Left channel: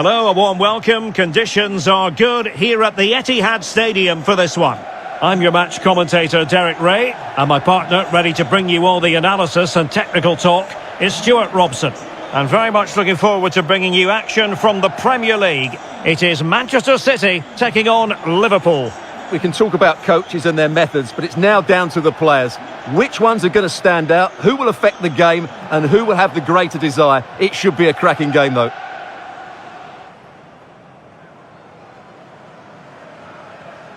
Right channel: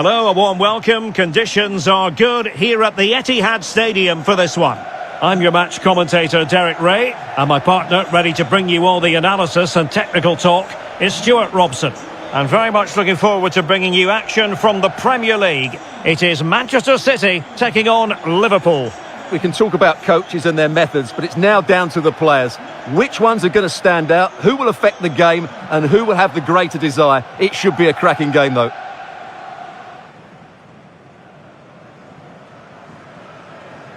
Hello, a warm welcome. Conditions are good here at the Etihad Stadium for this one. I'm your match commentator, Derek Ray, and my partner, ready to bring you all the analysis and technical talk, is Stuart Robson. And very much looking forward to bringing you action from the Premier League. It is Manchester City taking on Liverpool. We can talk about coaches and their methods, but it's now down to the players. Which ones are going to stand out, who will affect the game, and who will have the greater desire? It should be a cracking game, though.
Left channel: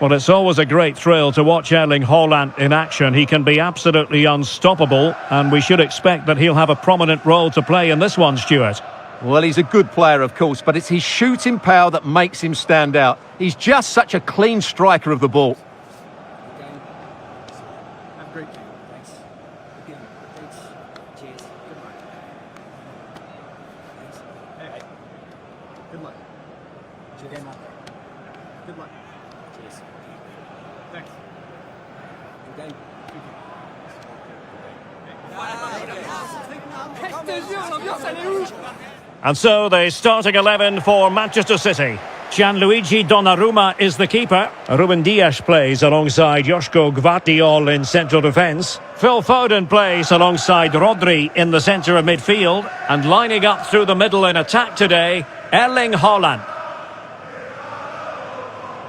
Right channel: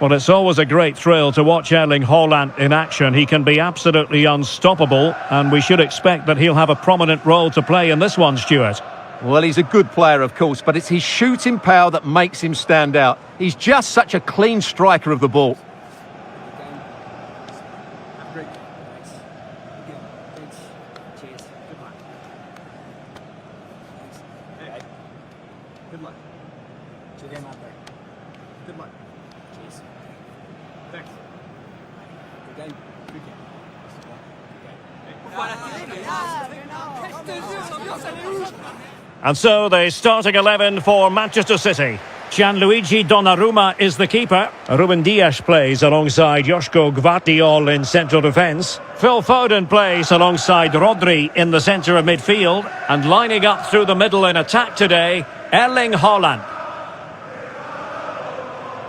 Well, it's always a great thrill to watch Erling Haaland in action. He can be absolutely unstoppable, and we should expect that he'll have a prominent role to play in this one, Stuart. Well, he's a good player, of course, but it's his shooting power that makes him stand out. He's just such a clean striker of the ball. Have a great game. Thanks. Good game. Thanks. Cheers. Good luck. Thanks. Hey. Good luck. Cheers. Game out there. Good luck. Cheers. Thanks. Good game. Good game. And so the starting 11 for Manchester City. Gianluigi Donnarumma is the keeper. Ruben Dias plays alongside Joško Gvardiol in central defence. Phil Foden plays alongside Rodri in the centre of midfield. And lining up through the middle in attack today, Erling Haaland.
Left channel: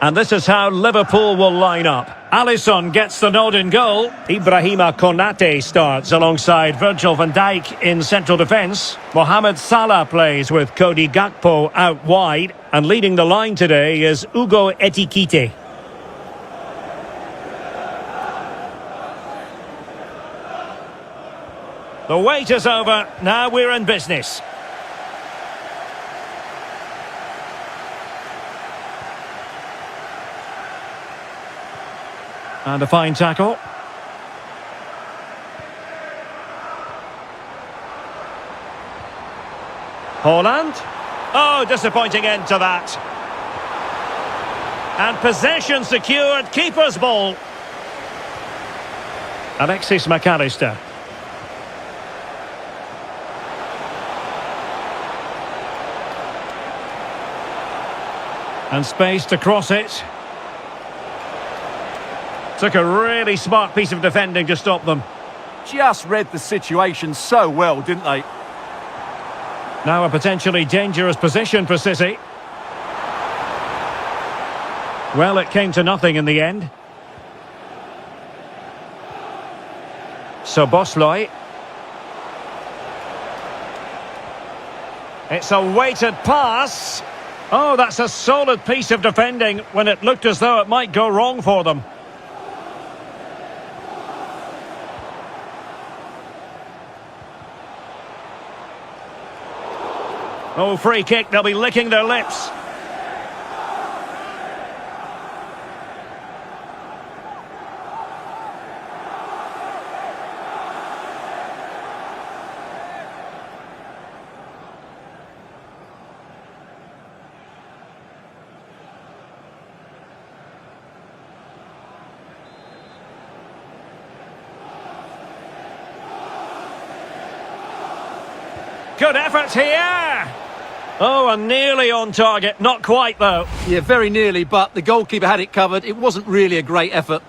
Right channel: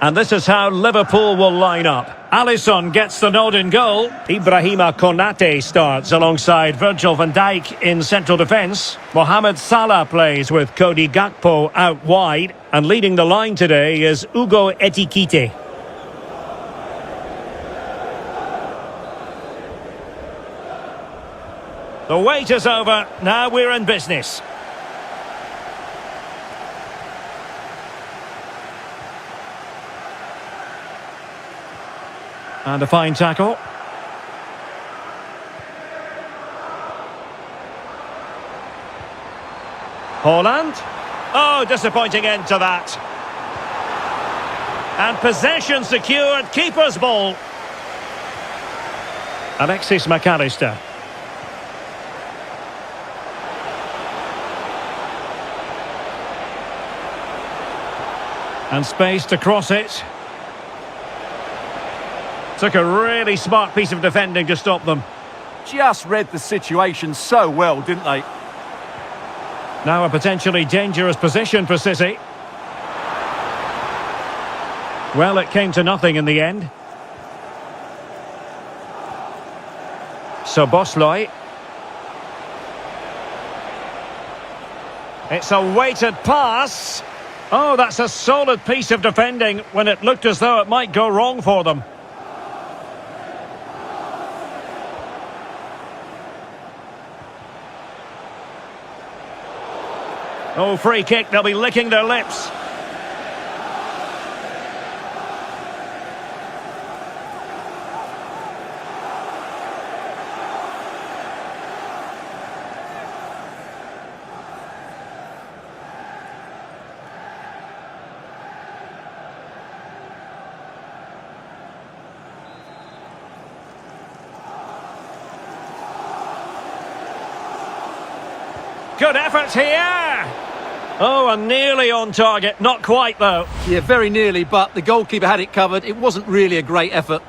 And this is how Liverpool will line up. Alisson gets the nod in goal. Ibrahima Konate starts alongside Virgil van Dijk in central defence. Mohamed Salah plays with Cody Gakpo out wide. And leading the line today is Ugo Ekitike. The wait is over. Now we're in business. And a fine tackle. Haaland. Oh, disappointing end to that. And possession secured. Keeper's ball. Alexis McAllister. And space to cross it. Took a really smart piece of defending to stop them. Just read the situation so well, didn't they? Now a potentially dangerous position for City. Well, it came to nothing in the end. Szoboszlai. It's a weighted pass. Oh, that's a solid piece of defending when it looked as though it might go wrong for them. Oh, free kick, they'll be licking their lips. Good effort here. Oh, and nearly on target. Not quite, though. Yeah, very nearly, but the goalkeeper had it covered. It wasn't really a great effort.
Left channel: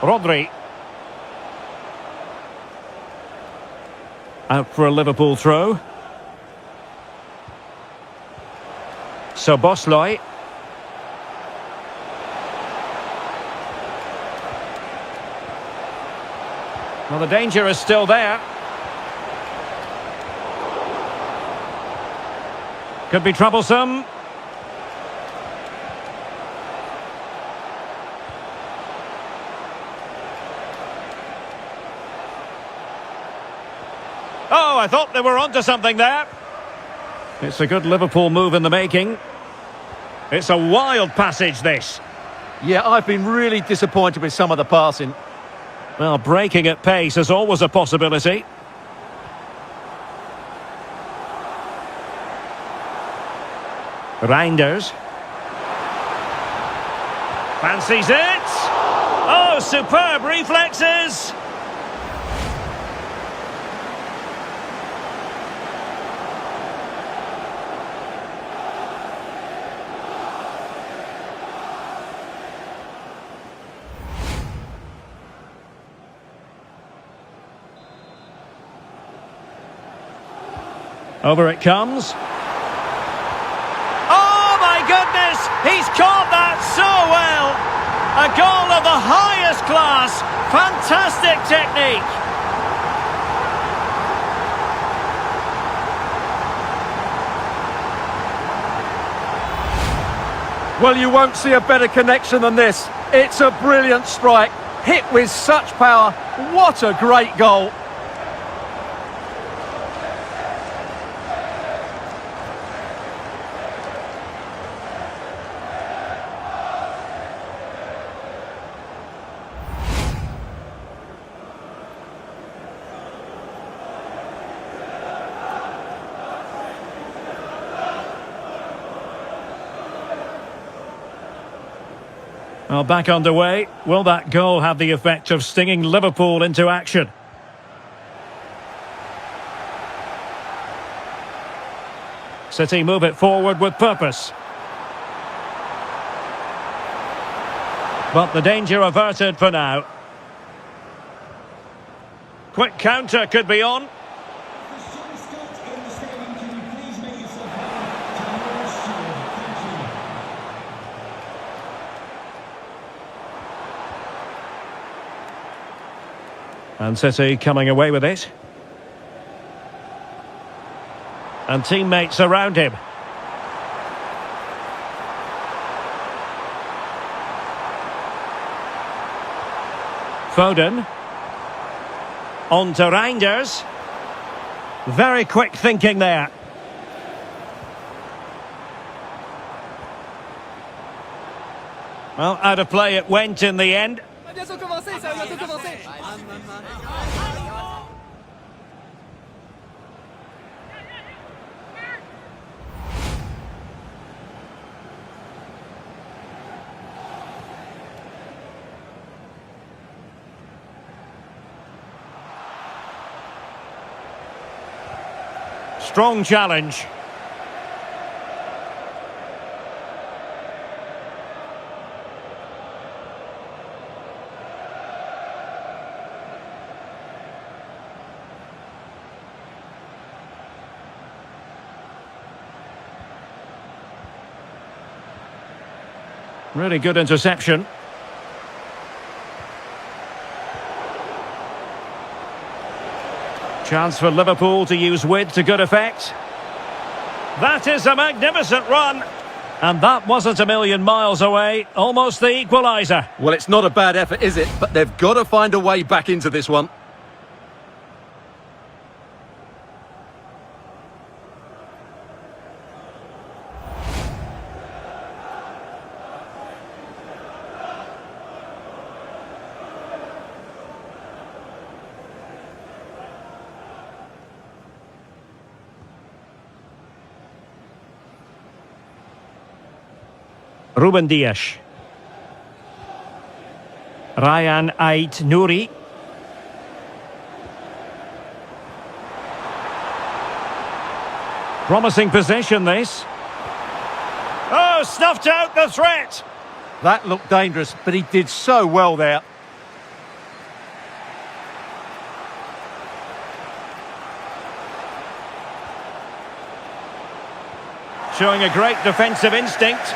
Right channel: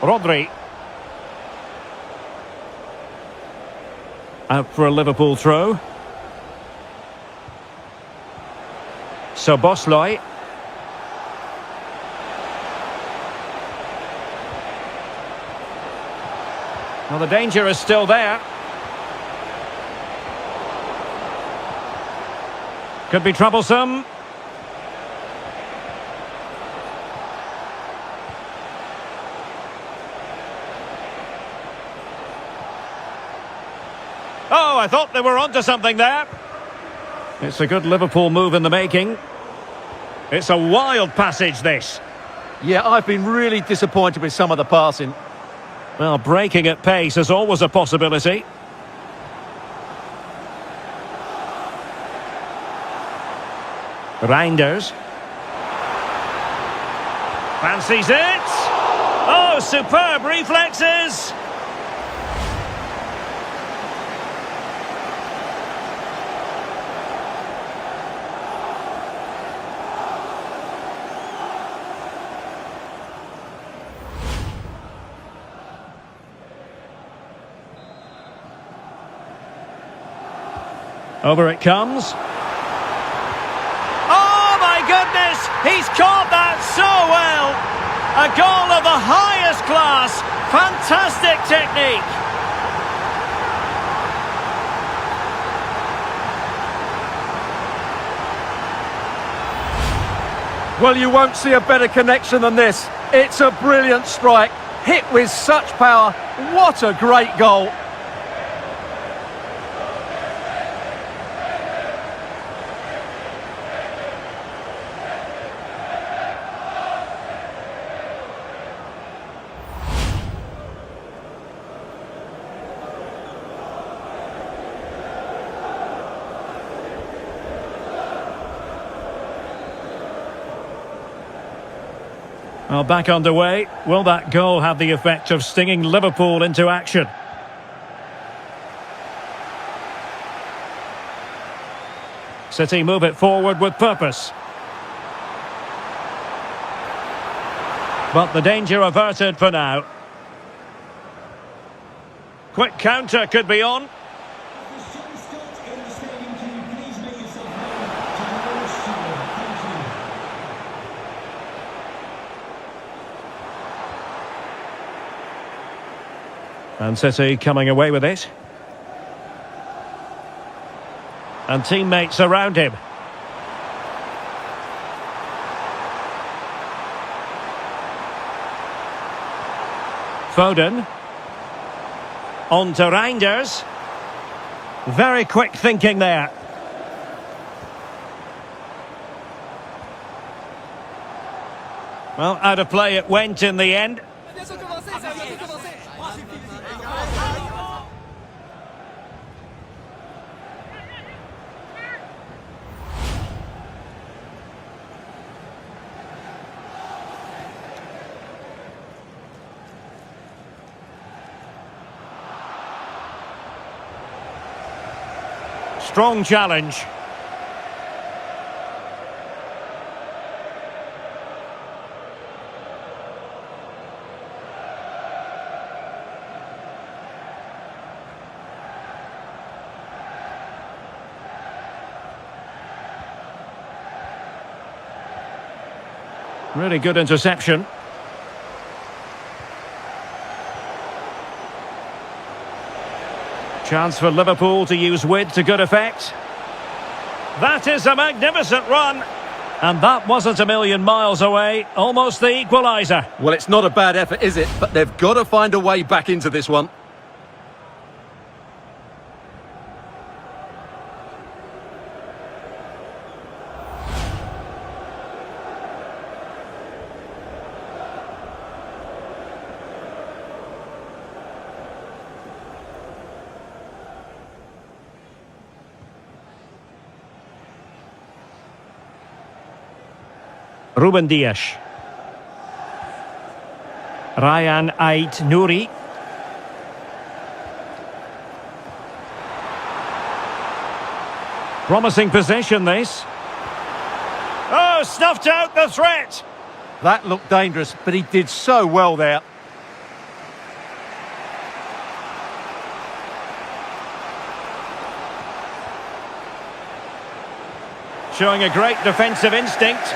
Rodri. Out for a Liverpool throw. Szoboszlai. Well, the danger is still there. Could be troublesome. Oh, I thought they were onto something there. It's a good Liverpool move in the making. It's a wild passage, this. Yeah, I've been really disappointed with some of the passing. Well, breaking at pace is always a possibility. Reinders. Fancies it. Oh, superb reflexes. Over it comes. Oh my goodness! He's caught that so well! A goal of the highest class! Fantastic technique! Well, you won't see a better connection than this. It's a brilliant strike, hit with such power. What a great goal! Well, back underway. Will that goal have the effect of stinging Liverpool into action? City move it forward with purpose. But the danger averted for now. Quick counter could be on. And City coming away with it. And teammates around him. Foden. On to Reinders. Very quick thinking there. Well, out of play it went in the end. Strong challenge. Really good interception. Chance for Liverpool to use width to good effect. That is a magnificent run. And that wasn't a million miles away. Almost the equaliser. Well, it's not a bad effort, is it? But they've got to find a way back into this one. Ruben Dias. Ryan Ait Nouri. Promising possession this. Oh, snuffed out the threat. That looked dangerous, but he did so well there. Showing a great defensive instinct.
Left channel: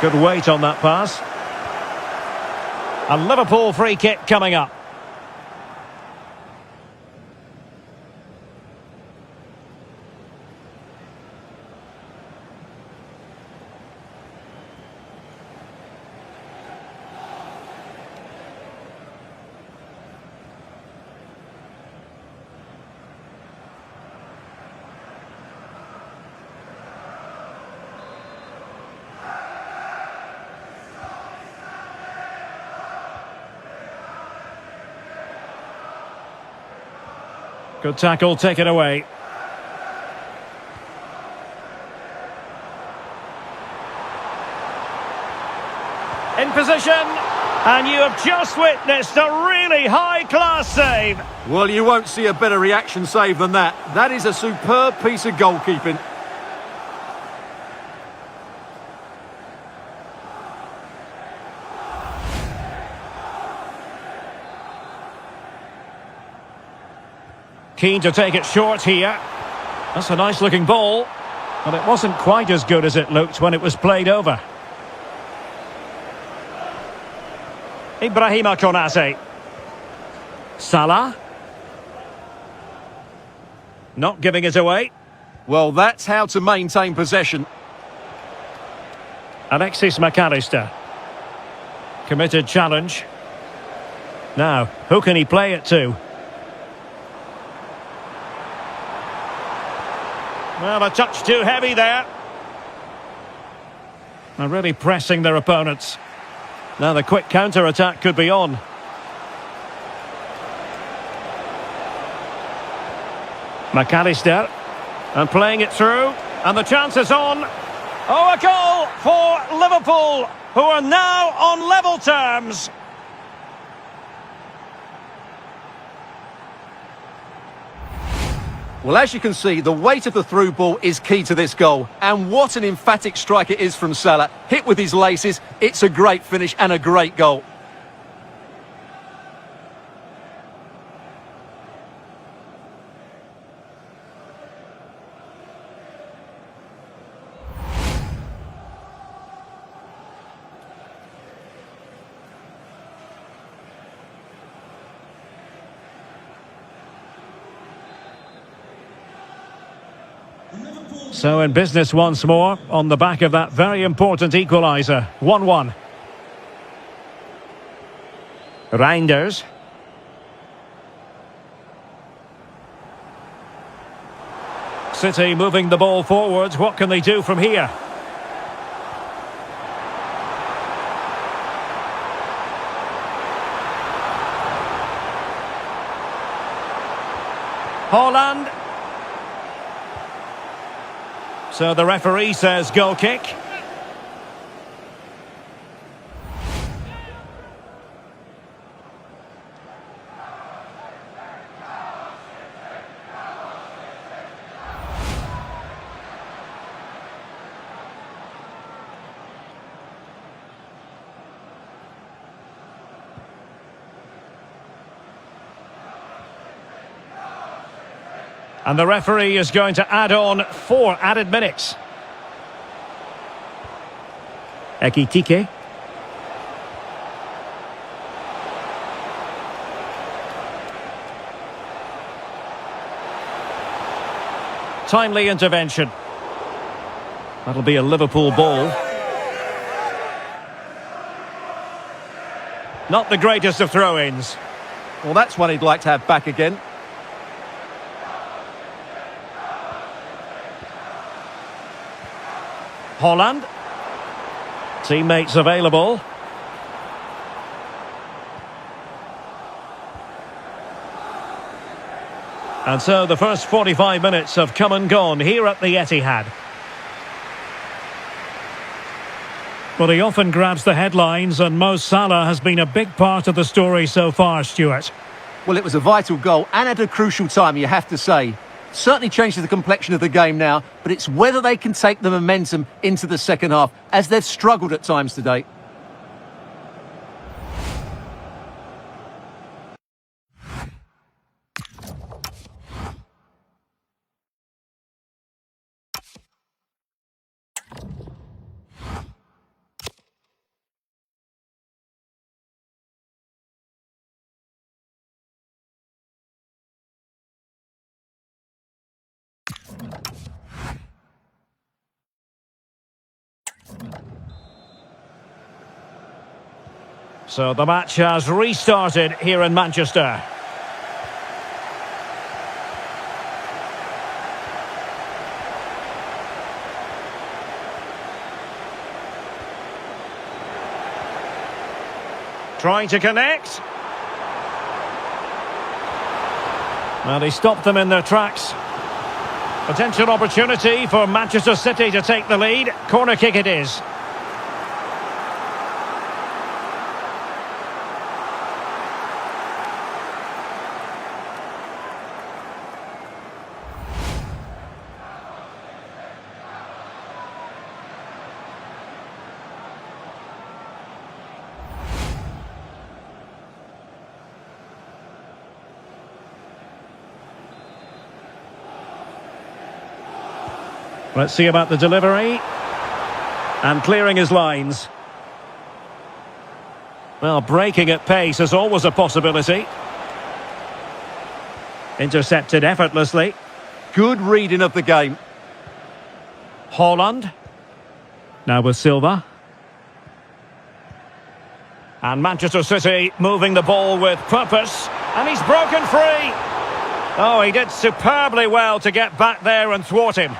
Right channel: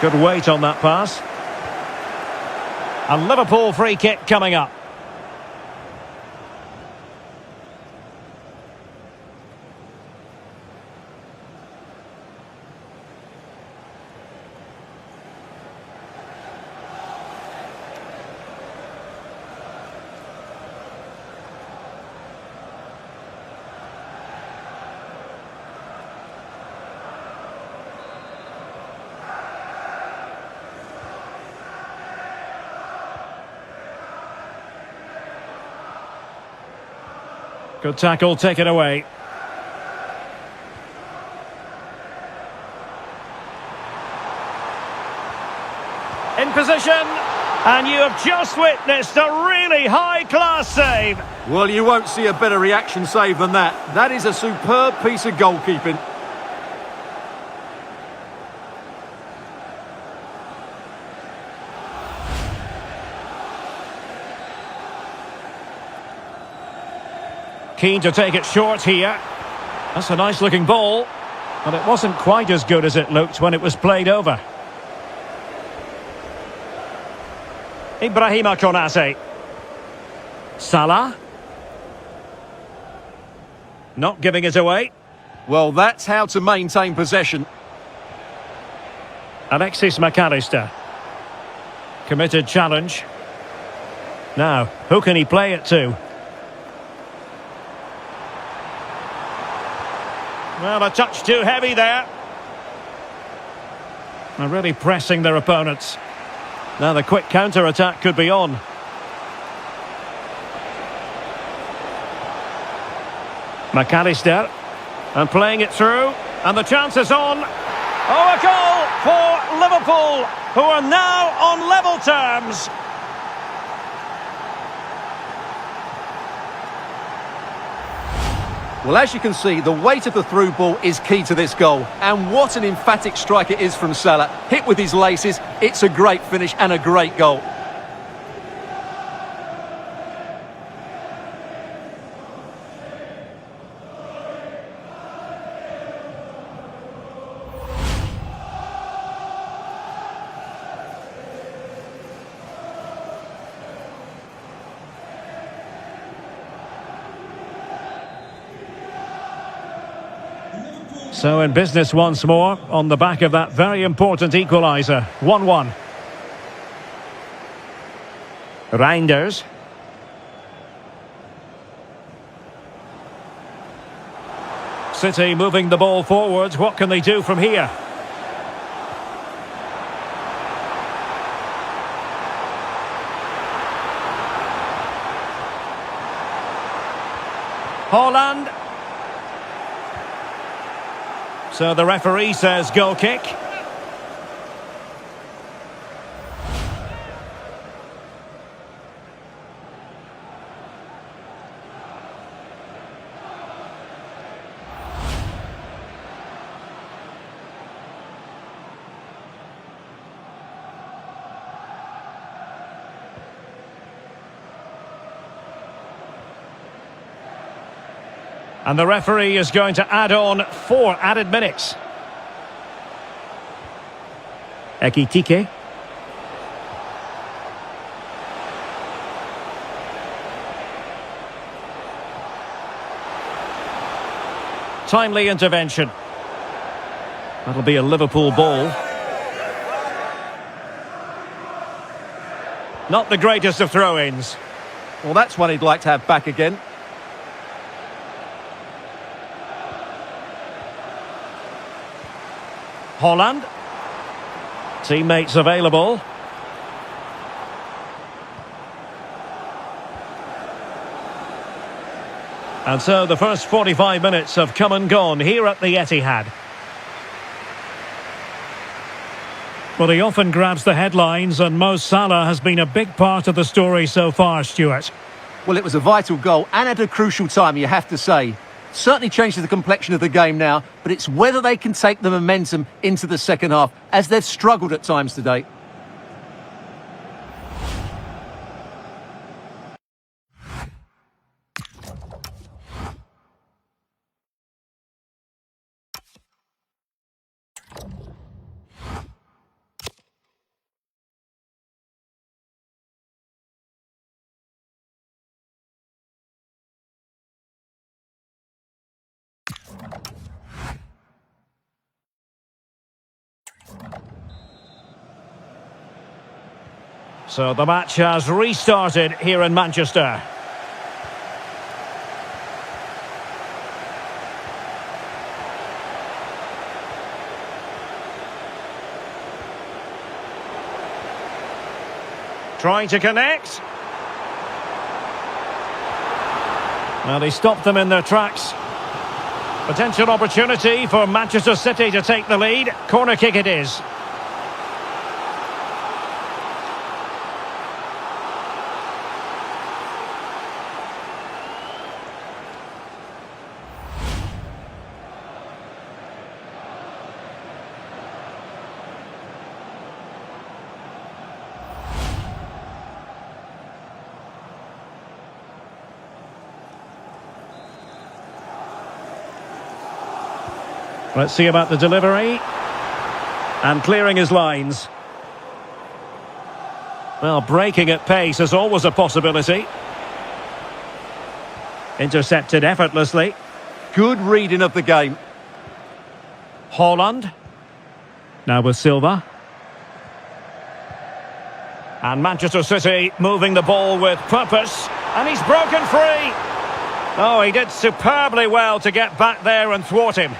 Good weight on that pass. A Liverpool free kick coming up. Good tackle taken away. position, and you have just witnessed a really high-class save. Well, you won't see a better reaction save than that. That is a superb piece of goalkeeping. Keen to take it short here. That's a nice-looking ball, but it wasn't quite as good as it looked when it was played over. Ibrahima Konate. Salah. Not giving it away. Well, that's how to maintain possession. Alexis McAllister. Committed challenge. Now, who can he play it to? Well, a touch too heavy there. They're really pressing their opponents. Now the quick counter-attack could be on. McAllister. And playing it through. And the chance is on. Oh, a goal for Liverpool, who are now on level terms. Well, as you can see, the weight of the through ball is key to this goal. And what an emphatic strike it is from Salah. Hit with his laces, it's a great finish and a great goal. So in business once more, on the back of that very important equaliser. 1-1. Reinders. City moving the ball forwards. What can they do from here? Haaland. So the referee says goal kick. And the referee is going to add on 4 added minutes. Ekitike. Timely intervention. That'll be a Liverpool ball. Not the greatest of throw-ins. Well, that's one he'd like to have back again. Haaland. Teammates available. And so the first 45 minutes have come and gone here at the Etihad. Well, he often grabs the headlines, and Mo Salah has been a big part of the story so far, Stuart. Well, it was a vital goal and at a crucial time, you have to say. Certainly changes the complexion of the game now, but it's whether they can take the momentum into the second half, as they've struggled at times today. So the match has restarted here in Manchester. Trying to connect. Well, he stopped them in their tracks. Potential opportunity for Manchester City to take the lead. Corner kick it is. Let's see about the delivery. And clearing his lines. Well, breaking at pace is always a possibility. Intercepted effortlessly. Good reading of the game. Haaland. Now with Silva. And Manchester City moving the ball with purpose. And he's broken free. Oh, he did superbly well to get back there and thwart him.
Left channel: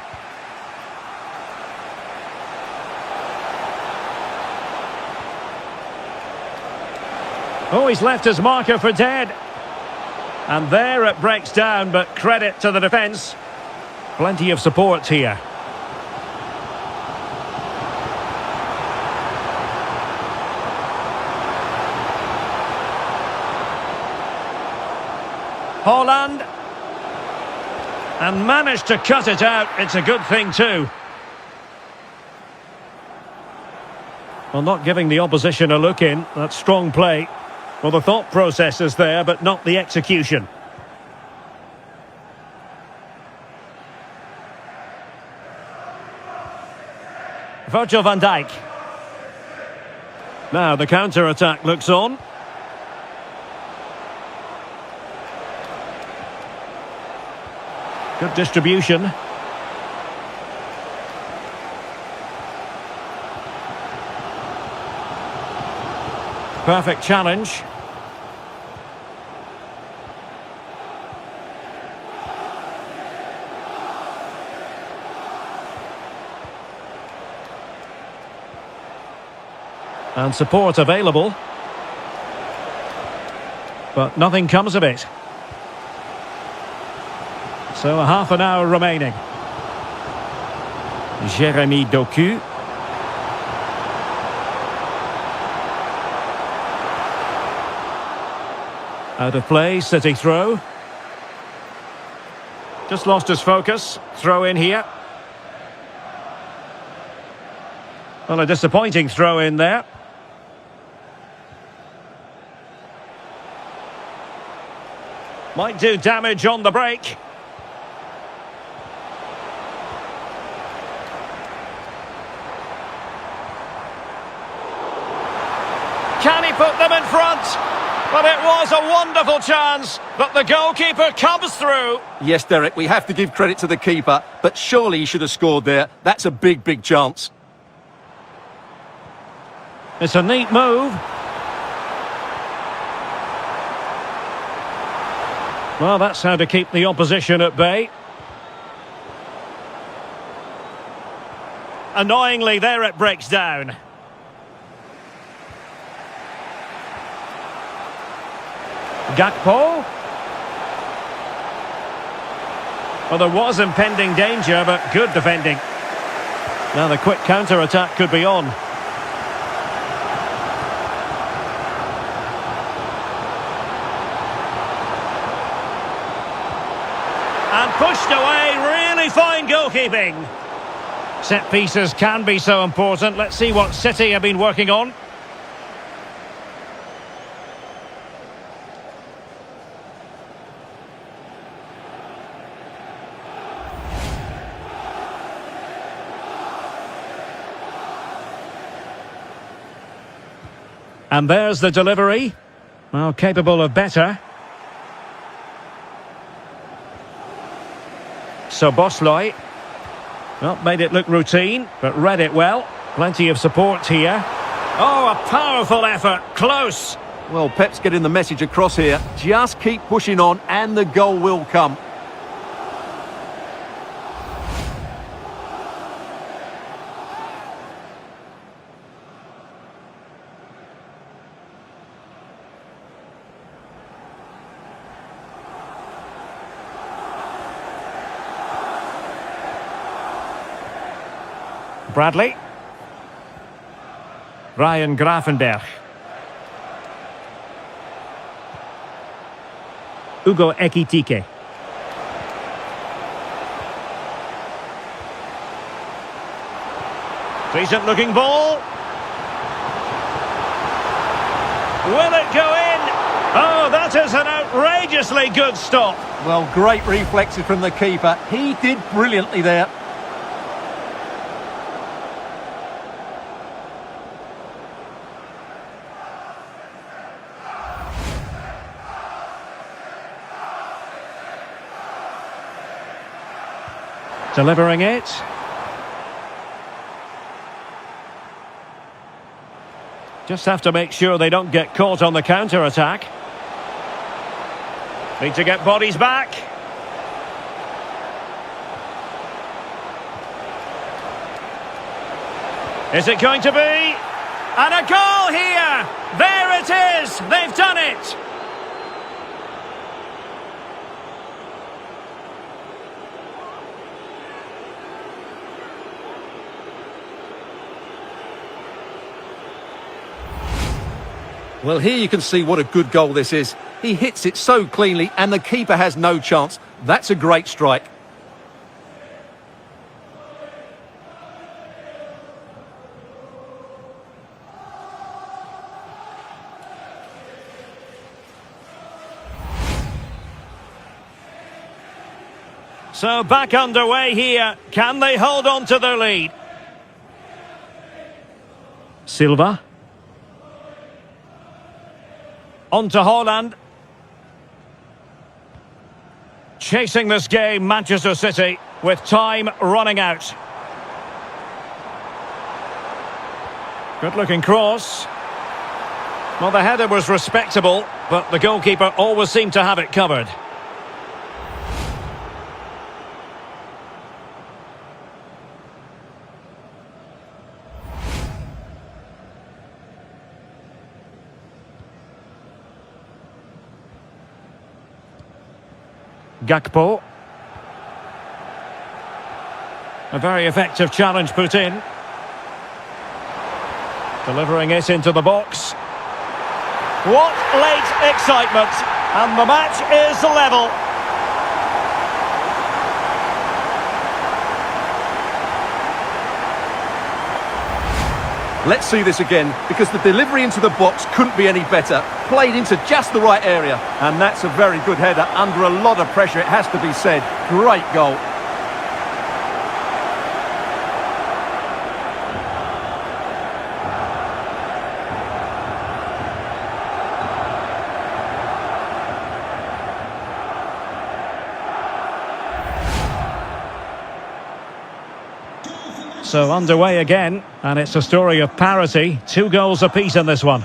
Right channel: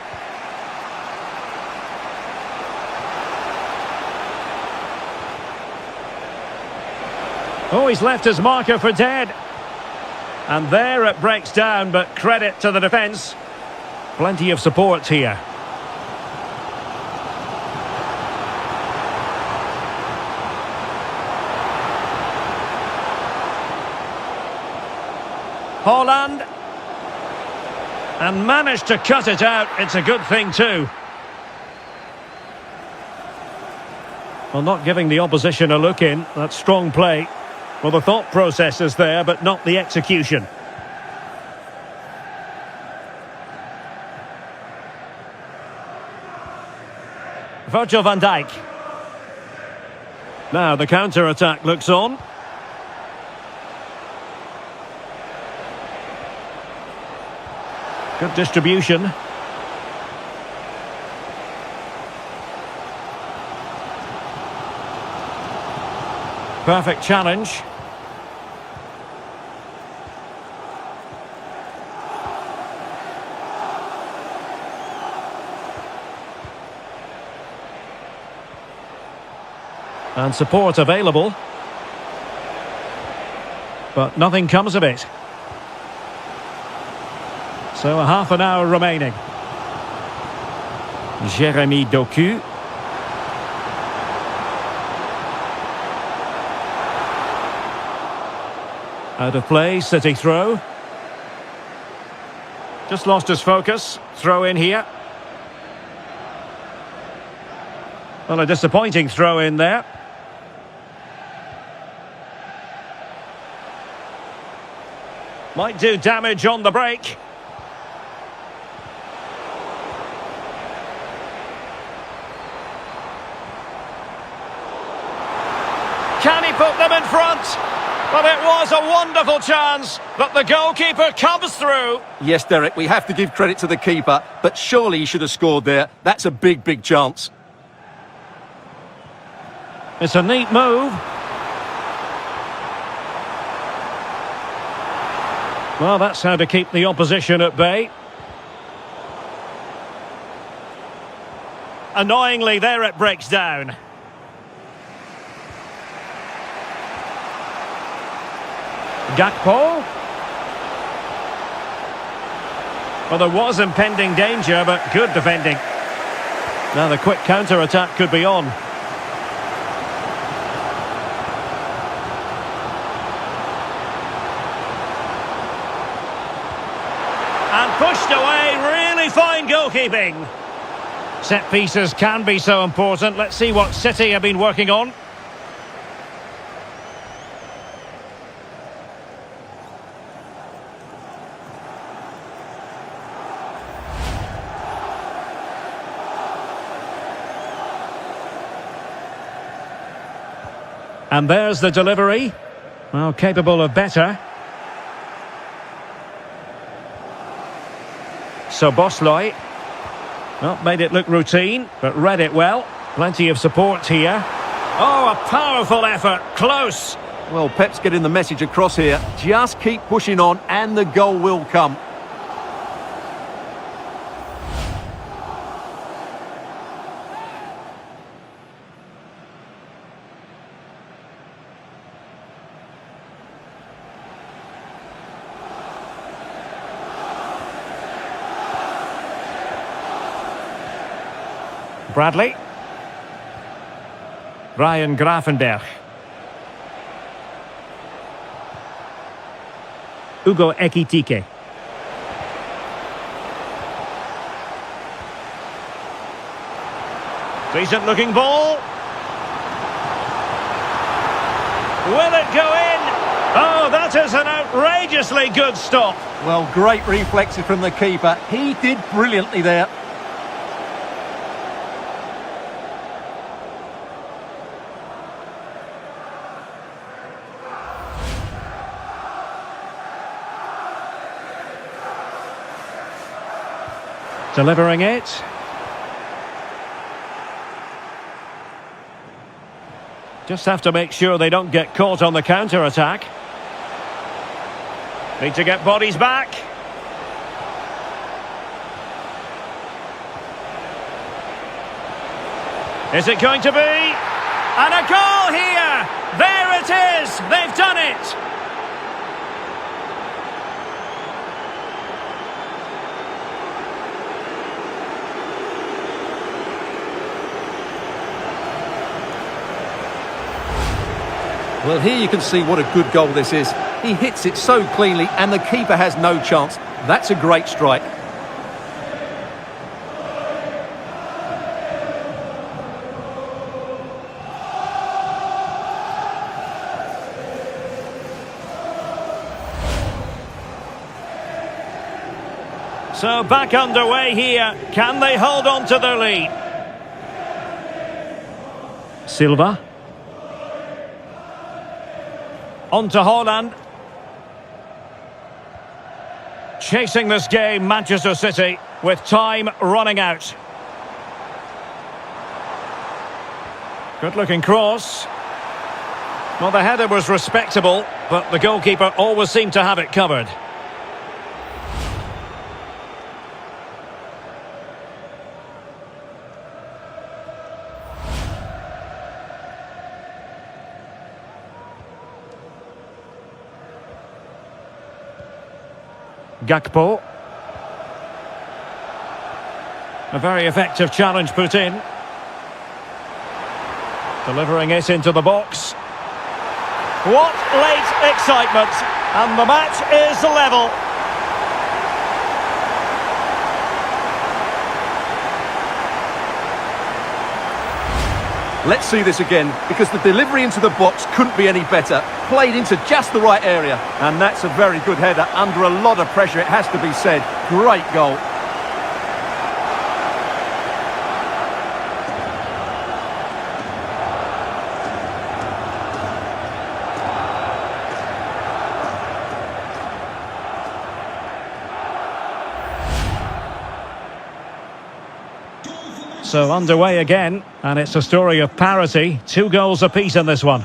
Oh, he's left his marker for dead. And there it breaks down, but credit to the defence. Plenty of support here. Haaland. And managed to cut it out. It's a good thing too. Well, not giving the opposition a look in. That's strong play. Well, the thought process is there, but not the execution. Virgil van Dijk. Now the counter-attack looks on. Good distribution. Perfect challenge. And support available. But nothing comes of it. So a half an hour remaining. Jeremy Doku. Out of play, City throw. Just lost his focus. Throw in here. Well, a disappointing throw in there. Might do damage on the break. Can he put them in front? But it was a wonderful chance that the goalkeeper comes through. Yes, Derek, we have to give credit to the keeper, but surely he should have scored there. That's a big, big chance. It's a neat move. Well, that's how to keep the opposition at bay. Annoyingly, there it breaks down. Gakpo. Well, there was impending danger, but good defending. Now the quick counter-attack could be on. And pushed away, really fine goalkeeping. Set pieces can be so important. Let's see what City have been working on. And there's the delivery. Well, capable of better. So Bosley. Well, made it look routine, but read it well. Plenty of support here. Oh, a powerful effort. Close. Well, Pep's getting the message across here. Just keep pushing on and the goal will come. Bradley. Ryan Gravenberch. Hugo Ekitike. Decent looking ball. Will it go in? Oh, that is an outrageously good stop. Well, great reflexes from the keeper. He did brilliantly there. Delivering it. Just have to make sure they don't get caught on the counter-attack. Need to get bodies back. Is it going to be? And a goal here! There it is! They've done it! Well, here you can see what a good goal this is. He hits it so cleanly and the keeper has no chance. That's a great strike. So back underway here. Can they hold on to their lead? Silva. On to Haaland. Chasing this game, Manchester City, with time running out. Good-looking cross. Well, the header was respectable, but the goalkeeper always seemed to have it covered. Gakpo. A very effective challenge put in. Delivering it into the box. What late excitement! And the match is level. Let's see this again, because the delivery into the box couldn't be any better. Played into just the right area. And that's a very good header, under a lot of pressure, it has to be said. Great goal. So underway again, and it's a story of parity. 2 goals apiece in this one.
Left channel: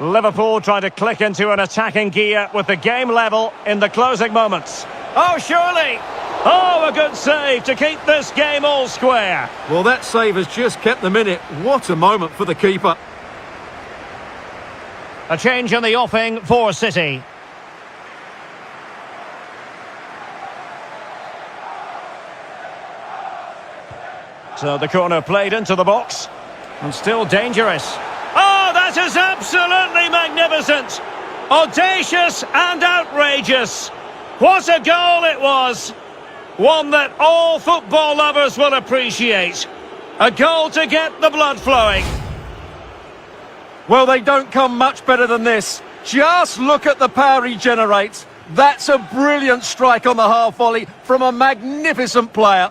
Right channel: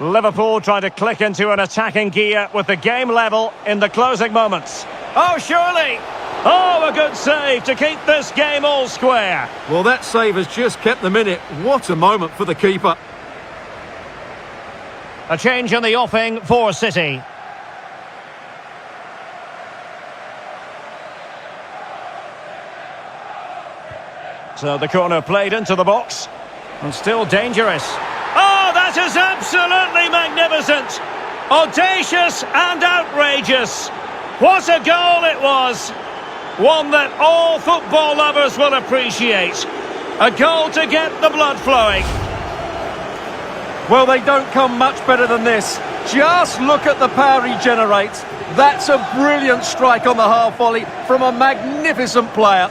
Liverpool trying to click into an attacking gear with the game level in the closing moments. Oh, surely! Oh, a good save to keep this game all square. Well, that save has just kept them in it. What a moment for the keeper. A change in the offing for City. So the corner played into the box. And still dangerous. Oh, that is absolutely magnificent. Audacious and outrageous. What a goal it was. One that all football lovers will appreciate. A goal to get the blood flowing. Well, they don't come much better than this. Just look at the power he generates. That's a brilliant strike on the half volley from a magnificent player.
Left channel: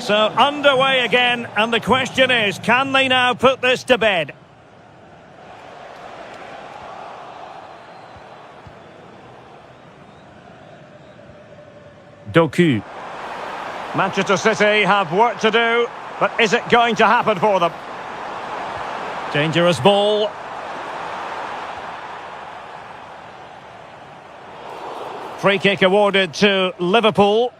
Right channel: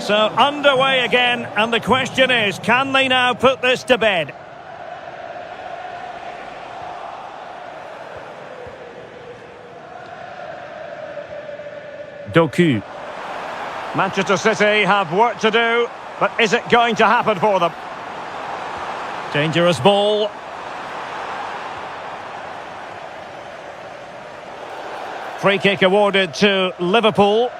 So underway again, and the question is, can they now put this to bed? Doku. Manchester City have work to do, but is it going to happen for them? Dangerous ball. Free kick awarded to Liverpool.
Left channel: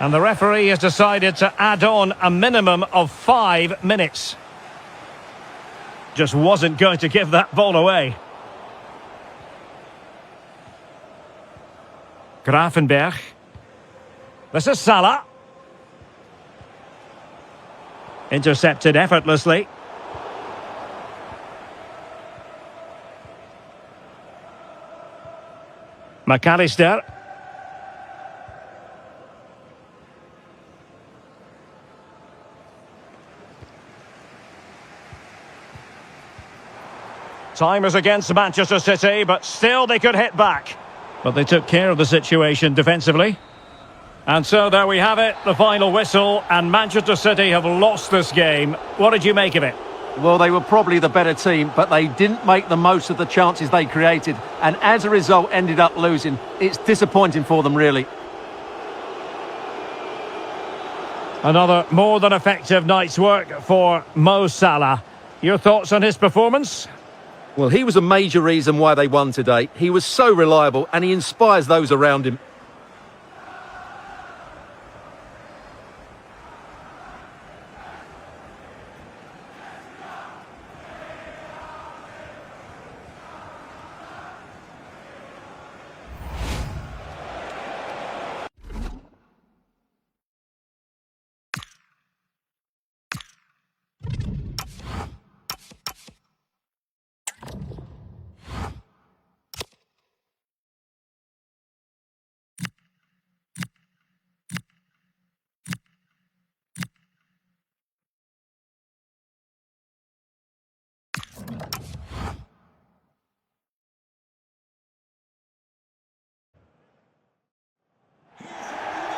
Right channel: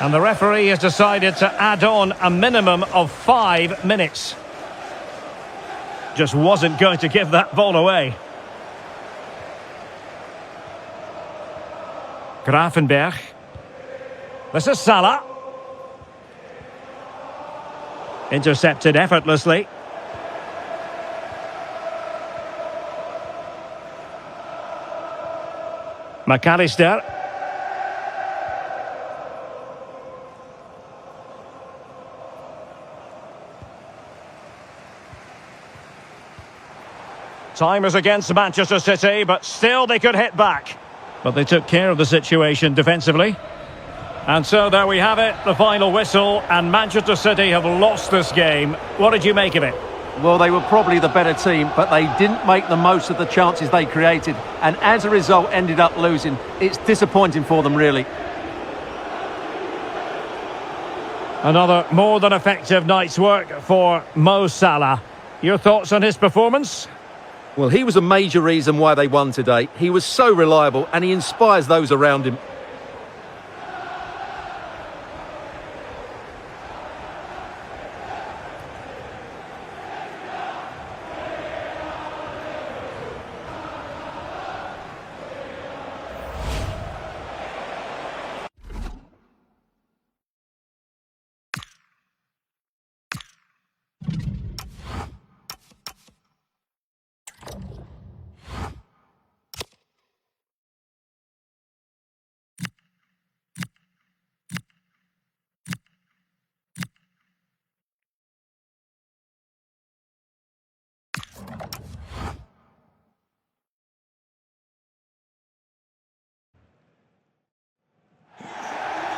And the referee has decided to add on a minimum of 5 minutes. Just wasn't going to give that ball away. Grafenberg. This is Salah. Intercepted effortlessly. McAllister. Time is against Manchester City, but still they could hit back. But they took care of the situation defensively. And so there we have it, the final whistle, and Manchester City have lost this game. What did you make of it? Well, they were probably the better team, but they didn't make the most of the chances they created, and as a result ended up losing. It's disappointing for them, really. Another more than effective night's work for Mo Salah. Your thoughts on his performance? Well, he was a major reason why they won today. He was so reliable, and he inspires those around him.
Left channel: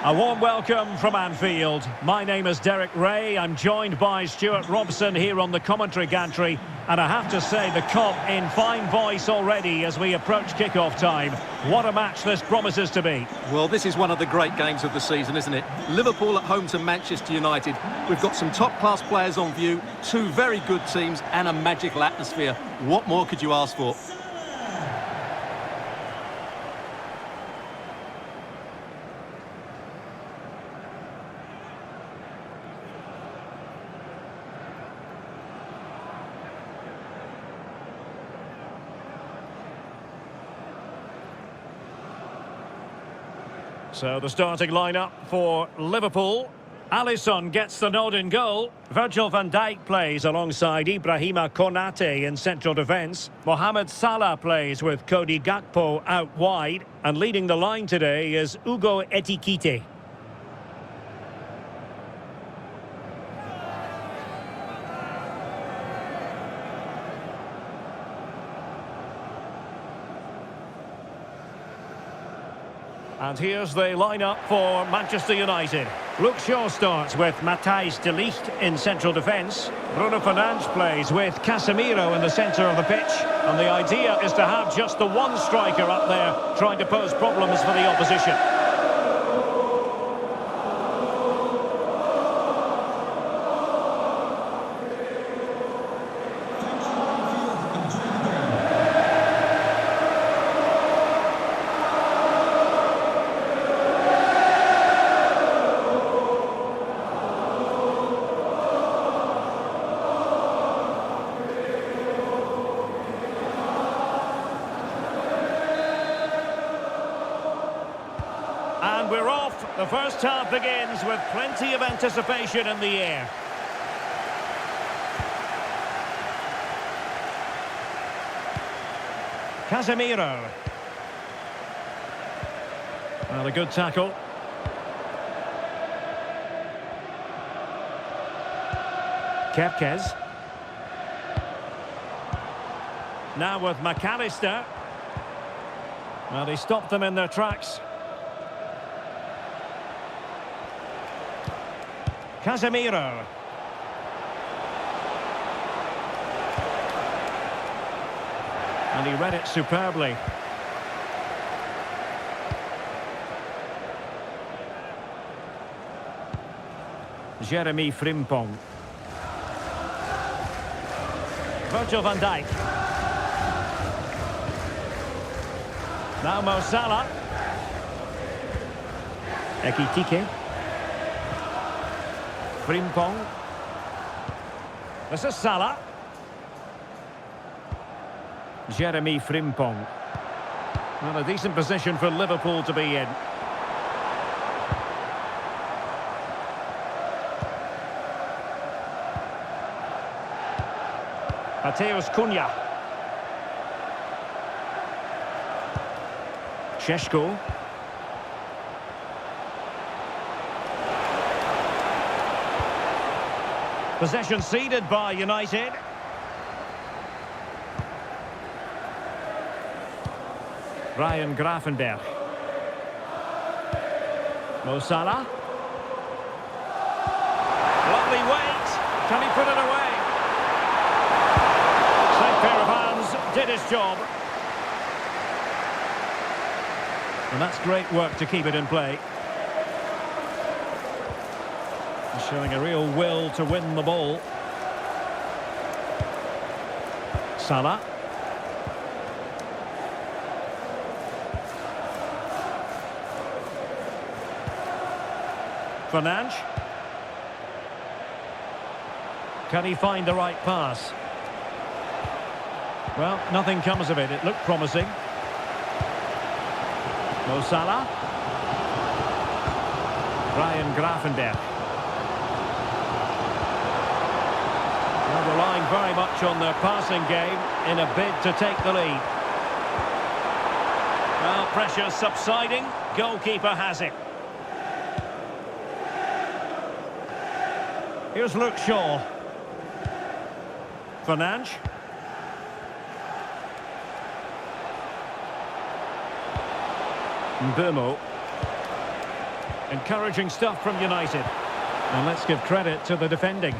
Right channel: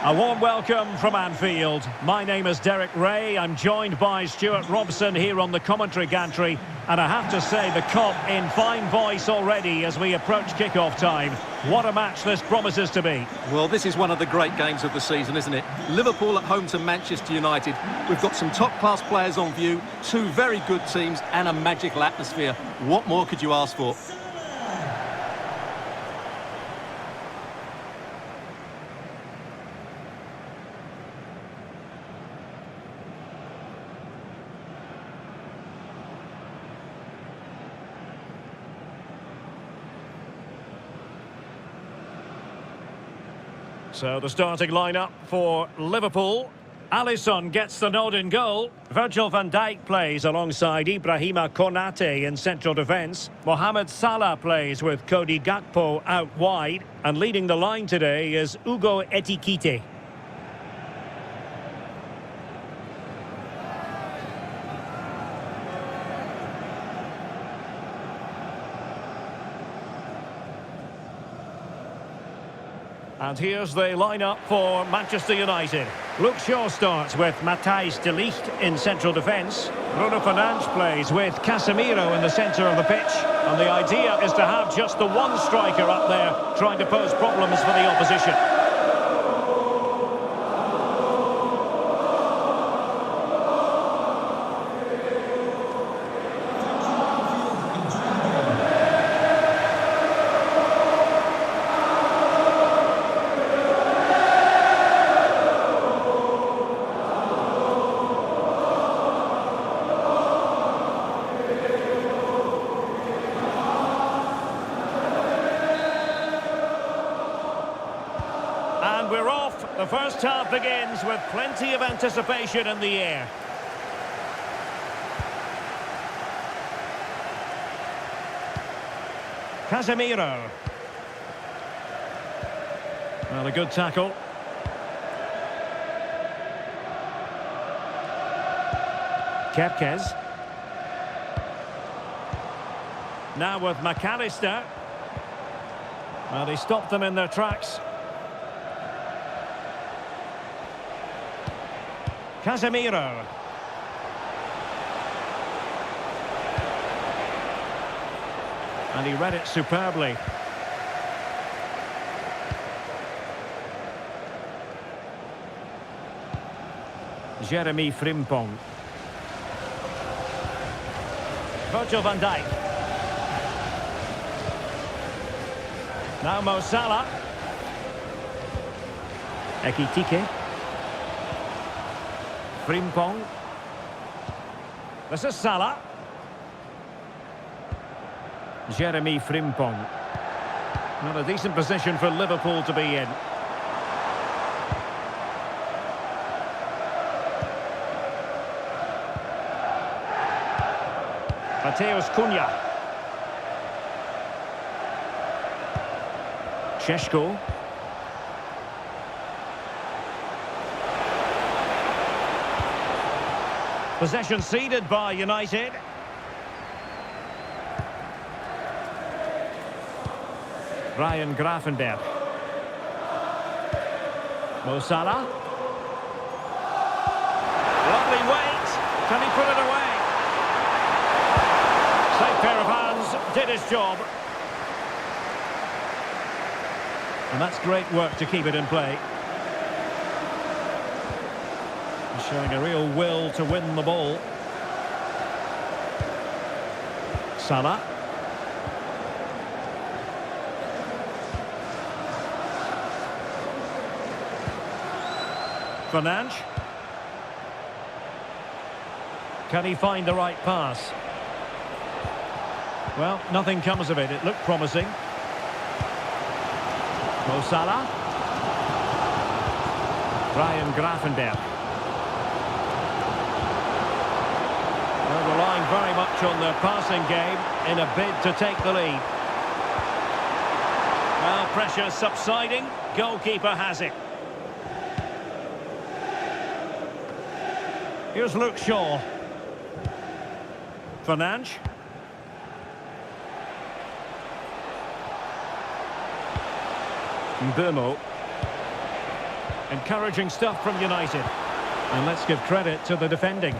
A warm welcome from Anfield. My name is Derek Ray. I'm joined by Stuart Robson here on the commentary gantry. And I have to say, the Kop in fine voice already as we approach kick-off time. What a match this promises to be. Well, this is one of the great games of the season, isn't it? Liverpool at home to Manchester United. We've got some top-class players on view, two very good teams and a magical atmosphere. What more could you ask for? So the starting lineup for Liverpool. Alisson gets the nod in goal. Virgil van Dijk plays alongside Ibrahima Konate in central defence. Mohamed Salah plays with Cody Gakpo out wide. And leading the line today is Ugo Etikite. And here's the lineup for Manchester United. Luke Shaw starts with Matthijs de Ligt in central defence. Bruno Fernandes plays with Casemiro in the centre of the pitch. And the idea is to have just the one striker up there trying to pose problems for the opposition. And we're off. The first half begins with plenty of anticipation in the air. Casemiro. Well, a good tackle. Kepkes. Now with McAllister. Well, he stopped them in their tracks. Casemiro. And he read it superbly. Jeremy Frimpong. Virgil van Dijk. Now Mo Salah. Ekitike. Frimpong. This is Salah. Jeremy Frimpong. Well, a decent position for Liverpool to be in. Mateus Cunha. Šeško. Possession ceded by United. Ryan Gravenberch. Mo Salah. Lovely weight. Can he put it away? Safe pair of hands, did his job. And that's great work to keep it in play. He's showing a real will to win the ball. Salah. Fernandes. Can he find the right pass? Well, nothing comes of it. It looked promising. Mo Salah. Ryan Gravenberch. They're relying very much on their passing game in a bid to take the lead. Well, pressure subsiding. Goalkeeper has it. Here's Luke Shaw. Fernandes. Mbeumo. Encouraging stuff from United. And let's give credit to the defending.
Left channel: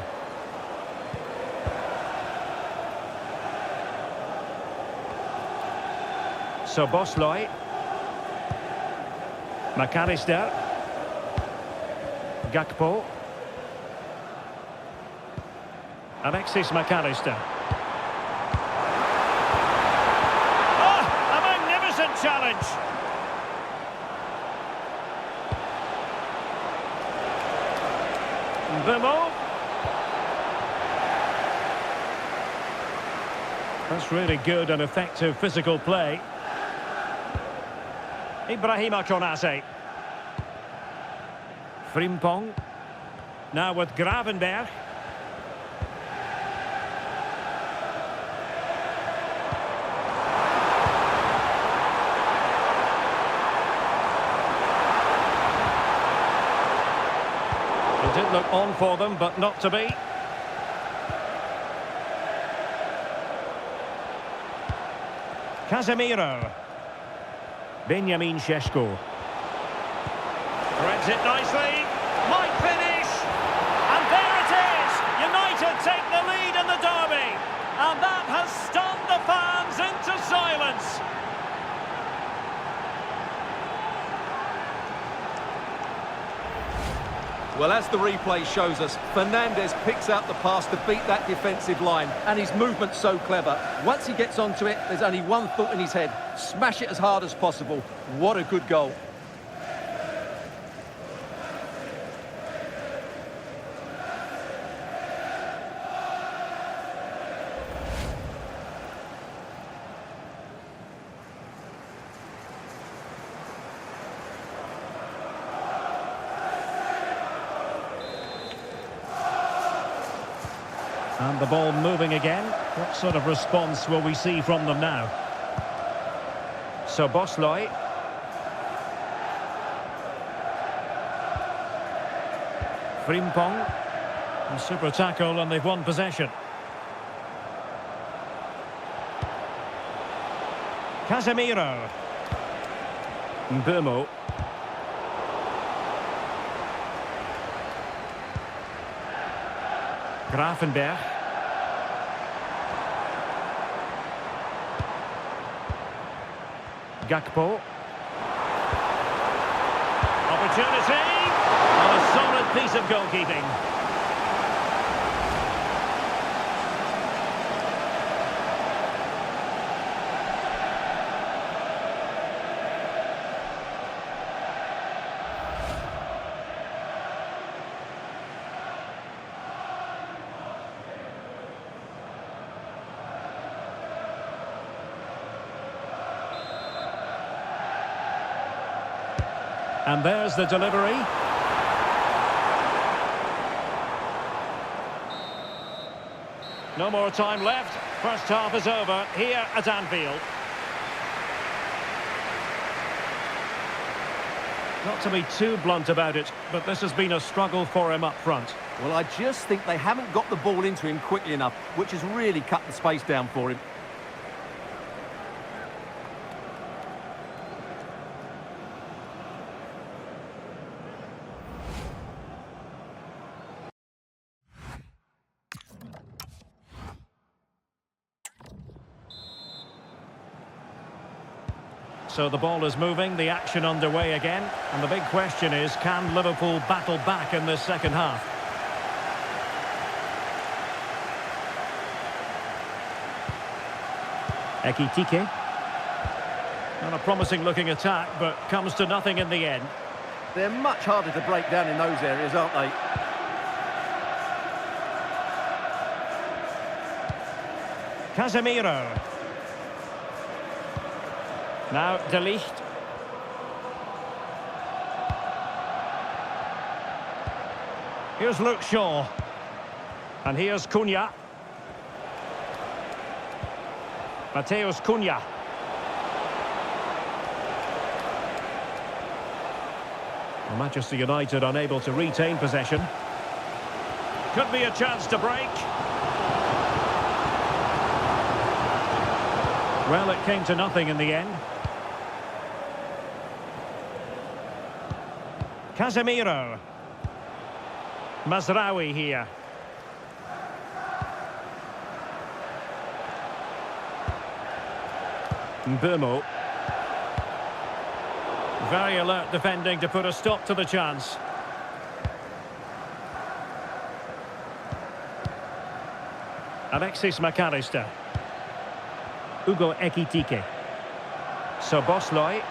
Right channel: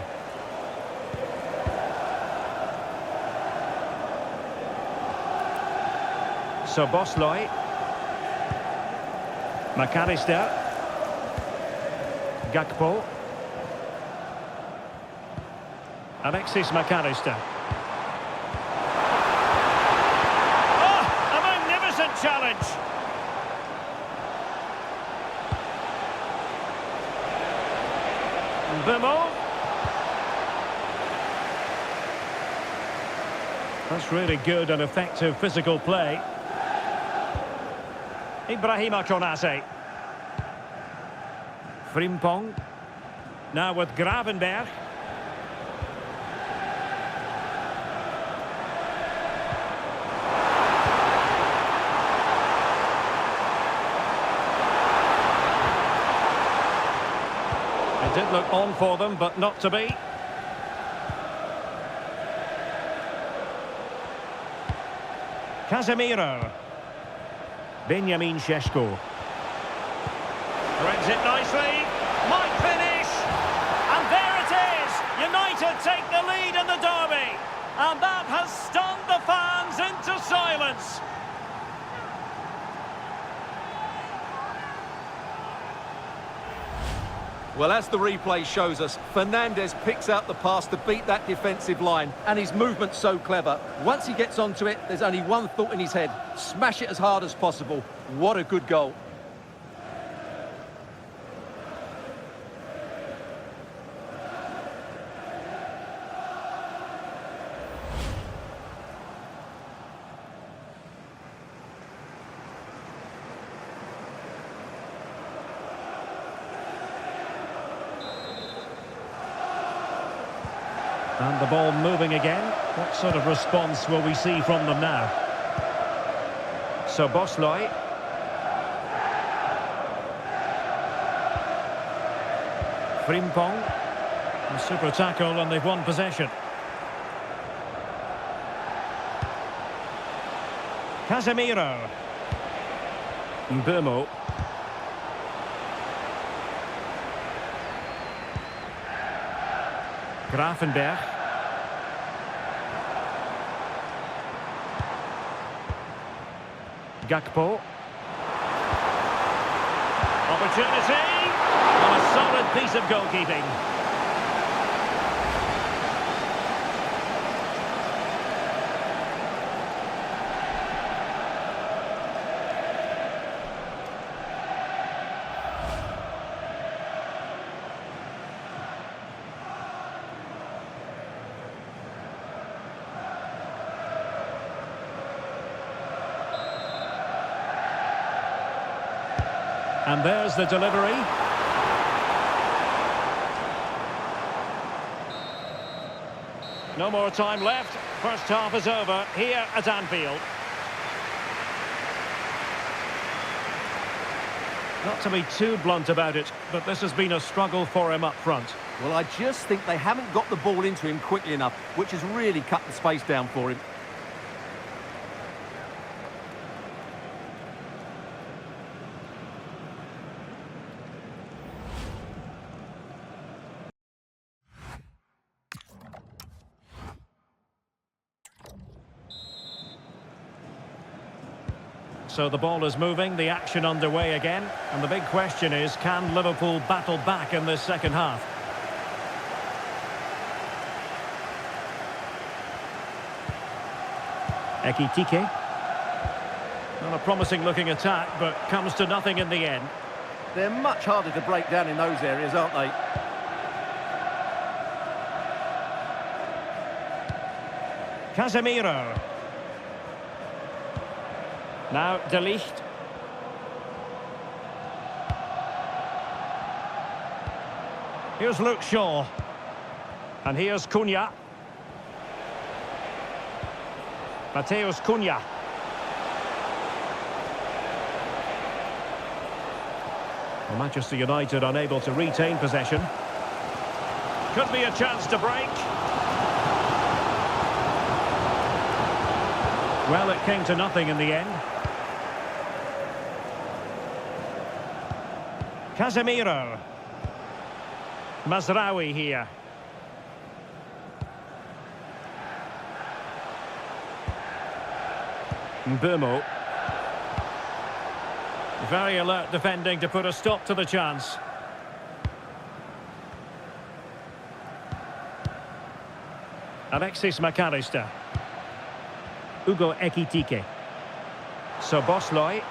So Bosley. McAllister. Gakpo. Alexis McAllister. Oh, a magnificent challenge. Mbeumo. That's really good and effective physical play. Ibrahima Konate. Frimpong. Now with Gravenberch. It did look on for them, but not to be. Casemiro. Benjamin Šeško. Threads it nicely. Might finish. And there it is. United take the lead in the derby. And that has stunned the fans into silence. Well, as the replay shows us, Fernandes picks out the pass to beat that defensive line, and his movement's so clever. Once he gets onto it, there's only one thought in his head: smash it as hard as possible. What a good goal. And the ball moving again. What sort of response will we see from them now? So Bosley. Frimpong. A super tackle and they've won possession. Casemiro. Mbeumo. Gravenberch. Gakpo. Opportunity. And a solid piece of goalkeeping. And there's the delivery. No more time left. First half is over here at Anfield. Not to be too blunt about it, but this has been a struggle for him up front. Well, I just think they haven't got the ball into him quickly enough, which has really cut the space down for him. So the ball is moving, the action underway again, and the big question is, can Liverpool battle back in this second half? Ekitike. Not a promising looking attack, but comes to nothing in the end. They're much harder to break down in those areas, aren't they? Casemiro. Now De Ligt. Here's Luke Shaw. And here's Cunha. Mateus Cunha. Well, Manchester United unable to retain possession. Could be a chance to break. Well, it came to nothing in the end. Casemiro. Mazraoui here. Mbeumo. Very alert defending to put a stop to the chance. Alexis McAllister. Ugo Ekitike. Szoboszlai.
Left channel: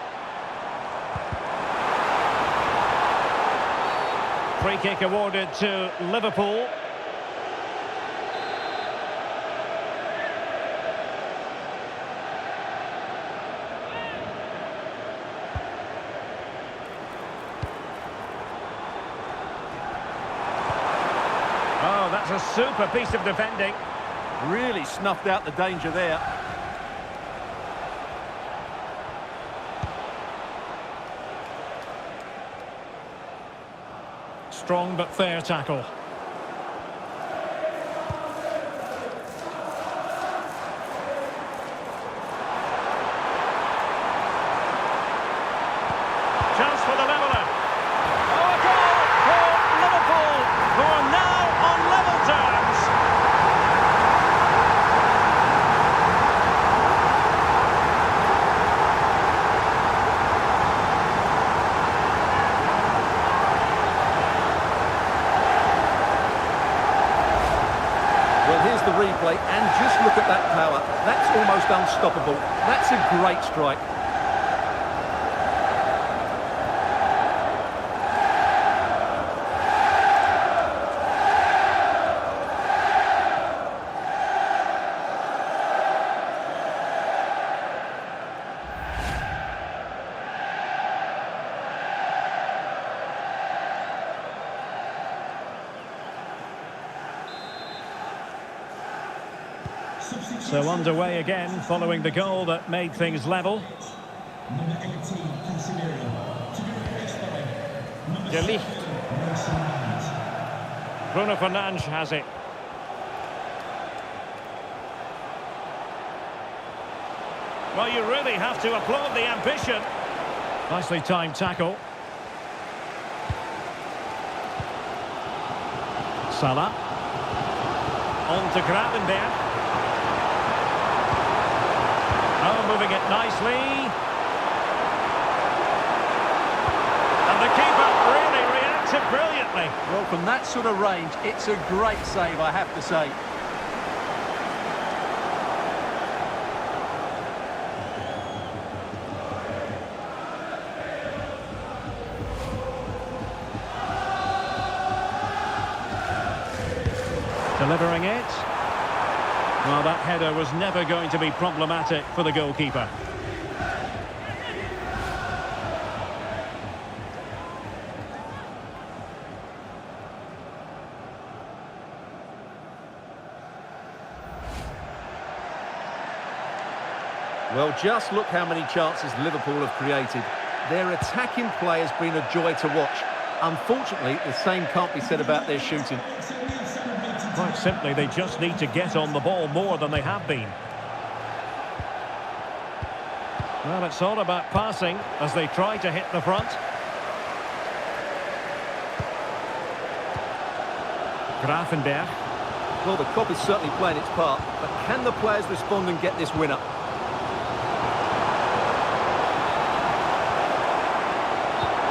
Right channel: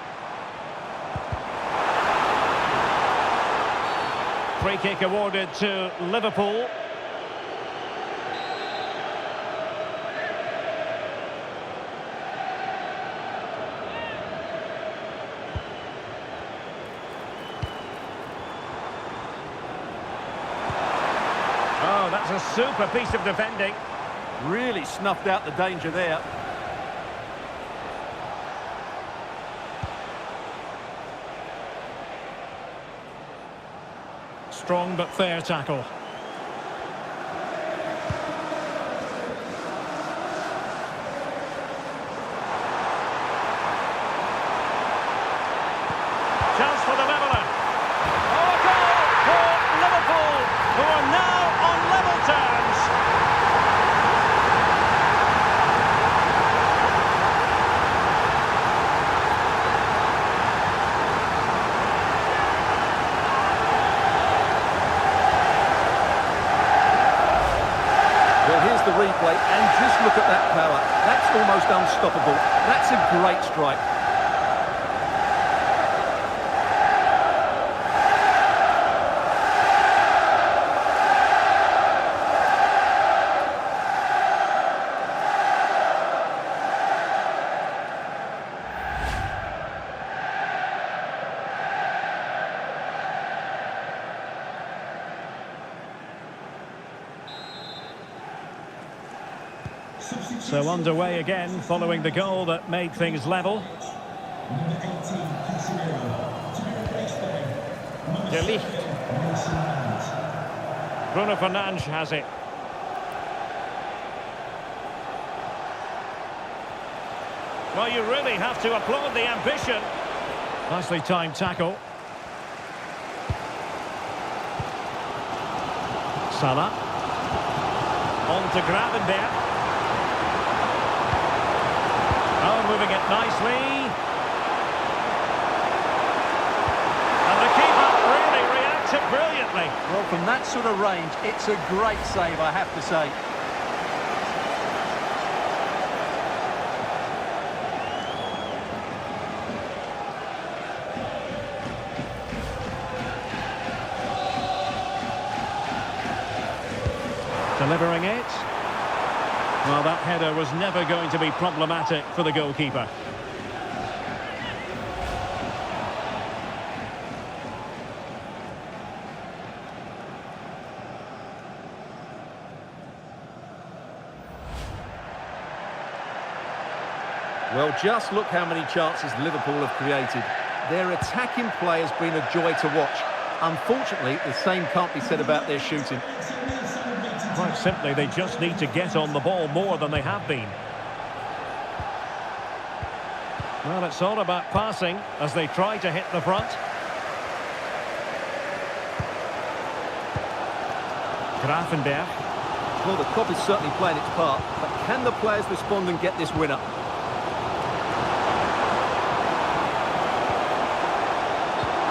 Free kick awarded to Liverpool. Oh, that's a super piece of defending. Really snuffed out the danger there. Strong but fair tackle. Chance for the leveller. Oh, a goal for Liverpool, who are now on level terms. Well, here's the replay, and just look at that power. That's almost unstoppable. That's a great strike. So underway again, following the goal that made things level. Number 18, Casemiro, to be replaced by number De 7, Ligt. Mason Mount. Bruno Fernandes has it. Well, you really have to applaud the ambition. Nicely timed tackle. Salah. On to Gravenberch. Oh, moving it nicely. And the keeper really reacted brilliantly. Well, from that sort of range, it's a great save, I have to say. Delivering it. Well, that header was never going to be problematic for the goalkeeper. Well, just look how many chances Liverpool have created. Their attacking play has been a joy to watch. Unfortunately, the same can't be said about their shooting. Quite simply, they just need to get on the ball more than they have been. Well, it's all about passing as they try to hit the front. Grafenberg. Well, the cop is certainly playing its part, but can the players respond and get this winner?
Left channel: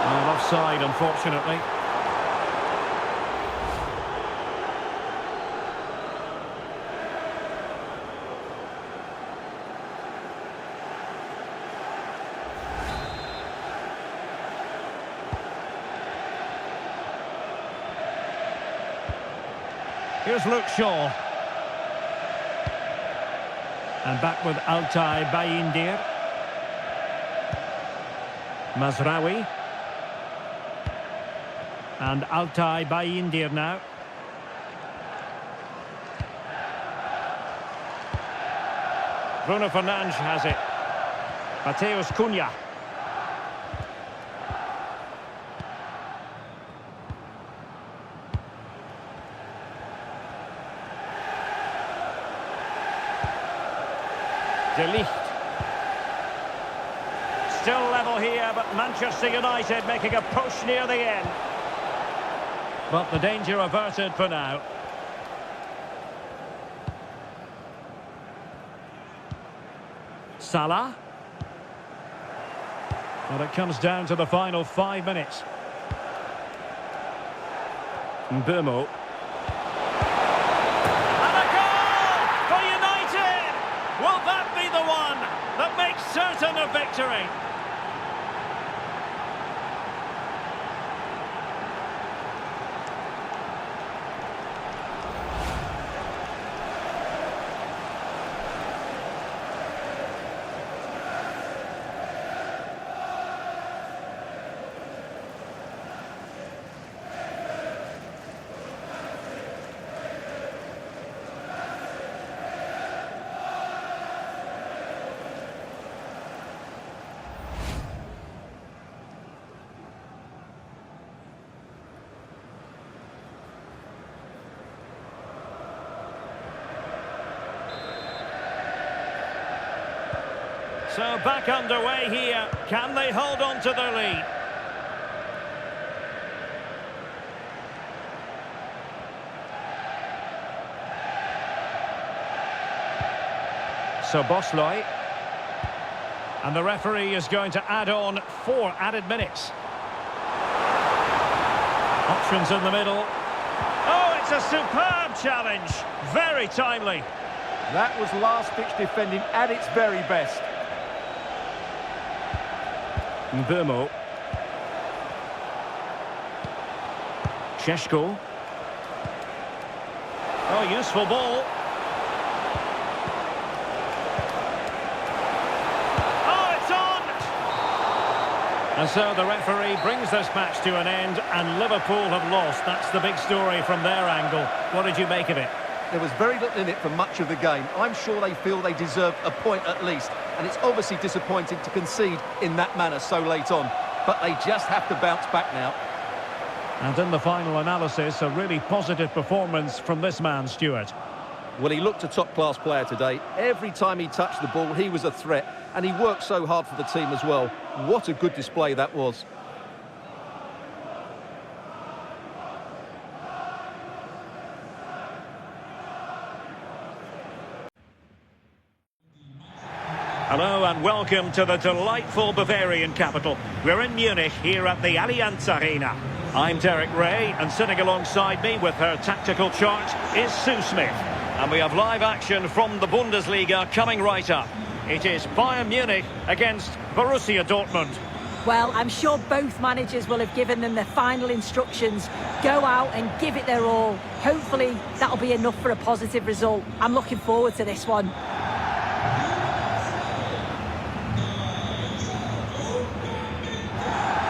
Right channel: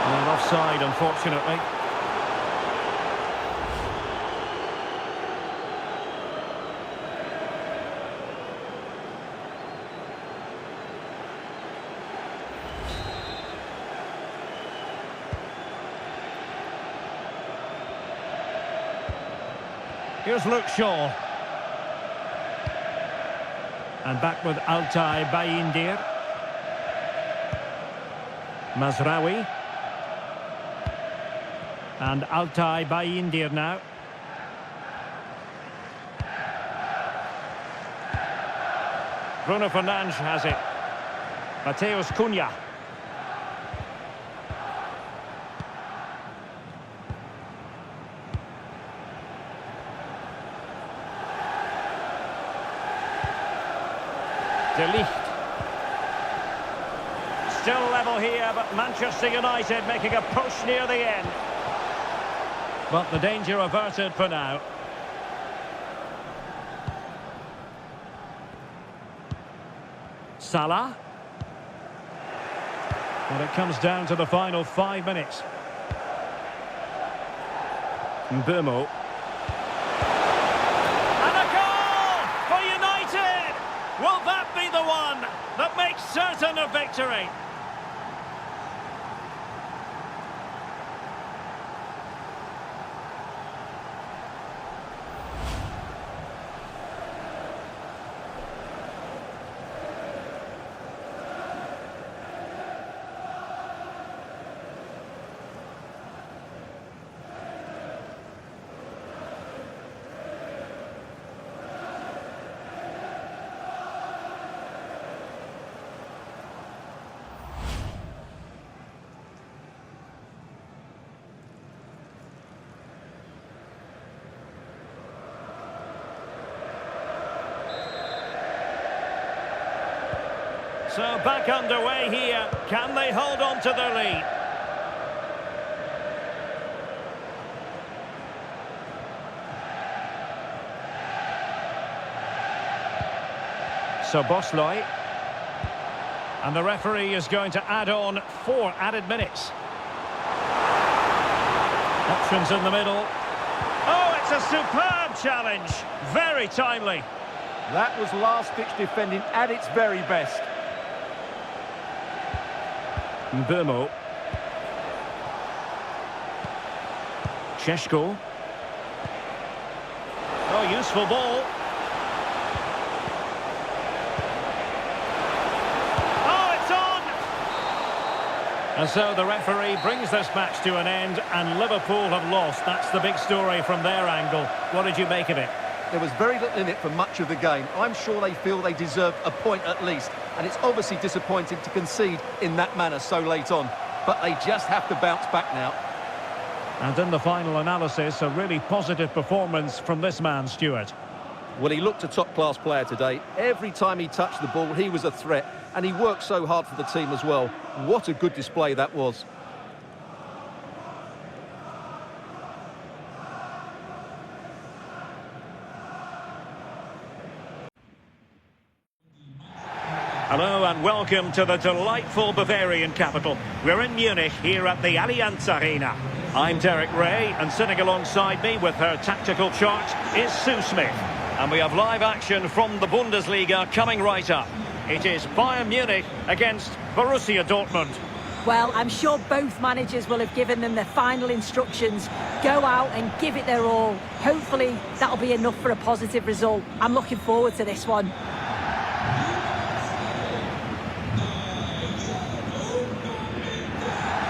And offside, unfortunately. Here's Luke Shaw. And back with Altay Bayindir. Mazraoui. And Altay Bayindir now. Bruno Fernandes has it. Mateus Cunha. De Ligt. Still level here, but Manchester United making a push near the end. But the danger averted for now. Salah. Well, it comes down to the final 5 minutes. Mbeumo. And a goal for United! Will that be the one that makes certain a victory? So back underway here. Can they hold on to their lead? So Bosley. And the referee is going to add on 4 added minutes. Options in the middle. Oh, it's a superb challenge. Very timely. That was last-ditch defending at its very best. Mbeumo. Šeško. Oh, useful ball. Oh, it's on! And so the referee brings this match to an end, and Liverpool have lost. That's the big story from their angle. What did you make of it? There was very little in it for much of the game. I'm sure they feel they deserve a point at least. And it's obviously disappointing to concede in that manner so late on. But they just have to bounce back now. And in the final analysis, a really positive performance from this man, Stuart. Well, he looked a top-class player today. Every time he touched the ball, he was a threat. And he worked so hard for the team as well. What a good display that was. Hello and welcome to the delightful Bavarian capital. We're in Munich here at the Allianz Arena. I'm Derek Ray, and sitting alongside me with her tactical chart is Sue Smith. And we have live action from the Bundesliga coming right up. It is Bayern Munich against Borussia Dortmund. Well, I'm sure both managers will have given them their final instructions. Go out and give it their all. Hopefully that'll be enough for a positive result. I'm looking forward to this one.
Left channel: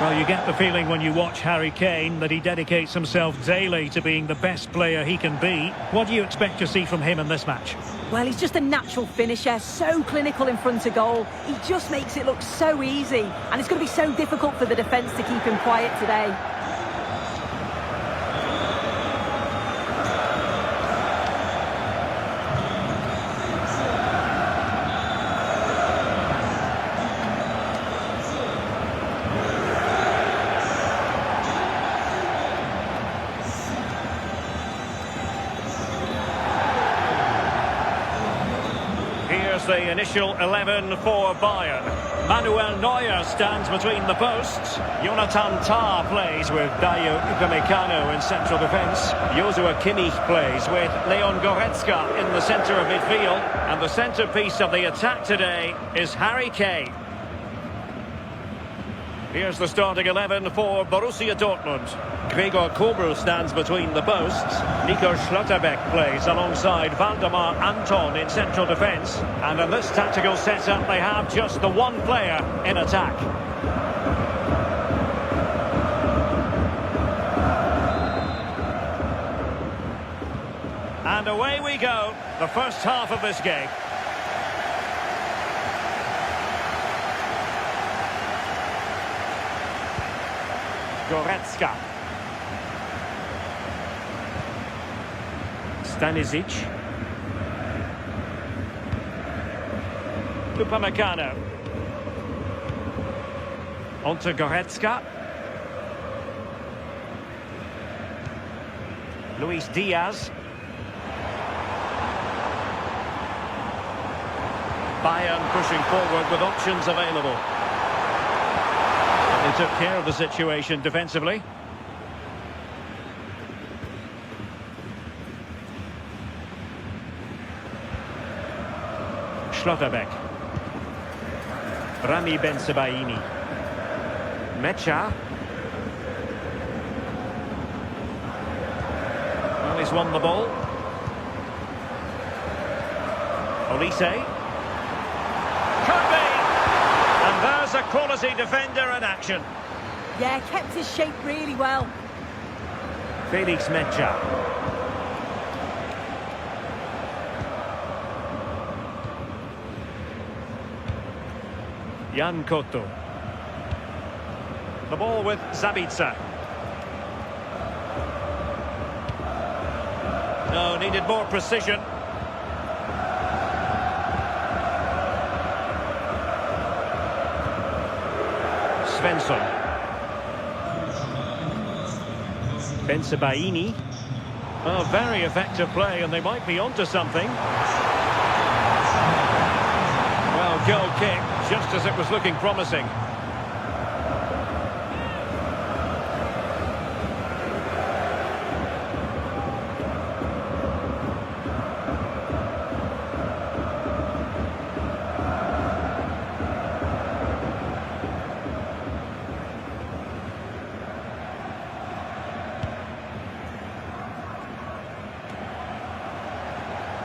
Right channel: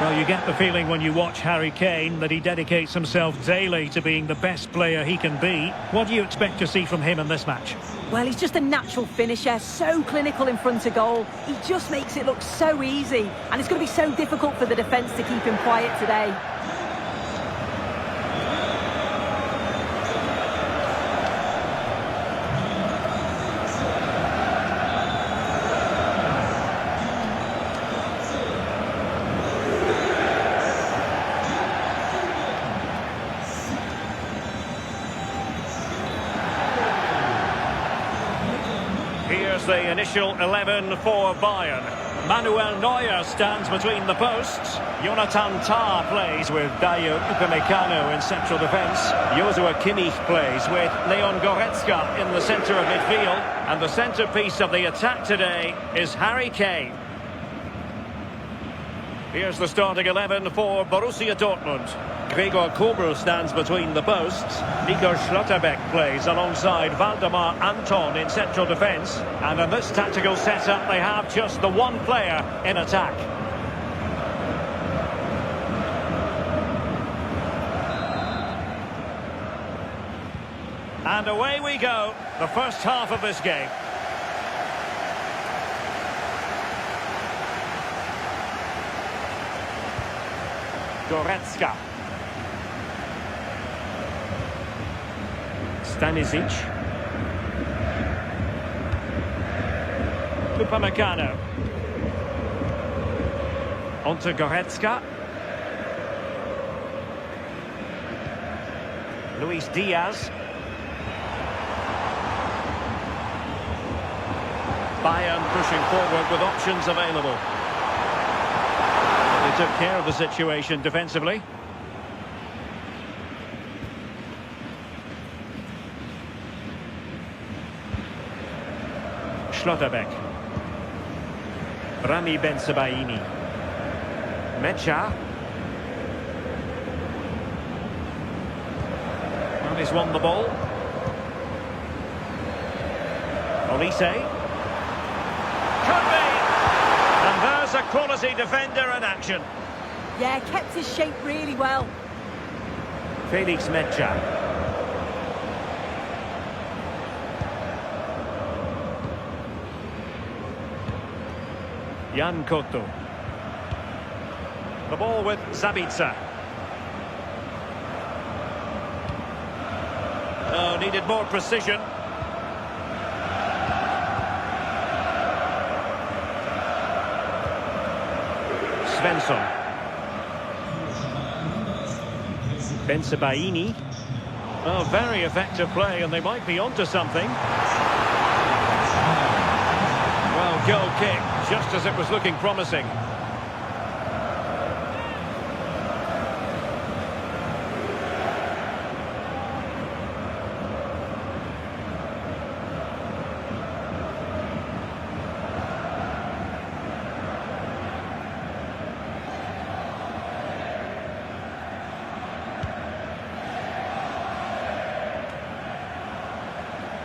Well, you get the feeling when you watch Harry Kane that he dedicates himself daily to being the best player he can be. What do you expect to see from him in this match? Well, he's just a natural finisher, so clinical in front of goal. He just makes it look so easy, and it's going to be so difficult for the defence to keep him quiet today. Here's the initial 11 for Bayern. Manuel Neuer stands between the posts. Jonathan Tah plays with Dayo Upamecano in central defence. Joshua Kimmich plays with Leon Goretzka in the centre of midfield. And the centrepiece of the attack today is Harry Kane. Here's the starting 11 for Borussia Dortmund. Gregor Kobel stands between the posts. Nico Schlotterbeck plays alongside Valdemar Anton in central defence. And in this tactical setup, they have just the one player in attack. And away we go, the first half of this game. Goretzka. Stanisic. Upamecano. Onto Goretzka. Luis Diaz. Bayern pushing forward with options available. But they took care of the situation defensively. Schlotterbeck. Rami Bensebaini. Mecha. Well, he's won the ball. Olise. Could be! And there's a quality defender in action. Yeah, kept his shape really well. Felix Mecha. Jan Koto. The ball with Zabitzer. Oh, needed more precision. Svensson. Bensebaini. Oh, very effective play, and they might be onto something. Well, goal kick, just as it was looking promising.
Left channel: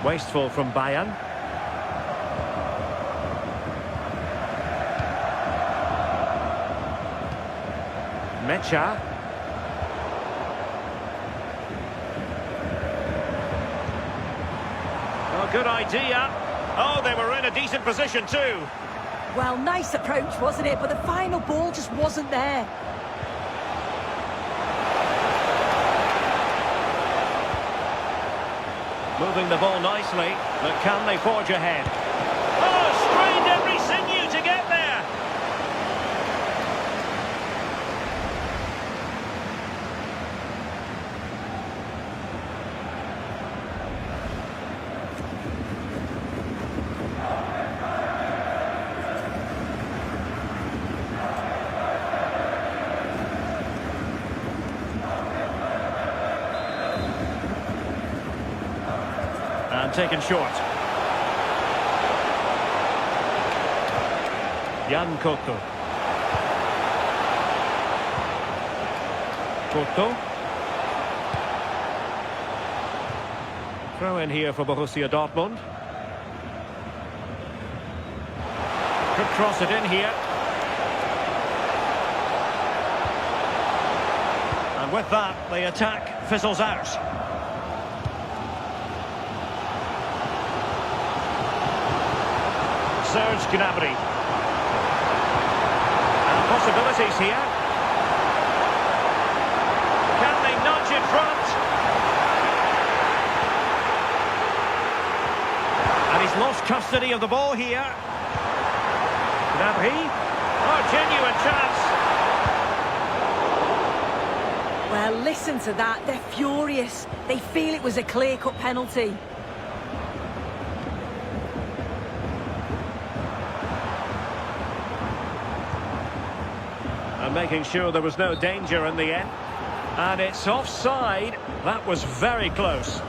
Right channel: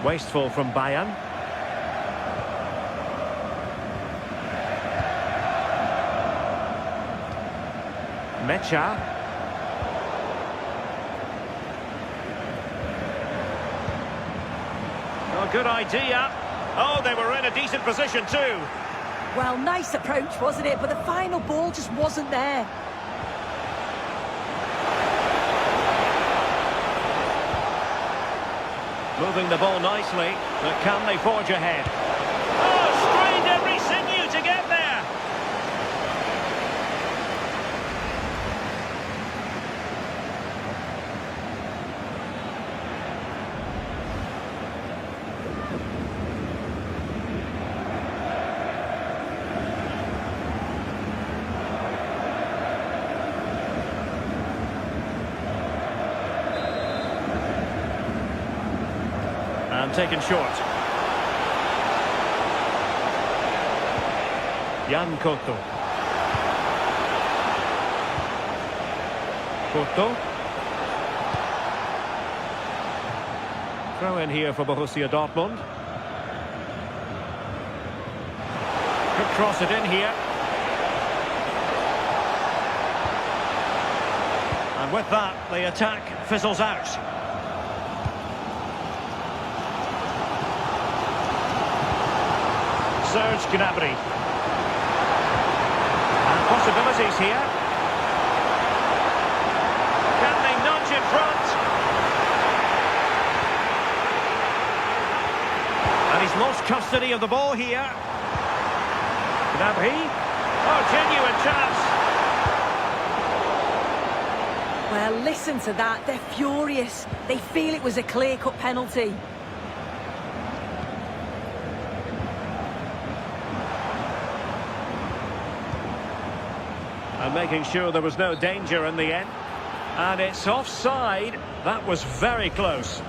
Wasteful from Bayern. Mecha. Oh, good idea. Oh, they were in a decent position too. Well, nice approach, wasn't it? But the final ball just wasn't there. Moving the ball nicely, but can they forge ahead? Oh, strained every sinew to get there. And taken short. Jan Koto. Koto. Throw in here for Borussia Dortmund. Could cross it in here. And with that, the attack fizzles out. Serge Gnabry. And possibilities here. Can they nudge in front? And he's lost custody of the ball here. Gnabry. Oh, genuine chance. Well, listen to that. They're furious. They feel it was a clear-cut penalty. And making sure there was no danger in the end. And it's offside. That was very close.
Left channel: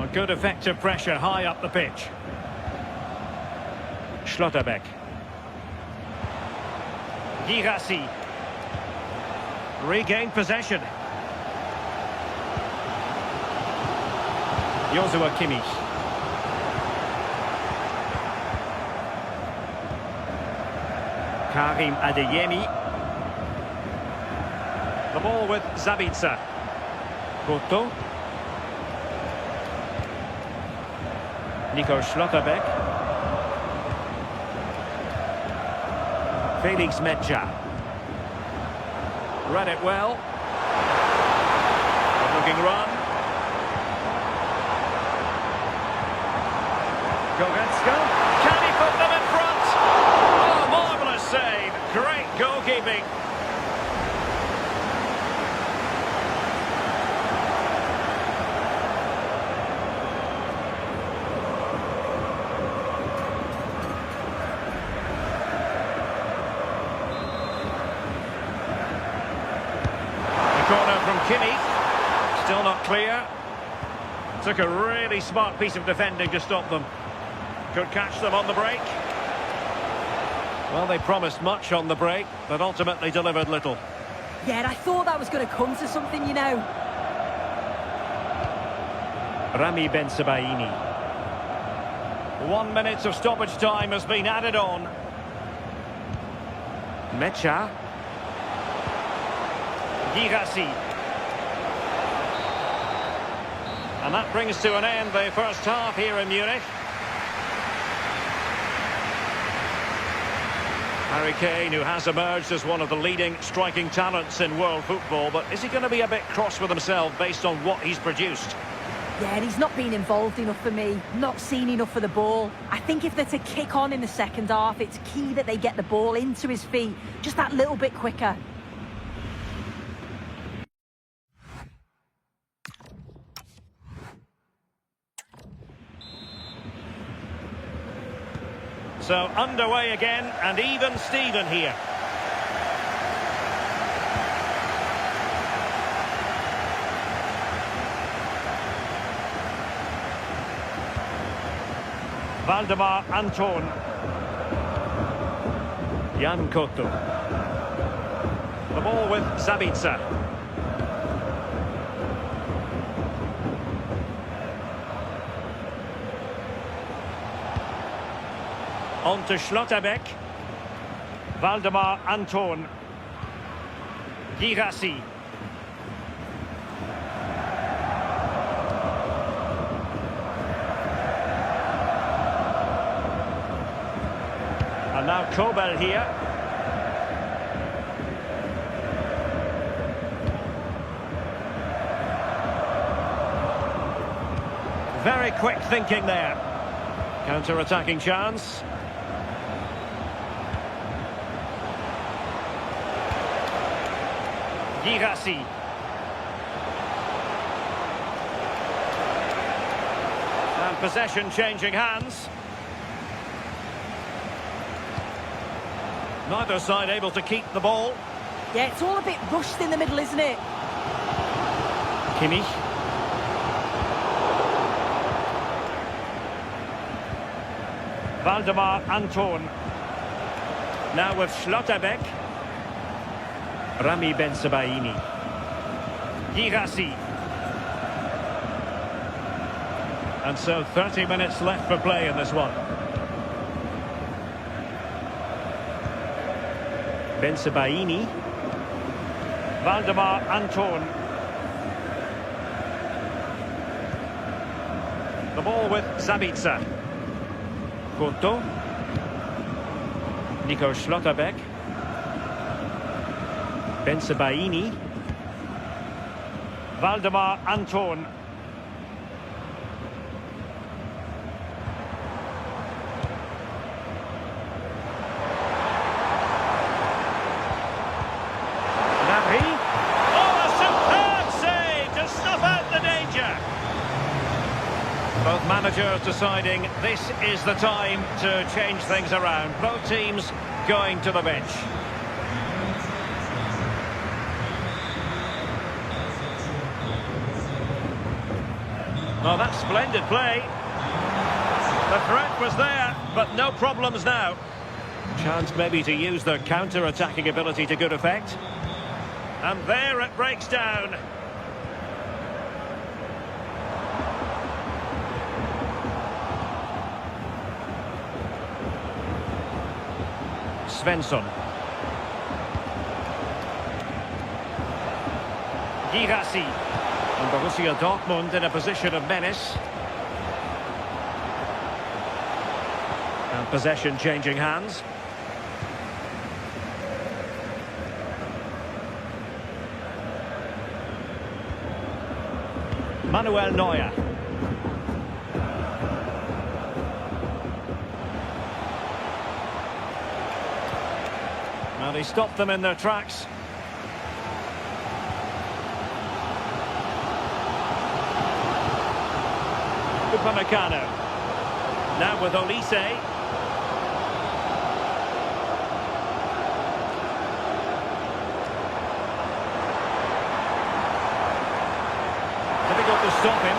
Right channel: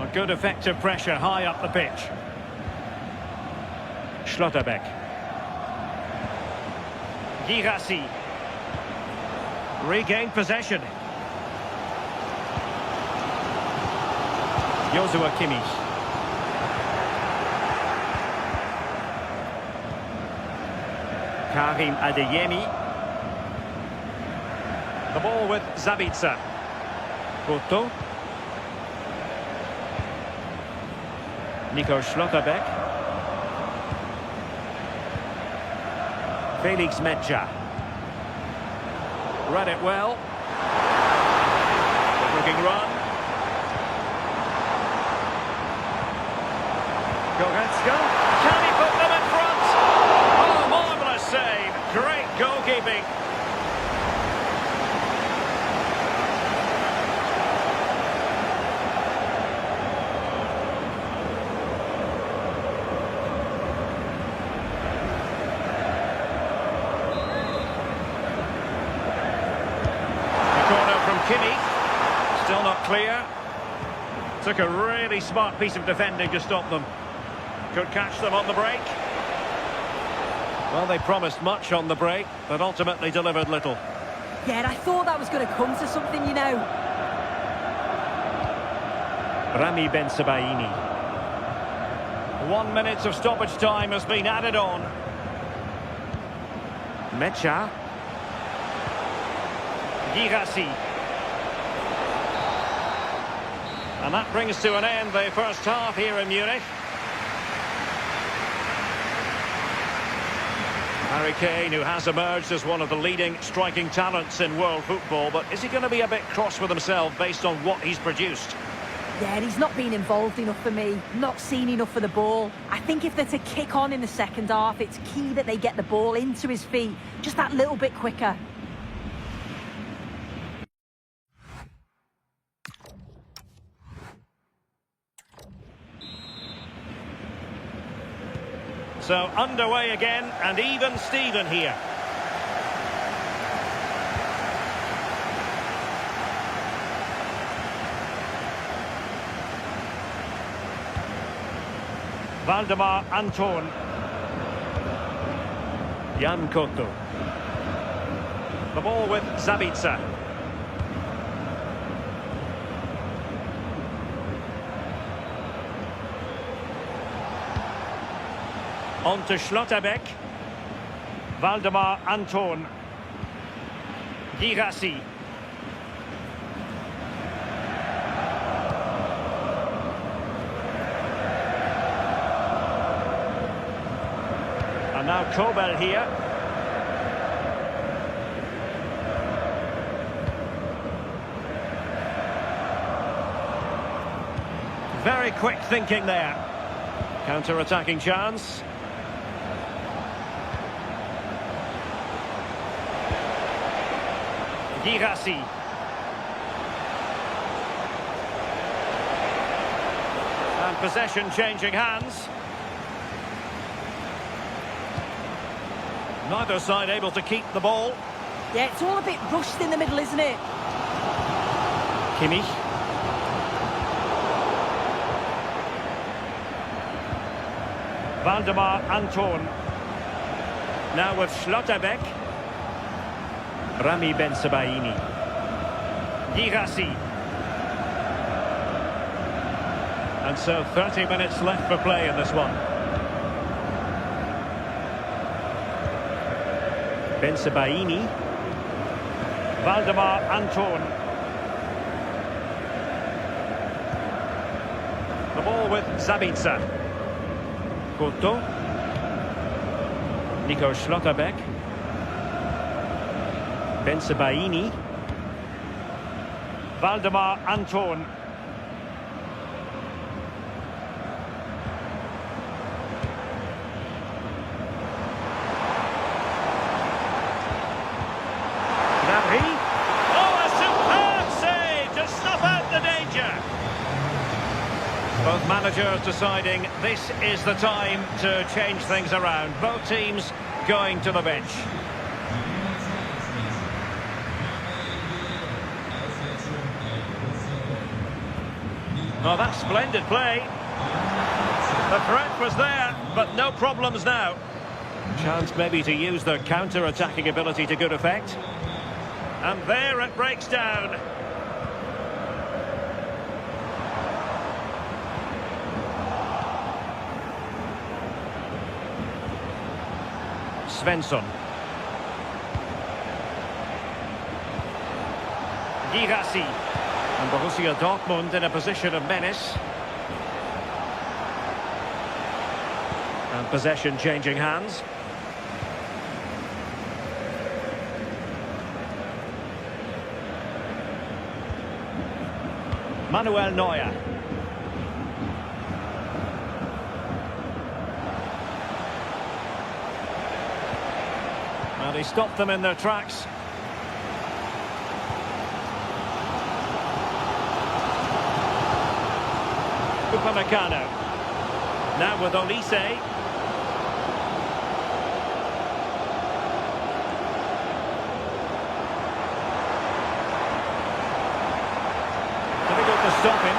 A good effective pressure high up the pitch. Schlotterbeck. Girassi. Regained possession. Joshua Kimmich. Karim Adeyemi. The ball with Zabitzer. Koto. Nico Schlotterbeck. Felix Metscher. Read it well. Good looking run. Goretzka. Can he put them in front? Oh, marvellous save. Great goalkeeping. Corner from Kimmich. Still not clear. Took a really smart piece of defending to stop them. Could catch them on the break. Well, they promised much on the break, but ultimately delivered little. Yeah, and I thought that was going to come to something, you know. Rami Bensebaini. 1 minute of stoppage time has been added on. Metscher. Girassi. And that brings to an end the first half here in Munich. Harry Kane, who has emerged as one of the leading striking talents in world football, but is he going to be a bit cross with himself based on what he's produced? Yeah, and he's not been involved enough for me, not seen enough for the ball. I think if they're to kick on in the second half, it's key that they get the ball into his feet just that little bit quicker. So underway again, and even Steven here. Valdemar Anton. Jan Koto. The ball with Zabitzer. On to Schlotterbeck. Valdemar Anton. Girassi. And now Kobel here. Very quick thinking there. Counter-attacking chance. Girassi. And possession changing hands. Neither side able to keep the ball. Yeah, it's all a bit rushed in the middle, isn't it? Kimmich. Valdemar Anton. Now with Schlotterbeck. Rami Ben Sebaini. Girassi. And so 30 minutes left for play in this one. Ben Sebaini. Valdemar Anton. The ball with Zabitzer. Couto. Nico Schlotterbeck. Ben Sebaini. Valdemar Anton. Gnabry. Oh, a superb save to snuff out the danger. Both managers deciding this is the time to change things around. Both teams going to the bench. Oh, that's splendid play. The threat was there, but no problems now. Chance maybe to use their counter-attacking ability to good effect. And there it breaks down. Svensson. Girassi. And Borussia Dortmund in a position of menace. And possession changing hands. Manuel Neuer. Well, he stopped them in their tracks. Upamecano. Now with Olise. Difficult to stop him.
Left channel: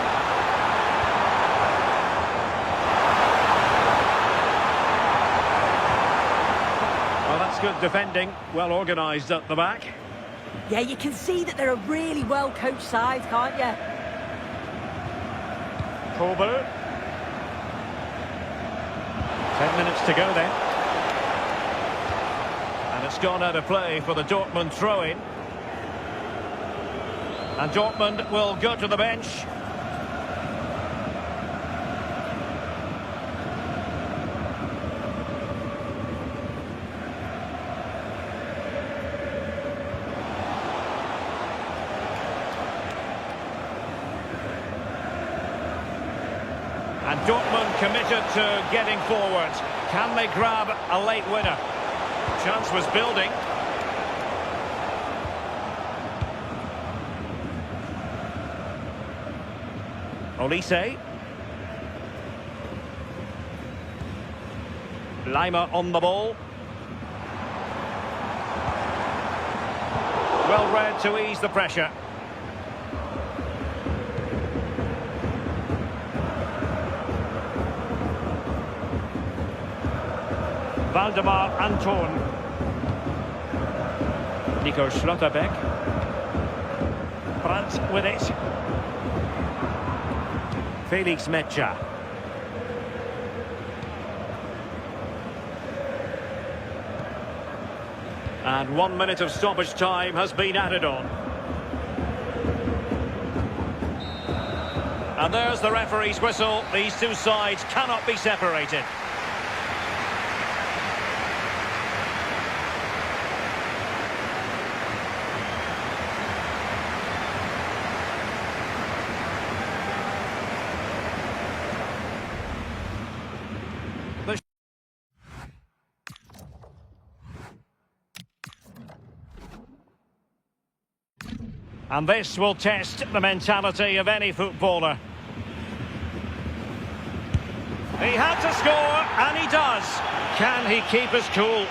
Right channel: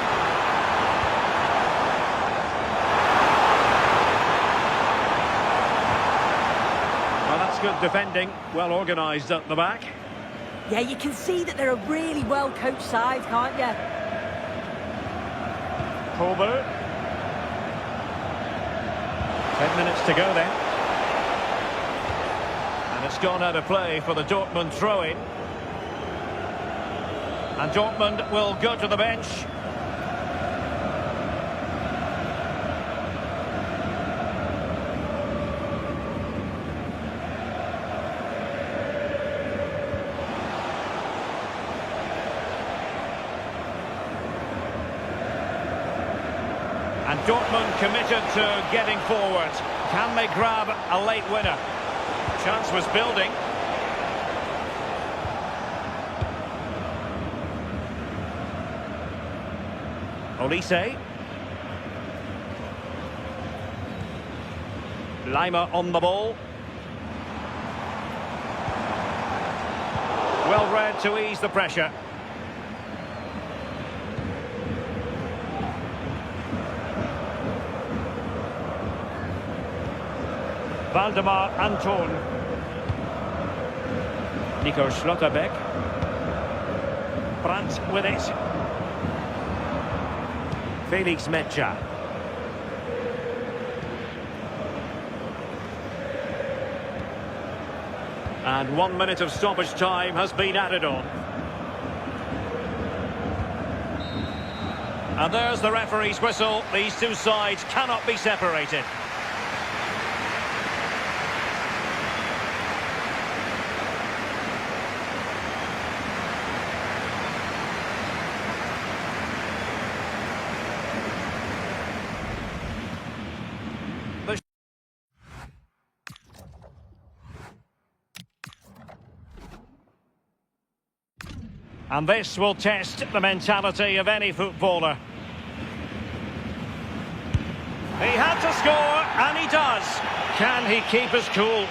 Well, that's good defending. Well organised at the back. Yeah, you can see that they're a really well-coached side, can't you? Kobel. 10 minutes to go then. And it's gone out of play for the Dortmund throw-in. And Dortmund will go to the bench. And Dortmund committed to getting forward. Can they grab a late winner? Chance was building. Olise. Lima on the ball. Well read to ease the pressure. Valdemar Anton. Nico Schlotterbeck. Brandt with it. Felix Metscher. And 1 minute of stoppage time has been added on. And there's the referee's whistle. These two sides cannot be separated. And this will test the mentality of any footballer. He had to score, and he does. Can he keep his cool?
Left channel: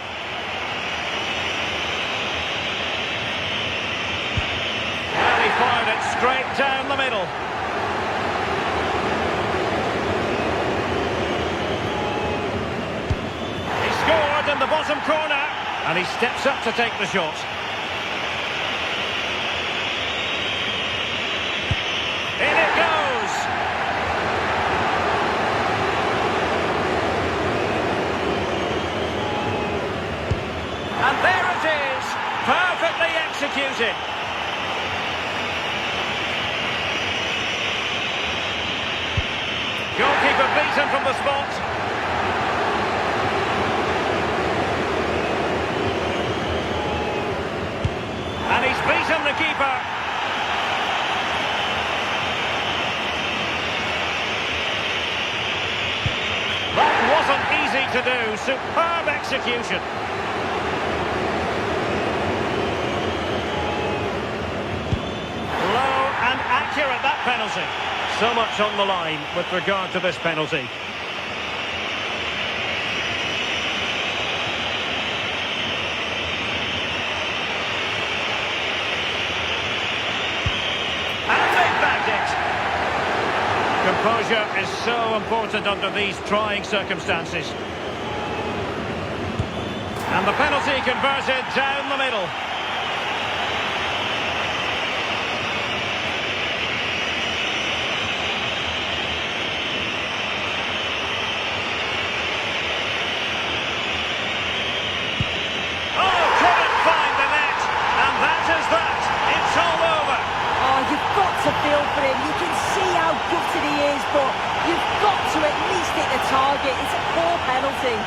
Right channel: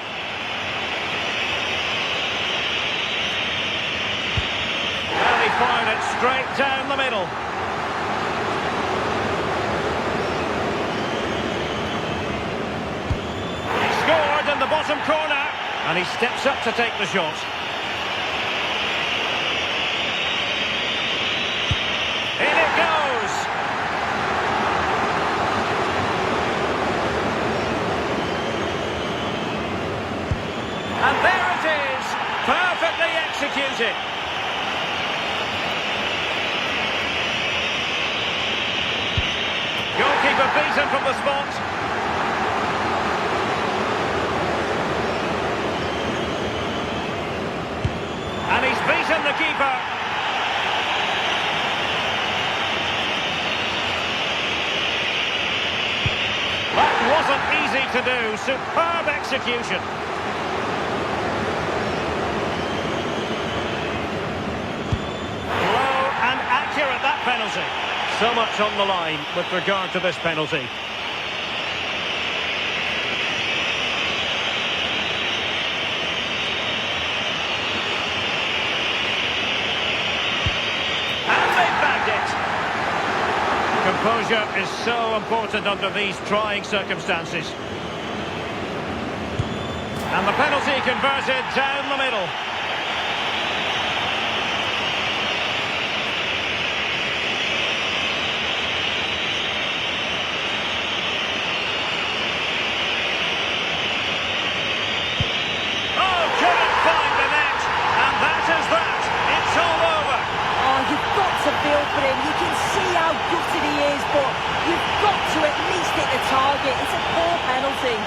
Well, he fired it straight down the middle. He scored in the bottom corner. And he steps up to take the shot. In it goes! And there it is! Perfectly executed! Goalkeeper beaten from the spot. And he's beaten the keeper. That wasn't easy to do. Superb execution. Low and accurate, that penalty. So much on the line with regard to this penalty. And they've bagged it. Composure is so important under these trying circumstances. And the penalty converted down the middle. It's all over. Oh, you've got to feel for him. You can see how gutted he is, but you've got to at least hit the target. It's a poor penalty.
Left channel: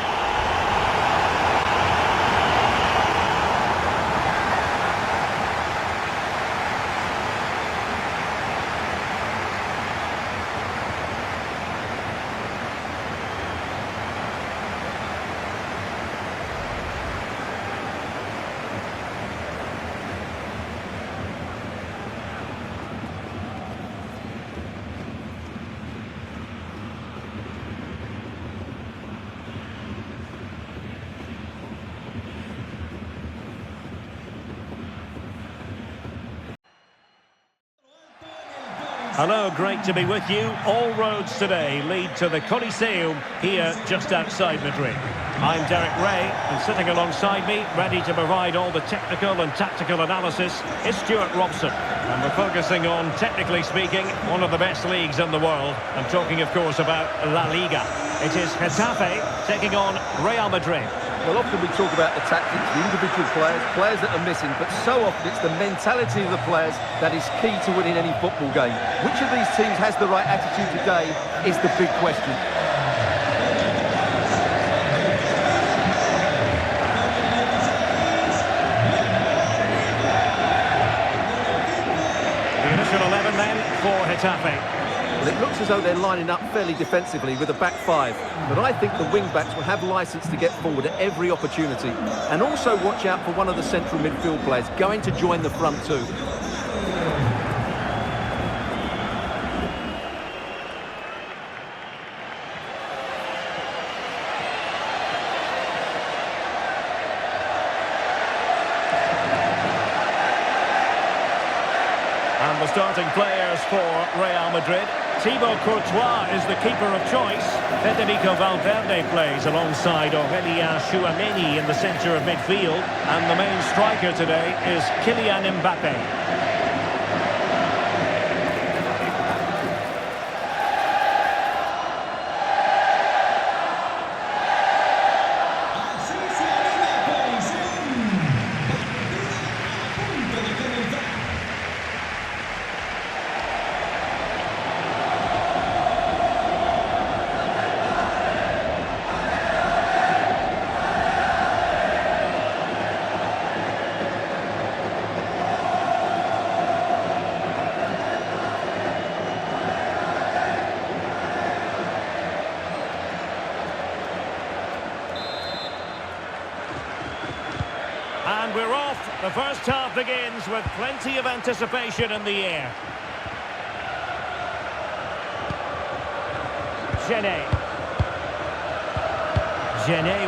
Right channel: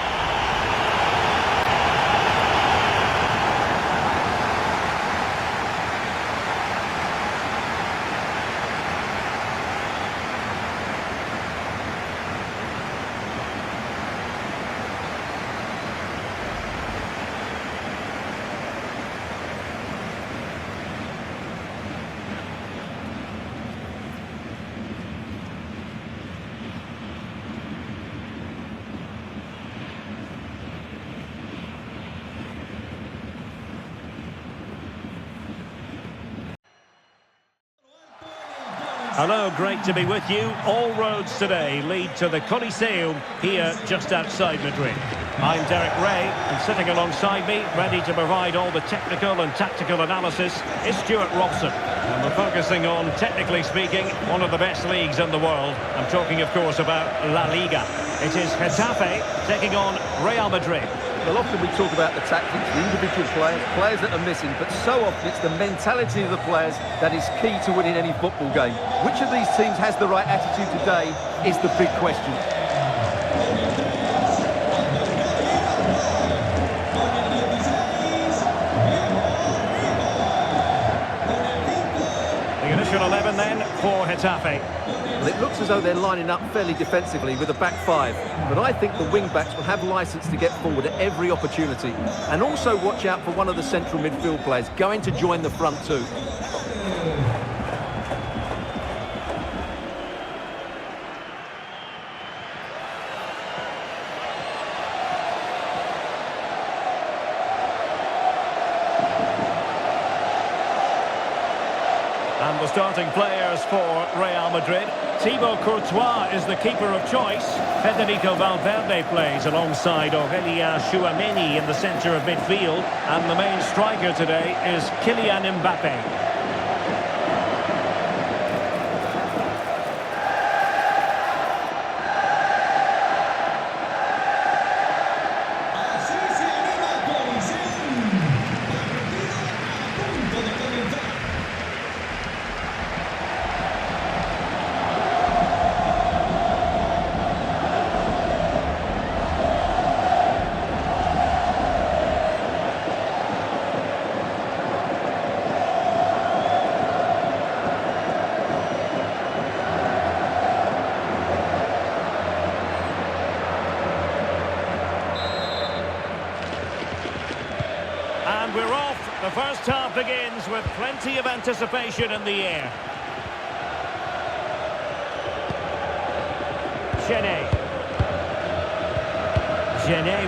Hello, great to be with you. All roads today lead to the Coliseum here just outside Madrid. I'm Derek Ray, and sitting alongside me, ready to provide all the technical and tactical analysis, is Stuart Robson. And we're focusing on, technically speaking, one of the best leagues in the world. I'm talking, of course, about La Liga. It is Getafe taking on Real Madrid. Well, often we talk about the tactics, the individual players that are missing, but so often it's the mentality of the players that is key to winning any football game. Which of these teams has the right attitude today is the big question. The initial 11 then for Getafe. Well, it looks as though they're lining up fairly defensively with a back five, but I think the wing-backs will have licence to get forward at every opportunity. And also watch out for one of the central midfield players going to join the front two. And the starting players for Real Madrid. Thibaut Courtois is the keeper of choice. Federico Valverde plays alongside Aurélien Tchouaméni in the centre of midfield. And the main striker today is Kylian Mbappé. And we're off. The first half begins with plenty of anticipation in the air. Gené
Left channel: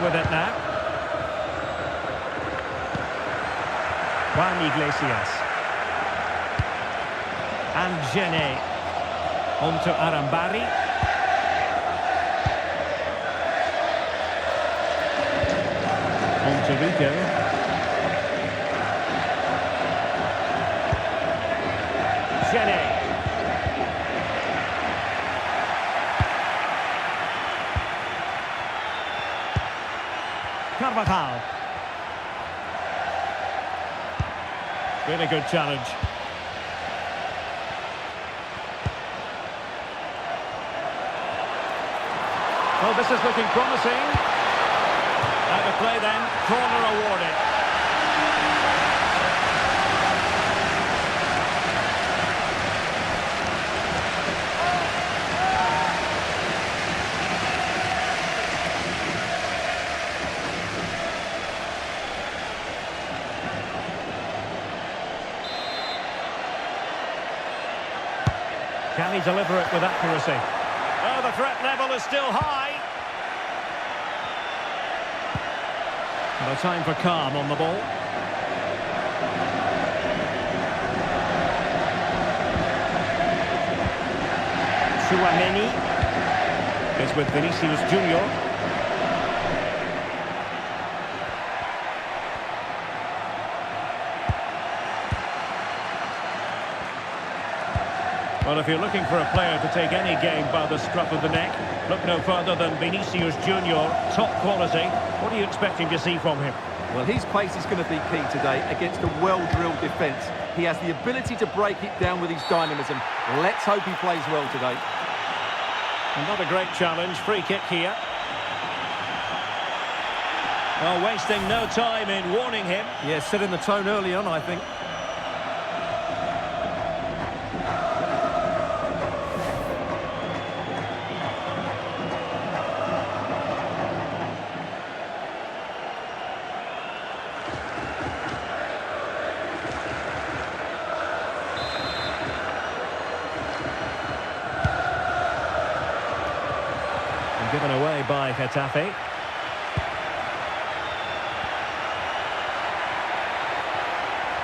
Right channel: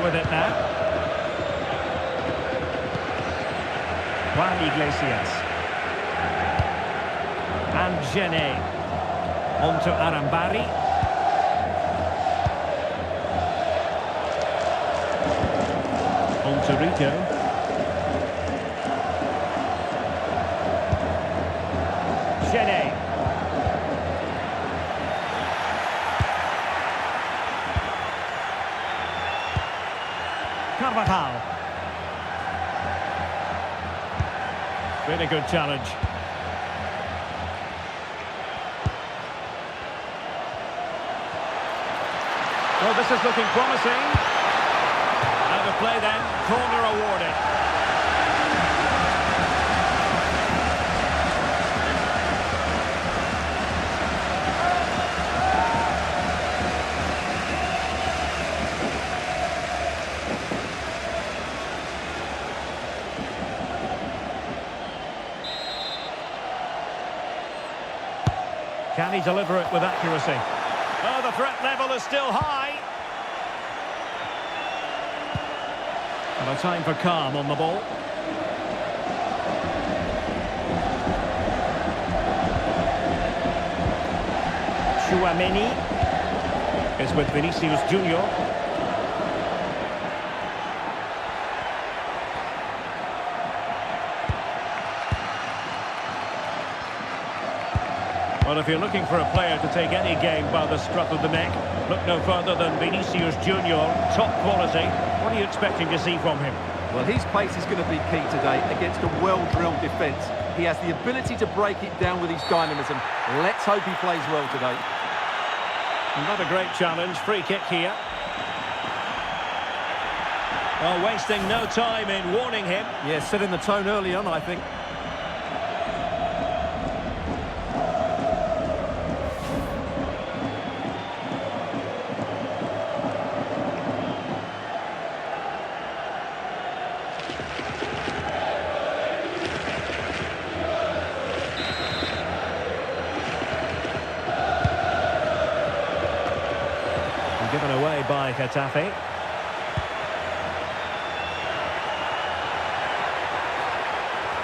with it now. Juan Iglesias. And Gené. On to Arambari. On to Rico. Carvajal. Really good challenge. Oh, this is looking promising. Out of play then, corner awarded. Can he deliver it with accuracy? Oh, the threat level is still high. And a time for calm on the ball. Tchouaméni is with Vinicius Junior. Well, if you're looking for a player to take any game by the scruff of the neck, look no further than Vinicius Junior, top quality. What are you expecting to see from him? Well, his pace is going to be key today against a well-drilled defence. He has the ability to break it down with his dynamism. Let's hope he plays well today. Another great challenge, free kick here. Well, wasting no time in warning him. Yeah, setting the tone early on, I think. Given away by Getafe.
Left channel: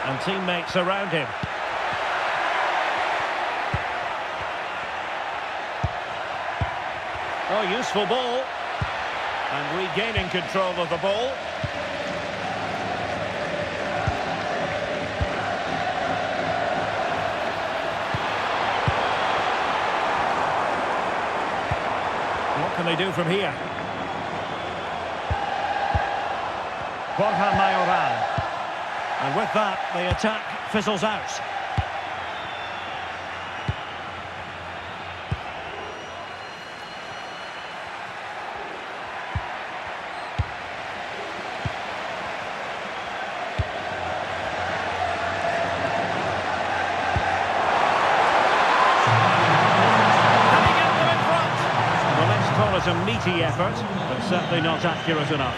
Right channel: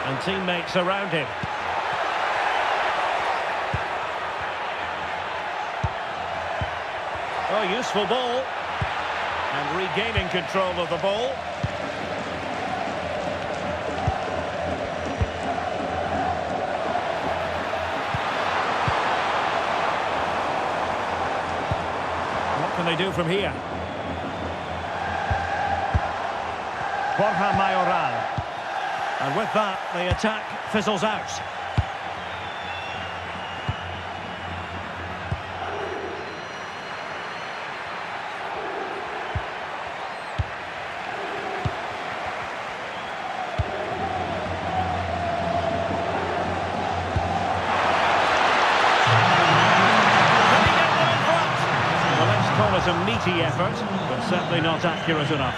And teammates around him. Oh, useful ball. And regaining control of the ball. What can they do from here? Borja Mayoral. And with that, the attack fizzles out. Call it a meaty effort, but certainly not accurate enough.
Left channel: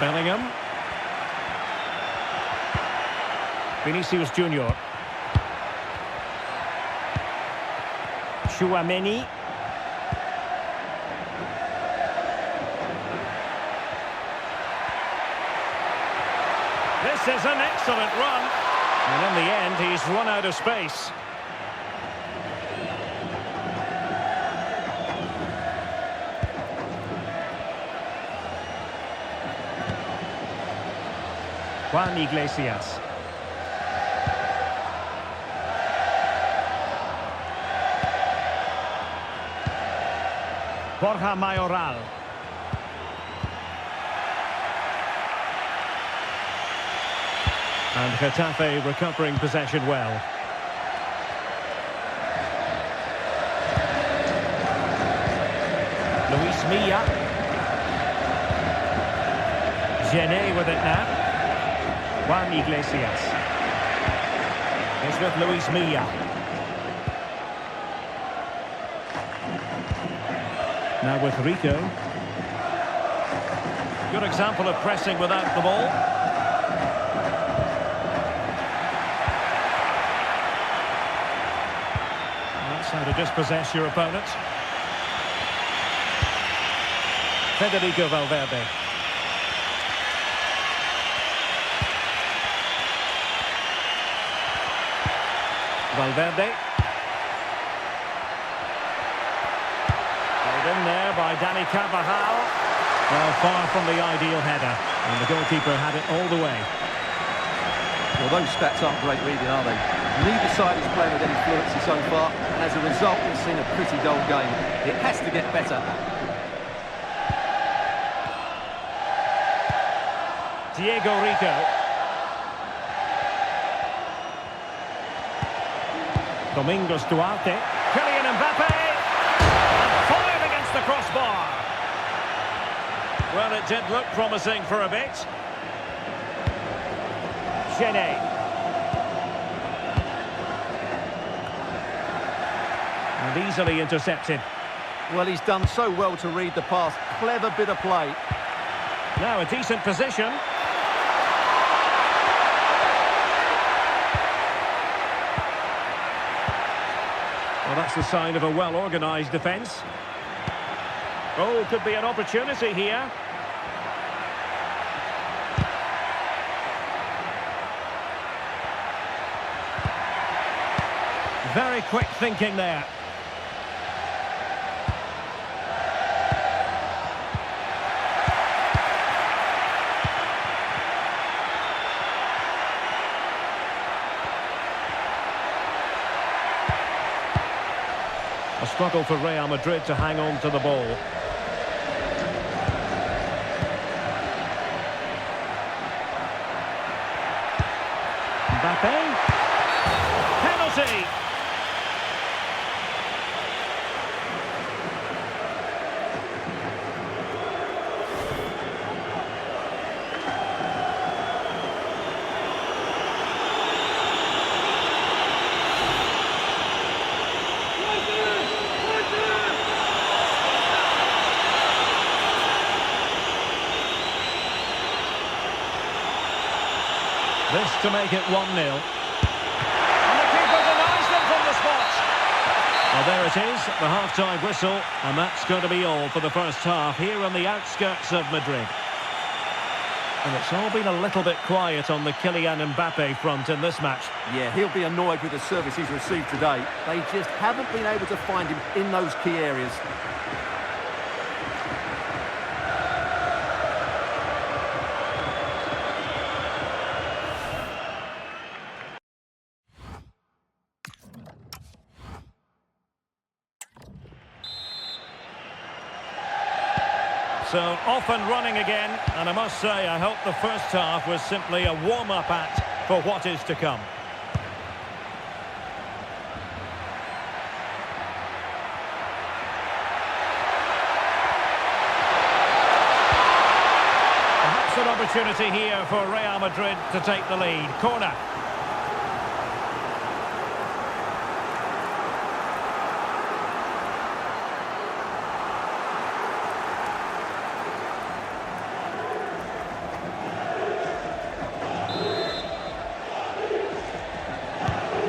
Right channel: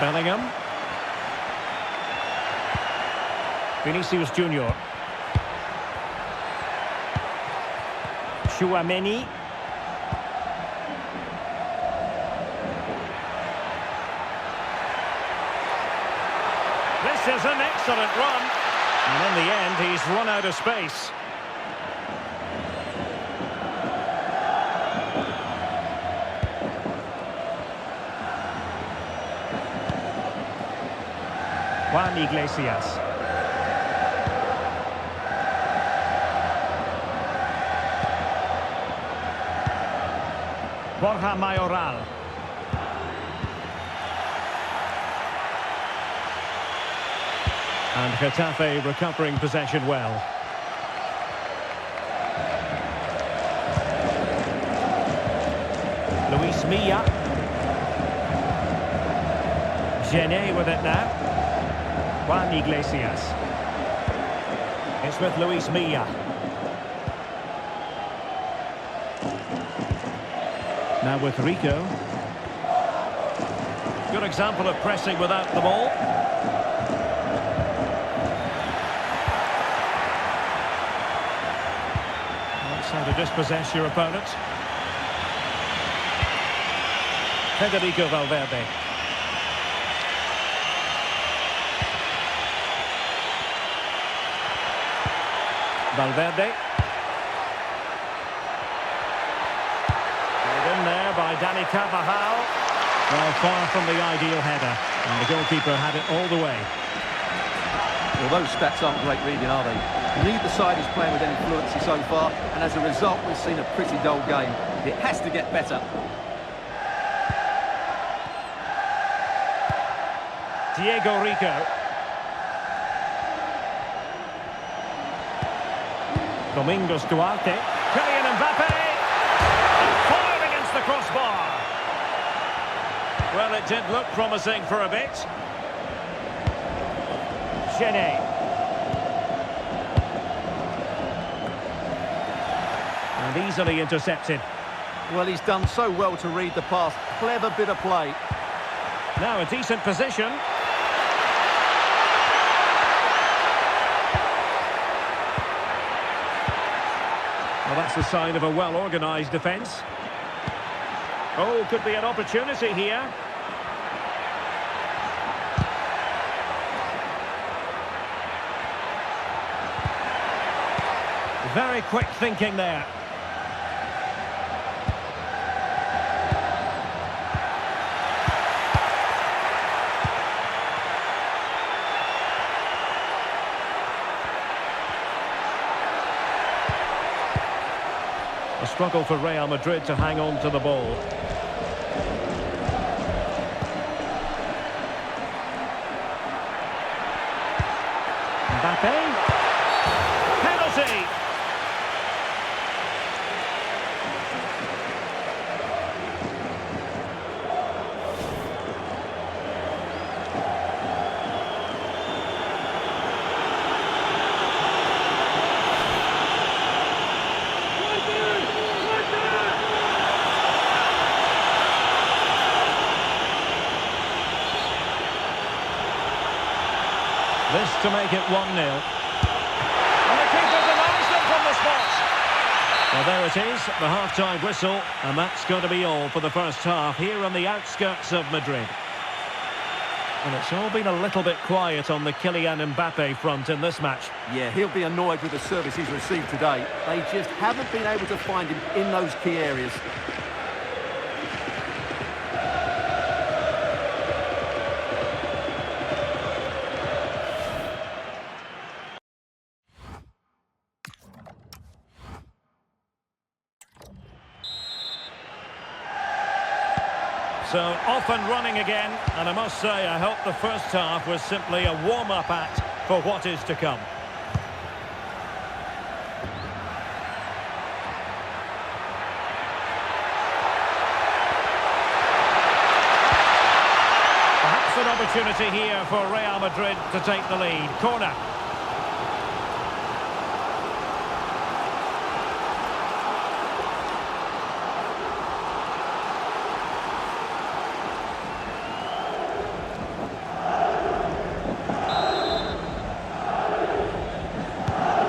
Bellingham. Vinicius Junior. Tchouaméni. This is an excellent run. And in the end, he's run out of space. Juan Iglesias. Borja Mayoral. And Getafe recovering possession well. Luis Milla. Gené with it now. Juan Iglesias. It's with Luis Milla. Now with Rico. Good example of pressing without the ball. Well, that's how to dispossess your opponent. Federico Valverde. Valverde. Played in there by Dani Carvajal. Well, far from the ideal header. And the goalkeeper had it all the way. Well, those stats aren't great reading, are they? Neither side is playing with any fluency so far, and as a result, we've seen a pretty dull game. It has to get better. Diego Rico. Domingos Duarte. Kylian Mbappe. And fired against the crossbar. Well, it did look promising for a bit. Gene. And easily intercepted. Well, he's done so well to read the pass. Clever bit of play. Now a decent position. Well, that's the sign of a well-organised defence. Oh, could be an opportunity here. Very quick thinking there. A struggle for Real Madrid to hang on to the ball. Mbappe. Penalty. This to make it 1-0. And the keeper denies them from the spot. Well, there it is, the half-time whistle, and that's going to be all for the first half here on the outskirts of Madrid. And it's all been a little bit quiet on the Kylian Mbappe front in this match. Yeah, he'll be annoyed with the service he's received today. They just haven't been able to find him in those key areas. So off and running again, and I must say I hope the first half was simply a warm-up act for what is to come. Perhaps an opportunity here for Real Madrid to take the lead. Corner.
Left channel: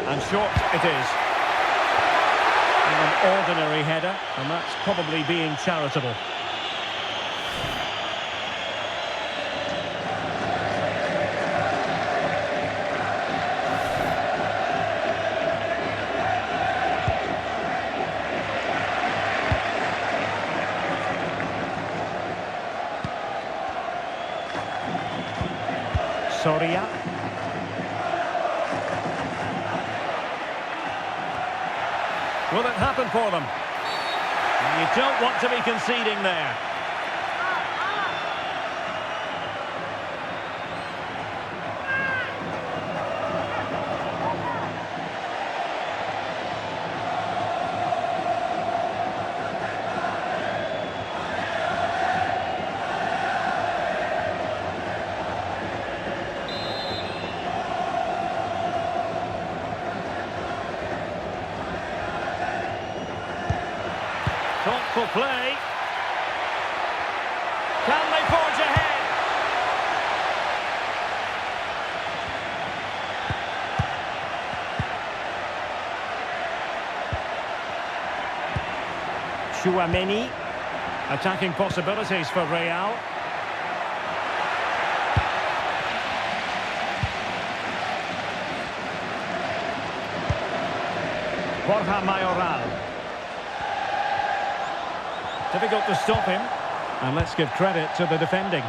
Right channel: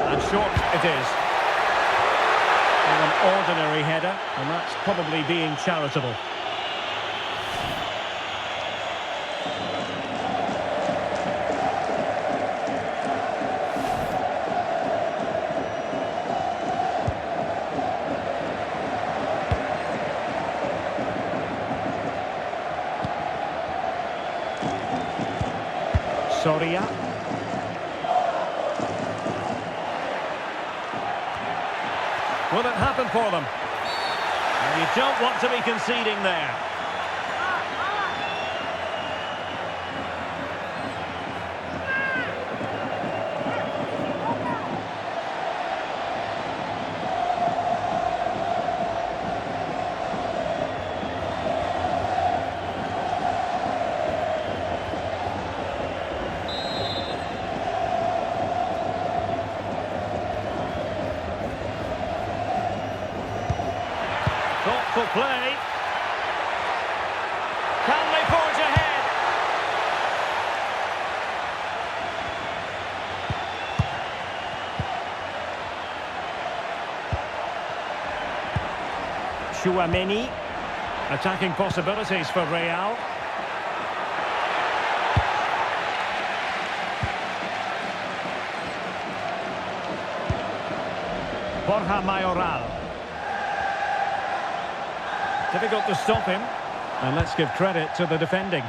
And short it is. An ordinary header, and that's probably being charitable. Soria. Will it happen for them? And you don't want to be conceding there. Thoughtful play. Can they forge ahead? Tchouaméni. Attacking possibilities for Real. Borja Mayoral. Difficult to stop him. And let's give credit to the defending.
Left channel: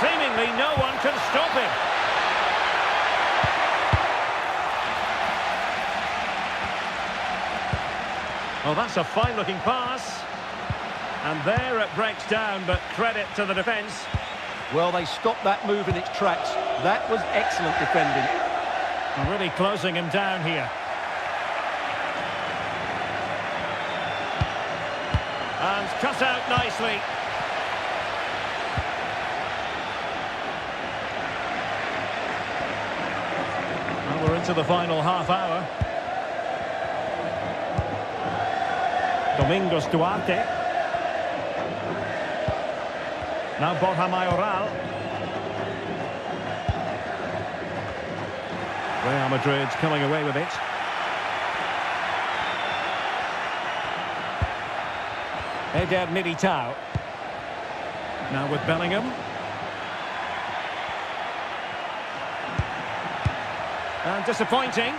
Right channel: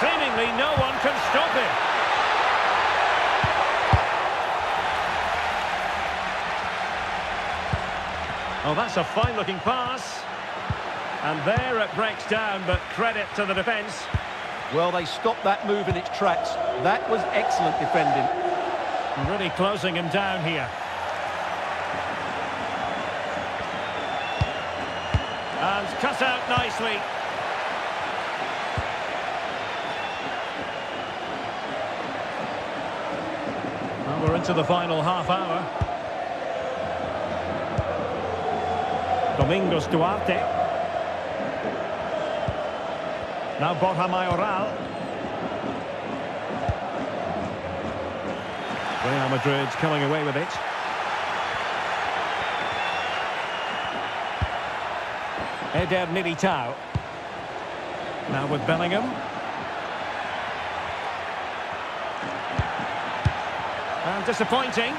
Seemingly no one can stop him. Oh, that's a fine-looking pass. And there it breaks down, but credit to the defence. Well, they stopped that move in its tracks. That was excellent defending. Really closing him down here. And cut out nicely. Well, we're into the final half hour. Domingos Duarte. Now Borja Mayoral. Real Madrid coming away with it. Eder Militao. Now with Bellingham. And disappointing.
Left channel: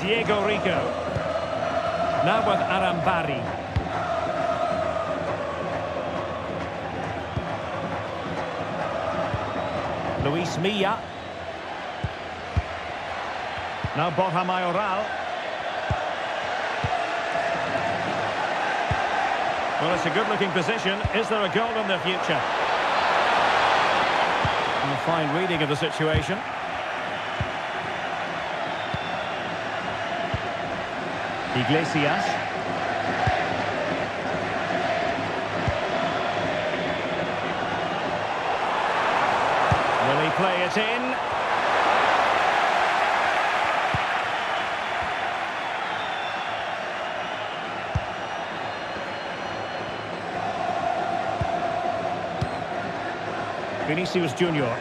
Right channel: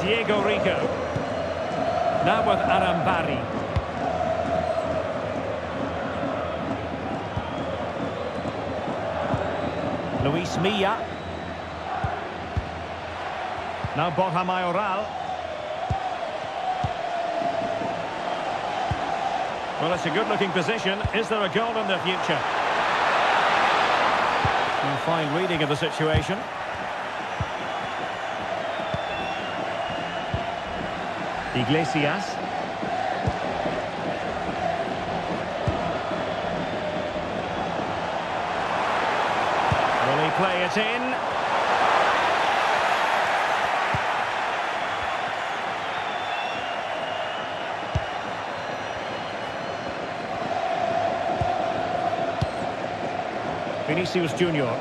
Diego Rico. Now with Arambari. Luis Milla. Now Borja Mayoral. Well, it's a good-looking position. Is there a goal in the future? A fine reading of the situation. Iglesias. Will he play it in? Vinicius Junior.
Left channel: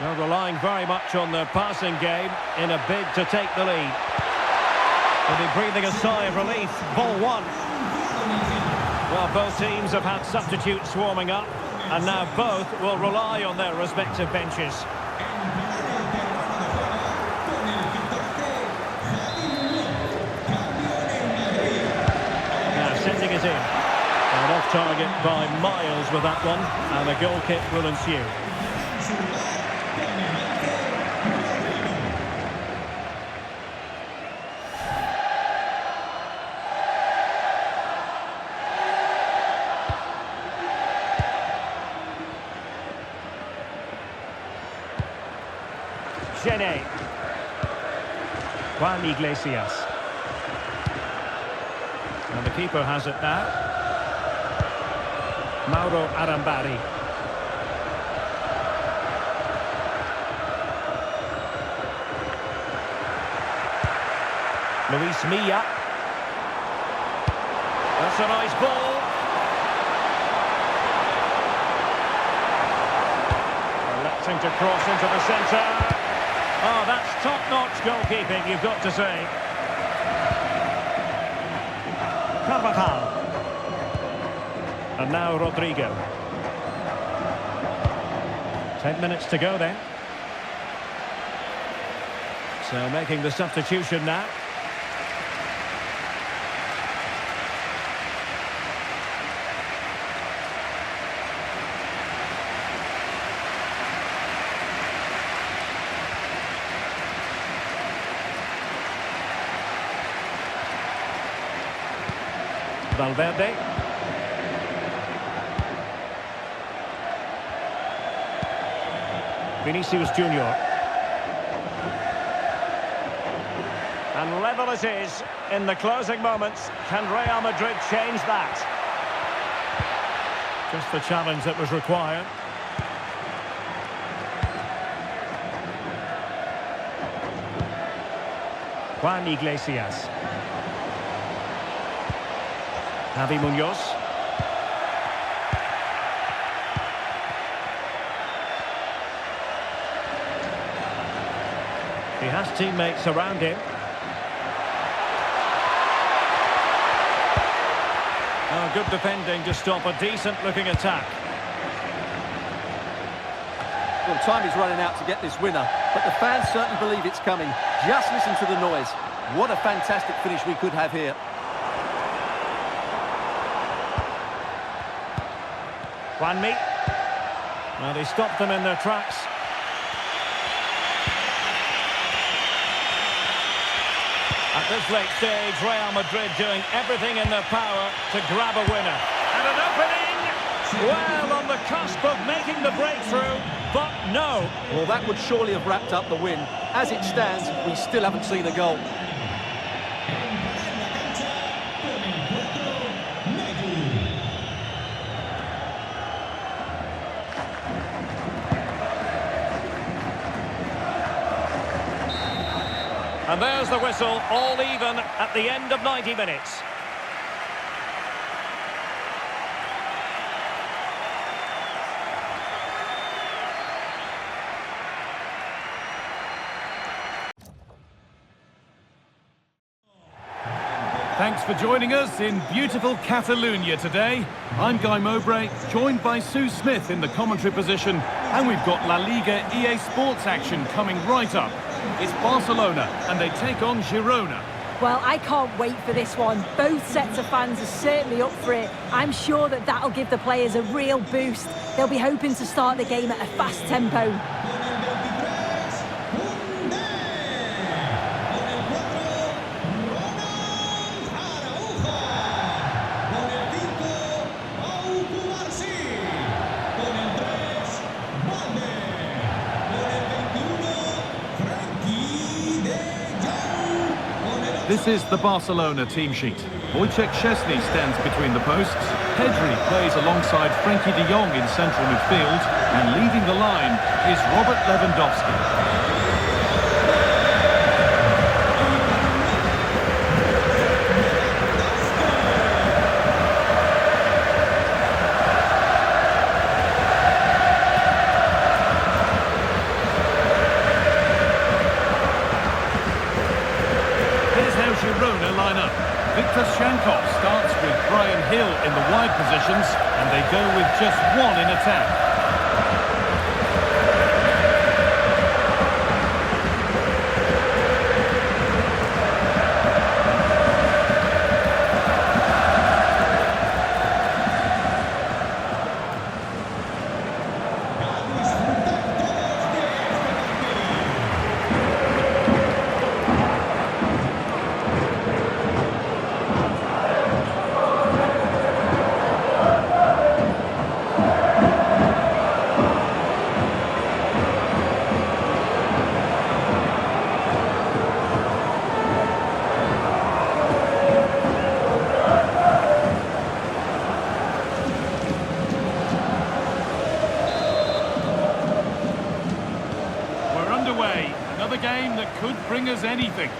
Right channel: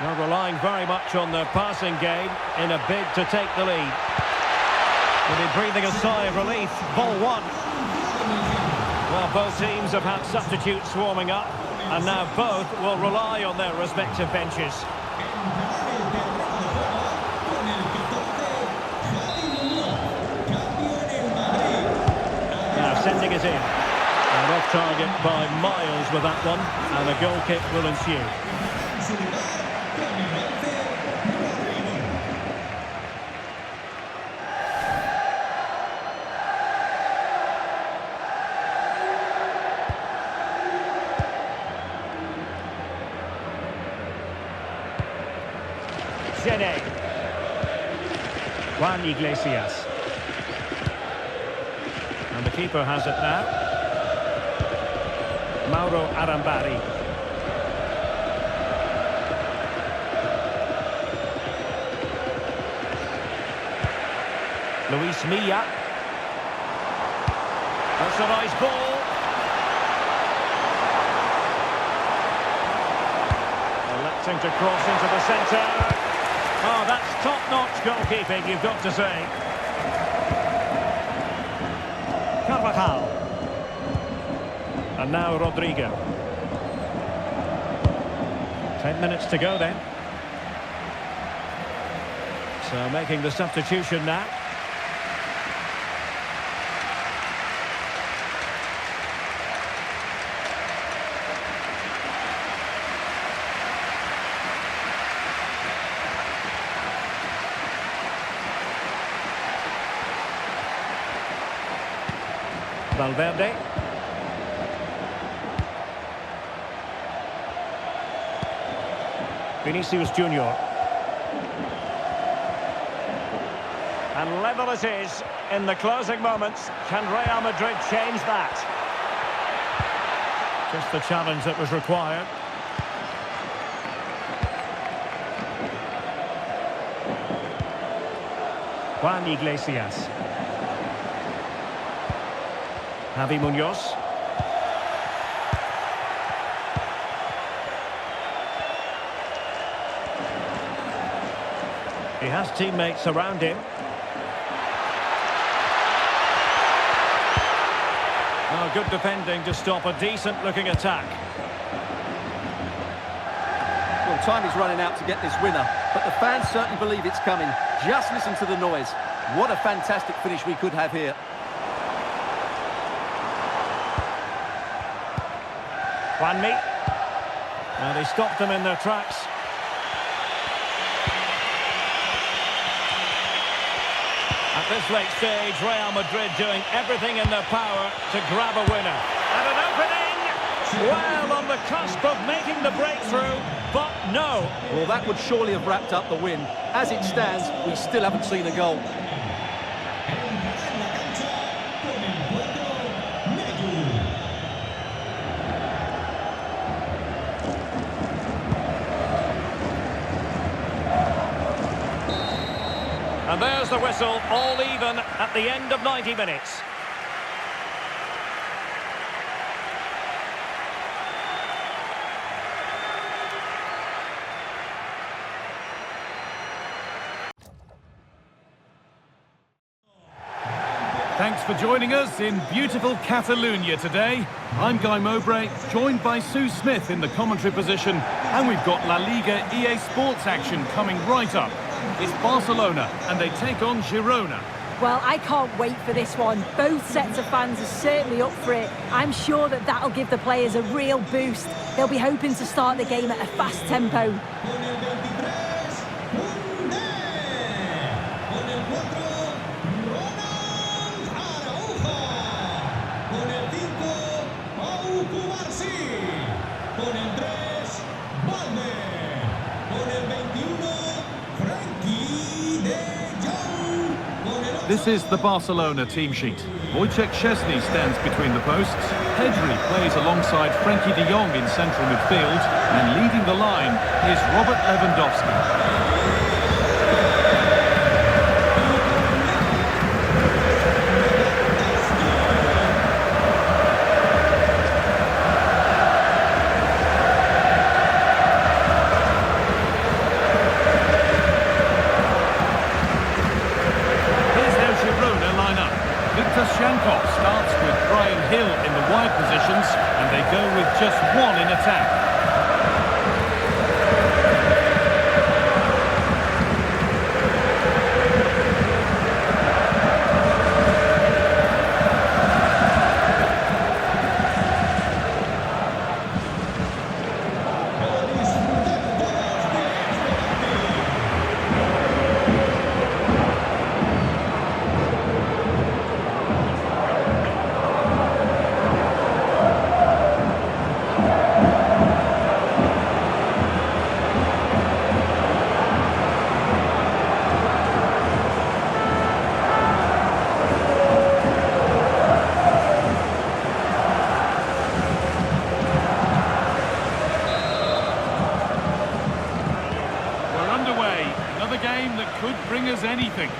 They're relying very much on their passing game in a bid to take the lead. Will be breathing a sigh of relief. Ball one. Well, both teams have had substitutes warming up, and now both will rely on their respective benches. Now sending it in. And off target by miles with that one, and a goal kick will ensue. Gene. Juan Iglesias. And the keeper has it now. Mauro Arambari. Luis Milla. That's a nice ball. Electing to cross into the centre. Oh, that's top-notch goalkeeping, you've got to say. Carvajal. And now Rodrigo. 10 minutes to go then. So making the substitution now. Valverde. Vinicius Junior. And level it is in the closing moments. Can Real Madrid change that? Just the challenge that was required. Juan Iglesias. Javi Munoz. He has teammates around him. Oh, good defending to stop a decent-looking attack. Well, time is running out to get this winner, but the fans certainly believe it's coming. Just listen to the noise. What a fantastic finish we could have here. Juanmi. And he stopped them in their tracks. At this late stage, Real Madrid doing everything in their power to grab a winner. And an opening! Well, on the cusp of making the breakthrough, but no. Well, that would surely have wrapped up the win. As it stands, we still haven't seen a goal. And there's the whistle, all even at the end of 90 minutes. Thanks for joining us in beautiful Catalonia today. I'm Guy Mowbray, joined by Sue Smith in the commentary position, and we've got La Liga EA Sports action coming right up. It's Barcelona, and they take on Girona. Well, I can't wait for this one. Both sets of fans are certainly up for it. I'm sure that that'll give the players a real boost. They'll be hoping to start the game at a fast tempo. This is the Barcelona team sheet. Wojciech Szczesny stands between the posts. Pedri plays alongside Frenkie de Jong in central midfield. And leading the line is Robert Lewandowski. Girona line up. Victor Shankov starts with Brian Hill in the wide positions, and they go with just one in attack. Underway, another game that could bring us anything.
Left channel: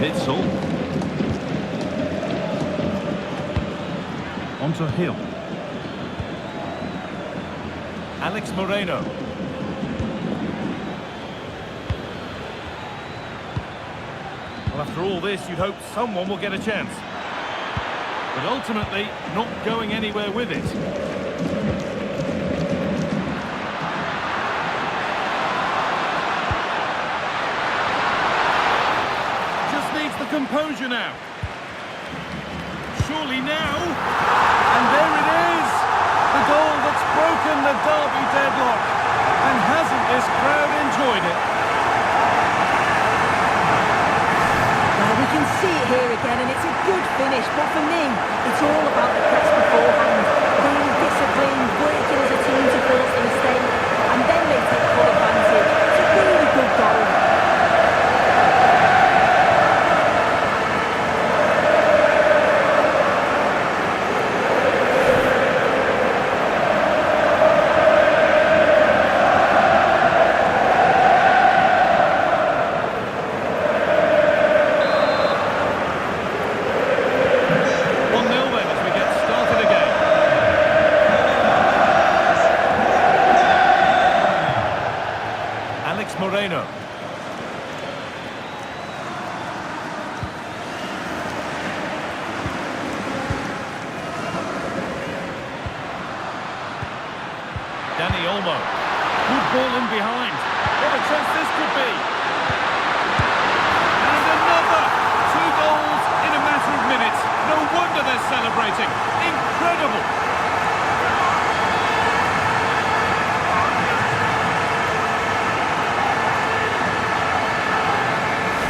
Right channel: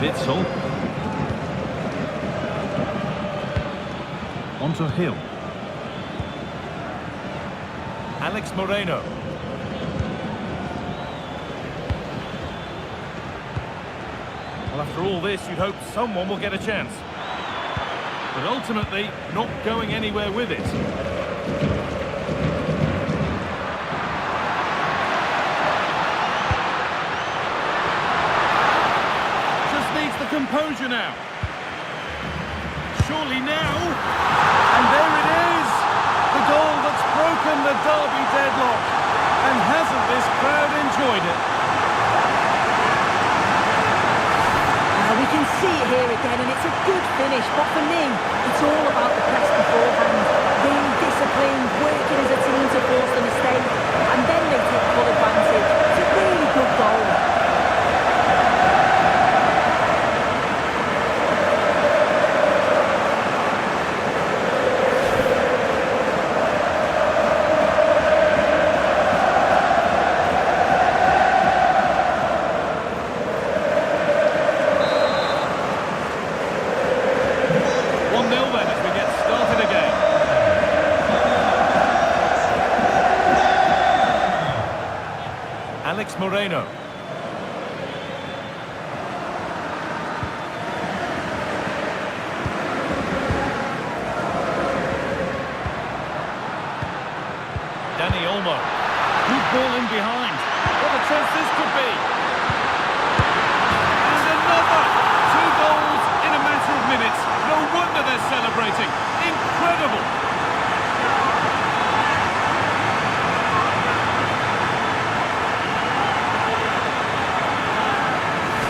Witsel. Onto Hill. Alex Moreno. Well, after all this, you'd hope someone will get a chance. But ultimately, not going anywhere with it. Just needs the composure now. Surely now. And there it is! The goal that's broken the derby deadlock. And hasn't this crowd enjoyed it? We can see it here again, and it's a good finish, but for me, it's all about the press beforehand. Really disciplined, working as a team to force the mistake, and then they take full advantage. It's a really good goal. Alex Moreno. Dani Olmo. Good ball in behind. What a chance this could be. And another. 2 goals in a matter of minutes. No wonder they're celebrating. Incredible.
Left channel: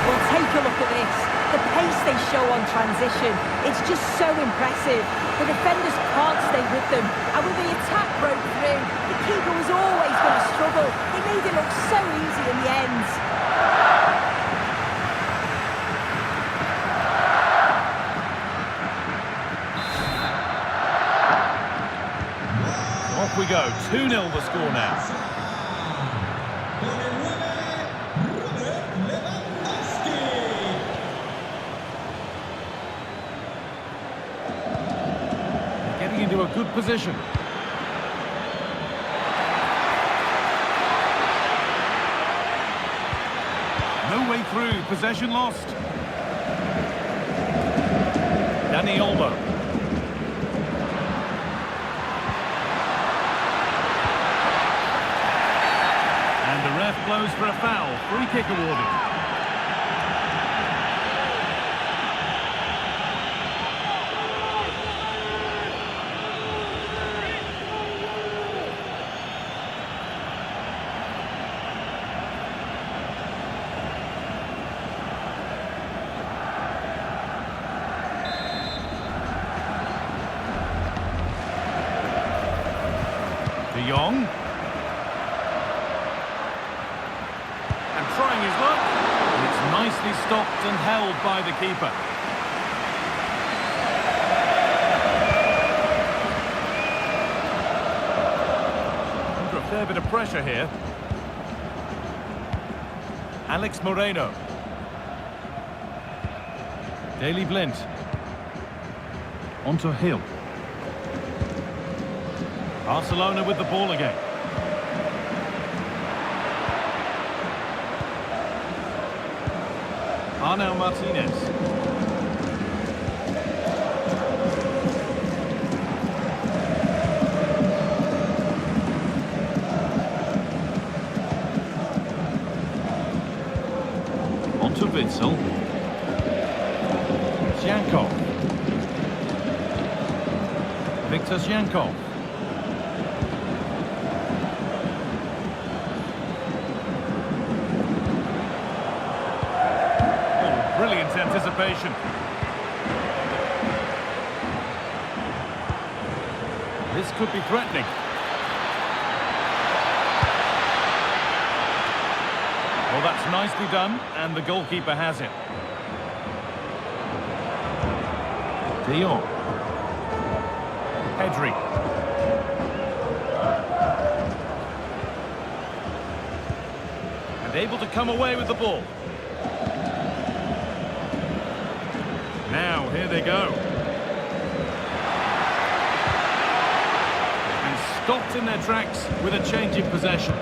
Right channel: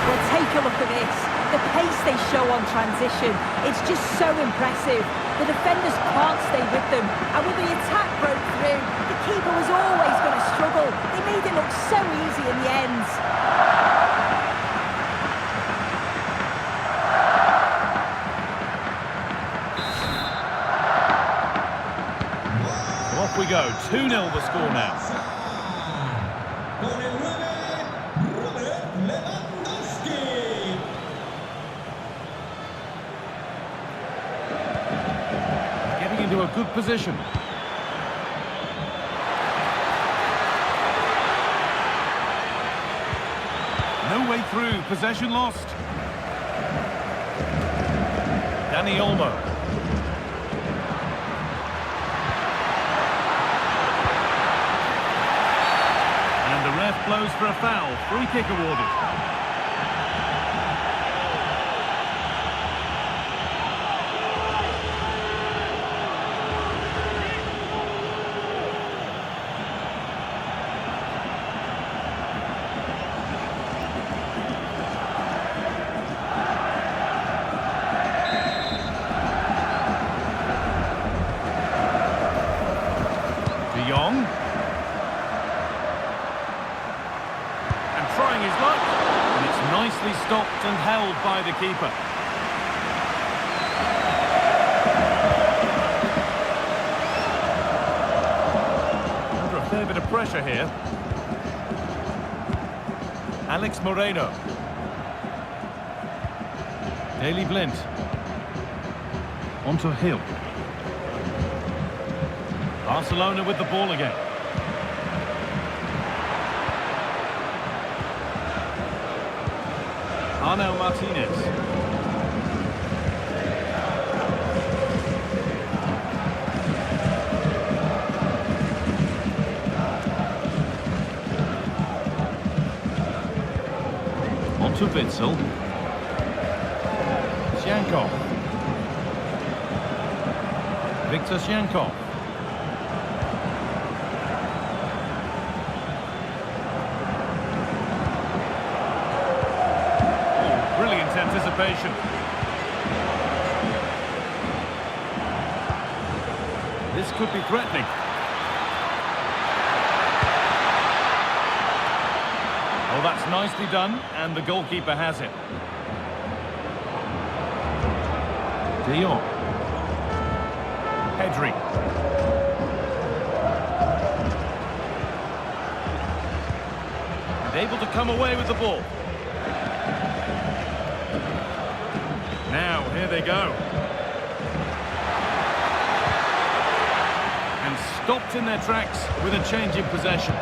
Well, take a look at this. The pace they show on transition, it's just so impressive. The defenders can't stay with them. And when the attack broke through, the keeper was always going to struggle. They made it look so easy in the end. So off we go. 2-0 the score now. Getting into a good position. No way through. Possession lost. Dani Olmo. And the ref blows for a foul. Free kick awarded. De Jong. And trying his luck. And it's nicely stopped and held by the keeper. Under a fair bit of pressure here. Alex Moreno. Daley Blind. Onto Hill. Barcelona with the ball again. Arnau Martinez. Onto Witsel. Zyankov. Viktor Zyankov. Brilliant anticipation. This could be threatening. Oh, that's nicely done, and the goalkeeper has it. De Jong. Pedri. And able to come away with the ball. Now, here they go. And stopped in their tracks with a change in possession.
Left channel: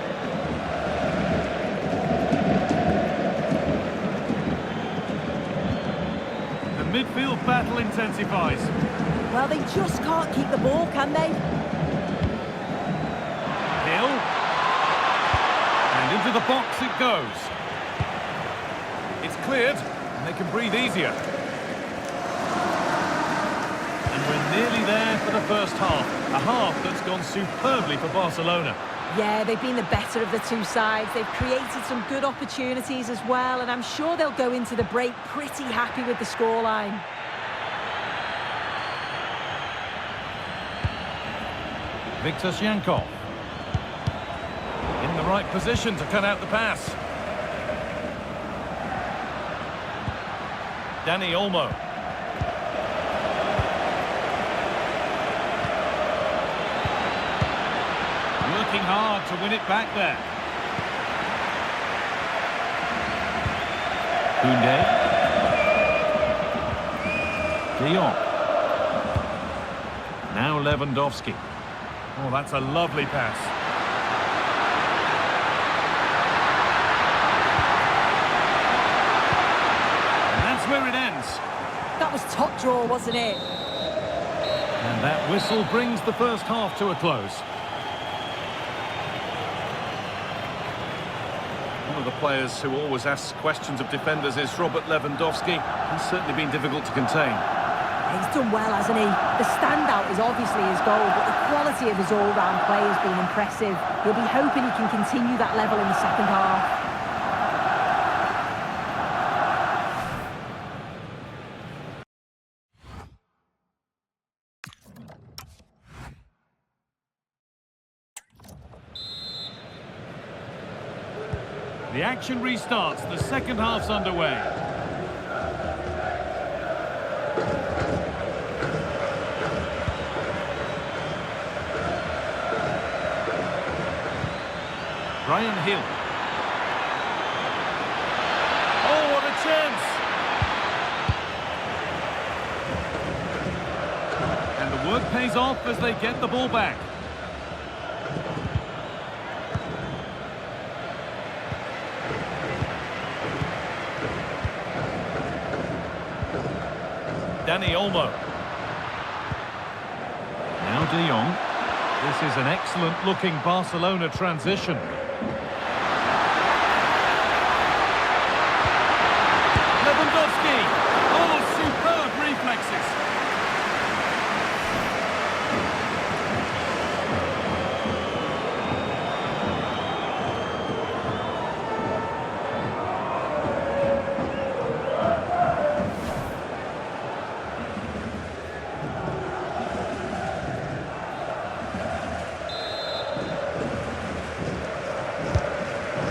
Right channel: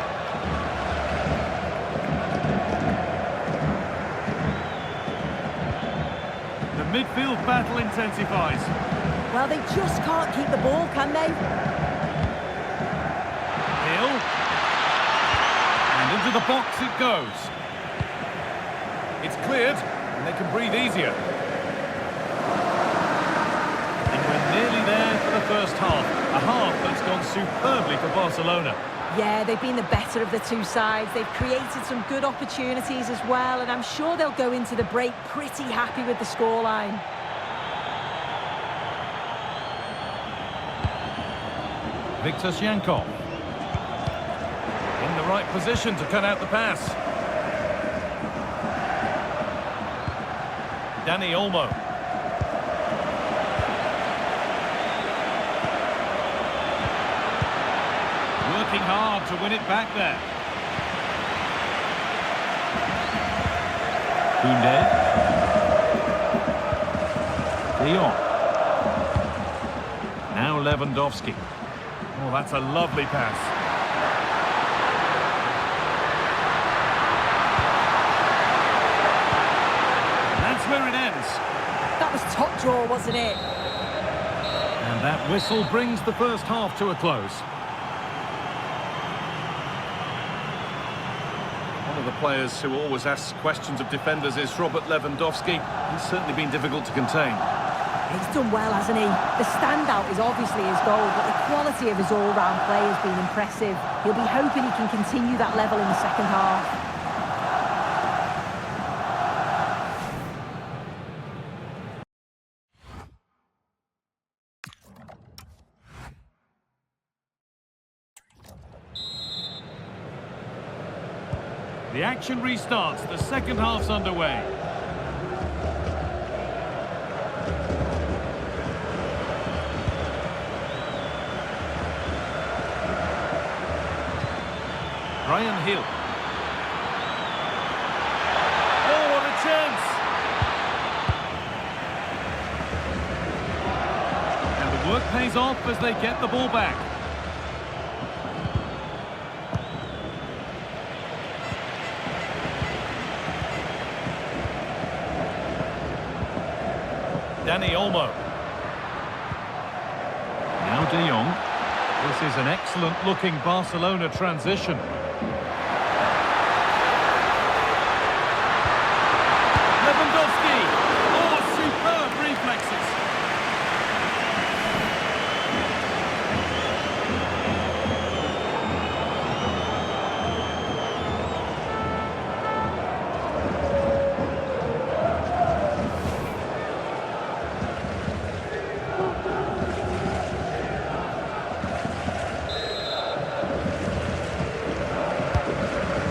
The midfield battle intensifies. Well, they just can't keep the ball, can they? Hill. And into the box it goes. It's cleared, and they can breathe easier. We're nearly there for the first half. A half that's gone superbly for Barcelona. Yeah, they've been the better of the two sides. They've created some good opportunities as well, and I'm sure they'll go into the break pretty happy with the scoreline. Viktor Zyankov. In the right position to cut out the pass. Dani Olmo. Working hard to win it back there. Koundé. De Jong. Now Lewandowski. Oh, that's a lovely pass. that's where it ends. That was top draw, wasn't it? And that whistle brings the first half to a close. One of the players who always asks questions of defenders is Robert Lewandowski. He's certainly been difficult to contain. He's done well, hasn't he? The standout is obviously his goal, but the quality of his all-round play has been impressive. He'll be hoping he can continue that level in the second half. The action restarts, the second half's underway. Brian Hill. Oh, what a chance! And the work pays off as they get the ball back. Dani Olmo. Now De Jong. This is an excellent-looking Barcelona transition. Lewandowski! Oh, superb reflexes!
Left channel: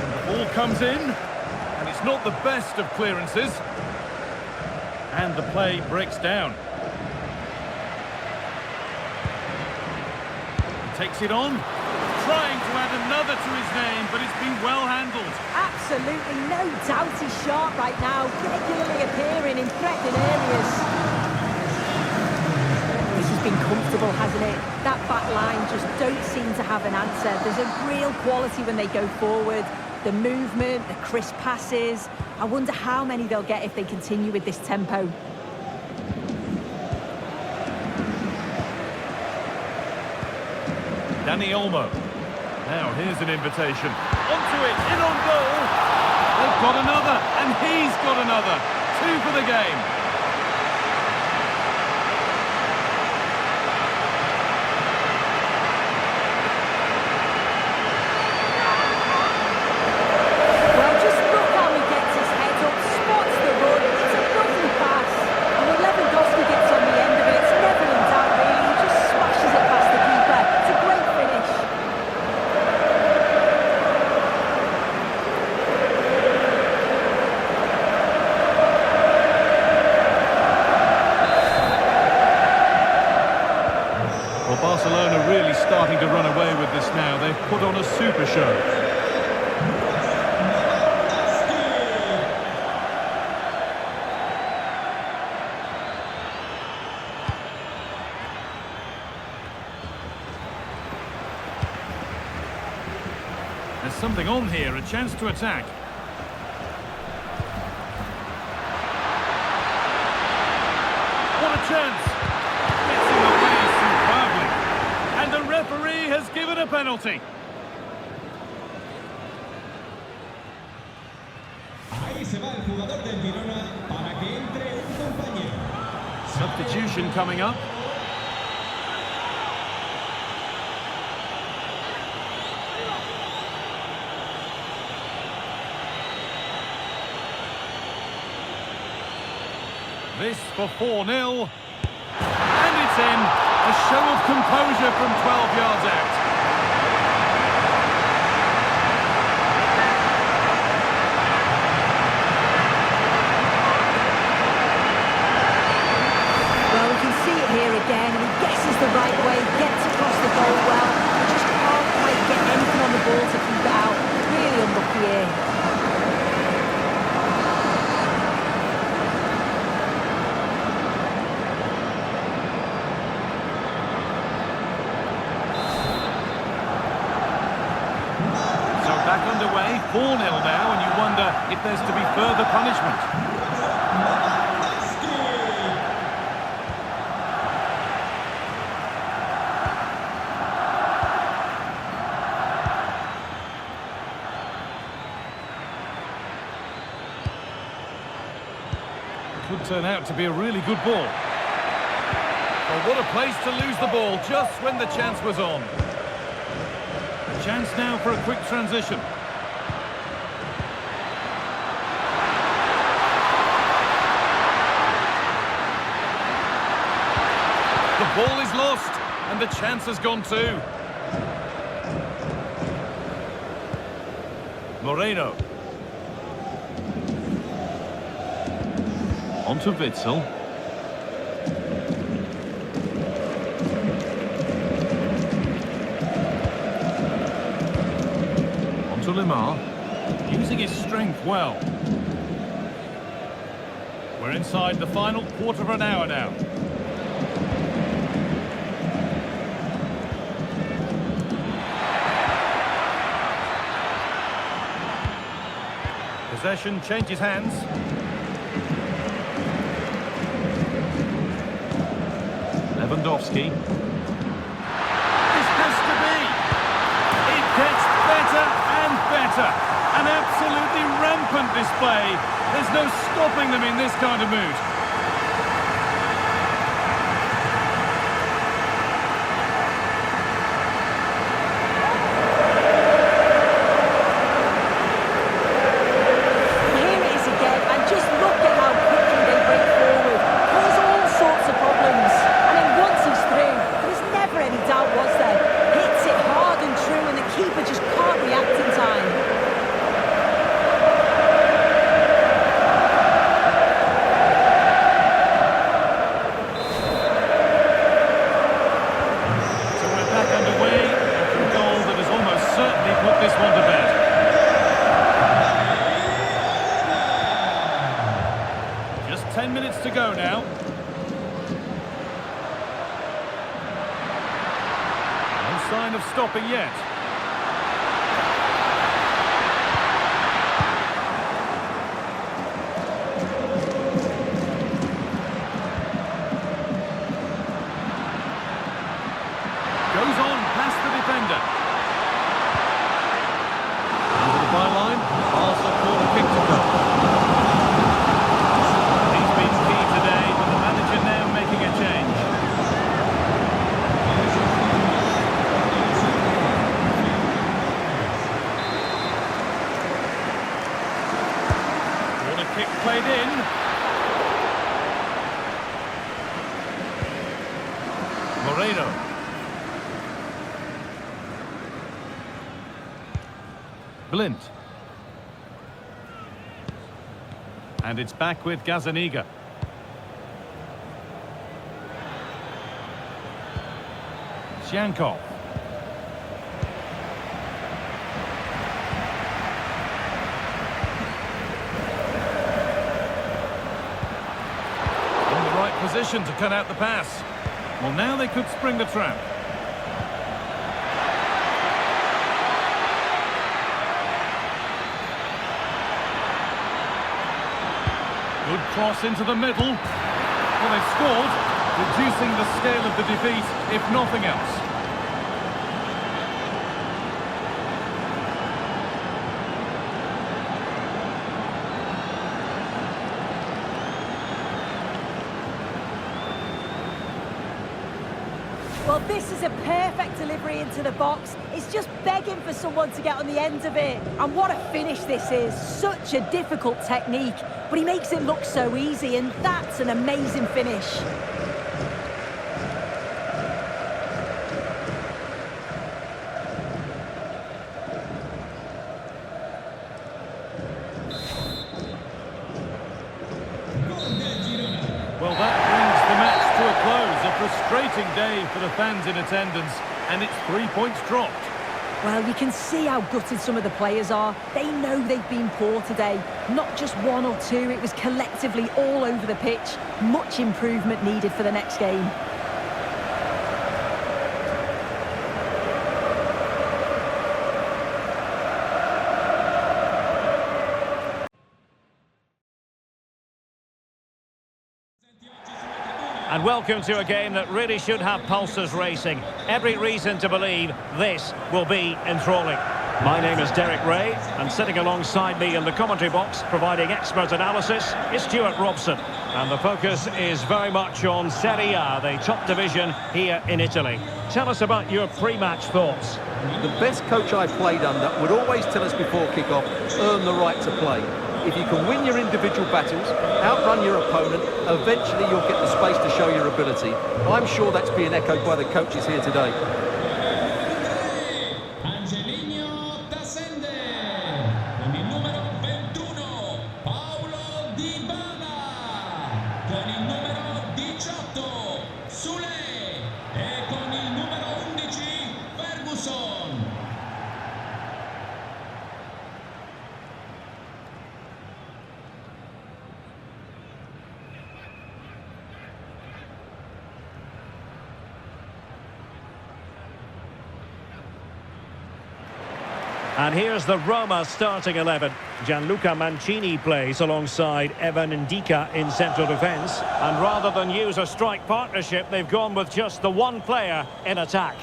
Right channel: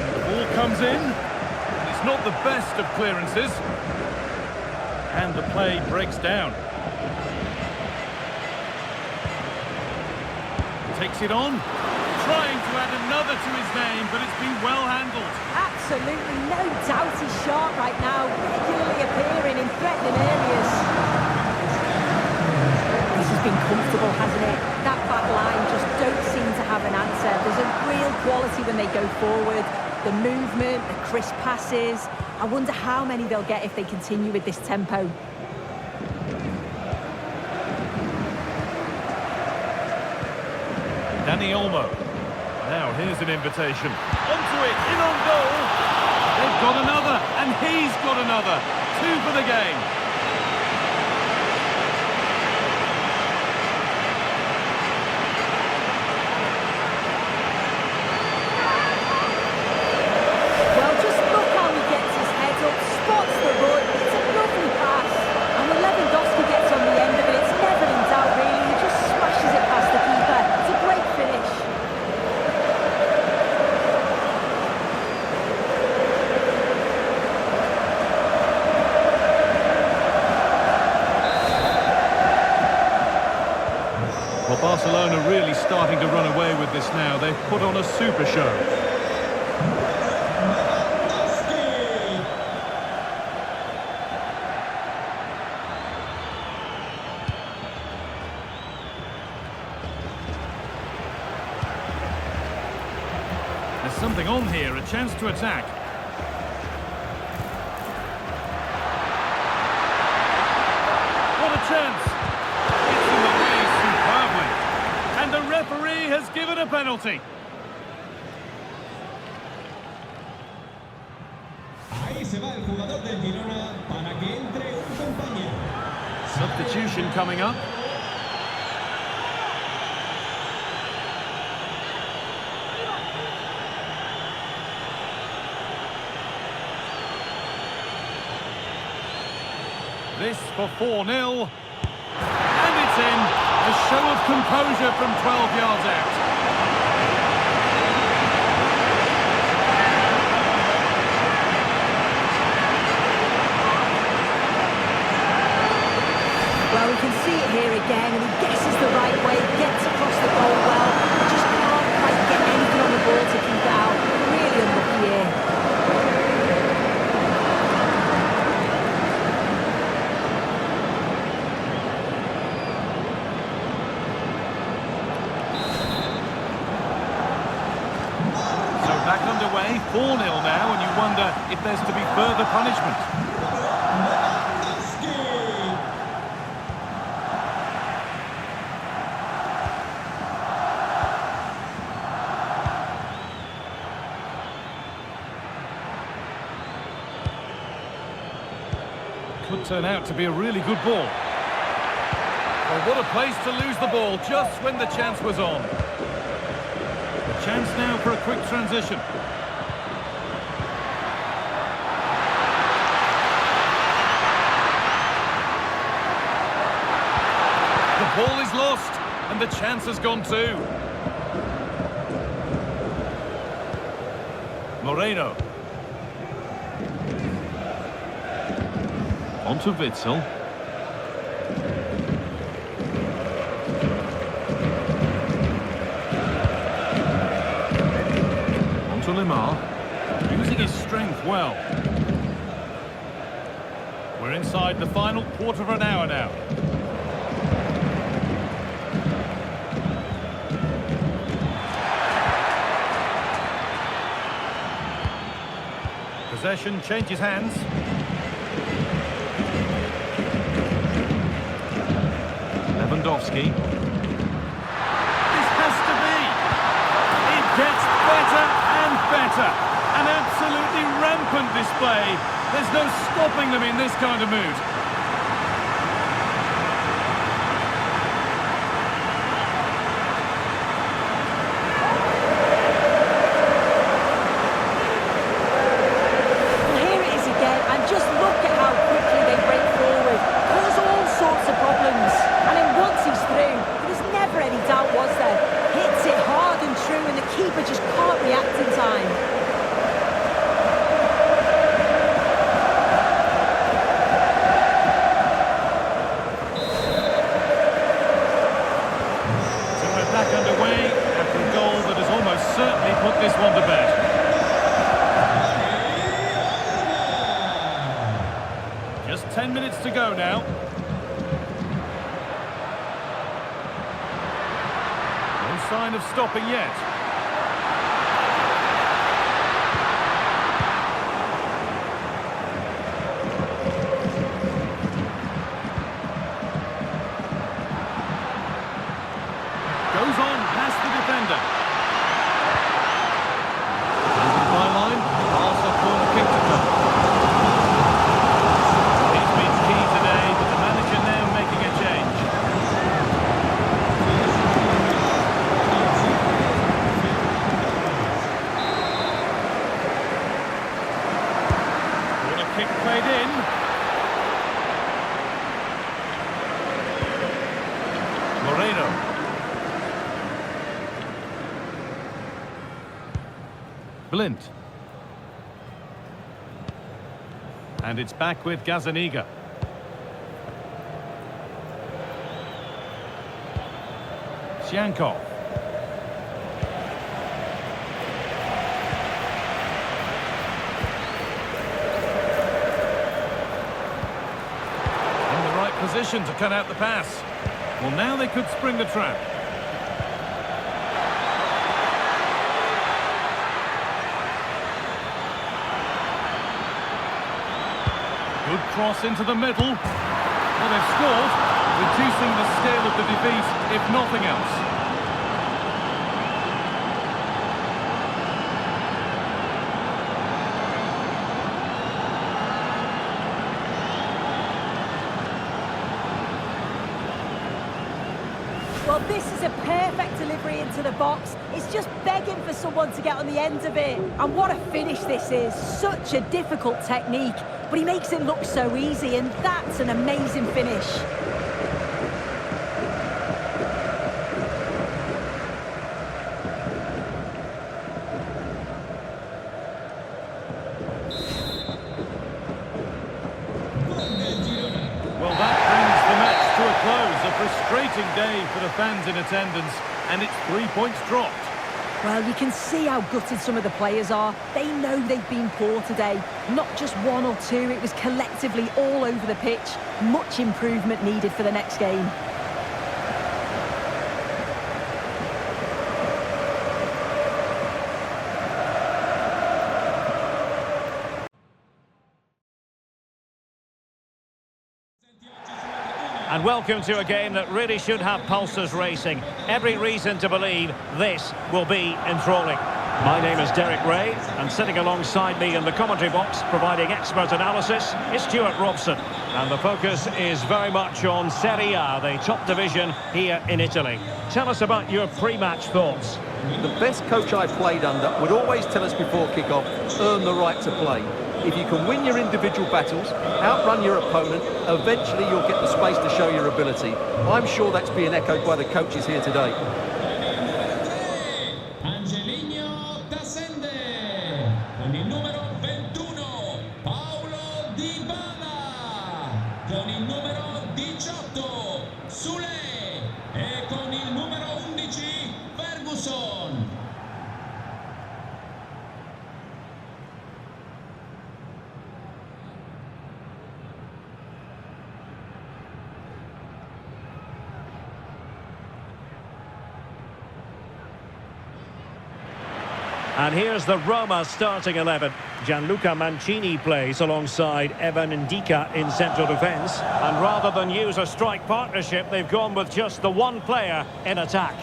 And the ball comes in. And it's not the best of clearances. And the play breaks down. He takes it on. Trying to add another to his name, but it's been well handled. Absolutely no doubt he's sharp right now, regularly appearing in threatening areas. This has been comfortable, hasn't it? That back line just don't seem to have an answer. There's a real quality when they go forward. The movement, the crisp passes. I wonder how many they'll get if they continue with this tempo. Dani Olmo. Now here's an invitation. Onto it, in on goal. They've got another, and he's got another. 2 for the game. Well, just look how he gets his head up, spots the run. It's a lovely pass. And when Lewandowski gets on the end of it, it's never in doubt, really. He just smashes it past the keeper. It's a great finish. Well, Barcelona really starting to run away with this now. They've put on a super show. There's something on here, a chance to attack. What a chance! It's in the way superbly. And the referee has given a penalty. Ahí se va el jugador del Girona para que entre un compañero. Substitution coming up. This for 4-0. And it's in. A show of composure from 12 yards out. Well, we can see it here again, and he guesses the right way, gets across the goal well, but just can't quite get anything on the ball to keep it out. Really unlucky here. So back underway, 4-0 now, and you wonder if there's to be further punishment. Could turn out to be a really good ball. Well, what a place to lose the ball just when the chance was on. The chance now for a quick transition. The ball is lost, and the chance has gone too. Moreno. On to Witsel. On to Limar. Using his strength well. We're inside the final quarter of an hour now. Possession changes hands. Lewandowski. This has to be. It gets better and better. An absolutely rampant display. There's no stopping them in this kind of mood. And just look at how quickly they break forward, cause all sorts of problems. And then once he's through, there was never any doubt, was there? Hits it hard and true, and the keeper just can't react in time. So we're back underway after a goal that has almost certainly put this one to bed. Just 10 minutes to go now. No sign of stopping yet. Goes on past the defender. Over the byline. Barca corner kick to come. Today, but the manager now making a change. Corner kick played in. Moreno. Blint. And it's back with Gazzaniga. Yankov. In the right position to cut out the pass. Well, now they could spring the trap. Good cross into the middle. Well, they've scored, reducing the scale of the defeat, if nothing else. Well, this is a perfect delivery into the box. It's just begging for someone to get on the end of it. And what a finish this is. Such a difficult technique, but he makes it look so easy, and that's an amazing finish. Well, that brings the match to a close. A frustrating day for the fans in attendance, and it's 3 points dropped. Well, you can see how gutted some of the players are. They know they've been poor today. Not just one or two, it was collectively all over the pitch. Much improvement needed for the next game. And welcome to a game that really should have pulses racing. Every reason to believe this will be enthralling. My name is Derek Ray, and sitting alongside me in the commentary box, providing expert analysis, is Stuart Robson. And the focus is very much on Serie A, the top division here in Italy. Tell us about your pre-match thoughts. The best coach I played under would always tell us before kick-off, earn the right to play. If you can win your individual battles, outrun your opponent, eventually you'll get the space to show your ability. I'm sure that's being echoed by the coaches here today. And here's the Roma starting 11. Gianluca Mancini plays alongside Evan Ndika in central defence. And rather than use a strike partnership, they've gone with just the one player in attack.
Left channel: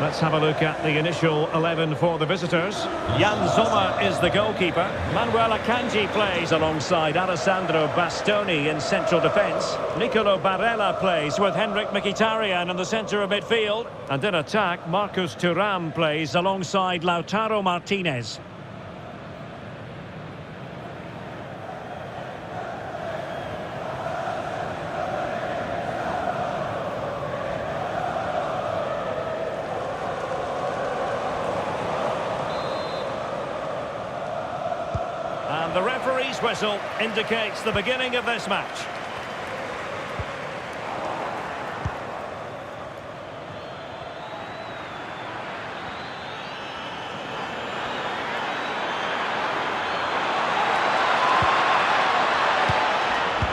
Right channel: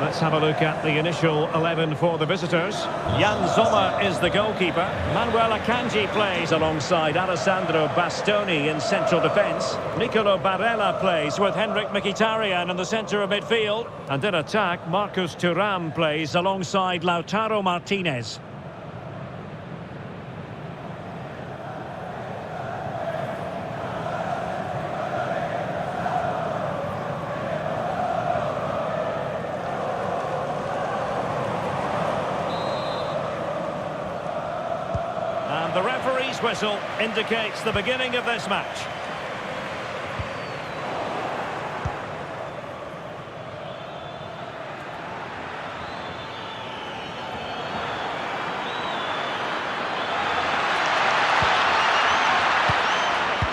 Let's have a look at the initial 11 for the visitors. Jan Sommer is the goalkeeper. Manuel Akanji plays alongside Alessandro Bastoni in central defence. Nicolo Barella plays with Henrik Mkhitaryan in the centre of midfield. And in attack, Marcus Thuram plays alongside Lautaro Martinez. And the referee's whistle indicates the beginning of this match.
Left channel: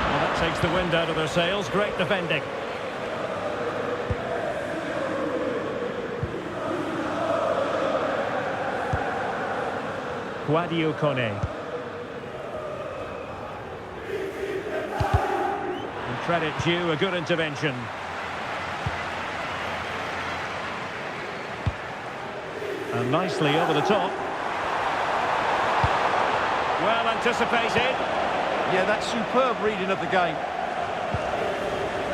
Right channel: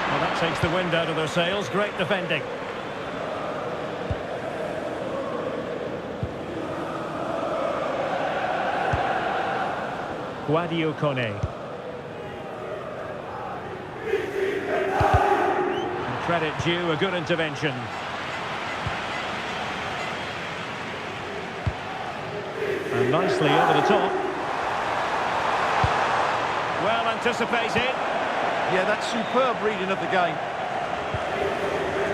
Well, that takes the wind out of their sails. Great defending. Guadio Kone. Credit due, a good intervention. And nicely over the top. Well anticipated. Yeah, that's superb reading of the game.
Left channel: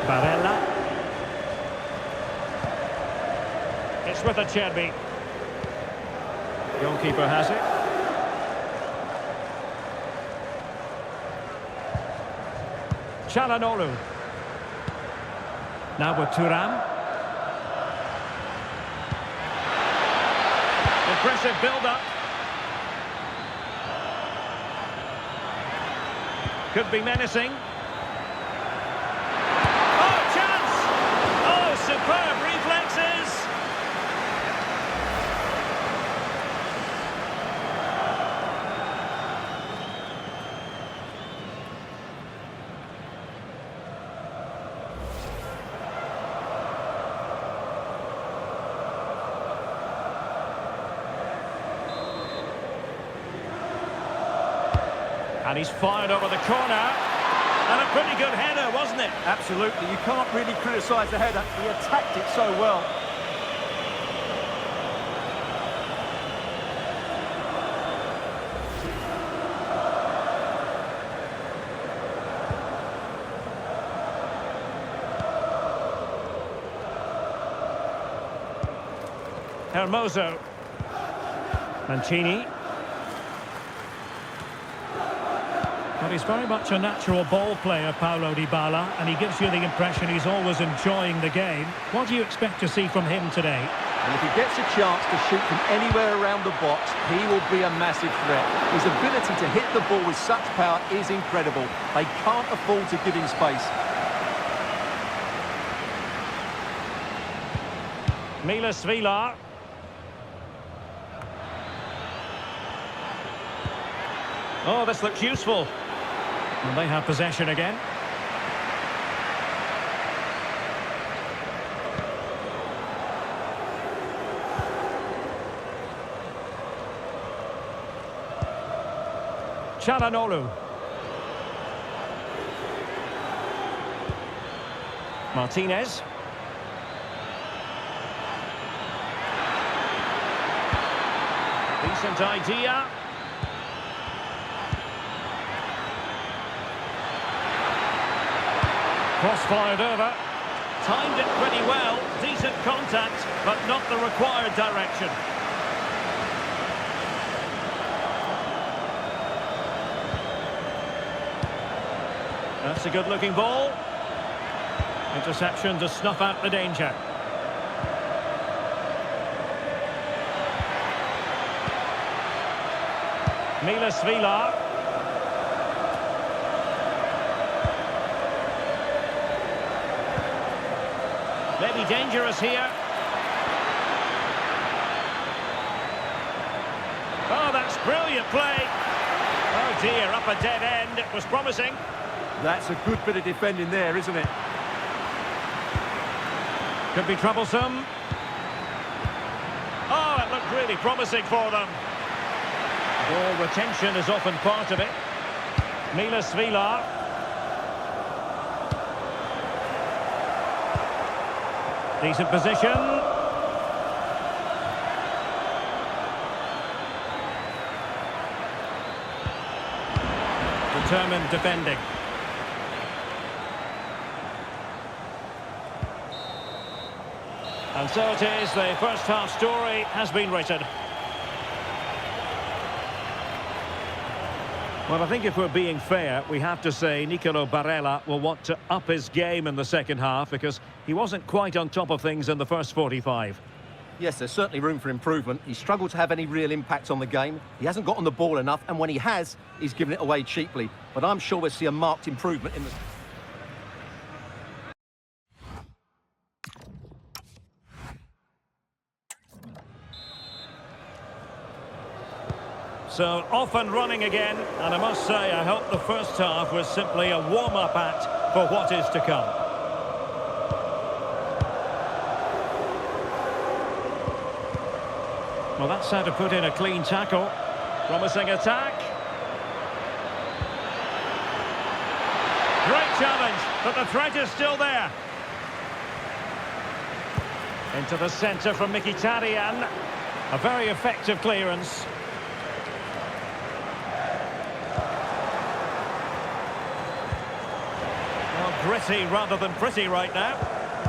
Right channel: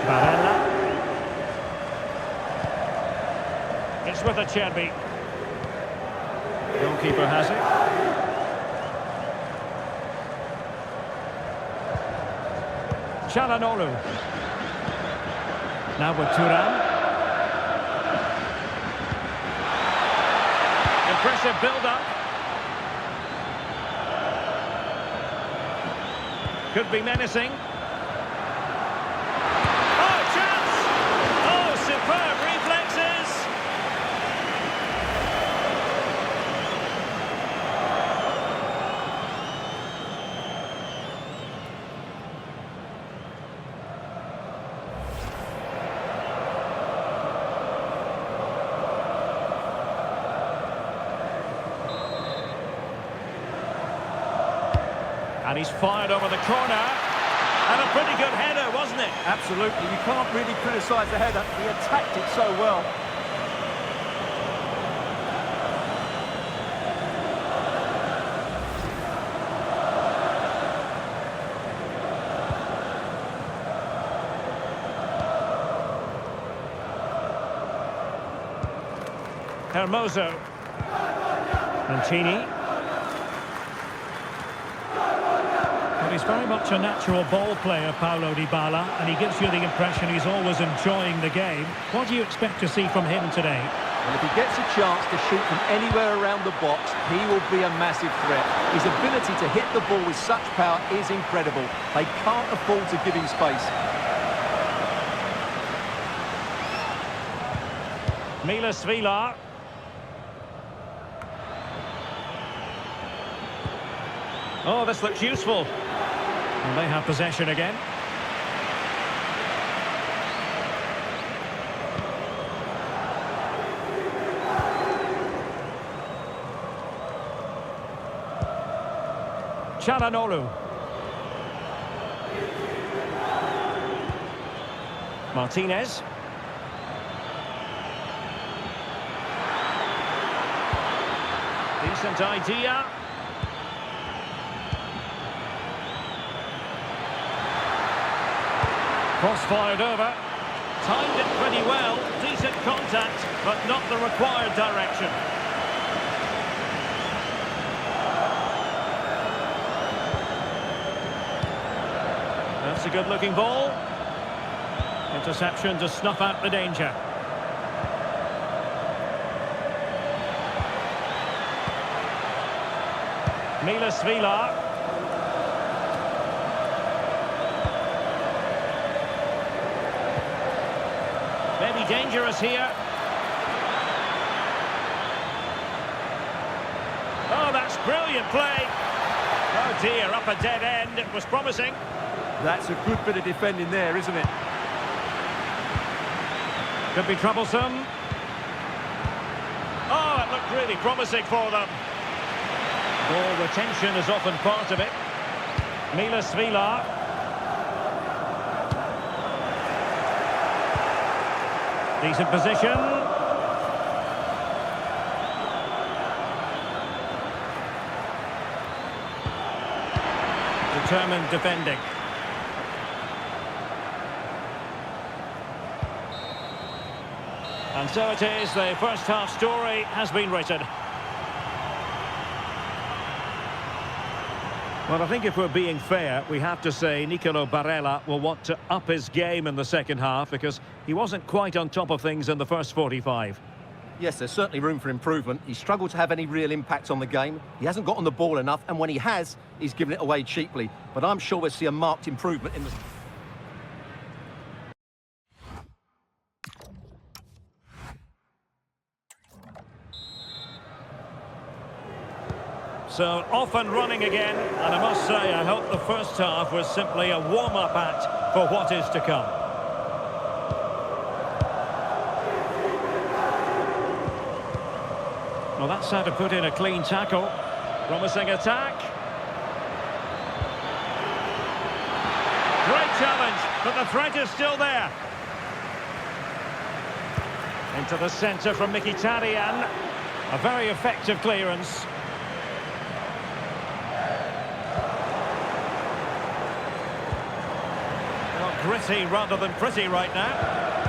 Barella. It's with Acerbi. Goalkeeper has it. Çalhanoğlu. Now with Thuram. Impressive build-up. Could be menacing. Oh, chance! Oh, superb reflexes! And he's fired over the corner. And a pretty good header, wasn't it? Absolutely. You can't really criticise the header. He attacked it so well. Hermoso. Mancini. Well, he's very much a natural ball player, Paulo Dybala, and he gives you the impression he's always enjoying the game. What do you expect to see from him today? Well, if he gets a chance to shoot from anywhere around the box, he will be a massive threat. His ability to hit the ball with such power is incredible. They can't afford to give him space. Milas Vilar. Oh, this looks useful. And they have possession again. Çalhanoğlu. Martinez. Decent idea. Cross fired over. Timed it pretty well. Decent contact, but not the required direction. That's a good-looking ball. Interception to snuff out the danger. Milas Vila. Maybe dangerous here. Oh, that's brilliant play. Oh dear, up a dead end. It was promising. That's a good bit of defending there, isn't it? Could be troublesome. Oh, it looked really promising for them. Ball retention is often part of it. Milas Vila. Decent position. Determined defending. And so it is, the first half story has been written. Well, I think if we're being fair, we have to say Nicolo Barella will want to up his game in the second half because he wasn't quite on top of things in the first 45. Yes, there's certainly room for improvement. He's struggled to have any real impact on the game. He hasn't got on the ball enough, and when he has, he's given it away cheaply. But I'm sure we'll see a marked improvement in the... So off and running again, and I must say I hope the first half was simply a warm-up act for what is to come. Well, that's how to put in a clean tackle. Promising attack. Great challenge, but the threat is still there. Into the centre from Mkhitaryan. A very effective clearance. Well, gritty rather than pretty right now.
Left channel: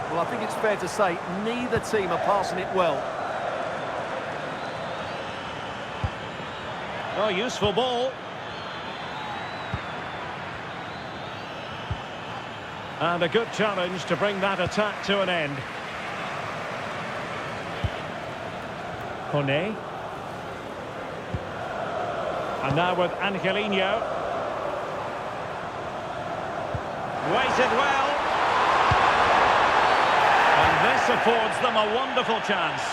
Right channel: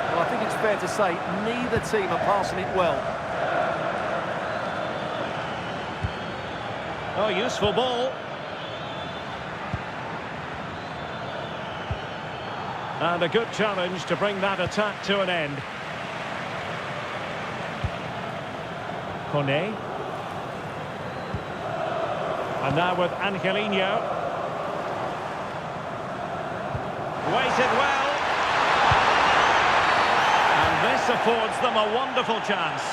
Well, I think it's fair to say neither team are passing it well. Oh, useful ball. And a good challenge to bring that attack to an end. Kone. And now with Angelino. Waited well. And this affords them a wonderful chance.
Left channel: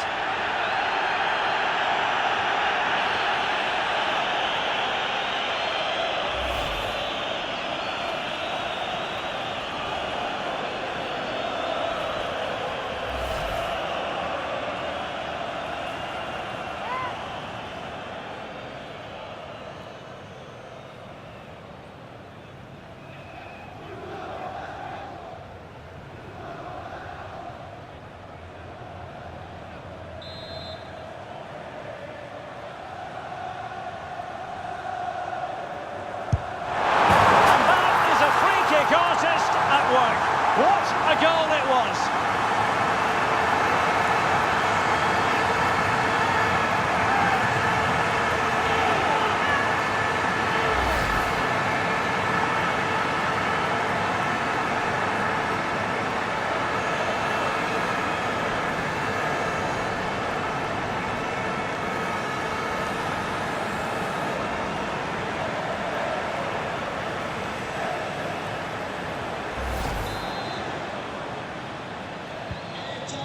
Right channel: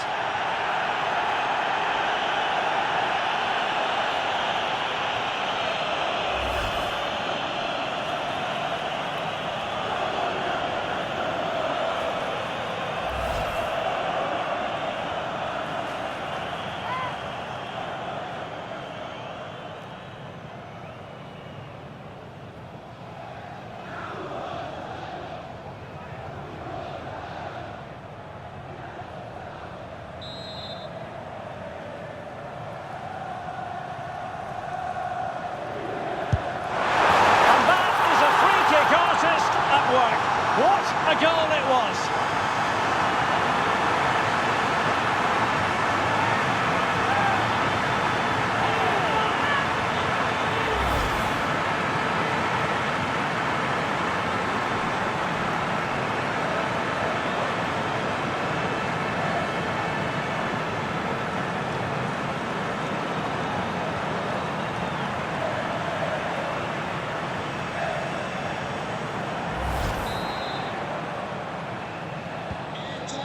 Artist at work. What a goal it was!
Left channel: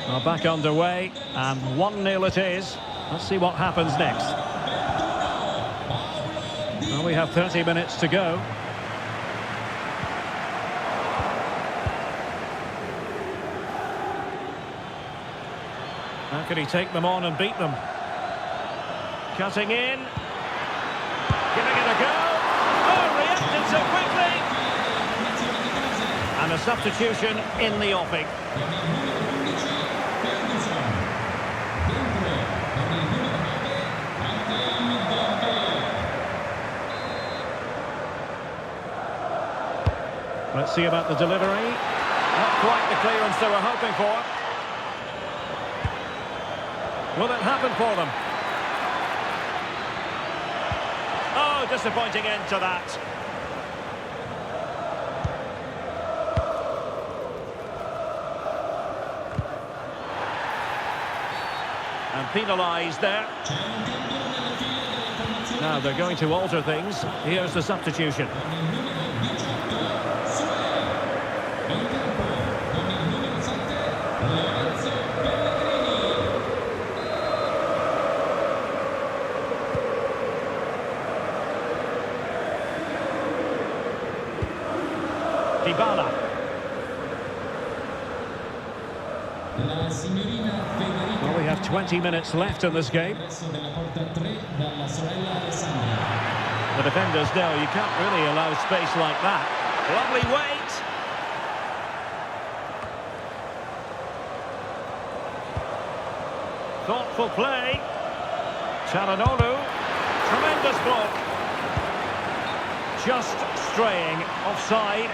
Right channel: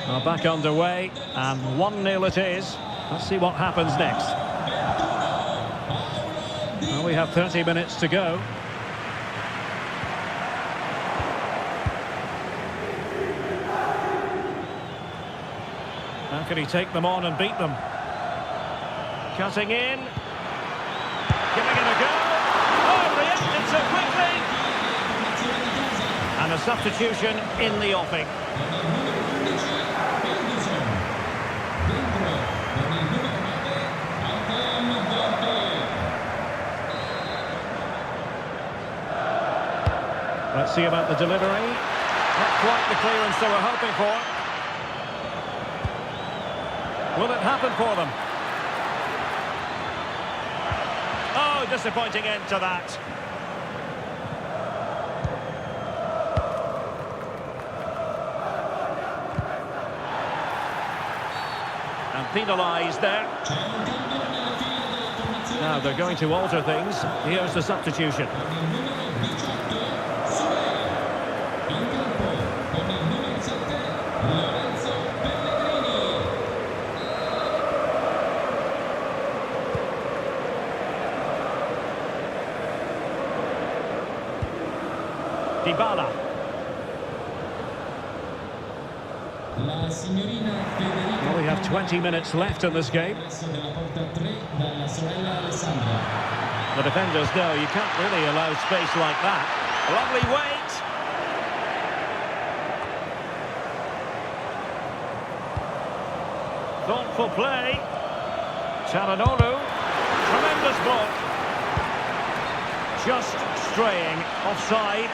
Well, back underway, and 1-0 it is. Let's see what happens next. Well, we have 30 minutes to go. How can he take them on and beat them? Cutting in. Giving it a go. Oh, reacted so quickly. And a substitution in the offing. Let's see about the delivery. Not quite the clearance they were hoping for. Will it happen for them? Oh, disappointing end to that. And penalised there. Now they're going to alter things. Here's the substitution. Dybala. Well, we have 20 minutes left in this game. The defenders know you can't really allow space like that. Lovely wait. Thoughtful play. Çalhanoğlu. Tremendous block. Just straying offside.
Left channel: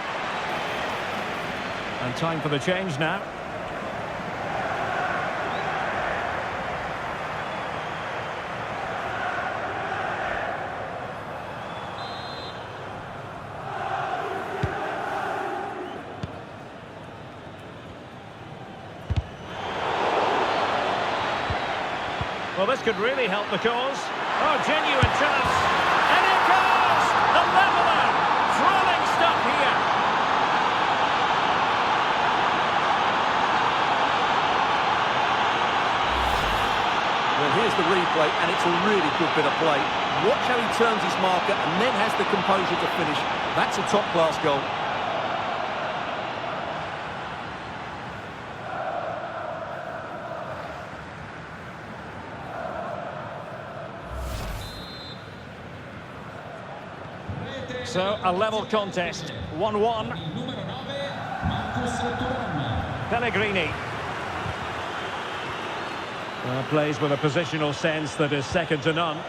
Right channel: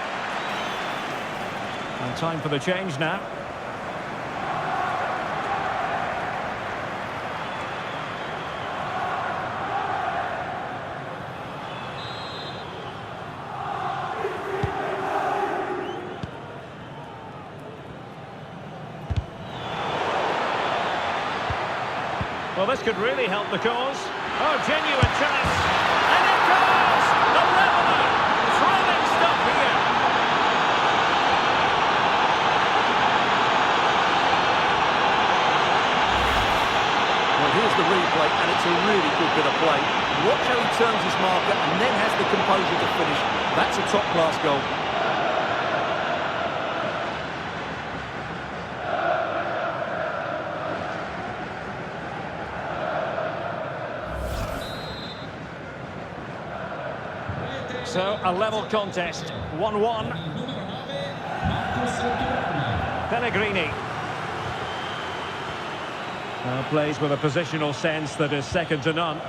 And time for the change now. Well, this could really help the cause. Oh, genuine chance. And it goes! The leveller! Thrilling stuff here. Well, here's the replay, and it's a really good bit of play. Watch how he turns his marker and then has the composure to finish. That's a top-class goal. So, a level contest, 1-1. Pellegrini. Plays with a positional sense that is second to none.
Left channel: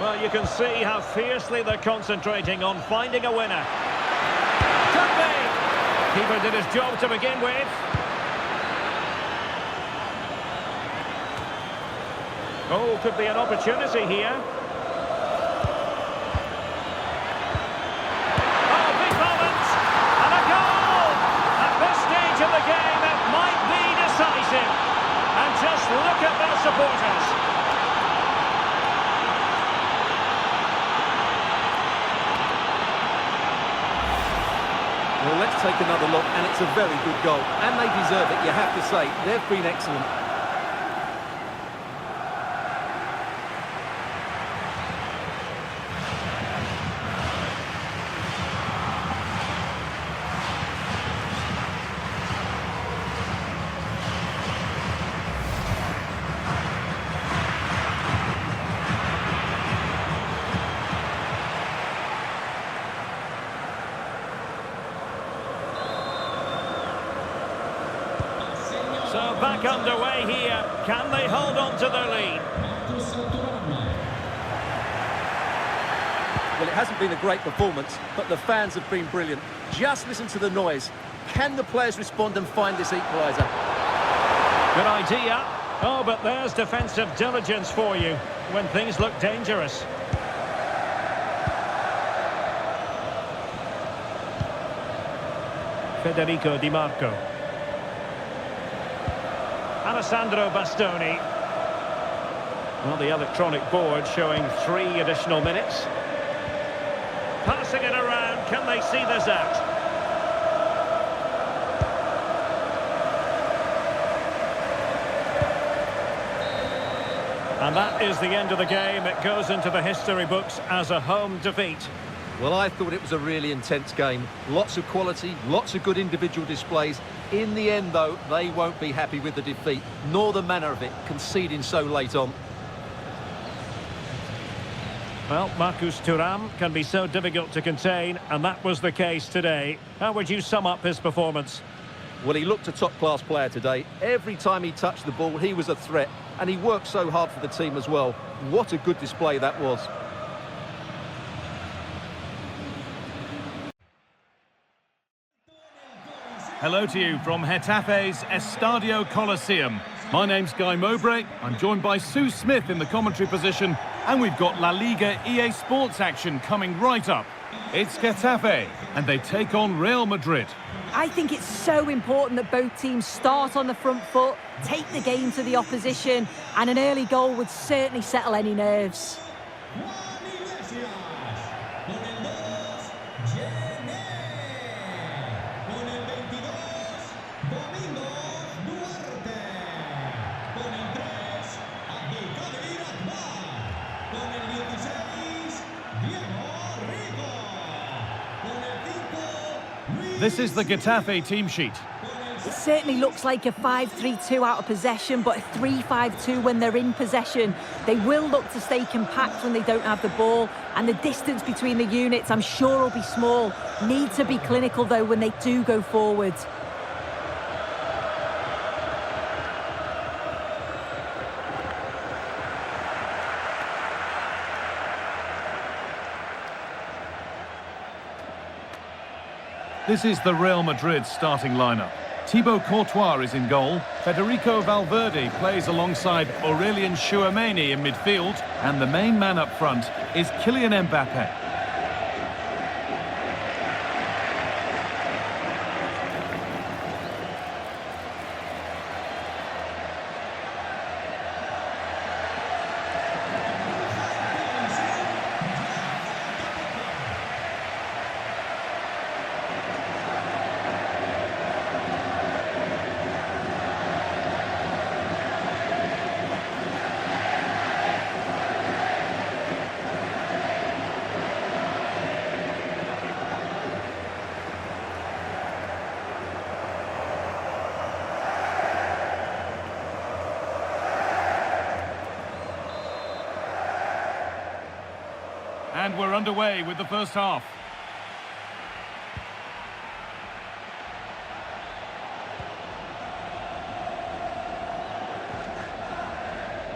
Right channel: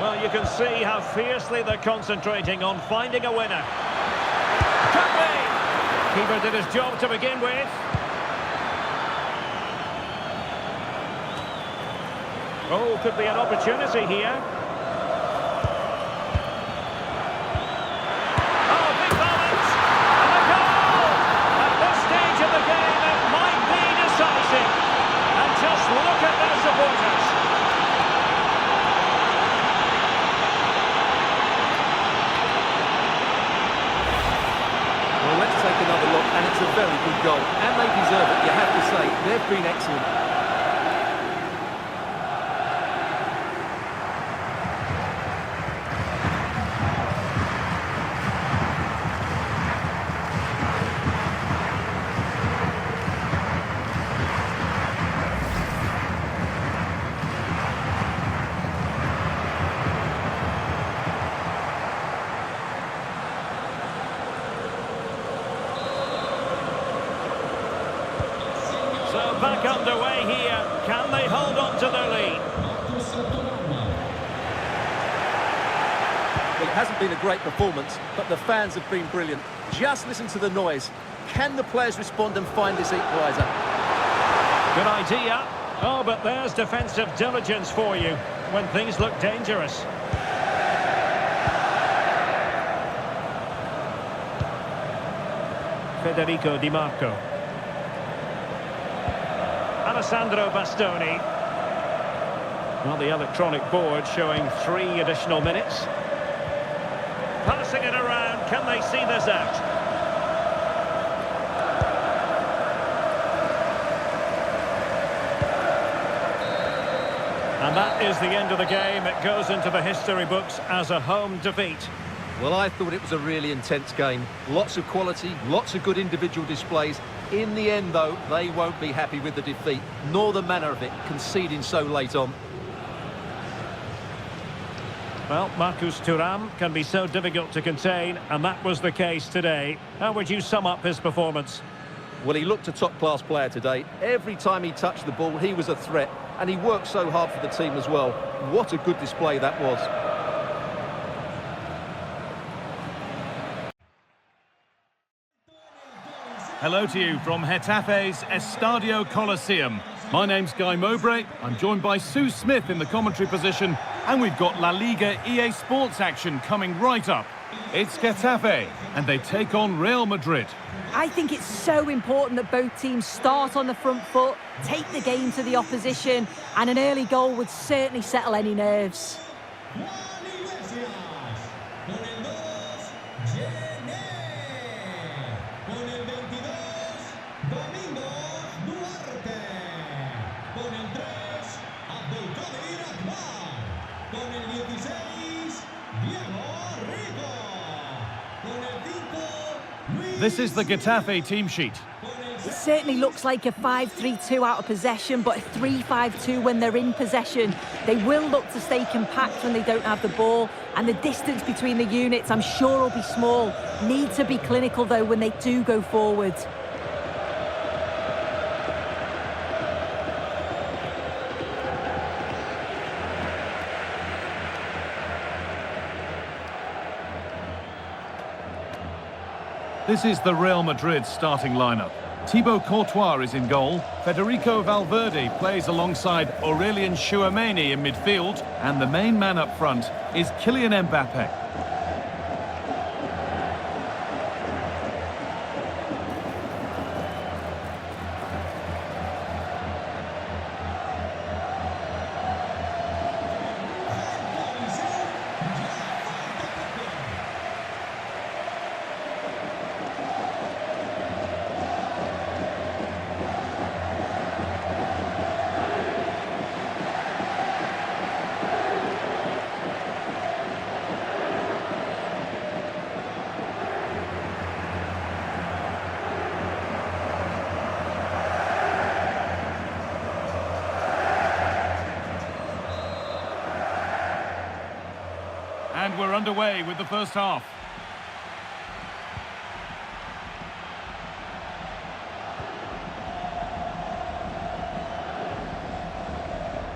Well, you can see how fiercely they're concentrating on finding a winner. Could be! Keeper did his job to begin with. Oh, could be an opportunity here. Oh, big moment! And a goal! At this stage of the game, it might be decisive. And just look at their supporters. Well, let's take another look, and it's a very good goal. And they deserve it, you have to say. They've been excellent. So back underway here. Can they hold on to their lead? Well, it hasn't been a great performance, but the fans have been brilliant. Just listen to the noise. Can the players respond and find this equaliser? Good idea. Oh, but there's defensive diligence for you when things look dangerous. Federico Di Marco. Alessandro Bastoni. Well, the electronic board showing 3 additional minutes. Passing it around, can they see this out? And that is the end of the game. It goes into the history books as a home defeat. Well, I thought it was a really intense game. Lots of quality, lots of good individual displays. In the end, though, they won't be happy with the defeat, nor the manner of it, conceding so late on. Well, Marcus Thuram can be so difficult to contain, and that was the case today. How would you sum up his performance? Well, he looked a top-class player today. Every time he touched the ball, he was a threat, and he worked so hard for the team as well. What a good display that was. Hello to you from Getafe's Estadio Coliseum. My name's Guy Mowbray. I'm joined by Sue Smith in the commentary position, and we've got La Liga EA Sports action coming right up. It's Getafe, and they take on Real Madrid. I think it's so important that both teams start on the front foot, take the game to the opposition, and an early goal would certainly settle any nerves. This is the Getafe team sheet. It certainly looks like a 5-3-2 out of possession, but a 3-5-2 when they're in possession. They will look to stay compact when they don't have the ball, and the distance between the units, I'm sure, will be small. Need to be clinical, though, when they do go forward. This is the Real Madrid starting lineup. Thibaut Courtois is in goal. Federico Valverde plays alongside Aurelien Tchouameni in midfield. And the main man up front is Kylian Mbappe. And we're underway with the first half.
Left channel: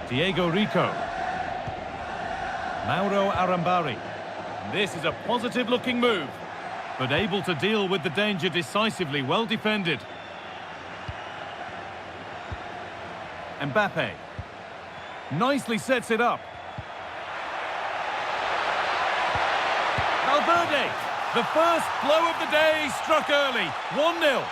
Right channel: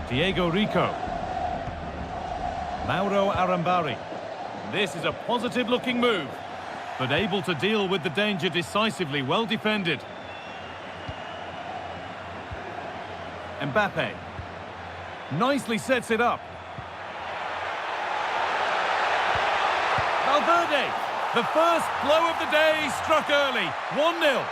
Diego Rico. Mauro Arambari. This is a positive-looking move, but able to deal with the danger decisively, well defended. Mbappe. Nicely sets it up. Valverde, the first blow of the day, struck early, 1-0.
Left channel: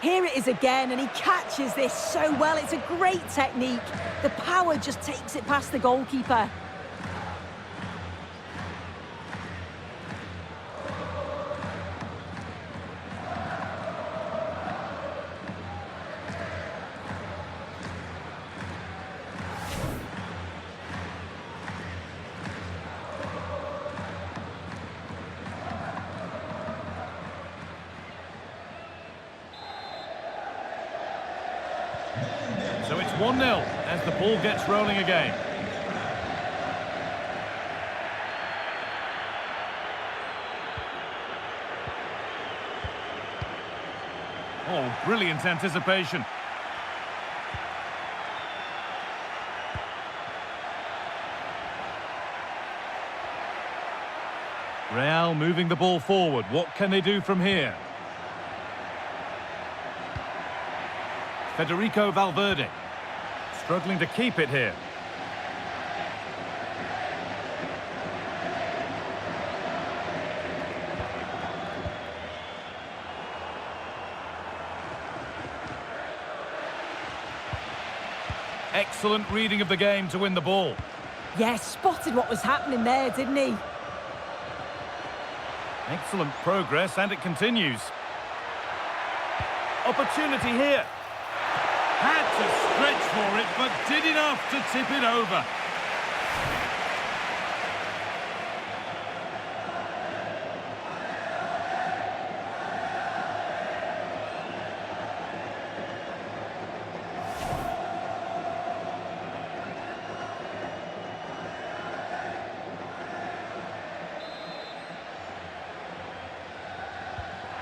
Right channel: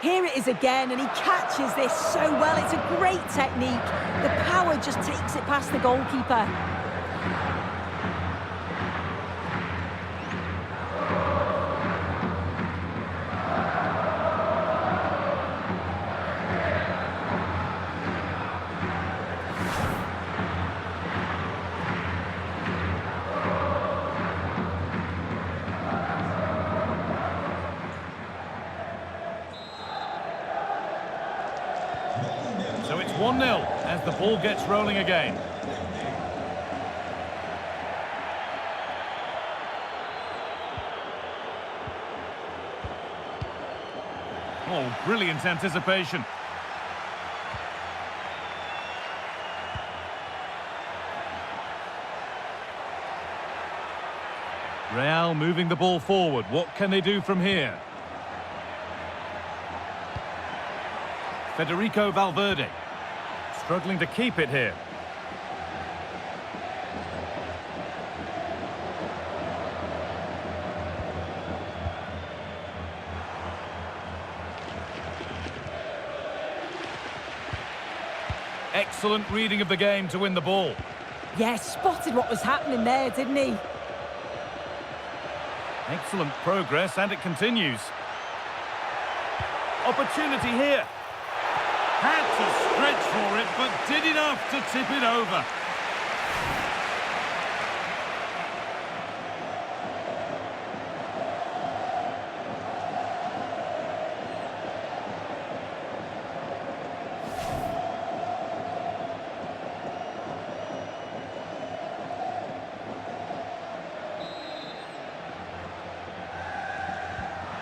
Here it is again, and he catches this so well. It's a great technique. The power just takes it past the goalkeeper. So it's 1-0 as the ball gets rolling again. Oh, brilliant anticipation. Real moving the ball forward. What can they do from here? Federico Valverde, struggling to keep it here. Excellent reading of the game to win the ball. Yeah, spotted what was happening there, didn't he? Excellent progress, and it continues. Opportunity here. Had to stretch for it, but did enough to tip it over.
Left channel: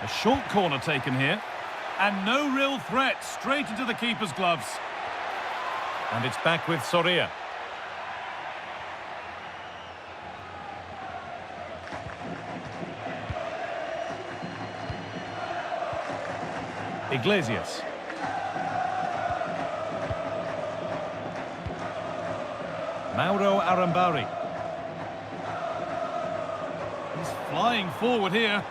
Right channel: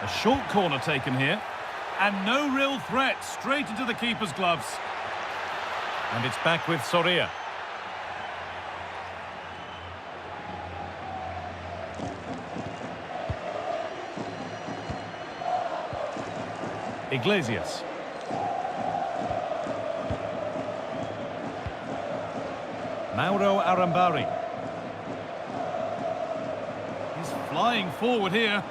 A short corner taken here. And no real threat, straight into the keeper's gloves. And it's back with Soria. Iglesias. Mauro Arambari. He's flying forward here.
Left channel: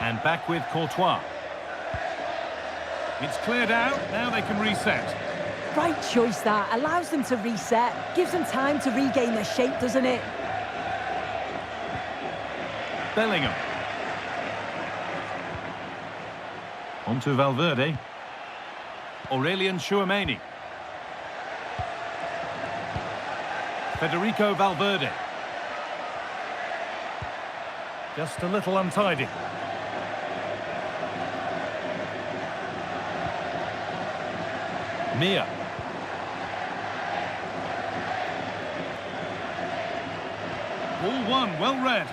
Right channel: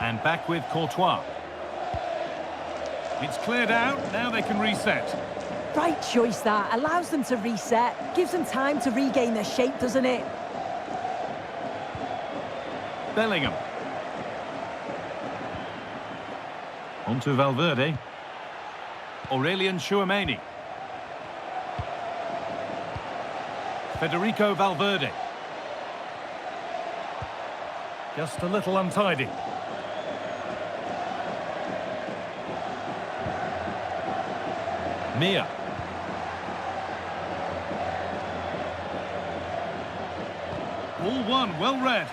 And back with Courtois. It's cleared out, now they can reset. Right choice that, allows them to reset, gives them time to regain their shape, doesn't it? Bellingham. On to Valverde. Aurelian Tchouameni. Federico Valverde. Just a little untidy. Mia. Ball one, well read.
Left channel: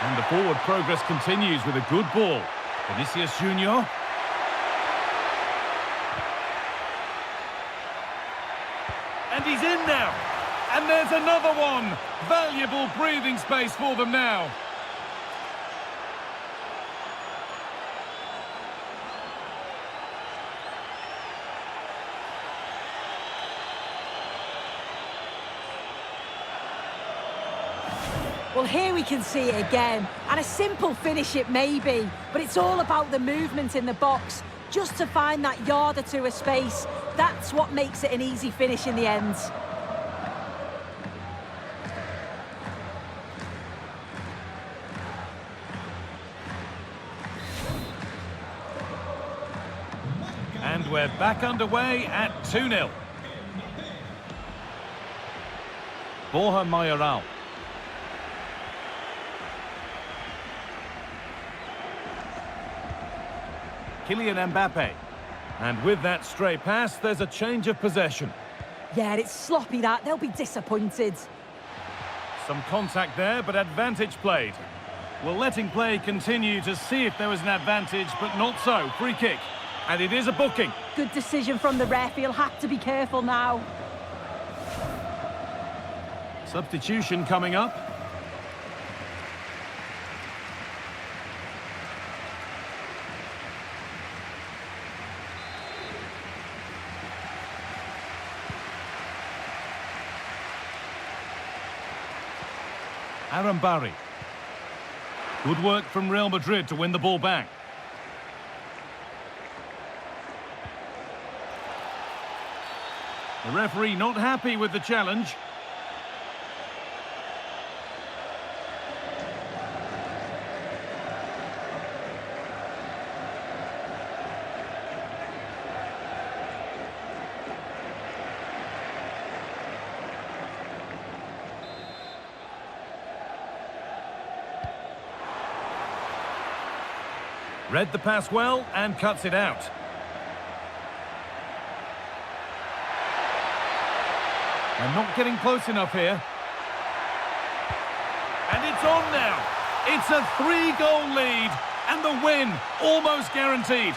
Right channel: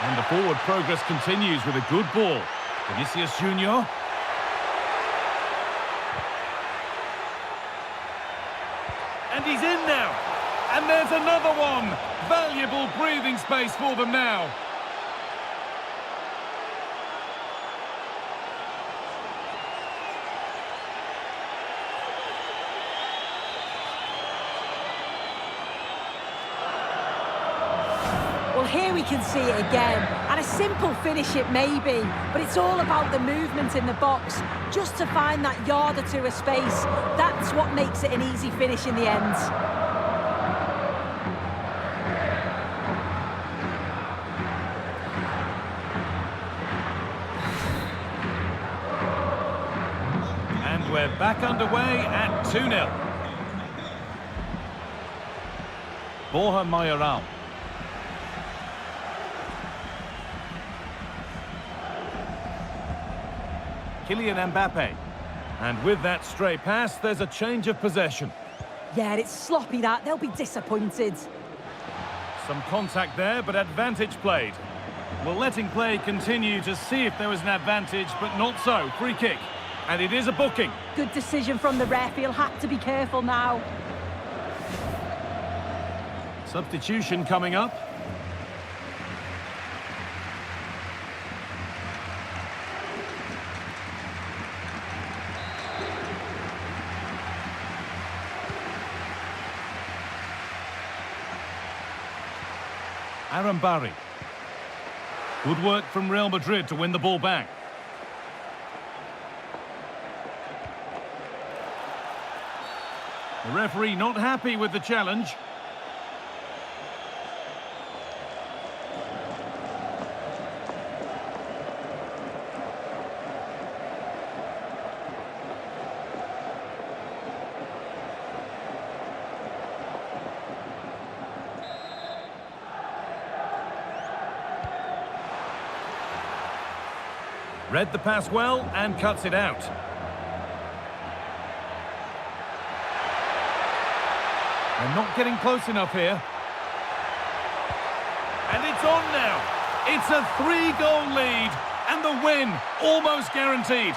And the forward progress continues with a good ball. Vinicius Junior. And he's in now. And there's another one. Valuable breathing space for them now. Well, here we can see it again, and a simple finish it may be, but it's all about the movement in the box, just to find that yard or two of space. That's what makes it an easy finish in the end. And we're back underway at 2-0. Borja Mayoral. Kylian Mbappe. And with that stray pass, there's a change of possession. Yeah, it's sloppy that. They'll be disappointed. Some contact there, but advantage played. Well, letting play continue to see if there was an advantage, but not so. Free kick. And it is a booking. Good decision from the ref. He'll have to be careful now. Substitution coming up. Arambari. Good work from Real Madrid to win the ball back. The referee not happy with the challenge. Read the pass well and cuts it out. And not getting close enough here. And it's on now. It's a 3-goal lead. And the win almost guaranteed.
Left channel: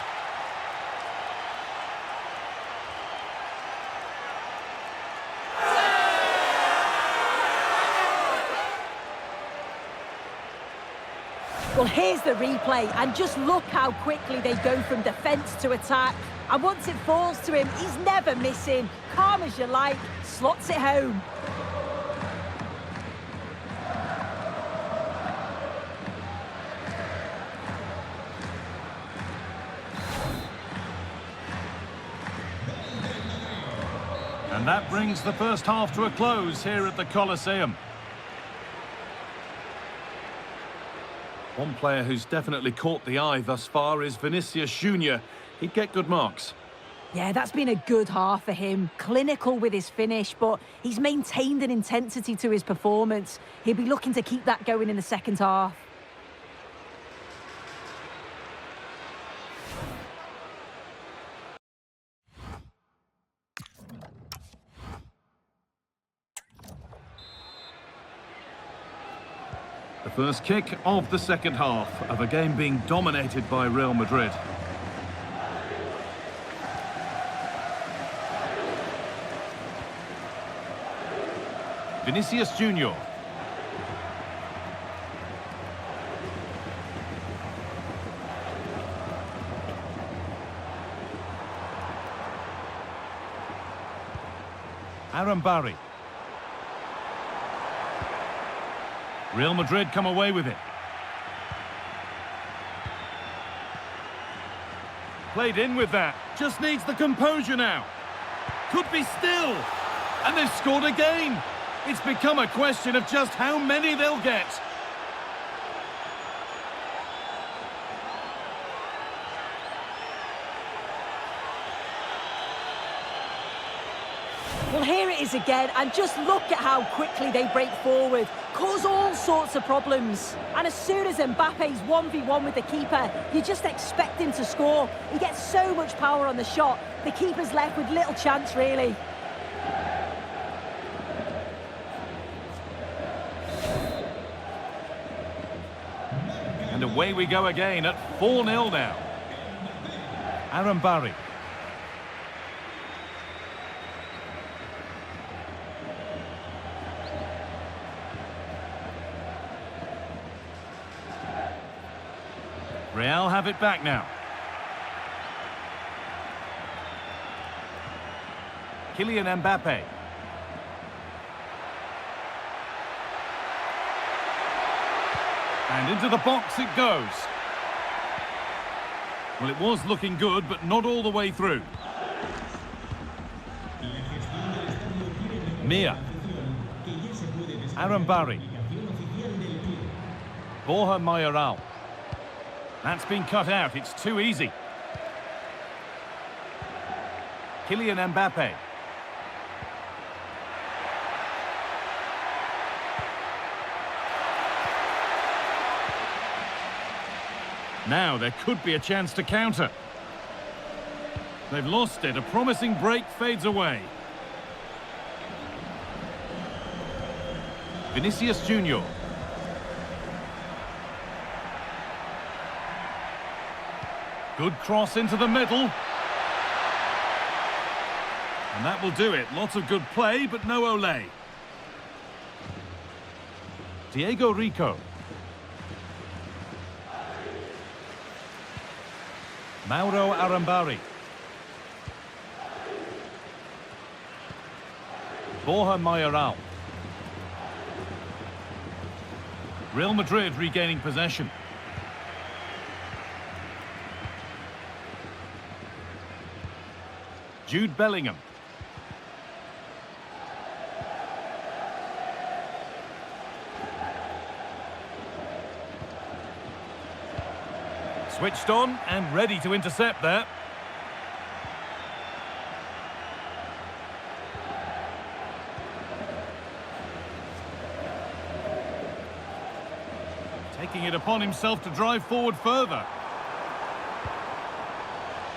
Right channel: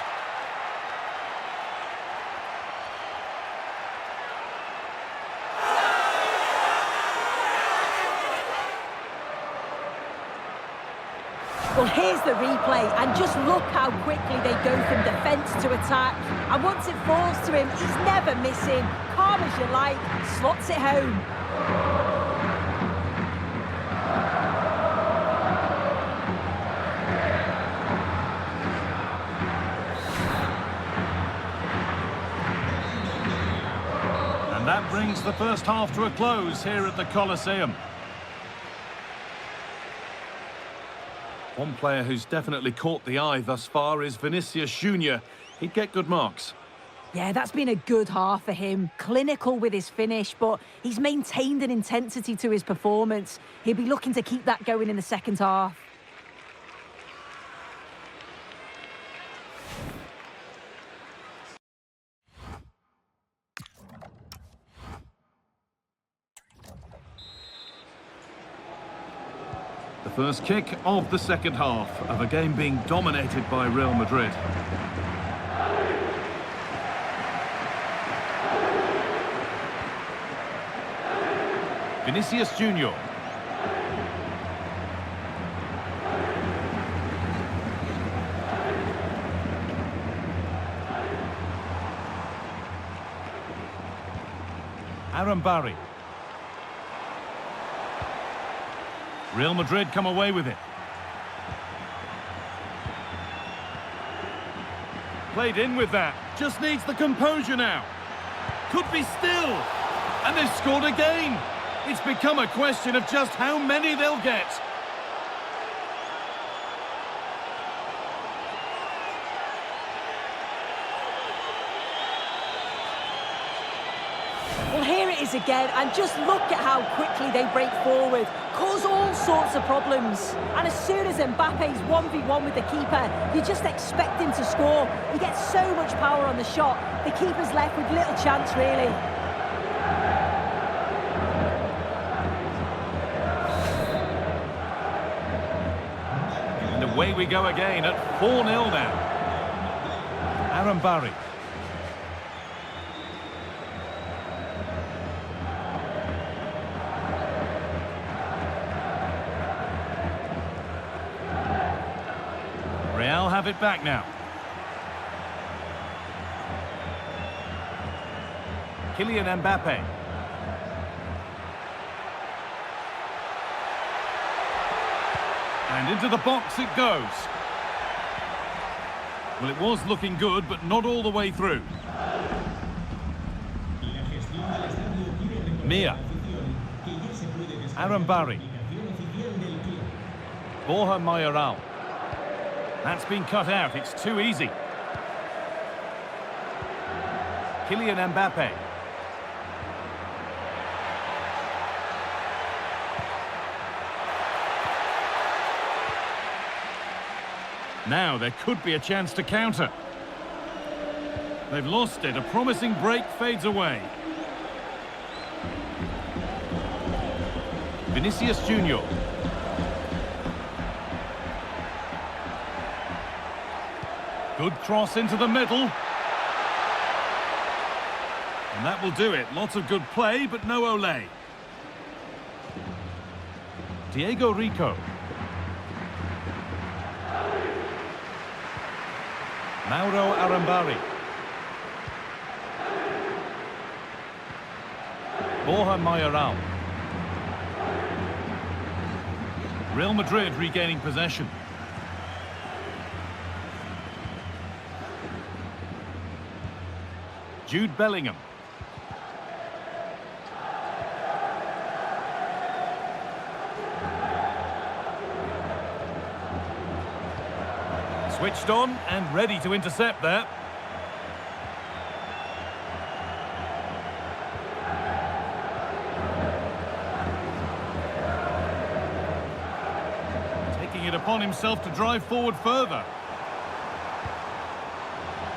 Well, here's the replay, and just look how quickly they go from defence to attack. And once it falls to him, he's never missing. Calm as you like, slots it home. And that brings the first half to a close here at the Colosseum. One player who's definitely caught the eye thus far is Vinicius Junior. He'd get good marks. Yeah, that's been a good half for him. Clinical with his finish, but he's maintained an intensity to his performance. He'll be looking to keep that going in the second half. The first kick of the second half of a game being dominated by Real Madrid. Vinicius Junior. Barry. Real Madrid come away with it. Played in with that. Just needs the composure now. Could be still. And they've scored again. It's become a question of just how many they'll get. Well, here it is again, and just look at how quickly they break forward, cause all sorts of problems. And as soon as Mbappe's 1v1 with the keeper, you just expect him to score. He gets so much power on the shot, the keeper's left with little chance, really. And away we go again at 4-0 now. Barry. Real have it back now. Kylian Mbappe. And into the box it goes. Well, it was looking good, but not all the way through. Mia. Barry. Borja Mayoral. That's been cut out. It's too easy. Kylian Mbappe. Now there could be a chance to counter. They've lost it. A promising break fades away. Vinicius Junior. Good cross into the middle. And that will do it. Lots of good play, but no Olé. Diego Rico. Mauro Arambari. Borja Mayoral. Real Madrid regaining possession. Jude Bellingham. Switched on and ready to intercept there. Taking it upon himself to drive forward further.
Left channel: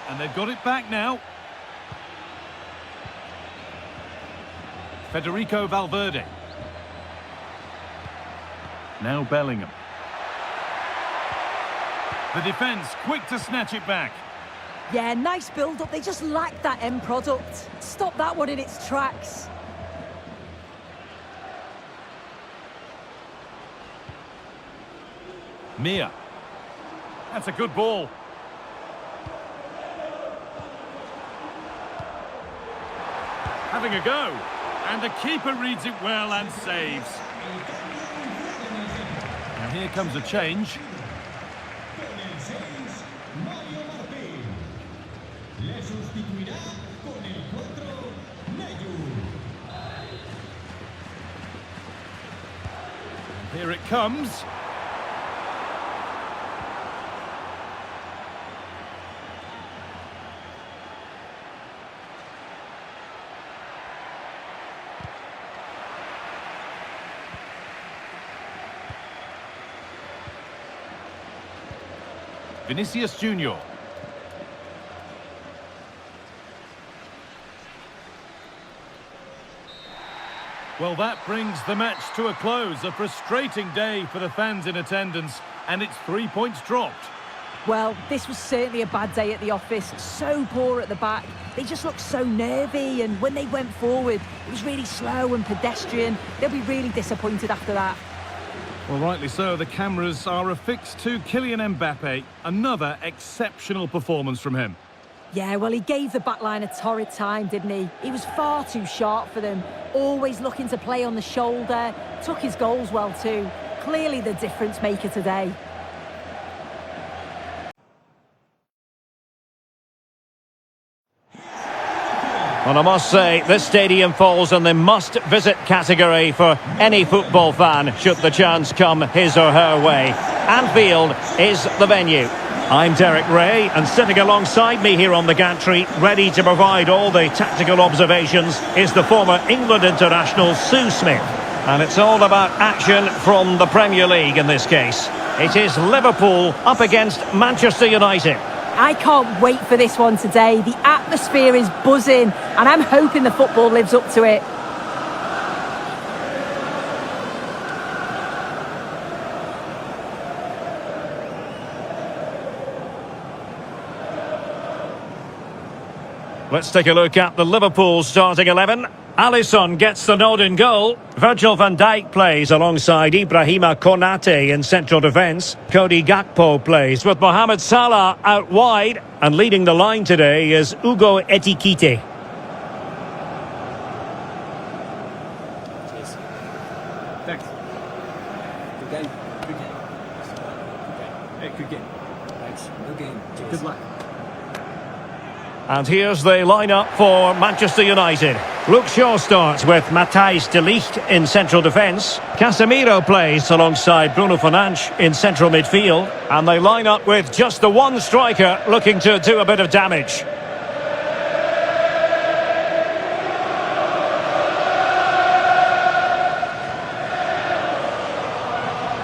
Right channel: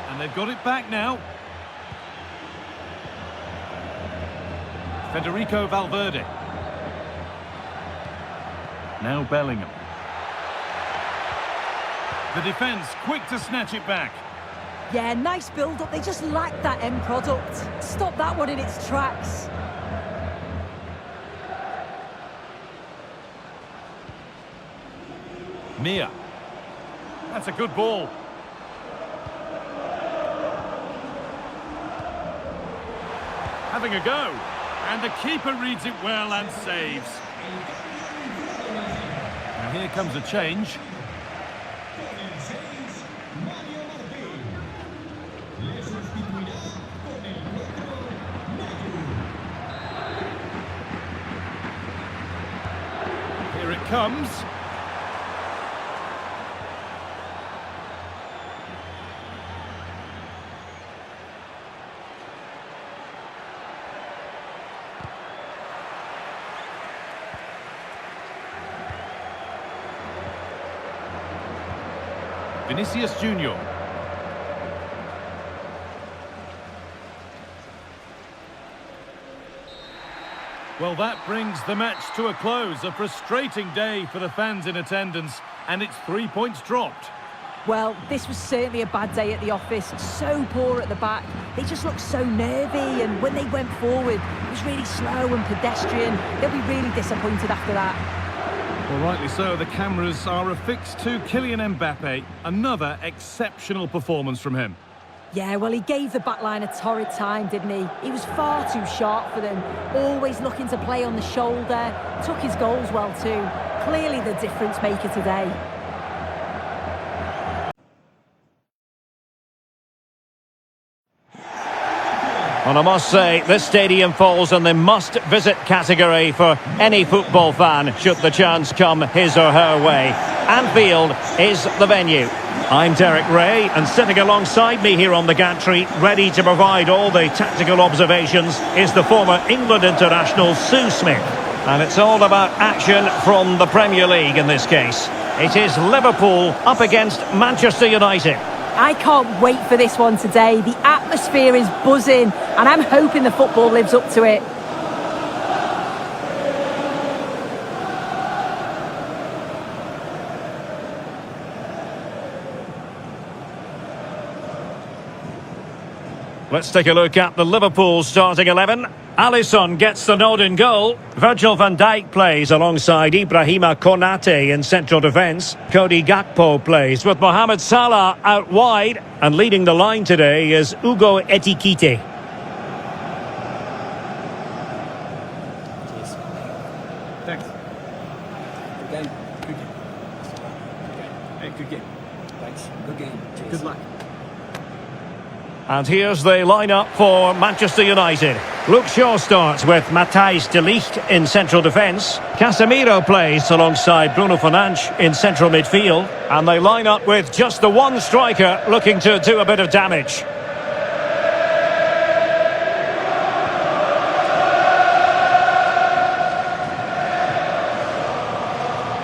And they've got it back now. Federico Valverde. Now Bellingham. The defence quick to snatch it back. Yeah, nice build-up. They just lack that end product. Stop that one in its tracks. Mia. That's a good ball. Having a go. And the keeper reads it well and saves. Now here comes a change. Here it comes. Vinicius Junior. Well, that brings the match to a close. A frustrating day for the fans in attendance, and it's 3 points dropped. Well, this was certainly a bad day at the office. So poor at the back. They just looked so nervy, and when they went forward, it was really slow and pedestrian. They'll be really disappointed after that. Well, rightly so. The cameras are affixed to Kylian Mbappe. Another exceptional performance from him. Yeah, well, he gave the backline a torrid time, didn't he? He was far too sharp for them. Always looking to play on the shoulder. Took his goals well too. Clearly the difference maker today. Well, I must say, this stadium falls in the must-visit category for any football fan, should the chance come his or her way. Anfield is the venue. I'm Derek Ray, and sitting alongside me here on the gantry, ready to provide all the tactical observations, is the former England international Sue Smith. And it's all about action from the Premier League in this case. It is Liverpool up against Manchester United. I can't wait for this one today. The atmosphere is buzzing, and I'm hoping the football lives up to it. Let's take a look at the Liverpool starting 11. Alisson gets the nod in goal. Virgil van Dijk plays alongside Ibrahima Konate in central defence. Cody Gakpo plays with Mohamed Salah out wide. And leading the line today is Ugo Etikite. Cheers. Thanks. Good game. Good game. Good game. Hey, good game. Thanks. Good game. Cheers. Good luck. And here's the lineup for Manchester United. Luke Shaw starts with Matthijs de Ligt in central defence. Casemiro plays alongside Bruno Fernandes in central midfield. And they line up with just the one striker looking to do a bit of damage.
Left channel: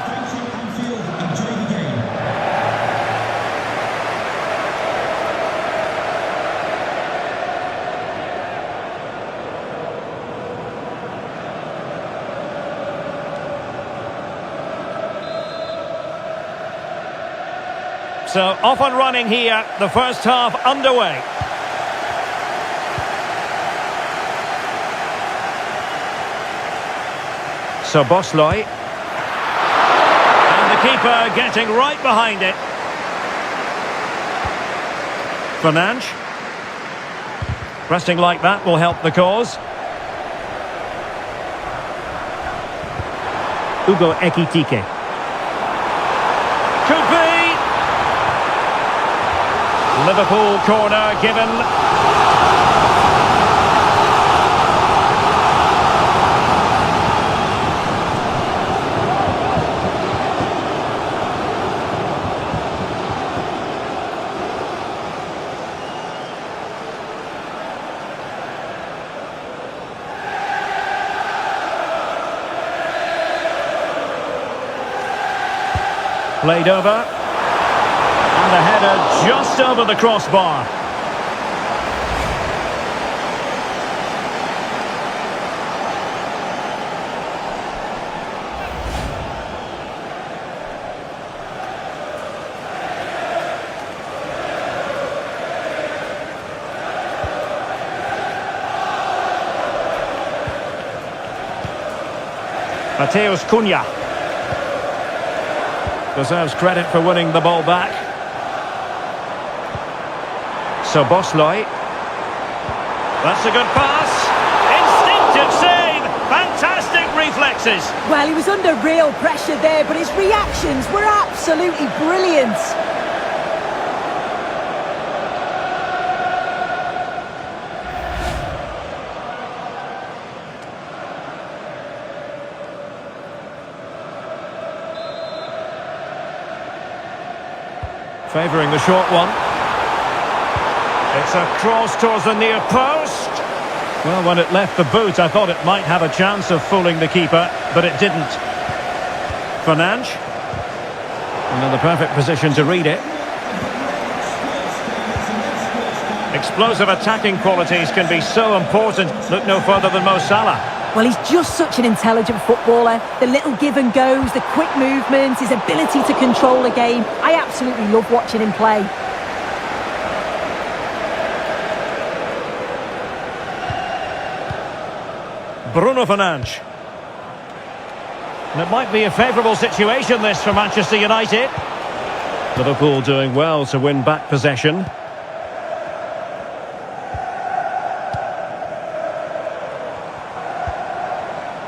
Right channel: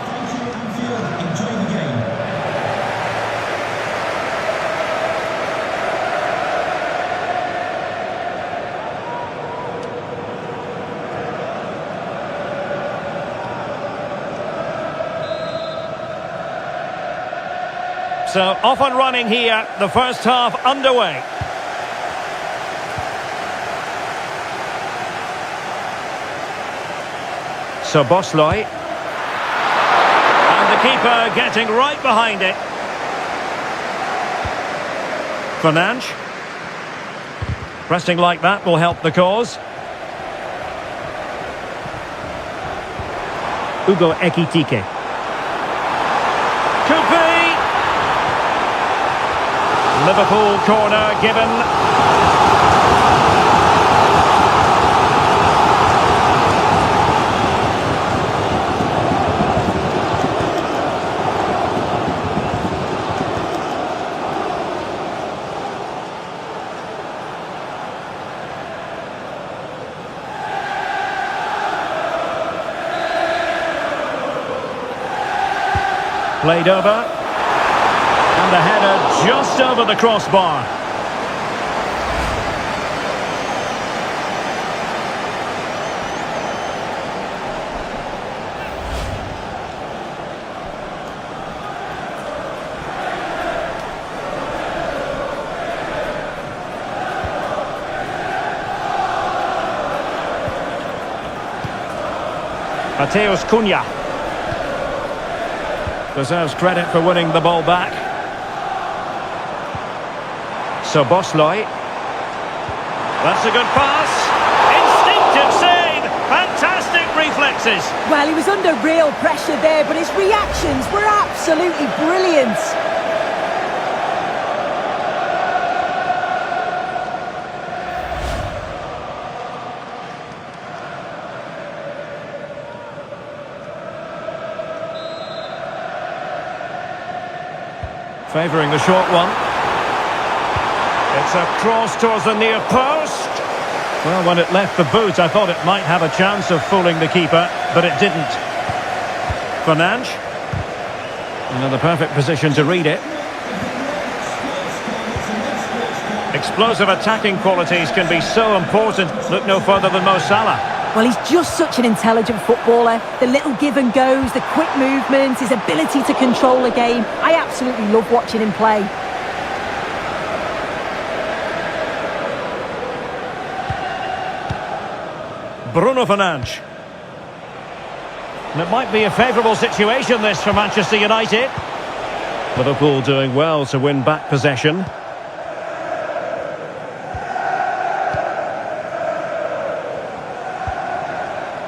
Thank you, Anfield. Enjoy the game. So off and running here, the first half underway. So Bosloy. And the keeper getting right behind it. Fernandes. Pressing like that will help the cause. Ugo Ekitike. Could be. Liverpool corner given. Played over. And the header just over the crossbar. Mateus Cunha deserves credit for winning the ball back. So Bosloy. That's a good pass. Instinctive save. Fantastic reflexes. Well, he was under real pressure there, but his reactions were absolutely brilliant. Favouring the short one. It's a cross towards the near post. Well, when it left the boot, I thought it might have a chance of fooling the keeper, but it didn't. Fernandes. In the perfect position to read it. Explosive attacking qualities can be so important. Look no further than Mo Salah. Well, he's just such an intelligent footballer. The little give and goes, the quick movements, his ability to control the game. I absolutely love watching him play. Bruno Fernandes. And it might be a favourable situation, this, for Manchester United. Liverpool doing well to win back possession.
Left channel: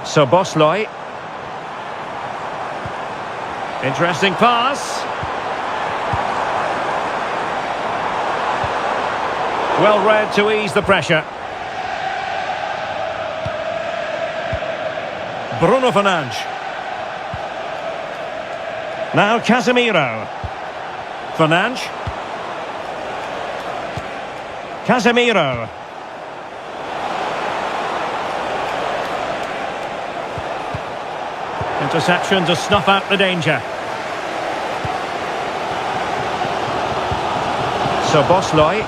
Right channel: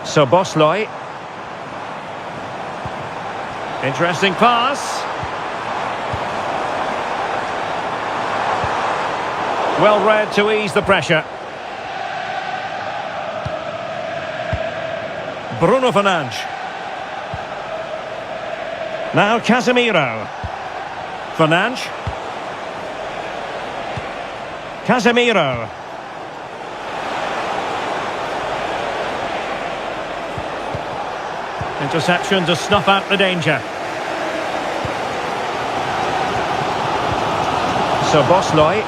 So Bosley. Interesting pass. Well read to ease the pressure. Bruno Fernandes. Now Casemiro. Fernandes. Casemiro. Interception to snuff out the danger. So Bosley.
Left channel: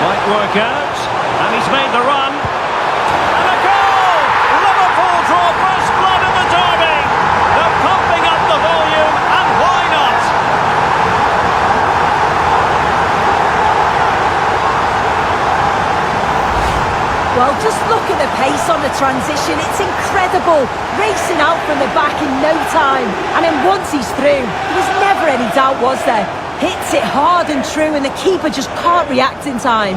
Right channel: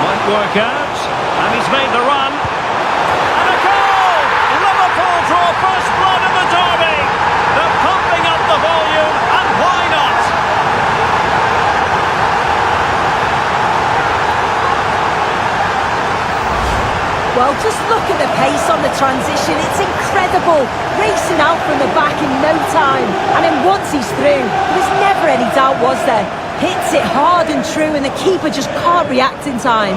Might work out. And he's made the run. And a goal! Liverpool draw first blood in the derby. They're pumping up the volume, and why not? Well, just look at the pace on the transition. It's incredible. Racing out from the back in no time. And then once he's through, there was never any doubt, was there? Hits it hard and true, and the keeper just can't react in time.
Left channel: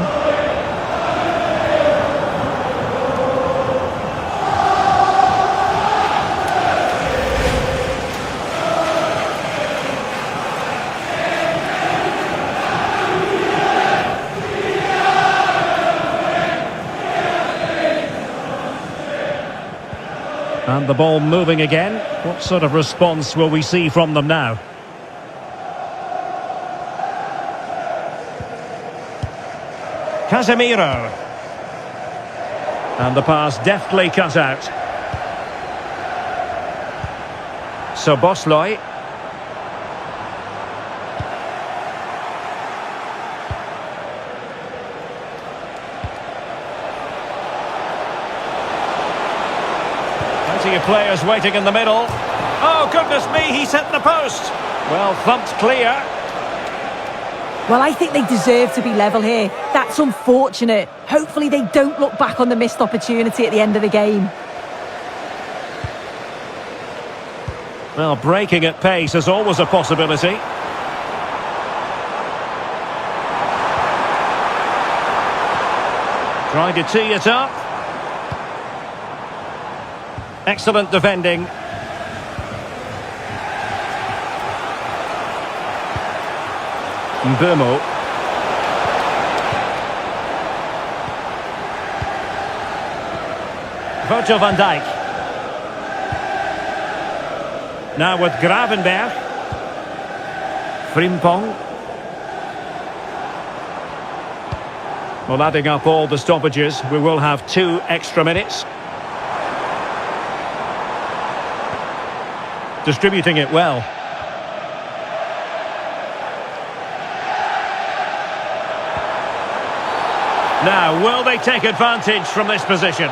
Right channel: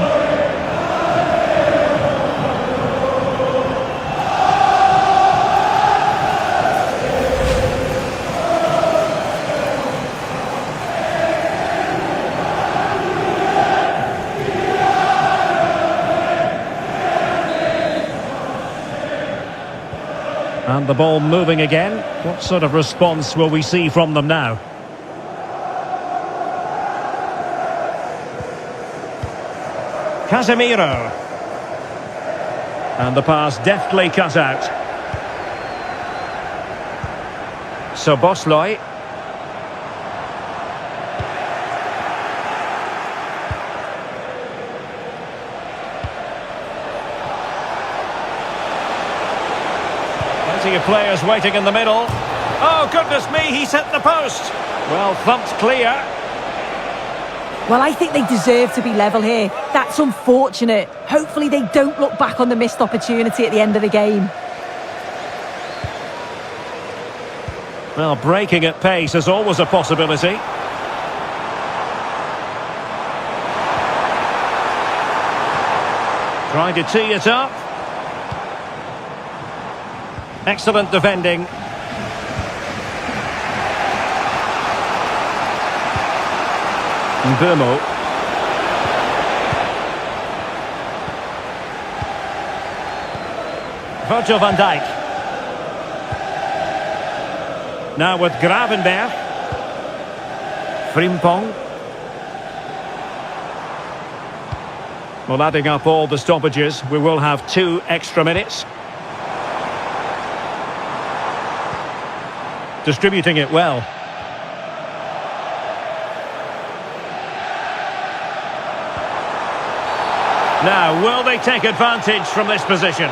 And the ball moving again. What sort of response will we see from them now? Casemiro. And the pass deftly cut out. So Bosley. Plenty of players waiting in the middle. Oh, goodness me, he's hit the post. Well, thumped clear. Well, I think they deserve to be level here. That's unfortunate. Hopefully they don't look back on the missed opportunity at the end of the game. Well, breaking at pace is always a possibility. Trying to tee it up. Excellent defending. Mbeumo. Virgil van Dijk. Now with Gravenberg. Frimpong. Well, adding up all the stoppages, we will have 2 extra minutes. Distributing it well. Now, will they take advantage from this position?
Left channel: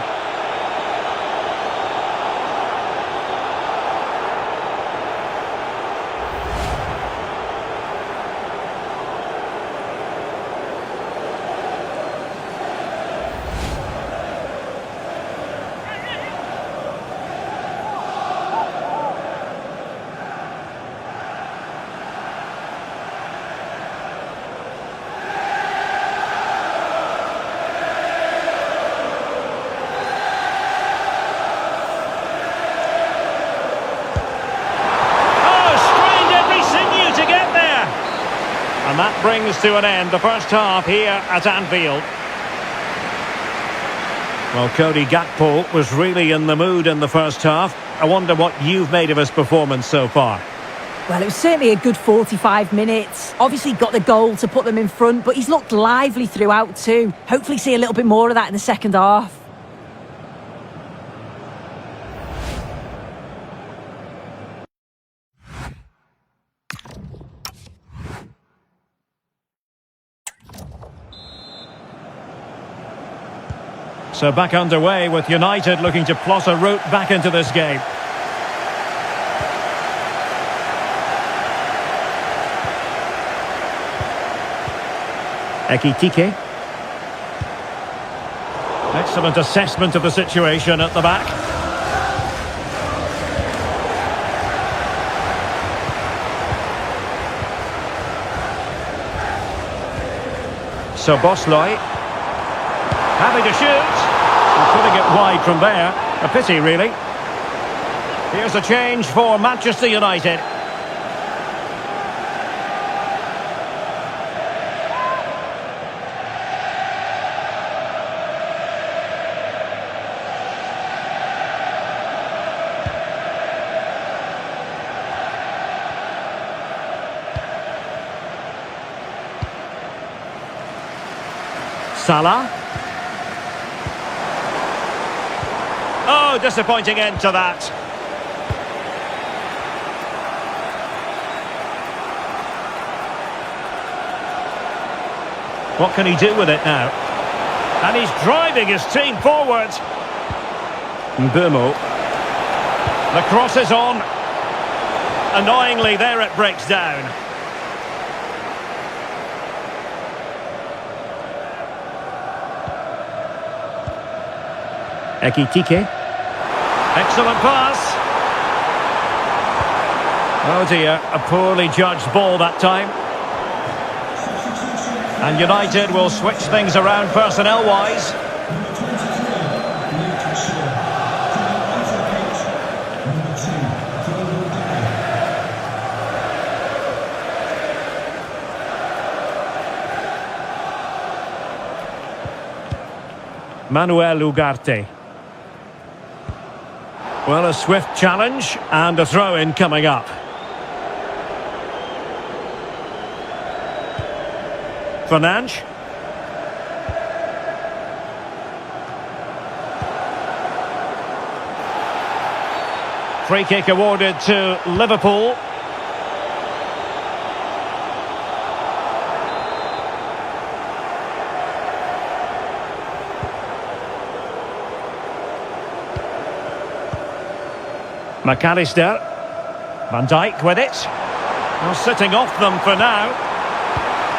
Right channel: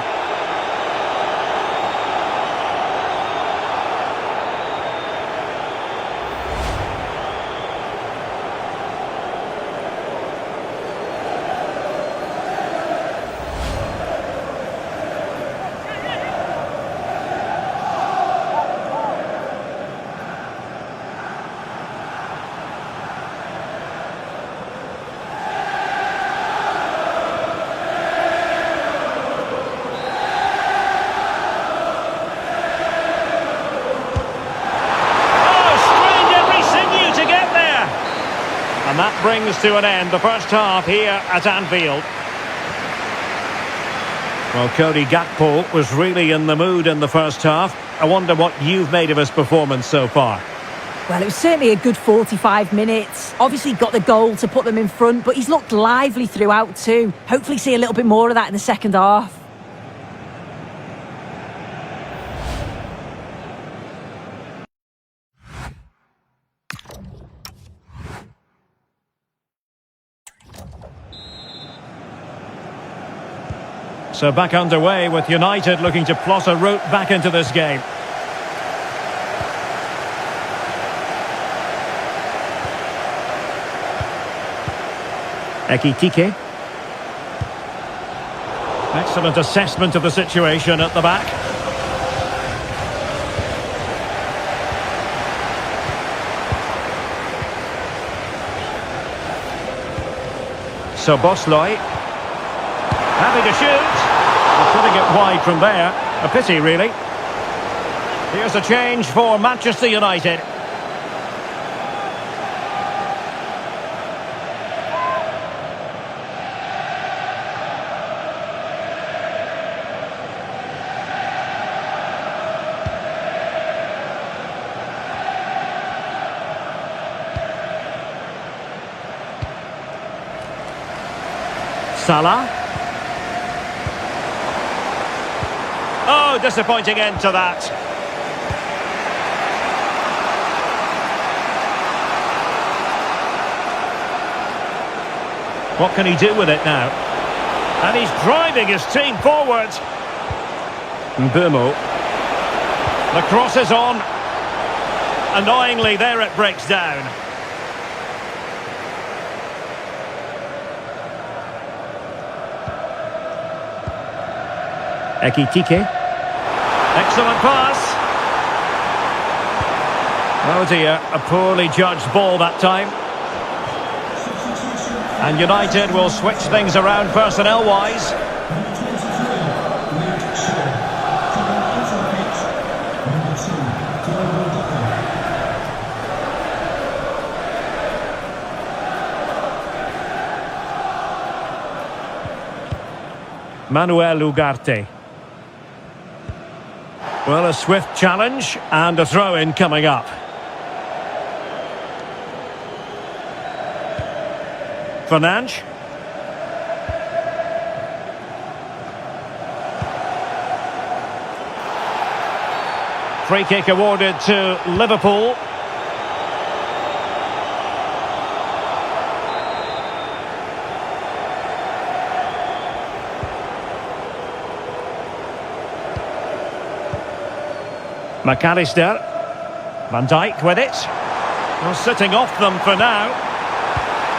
And that brings to an end the first half here at Anfield. Well, Cody Gakpo was really in the mood in the first half. I wonder what you've made of his performance so far. Well, it was certainly a good 45 minutes. Obviously got the goal to put them in front, but he's looked lively throughout too. Hopefully see a little bit more of that in the second half. So back underway with United looking to plot a route back into this game. Ekitike. Excellent assessment of the situation at the back. So Bosley. Happy to shoot. And putting it wide from there. A pity, really. Here's a change for Manchester United. Salah. Oh, disappointing end to that. What can he do with it now? And he's driving his team forward. Mbumo. The cross is on. Annoyingly, there it breaks down. Ekitike. Excellent pass. Oh dear, a poorly judged ball that time. And United will switch things around personnel-wise. Number 23, Luke Shaw. Coming onto the pitch, number 2, Global Day. Manuel Ugarte. Well, a swift challenge and a throw-in coming up. Fernandes. Free kick awarded to Liverpool. McAllister. Van Dijk with it. Well, sitting off them for now.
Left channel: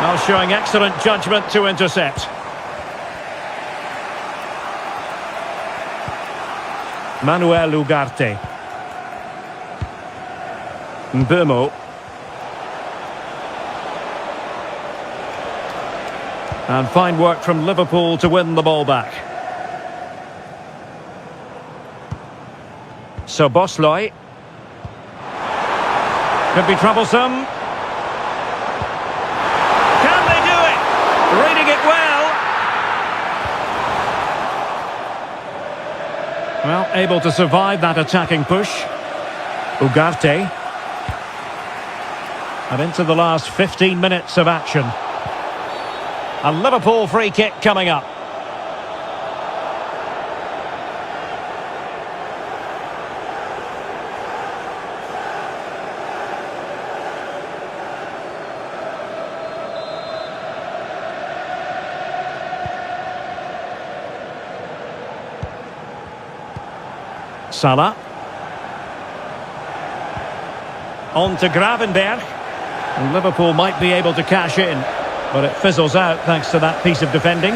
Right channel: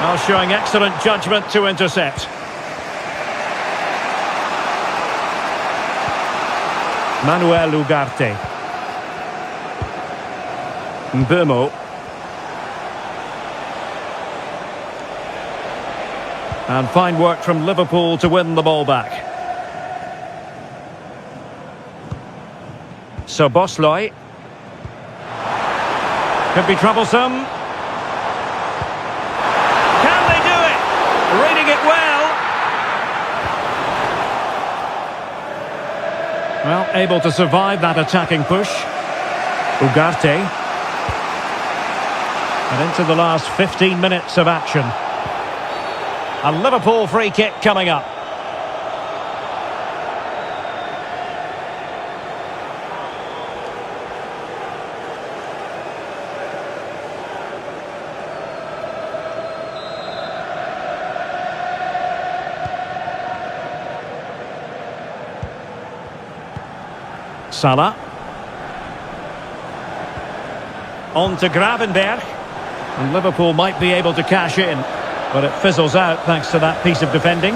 Now showing excellent judgment to intercept. Manuel Ugarte. Mbumo. And fine work from Liverpool to win the ball back. So Bosley. Could be troublesome. Can they do it? Reading it well. Well, able to survive that attacking push. Ugarte. And into the last 15 minutes of action. A Liverpool free kick coming up. Salah. On to Gravenberg. And Liverpool might be able to cash in. But it fizzles out thanks to that piece of defending.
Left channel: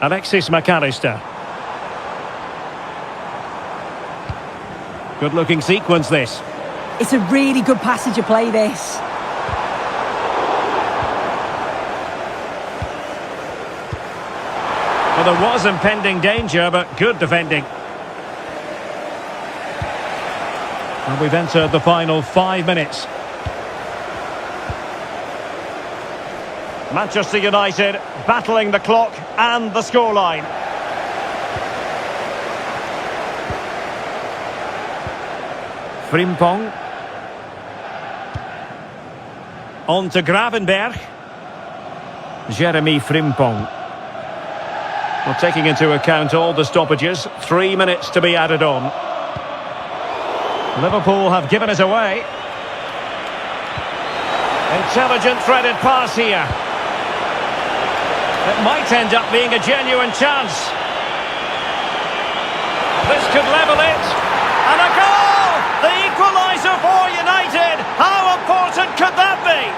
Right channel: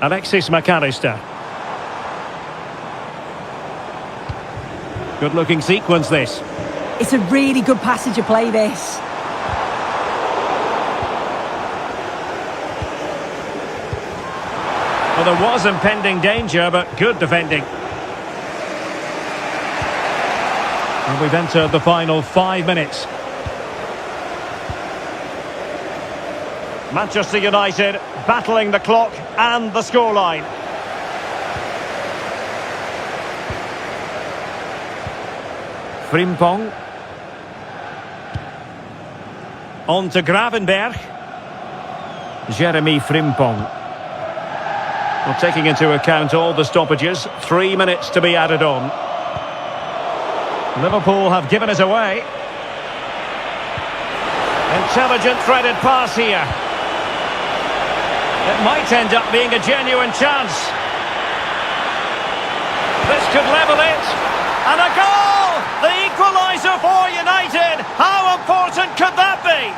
Alexis McAllister. Good looking sequence this. It's a really good passage of play, this. Well, there was impending danger, but good defending. And we've entered the final 5 minutes. Manchester United battling the clock and the scoreline. Frimpong. On to Gravenberg. Jeremy Frimpong. Well, taking into account all the stoppages, 3 minutes to be added on. Liverpool have given it away. Intelligent threaded pass here. It might end up being a genuine chance. This could level it. And a goal! The equaliser for United. How important could that be?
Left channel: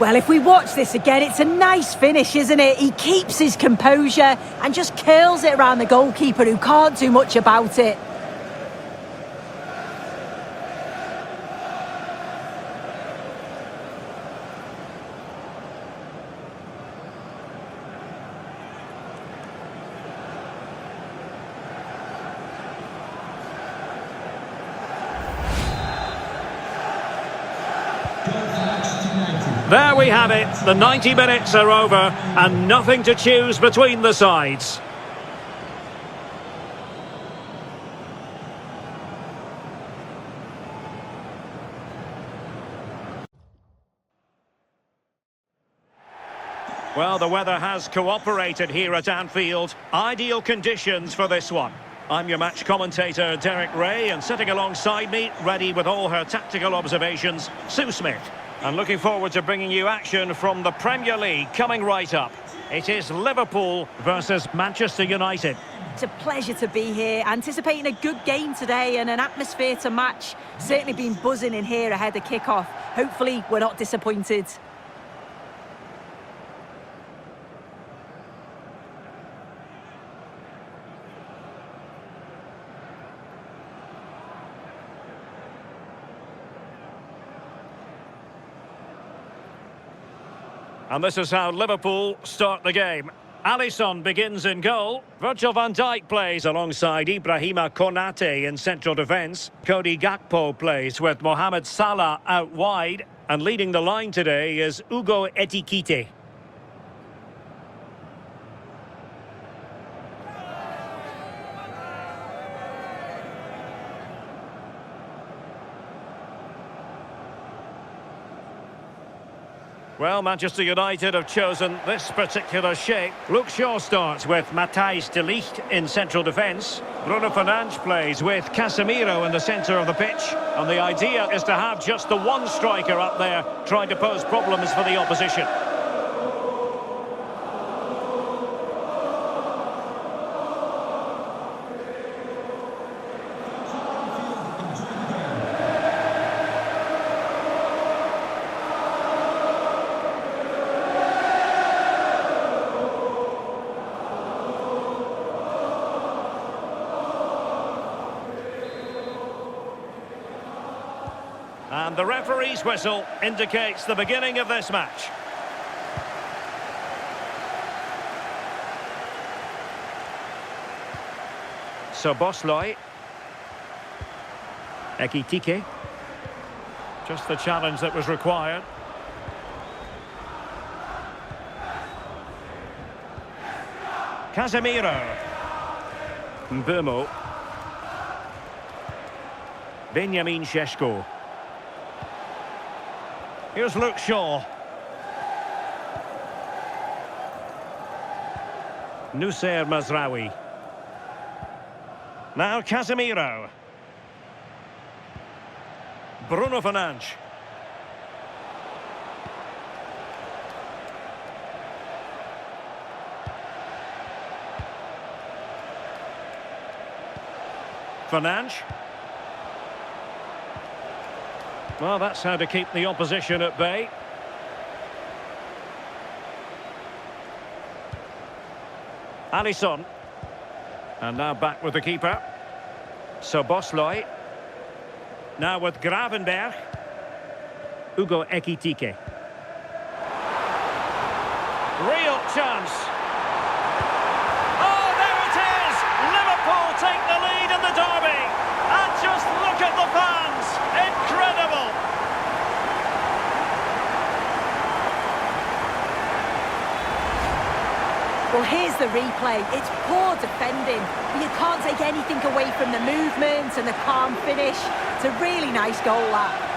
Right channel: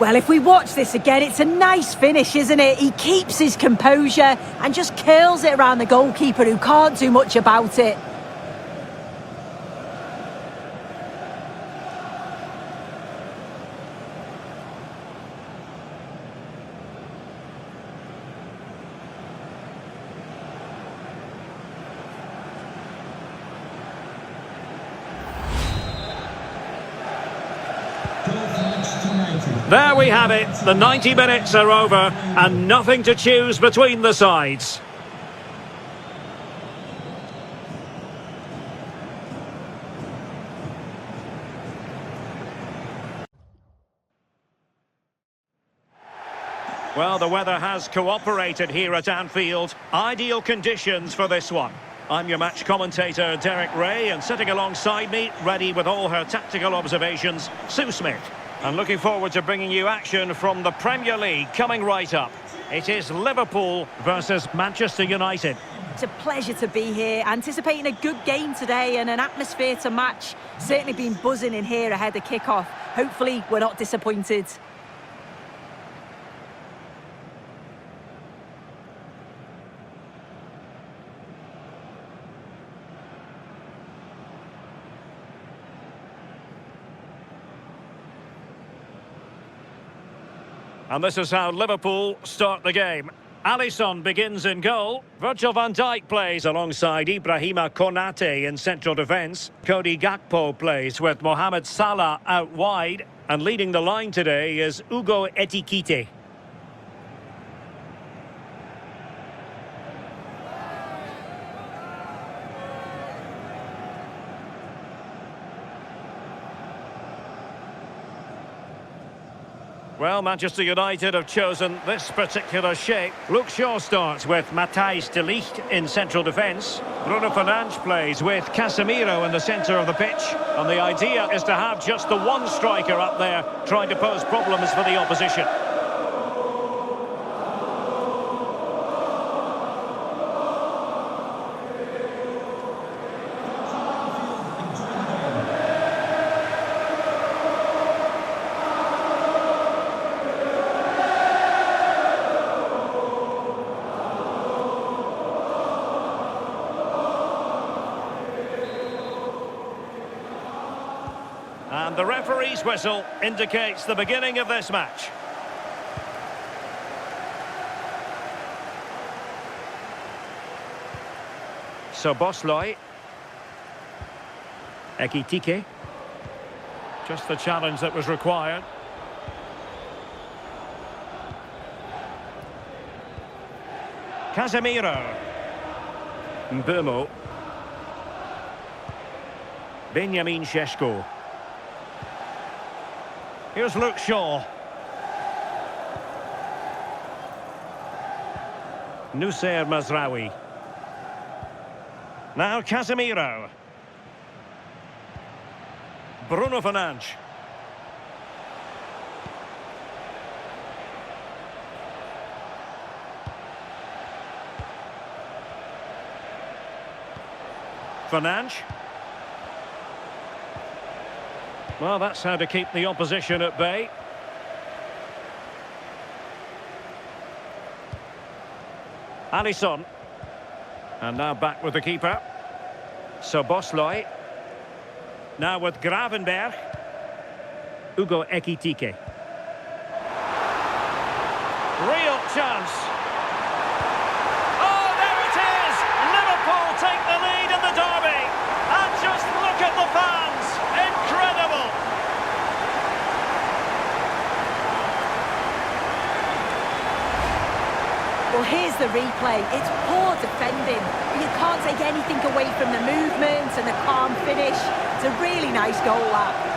Well, if we watch this again, it's a nice finish, isn't it? He keeps his composure and just curls it around the goalkeeper who can't do much about it. There we have it. The 90 minutes are over and nothing to choose between the sides. Well, the weather has cooperated here at Anfield. Ideal conditions for this one. I'm your match commentator, Derek Ray, and sitting alongside me, ready with all her tactical observations, Sue Smith. And looking forward to bringing you action from the Premier League coming right up. It is Liverpool versus Manchester United. It's a pleasure to be here, anticipating a good game today and an atmosphere to match. Certainly been buzzing in here ahead of kick-off. Hopefully we're not disappointed. And this is how Liverpool start the game. Alisson begins in goal. Virgil van Dijk plays alongside Ibrahima Konate in central defence. Cody Gakpo plays with Mohamed Salah out wide. And leading the line today is Hugo Ekitike. Well, Manchester United have chosen this particular shape. Luke Shaw starts with Matthijs de Ligt in central defence. Bruno Fernandes plays with Casemiro in the centre of the pitch. And the idea is to have just the one striker up there trying to pose problems for the opposition. And the referee's whistle indicates the beginning of this match. Szoboszlai. Ekitike. Just the challenge that was required. Casemiro. Mbeumo. Benjamin Šeško. Here's Luke Shaw. Noussair Mazraoui. Now Casemiro. Bruno Fernandes. Fernandes. Well, that's how to keep the opposition at bay. Alisson. And now back with the keeper. Szoboszlai. Now with Gravenberg. Ugo Ekitike. Real chance. Oh, there it is! Liverpool take the lead in the derby. And just look at the fans. Incredible. Well, here's the replay. It's poor defending, but you can't take anything away from the movement and the calm finish. It's a really nice goal, that.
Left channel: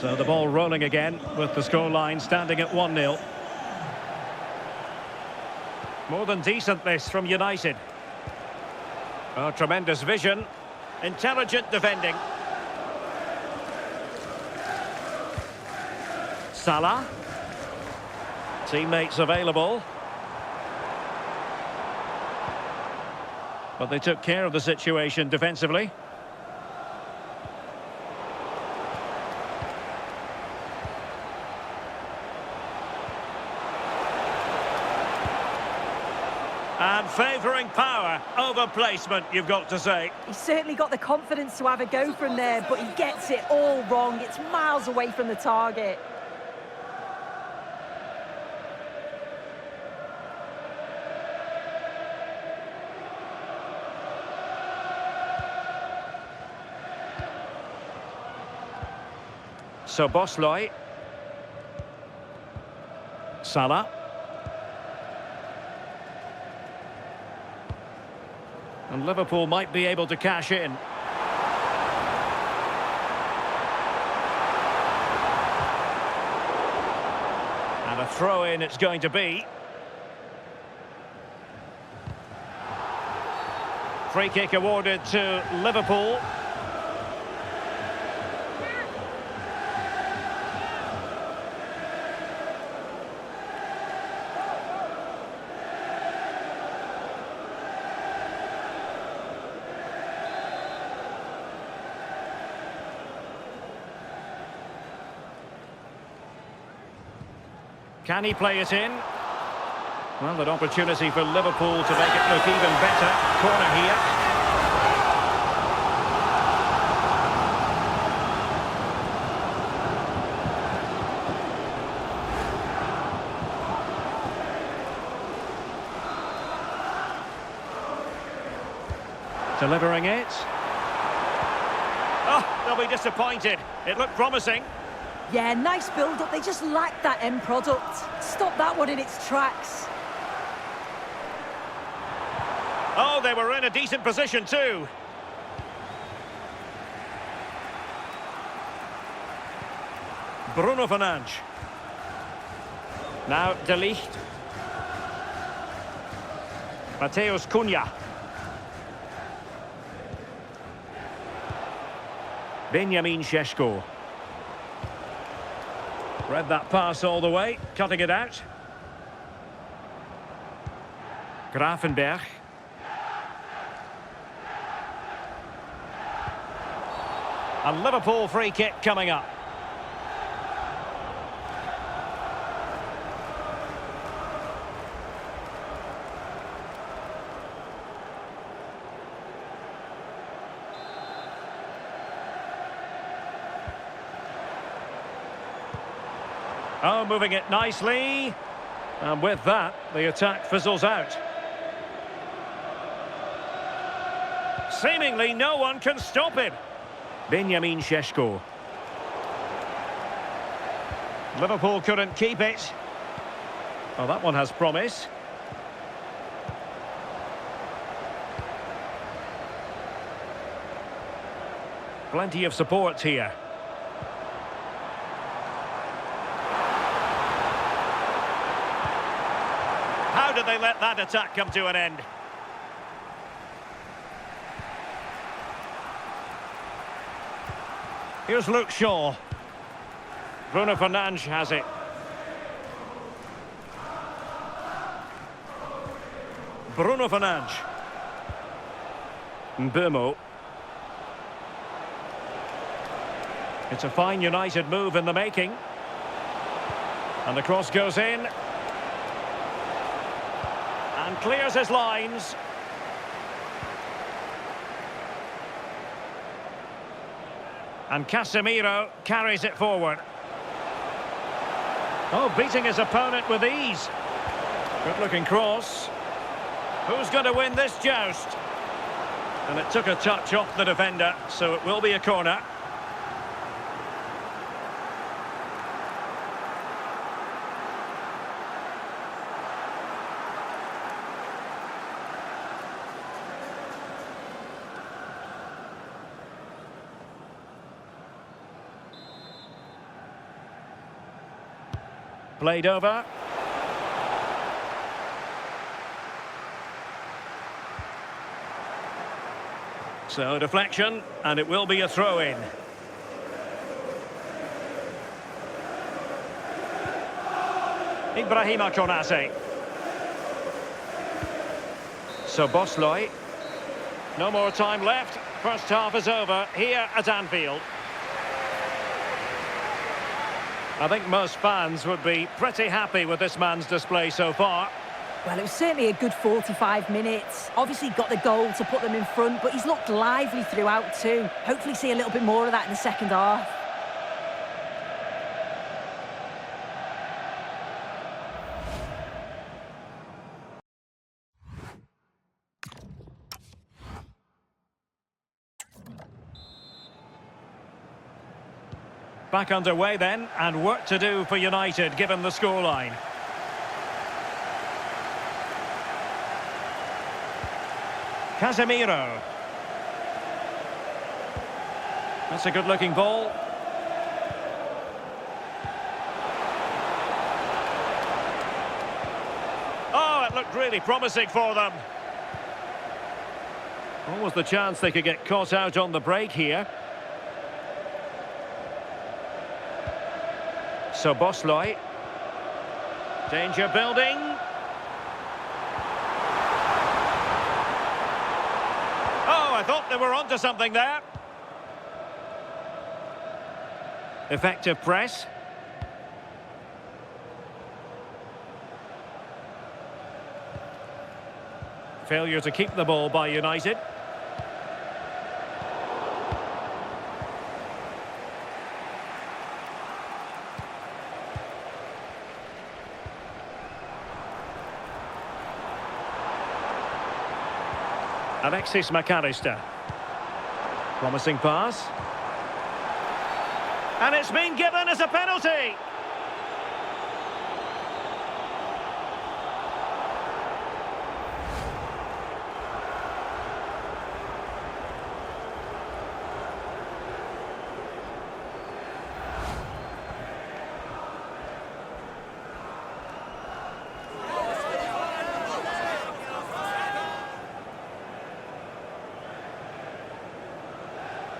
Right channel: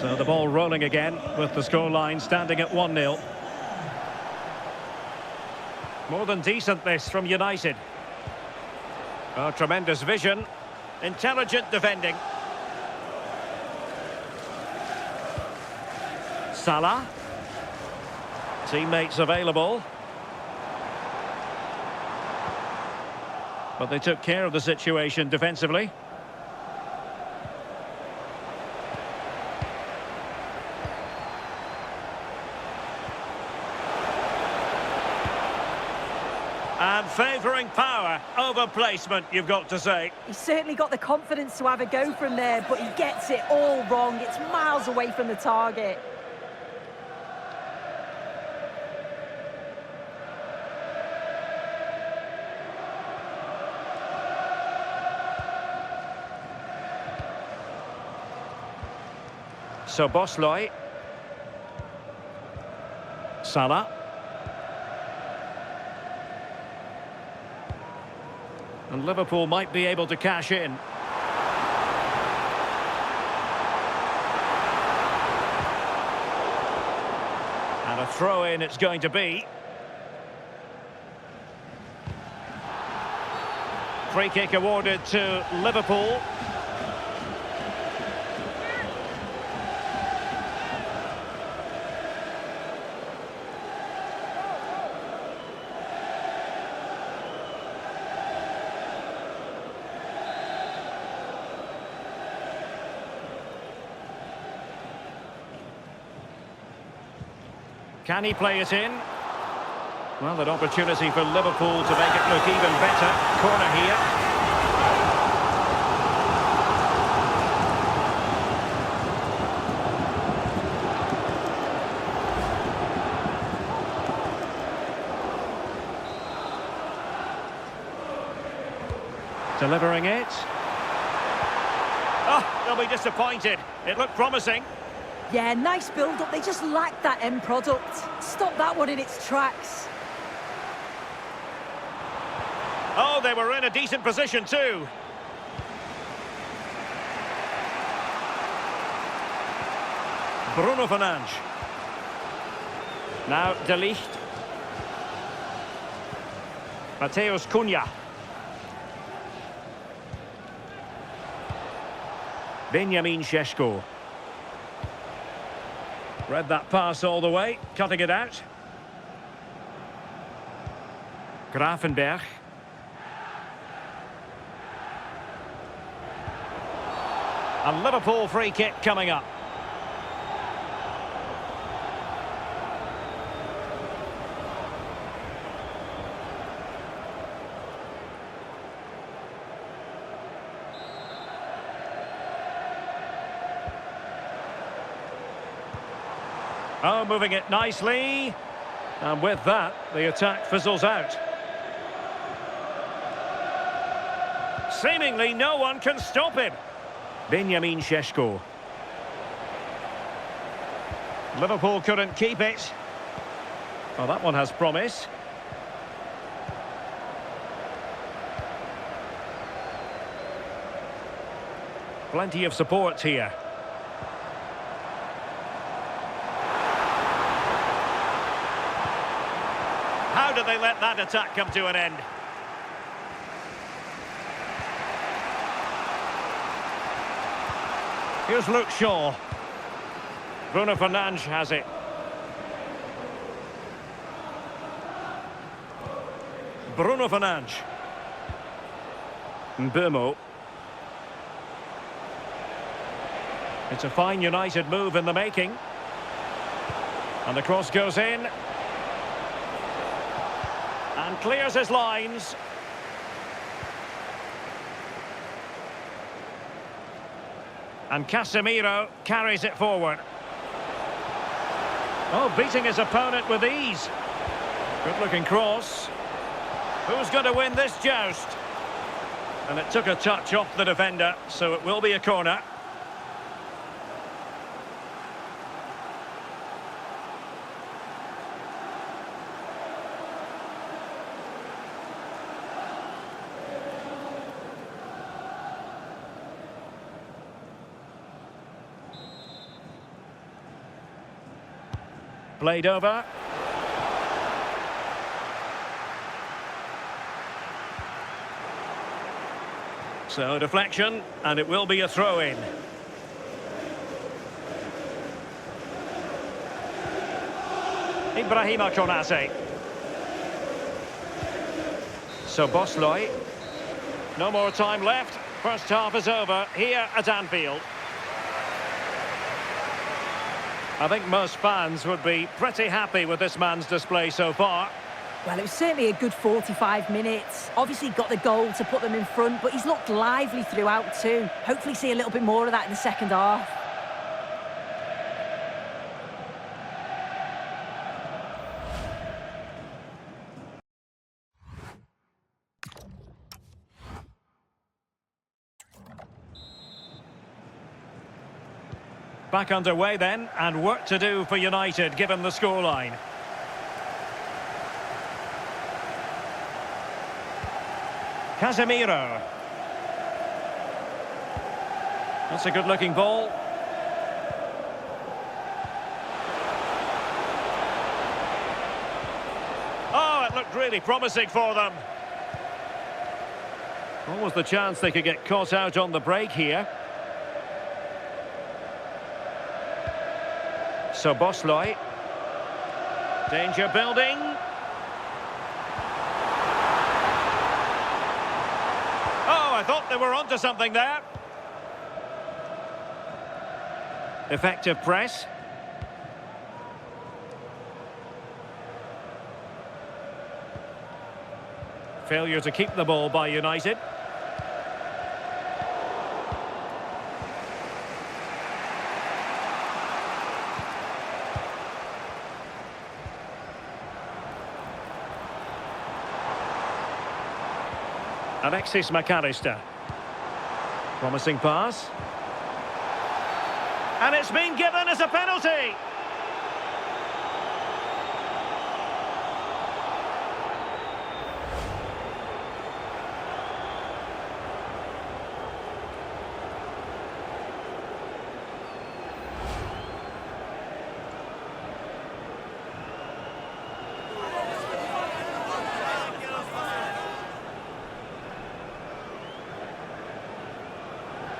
So the ball rolling again with the scoreline standing at 1-0. More than decent this from United. Oh, tremendous vision. Intelligent defending. Salah. Teammates available. But they took care of the situation defensively. And favouring power over placement, you've got to say. He's certainly got the confidence to have a go from there, but he gets it all wrong. It's miles away from the target. So Bosloy. Salah. And Liverpool might be able to cash in. And a throw-in it's going to be. Free kick awarded to Liverpool. Can he play it in? Well, an opportunity for Liverpool to make it look even better. Corner here. Delivering it. Oh, they'll be disappointed. It looked promising. Yeah, nice build-up. They just lacked that end product. Stop that one in its tracks. Oh, they were in a decent position too. Bruno Fernandes. Now De Ligt. Mateus Cunha. Benjamin Šeško. Read that pass all the way, cutting it out. Gravenberg. A Liverpool free kick coming up. Oh, moving it nicely. And with that, the attack fizzles out. Seemingly no one can stop him. Benjamin Šeško. Liverpool couldn't keep it. Oh, that one has promise. Plenty of support here. How did they let that attack come to an end? Here's Luke Shaw. Bruno Fernandes has it. Bruno Fernandes. Mbeumo. It's a fine United move in the making. And the cross goes in. And clears his lines. And Casemiro carries it forward. Oh, beating his opponent with ease. Good-looking cross. Who's going to win this joust? And it took a touch off the defender, so it will be a corner. Played over. So deflection, and it will be a throw-in. Ibrahima Konate. So Bosloy. No more time left. First half is over here at Anfield. I think most fans would be pretty happy with this man's display so far. Well, it was certainly a good 45 minutes. Obviously got the goal to put them in front, but he's looked lively throughout too. Hopefully see a little bit more of that in the second half. Back underway then, and work to do for United given the scoreline. Casemiro. That's a good-looking ball. Oh, it looked really promising for them. Almost the chance they could get caught out on the break here. So Bosloy. Danger building. Oh, I thought they were onto something there. Effective press. Failure to keep the ball by United. Alexis McAllister. Promising pass. And it's been given as a penalty.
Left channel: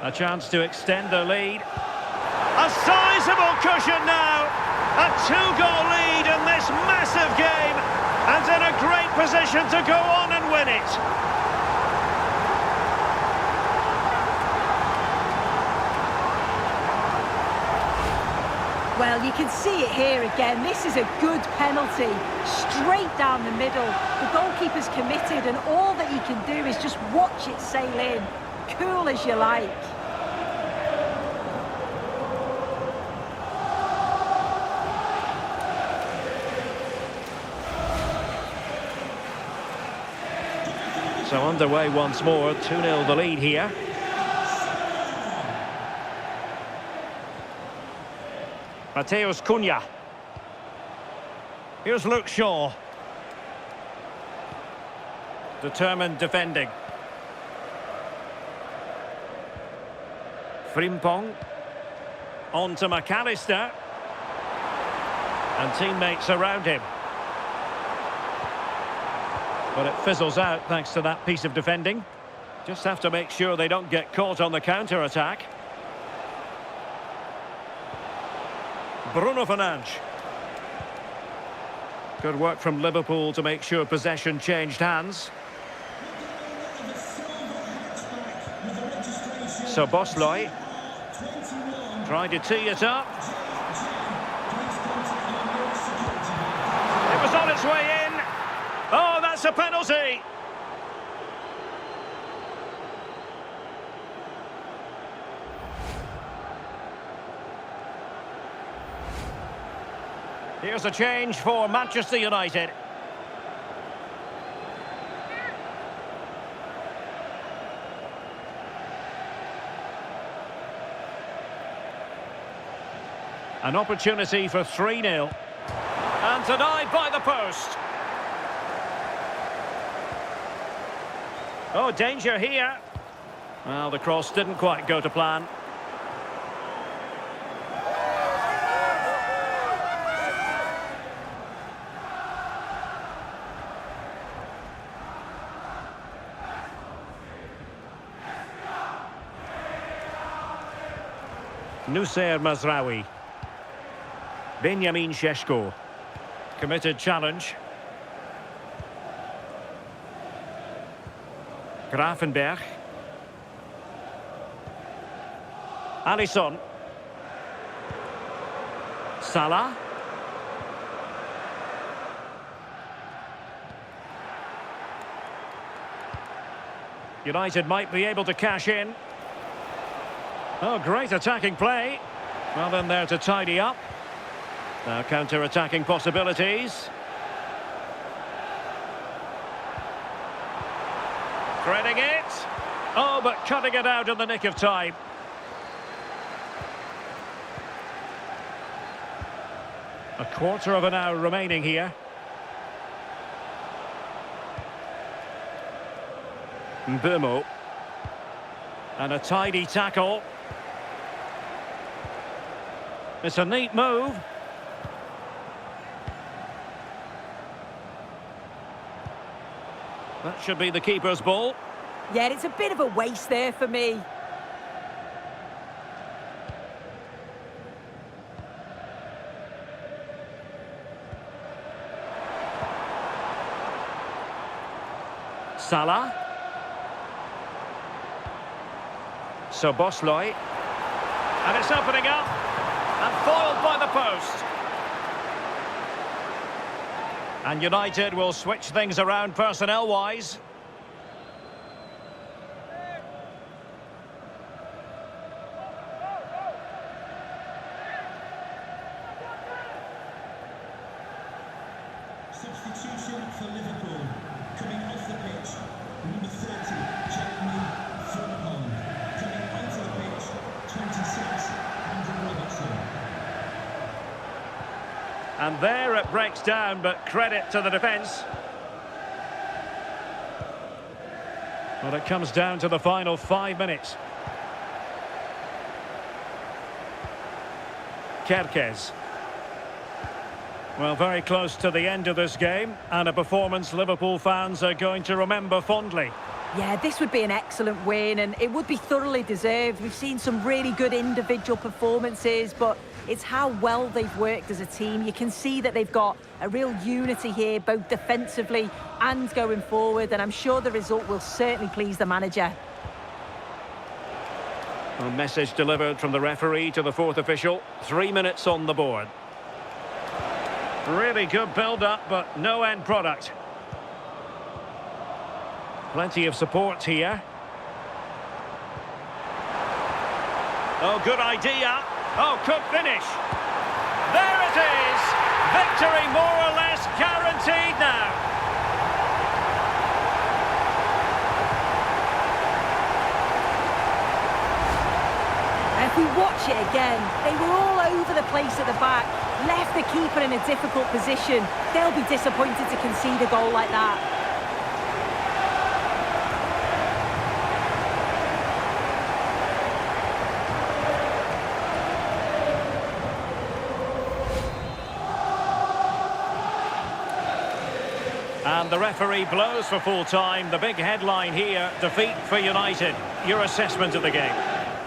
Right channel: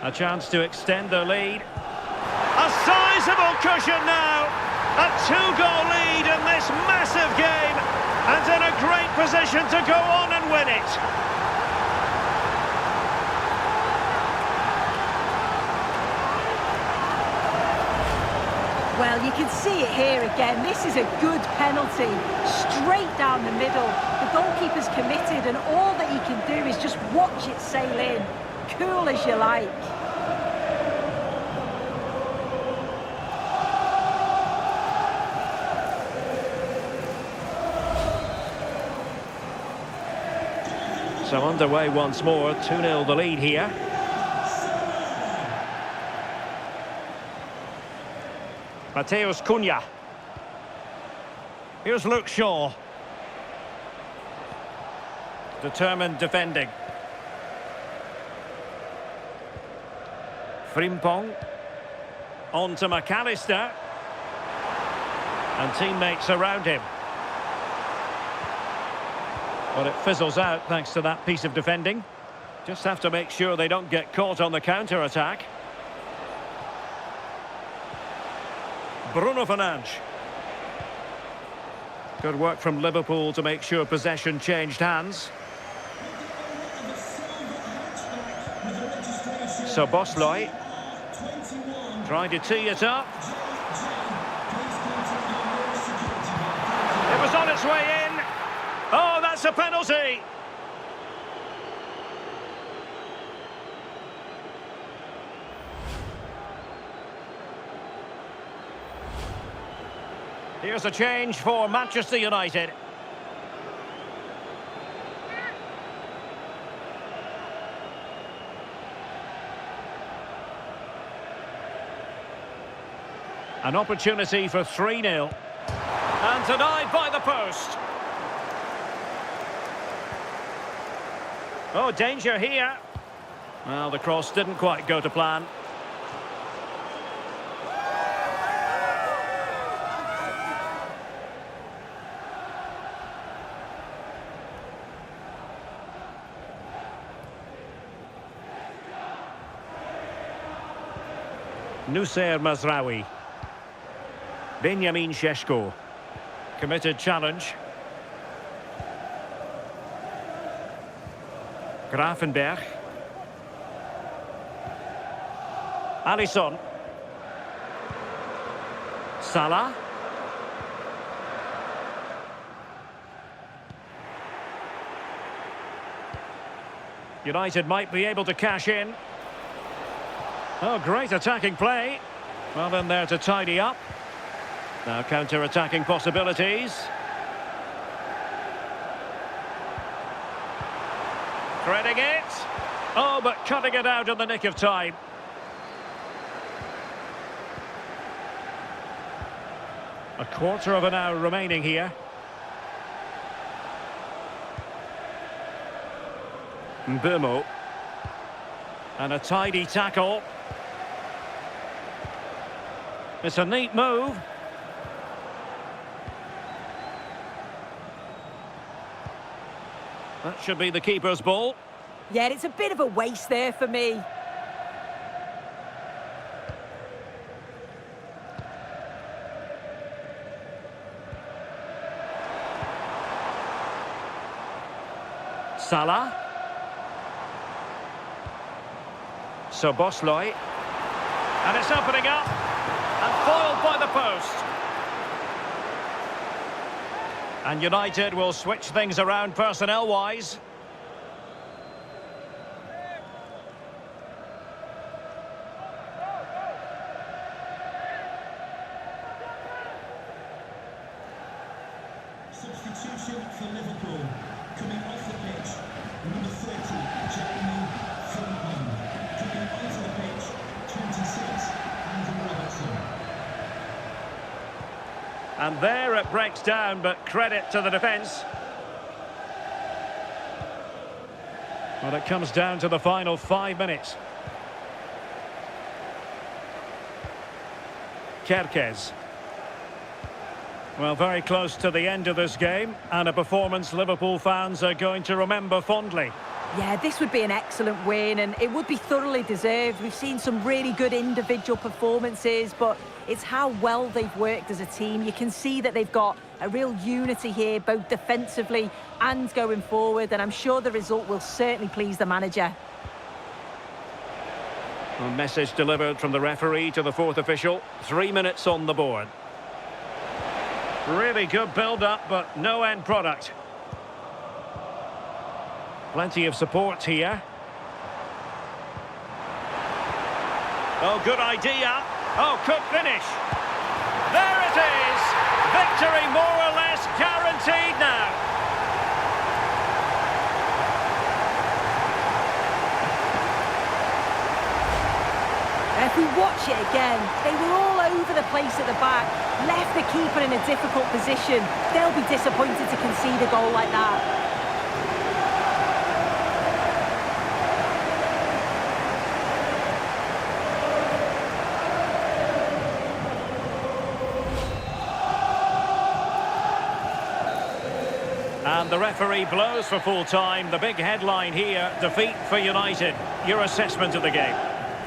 A chance to extend the lead. A sizable cushion now. A two-goal lead in this massive game. And in a great position to go on and win it. Well, you can see it here again. This is a good penalty. Straight down the middle. The goalkeeper's committed and all that he can do is just watch it sail in. Cool as you like. So underway once more, 2-0 the lead here. Mateus Cunha. Here's Luke Shaw. Determined defending. Frimpong. On to McAllister. And teammates around him. But it fizzles out thanks to that piece of defending. Just have to make sure they don't get caught on the counter-attack. Bruno Fernandes. Good work from Liverpool to make sure possession changed hands. So Bosloy trying to tee it up. It was on its way in. Oh, that's a penalty. Here's a change for Manchester United. An opportunity for 3-0. And denied by the post. Oh, danger here. Well, the cross didn't quite go to plan. Nusayr Mazraoui. Benjamin Šeško. Committed challenge. Grafenberg. Alisson. Salah. United might be able to cash in. Oh, great attacking play. Well, then there to tidy up. Now counter-attacking possibilities. Threading it. Oh, but cutting it out in the nick of time. A quarter of an hour remaining here. Mbeumo. And a tidy tackle. It's a neat move. That should be the keeper's ball. Yeah, it's a bit of a waste there for me. Salah. So Bosloy. And it's opening up. And foiled by the post. And United will switch things around personnel-wise. Substitution for Liverpool. Coming off the pitch, number 30, Jeremy Frimpong. Coming onto the pitch, 26, Andrew Robertson. And there it breaks down, but credit to the defence. Well, it comes down to the final 5 minutes. Kerkez. Well, very close to the end of this game, and a performance Liverpool fans are going to remember fondly. Yeah, this would be an excellent win, and it would be thoroughly deserved. We've seen some really good individual performances, but it's how well they've worked as a team. You can see that they've got a real unity here, both defensively and going forward, and I'm sure the result will certainly please the manager. A message delivered from the referee to the fourth official. 3 minutes on the board. Really good build-up, but no end product. Plenty of support here. Oh, good idea. Oh, could finish. There it is. Victory more or less guaranteed now. If we watch it again, they were all over the place at the back, left the keeper in a difficult position. They'll be disappointed to concede a goal like that. And the referee blows for full time. The big headline here, defeat for United. Your assessment of the game?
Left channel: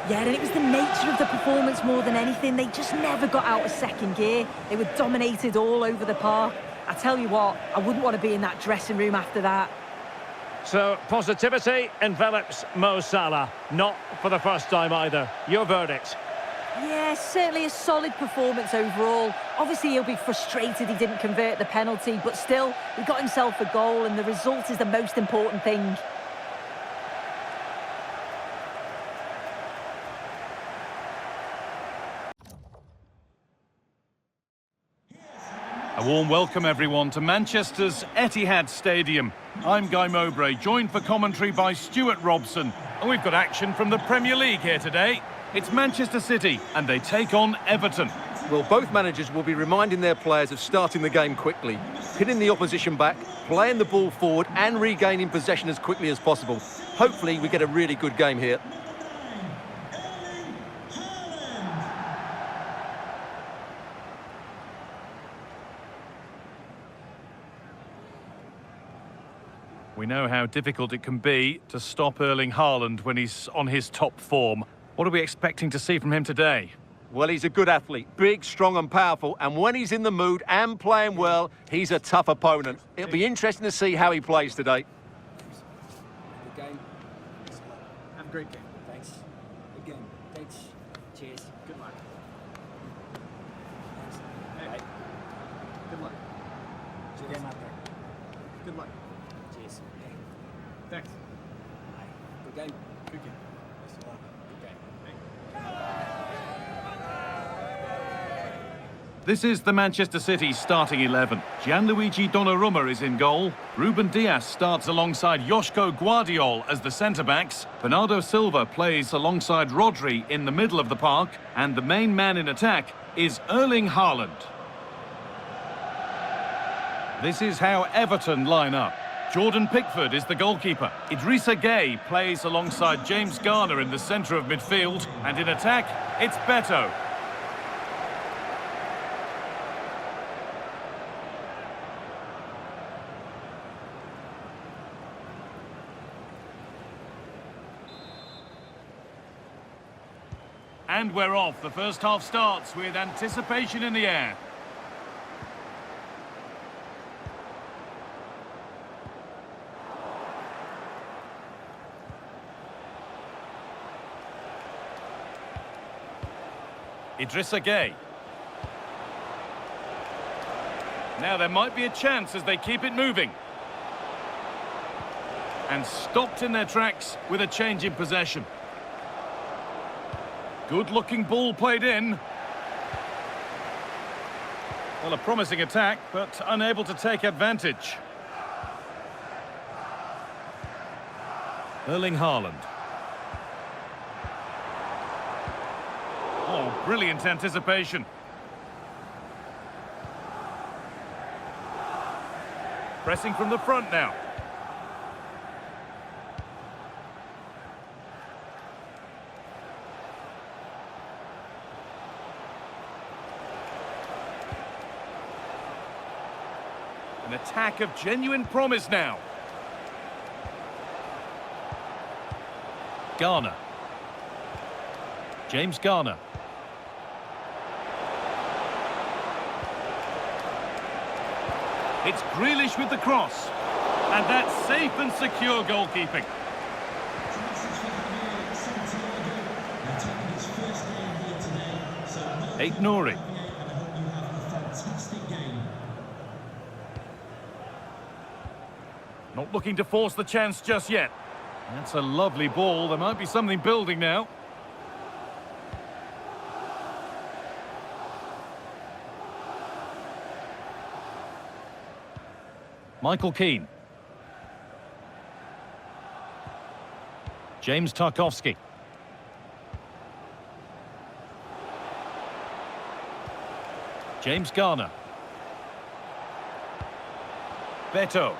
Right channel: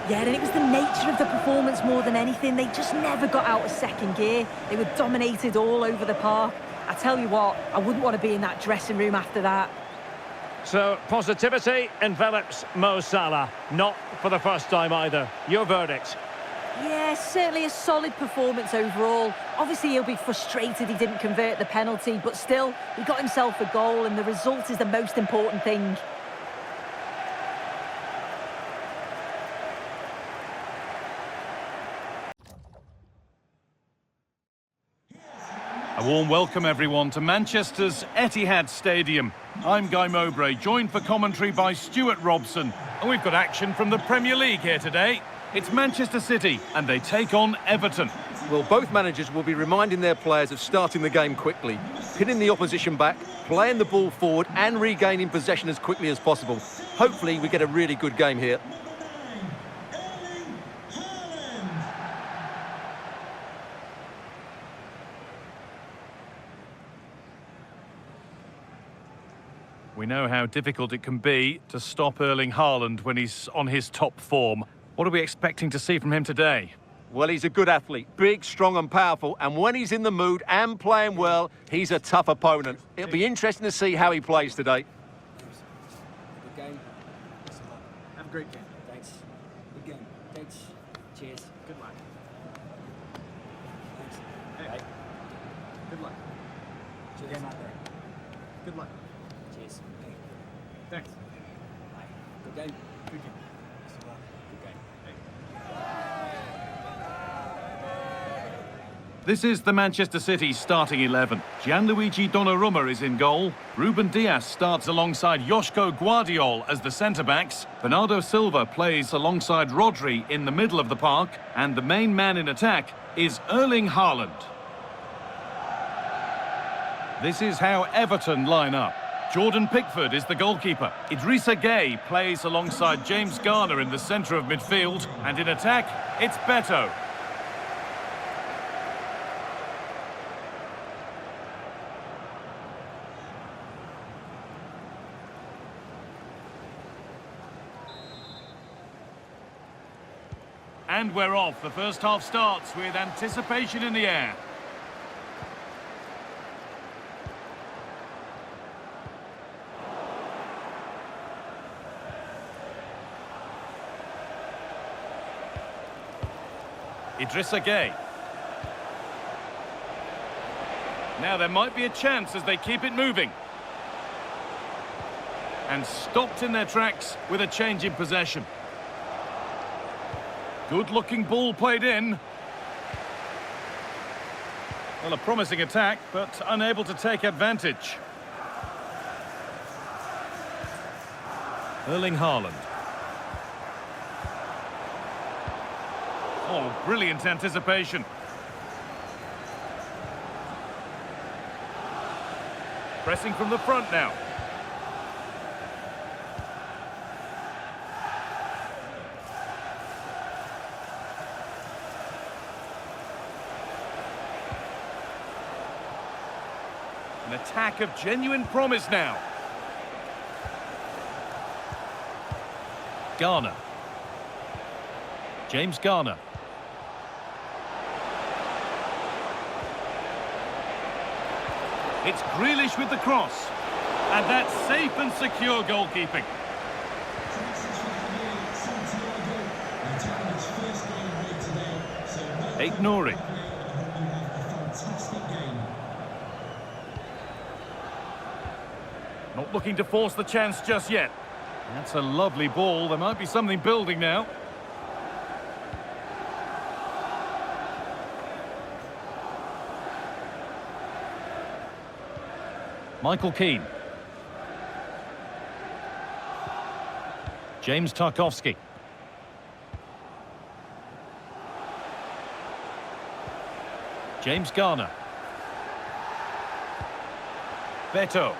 Yeah, and it was the nature of the performance more than anything. They just never got out of second gear. They were dominated all over the park. I tell you what, I wouldn't want to be in that dressing room after that. So, positivity envelops Mo Salah. Not for the first time either. Your verdict? Yeah, certainly a solid performance overall. Obviously, he'll be frustrated he didn't convert the penalty, but still, he got himself a goal, and the result is the most important thing. A warm welcome, everyone, to Manchester's Etihad Stadium. I'm Guy Mowbray, joined for commentary by Stuart Robson. And we've got action from the Premier League here today. It's Manchester City, and they take on Everton. Well, both managers will be reminding their players of starting the game quickly, pinning the opposition back, playing the ball forward and regaining possession as quickly as possible. Hopefully, we get a really good game here. We know how difficult it can be to stop Erling Haaland when he's on his top form. What are we expecting to see from him today? Well, he's a good athlete, big, strong and powerful, and when he's in the mood and playing well, he's a tough opponent. It'll be interesting to see how he plays today. Good game. Have a great game. Thanks. Good game. Thanks. Cheers. Good luck. Thanks. Hey. Bye. Good luck. Cheers. Game out there. Good luck. Cheers. Hey. Thanks. Bye. Good game. Good game. Best of luck. Good game. Hey. This is the Manchester City starting 11. Gianluigi Donnarumma is in goal. Ruben Dias starts alongside Joško Guardiol as the centre-backs. Bernardo Silva plays alongside Rodri in the middle of the park. And the main man in attack is Erling Haaland. This is how Everton line up. Jordan Pickford is the goalkeeper. Idrissa Gueye plays alongside James Garner in the centre of midfield. And in attack, it's Beto. And we're off. The first half starts with anticipation in the air. Idrissa Gueye. Now there might be a chance as they keep it moving. And stopped in their tracks with a change in possession. Good-looking ball played in. Well, a promising attack, but unable to take advantage. Erling Haaland. Oh, brilliant anticipation. Pressing from the front now. An attack of genuine promise now. Garner. James Garner. It's Grealish with the cross. And that's safe and secure goalkeeping. Aït-Nouri. Not looking to force the chance just yet. That's a lovely ball. There might be something building now. Michael Keane. James Tarkowski. James Garner. Beto.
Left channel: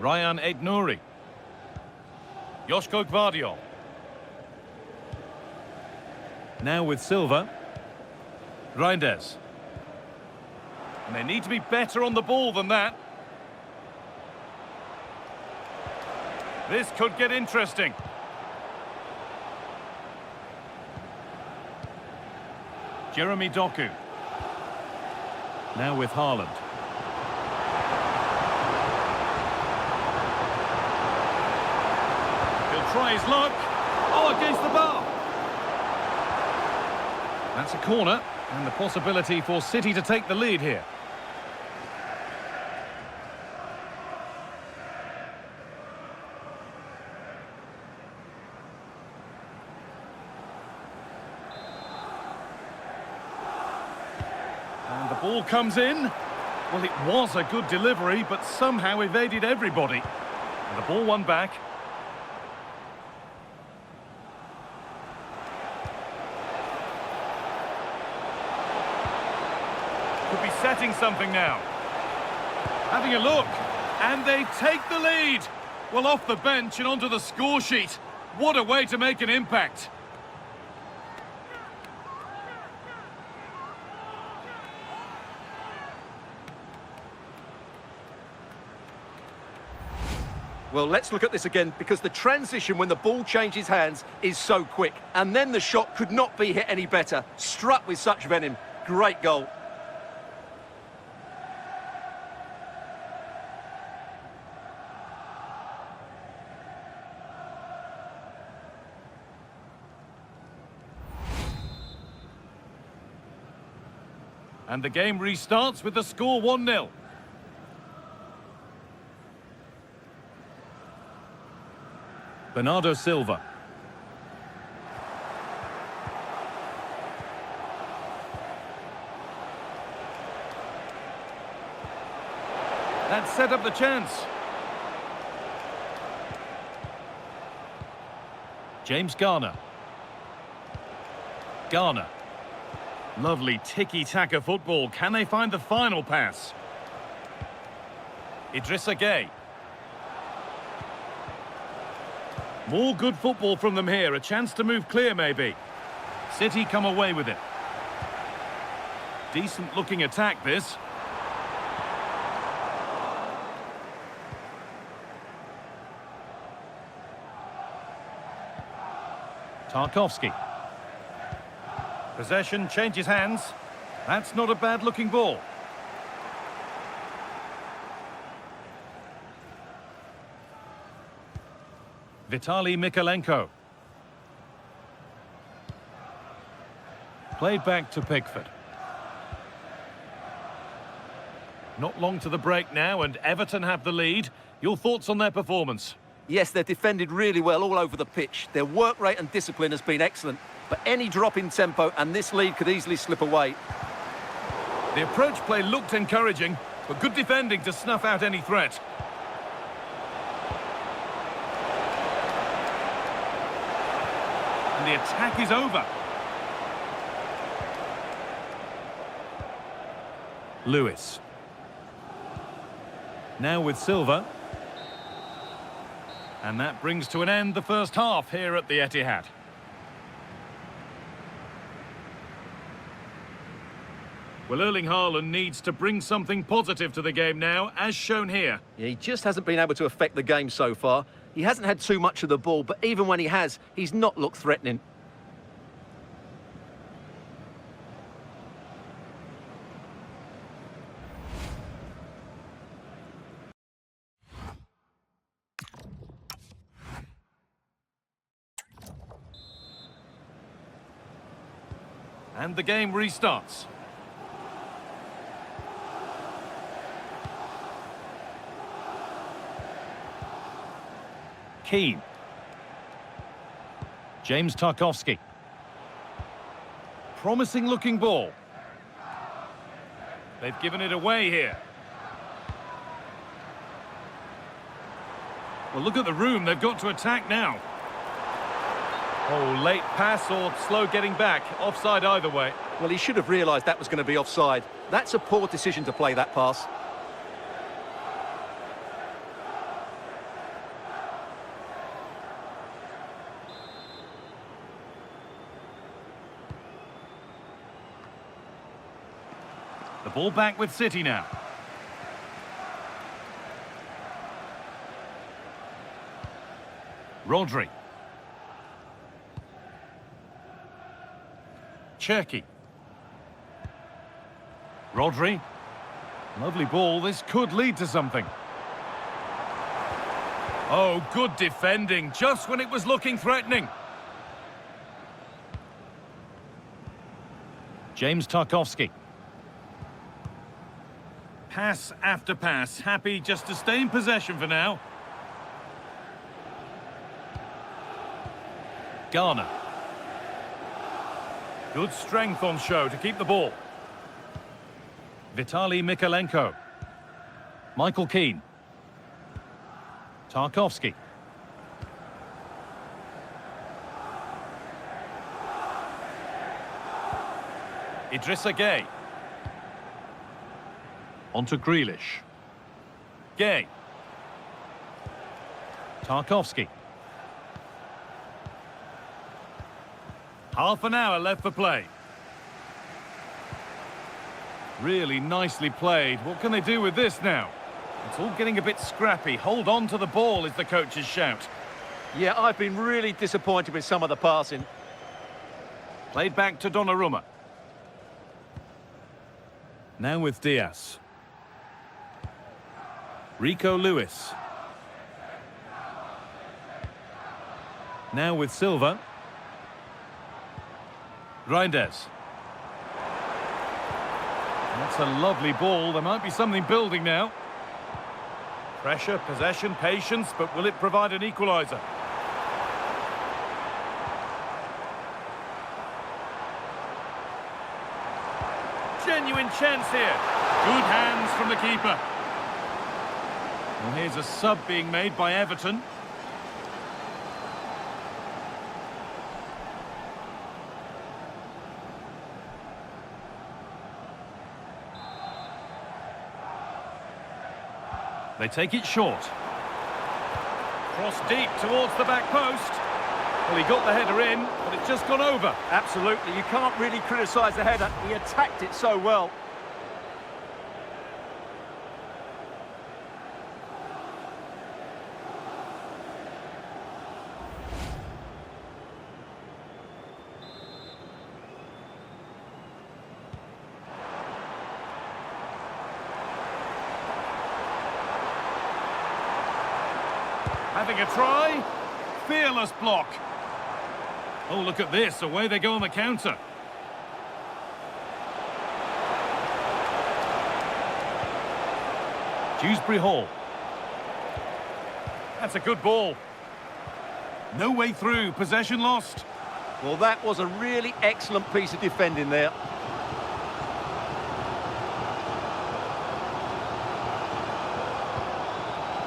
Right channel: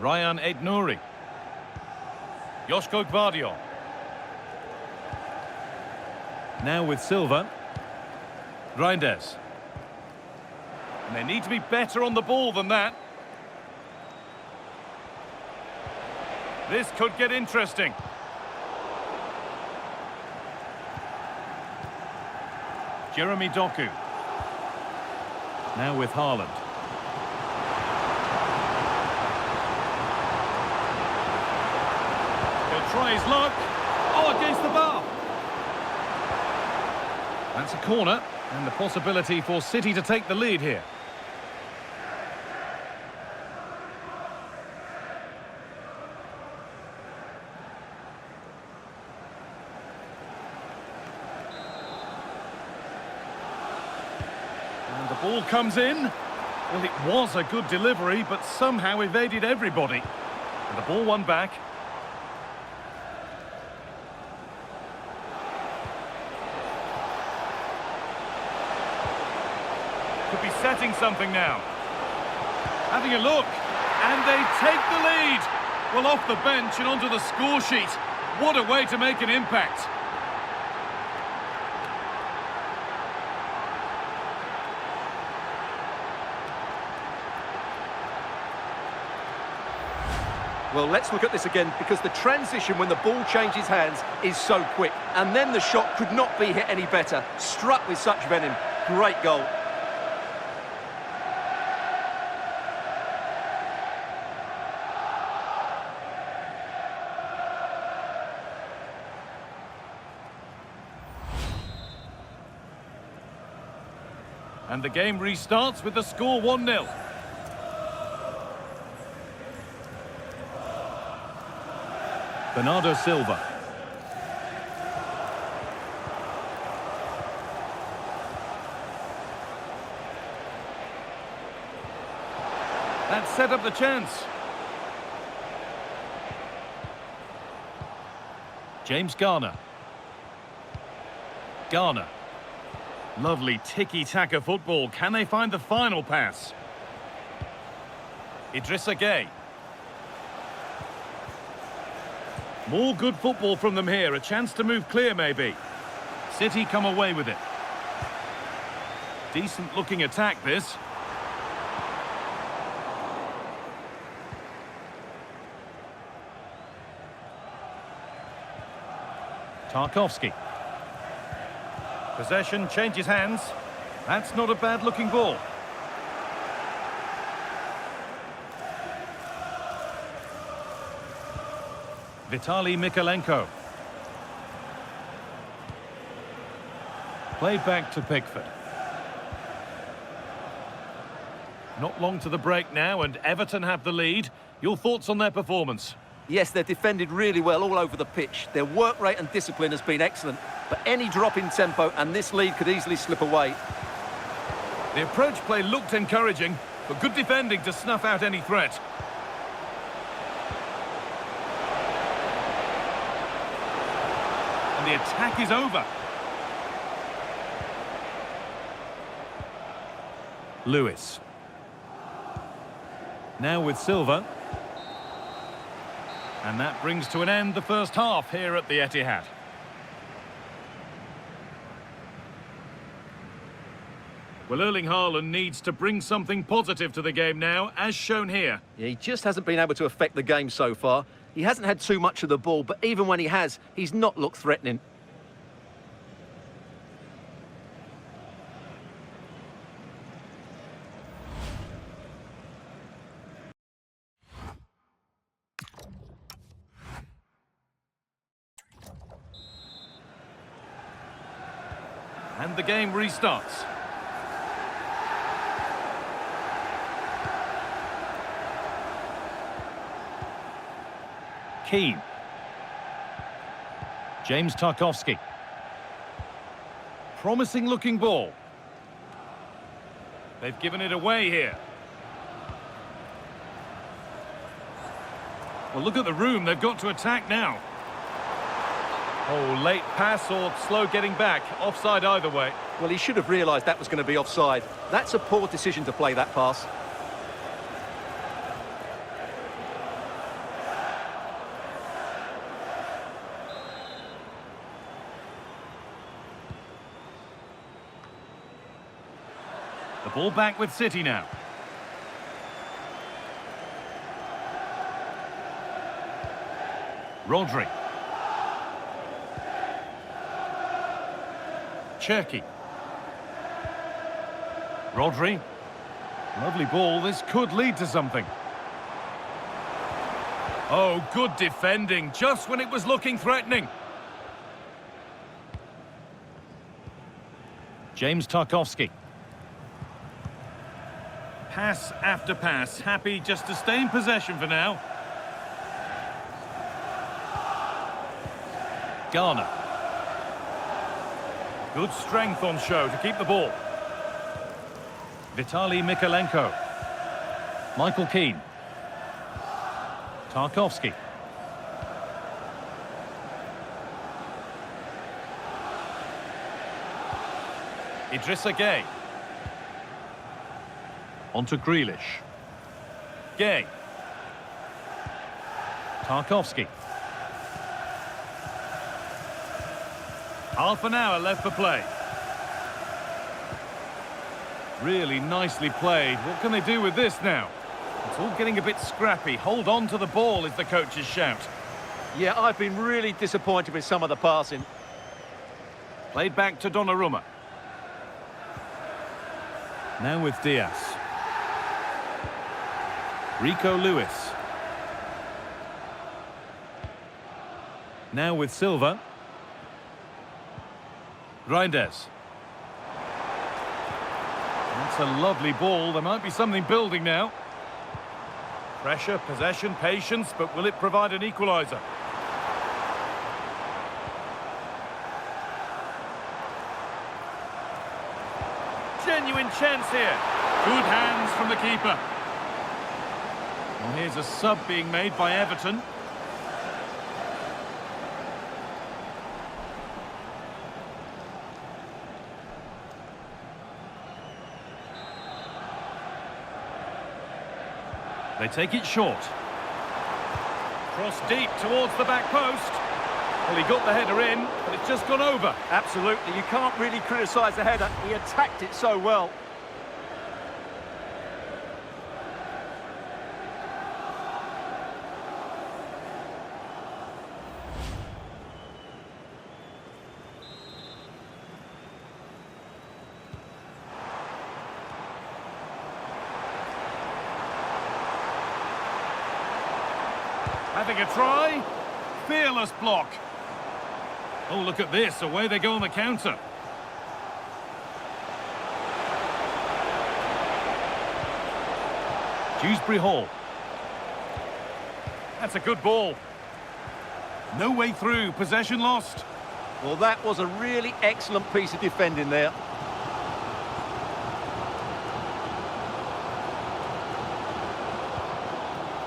Ryan Aït-Nouri. Joško Guardiol. Now with Silva. Reinders. And they need to be better on the ball than that. This could get interesting. Jeremy Doku. Now with Haaland. He'll try his luck. Oh, against the bar. That's a corner, and the possibility for City to take the lead here. And the ball comes in. Well, it was a good delivery, but somehow evaded everybody. And the ball won back. Could be setting something now. Having a look, and they take the lead. Well, off the bench and onto the score sheet. What a way to make an impact. Well, let's look at this again, because the transition when the ball changes hands is so quick. And then the shot could not be hit any better. Struck with such venom. Great goal. And the game restarts with the score 1-0. Bernardo Silva. That set up the chance. James Garner. Garner. Lovely tiki-taka football. Can they find the final pass? Idrissa Gueye. More good football from them here. A chance to move clear, maybe. City come away with it. Decent-looking attack, this. Tarkowski. Possession changes hands. That's not a bad-looking ball. Vitaly Mikalenko. Played back to Pickford. Not long to the break now, and Everton have the lead. Your thoughts on their performance? Yes, they're defended really well all over the pitch. Their work rate and discipline has been excellent. But any drop in tempo and this lead could easily slip away. The approach play looked encouraging, but good defending to snuff out any threat. And the attack is over. Lewis. Now with Silva. And that brings to an end the first half here at the Etihad. Well, Erling Haaland needs to bring something positive to the game now, as shown here. Yeah, he just hasn't been able to affect the game so far. He hasn't had too much of the ball, but even when he has, he's not looked threatening. And the game restarts. Keane. James Tarkowski. Promising looking ball. They've given it away here. Well, look at the room they've got to attack now. Oh, late pass or slow getting back. Offside either way. Well, he should have realised that was going to be offside. That's a poor decision to play that pass. The ball back with City now. Rodri. Cherki. Rodri. Lovely ball. This could lead to something. Oh, good defending, just when it was looking threatening. James Tarkowski. Pass after pass, happy just to stay in possession for now. Garner. Good strength on show to keep the ball. Vitaly Mikalenko. Michael Keane. Tarkowski. Idrissa Gueye. On to Grealish. Gueye. Tarkowski. Half an hour left for play. Really nicely played. What can they do with this now? It's all getting a bit scrappy. Hold on to the ball is the coach's shout. Yeah, I've been really disappointed with some of the passing. Played back to Donnarumma. Now with Diaz. Rico Lewis. Now with Silva. Reinders. That's a lovely ball. There might be something building now. Pressure, possession, patience, but will it provide an equaliser? Genuine chance here. Good hands from the keeper. Well, here's a sub being made by Everton. They take it short. Cross deep towards the back post. Well, he got the header in, but it's just gone over. Absolutely, you can't really criticise the header. He attacked it so well. Having a try. Fearless block. Oh, look at this. Away they go on the counter. Dewsbury Hall. That's a good ball. No way through. Possession lost. Well, that was a really excellent piece of defending there.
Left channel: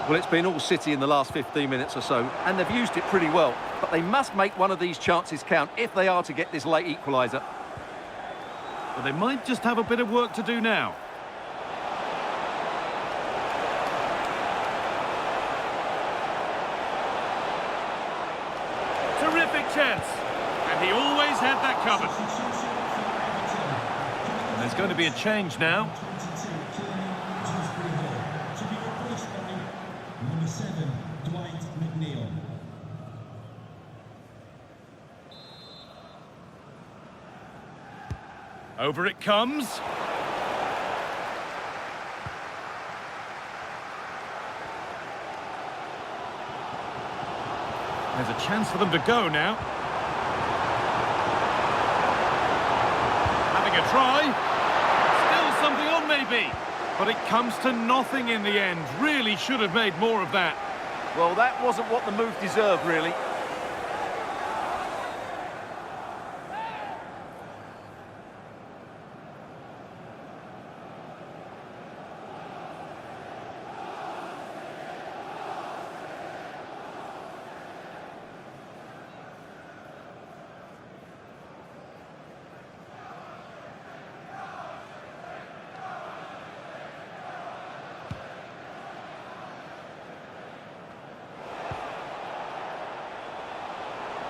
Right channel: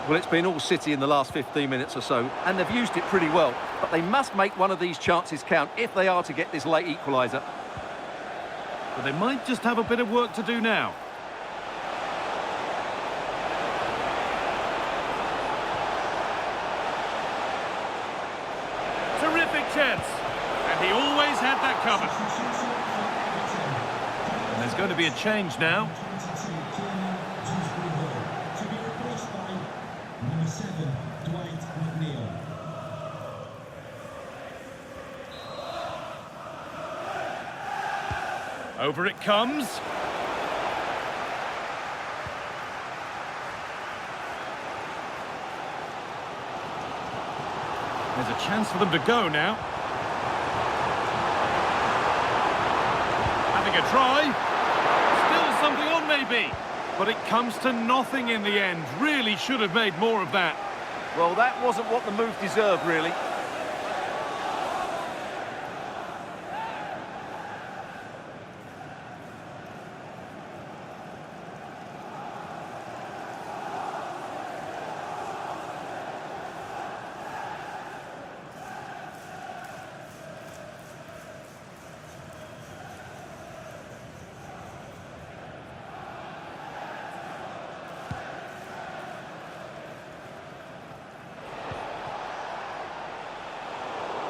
Well, it's been all City in the last 15 minutes or so, and they've used it pretty well. But they must make one of these chances count if they are to get this late equaliser. But they might just have a bit of work to do now. Terrific chance. And he always had that covered. And there's going to be a change now. Number 7, Dwight McNeil. Over it comes. There's a chance for them to go now. Having a try. Still something on maybe. But it comes to nothing in the end. Really should have made more of that. Well, that wasn't what the move deserved, really.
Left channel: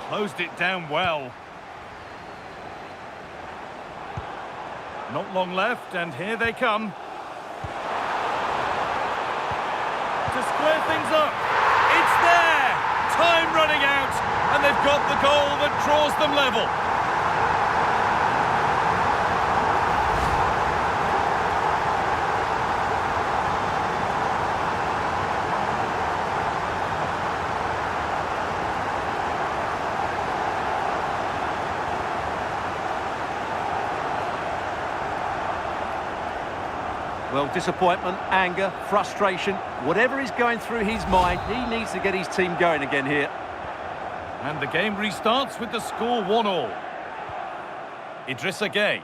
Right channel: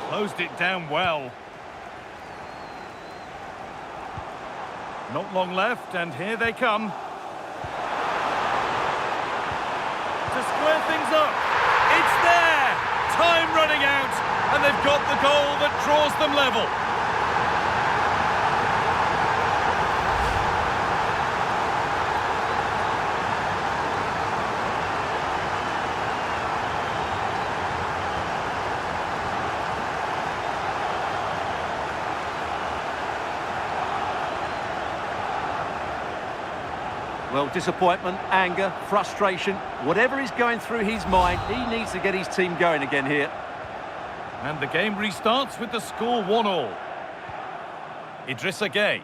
Closed it down well. Not long left, and here they come. To square things up. It's there! Time running out, and they've got the goal that draws them level. Well, disappointment, anger, frustration, whatever is going through his mind, he needs to get his team going again here. And the game restarts with the score 1-1. Idrissa Gueye.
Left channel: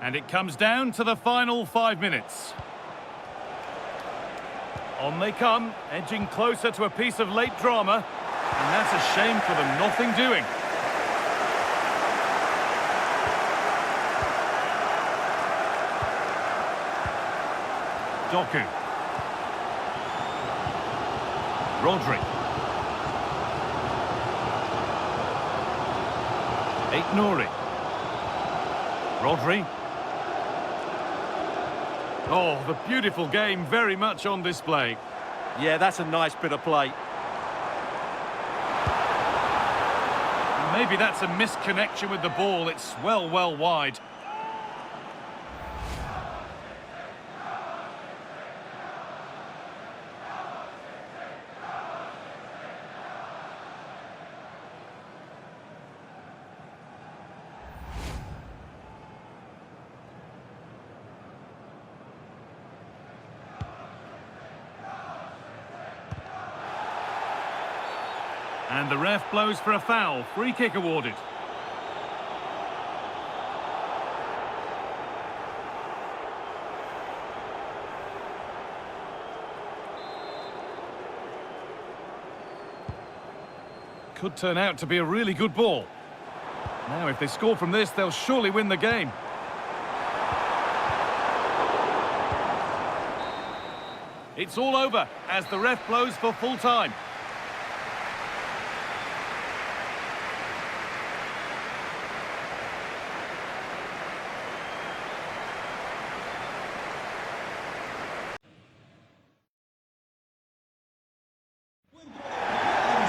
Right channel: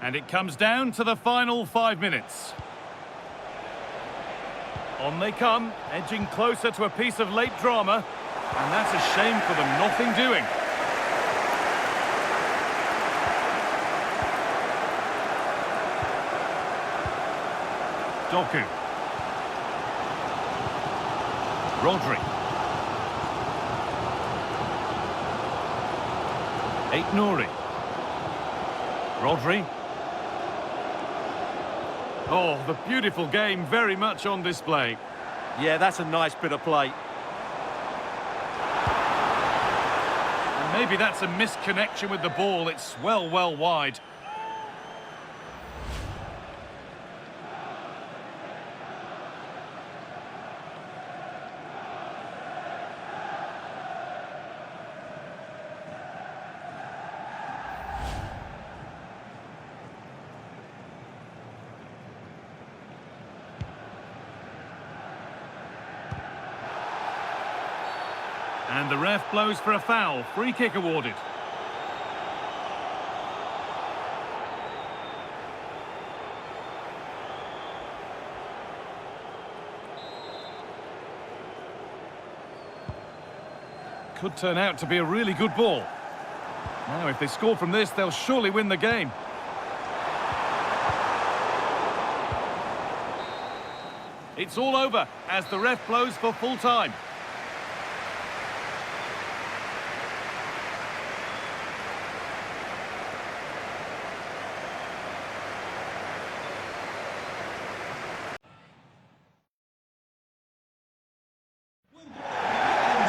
And it comes down to the final 5 minutes. On they come, edging closer to a piece of late drama. And that's a shame for them, nothing doing. Doku. Rodri. Aït-Nouri. Rodri. Oh, the beautiful game very much on display. Yeah, that's a nice bit of play. And maybe that's a misconnection with the ball. It's well wide. And the ref blows for a foul. Free kick awarded. Could turn out to be a really good ball. Now, if they score from this, they'll surely win the game. It's all over as the ref blows for full time.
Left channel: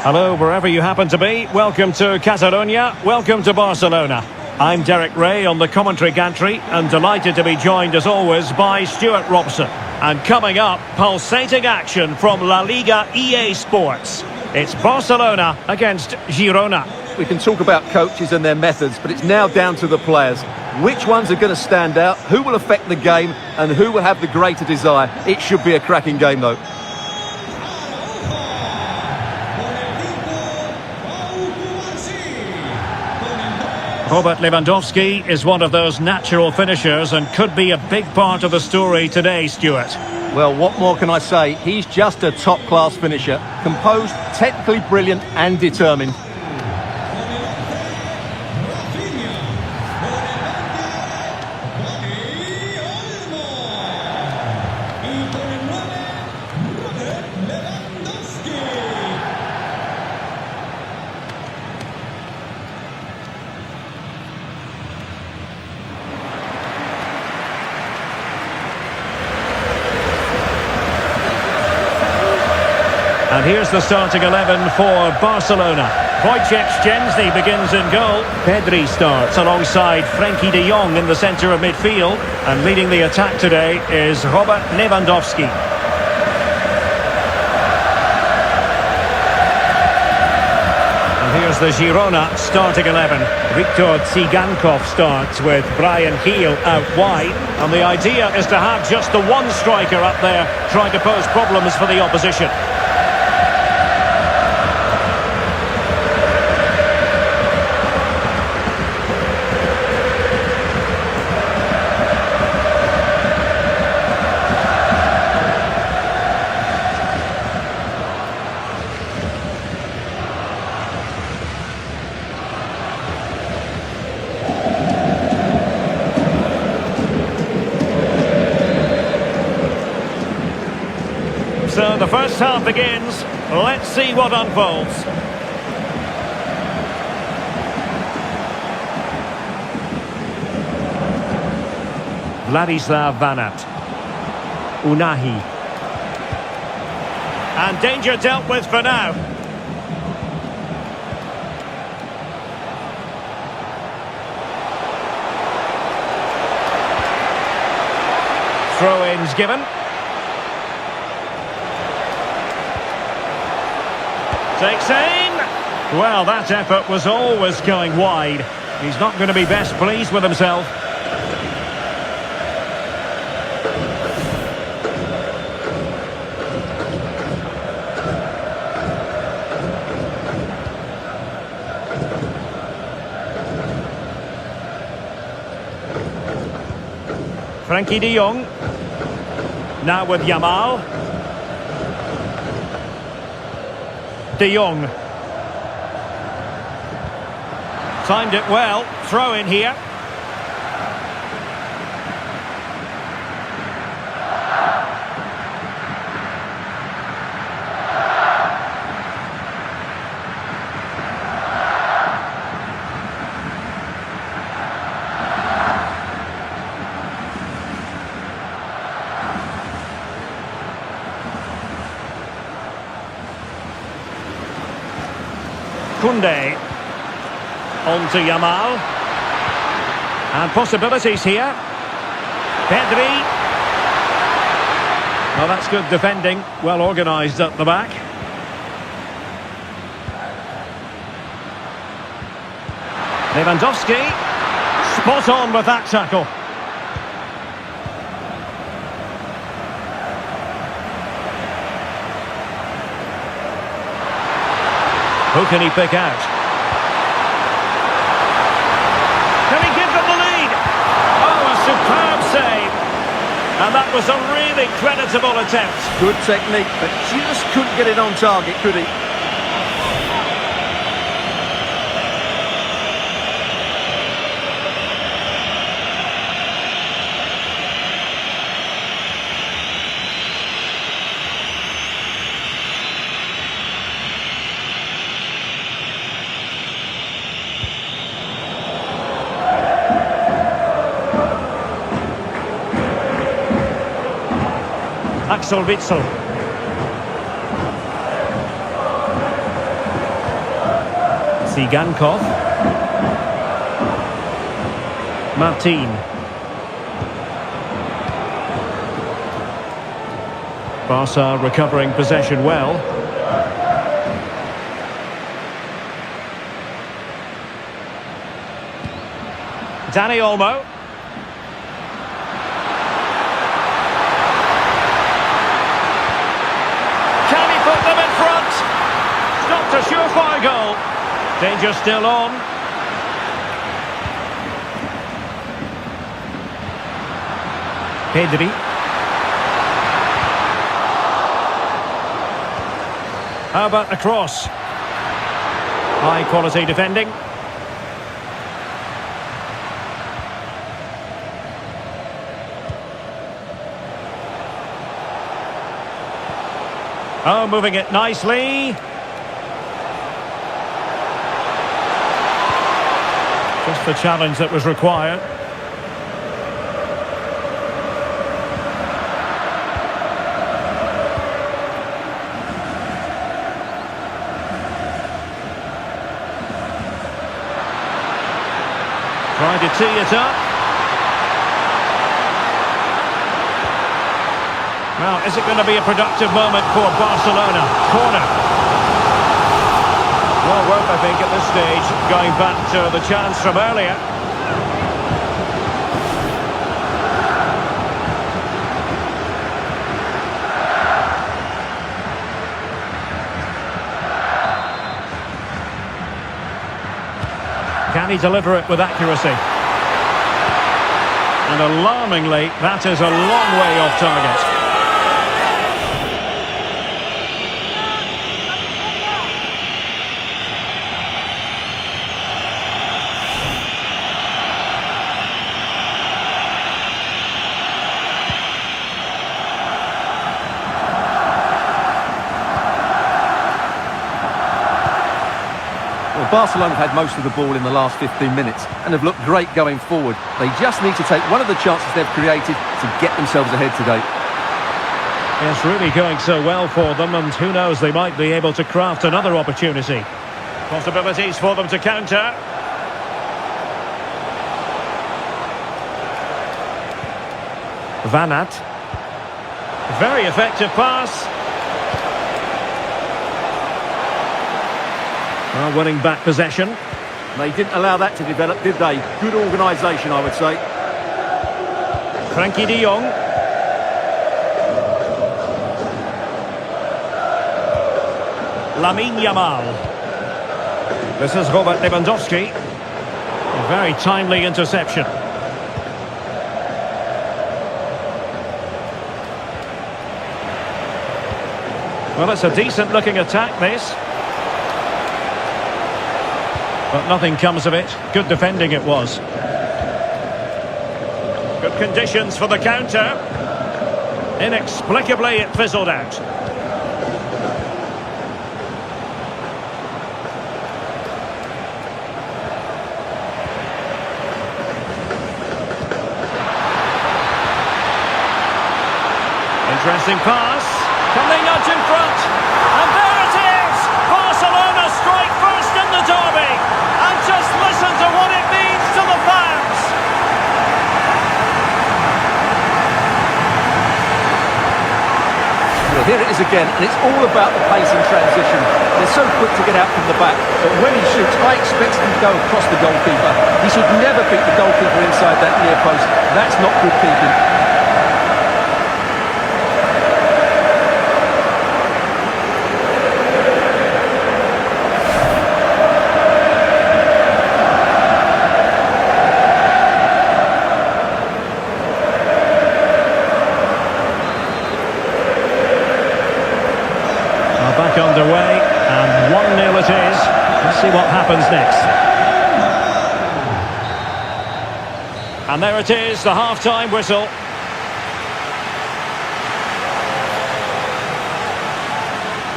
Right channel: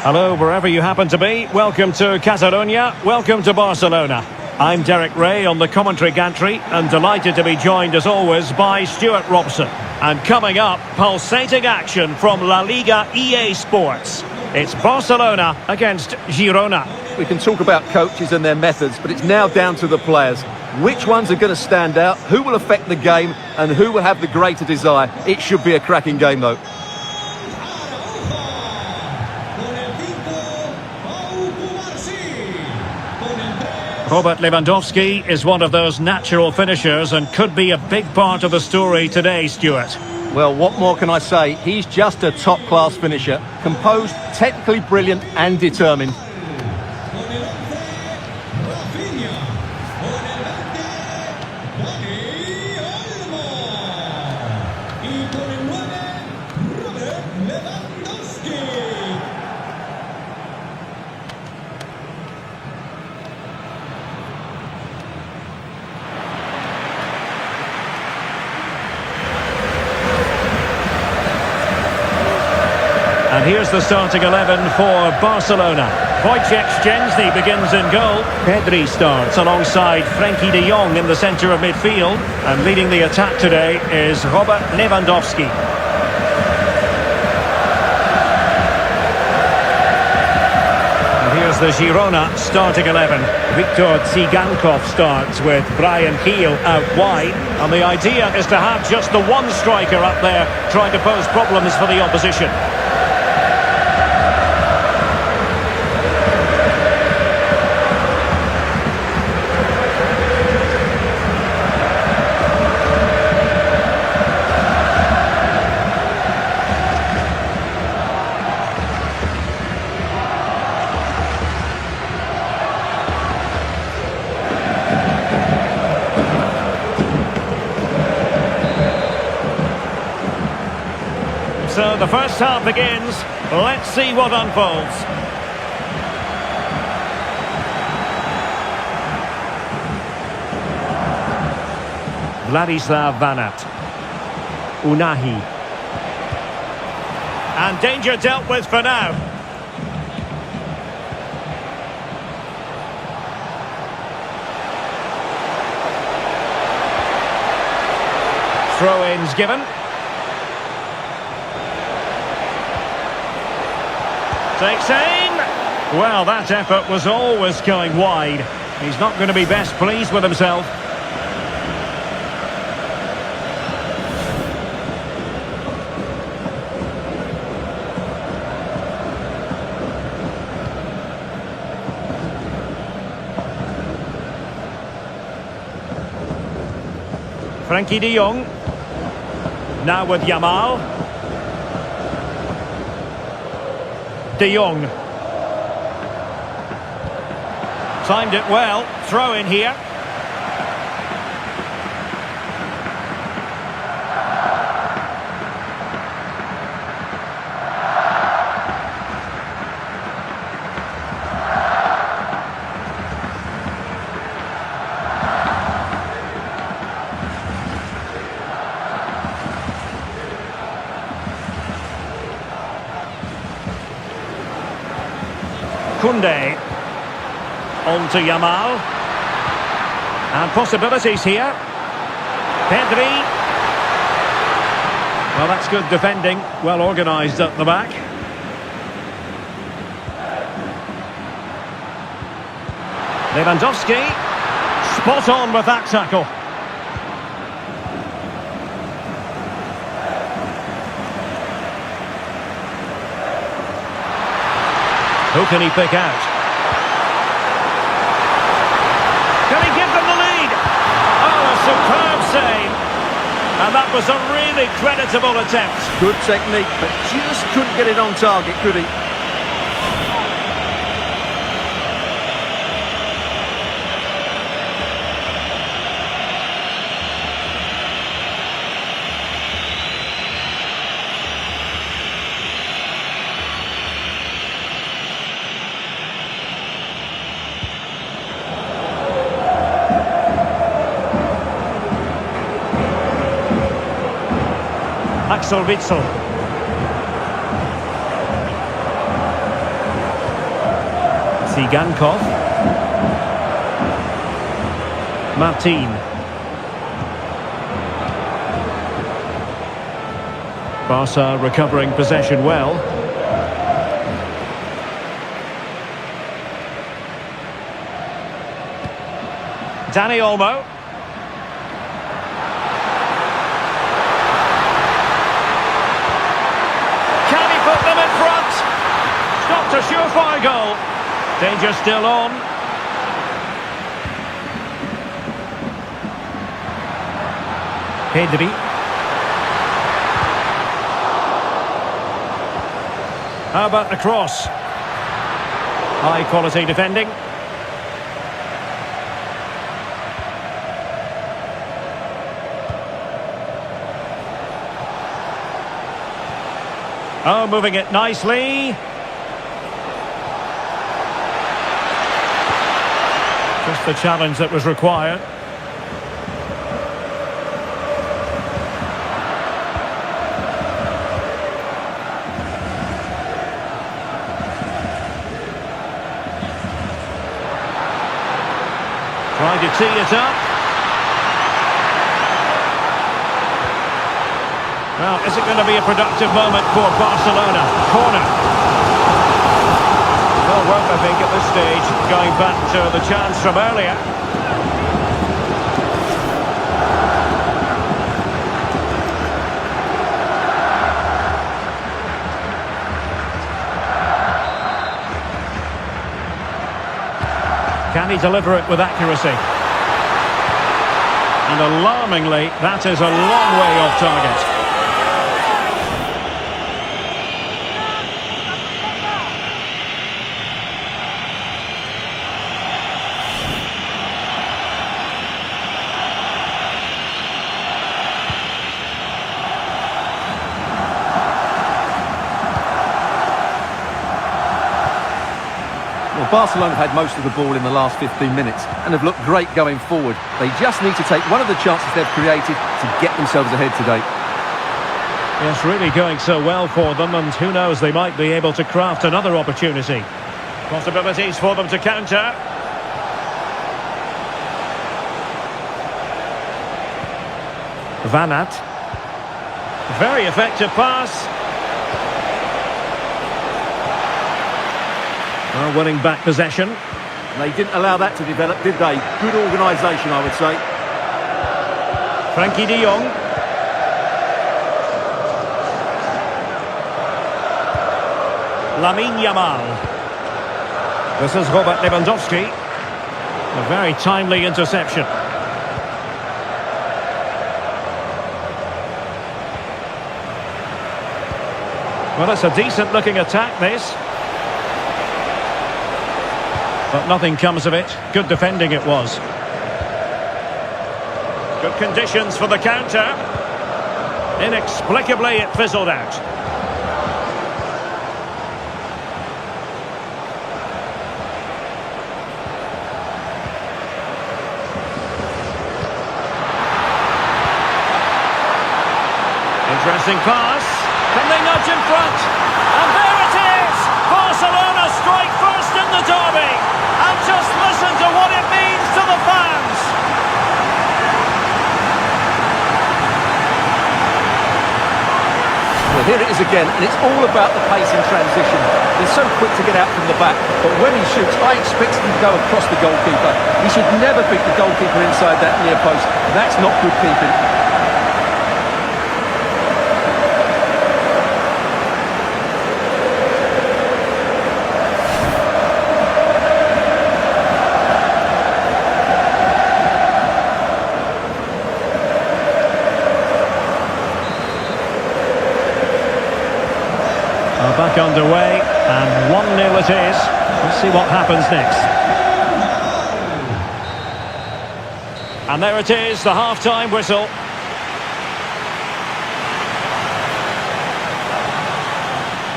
Hello, wherever you happen to be. Welcome to Catalonia. Welcome to Barcelona. I'm Derek Ray on the commentary gantry and delighted to be joined as always by Stuart Robson. And coming up, pulsating action from La Liga EA Sports. It's Barcelona against Girona. We can talk about coaches and their methods, but it's now down to the players. Which ones are going to stand out, who will affect the game, and who will have the greater desire? It should be a cracking game, though. Robert Lewandowski is one of those natural finishers and could be a big part of the story today, Stuart. Well, what more can I say? He's just a top-class finisher. Composed, technically brilliant and determined. And here's the starting 11 for Barcelona. Wojciech Szczęsny begins in goal. Pedri starts alongside Frankie de Jong in the centre of midfield. And leading the attack today is Robert Lewandowski. And here's the Girona starting 11. Viktor Tsigankov starts with Bryan Gil out wide. And the idea is to have just the one striker up there trying to pose problems for the opposition. So the first half begins. Let's see what unfolds. Vladislav Vanat. Unahi. And danger dealt with for now. Throw-ins given. Takes aim. Well, that effort was always going wide. He's not going to be best pleased with himself. Frankie de Jong. Now with Yamal. De Jong. Timed it well. Throw in here. Koundé. On to Yamal. And possibilities here. Pedri. Well, that's good defending. Well organised at the back. Lewandowski. Spot on with that tackle. Who can he pick out? Can he give them the lead? Oh, a superb save. And that was a really creditable attempt. Good technique, but just couldn't get it on target, could he? Axel Witsel. Sigankov. Martin. Barca recovering possession well. Dani Olmo. Can he put them in front? Stopped a surefire goal. Danger still on. Pedri. How about the cross? High quality defending. Oh, moving it nicely. Just the challenge that was required. Trying to tee it up. Well, is it going to be a productive moment for Barcelona? Corner. Well worth, I think, at this stage, going back to the chance from earlier. Can he deliver it with accuracy? And alarmingly, that is a long way off target. Well, Barcelona have had most of the ball in the last 15 minutes and have looked great going forward. They just need to take one of the chances they've created to get themselves ahead today. Yes, really going so well for them, and who knows, they might be able to craft another opportunity. Possibilities for them to counter. Van Aert. Very effective pass. Well, winning back possession. They didn't allow that to develop, did they? Good organisation, I would say. Frankie de Jong. Lamine Yamal. This is Robert Lewandowski. A very timely interception. Well, it's a decent-looking attack, this. But nothing comes of it. Good defending it was. Good conditions for the counter. Inexplicably, it fizzled out. Interesting pass. Can they nudge in front? And there it is! Barcelona strike first in the derby. And just listen to what it means to the fans. Well, here it is again, and it's all about the pace in transition. They're so quick to get out from the back, but when he shoots, I expect him to go across the goalkeeper. He should never beat the goalkeeper inside that near post. That's not good keeping. Back underway, and 1-0 it is. Let's see what happens next. And there it is, the half-time whistle.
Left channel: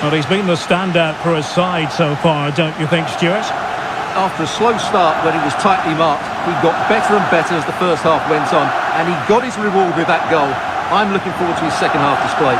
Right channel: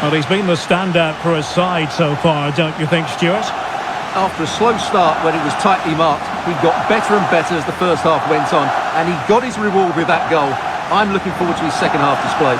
Well, he's been the standout for his side so far, don't you think, Stuart? After a slow start when he was tightly marked, he got better and better as the first half went on, and he got his reward with that goal. I'm looking forward to his second half display.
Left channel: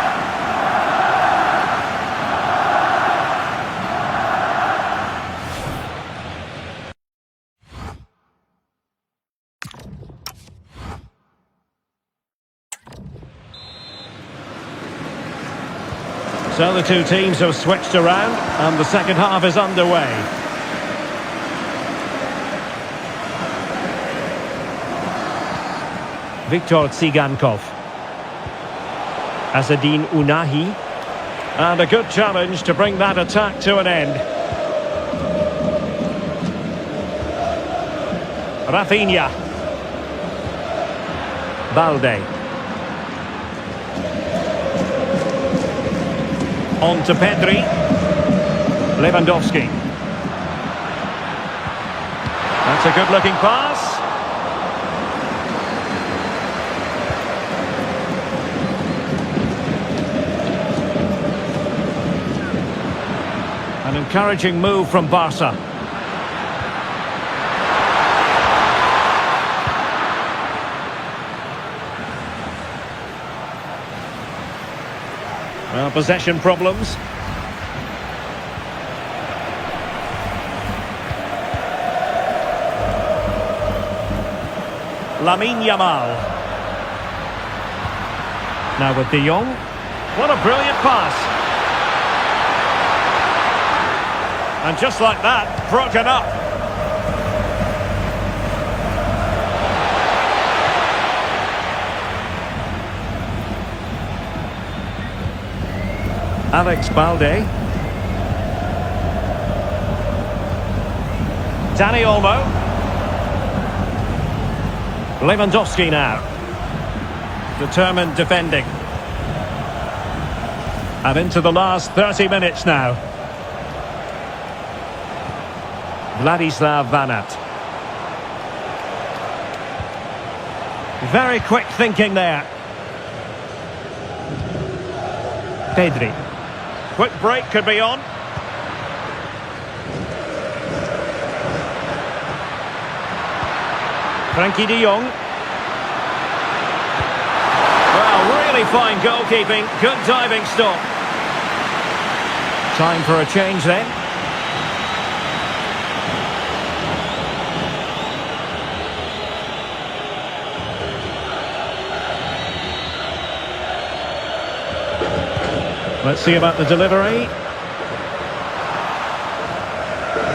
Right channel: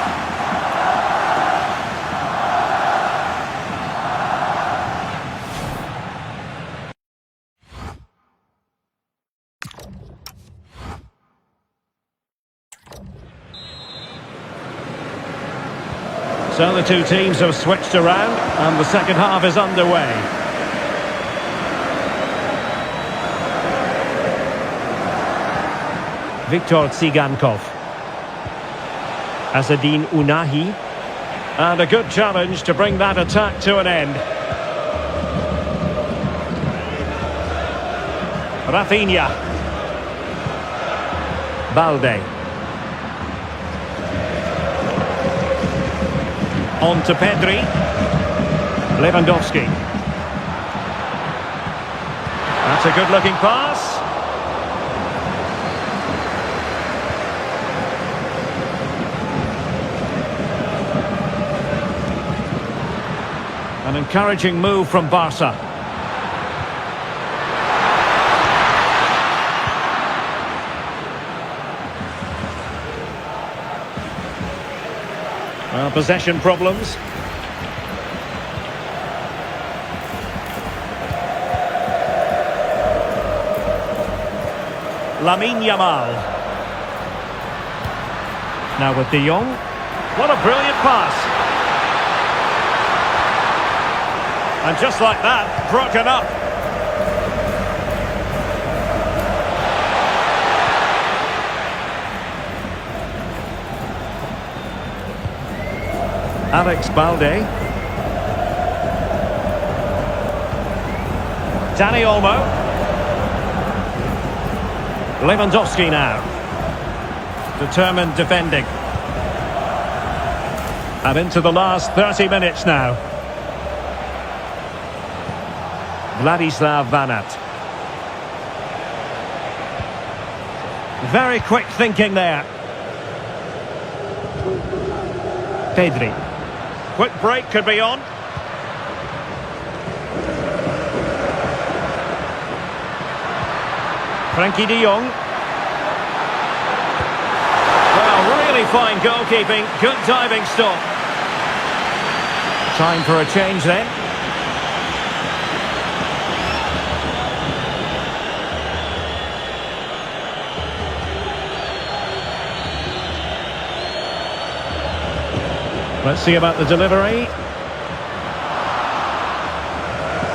So the two teams have switched around and the second half is underway. Viktor Tsigankov. Azzedine Ounahi. And a good challenge to bring that attack to an end. Rafinha. Balde. On to Pedri. Lewandowski. That's a good-looking pass. An encouraging move from Barca. Well, possession problems. Lamine Yamal. Now with De Jong. What a brilliant pass. And just like that, broken up. Alex Balde. Dani Olmo. Lewandowski now. Determined defending. And into the last 30 minutes now. Vladislav Vanat. Very quick thinking there. Pedri. Quick break could be on. Frankie de Jong. Well, really fine goalkeeping. Good diving stop. Time for a change then. Let's see about the delivery.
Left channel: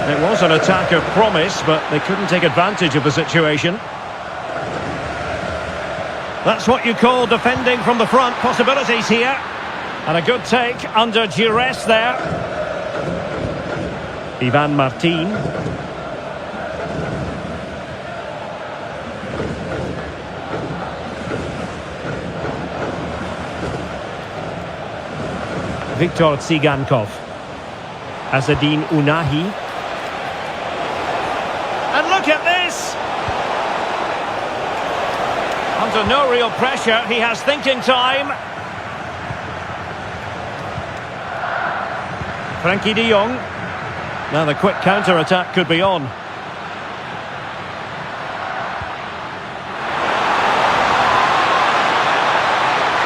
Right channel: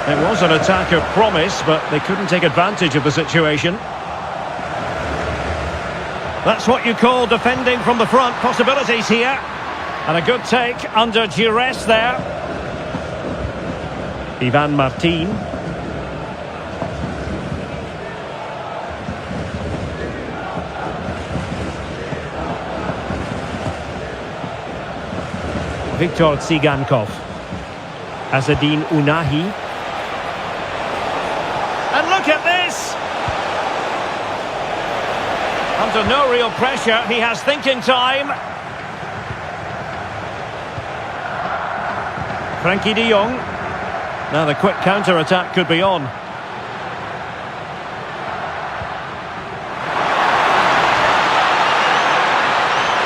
It was an attack of promise, but they couldn't take advantage of the situation. That's what you call defending from the front. Possibilities here. And a good take under duress there. Ivan Martin. Viktor Tsigankov. Azadine Unahi. And look at this! Under no real pressure, he has thinking time. Frankie de Jong. Now the quick counter-attack could be on.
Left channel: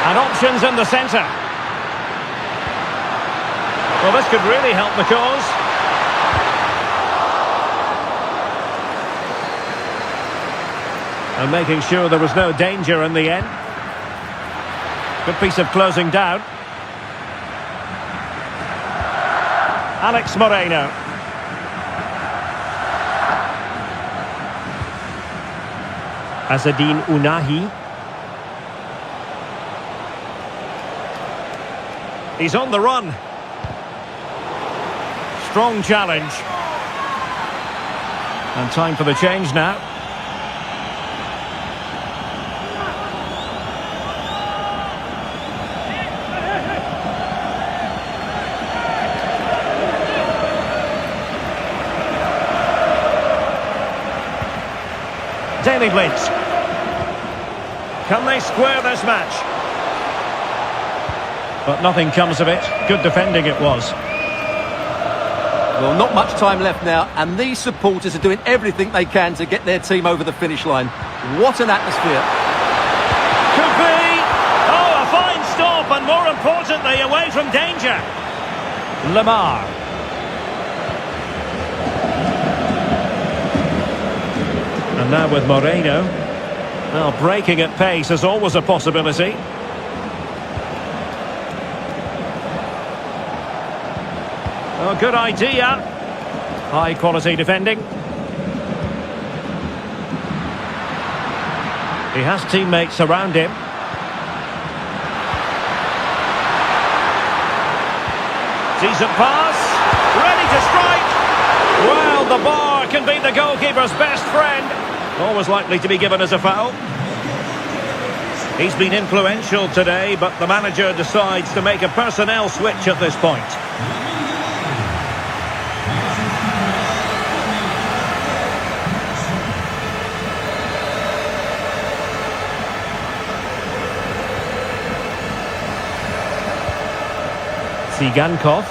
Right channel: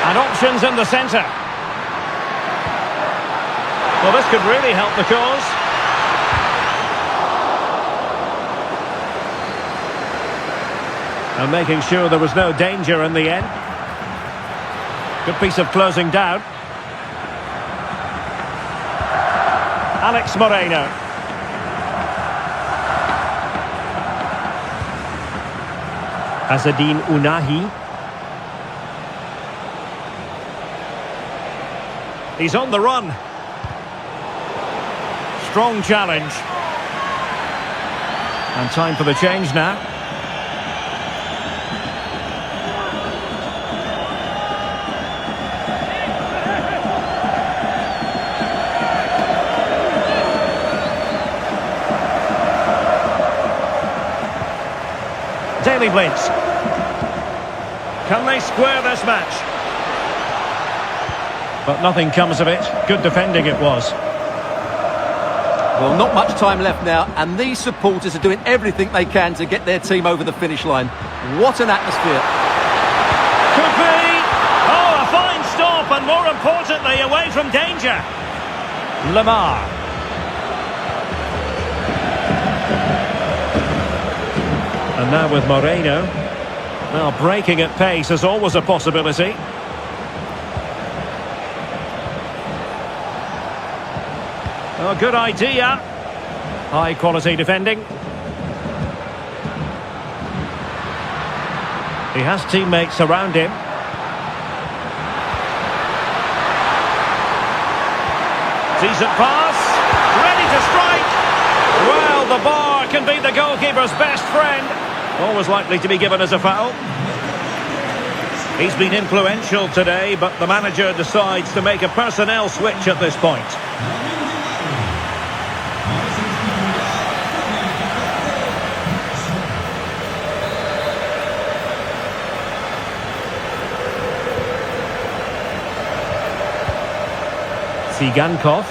And options in the centre. Well, this could really help the cause. And making sure there was no danger in the end. Good piece of closing down. Alex Moreno. Azadine Unahi. He's on the run. Strong challenge. And time for the change now. Daily Blitz. Can they square this match? But nothing comes of it. Good defending it was. Well, not much time left now, and these supporters are doing everything they can to get their team over the finish line. What an atmosphere. Could be! Oh, a fine stop, and more importantly, away from danger. Lamar. And now with Moreno. Well, breaking at pace is always a possibility. Oh, good idea. High quality defending. He has teammates around him. Decent pass. Ready to strike. Well, the bar can be the goalkeeper's best friend. Always likely to be given as a foul. He's been influential today, but the manager decides to make a personnel switch at this point. Tsigankov.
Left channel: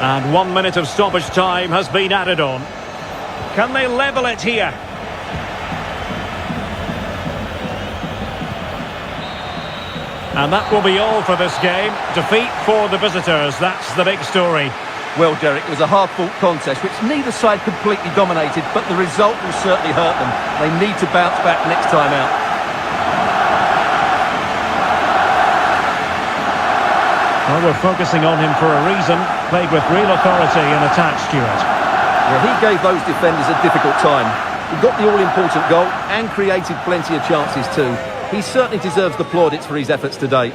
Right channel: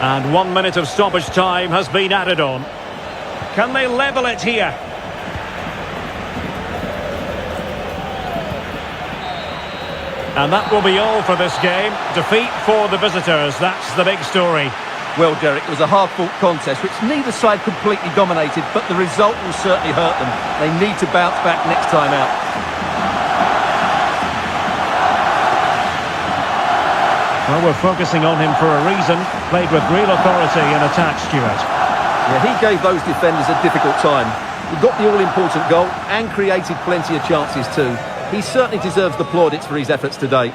And 1 minute of stoppage time has been added on. Can they level it here? And that will be all for this game. Defeat for the visitors, that's the big story. Well, Derek, it was a hard-fought contest, which neither side completely dominated, but the result will certainly hurt them. They need to bounce back next time out. Well, we're focusing on him for a reason. Played with real authority in attack, Stuart. Yeah, he gave those defenders a difficult time. He got the all-important goal and created plenty of chances too. He certainly deserves the plaudits for his efforts today.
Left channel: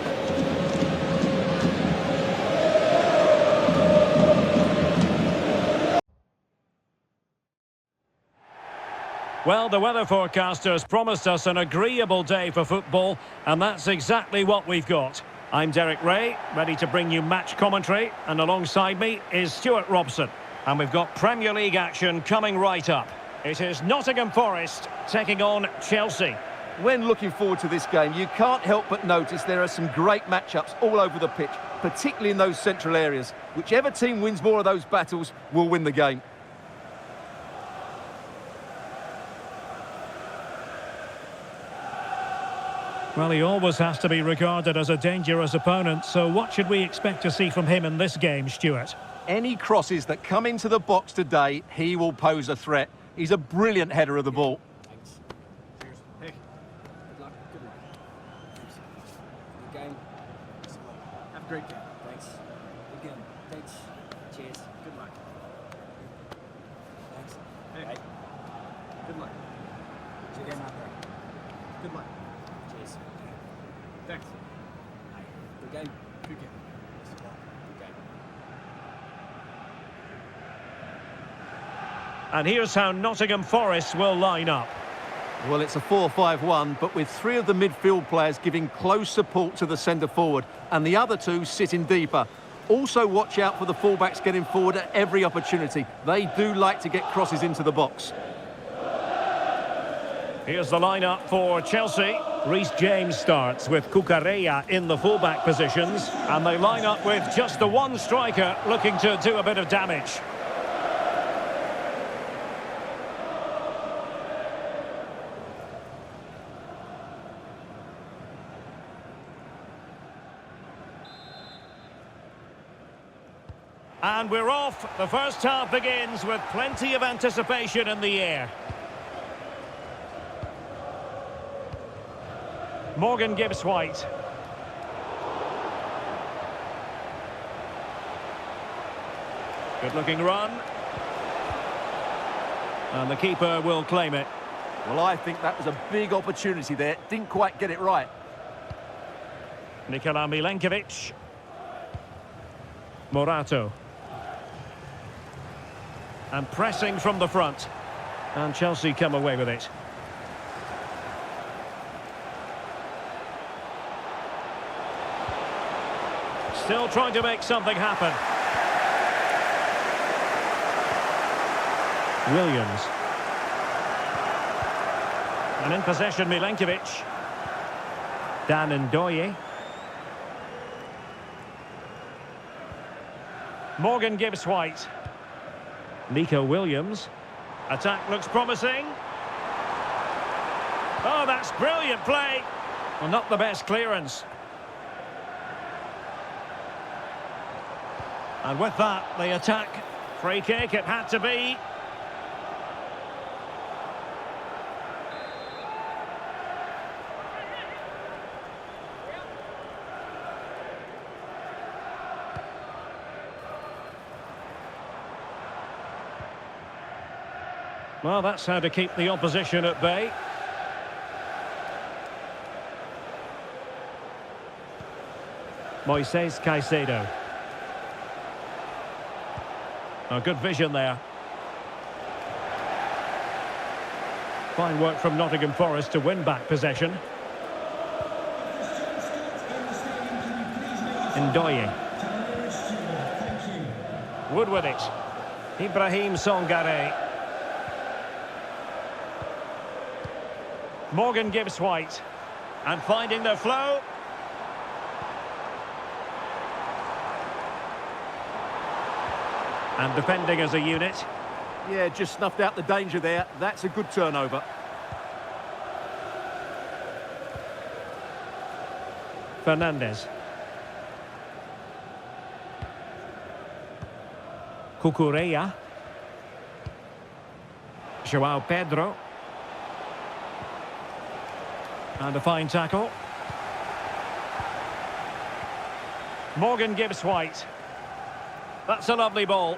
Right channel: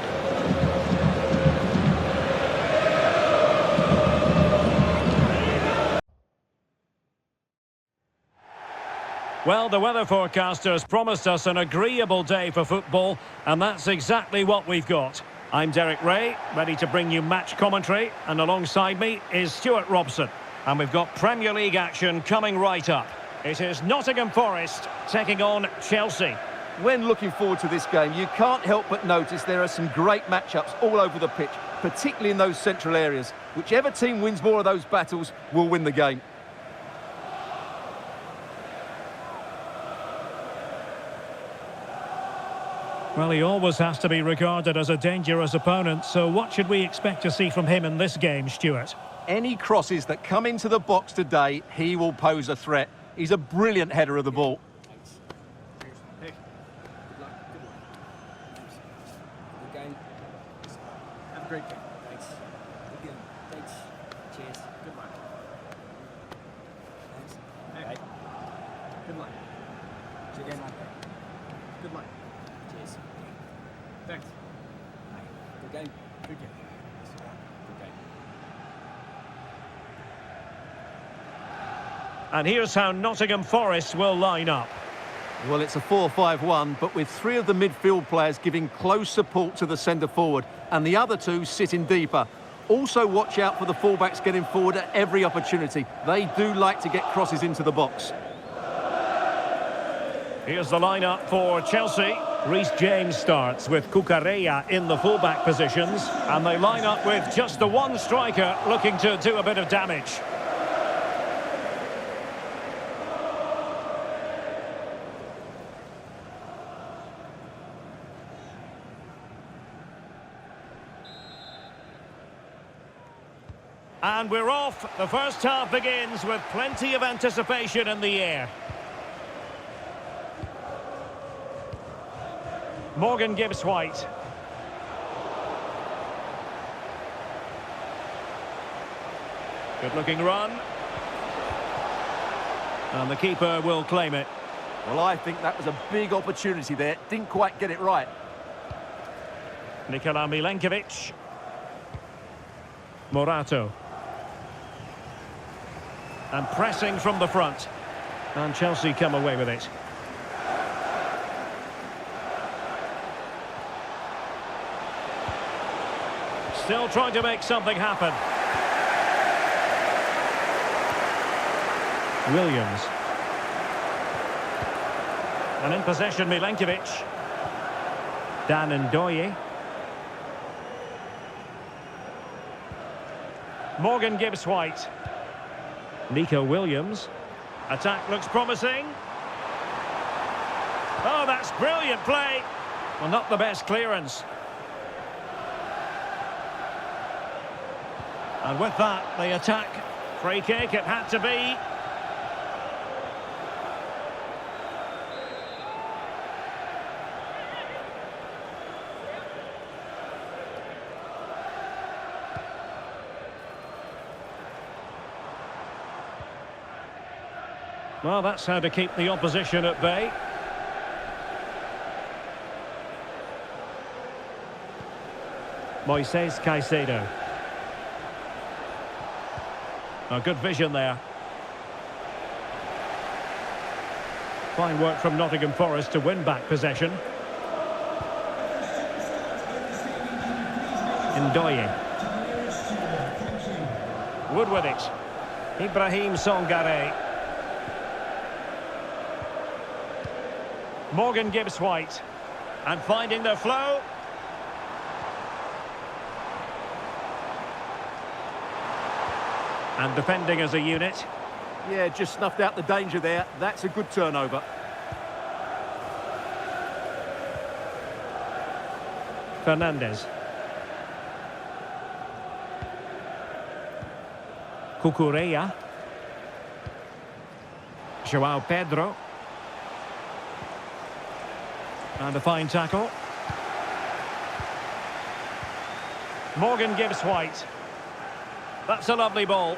Well, the weather forecasters promised us an agreeable day for football, and that's exactly what we've got. I'm Derek Ray, ready to bring you match commentary, and alongside me is Stuart Robson. And we've got Premier League action coming right up. It is Nottingham Forest taking on Chelsea. When looking forward to this game, you can't help but notice there are some great matchups all over the pitch, particularly in those central areas. Whichever team wins more of those battles will win the game. Well, he always has to be regarded as a dangerous opponent, so what should we expect to see from him in this game, Stuart? Any crosses that come into the box today, he will pose a threat. He's a brilliant header of the ball. Thanks. Cheers. Hey. Good luck. Good luck. Thanks. Good game. Have a great game. Thanks. Good game. Thanks. Cheers. Good luck. Thanks. Hey. Right. Good luck. Good game out there. Good luck. Cheers. Thanks. Hi. Good game. Good game. Good game. And here's how Nottingham Forest will line up. Well, it's a 4-5-1, but with three of the midfield players giving close support to the centre-forward and the other two sitting deeper. Also watch out for the fullbacks getting forward at every opportunity. They do like to get crosses into the box. Here's the lineup for Chelsea. Reece James starts with Cucurella in the fullback positions, and they line up with just the one striker looking to do a bit of damage. And we're off. The first half begins with plenty of anticipation in the air. Morgan Gibbs-White. Good-looking run. And the keeper will claim it. Well, I think that was a big opportunity there. Didn't quite get it right. Nikola Milenkovic. Morato. And pressing from the front. And Chelsea come away with it. Still trying to make something happen. Williams. And in possession, Milenkovic. Dan Ndoye. Morgan Gibbs-White. Nico Williams. Attack looks promising. Oh, that's brilliant play. Well, not the best clearance. And with that, the attack. Free kick, it had to be. Well, that's how to keep the opposition at bay. Moises Caicedo. Oh, good vision there. Fine work from Nottingham Forest to win back possession. Ndoye. Wood with it. Ibrahim Songare. Morgan Gibbs-White. And finding the flow. And defending as a unit. Yeah, just snuffed out the danger there. That's a good turnover. Fernandes. Cucurella. João Pedro. And a fine tackle. Morgan Gibbs-White. That's a lovely ball.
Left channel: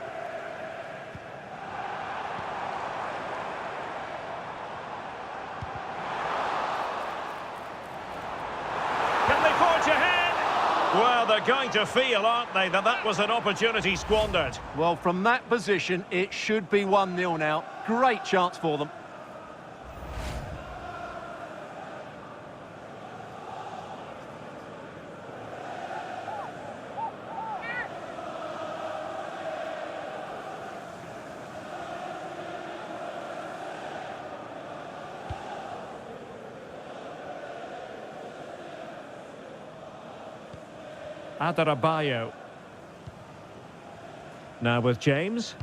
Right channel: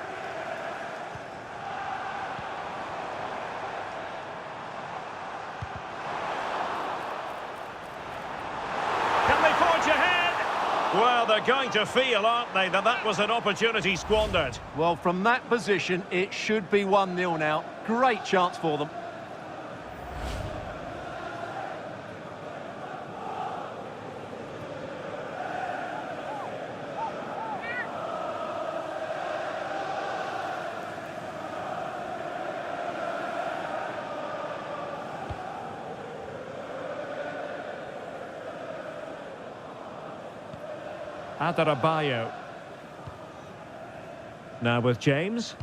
Can they forge ahead? Well, they're going to feel, aren't they, that that was an opportunity squandered. Well, from that position, it should be 1-0 now. Great chance for them. Adarabayo. Now with James.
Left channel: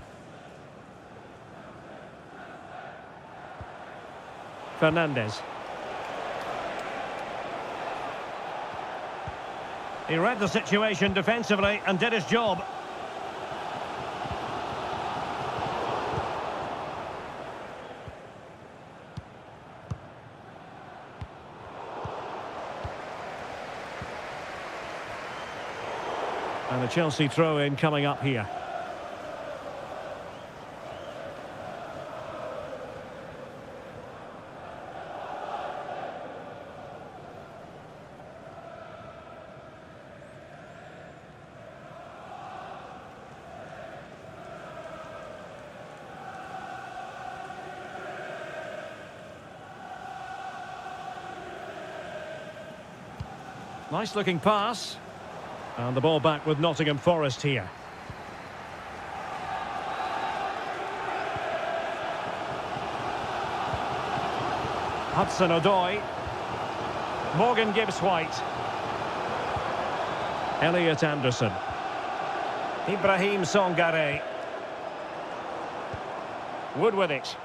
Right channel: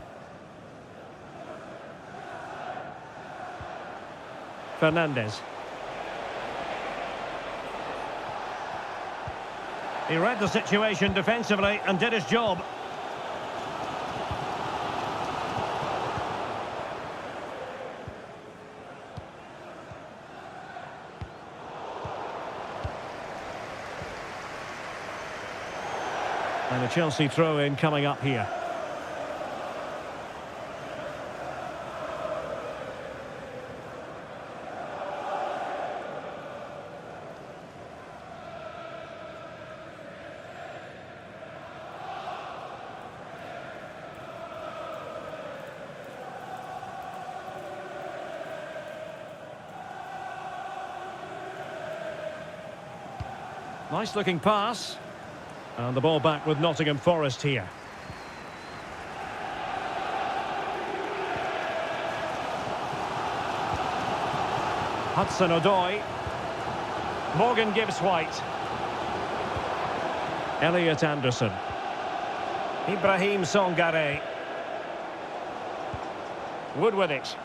Fernandes. He read the situation defensively and did his job. And a Chelsea throw-in coming up here. Nice looking pass. And the ball back with Nottingham Forest here. Hudson-Odoi. Morgan Gibbs-White. Elliot Anderson. Ibrahim Songare. Wood with it.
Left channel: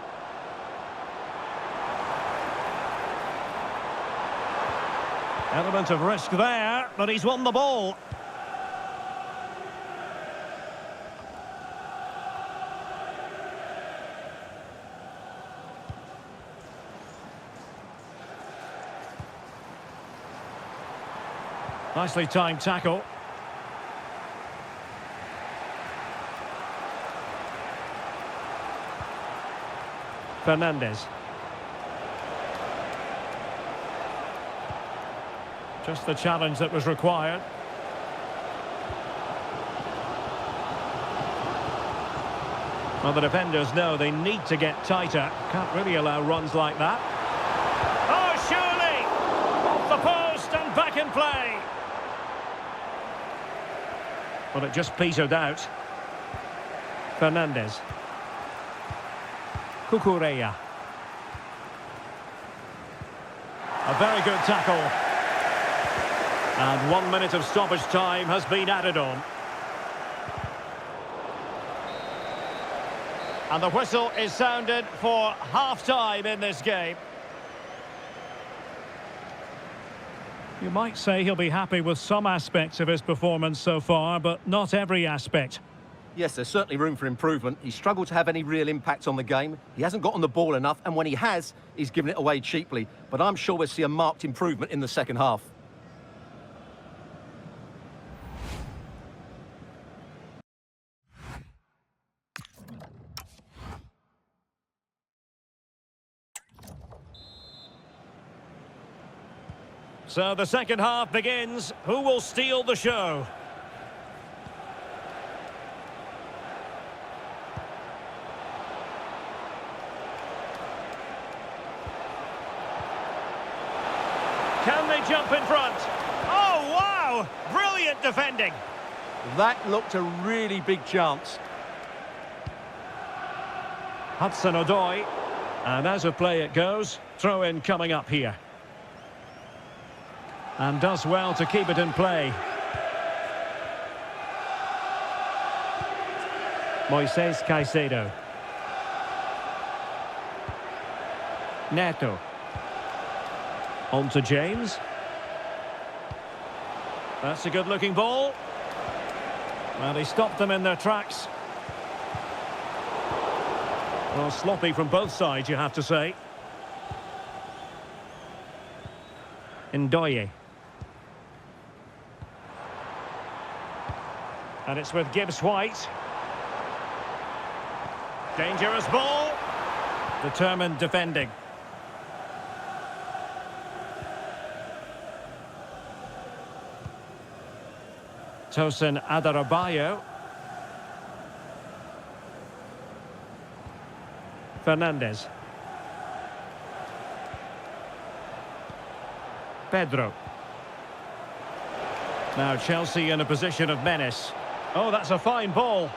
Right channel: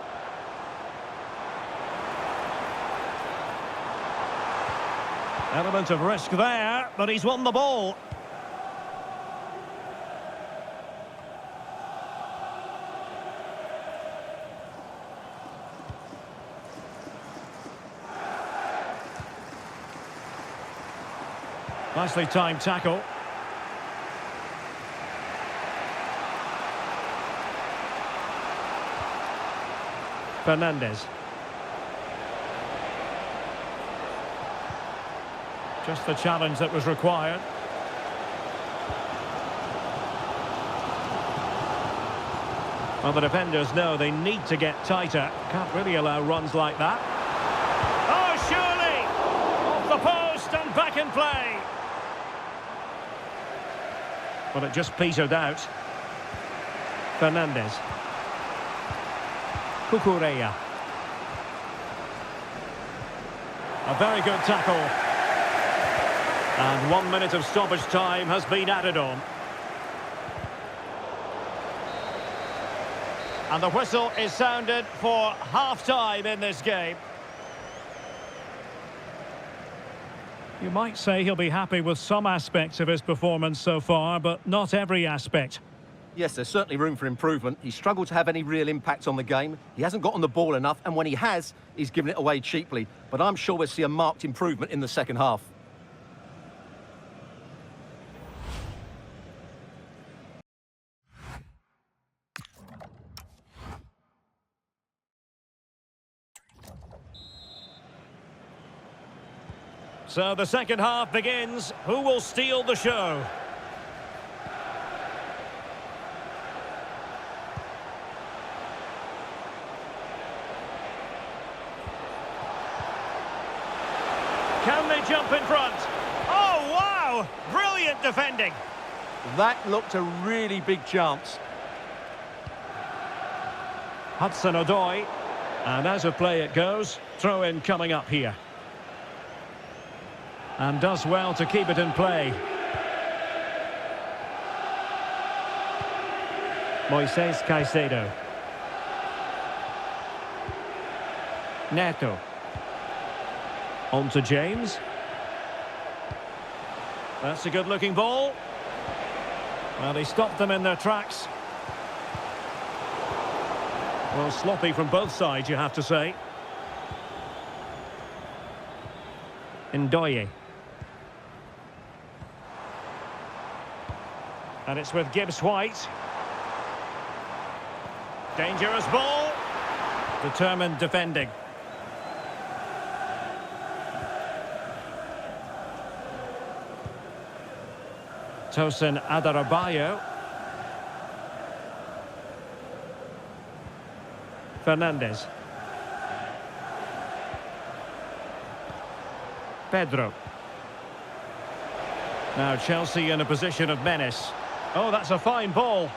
Element of risk there, but he's won the ball. Nicely timed tackle. Fernandez. Just the challenge that was required. Well, the defenders know they need to get tighter. Can't really allow runs like that. Oh, surely! Off the post and back in play. Well, it just petered out. Fernandez. Cucurella. A very good tackle. And 1 minute of stoppage time has been added on. And the whistle is sounded for half-time in this game. You might say he'll be happy with some aspects of his performance so far, but not every aspect. Yes, there's certainly room for improvement. He's struggled to have any real impact on the game. He hasn't got on the ball enough, and when he has, he's given it away cheaply. But I'm sure we'll see a marked improvement in the second half. So the second half begins. Who will steal the show? Can they jump in front? Oh, wow! Brilliant defending. That looked a really big chance. Hudson-Odoi. And as of play it goes, throw-in coming up here. And does well to keep it in play. Moises Caicedo. Neto. On to James. That's a good-looking ball. Well, he stopped them in their tracks. Well, sloppy from both sides, you have to say. Ndoye. And it's with Gibbs-White. Dangerous ball. Determined defending. Tosin Adarabioyo. Fernandez. Pedro. Now Chelsea in a position of menace. Oh, that's a fine ball.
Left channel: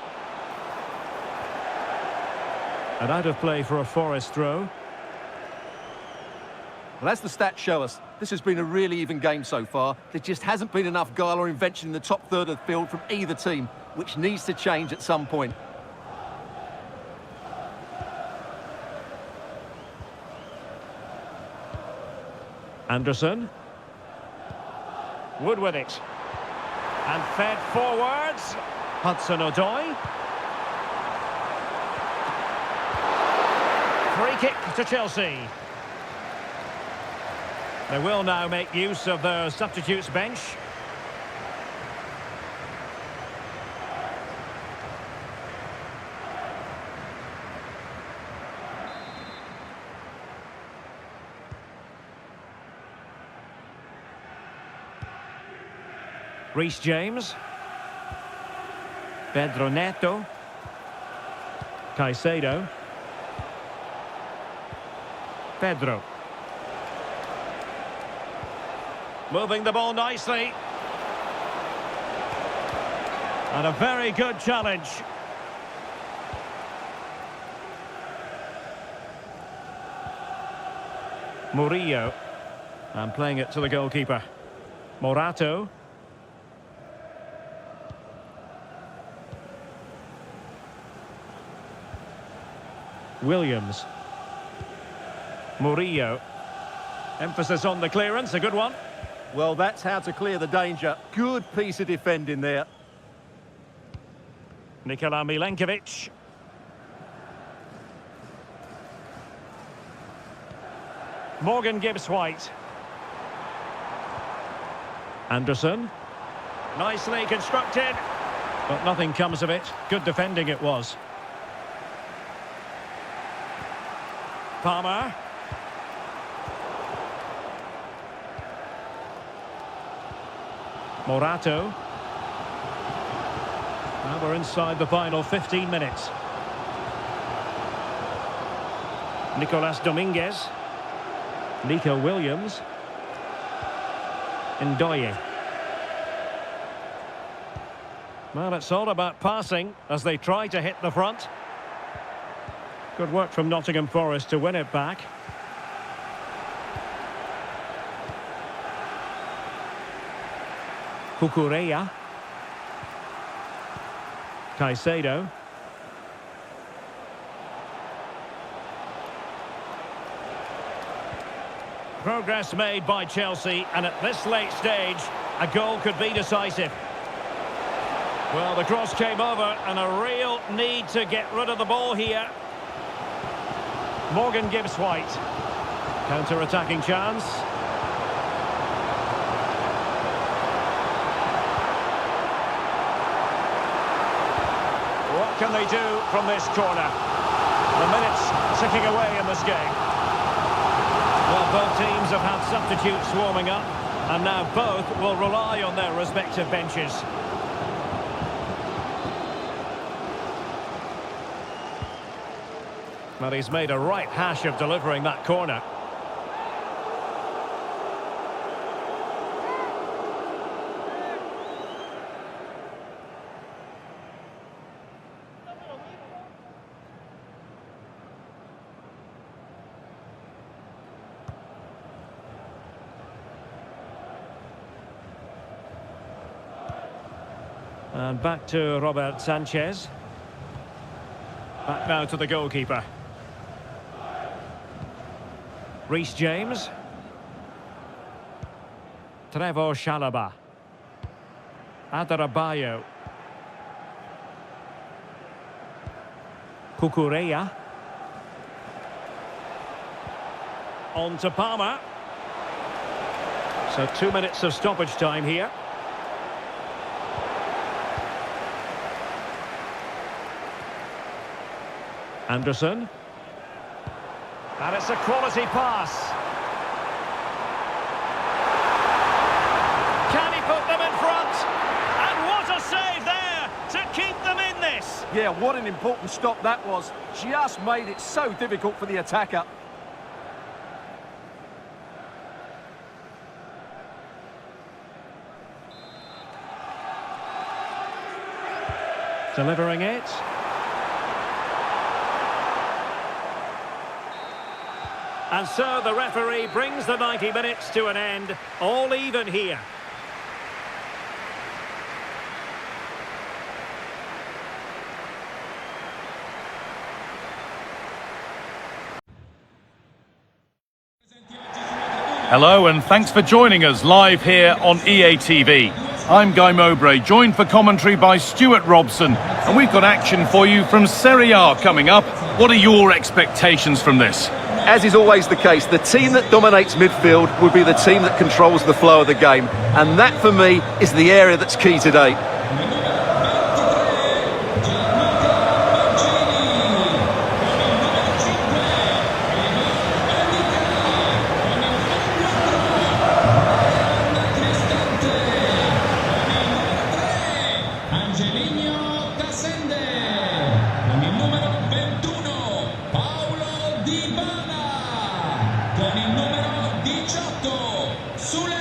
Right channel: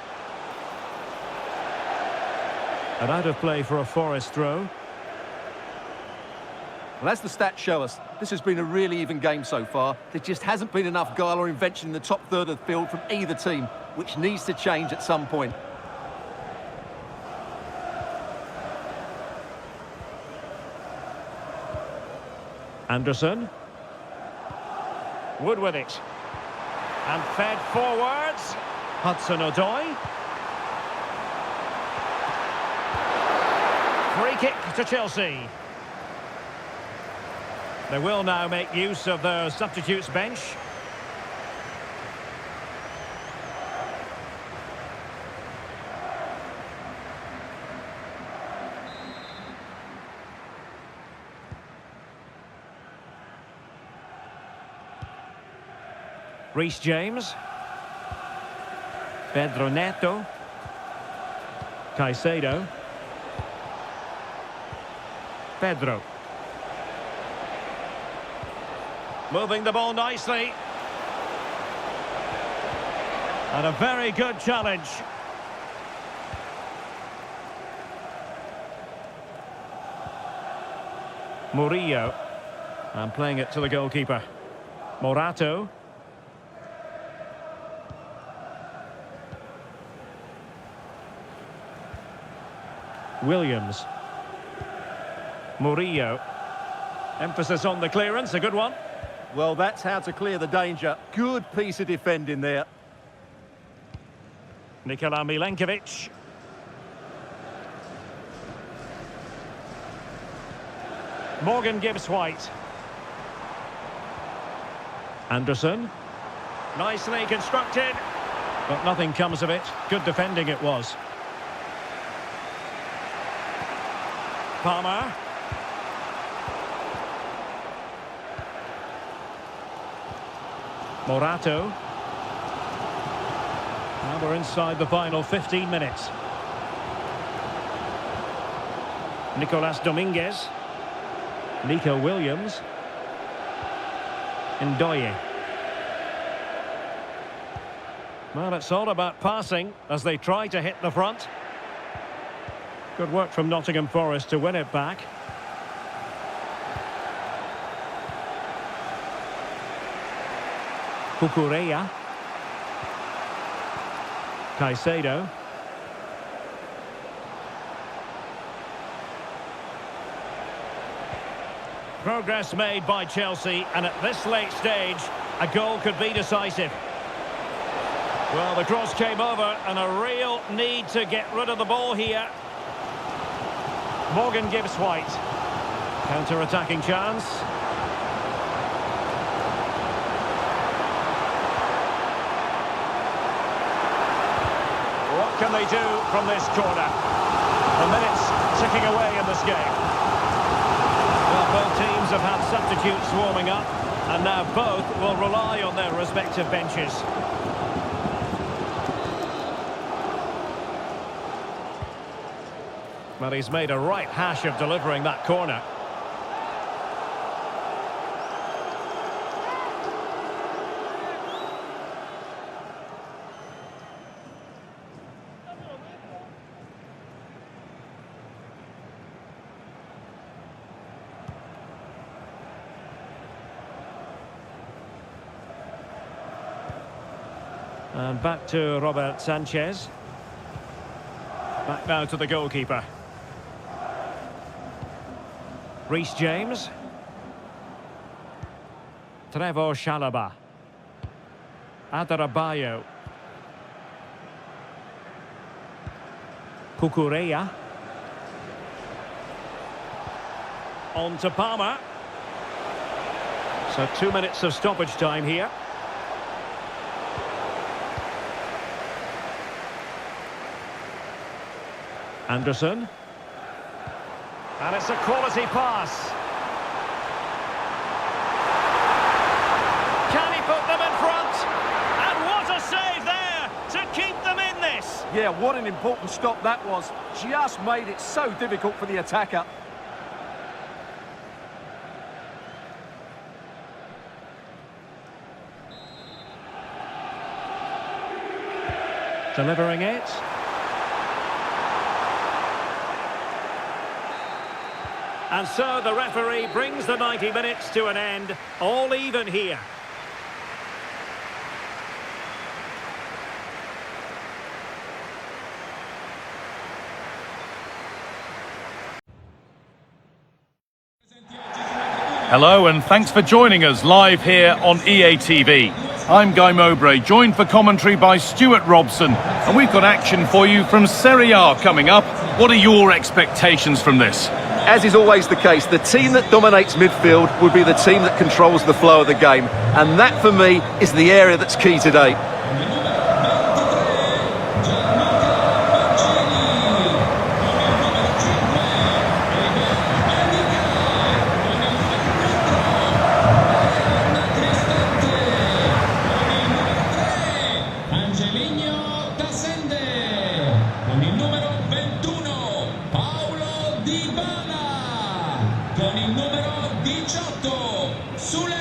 And out of play for a Forest throw. Well, as the stats show us, this has been a really even game so far. There just hasn't been enough guile or invention in the top third of the field from either team, which needs to change at some point. Anderson. Wood with it. And fed forwards. Hudson-Odoi. Free kick to Chelsea. They will now make use of their substitutes bench. Reece James. Pedro Neto. Caicedo. Moving the ball nicely. And a very good challenge. Murillo. And playing it to the goalkeeper. Morato. Williams. Murillo. Emphasis on the clearance, a good one. Well, that's how to clear the danger. Good piece of defending there. Nikola Milenkovic. Morgan Gibbs-White. Anderson. Nicely constructed, but nothing comes of it. Good defending it was. Palmer. Morato. Now we're inside the final 15 minutes. Nicolas Dominguez. Nico Williams. Ndoye. Well, it's all about passing as they try to hit the front. Good work from Nottingham Forest to win it back. Cucurella. Caicedo. Progress made by Chelsea, and at this late stage, a goal could be decisive. Well, the cross came over, and a real need to get rid of the ball here. Morgan Gibbs-White. Counter-attacking chance. What can they do from this corner? The minutes ticking away in this game. Well, both teams have had substitutes warming up, and now both will rely on their respective benches. Well, he's made a right hash of delivering that corner. And back to Robert Sanchez. Back now to the goalkeeper. Reece James. Trevor Chalobah. Adarabioyo. Cucurella. On to Palmer. So 2 minutes of stoppage time here. Anderson. And it's a quality pass. Can he put them in front? And what a save there to keep them in this. Yeah, what an important stop that was. Just made it so difficult for the attacker. Delivering it. And so the referee brings the 90 minutes to an end, all even here. Hello and thanks for joining us live here on EA TV. I'm Guy Mowbray, joined for commentary by Stuart Robson, and we've got action for you from Serie A coming up. What are your expectations from this? As is always the case, the team that dominates midfield will be the team that controls the flow of the game. And that, for me, is the area that's key today. Con il numero 18, Sule.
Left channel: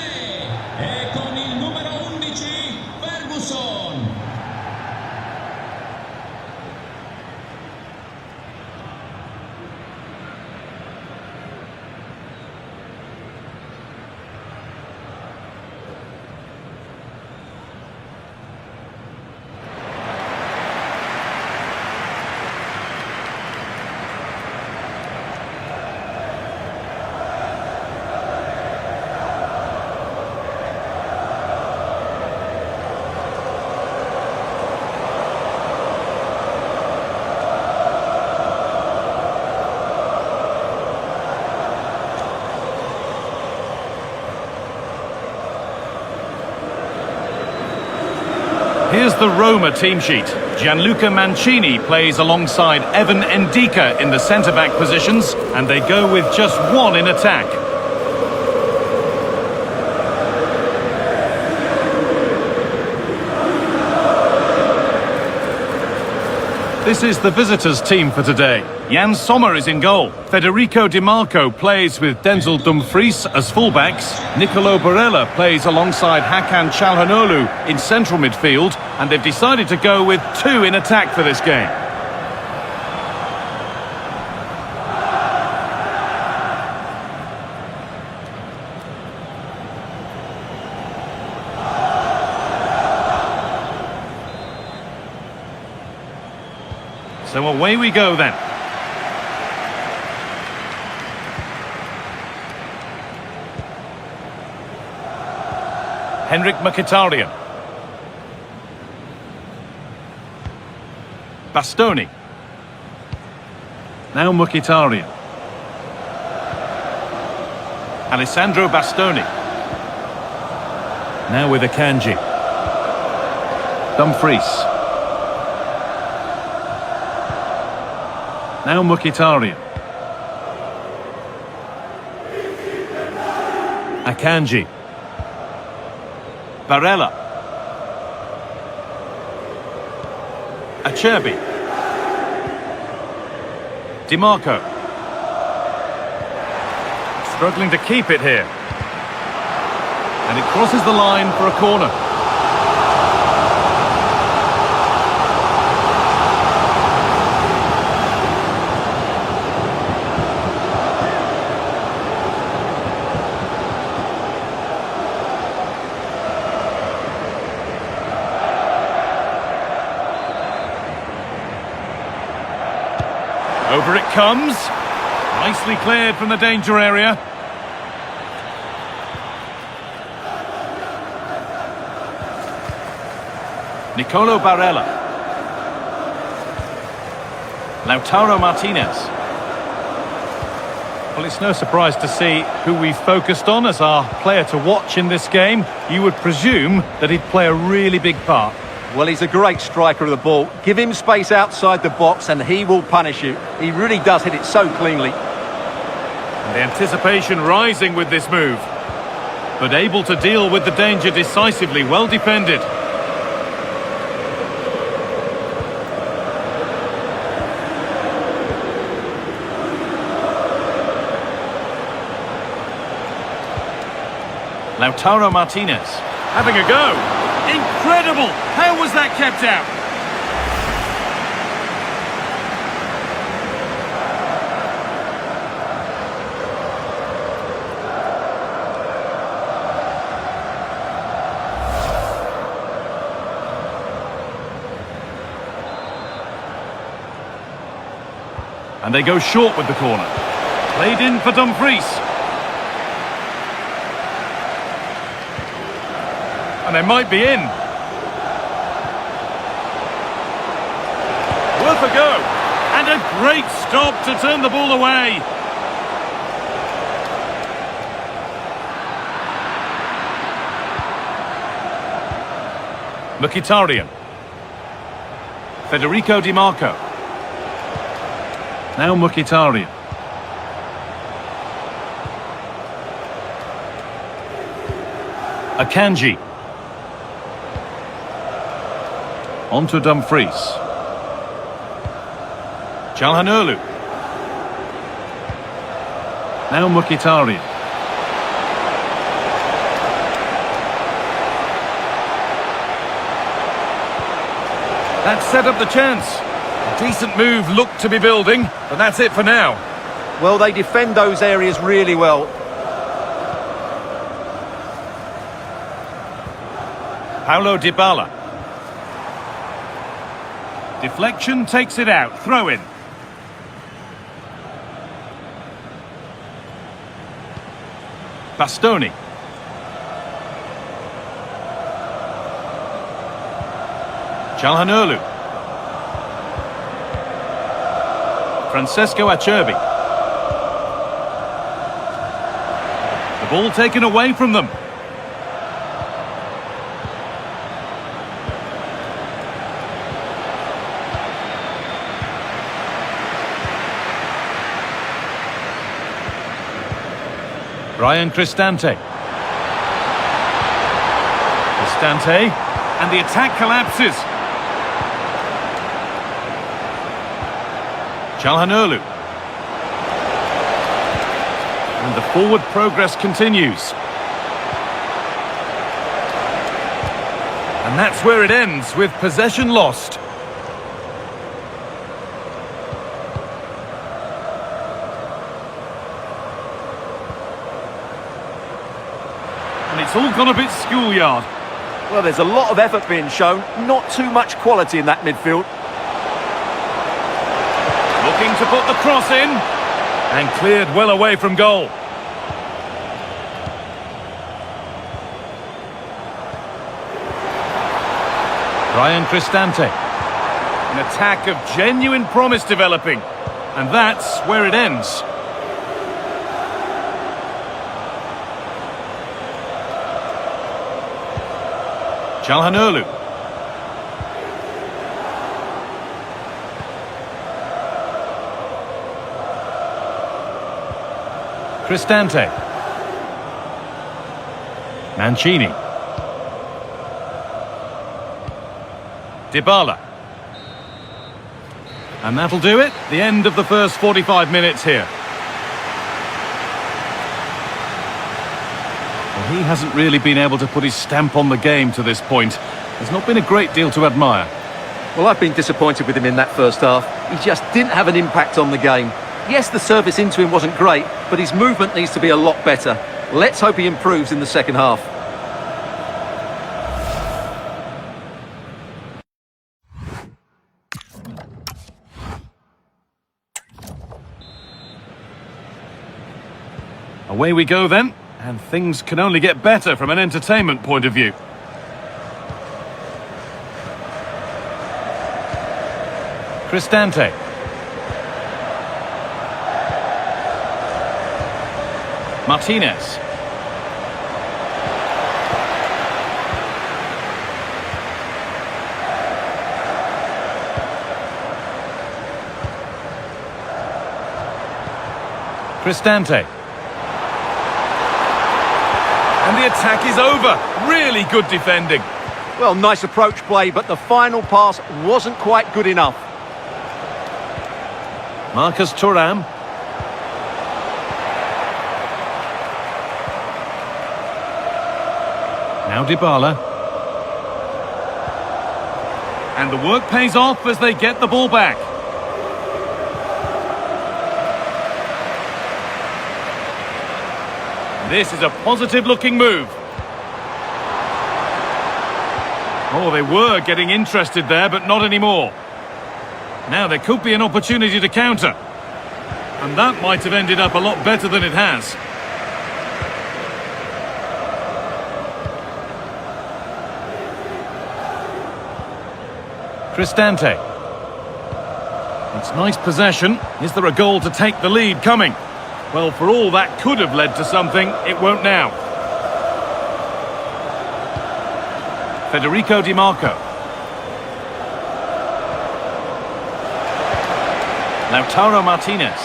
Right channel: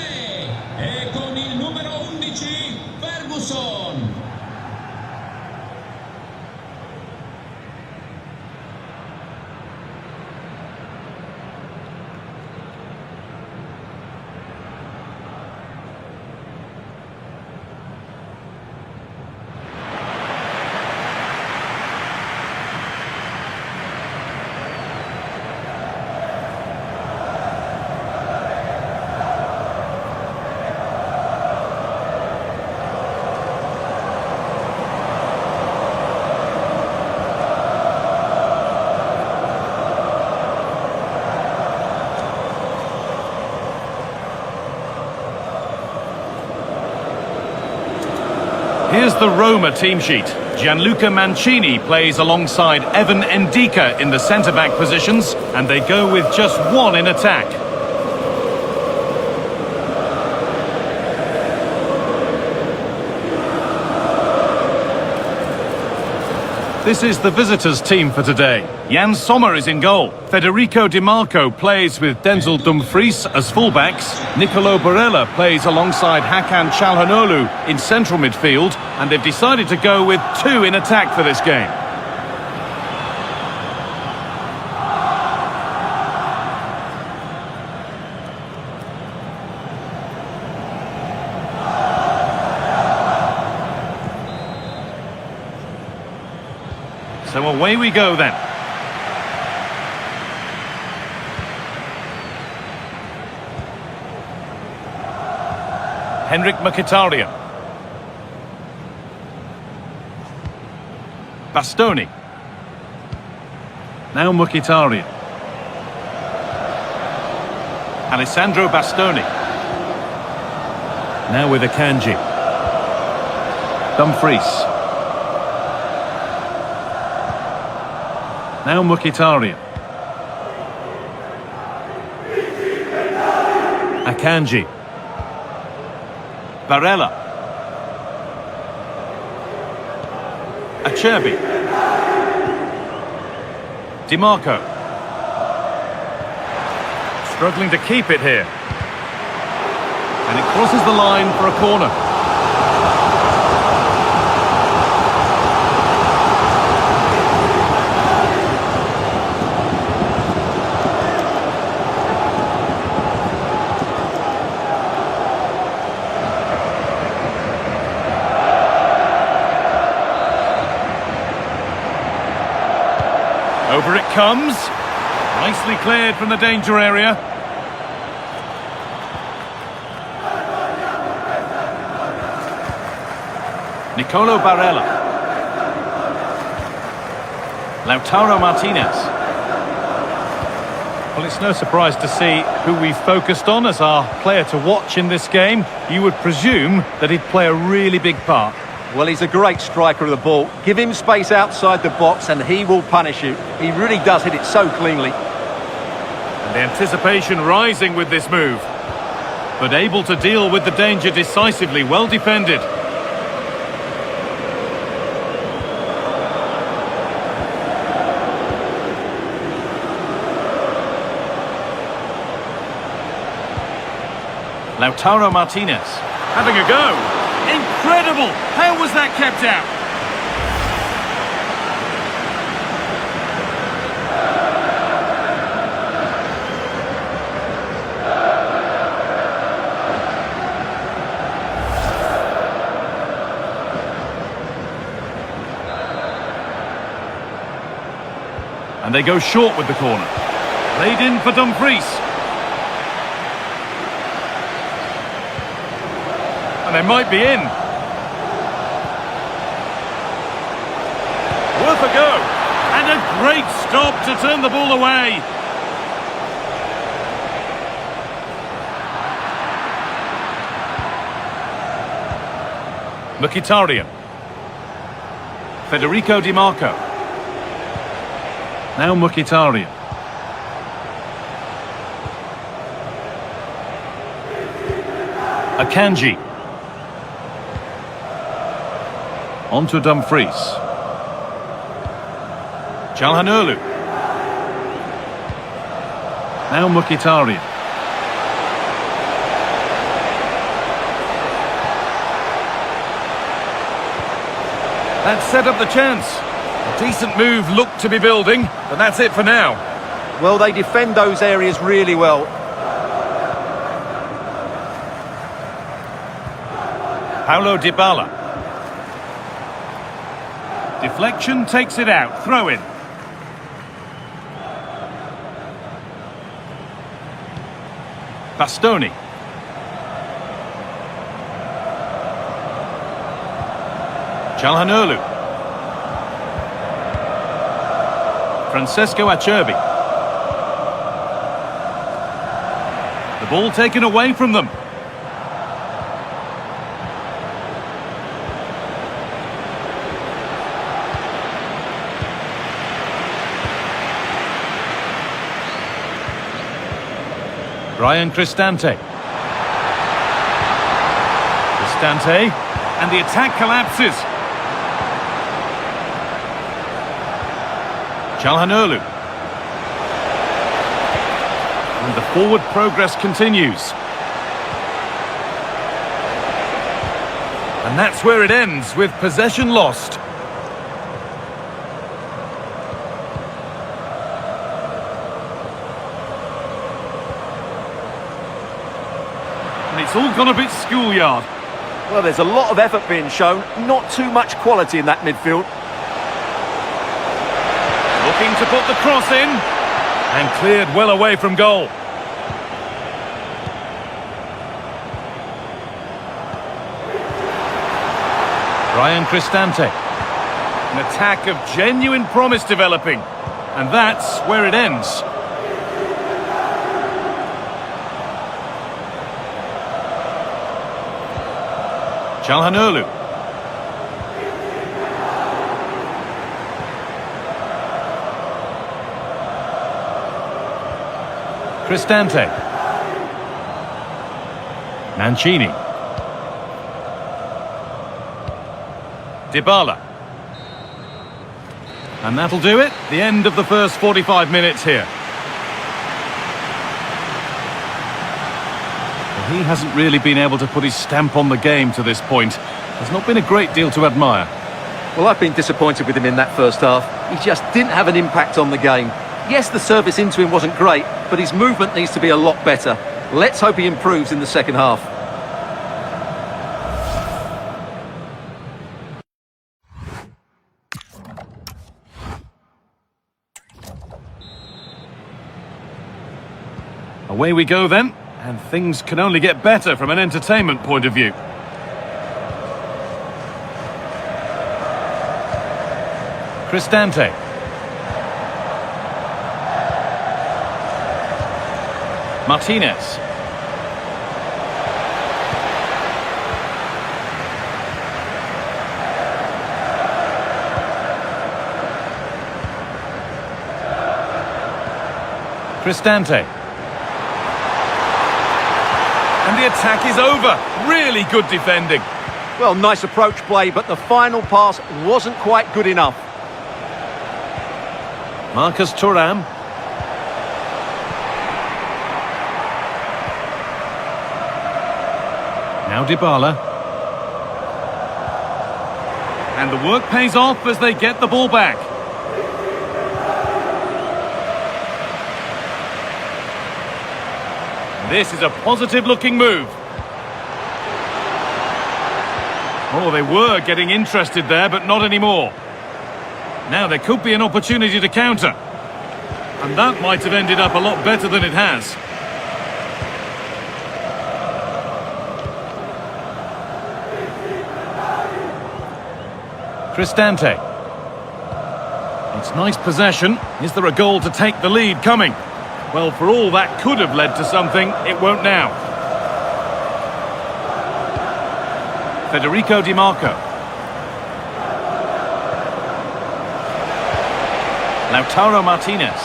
Here's the Roma team sheet. Gianluca Mancini plays alongside Evan Ndika in the centre-back positions, and they go with just one in attack. This is the visitors' team for today. Jan Sommer is in goal. Federico Di Marco plays with Denzel Dumfries as fullbacks. Nicolo Barella plays alongside Hakan Çalhanoğlu in central midfield. And they've decided to go with two in attack for this game. So away we go then. Henrik Mkhitaryan. Bastoni. Now Mkhitaryan. Alessandro Bastoni. Now with Akanji. Dumfries. Now Mkhitaryan. Akanji. Barella. Acerbi. Di Marco. Struggling to keep it here. And it crosses the line for a corner. Over it comes. Nicely cleared from the danger area. Nicolo Barella. Lautaro Martinez. Well, it's no surprise to see who we focused on as our player to watch in this game. You would presume that he'd play a really big part. Well, he's a great striker of the ball. Give him space outside the box and he will punish you. He really does hit it so cleanly. And the anticipation rising with this move. But able to deal with the danger decisively, well defended. Lautaro Martinez having a go. Incredible! How was that kept out? And they go short with the corner. Played in for Dumfries. And they might be in. Worth a go. And a great stop to turn the ball away. Mkhitaryan. Federico Di Marco. Now Mkhitaryan. Akanji. On to Dumfries. Çalhanoğlu. Now Mkhitaryan. That set up the chance. A decent move looked to be building, but that's it for now. Well, they defend those areas really well. Paulo Dybala. Deflection takes it out. Throw in. Bastoni. Çalhanoğlu. Francesco Acerbi. The ball taken away from them. Ryan Cristante. Cristante, and the attack collapses. Çalhanoğlu. And the forward progress continues. And that's where it ends, with possession lost. And it's all gone a bit schoolyard. Well, there's a lot of effort being shown, not too much quality in that midfield. Looking to put the cross in, and cleared well away from goal. Ryan Cristante. An attack of genuine promise developing. And that's where it ends. Çalhanoğlu. Cristante. Mancini. Dybala. And that'll do it. The end of the first 45 minutes here. Well, he hasn't really been able to put his stamp on the game to this point. There's not been a great deal to admire. Well, I've been disappointed with him in that first half. He just didn't have an impact on the game. Yes, the service into him wasn't great, but his movement needs to be a lot better. Let's hope he improves in the second half. Away we go then, and things can only get better from an entertainment point of view. Cristante. Martinez. Cristante. And the attack is over. Really good defending. Well, nice approach play, but the final pass wasn't quite good enough. Marcus Thuram. Now Dybala. And the work pays off as they get the ball back. This is a positive-looking move. Oh, they were getting interested there, but not anymore. Now there could be an opportunity to counter. And that might have ended up a lot better than it has. Cristante. It's nice possession. Is there a goal to take the lead coming? Well, for all that could have led to something, it won't now. Federico Di Marco. Lautaro Martinez.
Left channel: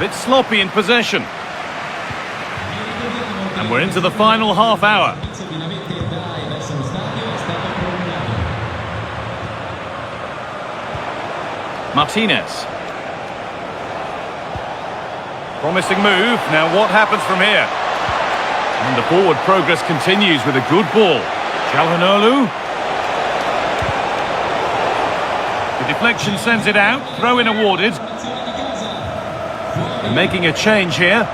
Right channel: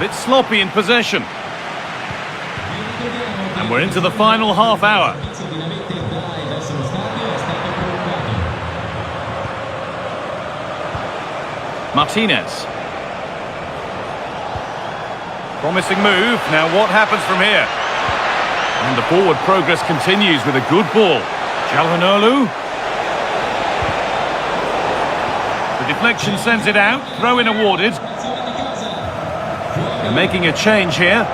Bit sloppy in possession. And we're into the final half hour. Martinez. Promising move. Now what happens from here? And the forward progress continues with a good ball. Çalhanoğlu. The deflection sends it out. Throw-in awarded. They're making a change here.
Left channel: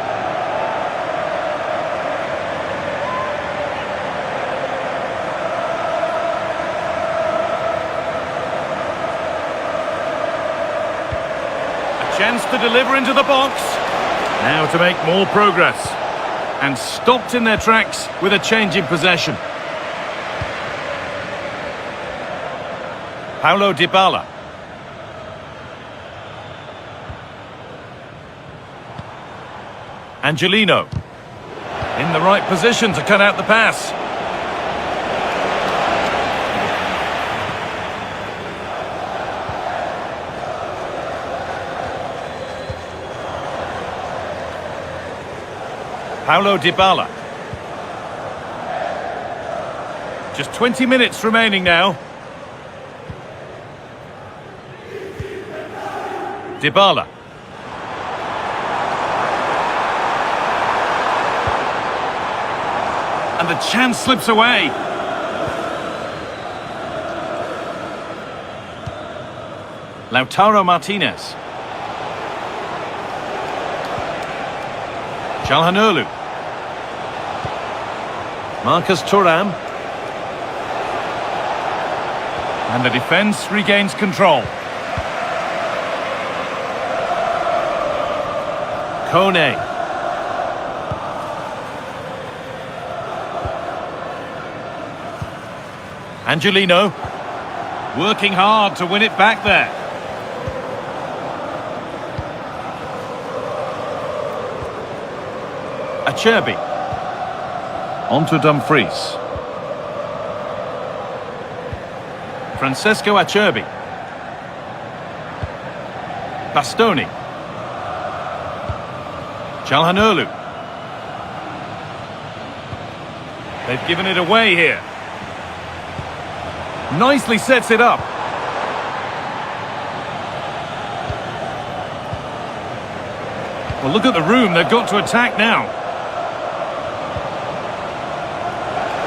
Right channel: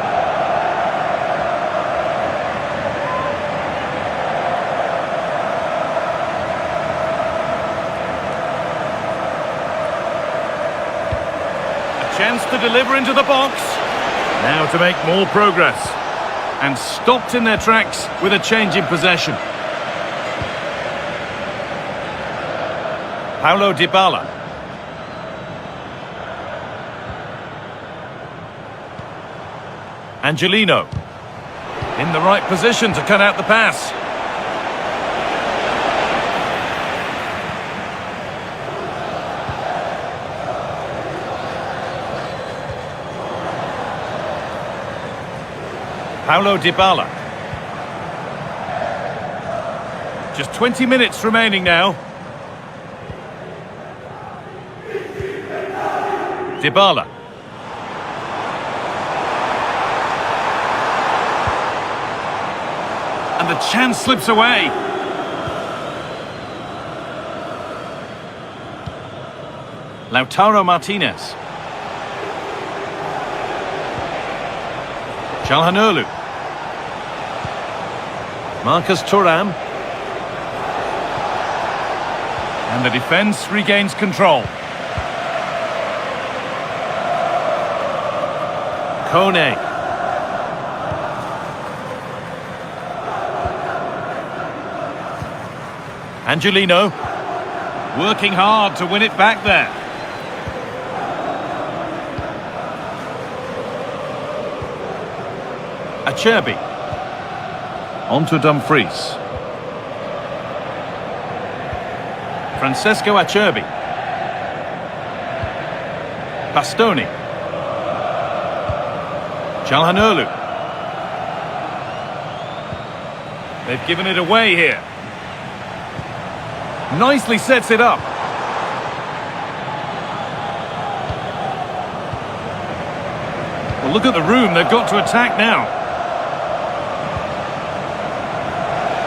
A chance to deliver into the box. Now to make more progress. And stopped in their tracks with a change in possession. Paulo Dybala. Angelino. In the right position to cut out the pass. Paulo Dybala. Just 20 minutes remaining now. Dybala. And the chance slips away. Lautaro Martinez. Çalhanoğlu. Marcus Thuram. And the defence regains control. Kone. Angelino. Working hard to win it back there. Acerbi. On to Dumfries. Francesco Acerbi. Bastoni. Çalhanoğlu. They've given it away here. Nicely sets it up. Well, look at the room they've got to attack now.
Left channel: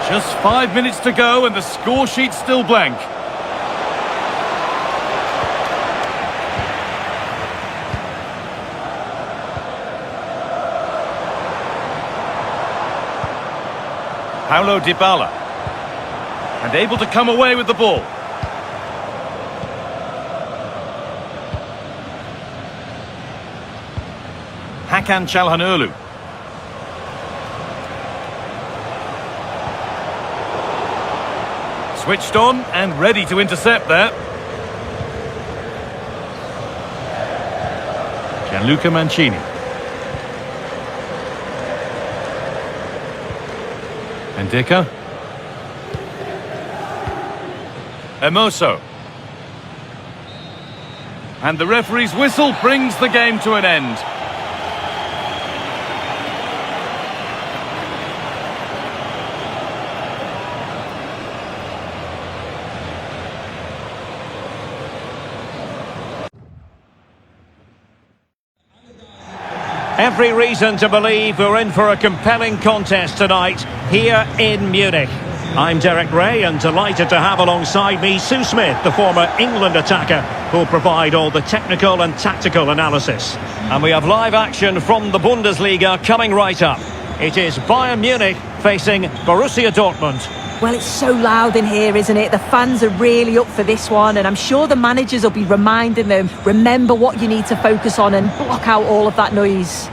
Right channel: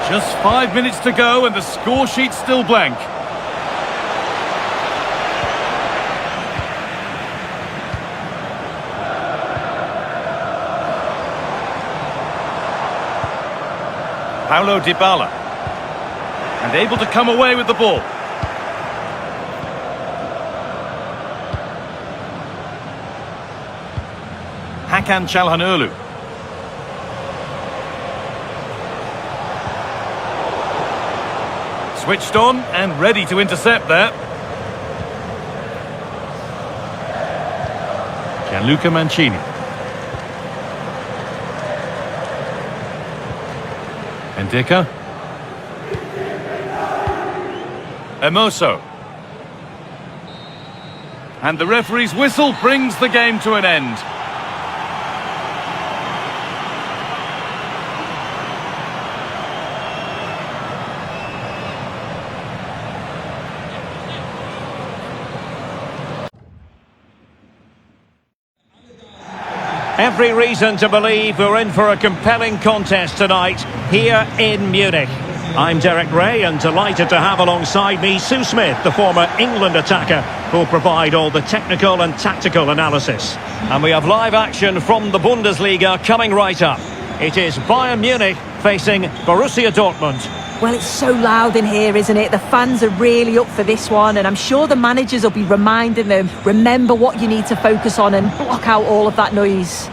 Just 5 minutes to go and the score sheet's still blank. Paulo Dybala. And able to come away with the ball. Hakan Çalhanoğlu. Switched on and ready to intercept there. Gianluca Mancini. Ndika. Emoso. And the referee's whistle brings the game to an end. Every reason to believe we're in for a compelling contest tonight here in Munich. I'm Derek Ray and delighted to have alongside me Sue Smith, the former England attacker, who'll provide all the technical and tactical analysis. And we have live action from the Bundesliga coming right up. It is Bayern Munich facing Borussia Dortmund. Well, it's so loud in here, isn't it? The fans are really up for this one, and I'm sure the managers will be reminding them, remember what you need to focus on and block out all of that noise.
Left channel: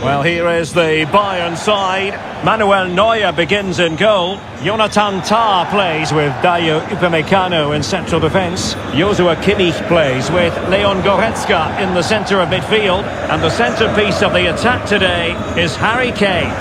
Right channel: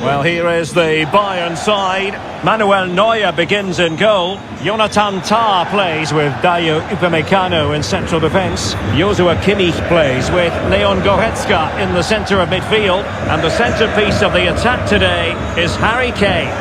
Well, here is the Bayern side. Manuel Neuer begins in goal. Jonathan Tah plays with Dayo Upamecano in central defence. Joshua Kimmich plays with Leon Goretzka in the centre of midfield. And the centrepiece of the attack today is Harry Kane.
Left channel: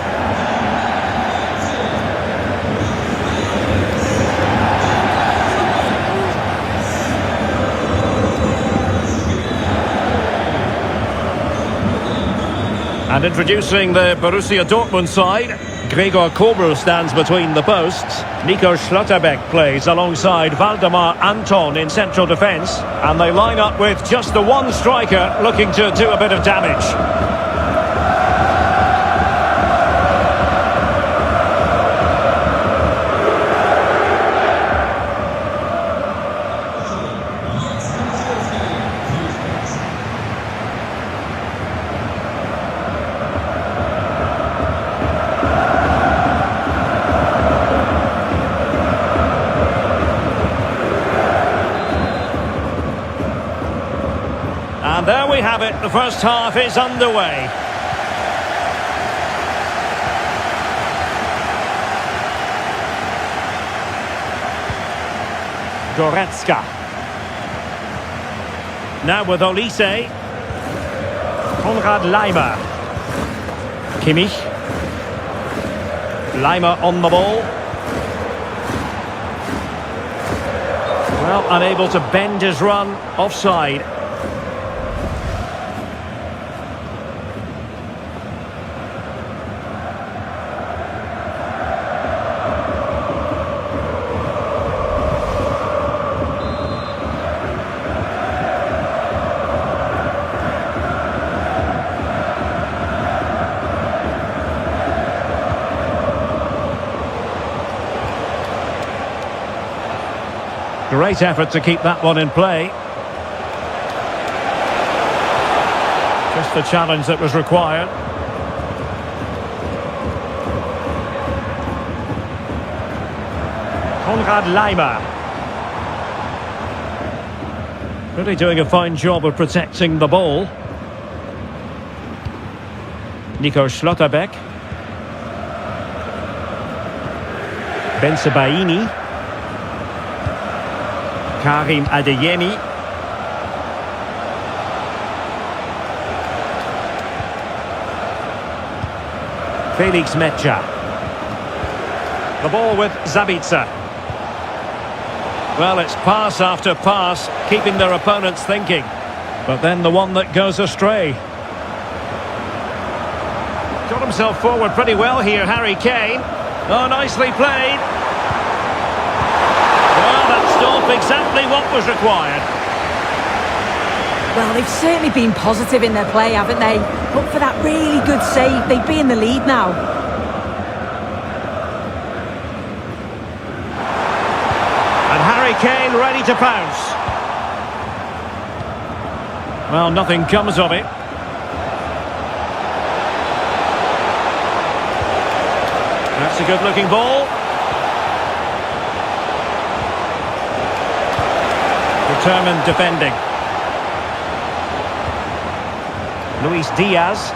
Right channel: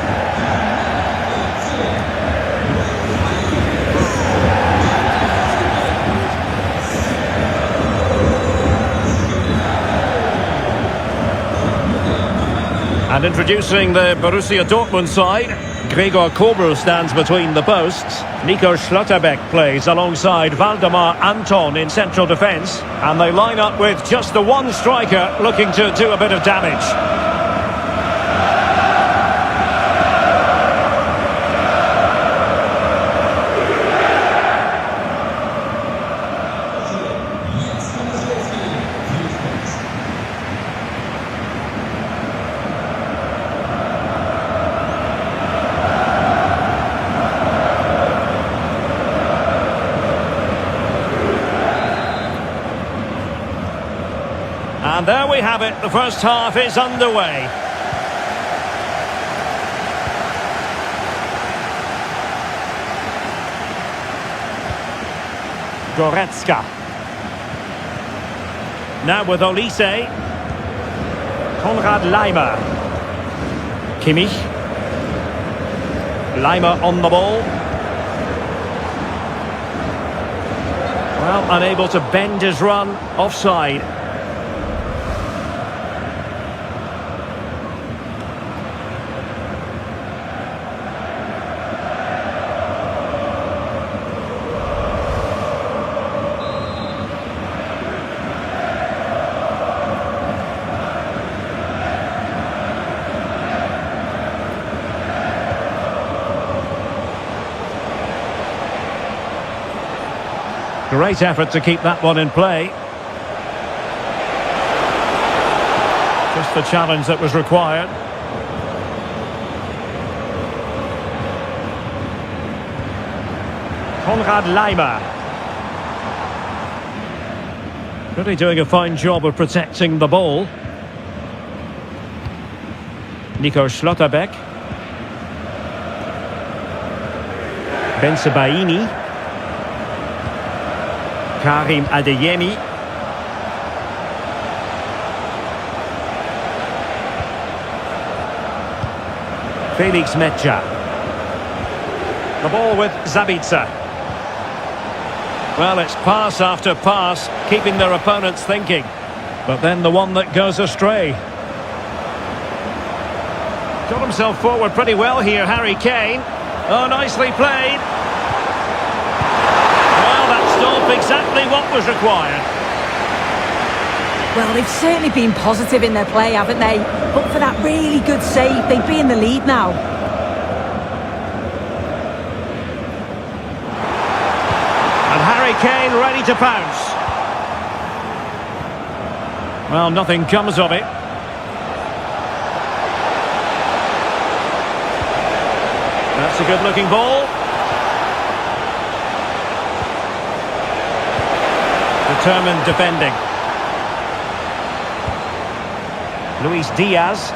And introducing the Borussia Dortmund side, Gregor Kobel stands between the posts. Nico Schlotterbeck plays alongside Valdemar Anton in central defence. And they line up with just the one striker looking to do a bit of damage. And there we have it, the first half is underway. Goretzka. Now with Olise. Konrad Laimer. Kimmich. Lima on the ball. Well, unable to bend his run, offside. Great effort to keep that one in play. Just the challenge that was required. Konrad Lima. Really doing a fine job of protecting the ball. Nico Schlotterbeck. Bensebaini. Karim Adeyemi. Felix Mecha. The ball with Zabitzer. Well, it's pass after pass, keeping their opponents thinking. But then the one that goes astray. Got himself forward pretty well here, Harry Kane. Oh, nicely played. Well, that stopped exactly what was required. Well, they've certainly been positive in their play, haven't they? But for that really good save, they'd be in the lead now. And Harry Kane ready to pounce. Well, nothing comes of it. That's a good-looking ball. Determined defending. Luis Diaz.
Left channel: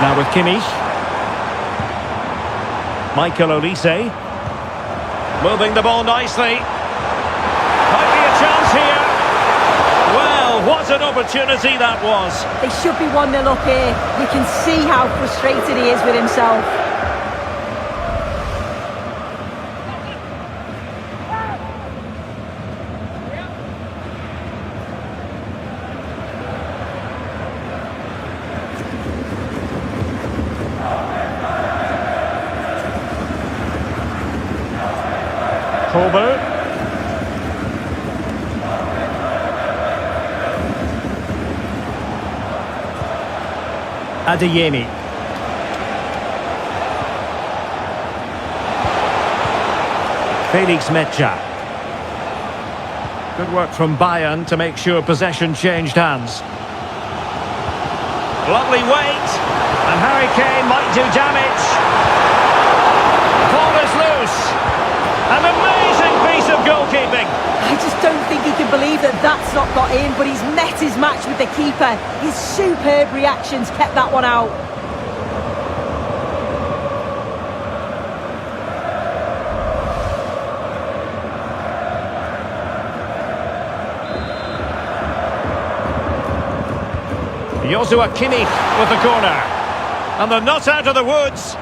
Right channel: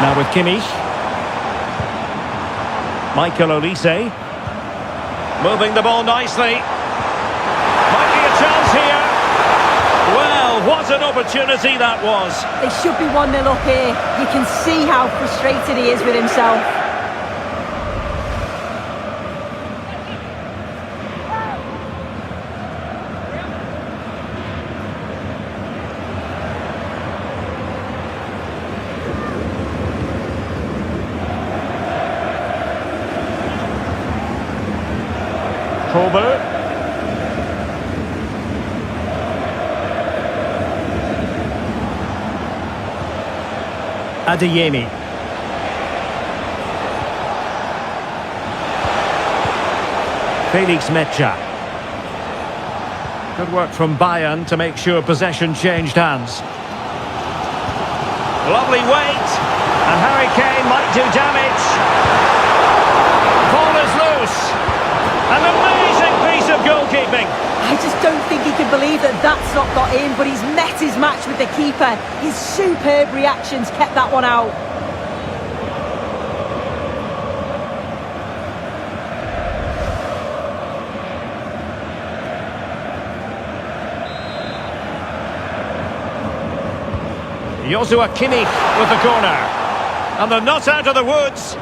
Now with Kimmich. Michael Olise. Moving the ball nicely. Might be a chance here. Well, what an opportunity that was. They should be 1-0 up here. You can see how frustrated he is with himself. Kobe. Adeyemi. Felix Mecha. Good work from Bayern to make sure possession changed hands. Lovely weight. And Harry Kane might do damage. Ball is loose. An amazing piece of goalkeeping. I just don't think he can believe that that's not got in, but he's met his match with the keeper. His superb reactions kept that one out. Joshua Kimmich with the corner. And they're not out of the woods.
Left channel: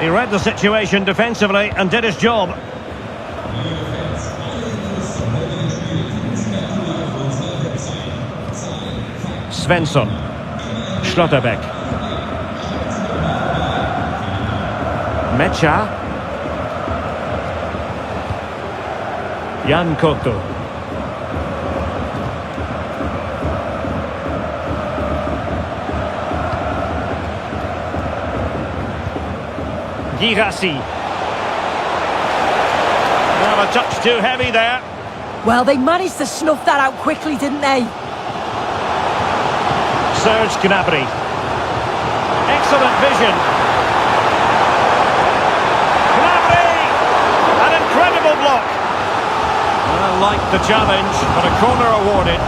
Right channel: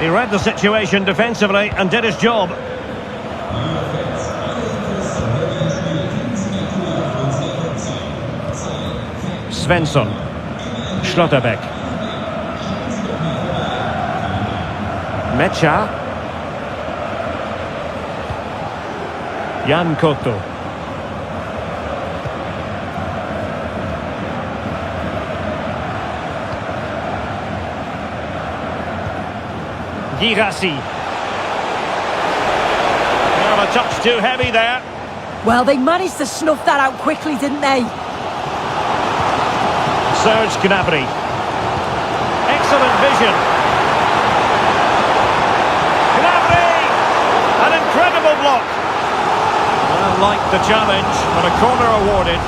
He read the situation defensively and did his job. Svensson. Schlotterbeck. Mecha. Jan Koto. Girassi. Well, a touch too heavy there. Well, they managed to snuff that out quickly, didn't they? Serge Gnabry. Excellent vision. Gnabry! An incredible block. Well, like the challenge, but a corner awarded.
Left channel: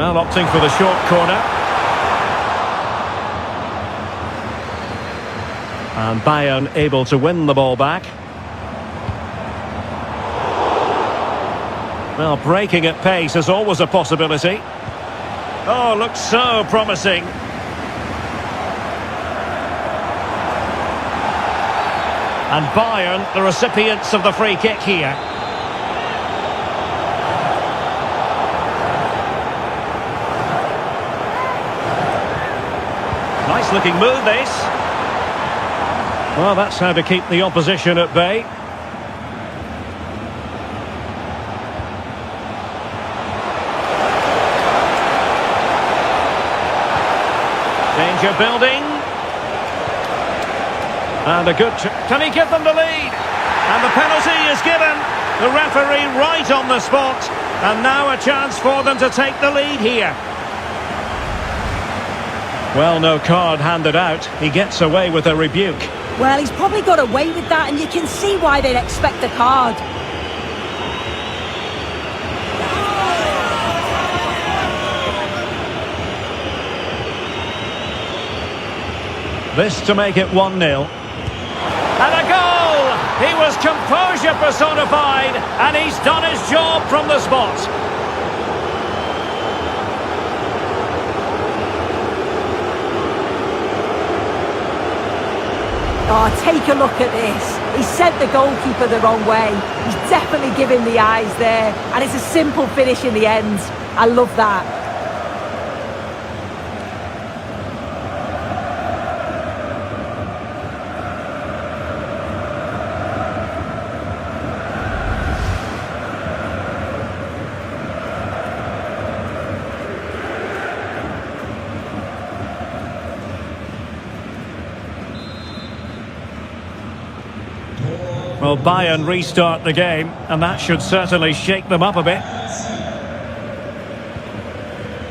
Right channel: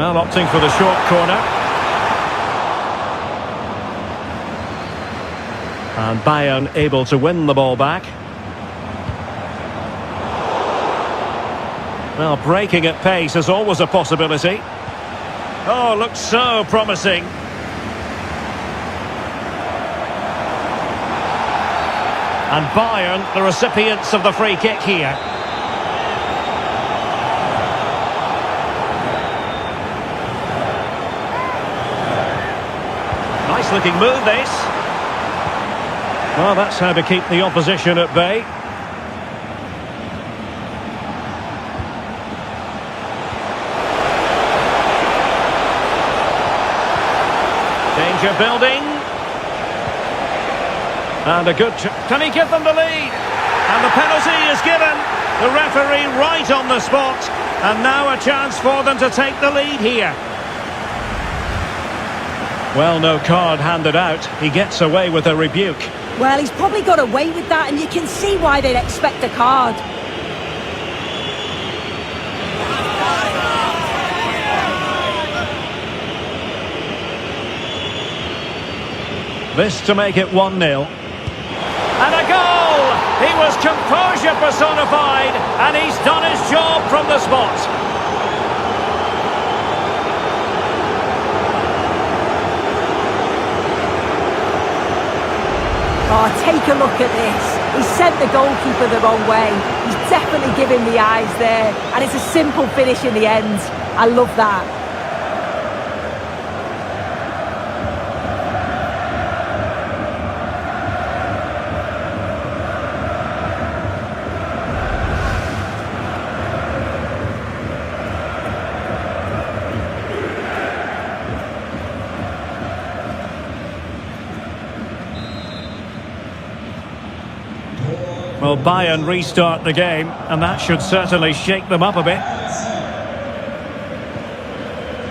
Well, opting for the short corner. And Bayern able to win the ball back. Well, breaking at pace is always a possibility. Oh, looks so promising. And Bayern, the recipients of the free kick here. Nice looking move, this. Well, that's how to keep the opposition at bay. Danger building. And a good... Can he give them the lead? And the penalty is given. The referee right on the spot. And now a chance for them to take the lead here. Well, no card handed out. He gets away with a rebuke. Well, he's probably got away with that, and you can see why they'd expect a card. This to make it 1-0. And a goal! He was composure personified, and he's done his job from the spot. Oh, take a look at this. He sent the goalkeeper the wrong way. He's definitely giving the eyes there, and it's a simple finish in the end. I love that. Well, Bayern restart the game, and that should certainly shake them up a bit.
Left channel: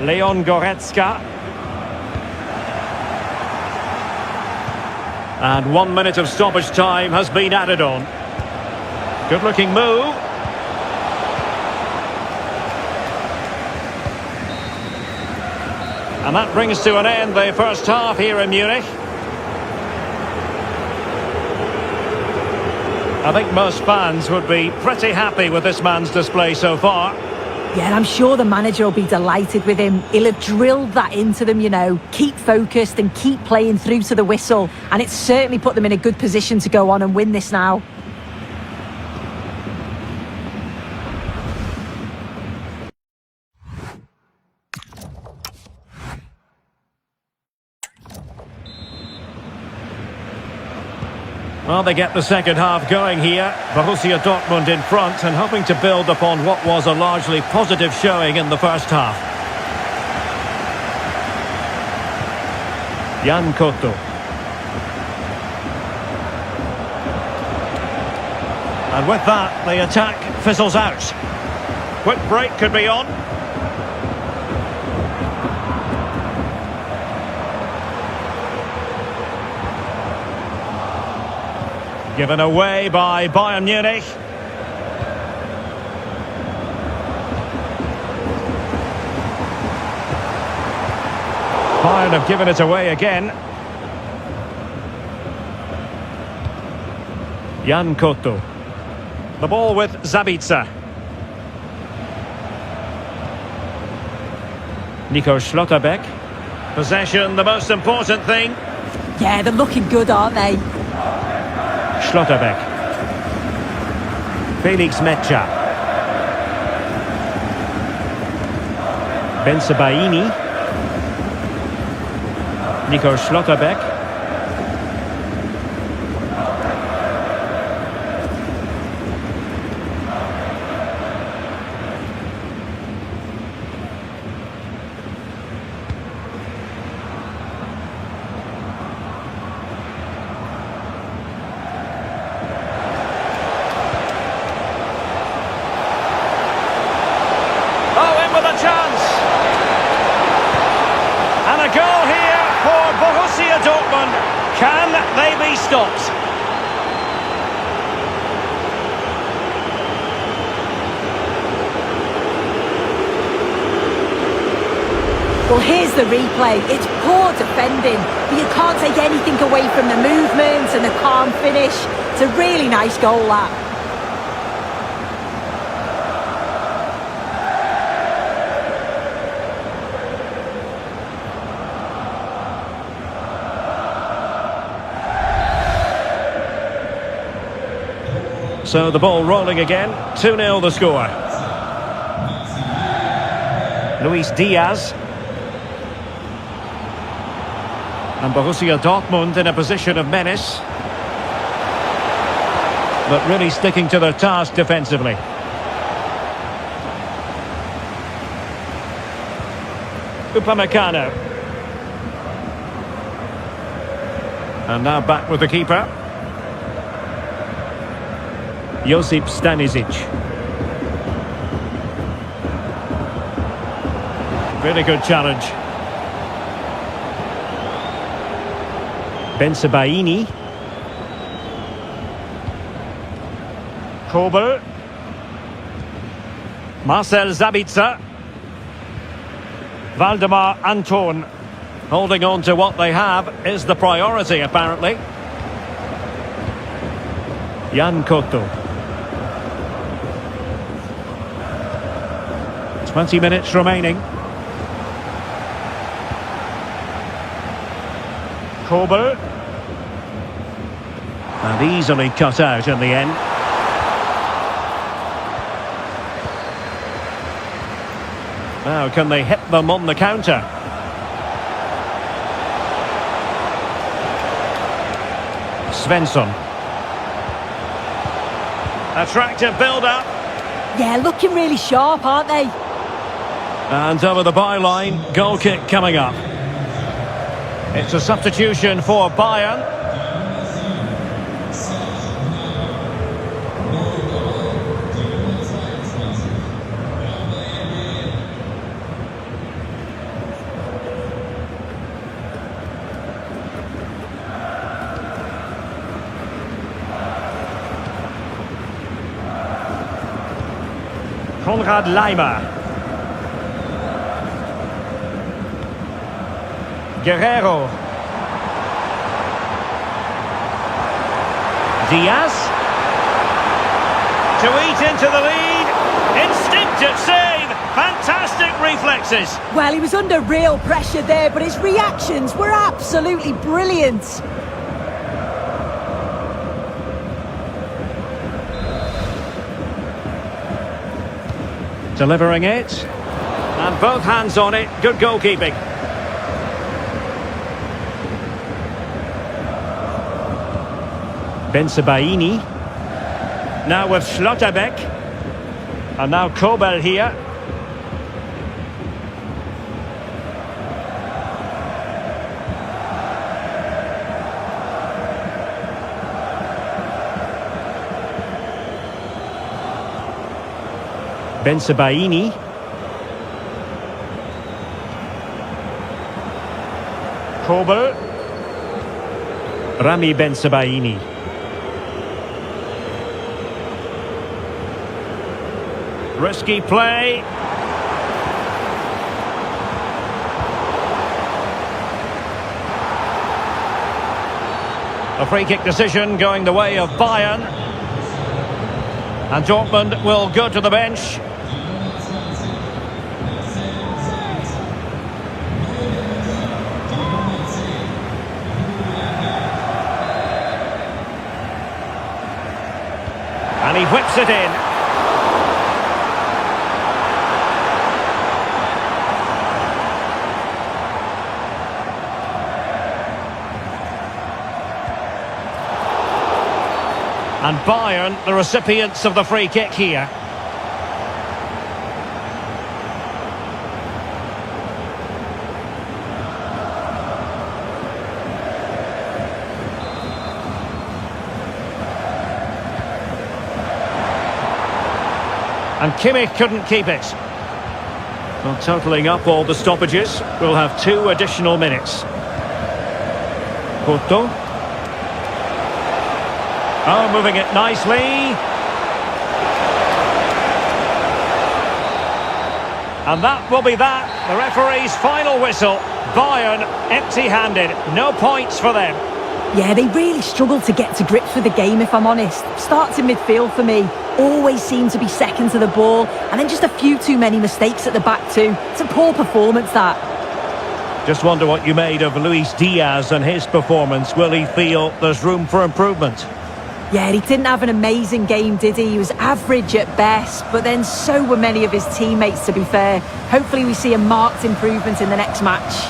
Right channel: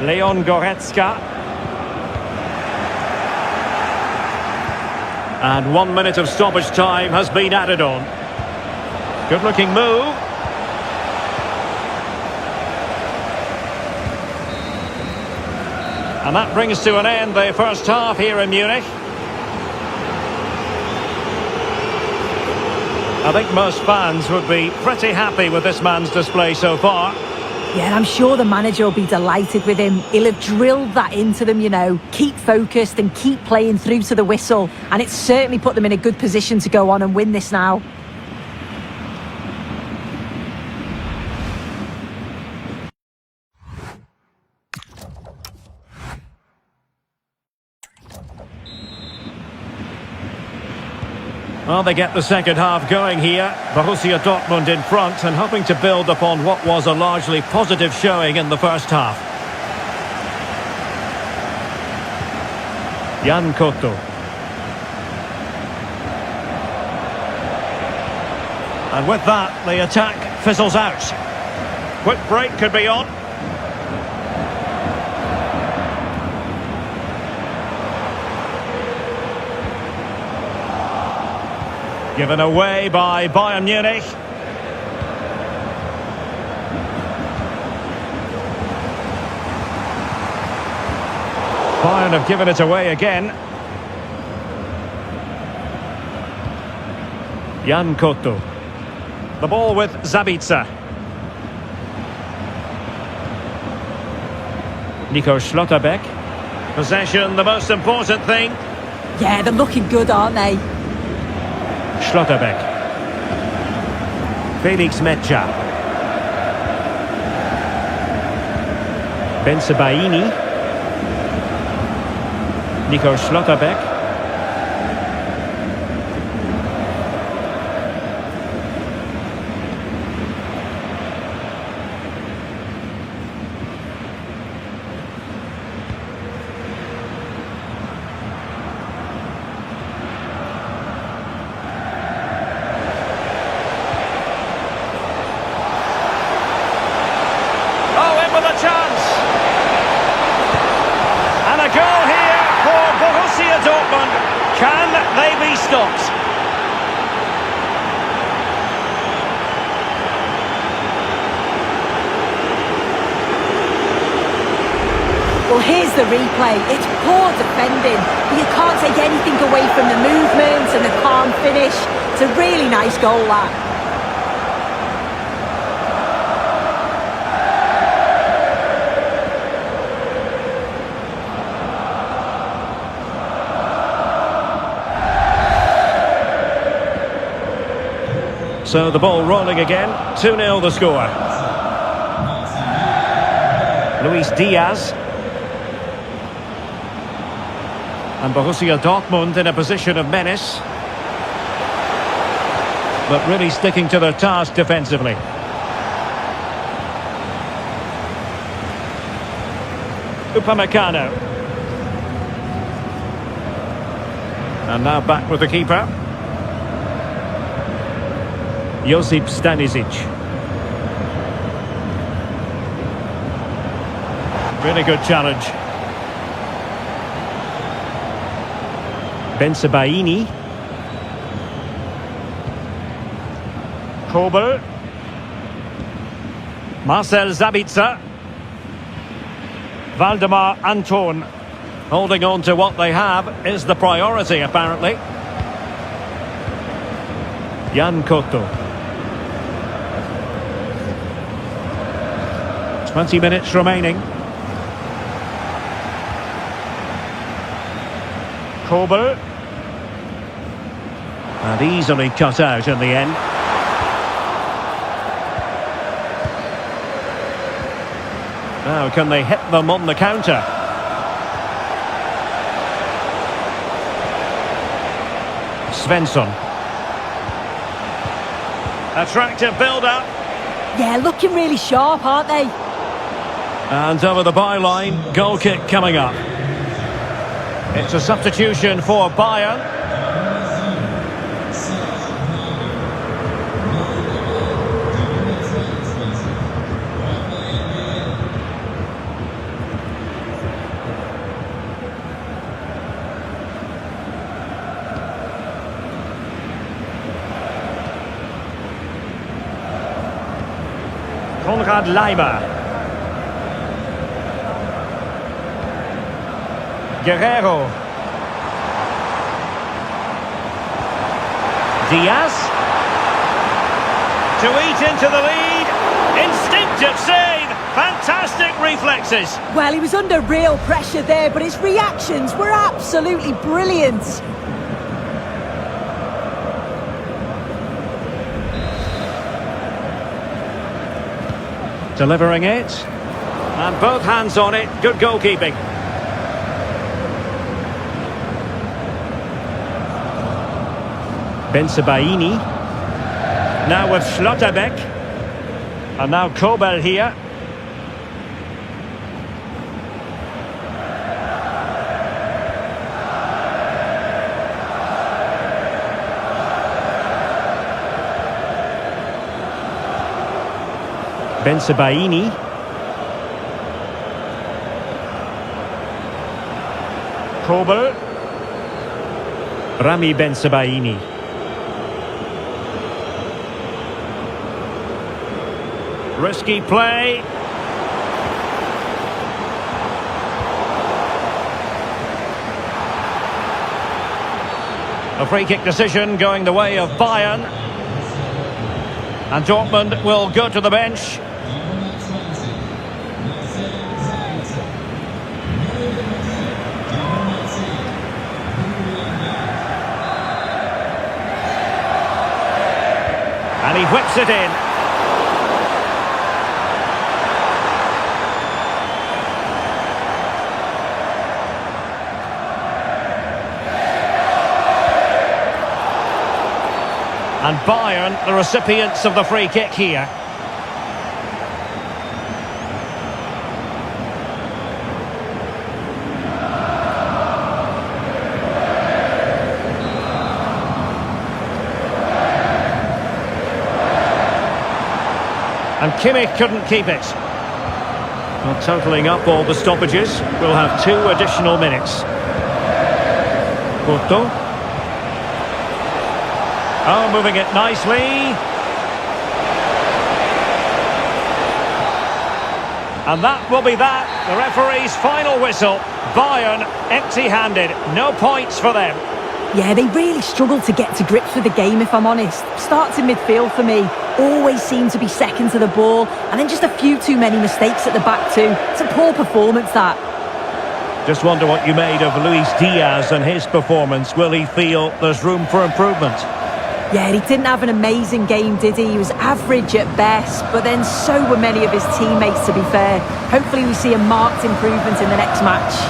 Leon Goretzka. And 1 minute of stoppage time has been added on. Good looking move. And that brings to an end the first half here in Munich. I think most fans would be pretty happy with this man's display so far. Yeah, and I'm sure the manager will be delighted with him. He'll have drilled that into them, you know. Keep focused and keep playing through to the whistle. And it's certainly put them in a good position to go on and win this now. Well, they get the second half going here. Borussia Dortmund in front and hoping to build upon what was a largely positive showing in the first half. Jan Koto. And with that, the attack fizzles out. Quick break could be on. Given away by Bayern Munich. Bayern have given it away again. Jan Koto. The ball with Zabitzer. Nico Schlotterbeck. Possession, the most important thing. Yeah, they're looking good, aren't they? Schlotterbeck. Felix Metscher. Bensebaini. Nico Schlotterbeck. With a chance. And a goal here for Borussia Dortmund. Can they be stopped? Well, here's the replay. It's poor defending, but you can't take anything away from the movement and the calm finish. It's a really nice goal, that. So the ball rolling again. 2-0 the score. Luis Diaz. And Borussia Dortmund in a position of menace, but really sticking to their task defensively. Upamecano. And now back with the keeper. Josip Stanisic. Really good challenge. Bensebaini. Kobel. Marcel Sabitzer. Valdemar Anton. Holding on to what they have is the priority, apparently. Jan Koto. 20 minutes remaining. Kobel. And easily cut out in the end. Now can they hit them on the counter? Svensson. Attractive build-up. Yeah, looking really sharp, aren't they? And over the byline, goal kick coming up. It's a substitution for Bayern. Konrad Laimer. Guerrero. Diaz. To eat into the lead. Instinctive save. Fantastic reflexes. Well, he was under real pressure there, but his reactions were absolutely brilliant. Delivering it. And both hands on it. Good goalkeeping. Bensebaini. Now with Schlotterbeck. And now Kobel here. Bensebaini. Kobel. Rami Bensebaini. Risky play. A free kick decision going the way of Bayern. And Dortmund will go to the bench. And he whips it in. And Bayern, the recipients of the free kick here. And Kimmich couldn't keep it. Well, totalling up all the stoppages, we'll have 2 additional minutes. Koto. Oh, moving it nicely. And that will be that. The referee's final whistle. Bayern empty-handed. No points for them. Yeah, they really struggled to get to grips with the game, if I'm honest. Starts in midfield for me. Always seem to be second to the ball. And then just a few too many mistakes at the back too. It's a poor performance, that. Just wonder what you made of Luis Diaz and his performance. Will he feel there's room for improvement? Yeah, he didn't have an amazing game, did he? He was average at best, but then so were many of his teammates, to be fair. Hopefully we see a marked improvement in the next match.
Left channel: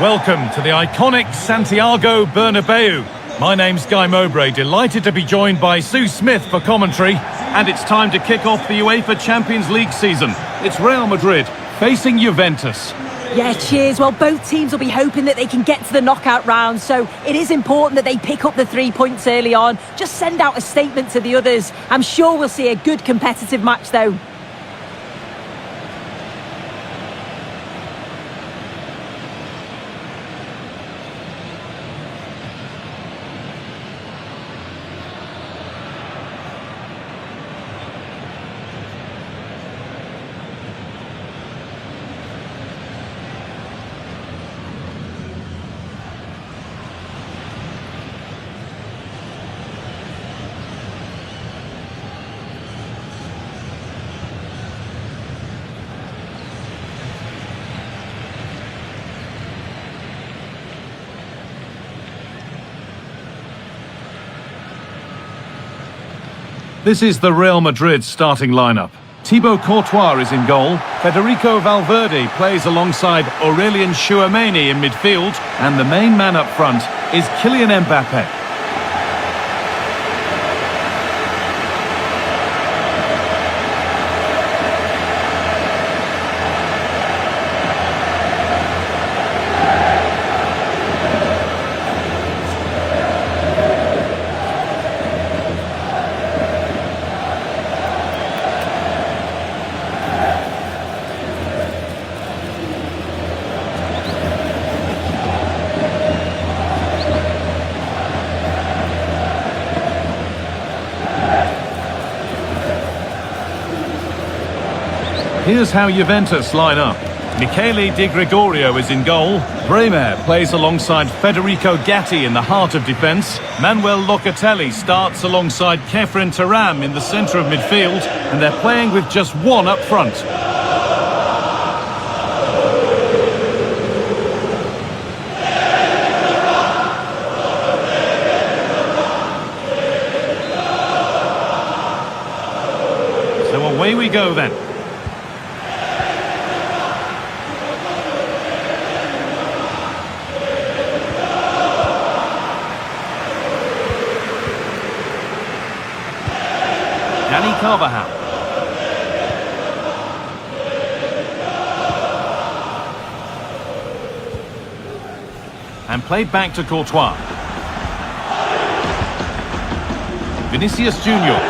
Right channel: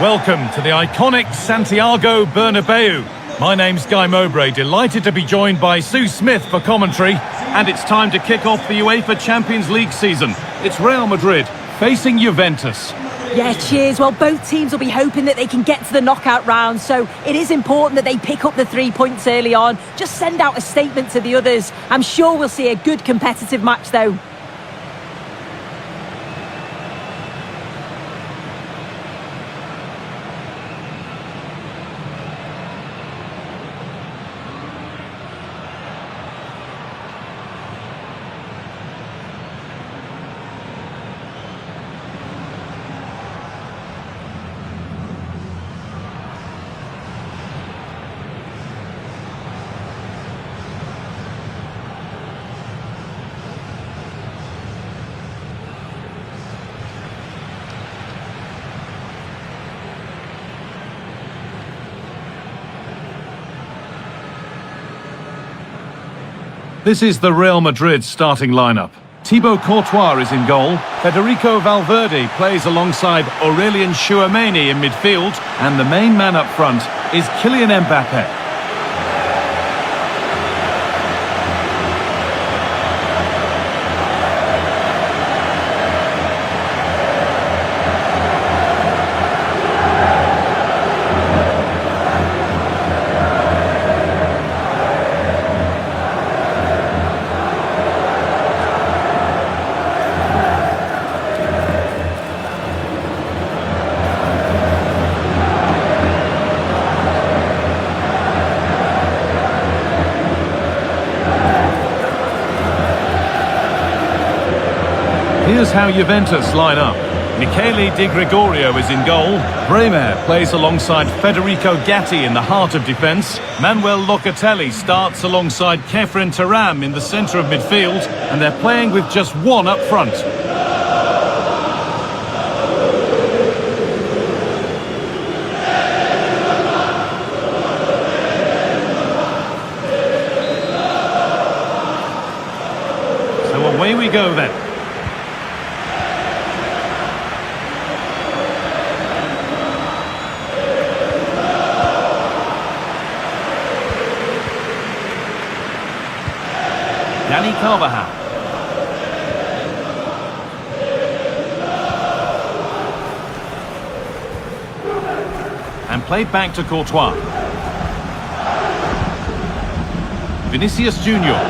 Welcome to the iconic Santiago Bernabeu. My name's Guy Mowbray, delighted to be joined by Sue Smith for commentary. And it's time to kick off the UEFA Champions League season. It's Real Madrid facing Juventus. Yeah, cheers. Well, both teams will be hoping that they can get to the knockout round, so it is important that they pick up the 3 points early on. Just send out a statement to the others. I'm sure we'll see a good competitive match, though. This is the Real Madrid starting lineup. Thibaut Courtois is in goal. Federico Valverde plays alongside Aurélien Tchouaméni in midfield. And the main man up front is Kylian Mbappé. Here's how Juventus line up. Michele Di Gregorio is in goal. Bremer plays alongside Federico Gatti in the heart of defence. Manuel Locatelli starts alongside Kefren Turam in the centre of midfield. And they're playing with just one up front. So away we go then. Dani Carvajal. And played back to Courtois. Vinicius Junior.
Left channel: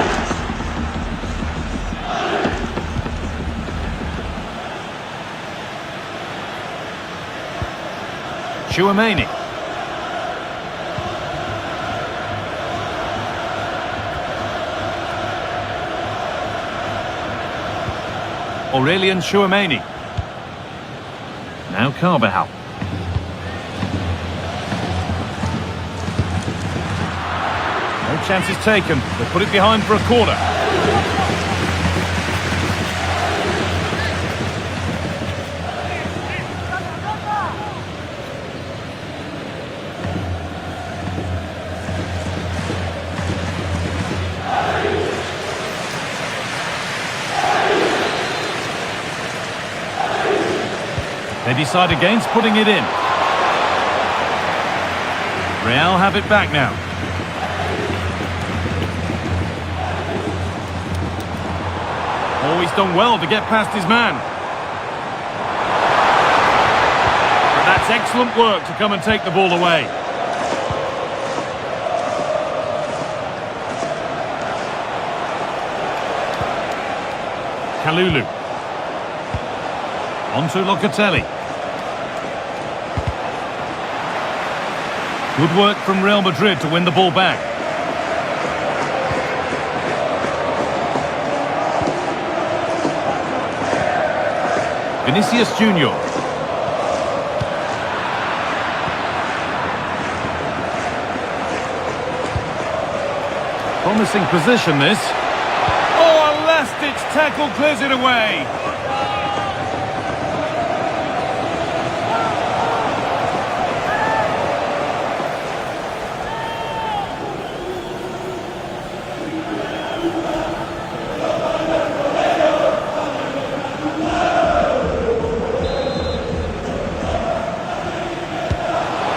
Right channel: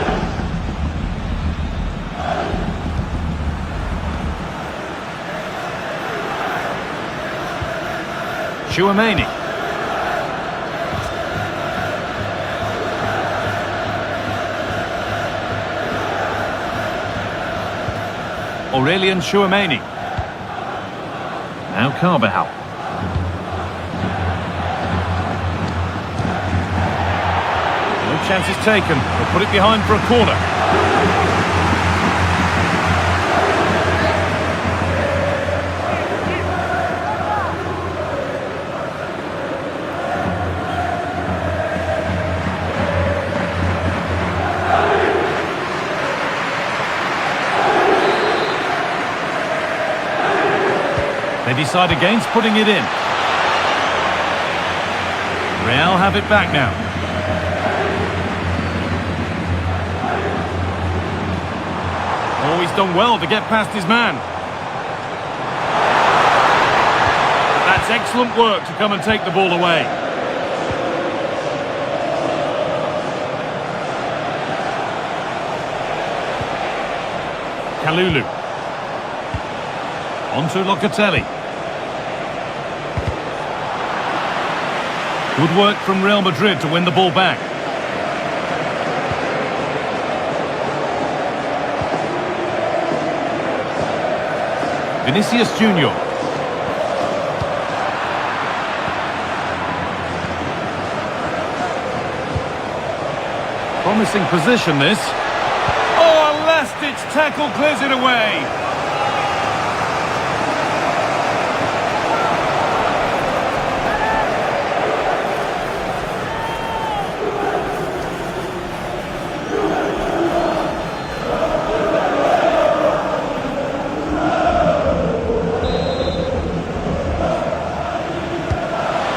Tchouaméni. Aurélien Tchouaméni. Now Carvajal. No chances taken. They'll put it behind for a corner. They decide against putting it in. Real have it back now. Oh, he's done well to get past his man. But that's excellent work to come and take the ball away. Kalulu. On to Locatelli. Good work from Real Madrid to win the ball back. Vinicius Junior. Promising position, this. Oh, a last-ditch tackle clears it away.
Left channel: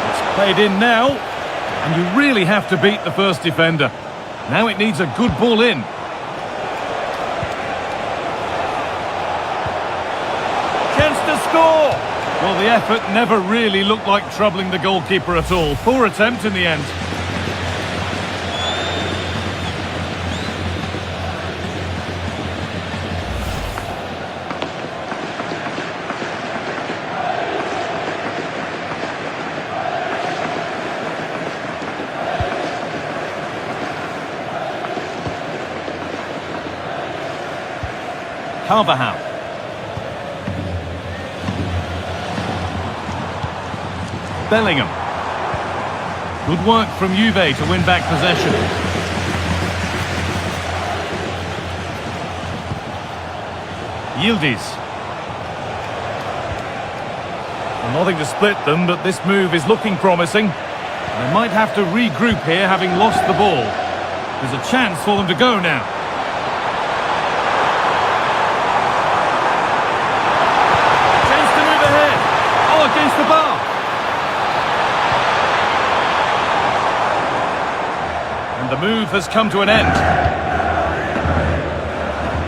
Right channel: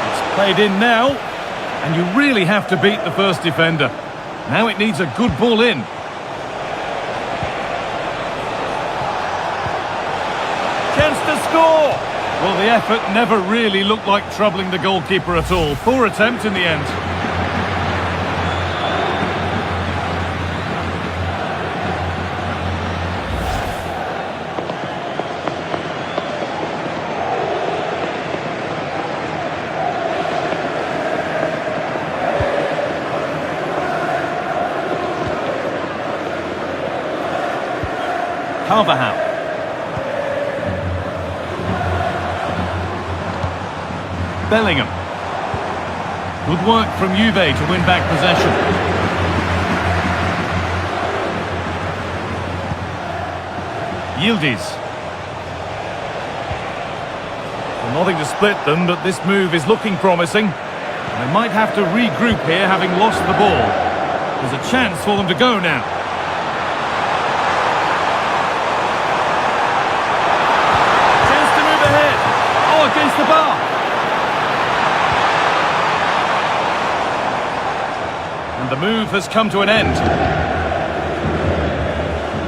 It's played in now, and you really have to beat the first defender. Now it needs a good ball in. Chance to score! Well, the effort never really looked like troubling the goalkeeper at all. Poor attempt in the end. Carvajal. Bellingham. Good work from Juve to win back possession. Yildiz. Well, nothing to split them, but this move is looking promising. And they might have to regroup here, having lost the ball. There's a chance for them to go now. Against the bar. And the move has come to an end.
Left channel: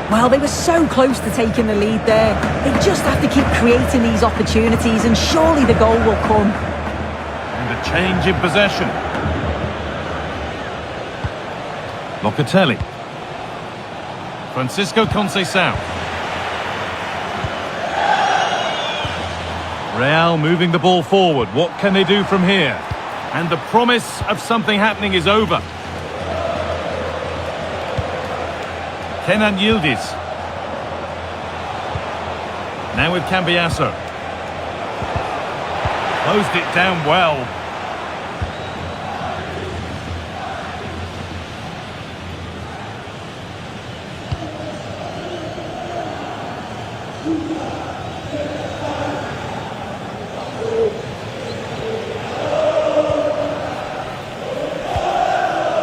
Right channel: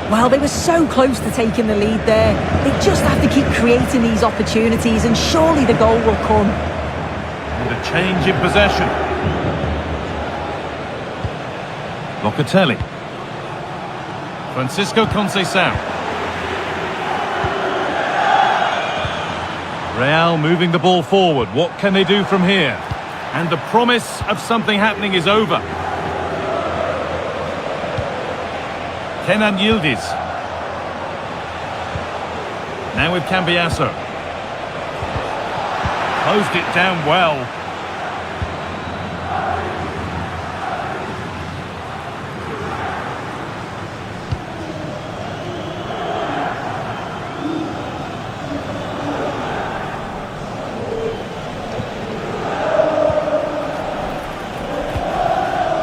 Well, they were so close to taking the lead there. They just have to keep creating these opportunities and surely the goal will come. And a change in possession. Locatelli. Francisco Conceição. Real moving the ball forward. What can they do from here? And the promise of something happening is over. Kenan Yildiz. Now with Cambiasso. Closed it down well.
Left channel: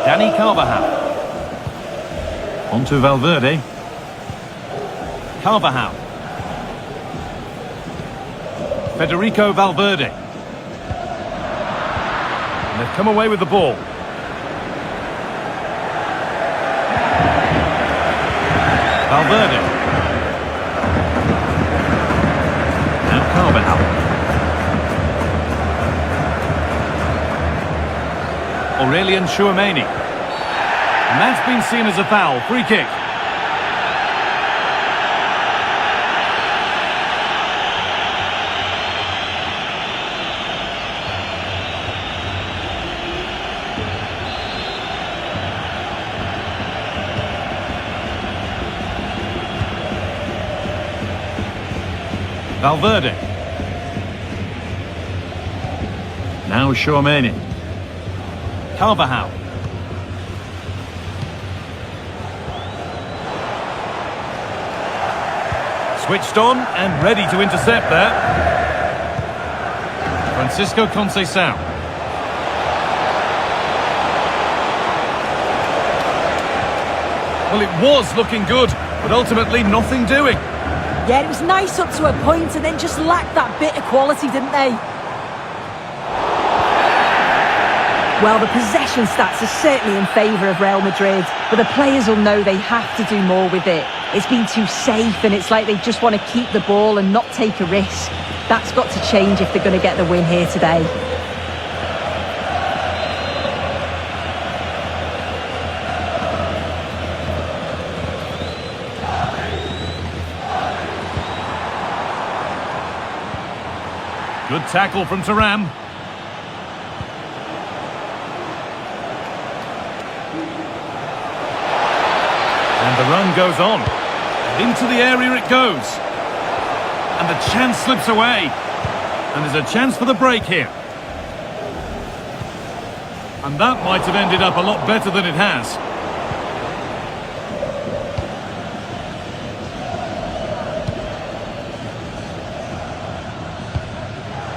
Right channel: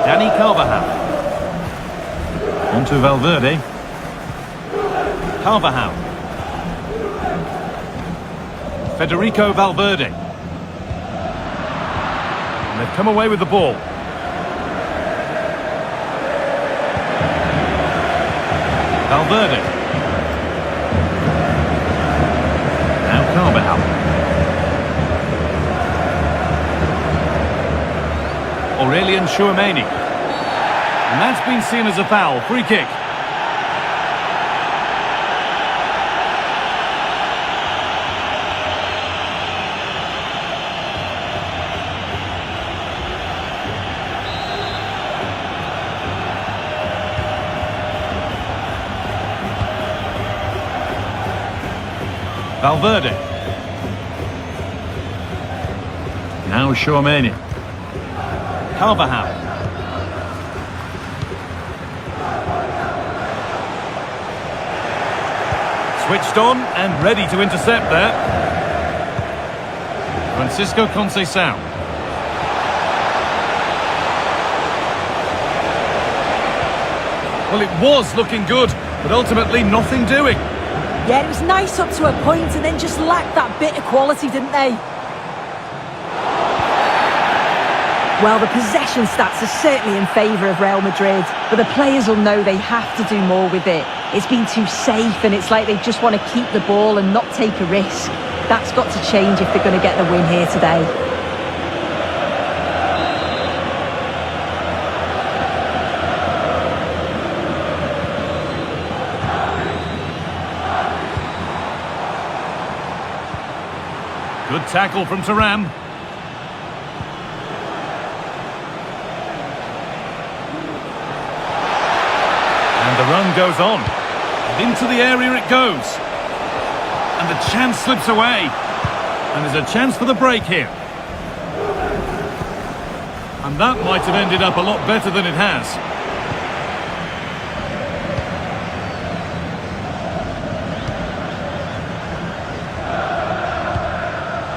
Dani Carvajal. On to Valverde. Carvajal. Federico Valverde. And they've come away with the ball. Valverde. Now Carvajal. Aurelian Tchouameni. And that's been seen as a foul. Free kick. Valverde. Now Tchouameni. Carvajal. Switched on and ready to intercept there. Francisco Conceição. Well, it was looking good, but ultimately nothing doing. Yeah, it was nice up to a point and then just lacked that bit of quality, didn't they? Well, the possession stats are certainly in favour of Real Madrid, but the players will know they have to do more with it. It's been too safe and it's like they just want to keep the ball and not take a risk. That's got to change if they're going to get the win here today. Good tackle from Thuram. And the run goes on. And into the area it goes. And the chance slips away. And there's a chance for the break here. And that might have ended up a lot better than it has.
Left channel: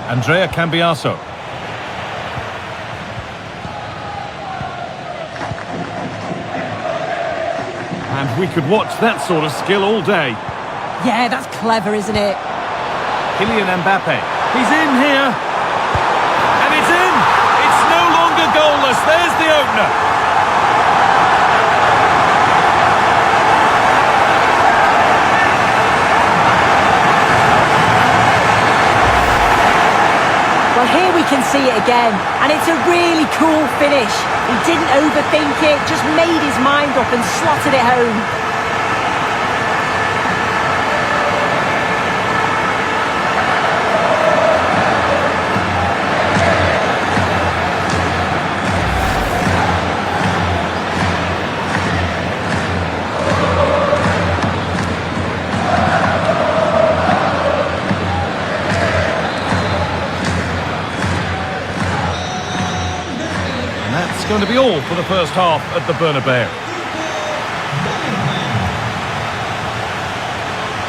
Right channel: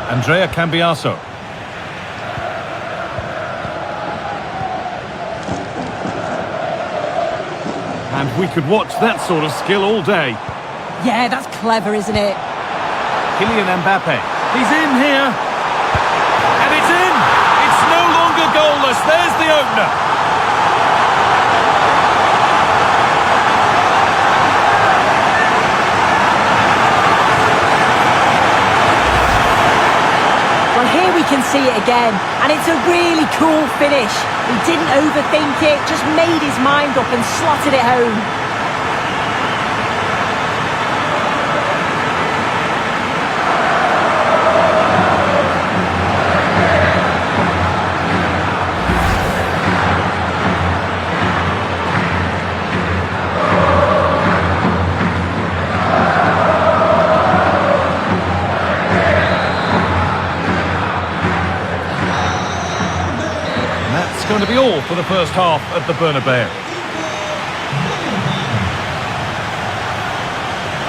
Andrea Cambiaso. And we could watch that sort of skill all day. Yeah, that's clever, isn't it? Kylian Mbappe. He's in here. And it's in! It's no longer goalless. There's the opener. Well, here we can see it again, and it's a really cool finish. He didn't overthink it, just made his mind up and slotted it home. That's going to be all for the first half at the Bernabeu.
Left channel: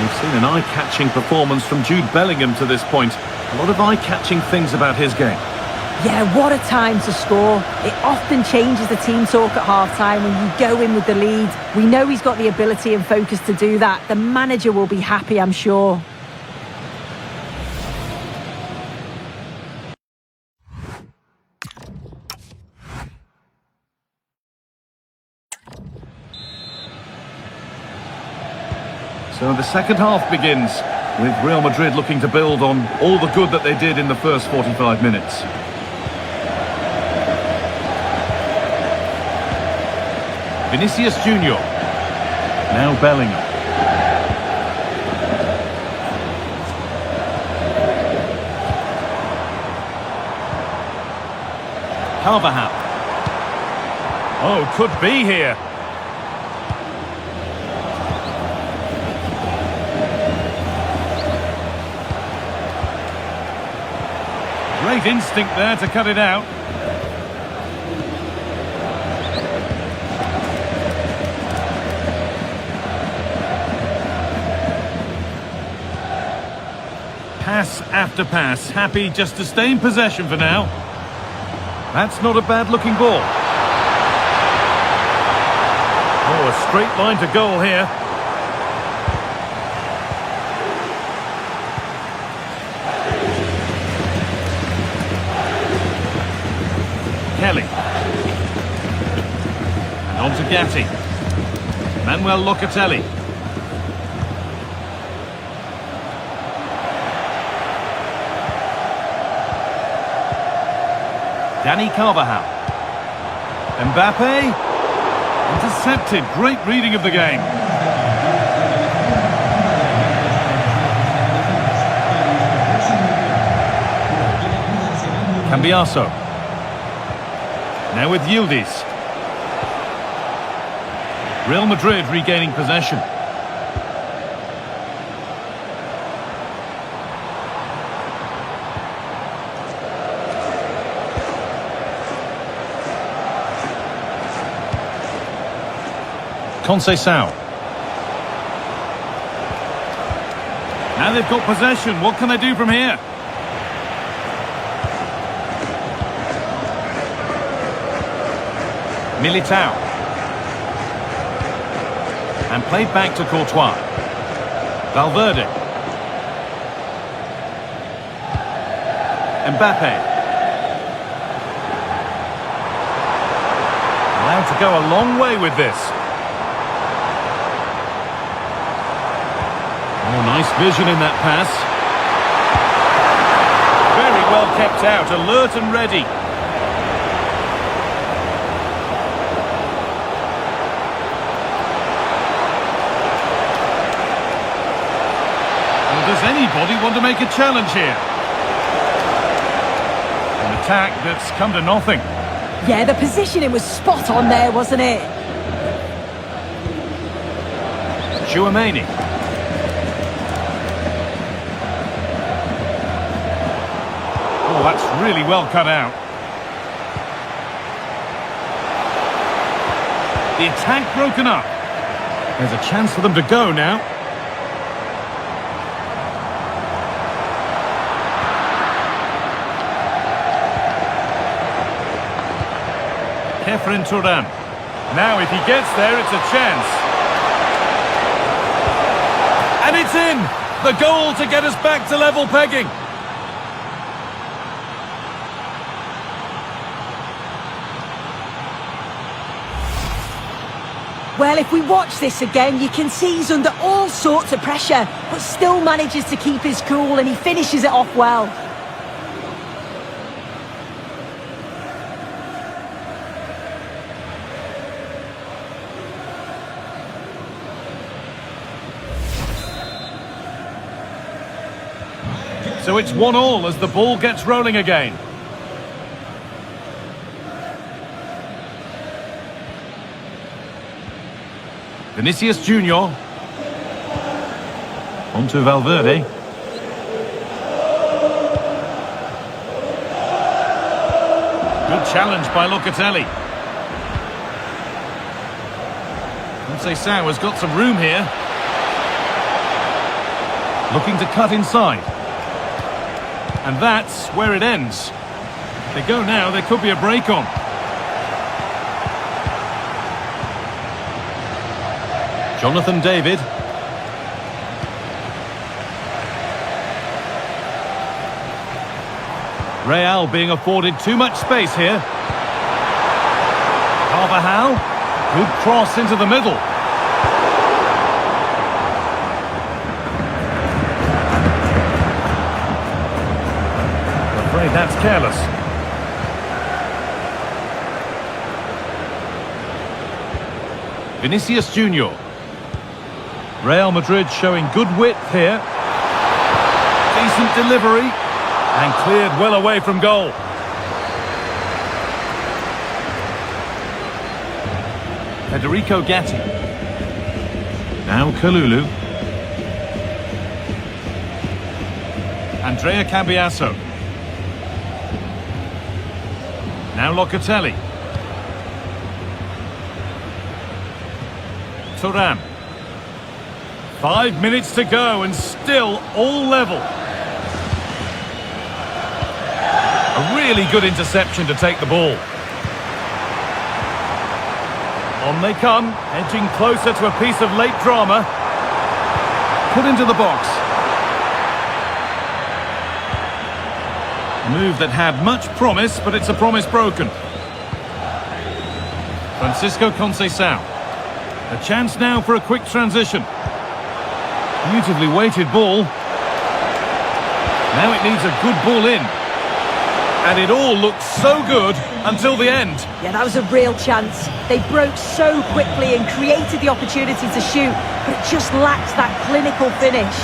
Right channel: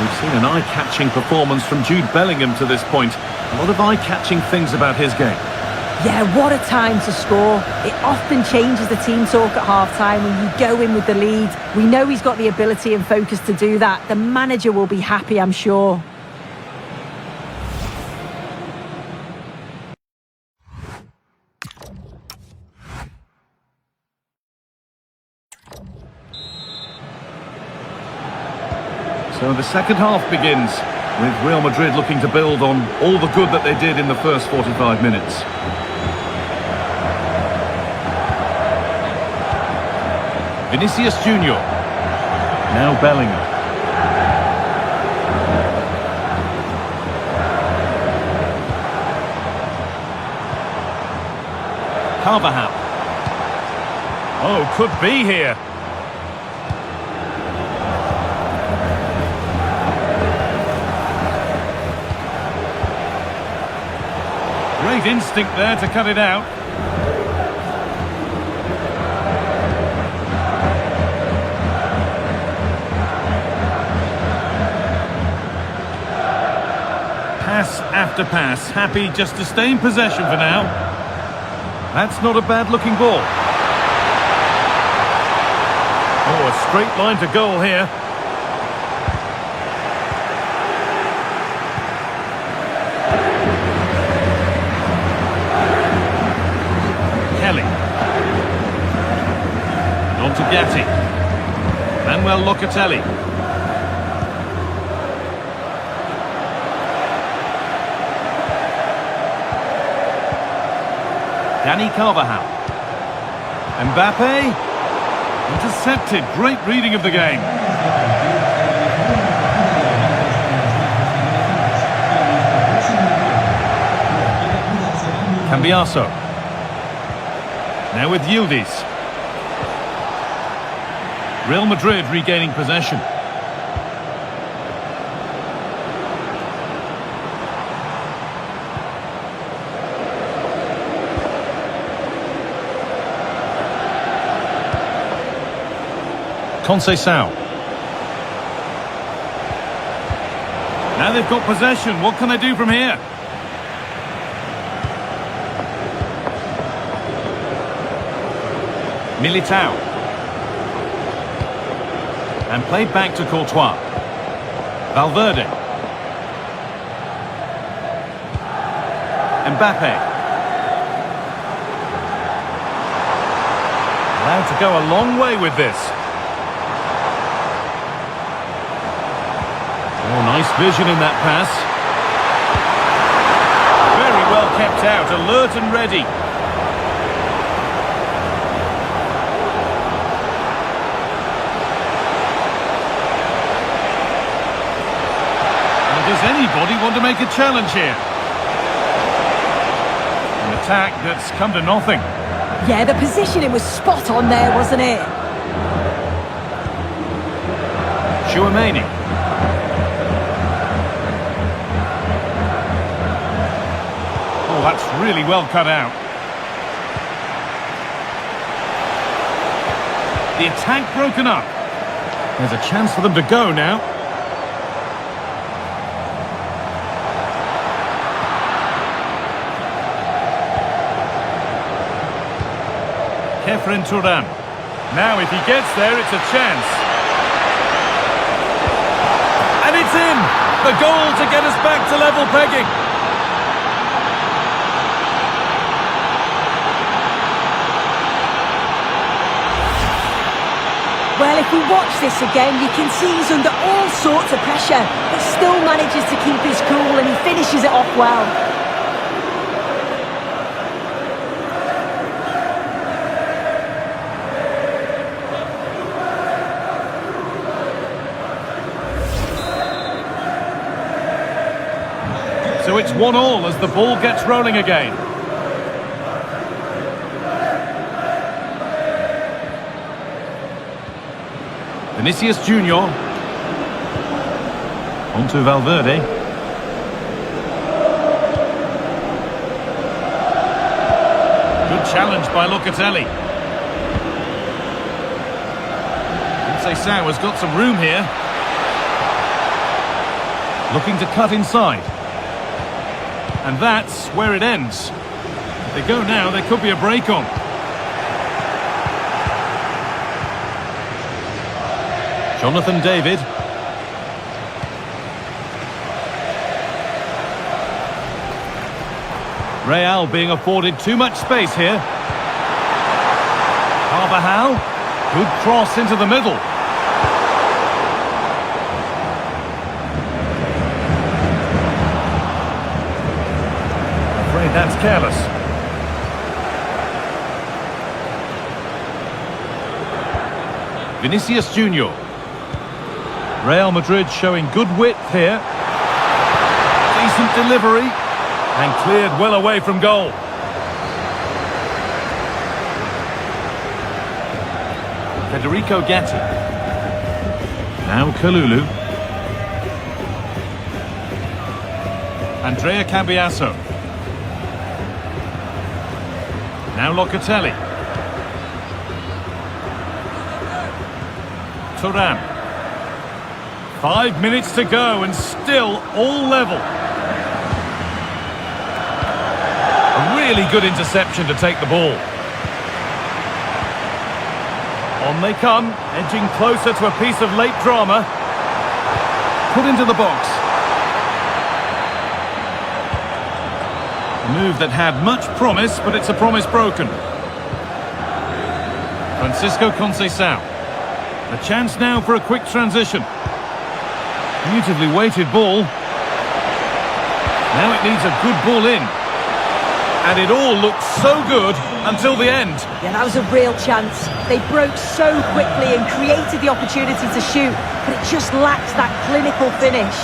We've seen an eye-catching performance from Jude Bellingham to this point. A lot of eye-catching things about his game. Yeah, what a time to score. It often changes the team talk at half-time when you go in with the lead. We know he's got the ability and focus to do that. The manager will be happy, I'm sure. So the second half begins, with Real Madrid looking to build on all the good that they did in the first 45 minutes. Vinicius Junior. Now Bellingham. Carvajal. Oh, could be here. Great instinct there to cut it out. Pass after pass, happy just to stay in possession for now. That's not a bad looking ball. Oh, a straight line to goal here. Kelly. And on to Gatti. Manuel Locatelli. Dani Carvajal. Mbappe. Intercepted. Great reading of the game. Cambiaso. Now with Yildiz. Real Madrid regaining possession. Conceição. Now they've got possession. What can they do from here? Militao. And played back to Courtois. Valverde. Mbappe. Allowed to go a long way with this. Oh, nice vision in that pass. Very well kept out, alert and ready. Does anybody want to make a challenge here? An attack that's come to nothing. Yeah, the positioning was spot on there, wasn't it? Chouameni. Oh, that's really well cut out. The attack broken up. There's a chance for them to go now. Kefren Turan. Now if he gets there, it's a chance. And it's in! The goal to get us back to level pegging. Well, if we watch this again, you can see he's under all sorts of pressure, but still manages to keep his cool and he finishes it off well. So it's 1-1 as the ball gets rolling again. Vinicius Junior. On to Valverde. Good challenge by Locatelli. Conceição has got some room here. Looking to cut inside. And that's where it ends. If they go now, there could be a break on. Jonathan David. Real being afforded too much space here. Carvajal. Good cross into the middle. I'm afraid that's careless. Vinicius Junior. Real Madrid showing good width here. Decent delivery. And cleared well away from goal. Federico Gatti. Now Kalulu. Andrea Cambiasso. Now Locatelli. Turan. 5 minutes to go and still all level. A really good interception to take the ball. On they come, edging closer to a piece of late drama. Put into the box. A move that had much promise, but it's a promise broken. Francisco Conceição. A chance now for a quick transition. Beautifully weighted ball. Now it needs a good ball in. And it all looked so good until the end. Yeah, that was a real chance. They broke so quickly and created the opportunity to shoot, but it just lacked that clinical finish.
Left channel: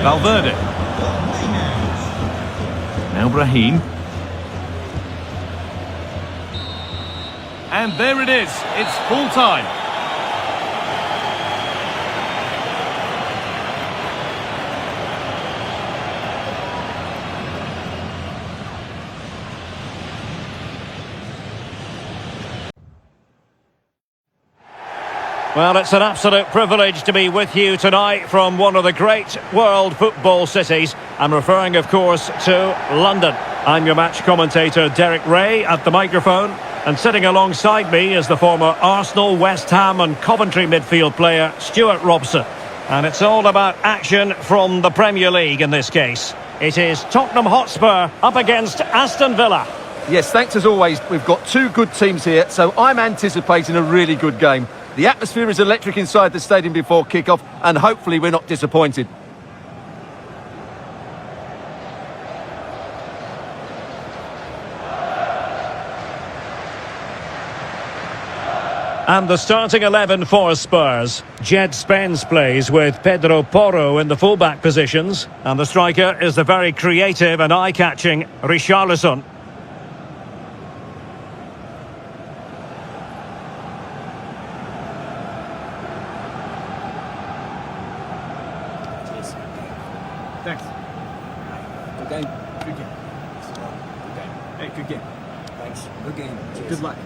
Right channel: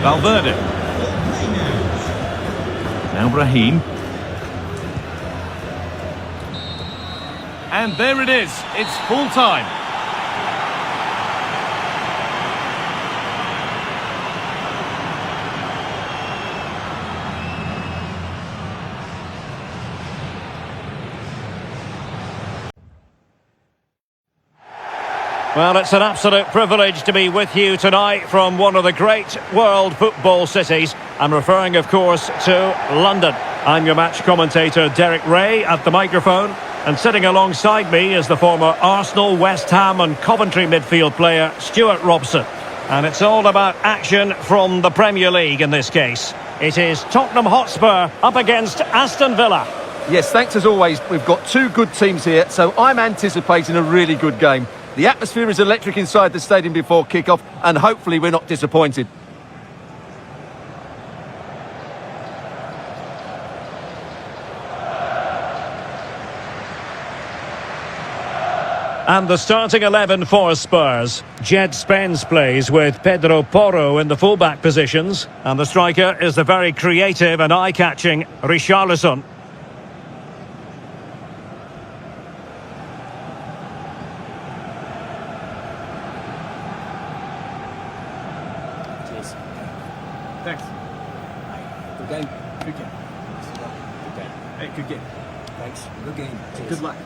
Valverde. Now Brahim. And there it is. It's full time. Well, it's an absolute privilege to be with you tonight from one of the great world football cities. I'm referring, of course, to London. I'm your match commentator, Derek Ray, at the microphone. And sitting alongside me is the former Arsenal, West Ham and Coventry midfield player, Stuart Robson. And it's all about action from the Premier League in this case. It is Tottenham Hotspur up against Aston Villa. Yes, thanks as always. We've got two good teams here, so I'm anticipating a really good game. The atmosphere is electric inside the stadium before kick-off, and hopefully we're not disappointed. And the starting 11 for Spurs. Jed Spence plays with Pedro Porro in the fullback positions. And the striker is the very creative and eye-catching Richarlison. Cheers. Thanks. Aye. Good game. Good game. Best of luck. Good game. Hey, good game. Thanks. Good game. Cheers. Good luck.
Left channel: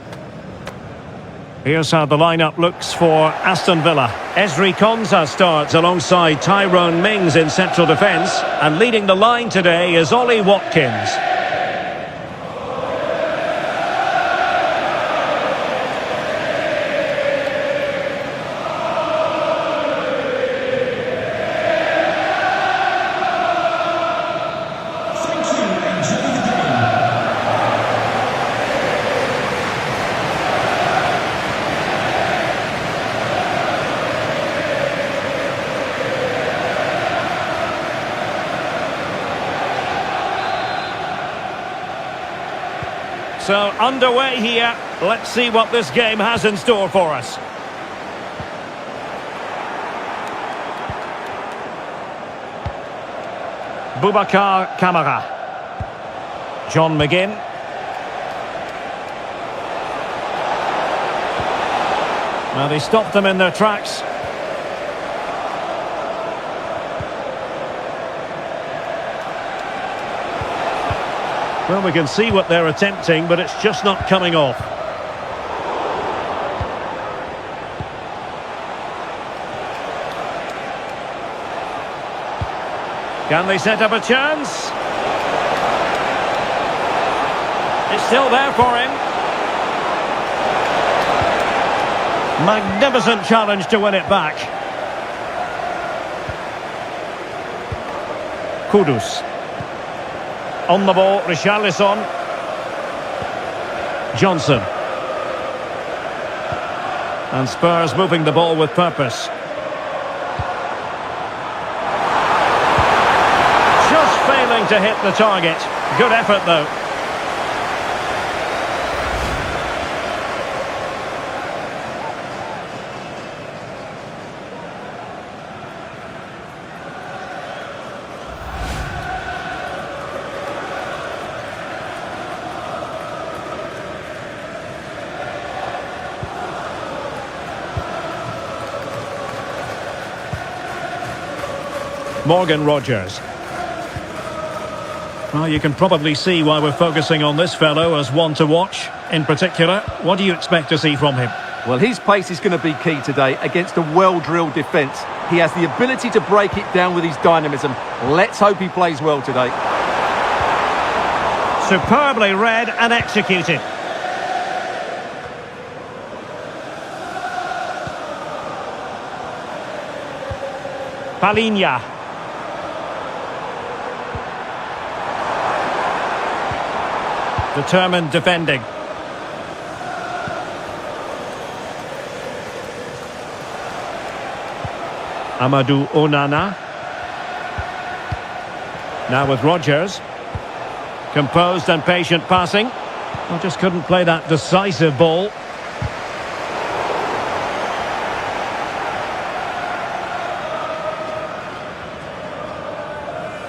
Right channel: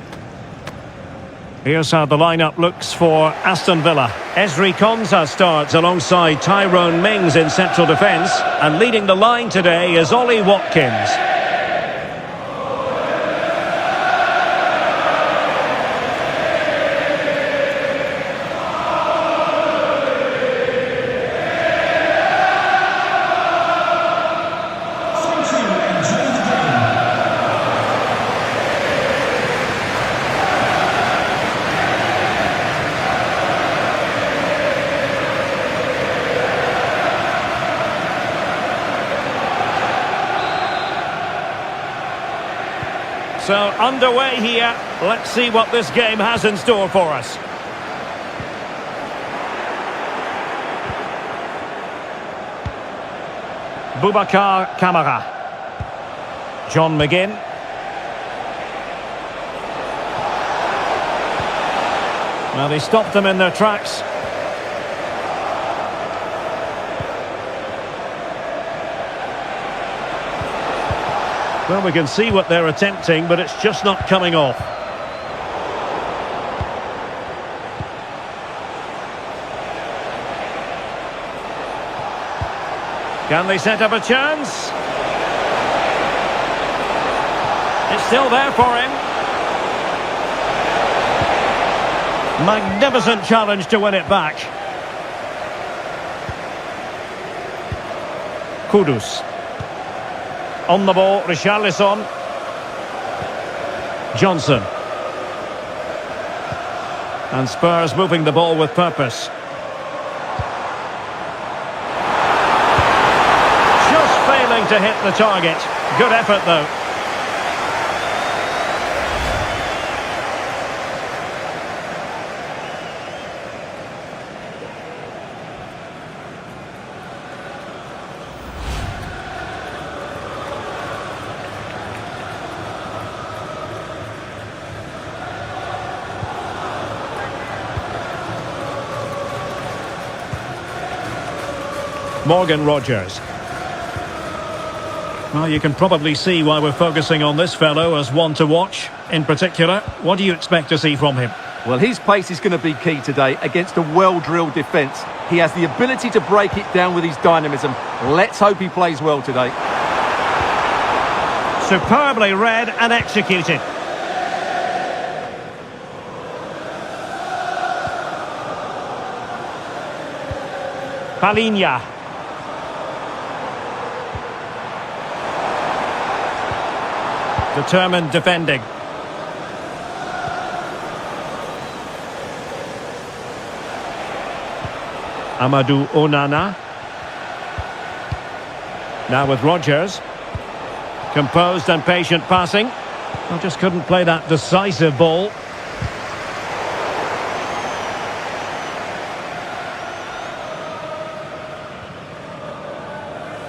Here's how the lineup looks for Aston Villa. Ezri Konsa starts alongside Tyrone Mings in central defence. And leading the line today is Ollie Watkins. Thank you. Enjoy the game. So underway here. Let's see what this game has in store for us. Boubacar Kamara. John McGinn. Now they stopped them in their tracks. Well, we can see what they're attempting, but it's just not coming off. Can they set up a chance? It's still there for him. Magnificent challenge to win it back. Kudus. On the ball, Richarlison. Johnson. And Spurs moving the ball with purpose. Just failing to hit the target. Good effort though. Morgan Rogers. Well, you can probably see why we're focusing on this fellow as one to watch. In particular, what do you expect to see from him? Well, his pace is going to be key today against a well-drilled defence. He has the ability to break it down with his dynamism. Let's hope he plays well today. Superbly read and executed. Palhinha. Determined defending. Amadou Onana. Now with Rogers. Composed and patient passing. Well, just couldn't play that decisive ball.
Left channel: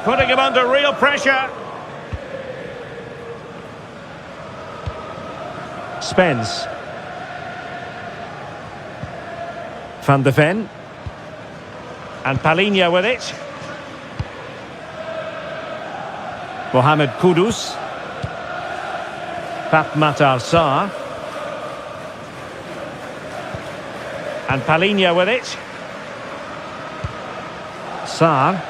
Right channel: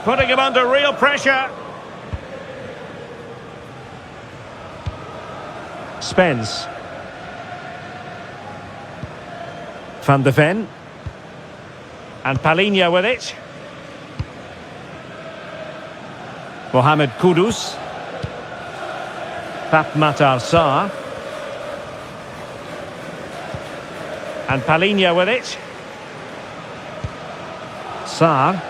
Putting him under real pressure. Spence. Van de Ven. And Palhinha with it. Mohamed Kudus. Pape Matar Sarr. And Palhinha with it. Sarr.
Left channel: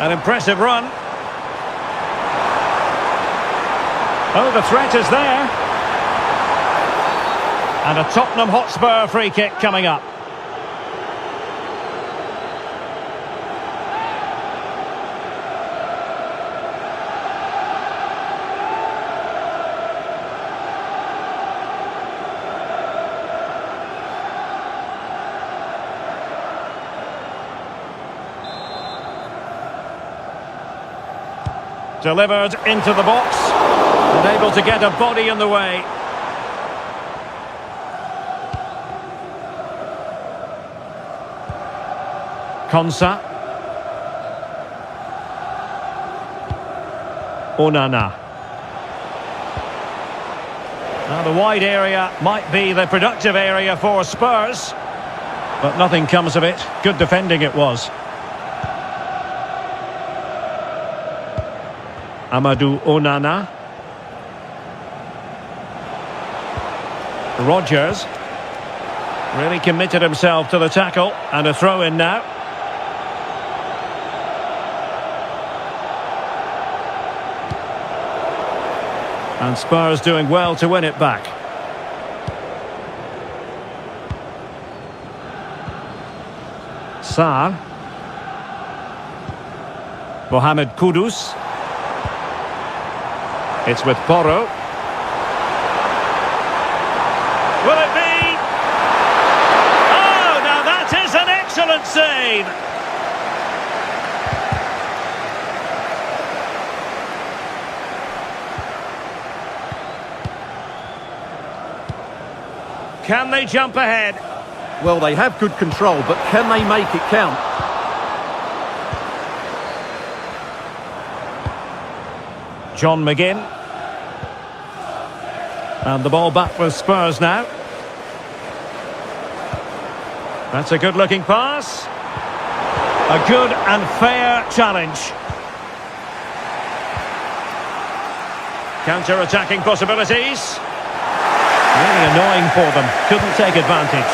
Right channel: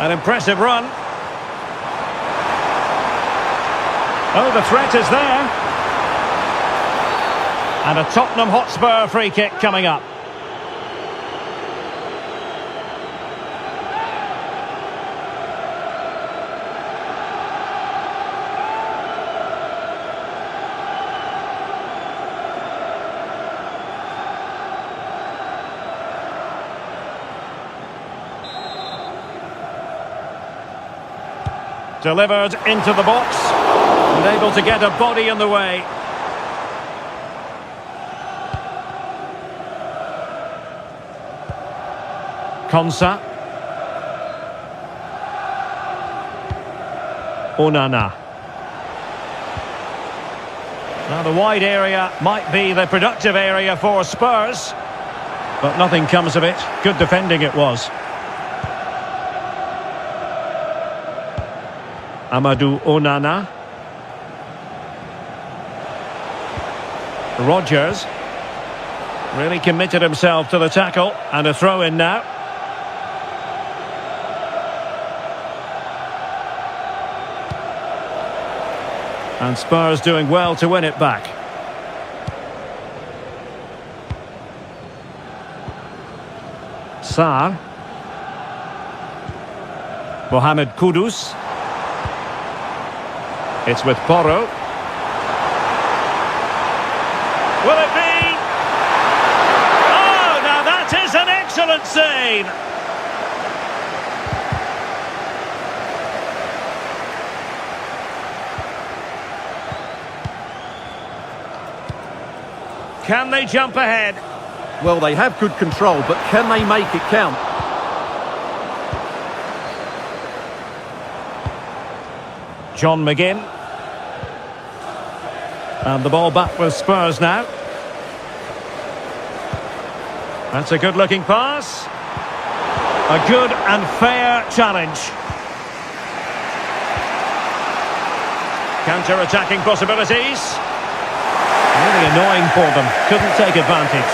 An impressive run. Oh, the threat is there. And a Tottenham Hotspur free kick coming up. Delivered into the box. And able to get a body in the way. Konsa. Onana. Now the wide area might be the productive area for Spurs, but nothing comes of it. Good defending it was. Amadou Onana. Rodgers really committed himself to the tackle, and a throw-in now. And Spurs doing well to win it back. Sarr. Mohamed Kudus. It's with Porro. Will it be? Oh, now that is an excellent save. Can they jump ahead? Well, they have good control, but can they make it count? John McGinn. And the ball back with Spurs now. That's a good-looking pass. A good and fair challenge. Counter-attacking possibilities. Really annoying for them. Couldn't take advantage.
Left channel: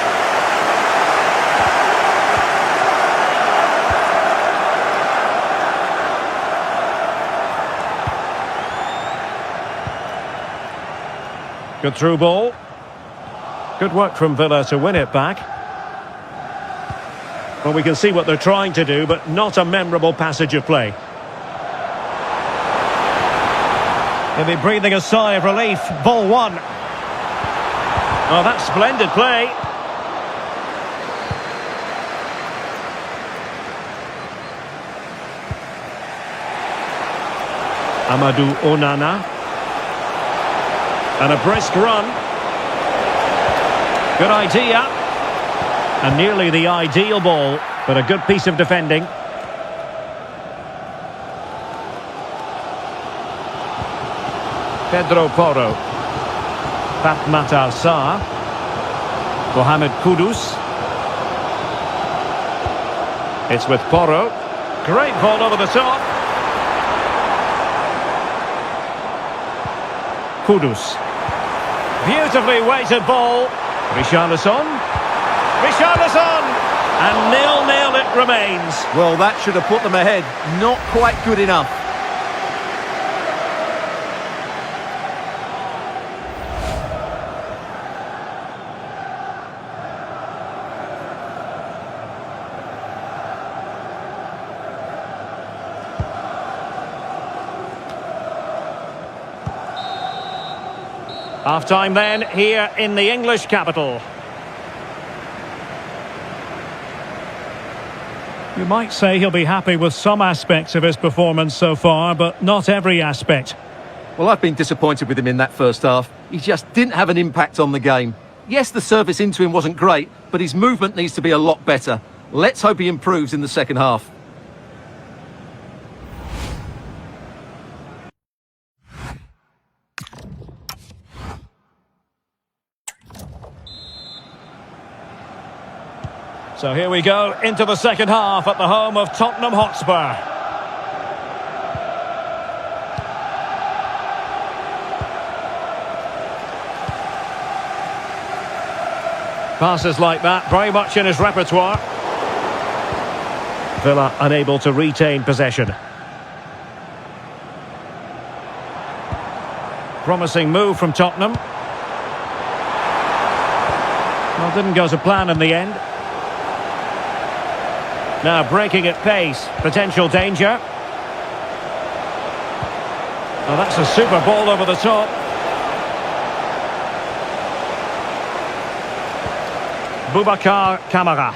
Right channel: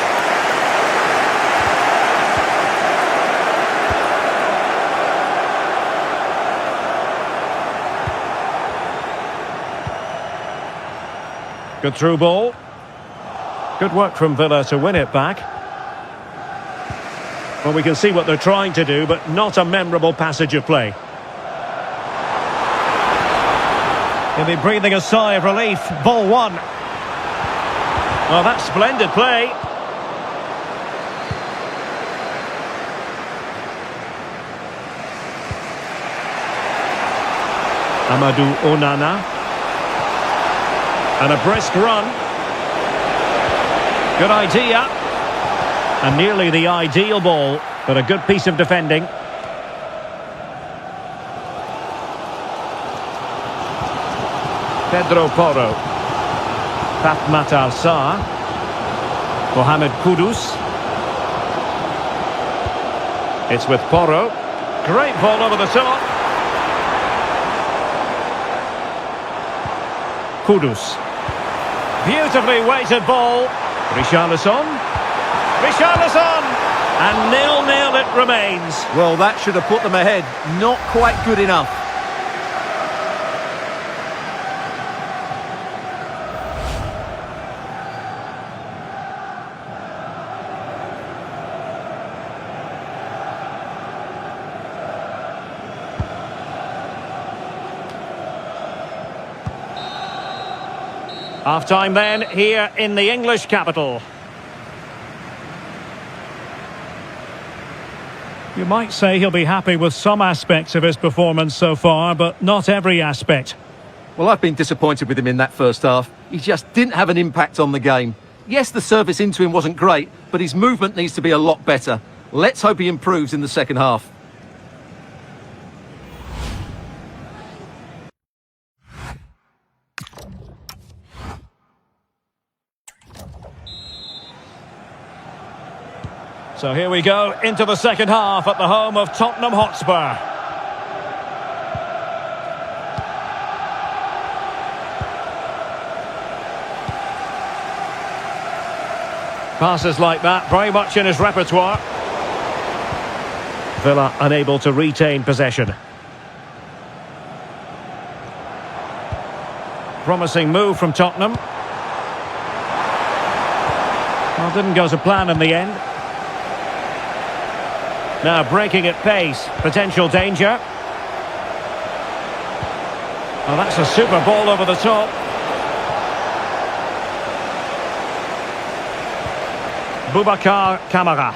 Good through ball. Good work from Villa to win it back. Well, we can see what they're trying to do, but not a memorable passage of play. He'll be breathing a sigh of relief. Ball one. Oh, that's splendid play. Amadou Onana. And a brisk run. Good idea. And nearly the ideal ball, but a good piece of defending. Pedro Porro. Fatmatar Sarr. Mohamed Kudus. It's with Porro. Great ball over the top. Kudus. Beautifully weighted ball. Richarlison. Richarlison! And 0-0 it remains. Well, that should have put them ahead. Not quite good enough. Half-time then, here in the English capital. You might say he'll be happy with some aspects of his performance so far, but not every aspect. Well, I've been disappointed with him in that first half. He just didn't have an impact on the game. Yes, the service into him wasn't great, but his movement needs to be a lot better. Let's hope he improves in the second half. So here we go into the second half at the home of Tottenham Hotspur. Passes like that, very much in his repertoire. Villa unable to retain possession. Promising move from Tottenham. Well, didn't go to plan in the end. Now breaking at pace, potential danger. Oh, that's a super ball over the top. Boubacar Kamara.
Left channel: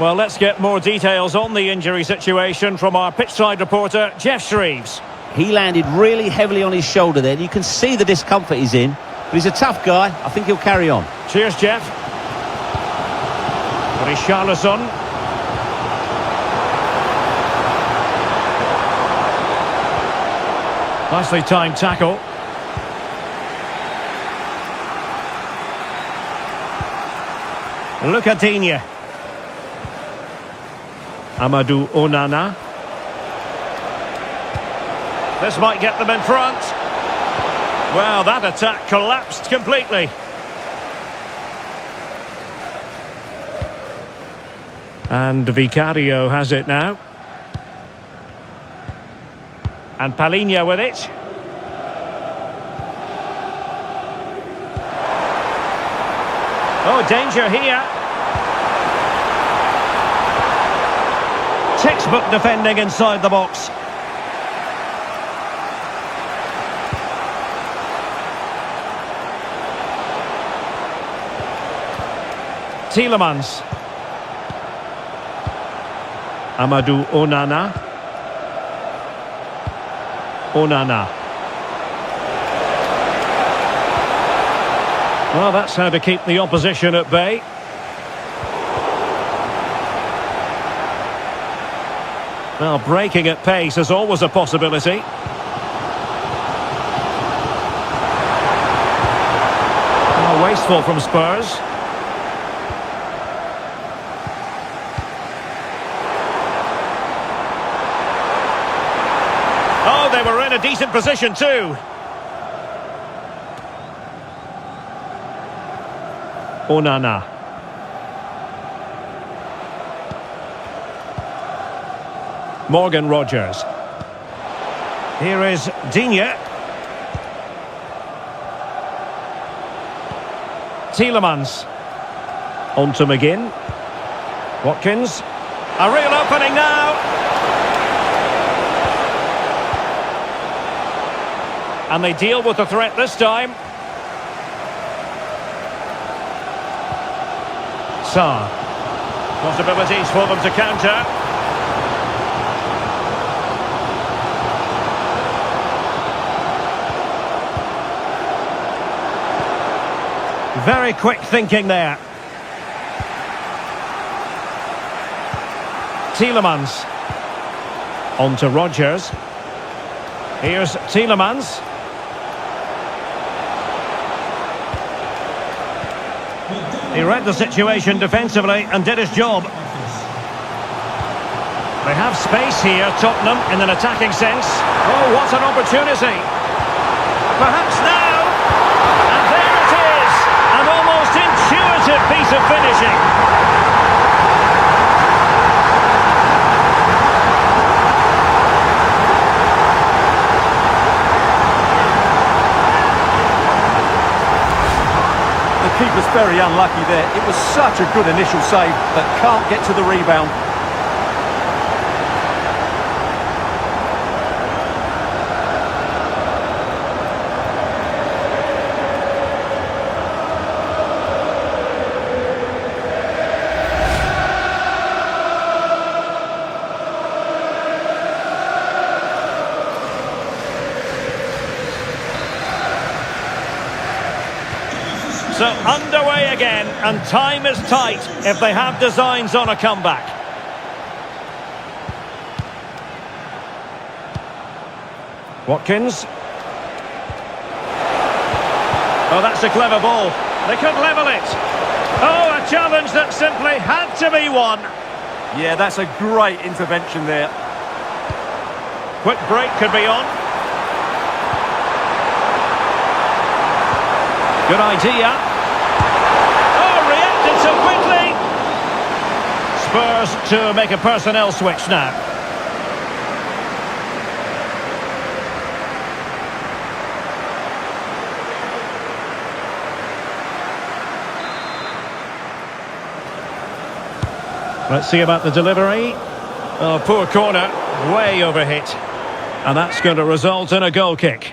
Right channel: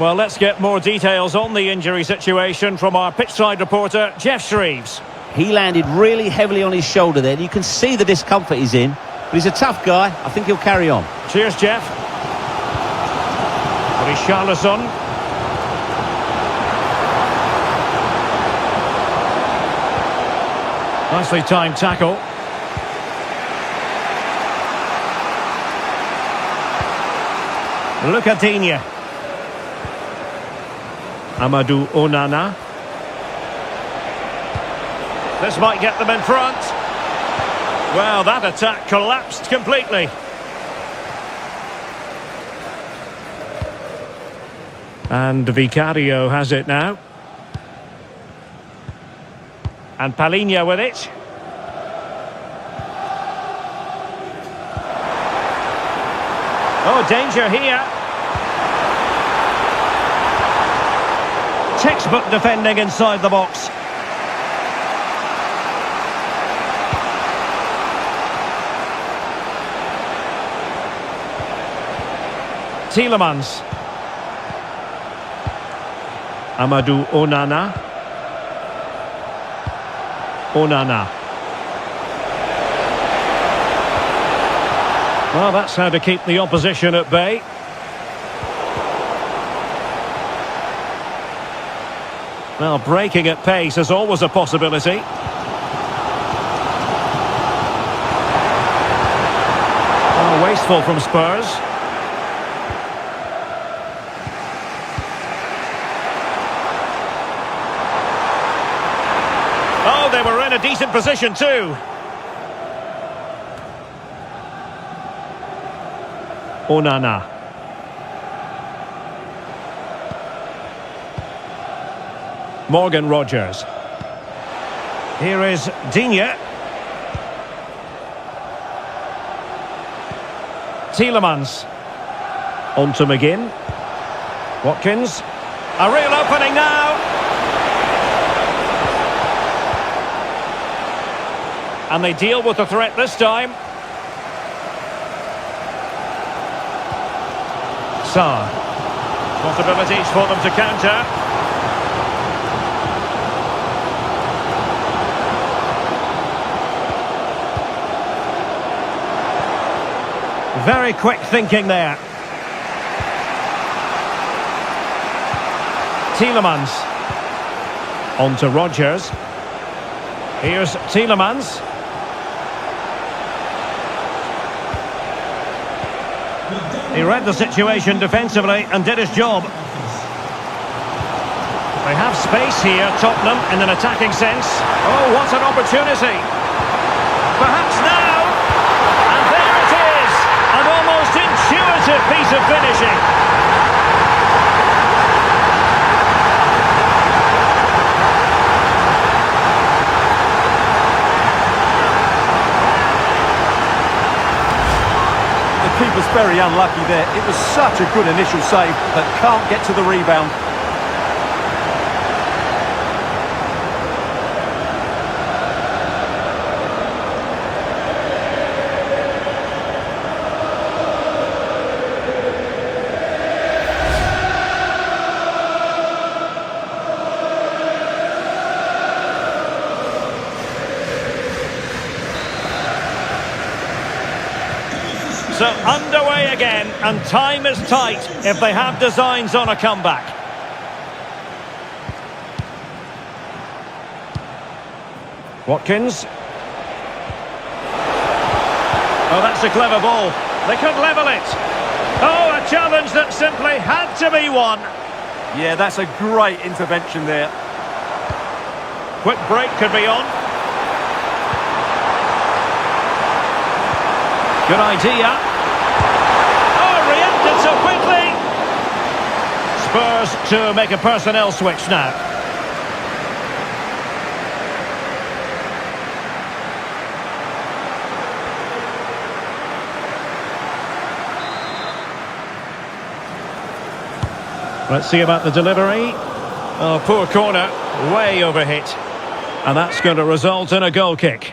Well, let's get more details on the injury situation from our pitchside reporter, Jeff Shreves. He landed really heavily on his shoulder there. You can see the discomfort he's in, but he's a tough guy. I think he'll carry on. Cheers, Jeff. Richarlison. Nicely timed tackle. Look at Digne. Amadou Onana. This might get them in front. Well, that attack collapsed completely. And Vicario has it now. And Palhinha with it. Oh, danger here. Textbook defending inside the box. Tielemans. Amadou Onana. Onana. Well, that's how to keep the opposition at bay. Well, breaking at pace is always a possibility. Oh, wasteful from Spurs. Oh, they were in a decent position too. Onana. Morgan Rogers. Here is Digne. Tielemans. On to McGinn. Watkins. A real opening now. And they deal with the threat this time. Sarr. Possibilities for them to counter. Very quick thinking there. Tielemans. On to Rogers. Here's Tielemans. He read the situation defensively and did his job. They have space here, Tottenham, in an attacking sense. Oh, what an opportunity. Perhaps now. And there it is. An almost intuitive piece of finishing. The keeper's very unlucky there. It was such a good initial save, but can't get to the rebound. So underway again, and time is tight if they have designs on a comeback. Watkins. Oh, that's a clever ball. They could level it. Oh, a challenge that simply had to be won. Yeah, that's a great intervention there. Quick break could be on. Good idea. Oh, reacted so quickly. Spurs to make a personnel switch now. Let's see about the delivery. Oh, poor corner. Way overhit. And that's going to result in a goal kick.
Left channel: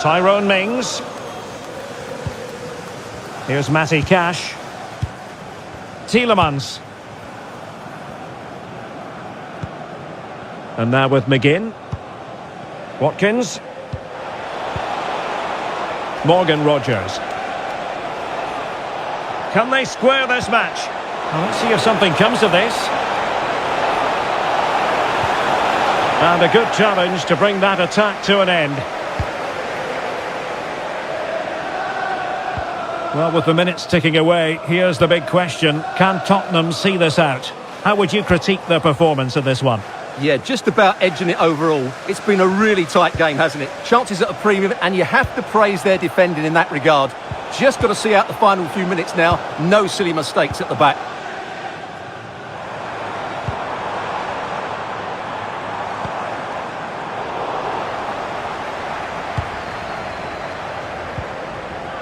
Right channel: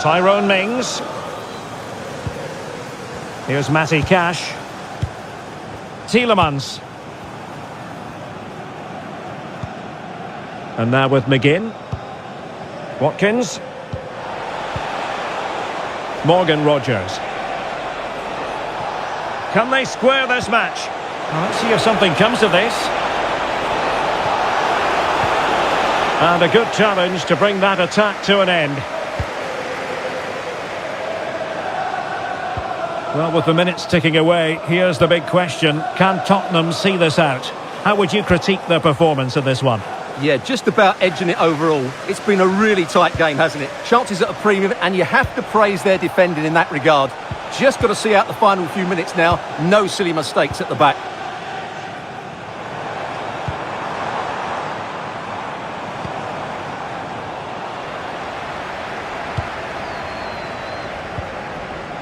Tyrone Mings. Here's Matty Cash. Tielemans. And now with McGinn. Watkins. Morgan Rogers. Can they square this match? Well, let's see if something comes of this. And a good challenge to bring that attack to an end. Well, with the minutes ticking away, here's the big question. Can Tottenham see this out? How would you critique their performance in this one? Yeah, just about edging it overall. It's been a really tight game, hasn't it? Chances at a premium, and you have to praise their defending in that regard. Just got to see out the final few minutes now. No silly mistakes at the back.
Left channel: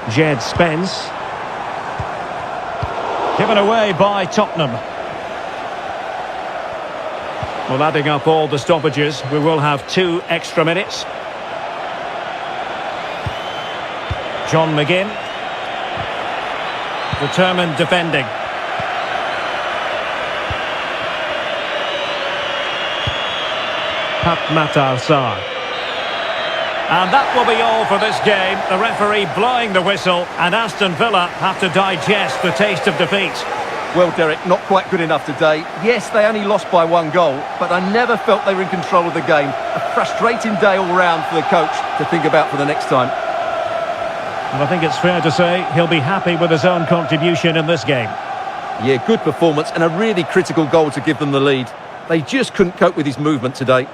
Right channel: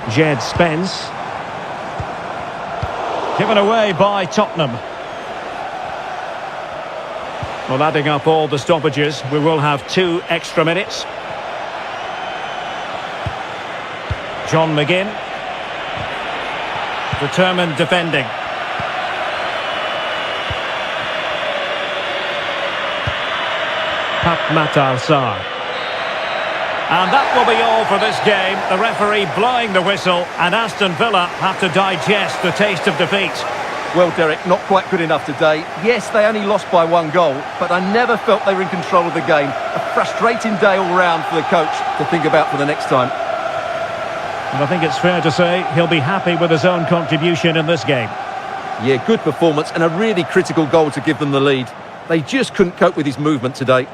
Jed Spence. Given away by Tottenham. Well, adding up all the stoppages, we will have 2 extra minutes. John McGinn. Determined defending. Pap Matar Sarr. And that will be all for this game. The referee blowing the whistle, and Aston Villa have to digest the taste of defeat. Well, Derek, not quite good enough today. Yes, they only lost by 1 goal, but I never felt they were in control of the game. A frustrating day all round for the coach to think about for the next time. And I think it's fair to say he'll be happy with his own contribution in this game. Yeah, good performance and a really critical goal to give them the lead. They just couldn't cope with his movement today.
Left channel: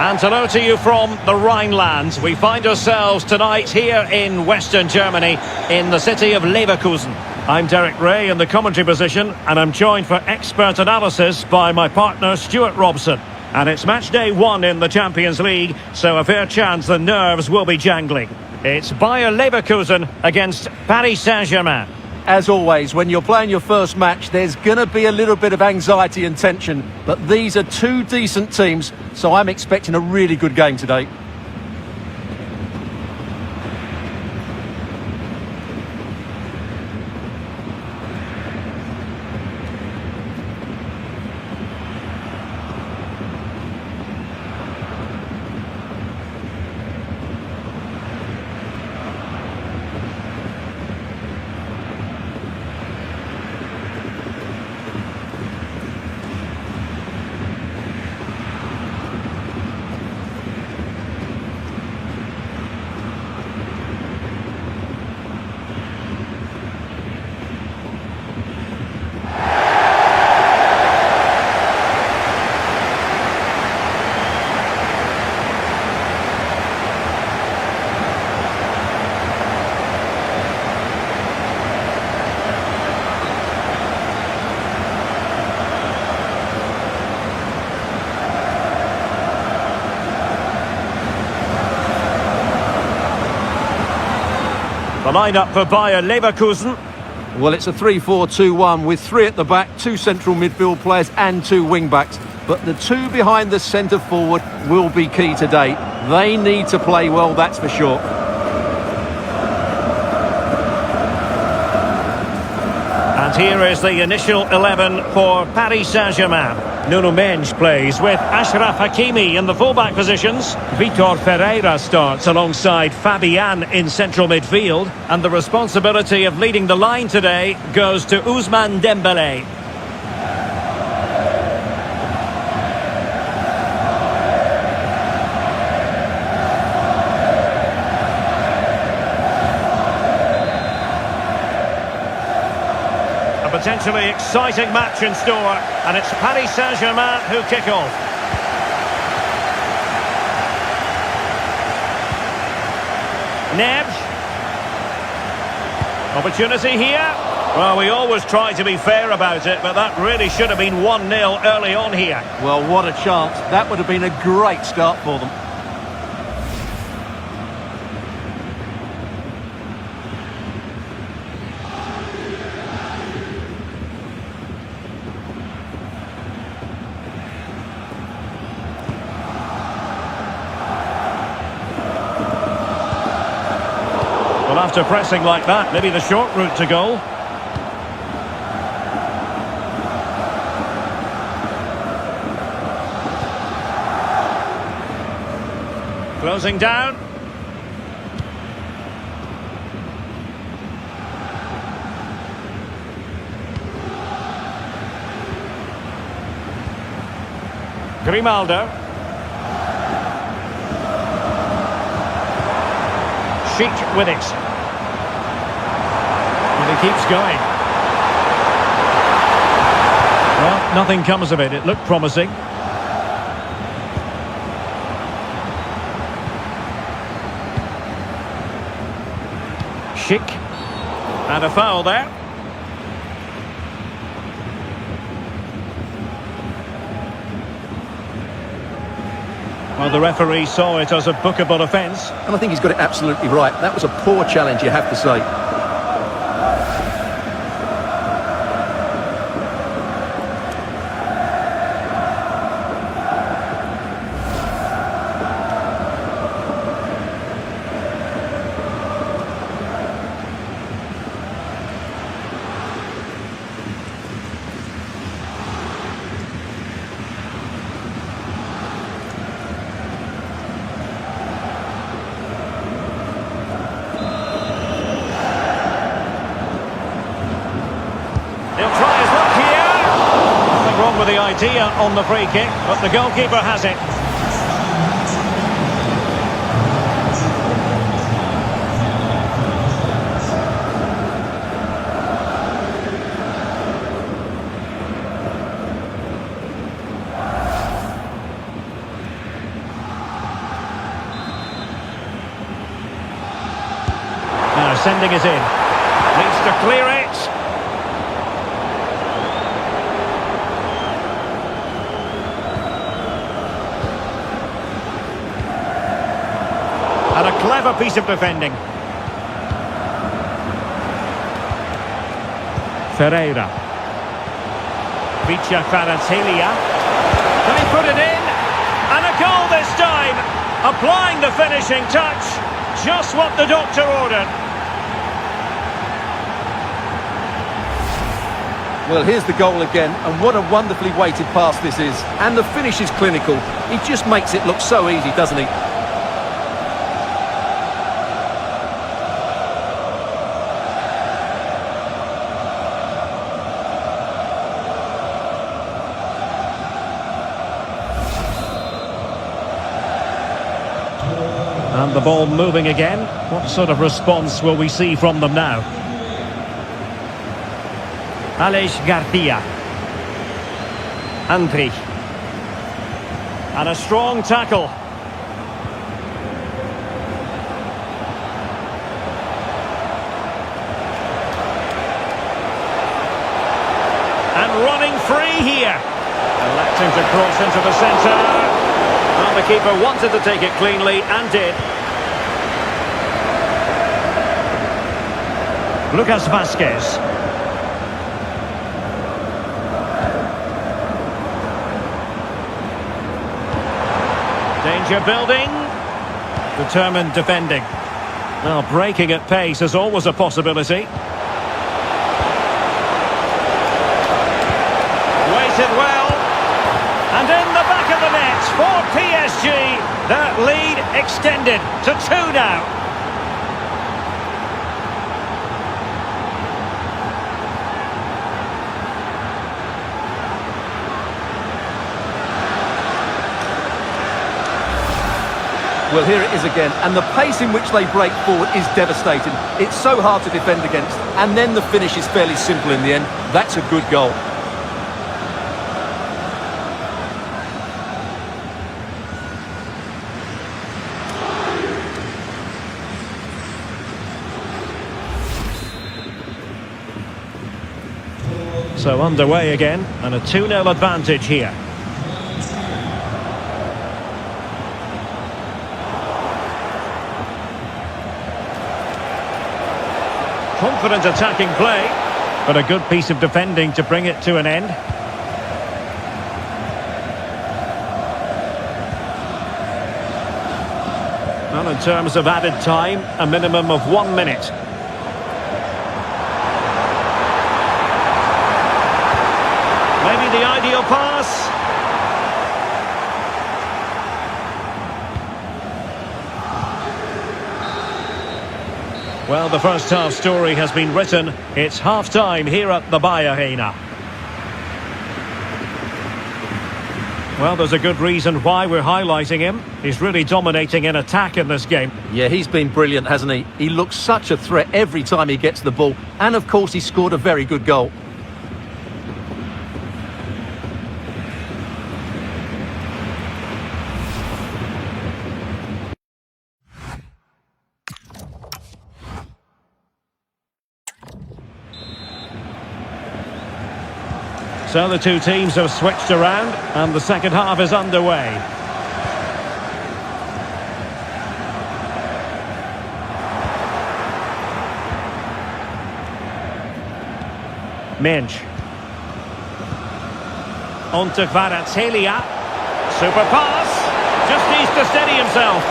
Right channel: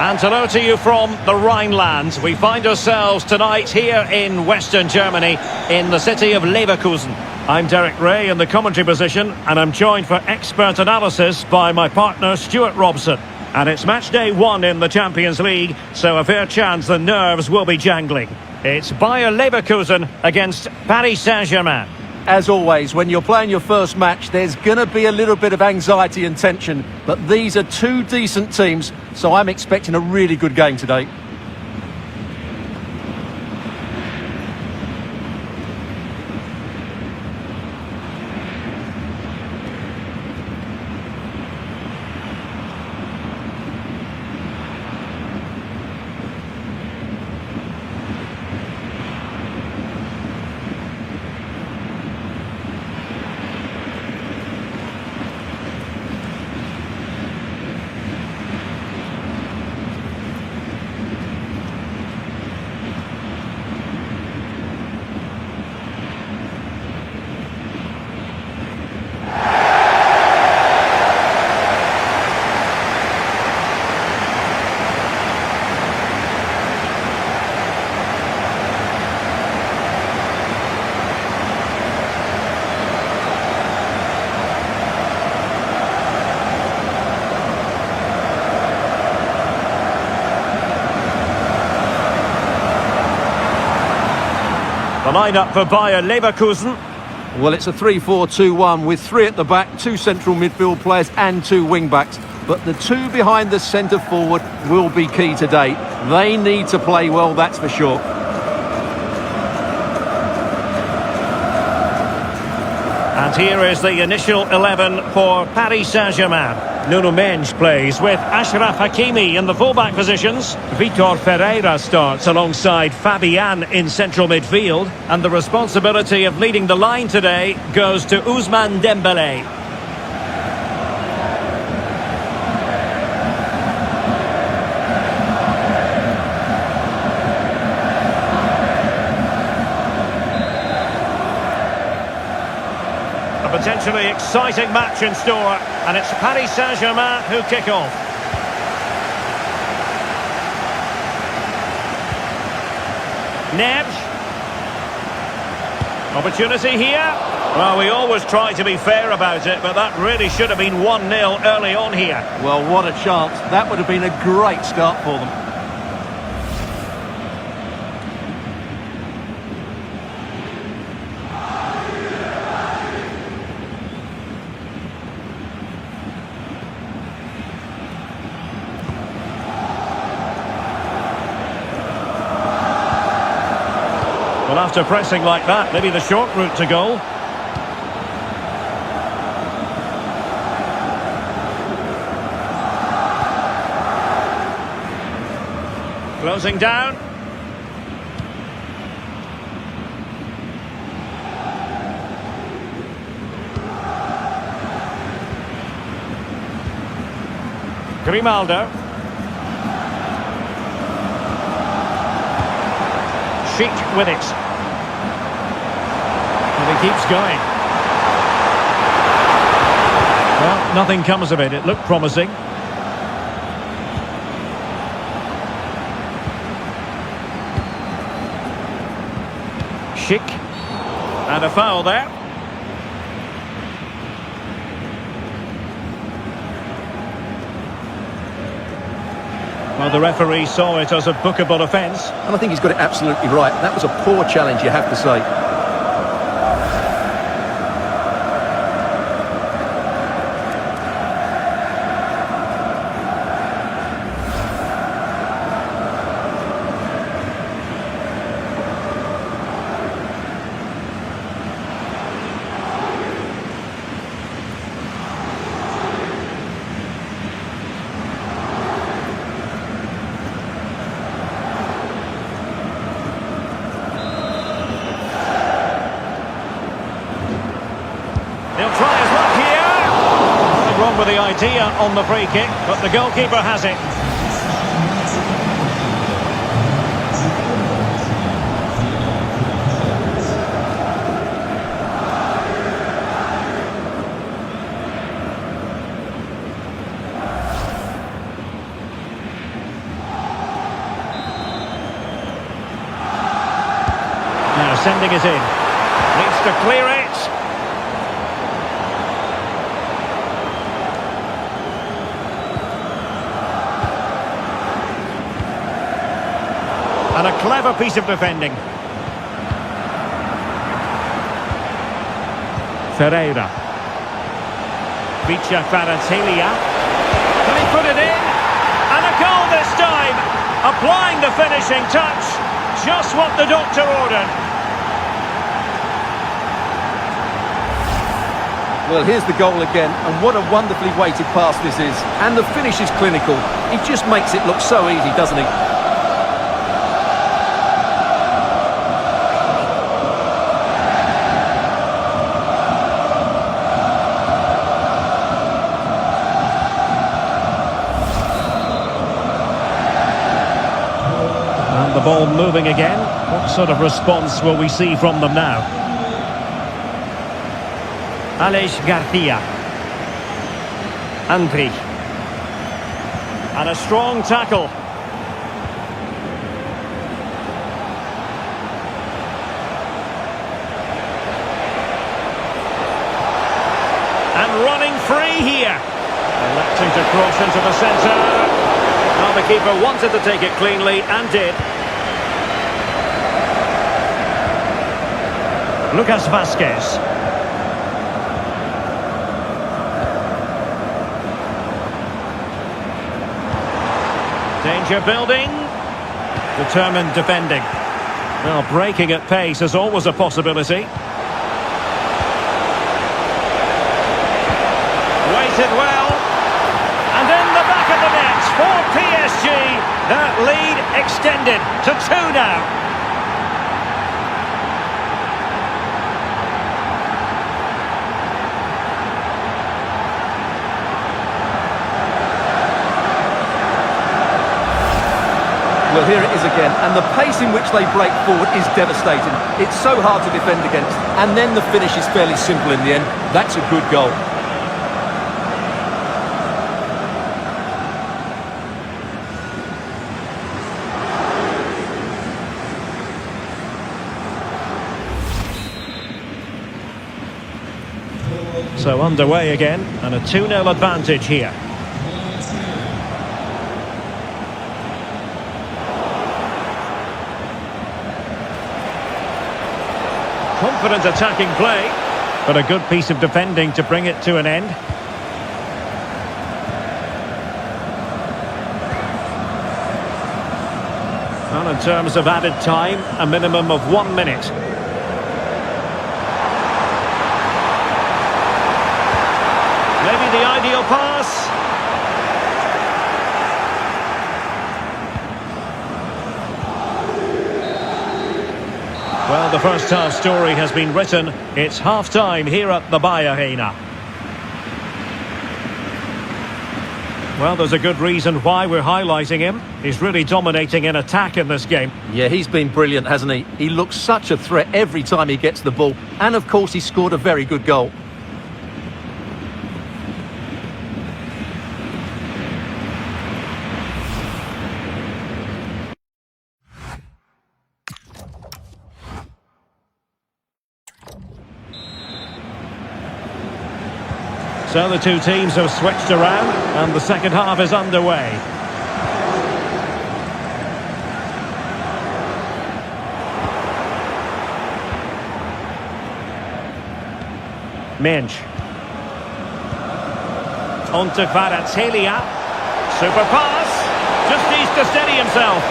And hello to you from the Rhineland. We find ourselves tonight here in Western Germany, in the city of Leverkusen. I'm Derek Ray in the commentary position, and I'm joined for expert analysis by my partner Stuart Robson. And it's match day 1 in the Champions League, so a fair chance the nerves will be jangling. It's Bayer Leverkusen against Paris Saint-Germain. As always, when you're playing your first match, there's going to be a little bit of anxiety and tension. But these are 2 decent teams, so I'm expecting a really good game today. The lineup for Bayer Leverkusen. Well, it's a 3-4-2-1 with 3 at the back, 2 central midfield players and 2 wing-backs. But the 2 behind the centre forward will be key today. They need to play well, that's for sure. And here is the initial 11 for Paris Saint-Germain. Nuno Mendes plays with Achraf Hakimi in the fullback positions. Vitor Ferreira starts alongside Fabian in central midfield. And the responsibility of leading the line today goes to Ousmane Dembélé. A potentially exciting match in store, and it's Paris Saint-Germain who kick off. Neves. Opportunity here. Well, we always try to be fair about it, but that really should have been 1-0 early on here. Well, what a chance. That would have been a great start for them. Well, after pressing like that, maybe the short route to goal. Closing down. Grimaldo. Sheik with it. And he keeps going. Well, nothing comes of it. It looked promising. Sheik. And a foul there. Well, the referee saw it as a bookable offence. And I think he's got it absolutely right. That was a poor challenge, you have to say. He'll try his luck here. Nothing wrong with the idea on the free kick, but the goalkeeper has it. Now sending it in. Needs to clear it. And a clever piece of defending. Ferreira. Vicha Kvaratskhelia. Can he put it in? And a goal this time. Applying the finishing touch. Just what the doctor ordered. Well, here's the goal again, and what a wonderfully weighted pass this is. And the finish is clinical. He just makes it look so easy, doesn't he? And the ball moving again. What sort of response will we see from them now? Aleix Garcia. Andri. And a strong tackle. And running free here. Electing to cross into the centre. Well, the keeper wanted to take it cleanly and did. Lucas Vazquez. Danger building. Determined defending. Well, breaking at pace is always a possibility. Waited well. And in the back of the net for PSG. That lead extended to 2 now. Well, here it is again, and the pace in which they break forward is devastating. It's so hard to defend against, and then the finish is fairly simple in the end. That's a good goal. So underway again, and a 2-0 advantage here. Confident attacking play, but a good piece of defending to bring it to an end. Well, in terms of added time, a minimum of 1 minute. Maybe the ideal pass. Well, the first half story has been written. It's half-time here at the Bayer Arena. Well, there's a good reason why we're highlighting him. He's really dominating in attack in this game. Yeah, he's been brilliant, hasn't he? He looks such a threat every time he gets the ball. And, of course, he scored a very good goal. So the two teams have switched around and the second half is underway. Mensch. On to Kvaratskhelia. Super pass. Just needs to steady himself.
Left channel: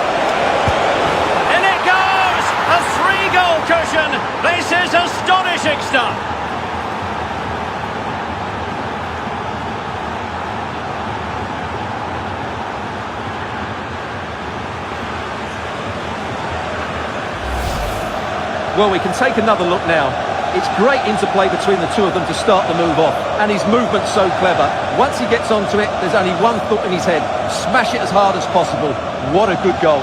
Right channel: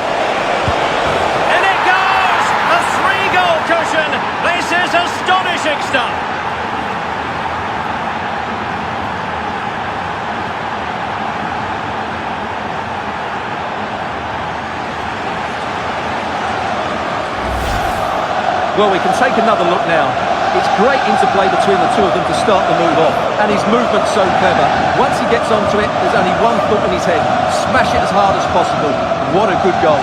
In it goes! A 3-goal cushion. This is astonishing stuff. Well, we can take another look now. It's great interplay between the two of them to start the move off. And his movement's so clever. Once he gets onto it, there's only one thought in his head. Smash it as hard as possible. What a good goal.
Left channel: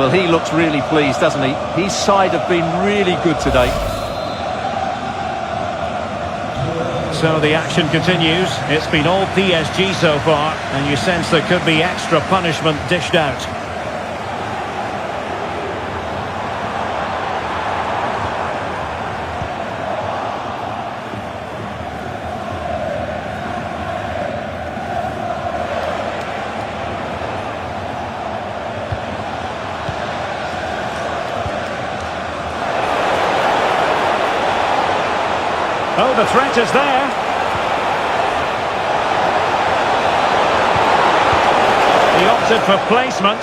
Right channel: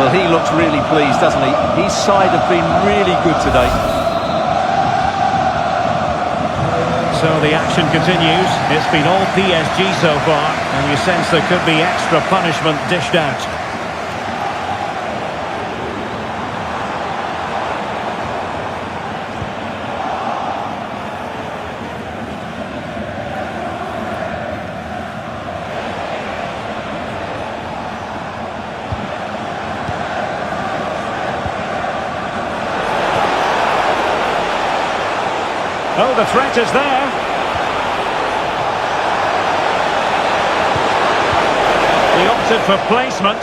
Well, he looks really pleased, doesn't he? His side have been really good today. So the action continues. It's been all PSG so far, and you sense there could be extra punishment dished out. Oh, the threat is there. He opted for placement,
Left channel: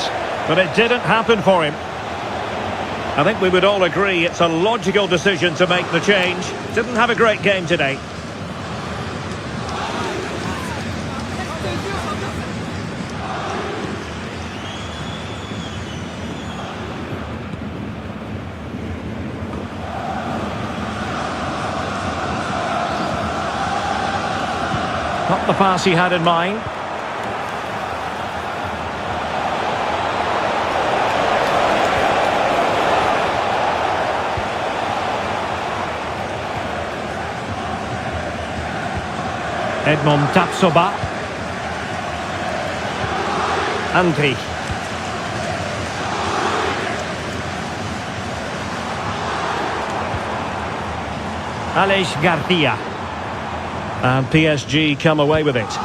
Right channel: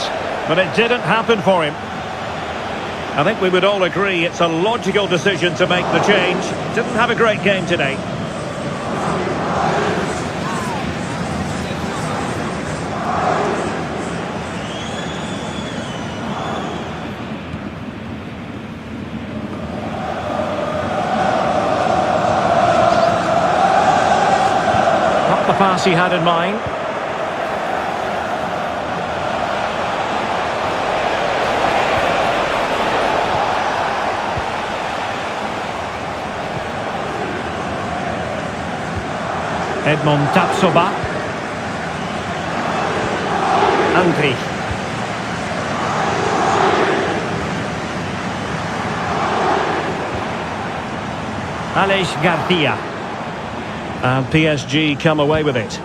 but it didn't happen for him. I think we would all agree it's a logical decision to make the change. Didn't have a great game today. Not the pass he had in mind. Edmond Tapsoba. Andri. Aleix Garcia. And PSG come away with it.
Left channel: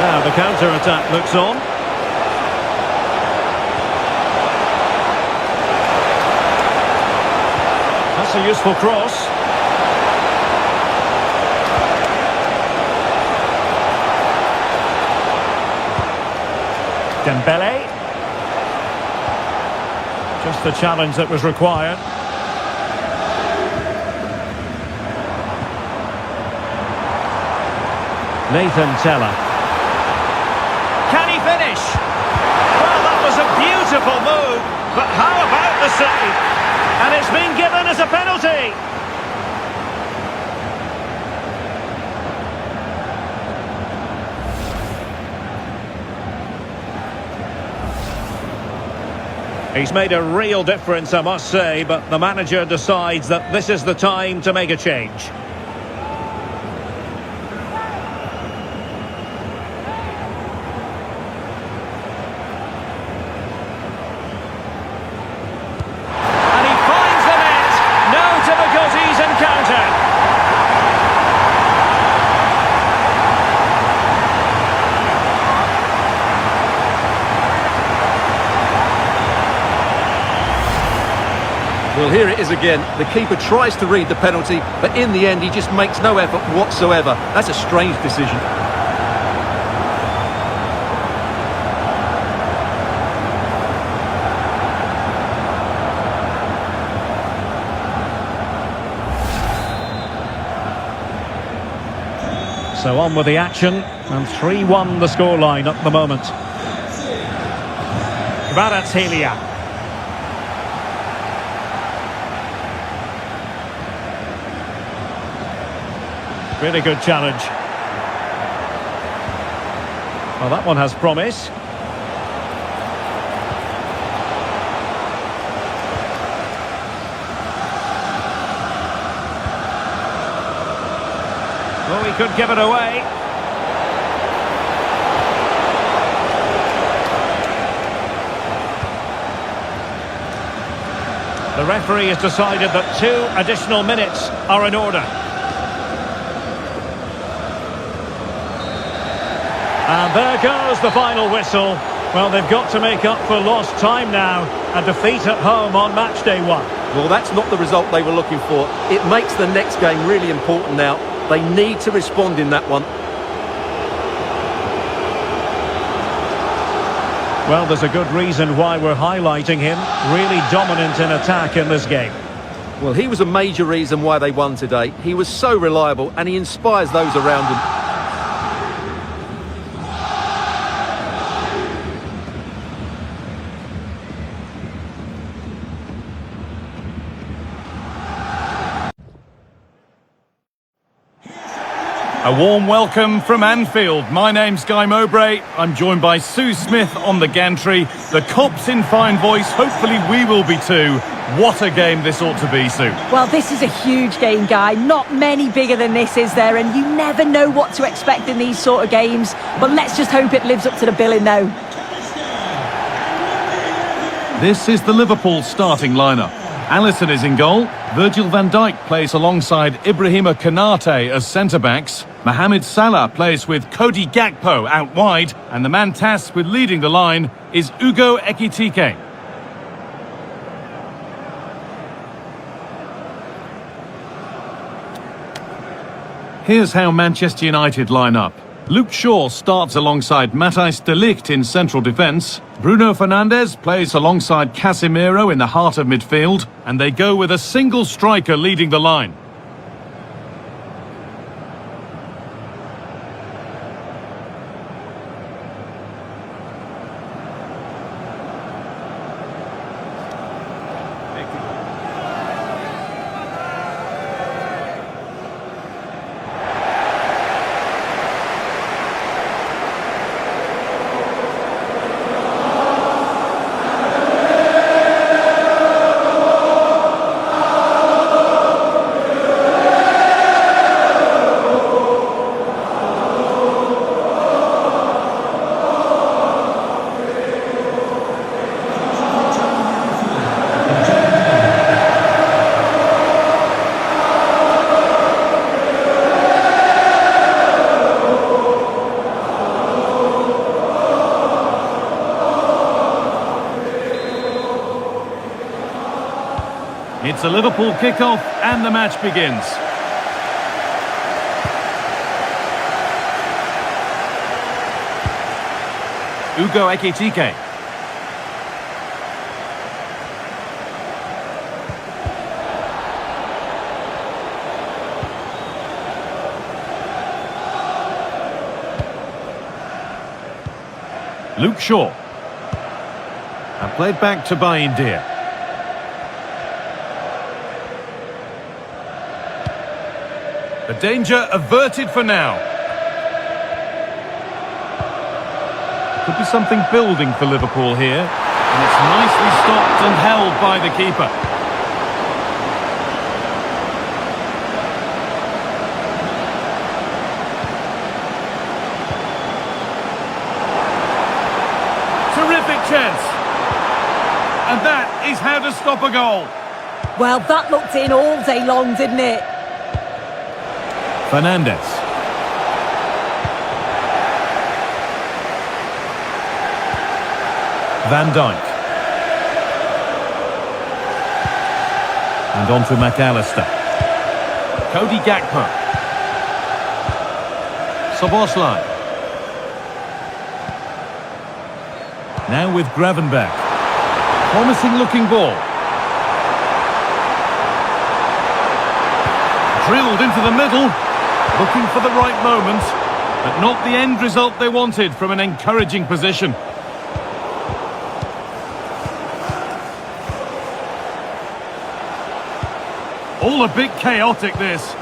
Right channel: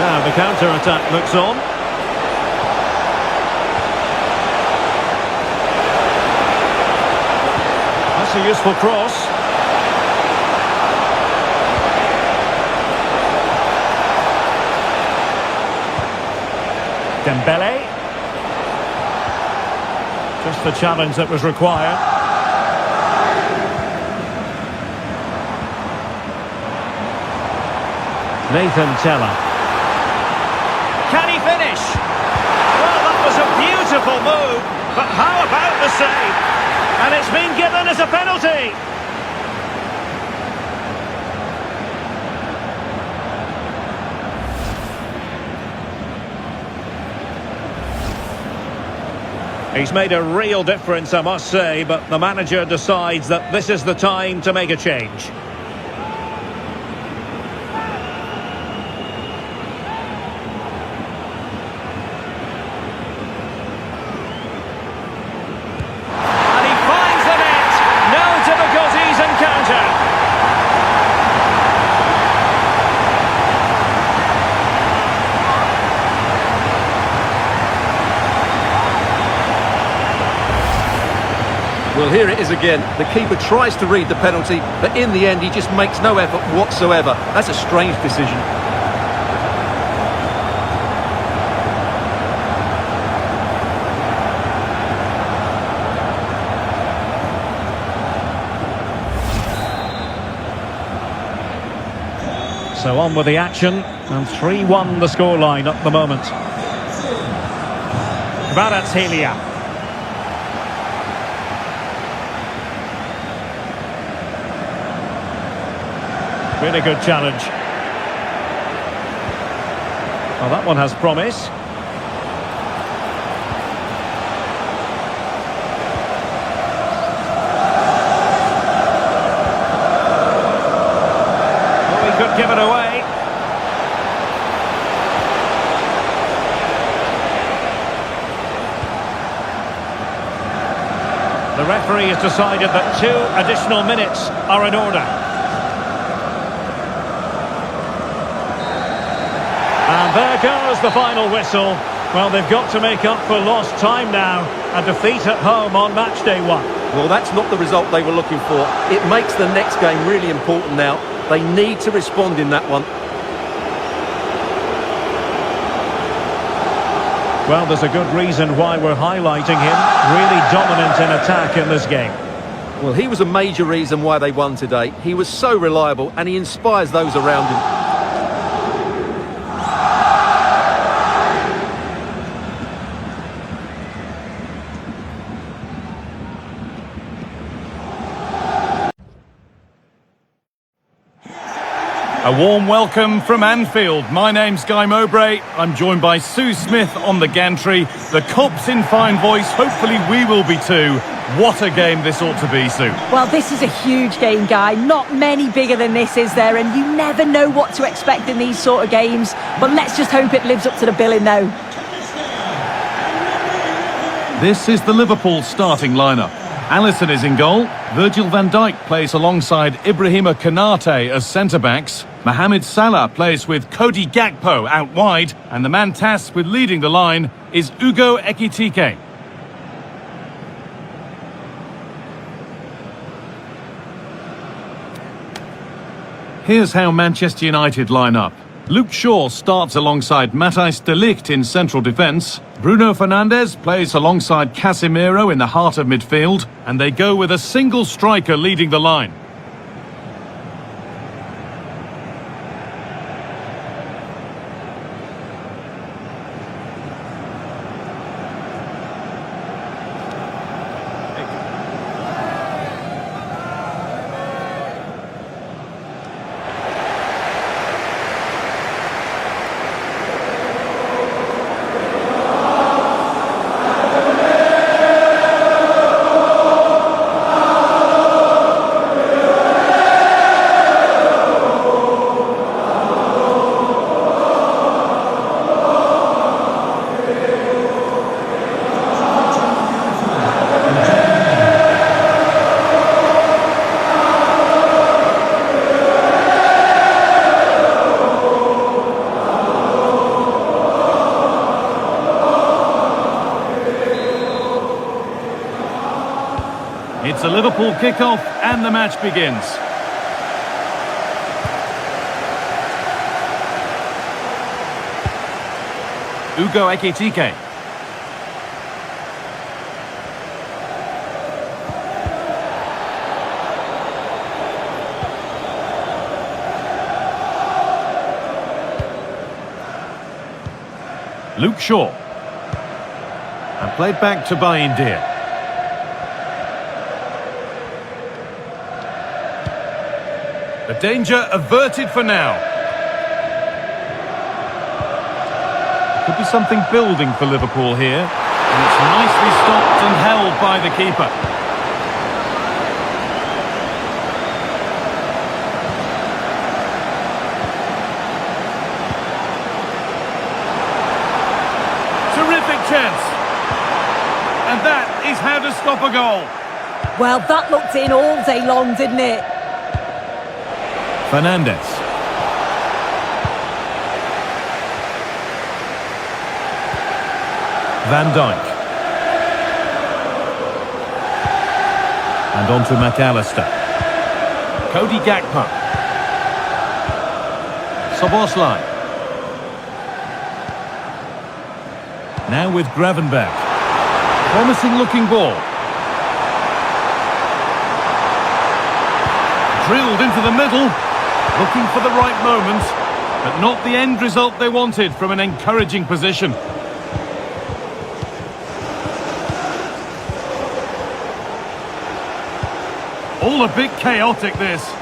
Now the counter-attack looks on. That's a useful cross. Dembele. Just the challenge that was required. Nathan Teller. Can he finish? Well, that was a beautiful move, but how about the save? And it's been given as a penalty. He's made a real difference, I must say, but the manager decides that this is the time to make a change. Difficulties encountered. Well, here it is again. The keeper tries to read the penalty, but in the end he just makes no effort whatsoever. That's a strange decision. So on with the action, and 3-1 the scoreline at the moment. Kvaratskhelia. Really good challenge. Well, that one has promise. Oh, he could give it away. The referee has decided that 2 additional minutes are in order. And there goes the final whistle. Well, they've got to make up for lost time now. A defeat at home on match day 1. Well, that's not the result they were looking for. It makes the next game really important now. They need to respond in that one. Well, there's a good reason why we're highlighting him. Really dominant in attack in this game. Well, he was a major reason why they won today. He was so reliable and he inspires those around him. A warm welcome from Anfield. My name's Guy Mowbray. I'm joined by Sue Smith on the gantry. The Cops in fine voice. Hopefully we will be too. What a game this ought to be, Sue. Well, this is a huge game, Guy. Not many bigger than this, is there? And you never know what to expect in these sort of games. But let's just hope it lives up to the billing, though. This is the Liverpool starting lineup. Alisson is in goal. Virgil van Dijk plays alongside Ibrahima Konate as centre-backs. Mohamed Salah plays with Cody Gakpo out wide. And the man tasked with leading the line is Ugo Ekitike. Here's how Manchester United line up. Luke Shaw starts alongside Matthijs de Ligt in central defence. Bruno Fernandes plays alongside Casemiro in the heart of midfield. And they go with a single striker leading the line. It's a Liverpool kickoff and the match begins. Ugo Ekitike. Luke Shaw. And played back to Bayindir. The danger averted for now. Could be something building for Liverpool here. And it's nicely stopped and held by the keeper. Terrific chance. And that is how to stop a goal. Well, that looked in all day long, didn't it? Fernandes. Van Dijk. And on to McAllister. Cody Gakpo. Szoboszlai. Now with Gravenberch. Promising looking ball. Drilled into the middle. Looking for the right moment, but not the end result they wanted from an encouraging position. All a bit chaotic, this.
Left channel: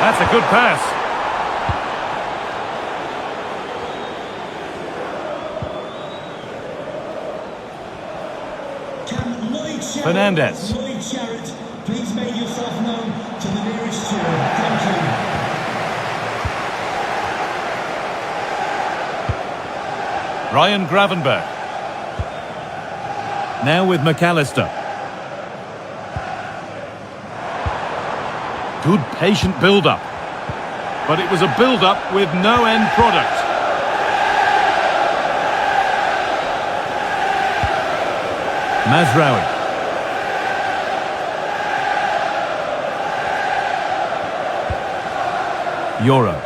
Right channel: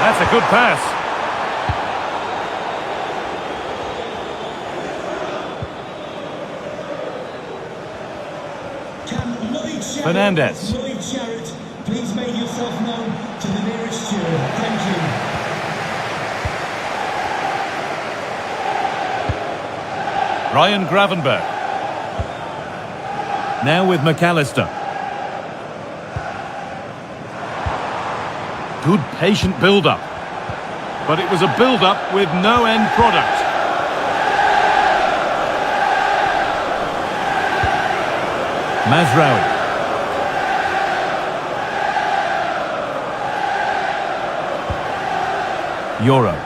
That's a good pass. Fernandez. Lloyd Sharrett, please make yourself known to the nearest steward. Thank you. Ryan Gravenberch. Now with McAllister. Good patient build-up. But it was a build-up with no end product. Mazraoui. Euro.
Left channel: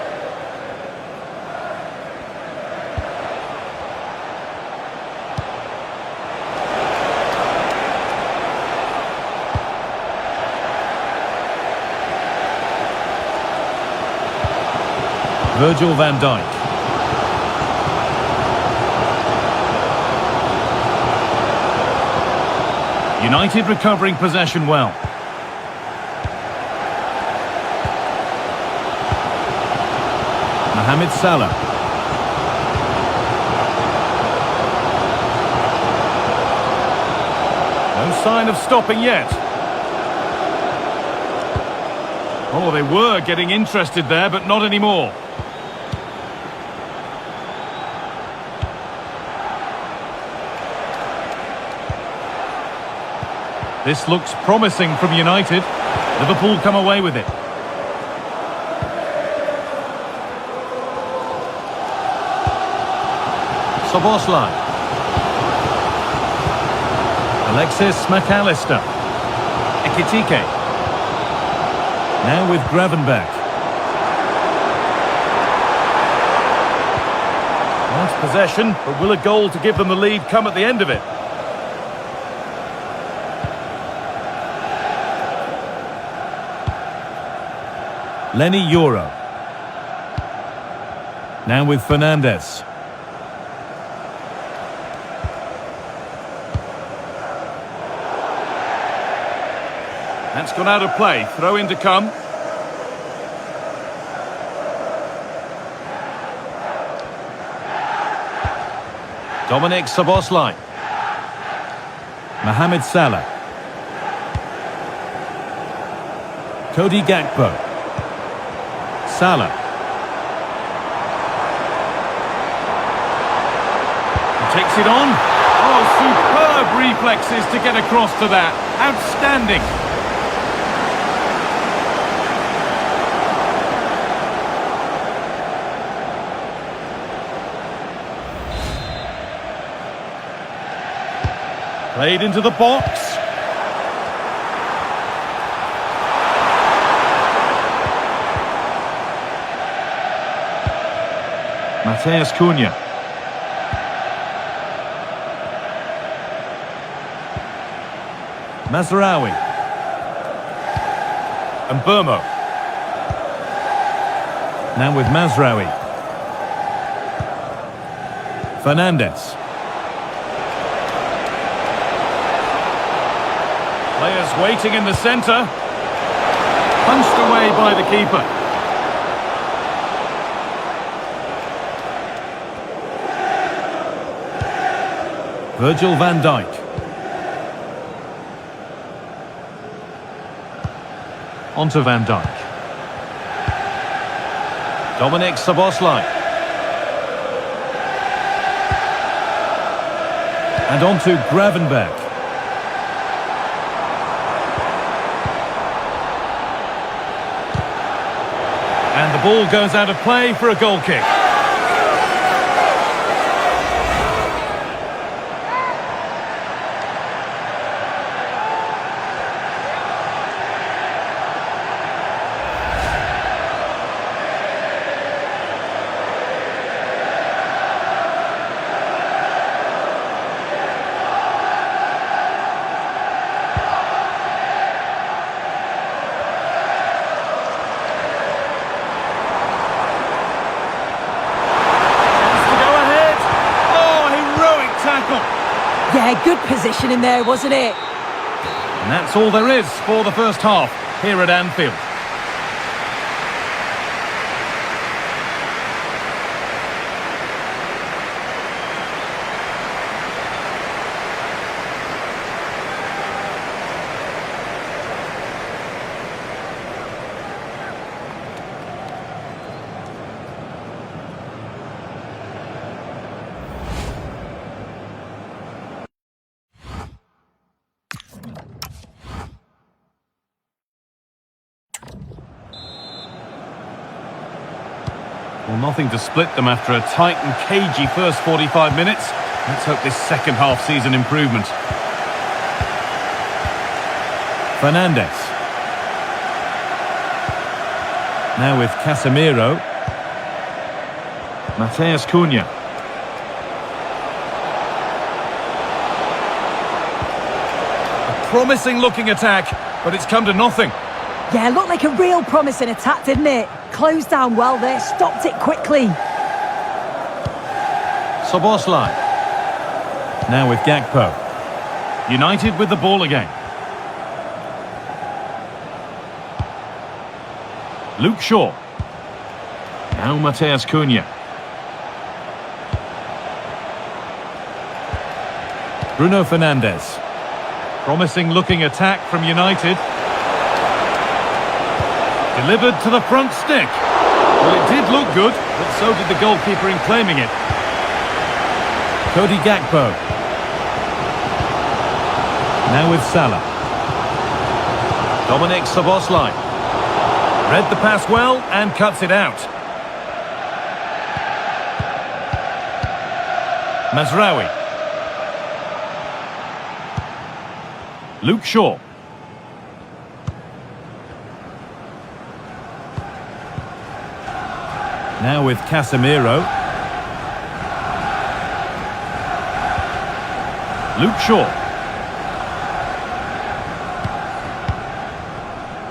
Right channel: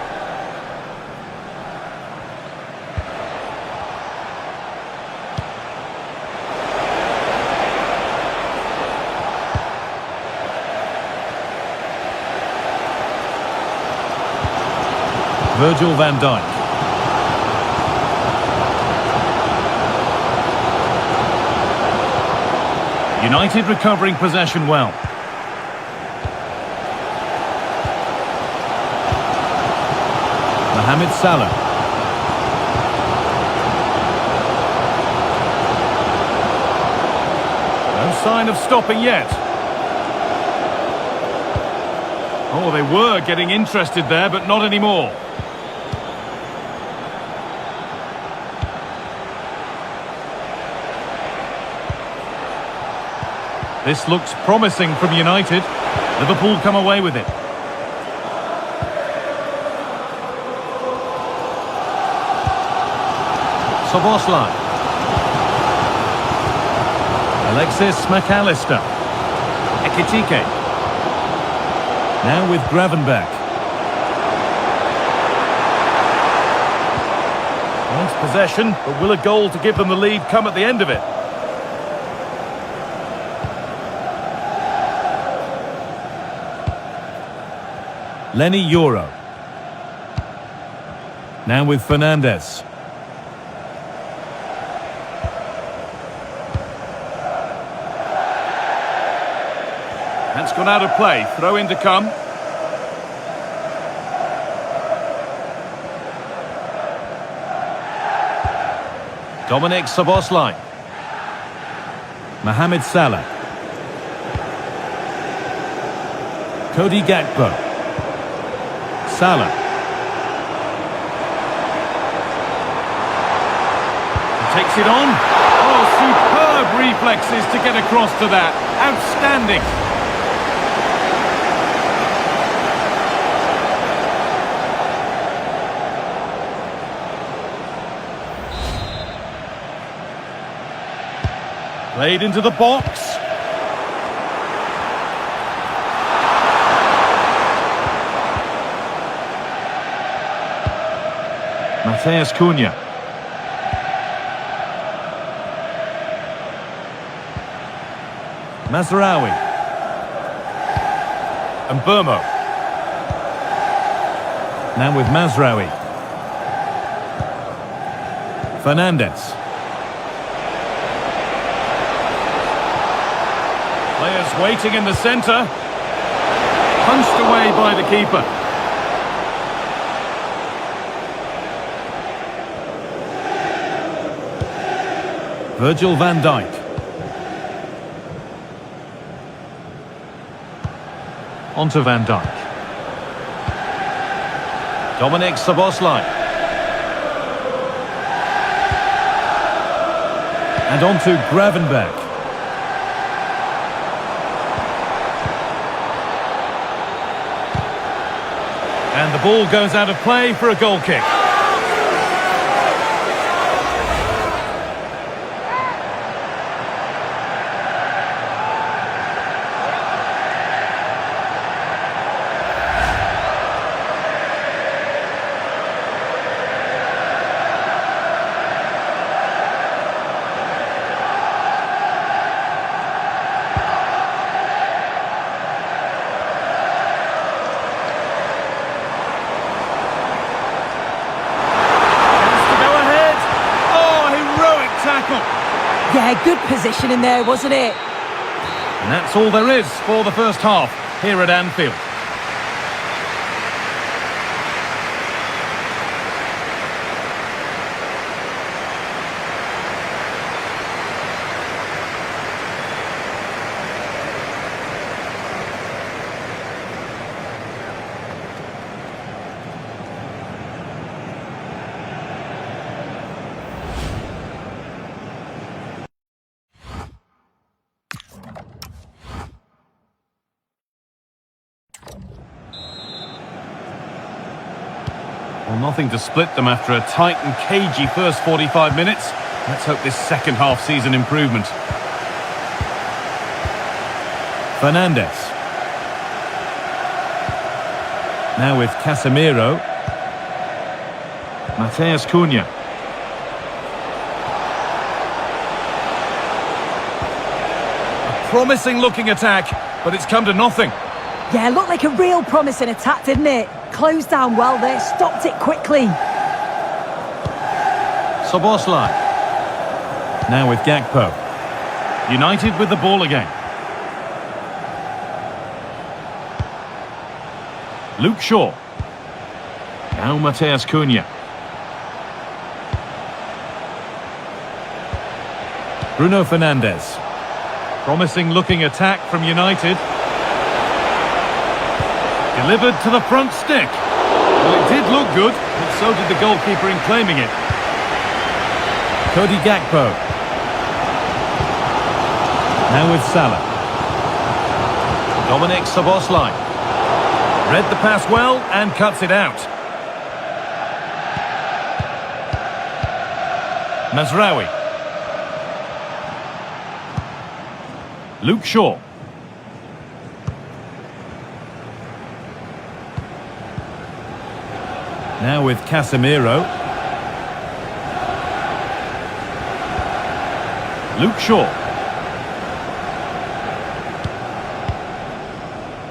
Virgil van Dijk. United recovering possession well. Mohamed Salah. No sign of stopping yet. Oh, they were getting interested there, but not anymore. This looks promising from United. Liverpool come away with it. Szoboszlai. Alexis McAllister. Ekitike. Now with Gravenberch. Nice possession, but will a goal to give them the lead come at the end of it? Lenny Euro. Now with Fernandez. That's gone out of play. Throw in to come. Dominic Szoboszlai. Mohamed Salah. Cody Gakpo. Salah. He takes it on. Oh, superb reflexes to get across to that. Outstanding. Played into the box. Matheus Cunha. Mazraoui. And Burmo. Now with Mazraoui. Fernandez. Players waiting in the centre. Punched away by the keeper. Virgil van Dijk. Onto Van Dijk. Dominic Szoboszlai. And onto Gravenberch. And the ball goes out of play for a goal kick. tackle. Yeah, good position in there, wasn't it? And that's all there is for the first half here at Anfield. Well, nothing to split them after a tight and cagey first 45 minutes. Let's hope this second half sees an improvement. Fernandes. Now with Casemiro. Mateus Cunha. A promising looking attack, but it's come to nothing. Yeah, looked like a real promising attack, didn't it? Closed down well there, stopped it quickly. Szoboszlai. Now with Gakpo. United with the ball again. Luke Shaw. Now Mateus Cunha. Bruno Fernandes. Promising looking attack from United. Delivered to the front stick. Well, it did look good, but so did the goalkeeper in claiming it. Cody Gakpo. Now with Salah. Dominic Szoboszlai. Read the pass well and cuts it out. Mazraoui. Luke Shaw. Now with Casemiro. Luke Shaw.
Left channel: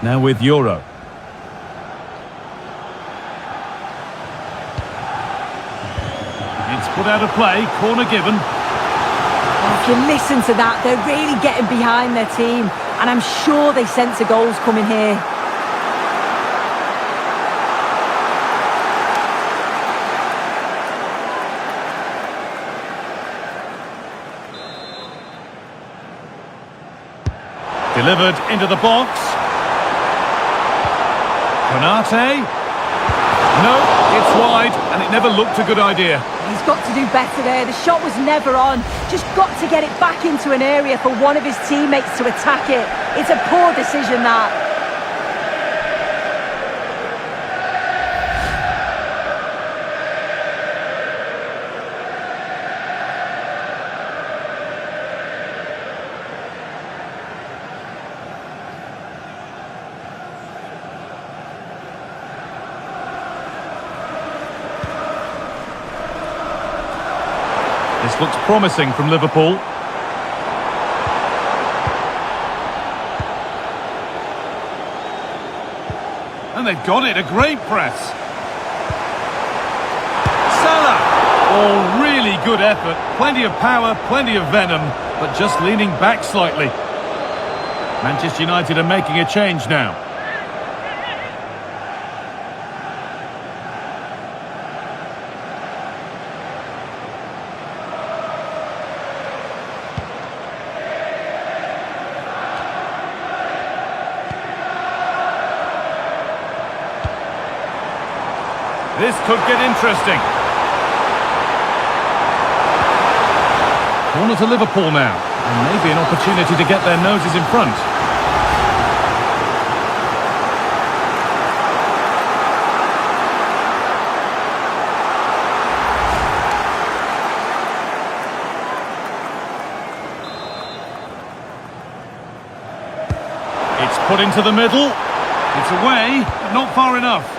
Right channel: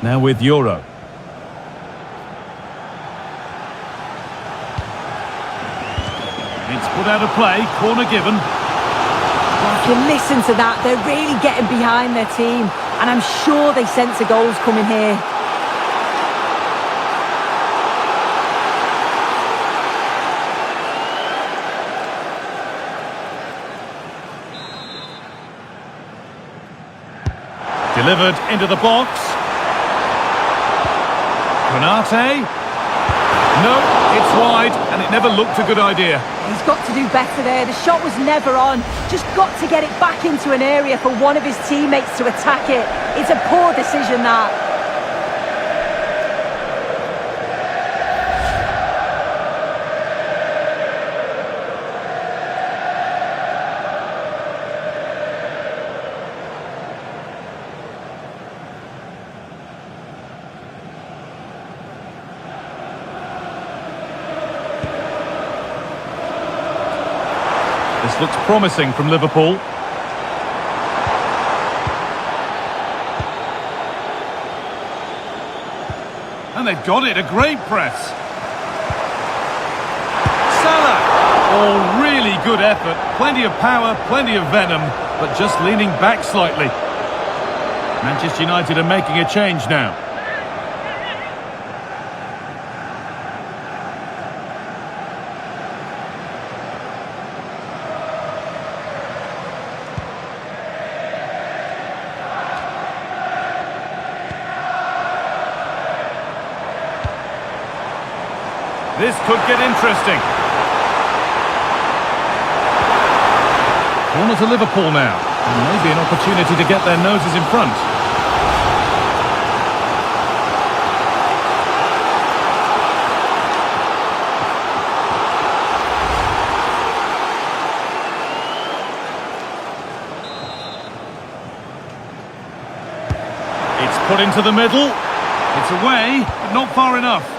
Now with Euro. It's put out of play, corner given. Oh, if you listen to that, they're really getting behind their team. And I'm sure they sense a goal's coming here. Delivered into the box. Konate. No, it's wide, and it never looked a good idea. He's got to do better there. The shot was never on. Just got to get it back into an area for one of his teammates to attack it. It's a poor decision, that. This looks promising from Liverpool. And they've got it, a great press. Salah! Oh, really good effort. Plenty of power, plenty of venom, but just leaning back slightly. Manchester United are making a change now. This could get interesting. Corner to Liverpool now, and maybe an opportunity to get their noses in front. It's put into the middle. It's away, but not far enough.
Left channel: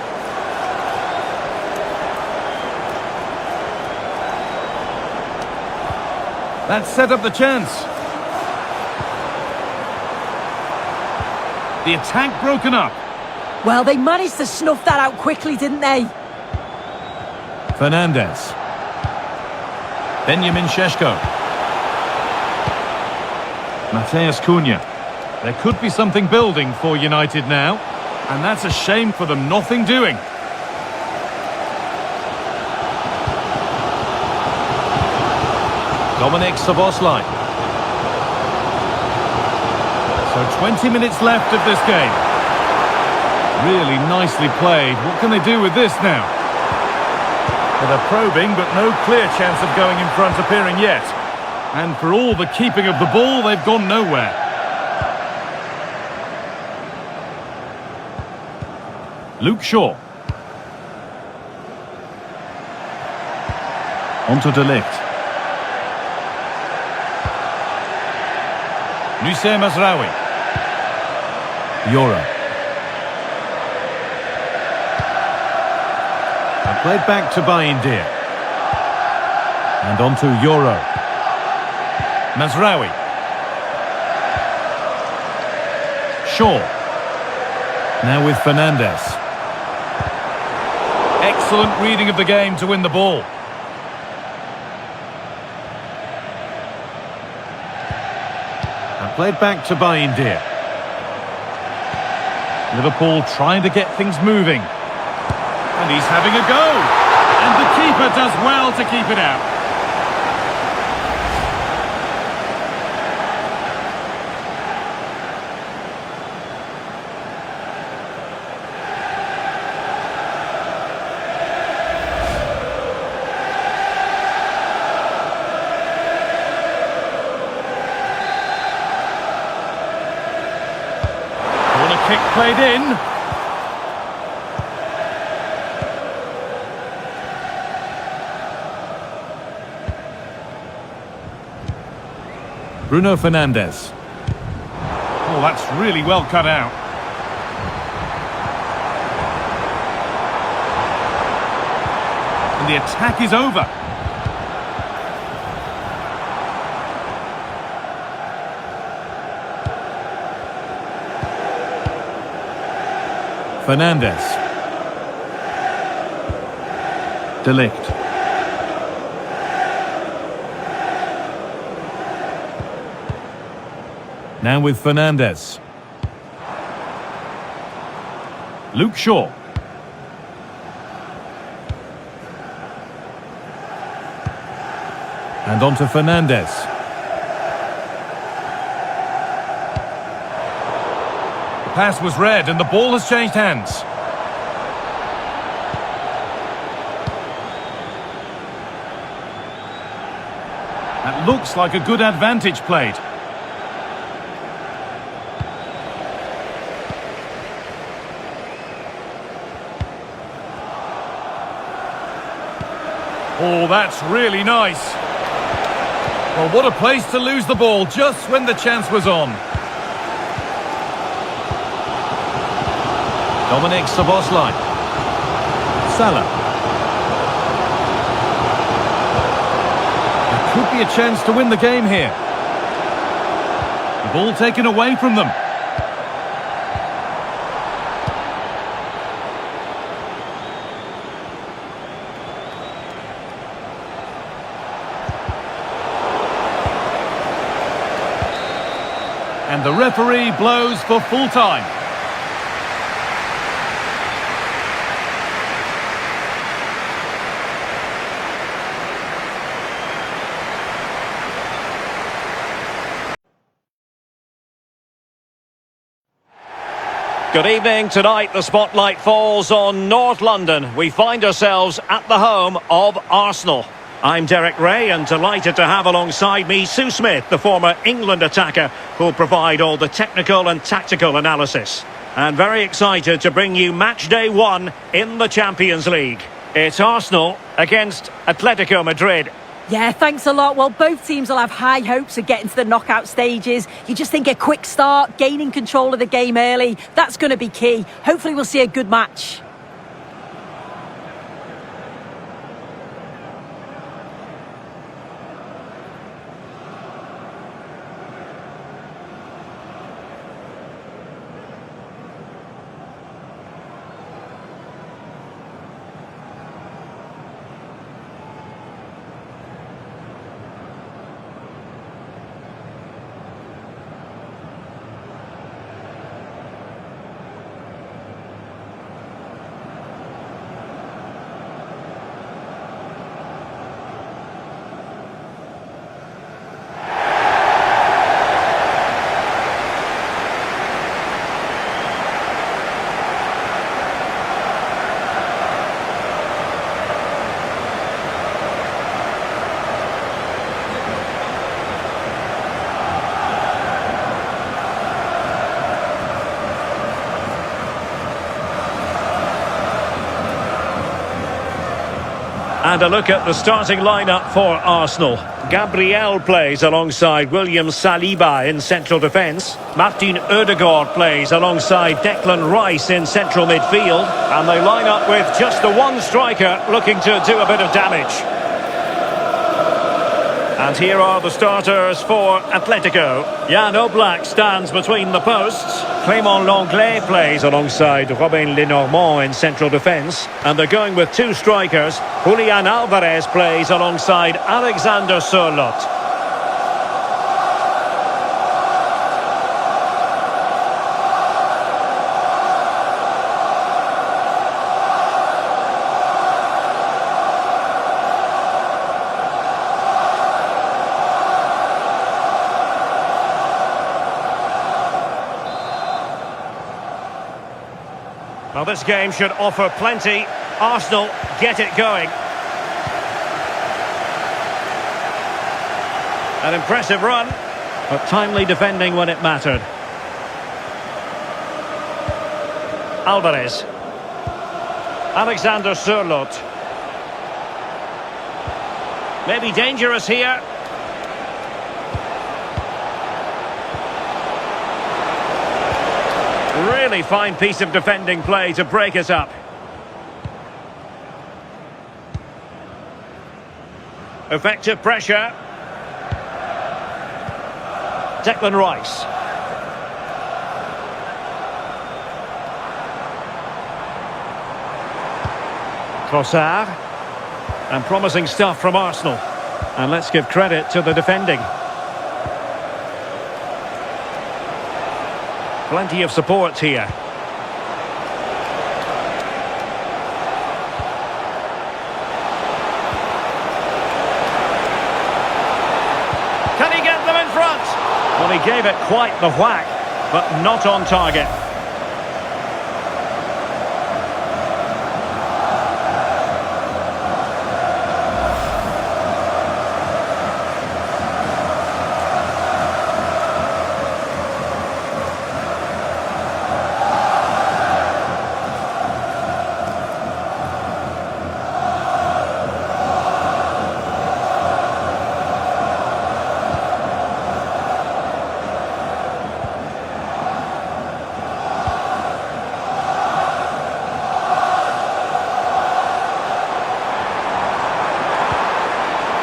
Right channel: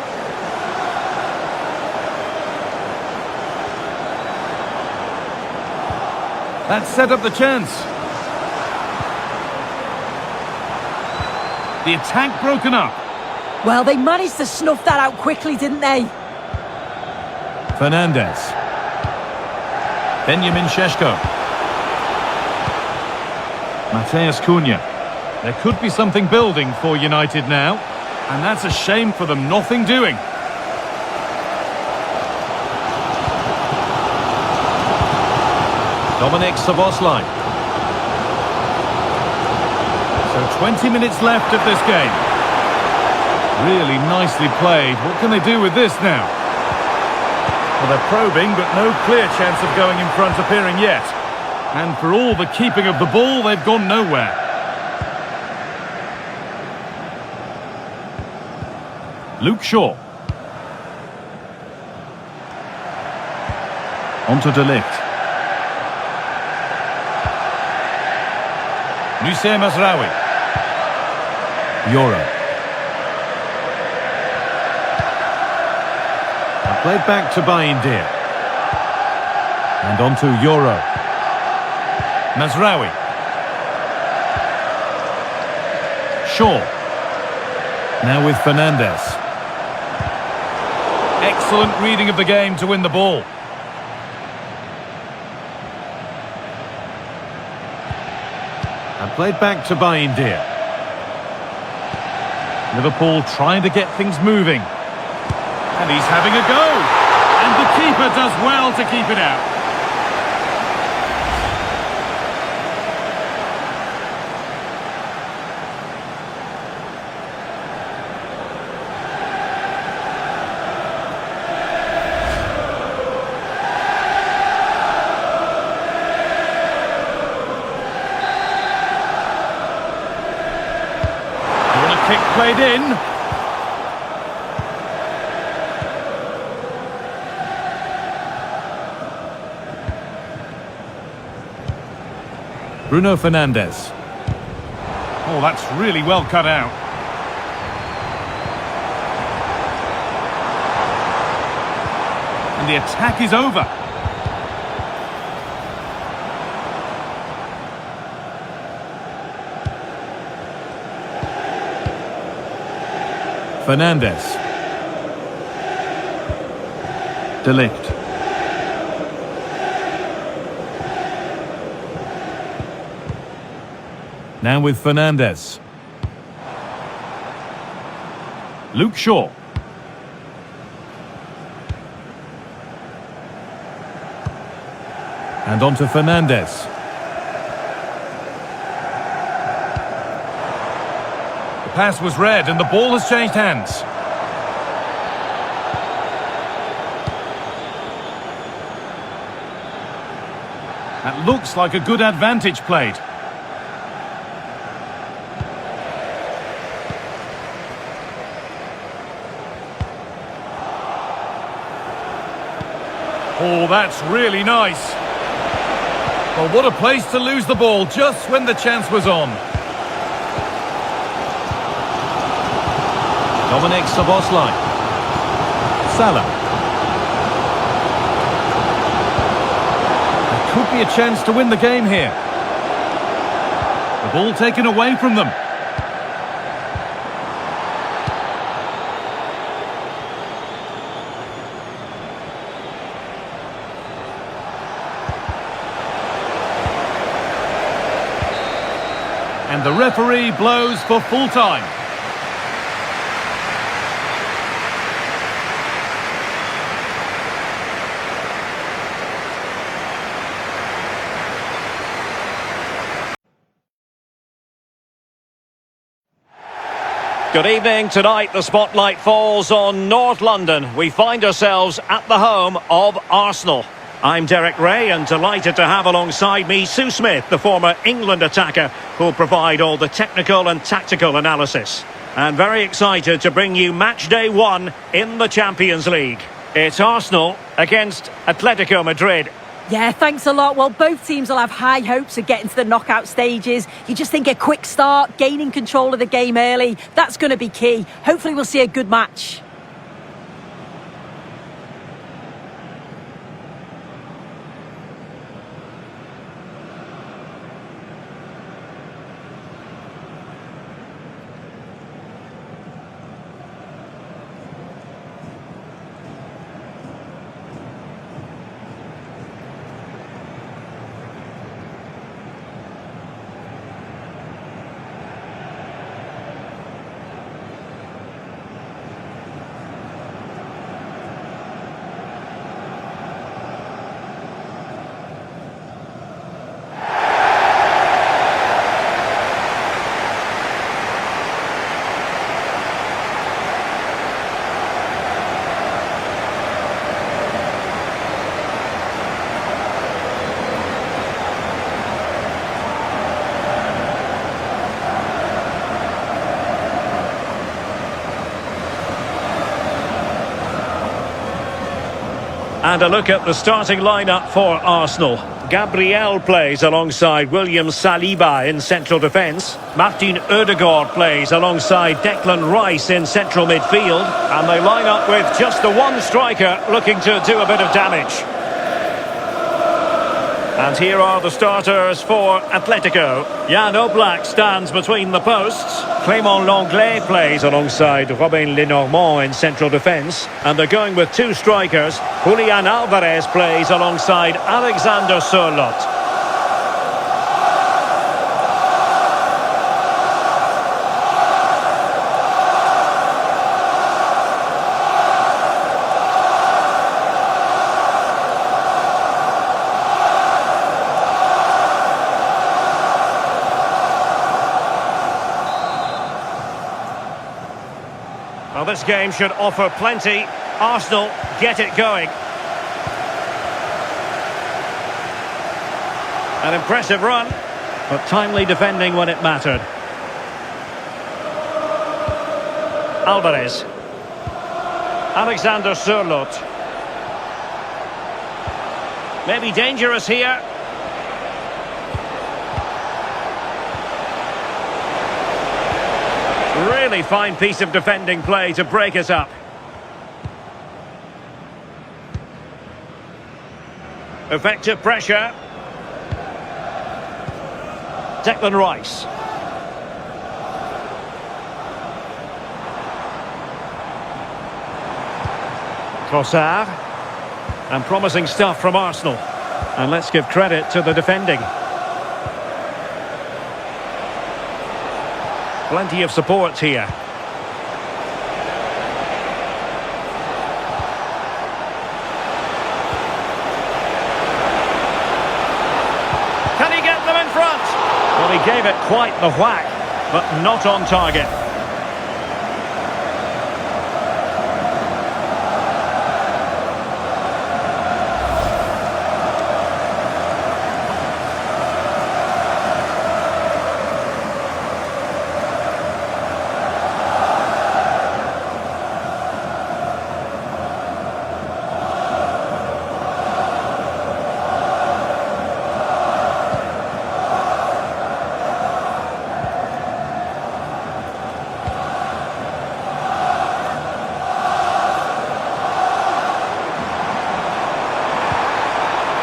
That set up the chance. The attack broken up. Well, they managed to snuff that out quickly, didn't they? Fernandes. Benjamin Šeško. Mateus Cunha. There could be something building for United now. And that's a shame for them, nothing doing. Dominic Szoboszlai. So 20 minutes left of this game. Really nicely played. What can they do with this now? Well, they're probing, but no clear chance of going in front appearing yet. And for all the keeping of the ball, they've gone nowhere. Luke Shaw. Onto De Ligt. Nusayr Mazraoui. Euro. And played back to Bayindir. And on to Euro. Mazraoui. Shaw. Now with Fernandes. Excellent reading of the game to win the ball. And played back to Bayindir. Liverpool trying to get things moving. And he's having a go. And the keeper does well to keep it out. Corner kick played in. Bruno Fernandes. Oh, that's really well cut out. And the attack is over. Fernandes. De Ligt. Now with Fernandes. Luke Shaw. And on to Fernandes. The pass was read and the ball has changed hands. That looks like a good advantage played. Oh, that's really nice. Well, what a place to lose the ball just when the chance was on. Dominic Szoboszlai. Salah. There could be a chance to win the game here. The ball taken away from them. And the referee blows for full time. Good evening. Tonight the spotlight falls on North London. We find ourselves at the home of Arsenal. I'm Derek Ray and delighted to have alongside me Sue Smith, the former England attacker, who'll provide all the technical and tactical analysis. And very excited to bring you match day 1 in the Champions League. It's Arsenal against Atletico Madrid. Yeah, thanks a lot. Well, both teams will have high hopes of getting to the knockout stages. You just think a quick start, gaining control of the game early, that's going to be key. Hopefully we'll see a good match. And a look at the starting lineup for Arsenal. Gabriel plays alongside William Saliba in central defence. Martin Odegaard plays alongside Declan Rice in central midfield. And they line up with just the one striker looking to do a bit of damage. And here are the starters for Atletico. Jan Oblak stands between the posts. Clément Lenglet plays alongside Robin Lenormand in central defence. And they're going with two strikers. Julian Alvarez plays alongside Alexander Sørloth. Well, this game should offer plenty. Arsenal get it going. An impressive run, but timely defending when it mattered. Alvarez. Alexander Sørloth. Maybe dangerous here. Really fine piece of defending play to break us up. Effective pressure. Declan Rice. Trossard. And promising stuff from Arsenal. And let's give credit to the defending. Plenty of support here. Can he get them in front? Well, he gave it quite the whack, but not on target.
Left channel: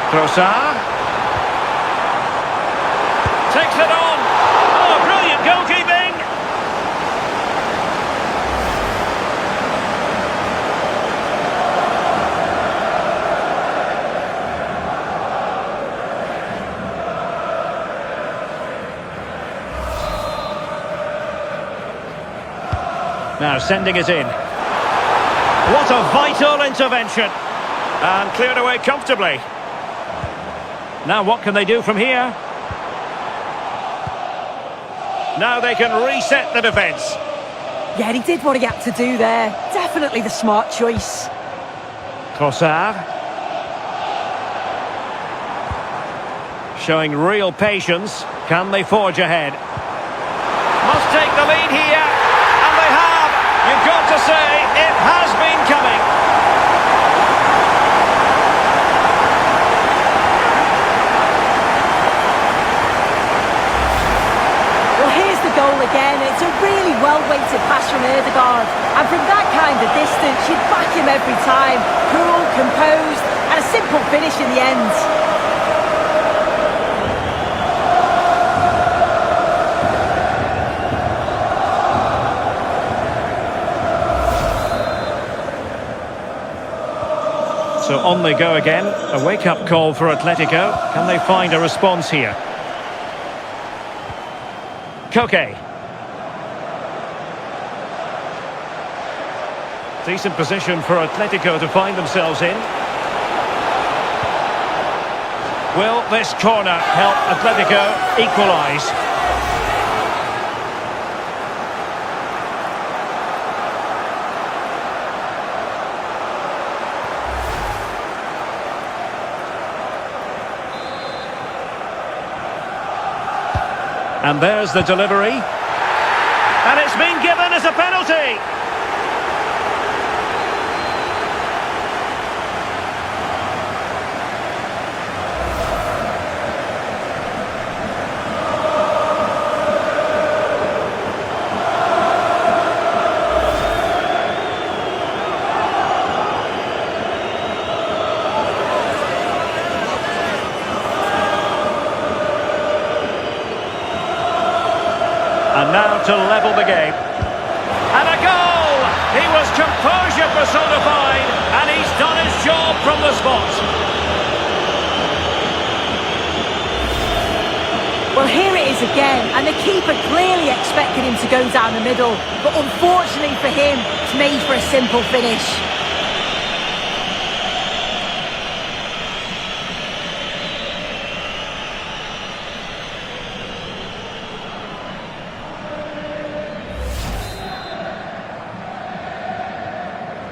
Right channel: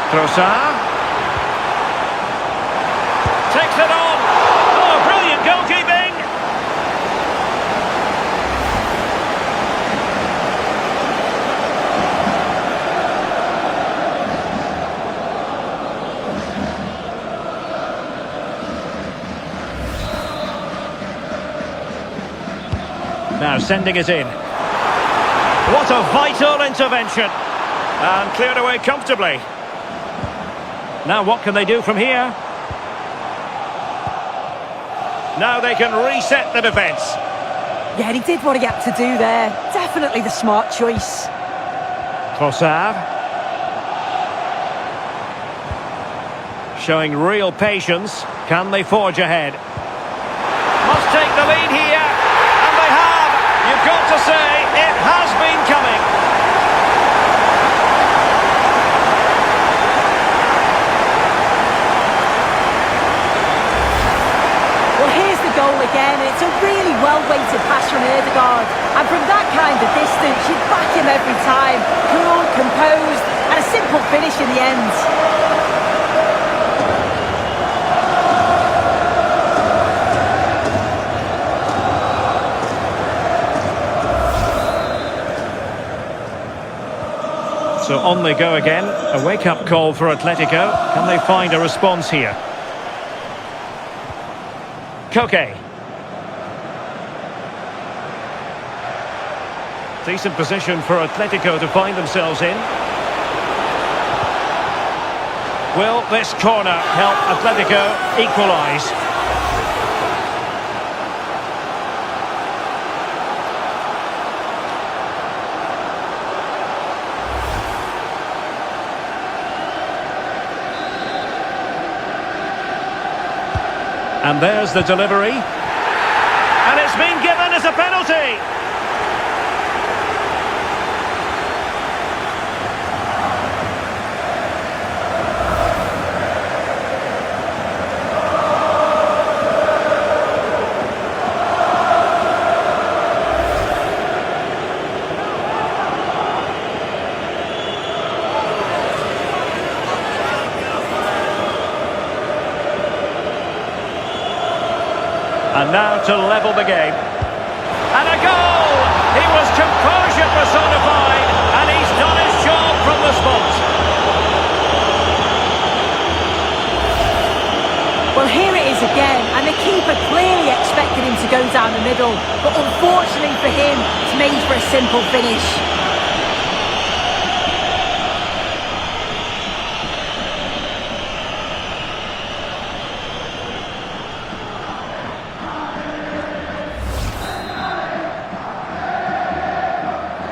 Trossard takes it on. Oh, brilliant goalkeeping. Now sending it in. What a vital intervention. And cleared away comfortably. Now what can they do from here? Now they can reset the defence. Yeah, he did what he had to do there. Definitely the smart choice. Trossard. Showing real patience. Can they forge ahead? Must take the lead here. And they have. You've got to say, it has been coming. Well, here's the goal again. It's a really well-weighted pass from Odegaard. And from that kind of distance, you'd back him every time. Cool, composed, and a simple finish in the end. So on they go again. A wake-up call for Atletico. Can they find a response here? Koke. Decent position for Atletico to find themselves in. Will this corner help Atletico equalise? And there's the delivery. And it's been given as a penalty. And now to level the game. And a goal! He was composure personified, and he's done his job from the spot. Well, here it is again, and the keeper clearly expected him to go down the middle, but unfortunately for him, it's made for a simple finish.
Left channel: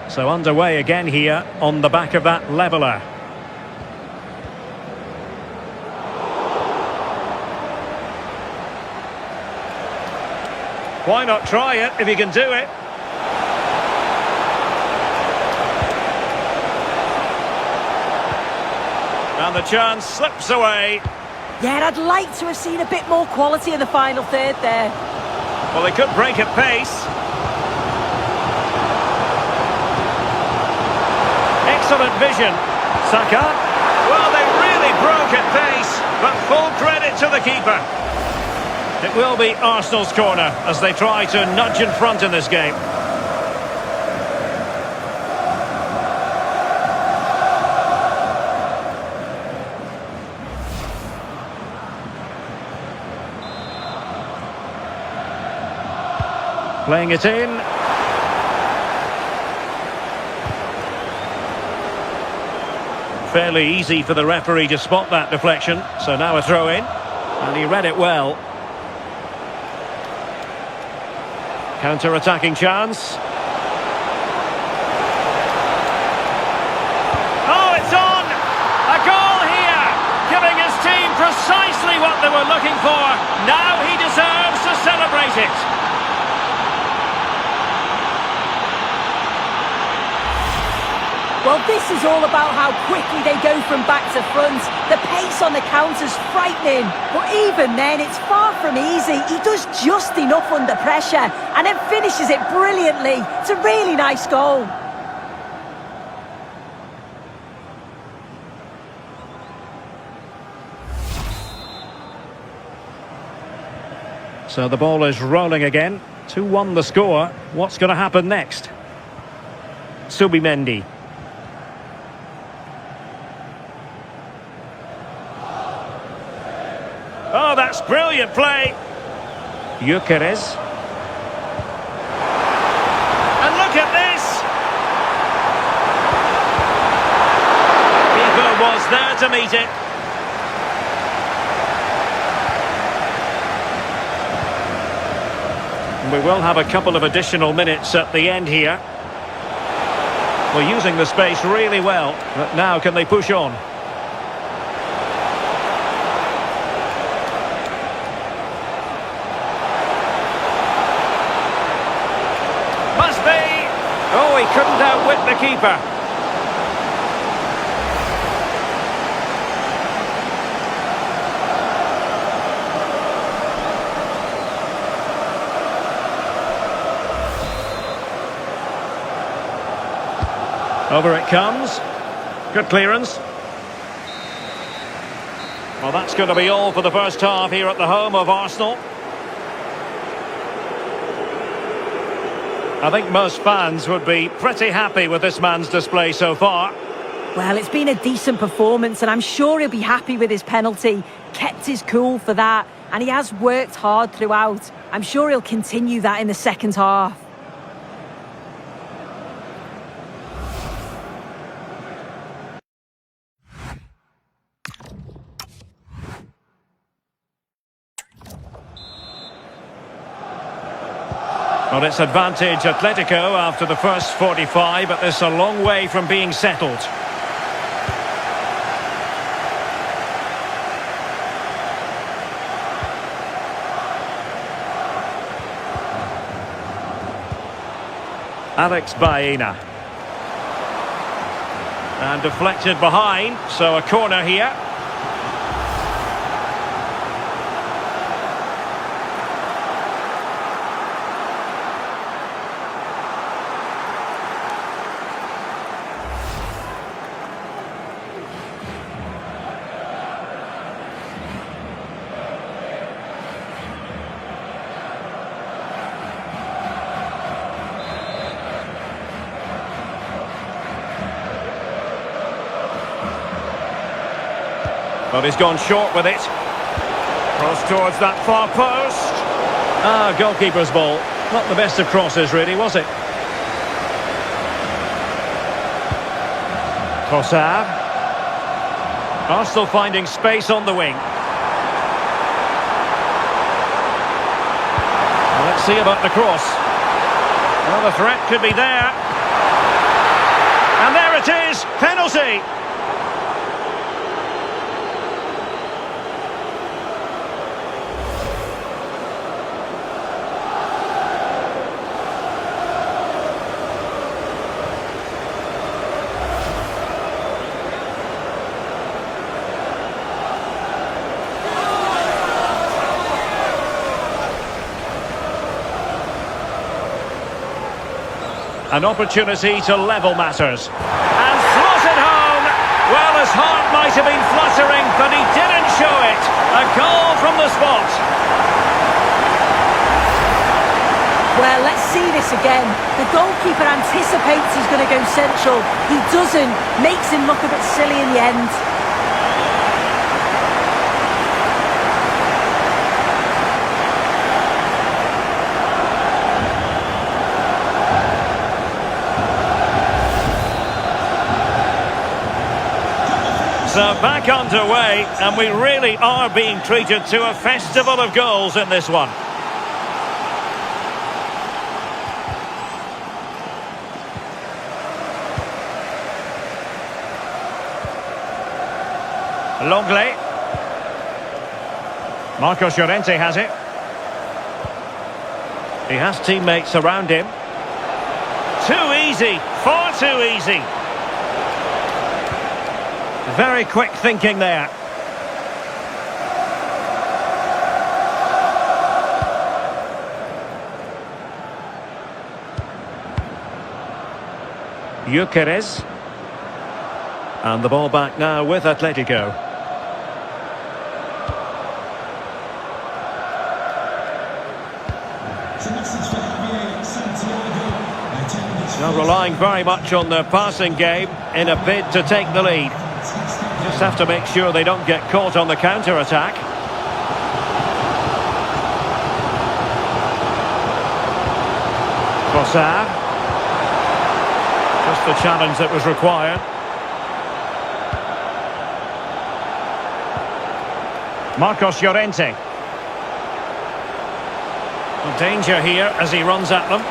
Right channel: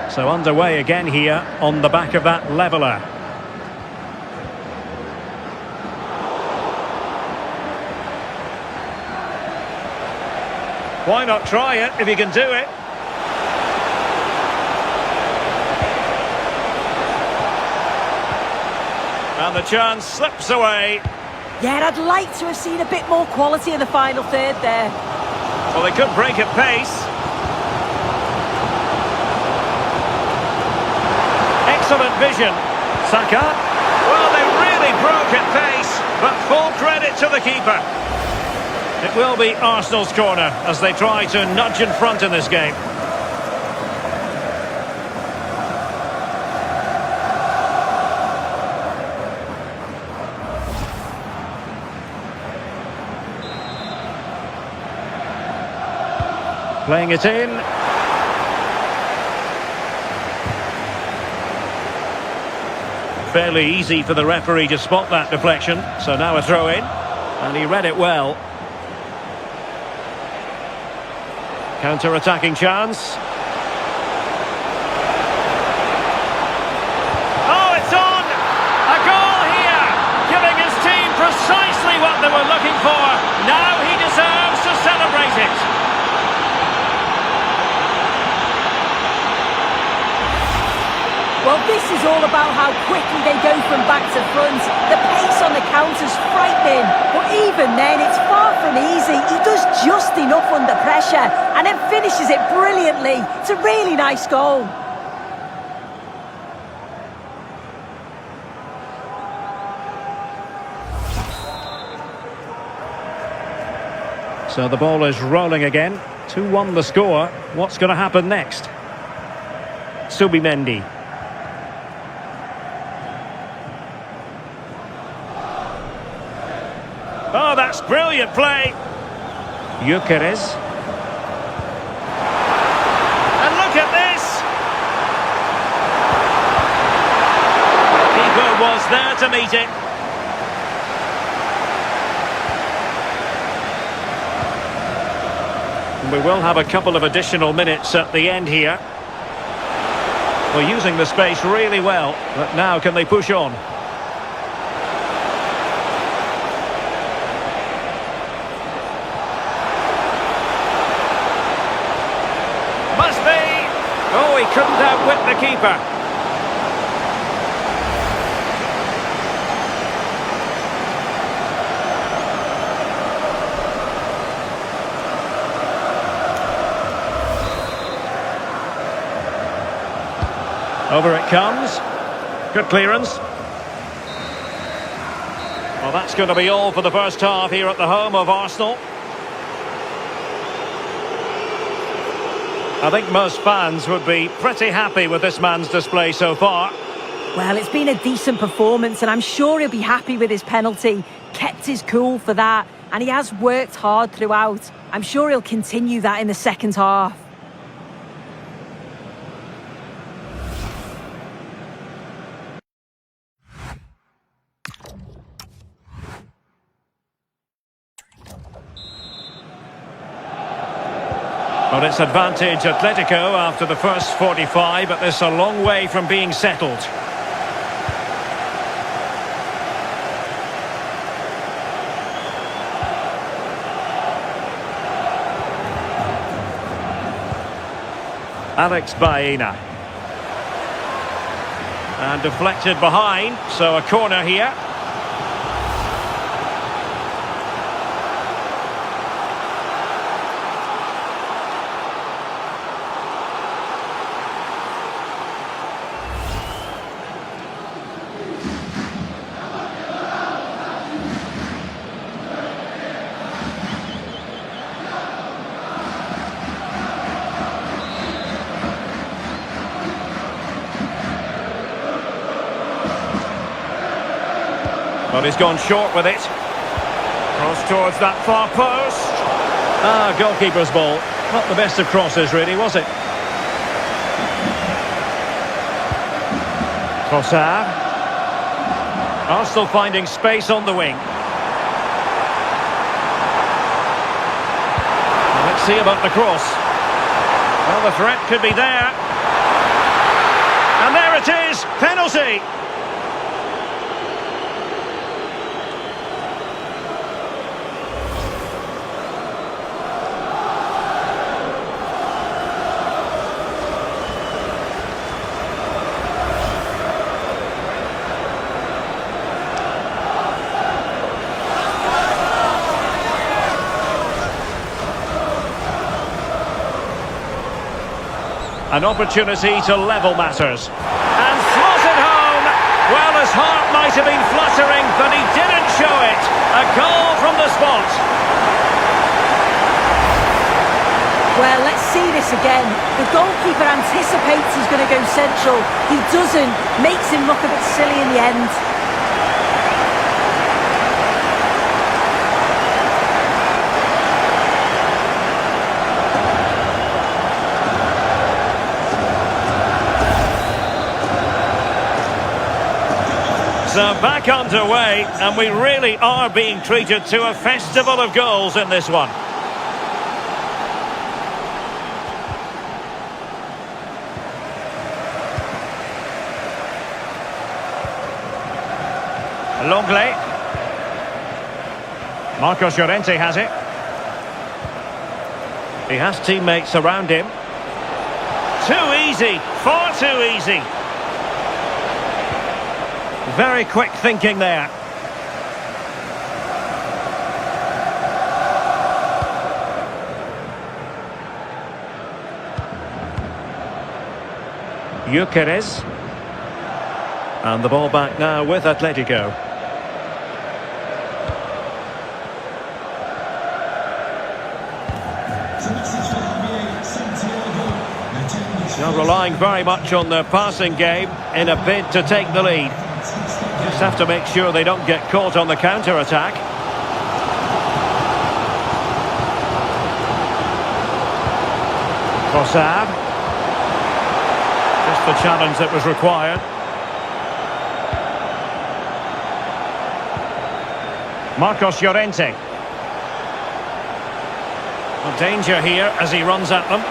So underway again here on the back of that leveller. Why not try it if you can do it? And the chance slips away. Yeah, I'd like to have seen a bit more quality in the final third there. Well, they could break at pace. Excellent vision. Saka. Well, they really broke at pace, but full credit to the keeper. It will be Arsenal's corner as they try to nudge in front in this game. Playing it in. Fairly easy for the referee to spot that deflection. So now a throw in. And he read it well. Counter-attacking chance. Oh, it's on! A goal here! Giving his team precisely what they were looking for. Now he deserves to celebrate it. Well, this is all about how quickly they go from back to front. The pace on the counter's frightening. But even then, it's far from easy. He does just enough under pressure and then finishes it brilliantly. It's a really nice goal. So the ball is rolling again. 2-1 the score. What's going to happen next? Subimendi. Oh, that's brilliant play. Gyökeres. And look at this. Keeper was there to meet it. And we will have a couple of additional minutes at the end here. We're using the space really well, but now can they push on? Must be! Oh, he couldn't outwit the keeper. Over it comes. Good clearance. Well, that's going to be all for the first half here at the home of Arsenal. I think most fans would be pretty happy with this man's display so far. Well, it's been a decent performance and I'm sure he'll be happy with his penalty. Kept his cool for that and he has worked hard throughout. I'm sure he'll continue that in the second half. Well, it's advantage Atletico after the first 45, but this a long way from being settled. Alex Baena. And deflected behind, so a corner here. But he's gone short with it. Cross towards that far post. Ah, goalkeeper's ball. Not the best of crosses, really, was it? Trossard. Arsenal finding space on the wing. Well, let's see about the cross. Well, the threat could be there. And there it is! Penalty! An opportunity to level matters. And slotted home! Well, his heart might have been fluttering, but he didn't show it. A goal from the spot. Well, let's see this again. The goalkeeper anticipates he's going to go central. He doesn't. Makes him look a bit silly in the end. So back underway, and we really are being treated to a festival of goals in this one. Longley. Marcos Llorente has it. He has teammates around him. Too easy, far too easy. Very quick thinking there. Gyökeres. And the ball back now with Atletico. Now relying very much on their passing game in a bid to take the lead. Just have to make sure they don't get caught on the counter-attack. Trossard. Just the challenge that was required. Marcos Llorente. Well, danger here as he runs at them.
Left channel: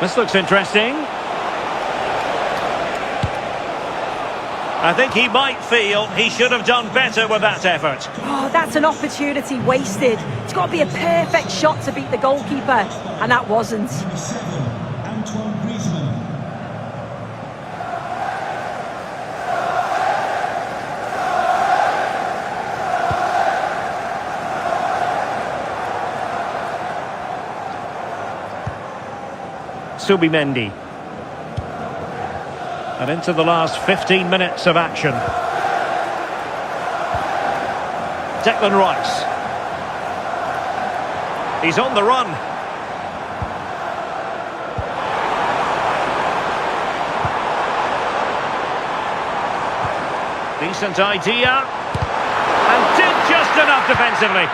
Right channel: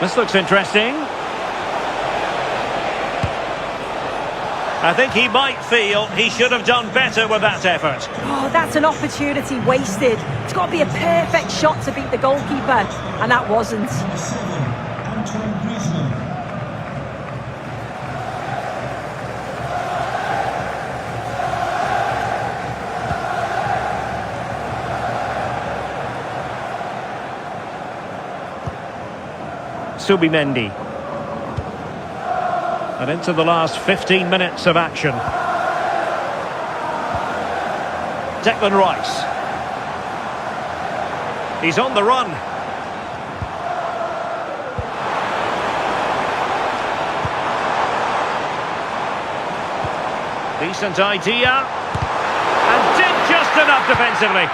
This looks interesting. I think he might feel he should have done better with that effort. Oh, that's an opportunity wasted. It's got to be a perfect shot to beat the goalkeeper, and that wasn't. Subimendi. And into the last 15 minutes of action. Declan Rice. He's on the run. Decent idea. And did just enough defensively.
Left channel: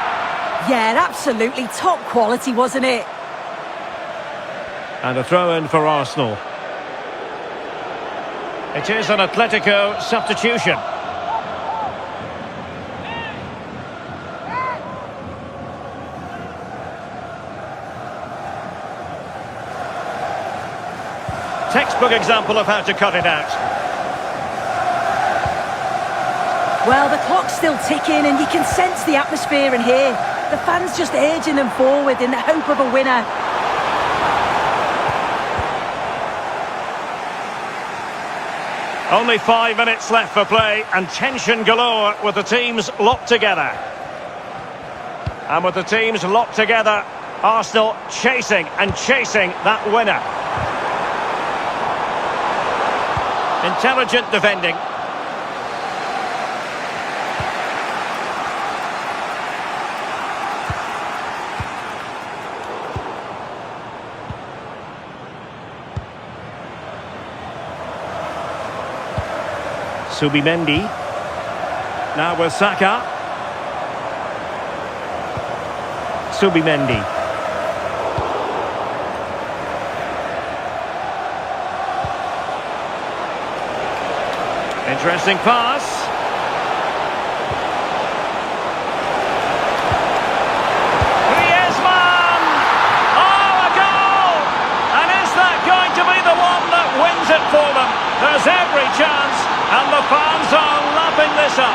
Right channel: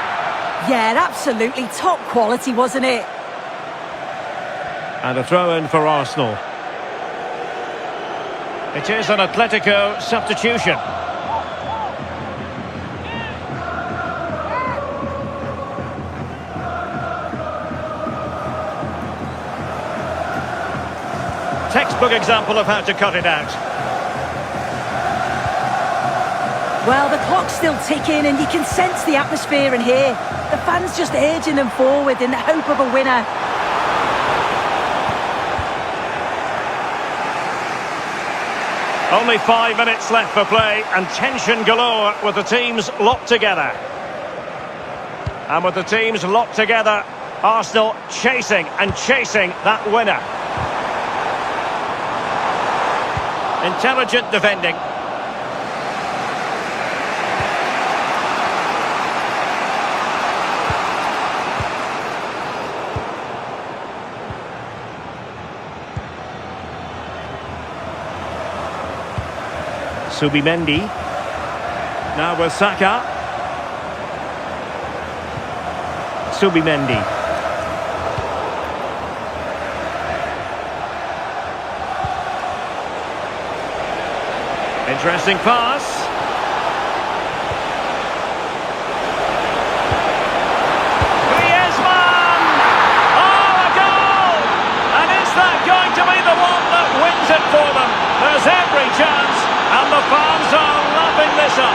Yeah, absolutely top quality, wasn't it? And a throw-in for Arsenal. It is an Atletico substitution. Textbook example of how to cut it out. Well, the clock's still ticking and you can sense the atmosphere in here. The fans just urging them forward in the hope of a winner. Only 5 minutes left for play and tension galore with the teams locked together. And with the teams locked together, Arsenal chasing and chasing that winner. Intelligent defending. Subimendi. Now with Saka. Subimendi. Interesting pass. To be the one that wins it for them. There's every chance, and the fans are lapping this up.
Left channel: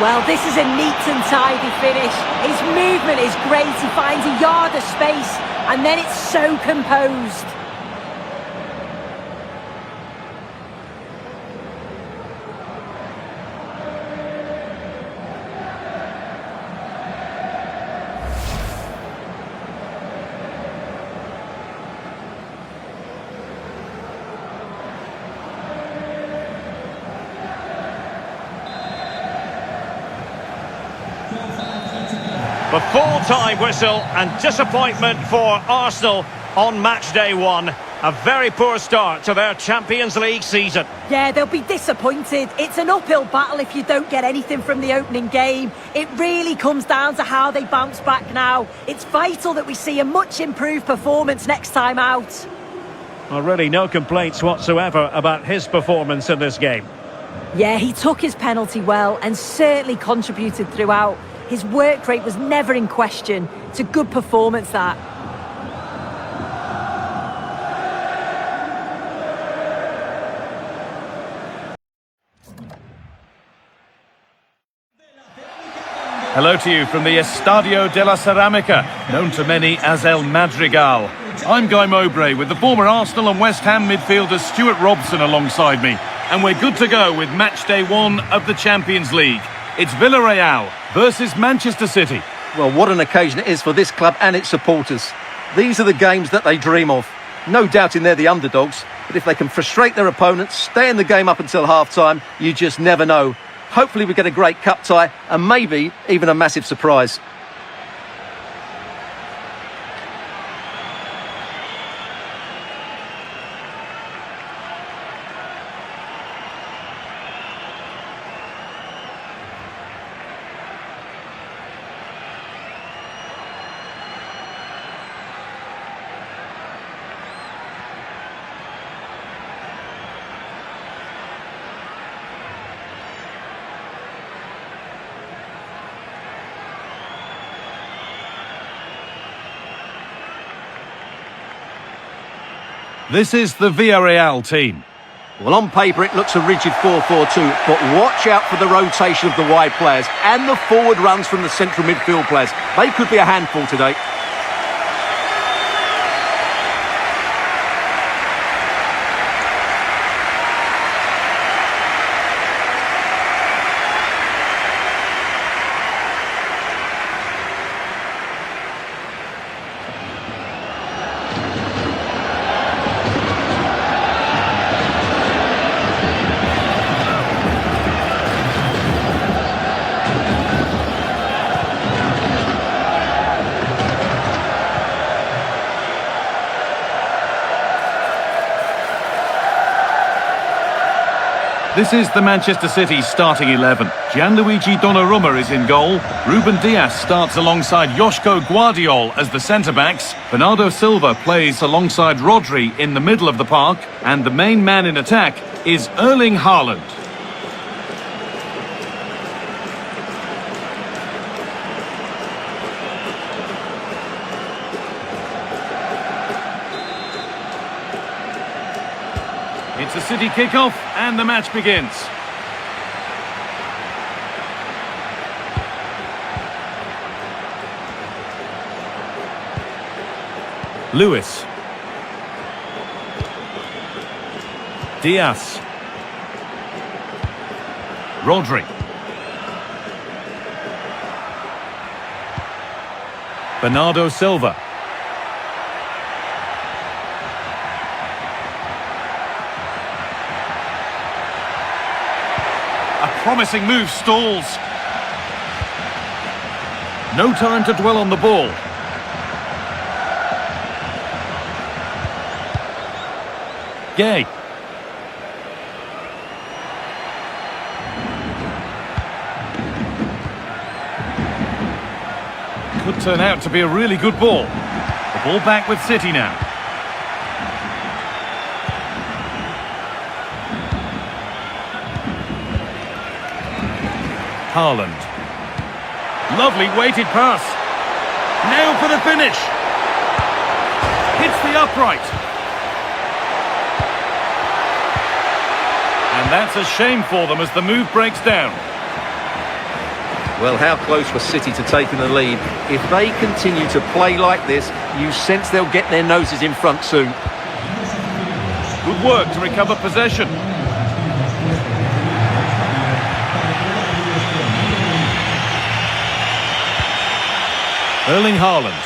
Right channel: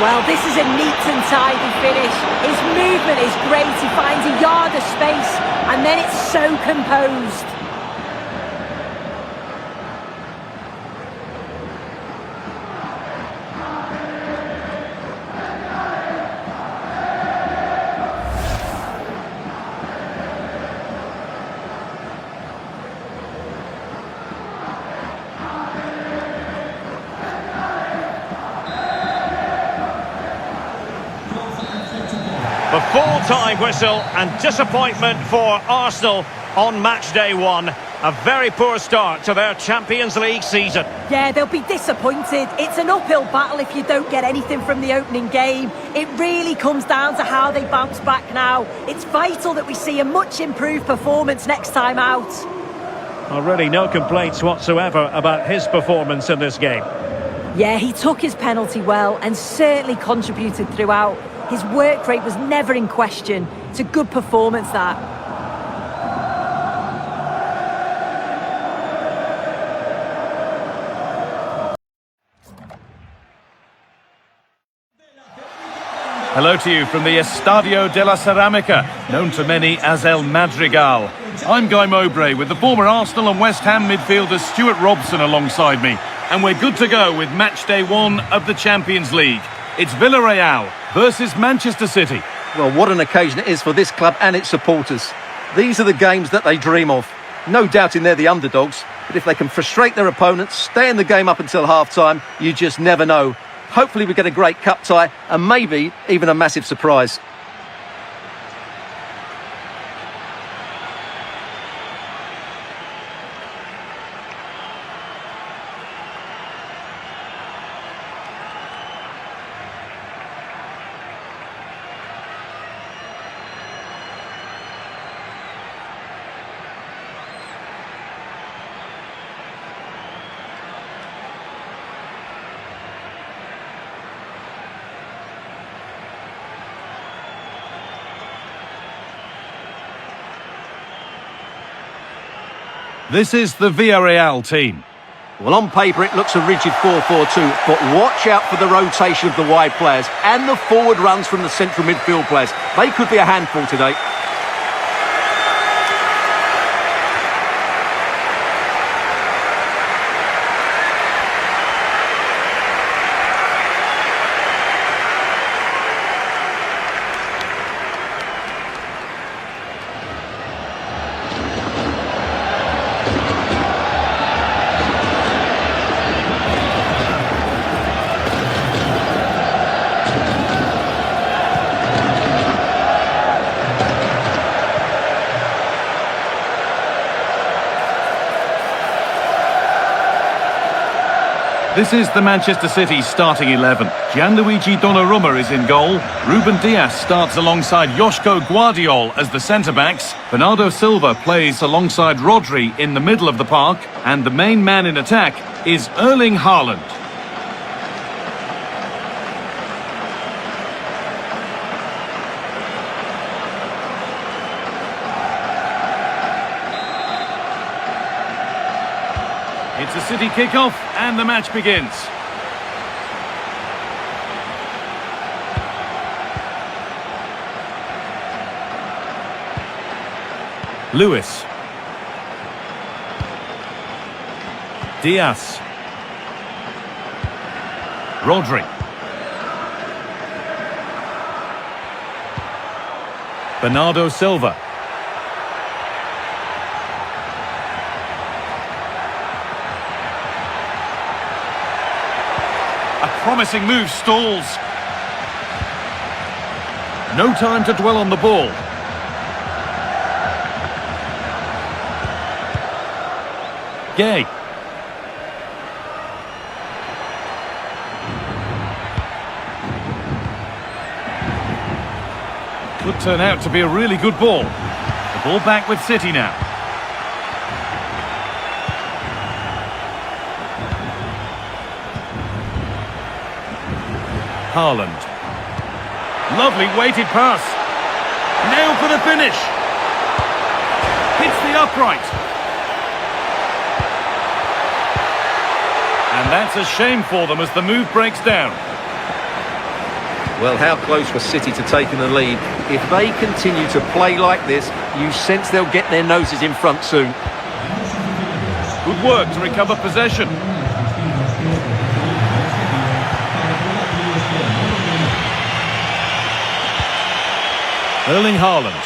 Well, this is a neat and tidy finish. His movement is great. He finds a yard of space, and then it's so composed. The full-time whistle and disappointment for Arsenal on match day one. A very poor start to their Champions League season. Yeah, they'll be disappointed. It's an uphill battle if you don't get anything from the opening game. It really comes down to how they bounce back now. It's vital that we see a much improved performance next time out. Well, really no complaints whatsoever about his performance in this game. Yeah, he took his penalty well and certainly contributed throughout. His work rate was never in question. It's a good performance, that. Hello to you from the Estadio de la Ceramica, known to many as El Madrigal. I'm Guy Mowbray with the former Arsenal and West Ham midfielder Stuart Robson alongside me. And we're good to go with match day one of the Champions League. It's Villarreal versus Manchester City. Well, what an occasion it is for this club and its supporters. These are the games that they dream of. No doubting they're the underdogs, but if they can frustrate their opponents, stay in the game up until half-time, you just never know. Hopefully we get a great cup tie and maybe even a massive surprise. This is the Villarreal team. Well, on paper it looks a rigid 4-4-2, but watch out for the rotation of the wide players and the forward runs from the central midfield players. They could be a handful today. This is the Manchester City starting 11. Gianluigi Donnarumma is in goal. Ruben Dias starts alongside Joško Guardiol as the centre-backs. Bernardo Silva plays alongside Rodri in the middle of the park. And the main man in attack is Erling Haaland. It's a City kickoff and the match begins. Lewis. Diaz. Rodri. Bernardo Silva. A promising move stalls. No time to dwell on the ball. Gay. Could turn out to be a really good ball. The ball back with City now. Haaland. Lovely weighted pass. Now for the finish. Hits the upright. And that's a shame for them as the move breaks down. Well, how close was City to taking the lead? If they continue to play like this, you sense they'll get their noses in front soon. Good work to recover possession. Erling Haaland.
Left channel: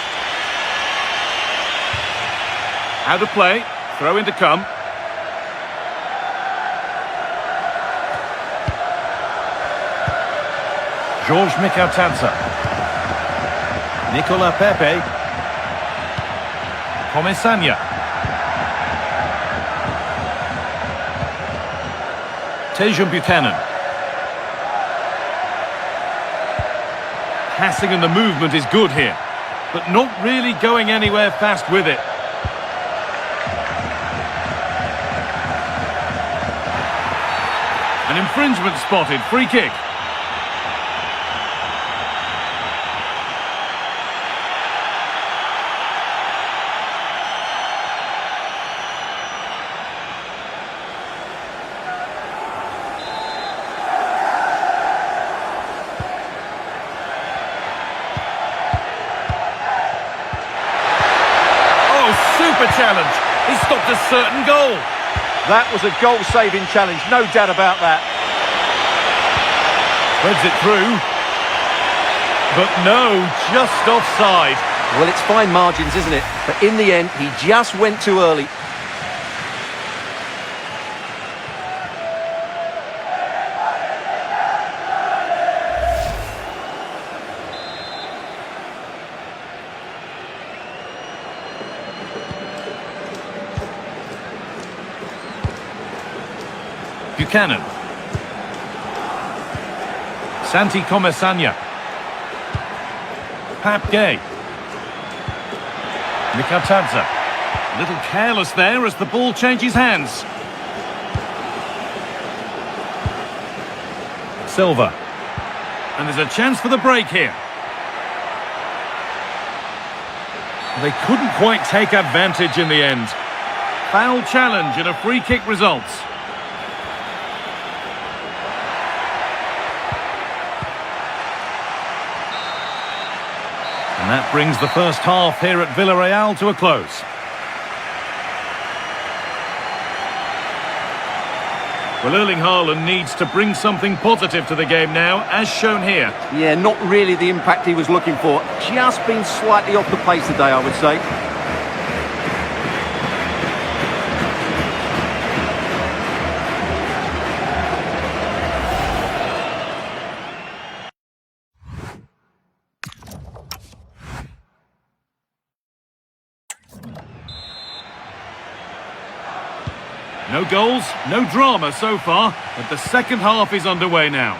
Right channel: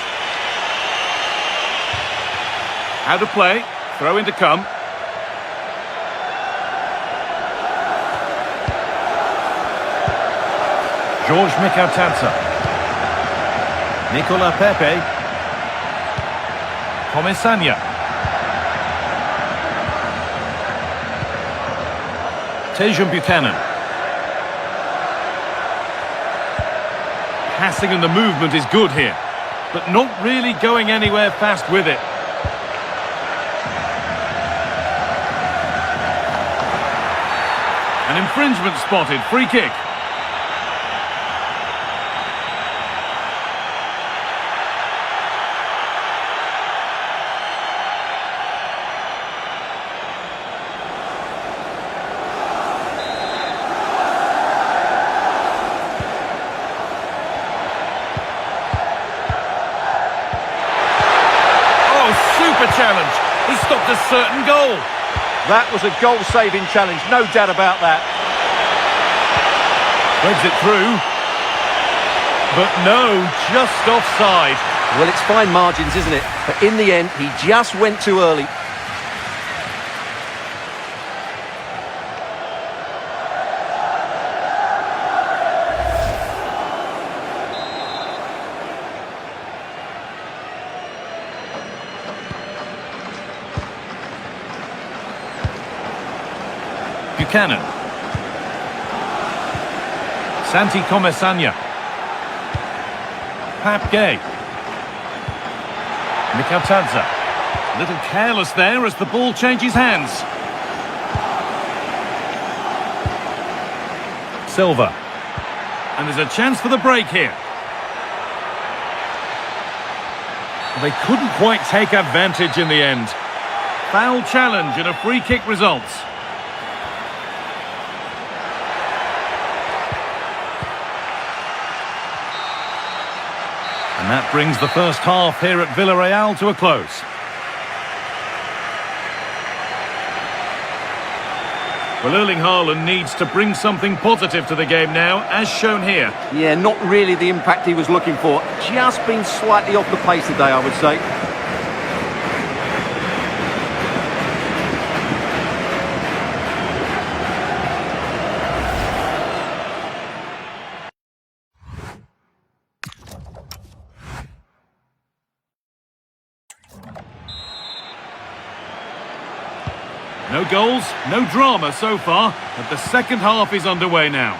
Out of play. Throw in to come. George Mikautanza. Nicola Pepe. Comesania. Tejum Buchanan. Passing and the movement is good here, but not really going anywhere fast with it. An infringement spotted. Free kick. Super challenge. He stopped a certain goal. That was a goal-saving challenge, no doubt about that. Threads it through. But no, just offside. Well, it's fine margins, isn't it? But in the end, he just went too early. Buchanan. Santi Comesania. Pap Gay. Mikautanza. A little careless there as the ball changes hands. Silva. And there's a chance for the break here. They couldn't quite take advantage in the end. Foul challenge and a free kick results. And that brings the first half here at Villarreal to a close. Well, Erling Haaland needs to bring something positive to the game now, as shown here. Yeah, not really the impact he was looking for. Just been slightly off the pace today, I would say. No goals, no drama so far, but the second half is underway now.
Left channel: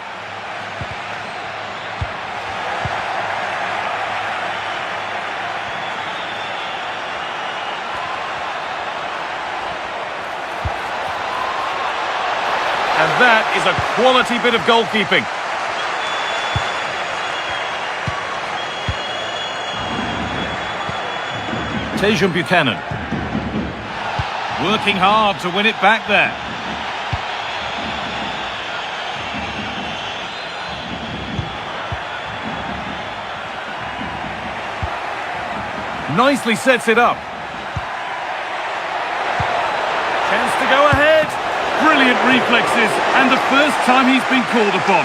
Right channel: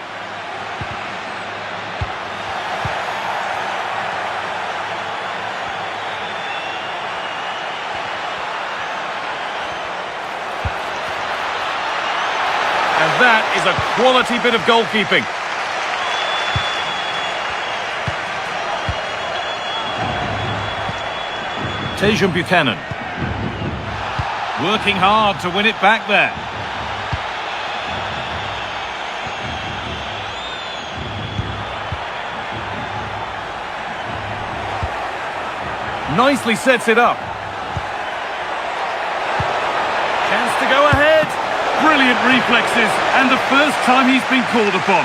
And that is a quality bit of goalkeeping. Tejum Buchanan. Working hard to win it back there. Nicely sets it up. Chance to go ahead. Brilliant reflexes, and the first time he's been called upon.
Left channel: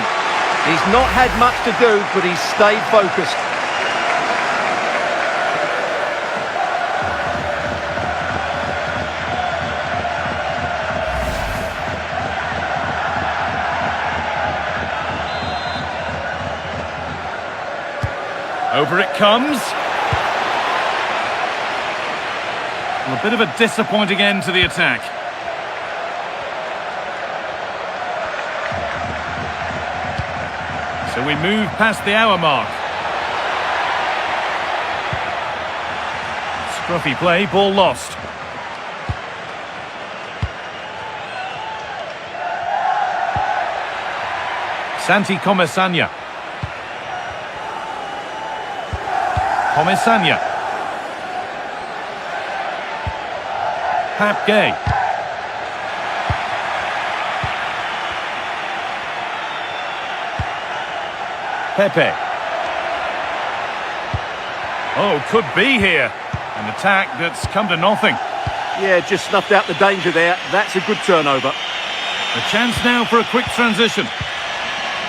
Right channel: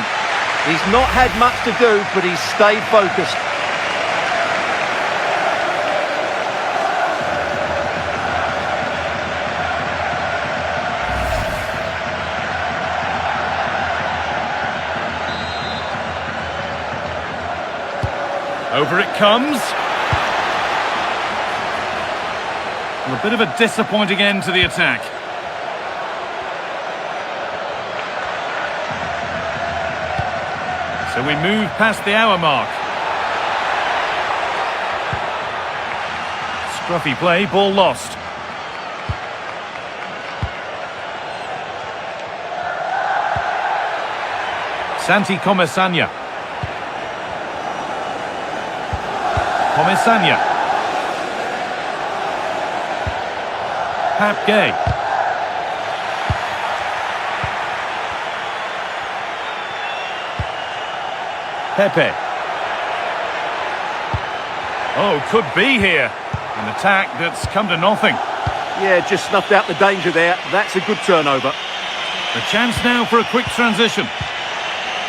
He's not had much to do, but he's stayed focused. Over it comes. Well, a bit of a disappointing end to the attack. So we move past the hour mark. Scruffy play, ball lost. Santi Comesaña. Comesaña. Pap Gay. Pepe. Oh, could be here. An attack that's come to nothing. Yeah, just snuffed out the danger there. That's a good turnover. The chance now for a quick transition.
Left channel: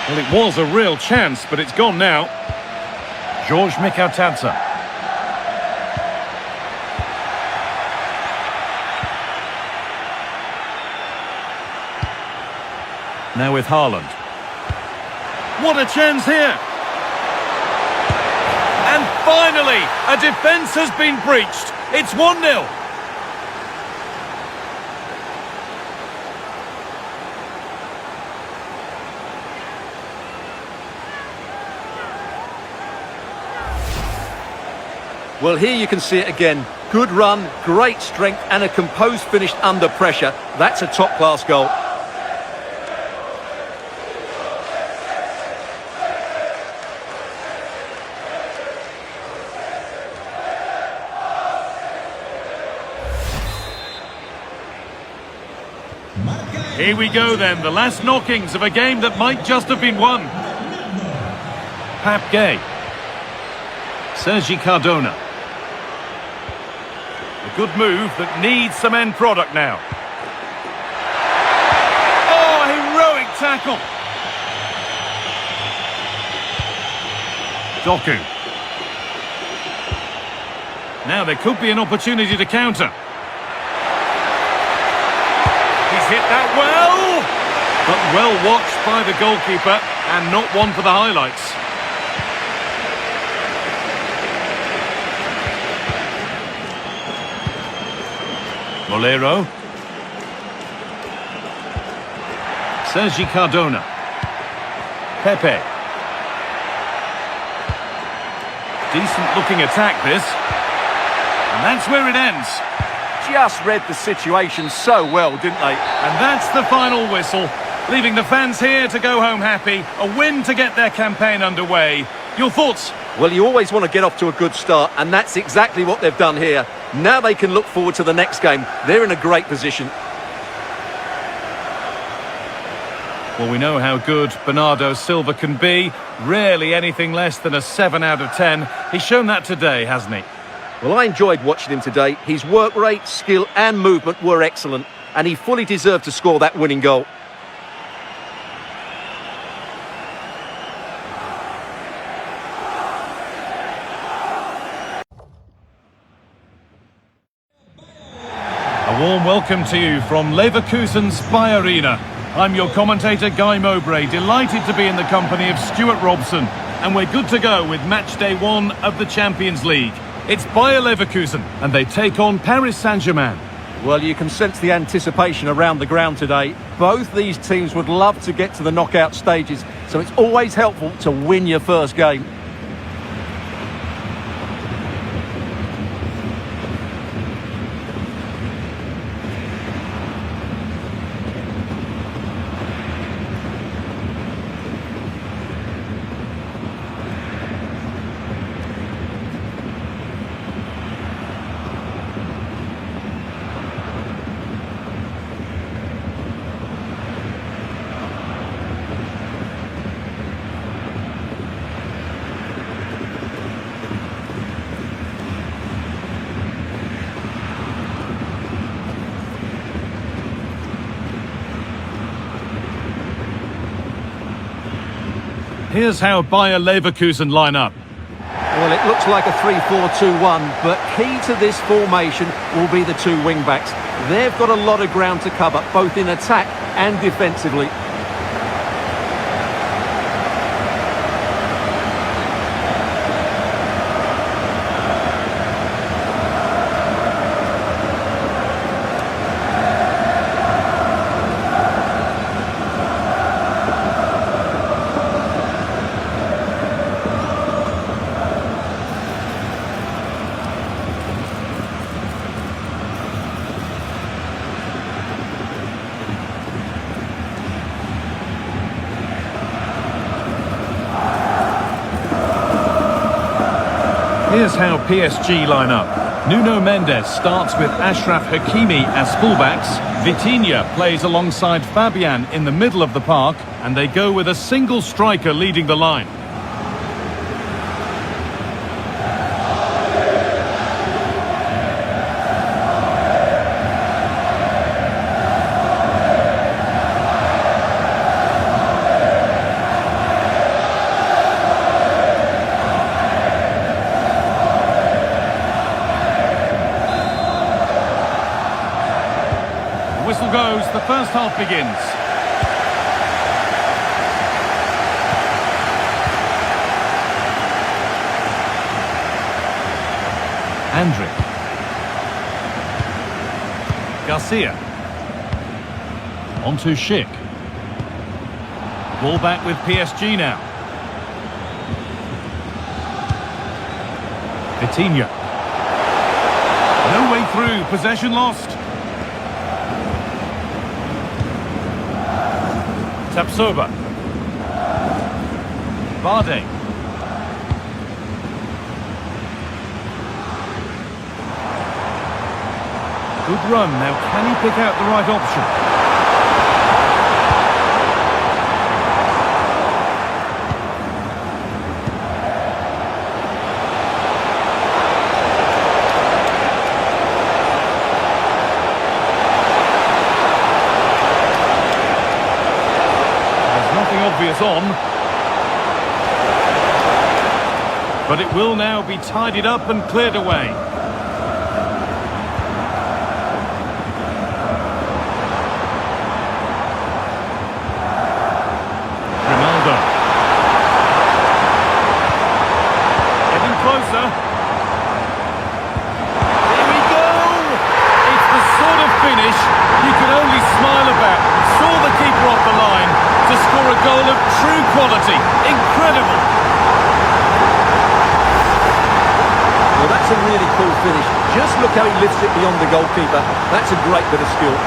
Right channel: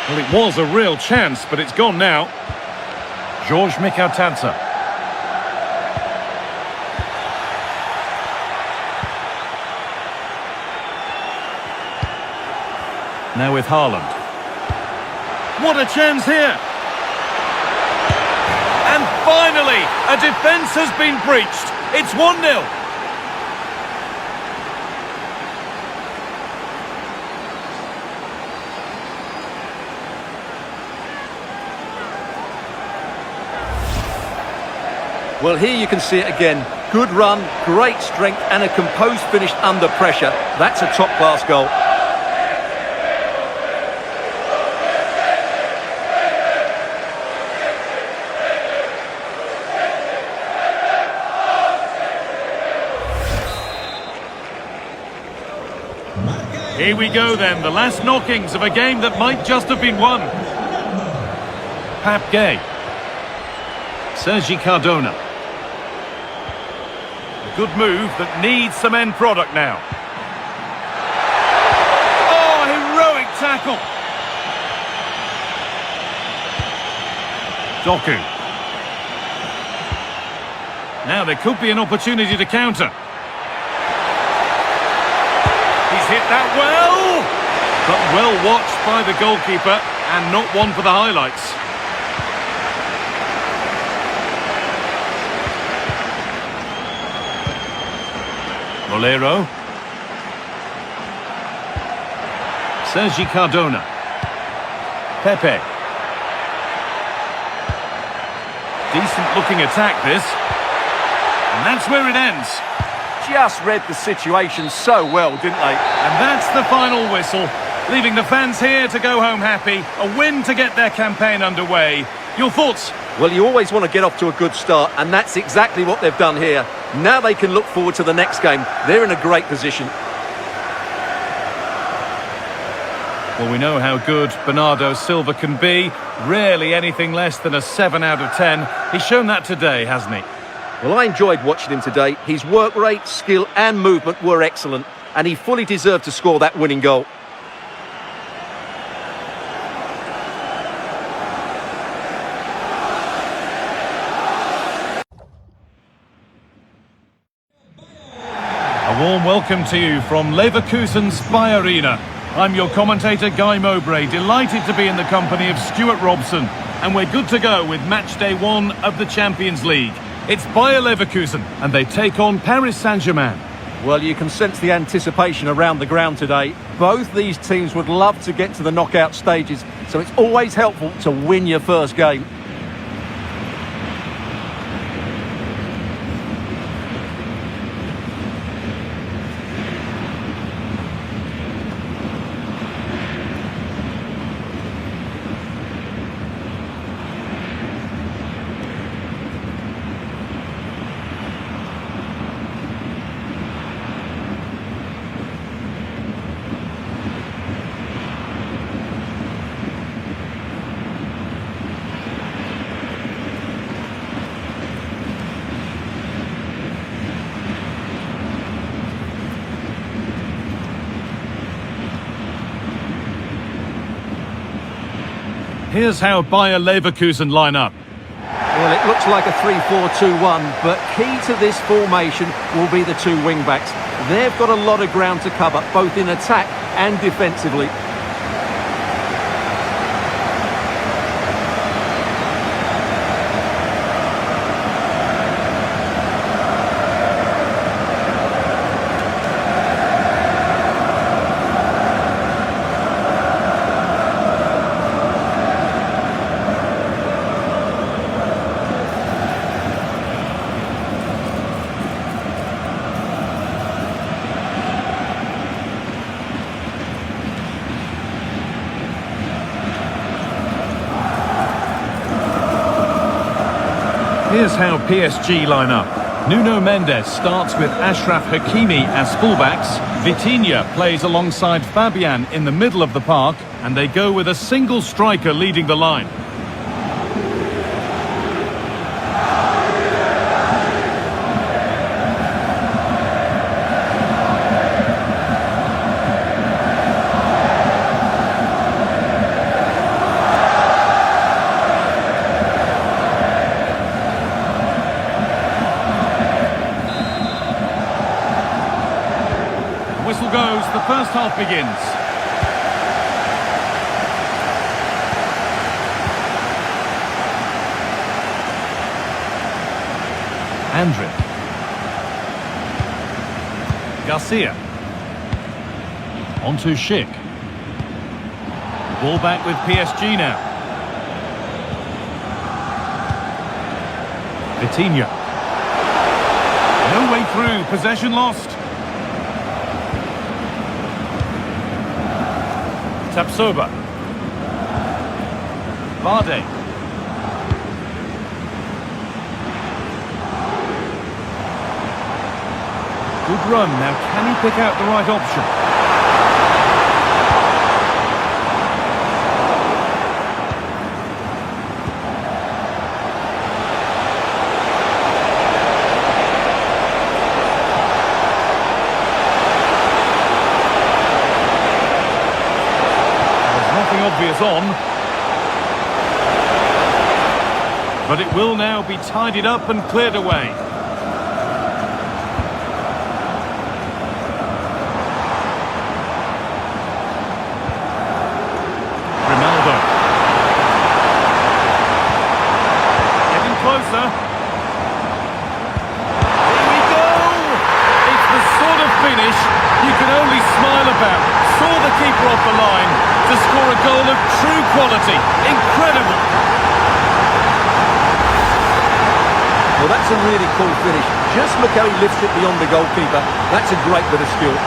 Well, it was a real chance, but it's gone now. George Mikautadze. Now with Haaland. What a chance here! And finally, a defence has been breached. It's 1-0. Well, here you can see it again. Good run, great strength, and a composed finish under pressure. That's a top-class goal. Here we go then, the last knockings of a game that might just have been won. Pap Gay. Sergi Cardona. A good move that needs some end product now. Oh, heroic tackle. Doku. Now there could be an opportunity to counter. He's hit that well, but well watched by the goalkeeper and not one for the highlights. Molero. Sergi Cardona. Pepe. Decent looking attack this. And that's where it ends. Just read the situation so well, didn't they? And that's the final whistle, leaving the fans here to go home happy. A win to get their campaign underway. Your thoughts? Well, you always want to get off to a good start, and that's exactly what they've done here. Now they can look forward to the next game. They're in a great position. Well, we know how good Bernardo Silva can be. Rarely anything less than a 7 out of 10. He's shown that today, hasn't he? Well, I enjoyed watching him today. His work rate, skill and movement were excellent, and he fully deserved to score that winning goal. A warm welcome to you from Leverkusen's Spy Arena. I'm your commentator, Guy Mowbray, delighted to be in the company of Stuart Robson, and we're good to go with match day 1 of the Champions League. It's Bayer Leverkusen, and they take on Paris Saint-Germain. Well, you can sense the anticipation around the ground today. Both these teams would love to get to the knockout stages, so it's always helpful to win your first game. Here's how Bayer Leverkusen line up. Well, it looks like a 3-4-2-1, but key to this formation will be the two wing-backs. They've got a lot of ground to cover, both in attack and defensively. Here's how PSG line up. Nuno Mendes starts with Achraf Hakimi as fullbacks. Vitinha plays alongside Fabian in the middle of the park, and they go with a single striker leading the line. Whistle goes, the first half begins. Andrić. Garcia. On to Schick. Ball back with PSG now. Vitinha. No way through, possession lost. Tapsoba. Vardy. Good run. Now can he pick out the right option? Obvious on, but it will now be tidied up and cleared away. Ronaldo getting closer. Here we go. It's the sort of finish you can only smile about. Saw the keeper off the line to score a goal of true quality. Incredible. Well, that's a really cool finish. Just look how he lifts it beyond the goalkeeper. That's a great bit of skill.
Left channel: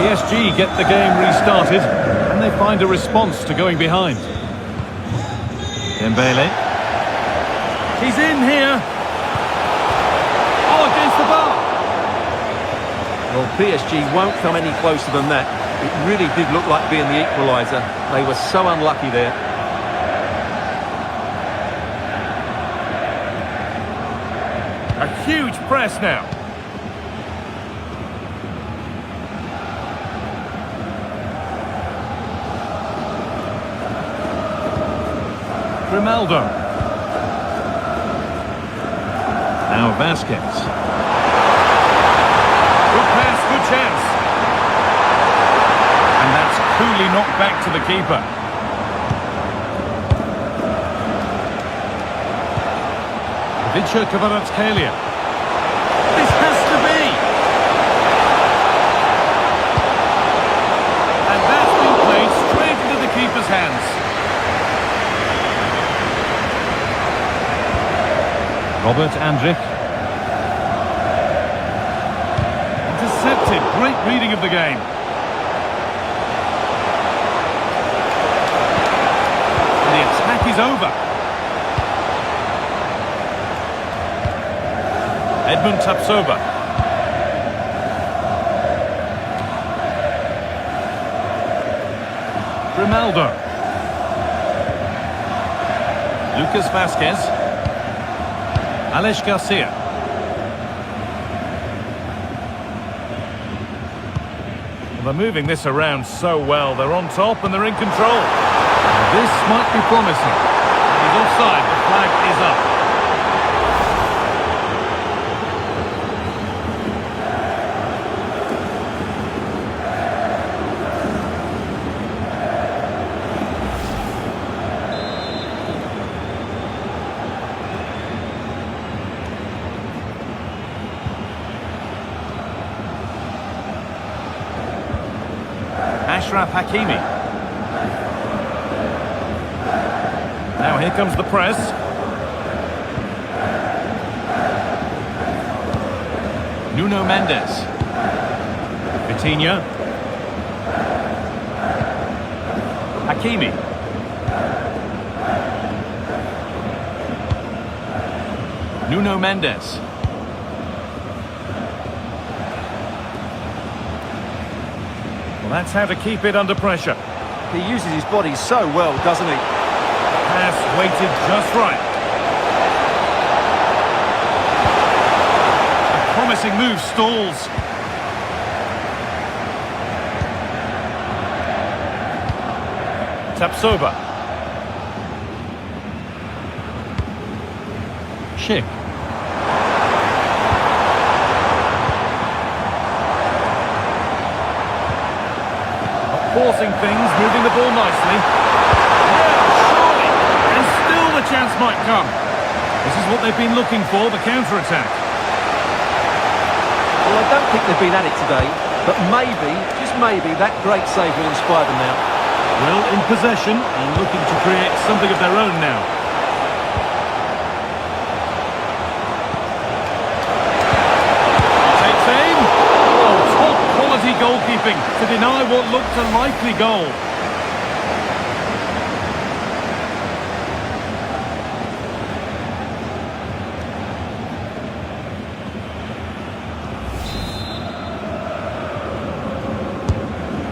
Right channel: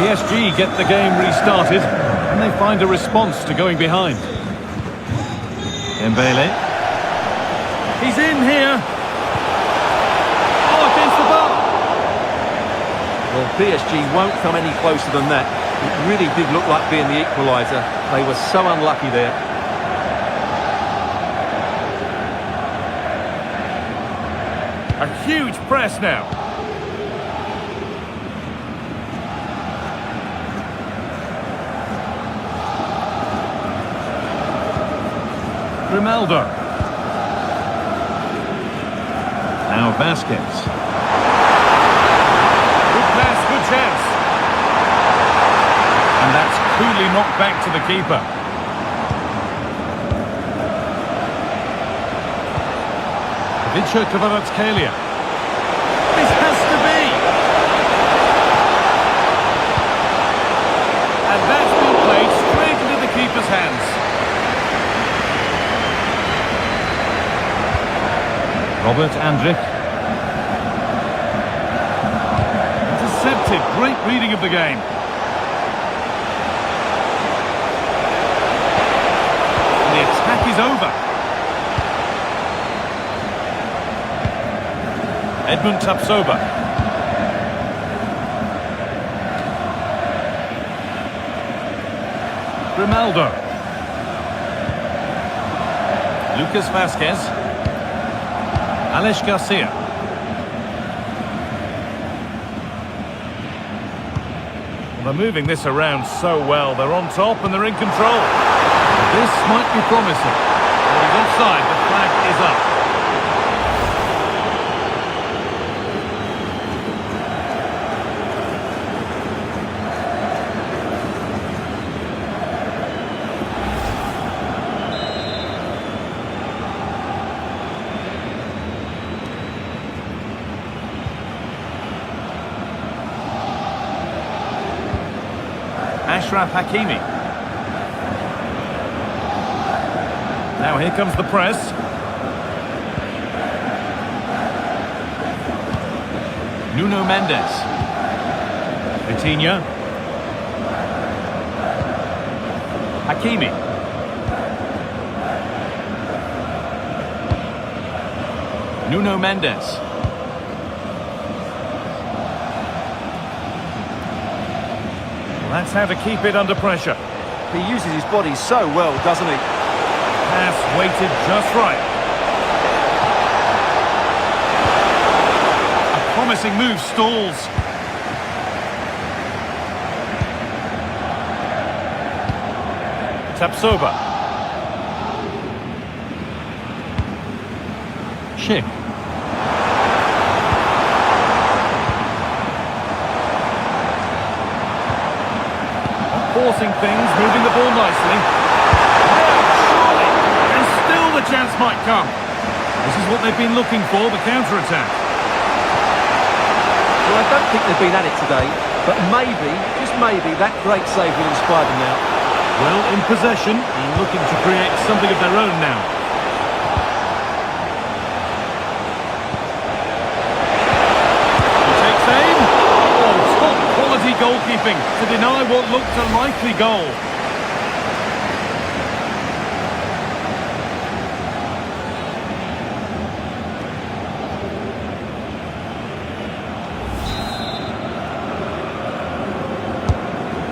PSG get the game restarted, and they find a response to going behind. Dembele. He's in here. Oh, against the bar. Well, PSG won't come any closer than that. It really did look like being the equaliser. They were so unlucky there. A huge press now. Ronaldo. Now Vasquez. Good pass, good chance. And that's coolly knocked back to the keeper. Vicha Kvaratskhelia. This has to be. And that's been played straight into the keeper's hands. Robert Andrić. Intercepted. Great reading of the game. And the attack is over. Edmund Tapsoba. Grimaldo. Lucas Vasquez. Alex Garcia. Well, they're moving this around so well. They're on top and they're in control. This might be promising. And he's offside. The flag is up. Achraf Hakimi. Now here comes the press. Nuno Mendes. Vitinha. Hakimi. Nuno Mendes. Well, that's how to keep it under pressure. He uses his body so well, doesn't he? Pass weighted just right. A promising move stalls. Tapsoba. Schick. Forcing things, moving the ball nicely. No, surely! And still the chance might come. This is what they've been looking for, the counter-attack. Well, I don't think they've been at it today, but maybe, just maybe, that great save will inspire them now. Well, in possession and looking to create something of their own now. He takes aim. Oh, top quality goalkeeping to deny what looked a likely goal.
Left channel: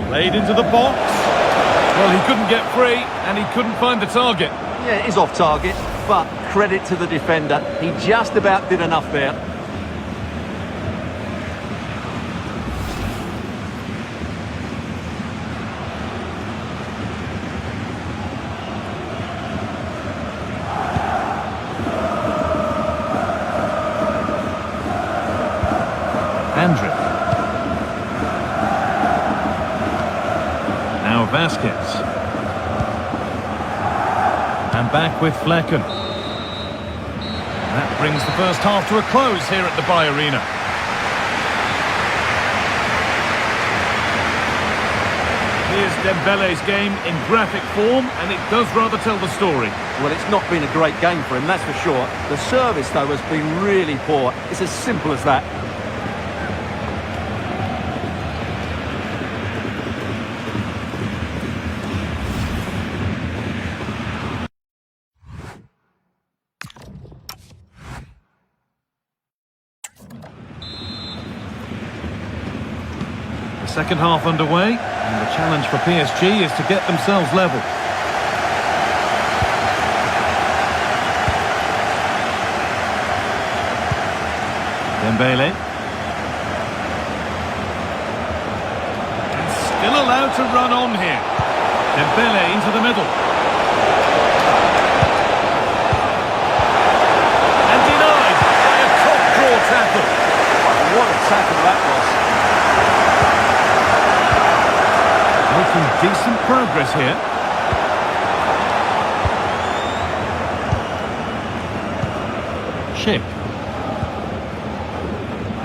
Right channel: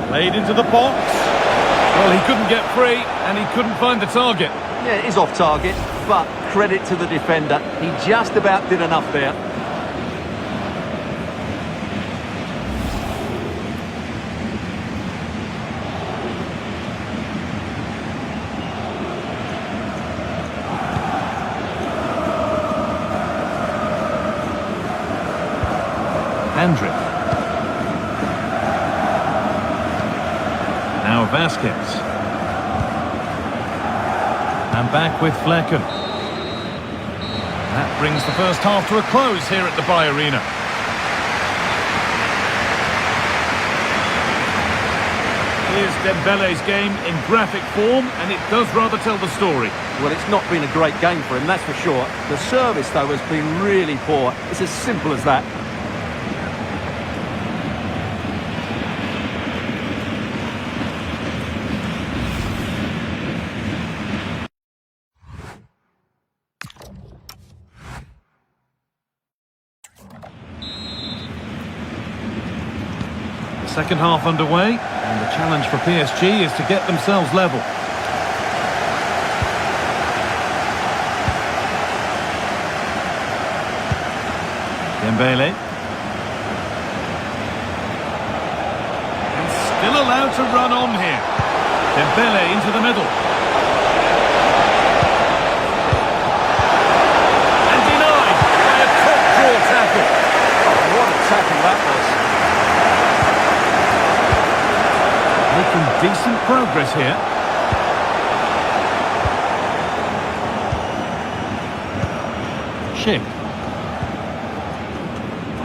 Played into the box. Well, he couldn't get free and he couldn't find the target. Yeah, it is off target, but credit to the defender. He just about did enough there. Andrick. Now Vasquez. And back with Flecken. That brings the first half to a close here at the Bay Arena. Here's Dembele's game in graphic form, and it does rather tell the story. Well, it's not been a great game for him, that's for sure. The service, though, has been really poor. It's as simple as that. Second half underway, and the challenge for PSG is to get themselves level. Dembele. And still allowed to run on here. Dembele into the middle. And denied by a top-draw tackle. Oh, what a tackle that was. Making decent progress here. Schick.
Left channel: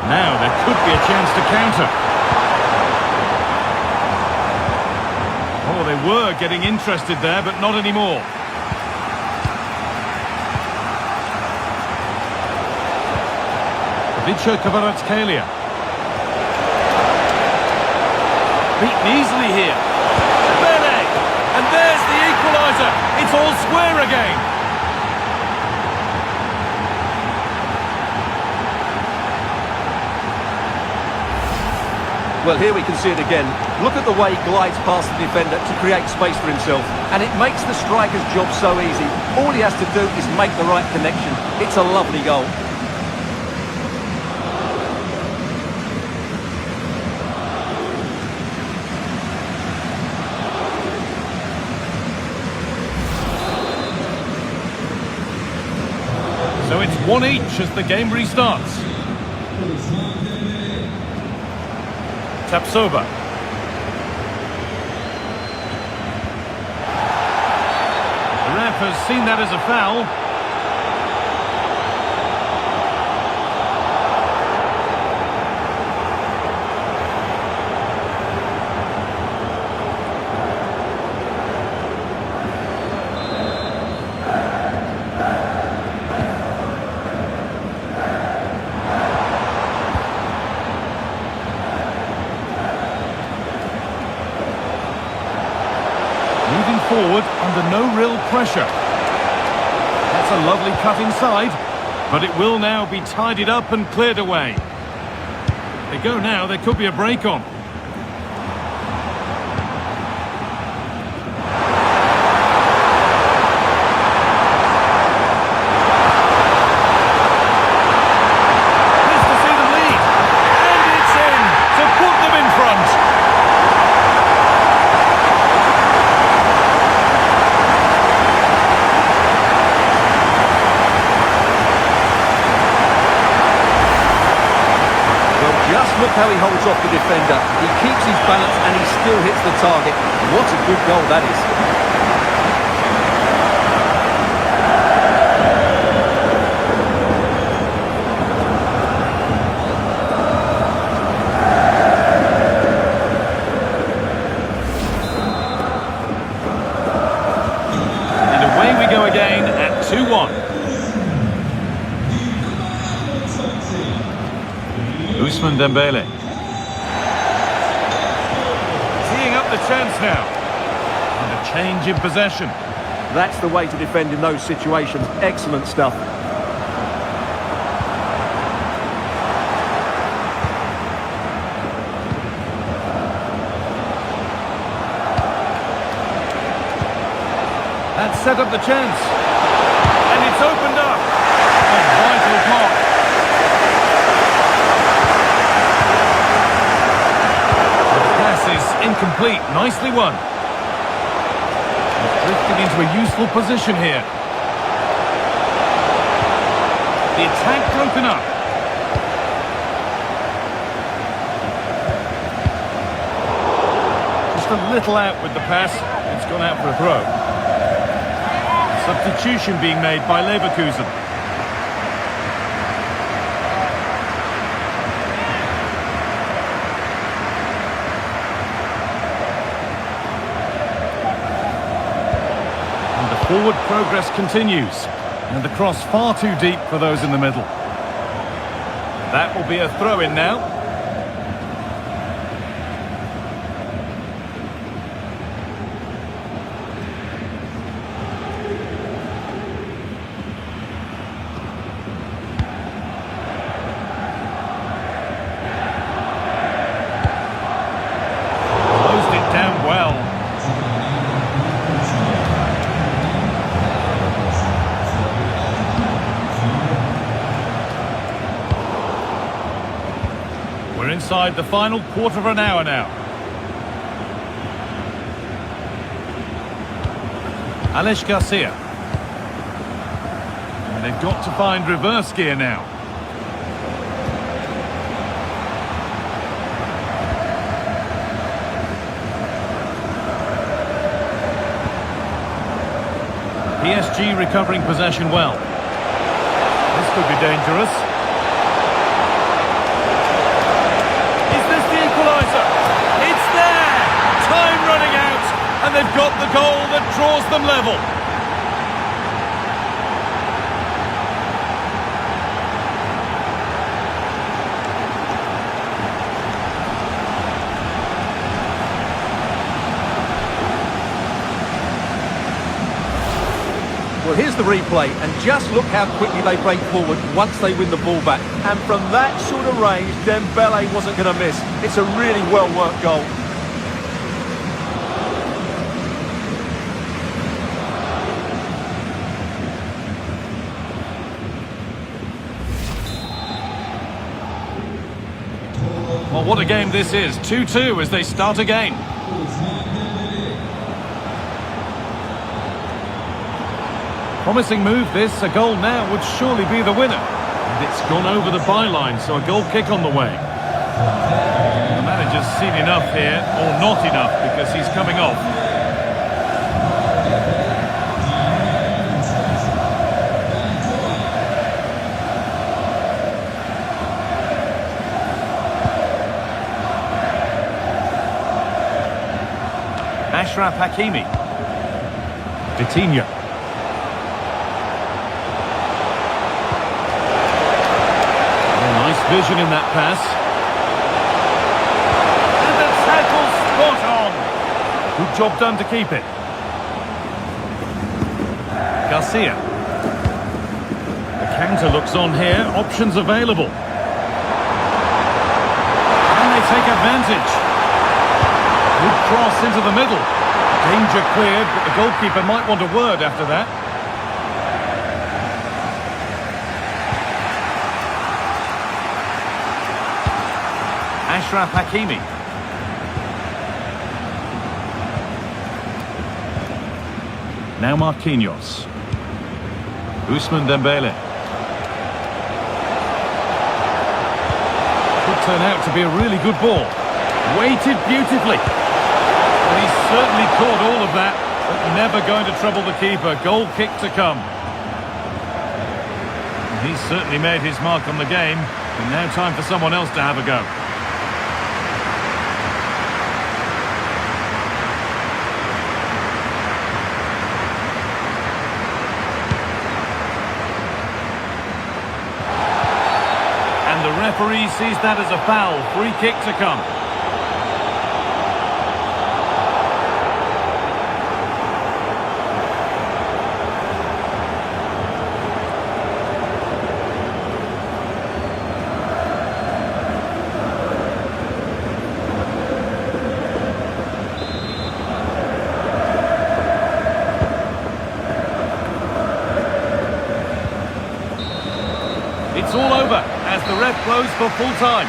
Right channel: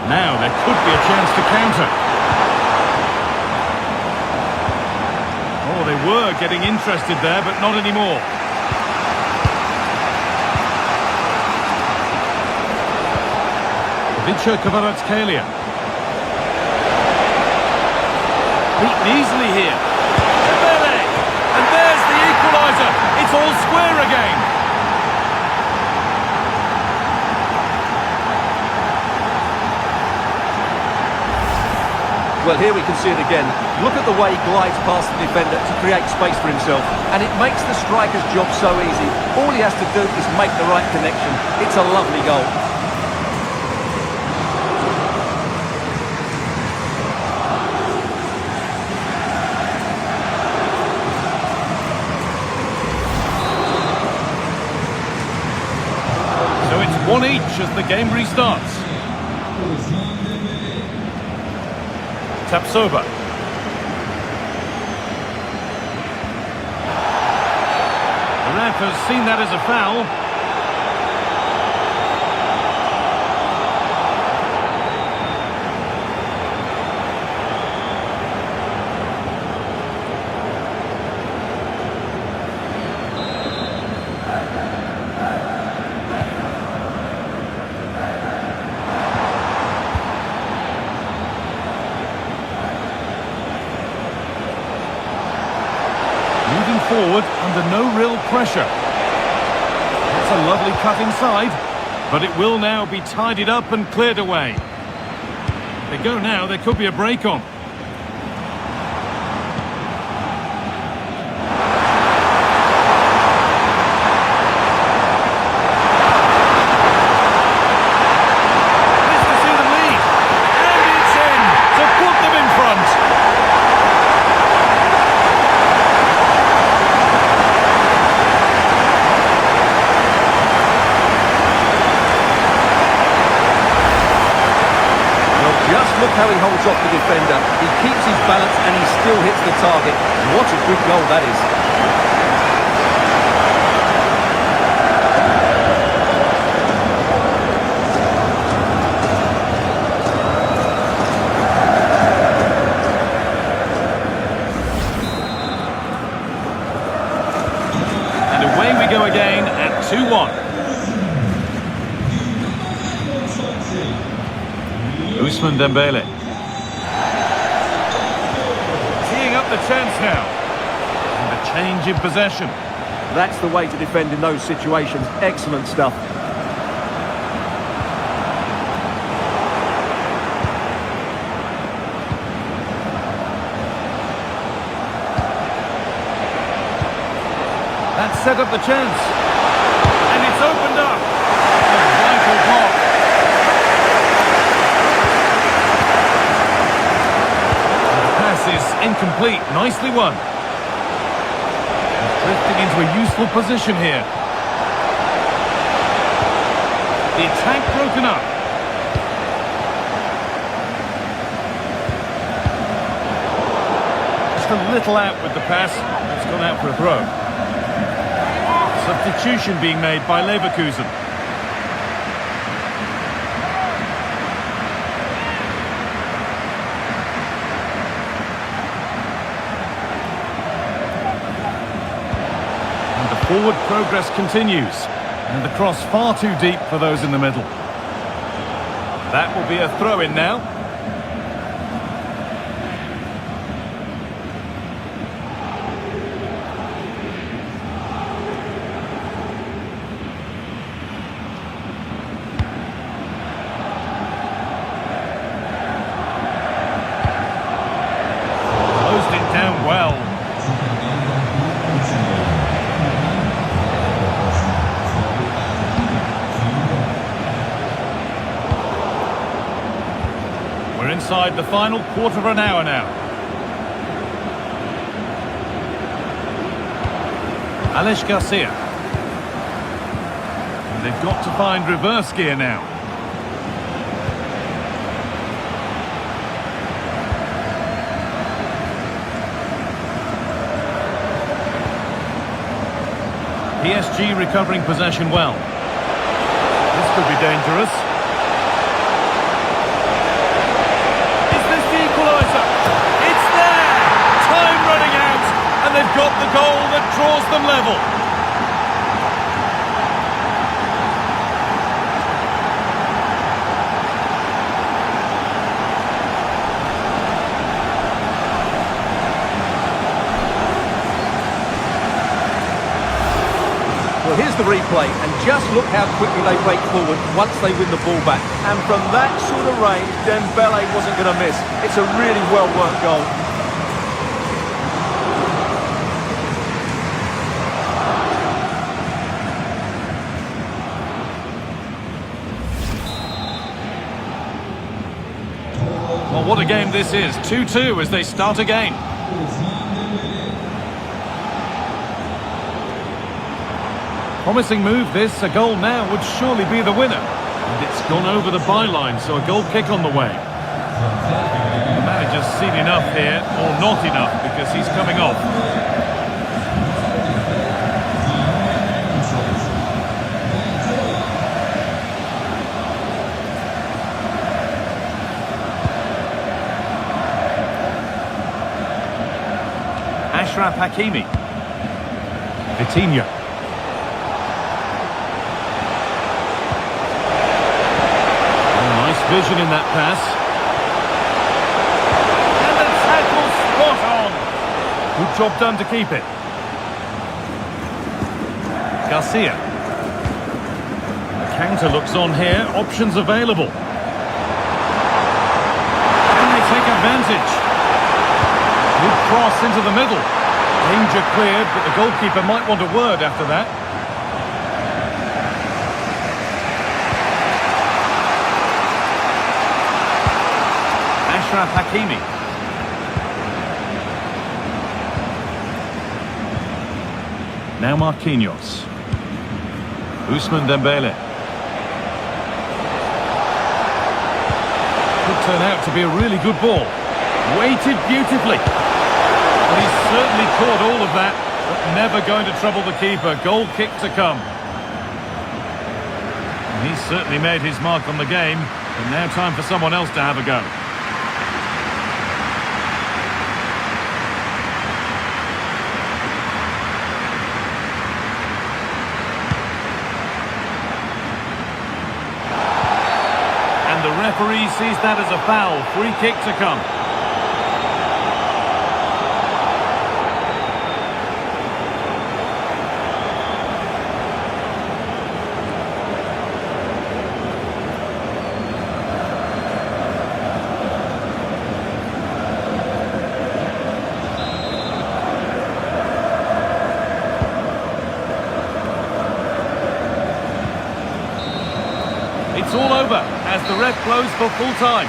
Now there could be a chance to counter. Oh, they were getting interested there, but not anymore. Vicha Kvaratskhelia. Beaten easily here. Dembele! And there's the equaliser. It's all square again. Well, here we can see it again. Look at the way he glides past the defender to create space for himself. And it makes the striker's job so easy. All he has to do is make the right connection. It's a lovely goal. So it's 1-1 as the game restarts. Tapsoba. The ref has seen that as a foul. forward under no real pressure. That's a lovely cut inside, but it will now be tidied up and cleared away. They go now, there could be a break on. Missed to see the lead, and it's in to put them in front. Just look how he holds off the defender. He keeps his balance and he still hits the target. What a good goal that is. And away we go again at 2-1. Ousmane Dembele. Teeing up the chance now. And a change in possession. That's the way to defend in those situations. Excellent stuff. That set up the chance. And it's opened up. A vital block. Is incomplete. Nicely won. He's drifting into a useful position here. The attack broken up. Just a little out with the pass. It's gone out for a throw. Substitution being made by Leverkusen. Forward progress continues, and the cross far too deep for those in the middle. That will be a throw-in now. Closed it down well. We're inside the final quarter of an hour now. Alex Garcia. And they've got to find reverse gear now. PSG recovering possession well. This could be dangerous. Equaliser. It's there! Time running out, and they've got the goal that draws them level. Well, here's the replay, and just look how quickly they break forward once they win the ball back. And from that sort of range, Dembele wasn't going to miss. It's a really well-worked goal. Well, what a game this is. 2-2 as they start again. Promising move this, a goal now would surely be the winner. And it's gone over the byline, so a goal kick on the way. The manager's seen enough here, or not enough, because he's coming off. Achraf Hakimi. Vitinha. Nice vision in that pass. And the tackle spot on. Good job done to keep it. Garcia. The counter looks on here. Options available. Can they take advantage? Good cross into the middle. Danger cleared, but the goalkeeper might want a word after that. Ashraf Hakimi. Now Marquinhos. Ousmane Dembele. Could turn out to be a really good ball. Weighted beautifully. And he's certainly caught all of that, but never going to trouble the keeper. Goal kick to come. And he's certainly made his mark on the game, but now time for someone else to have a go. And the referee sees that as a foul. Free kick to come. It's all over as the ref blows for full time.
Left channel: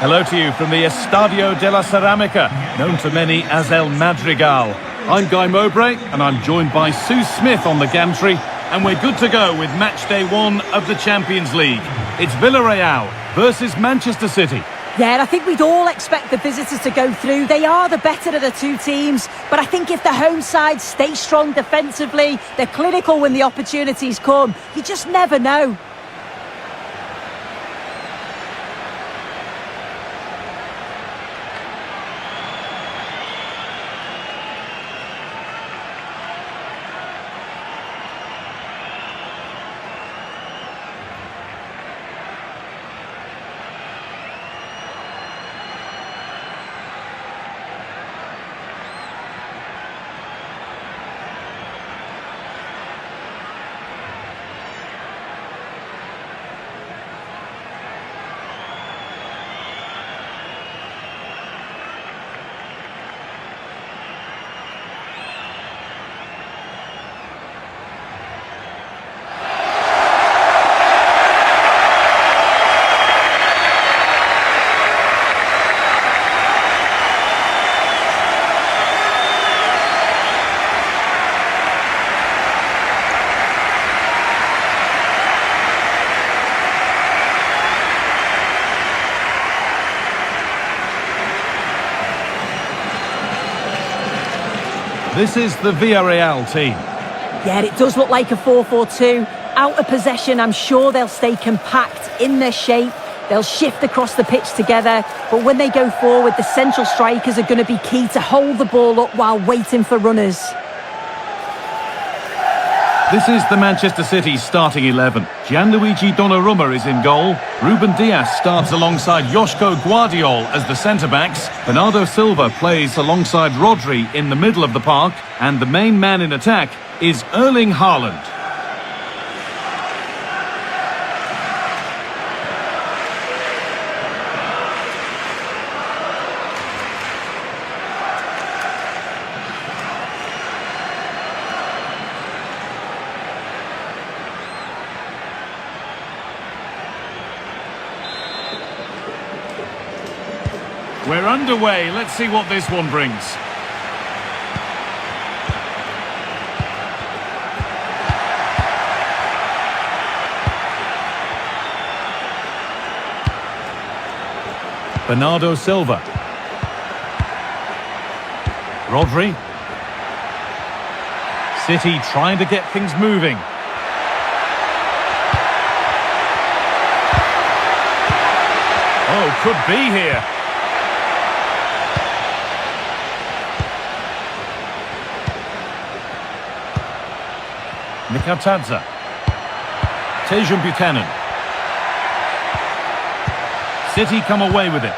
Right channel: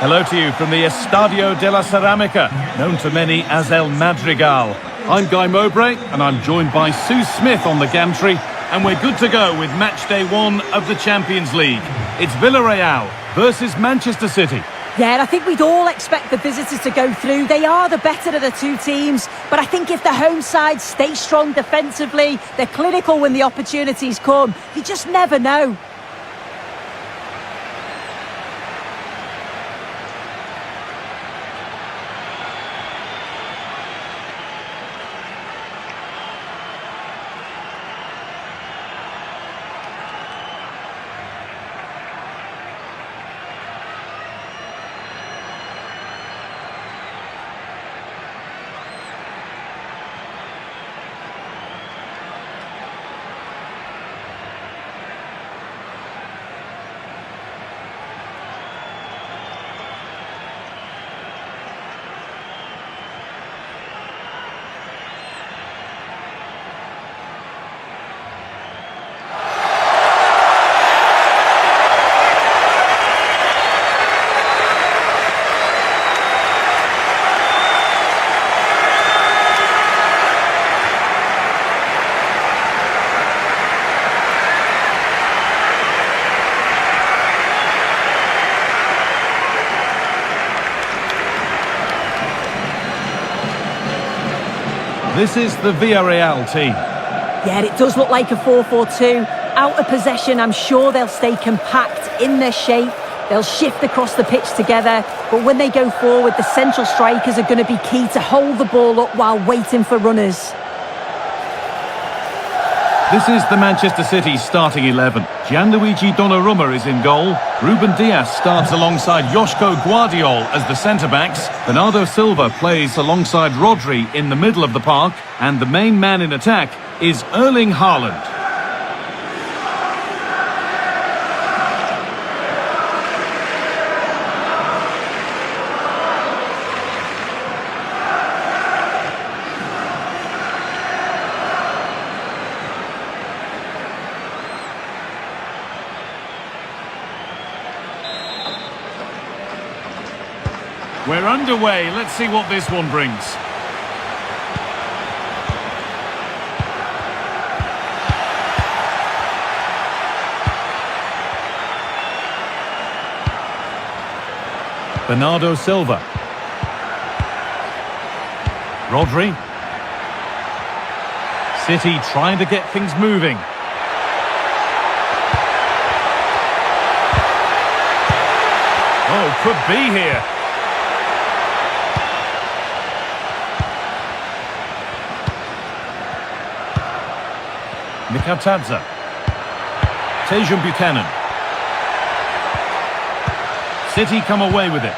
Hello to you from the Estadio de la Ceramica, known to many as El Madrigal. I'm Guy Mowbray and I'm joined by Sue Smith on the gantry. And we're good to go with match day 1 of the Champions League. It's Villarreal versus Manchester City. Yeah, and I think we'd all expect the visitors to go through. They are the better of the two teams. But I think if the home side stay strong defensively, they're clinical when the opportunities come, you just never know. This is the Villarreal team. Yeah, it does look like a 4-4-2. Out of possession, I'm sure they'll stay compact in their shape. They'll shift across the pitch together. But when they go forward, the central strikers are going to be key to hold the ball up while waiting for runners. This is the Manchester City starting 11. Gianluigi Donnarumma is in goal. Ruben Dias starts alongside Joško Guardiol as the centre-backs. Bernardo Silva plays alongside Rodri in the middle of the park. And the main man in attack is Erling Haaland. We're underway. Let's see what this one brings. Bernardo Silva. Rodri. City trying to get things moving. Oh, could be here. Mikatadze. Buchanan. City come away with it.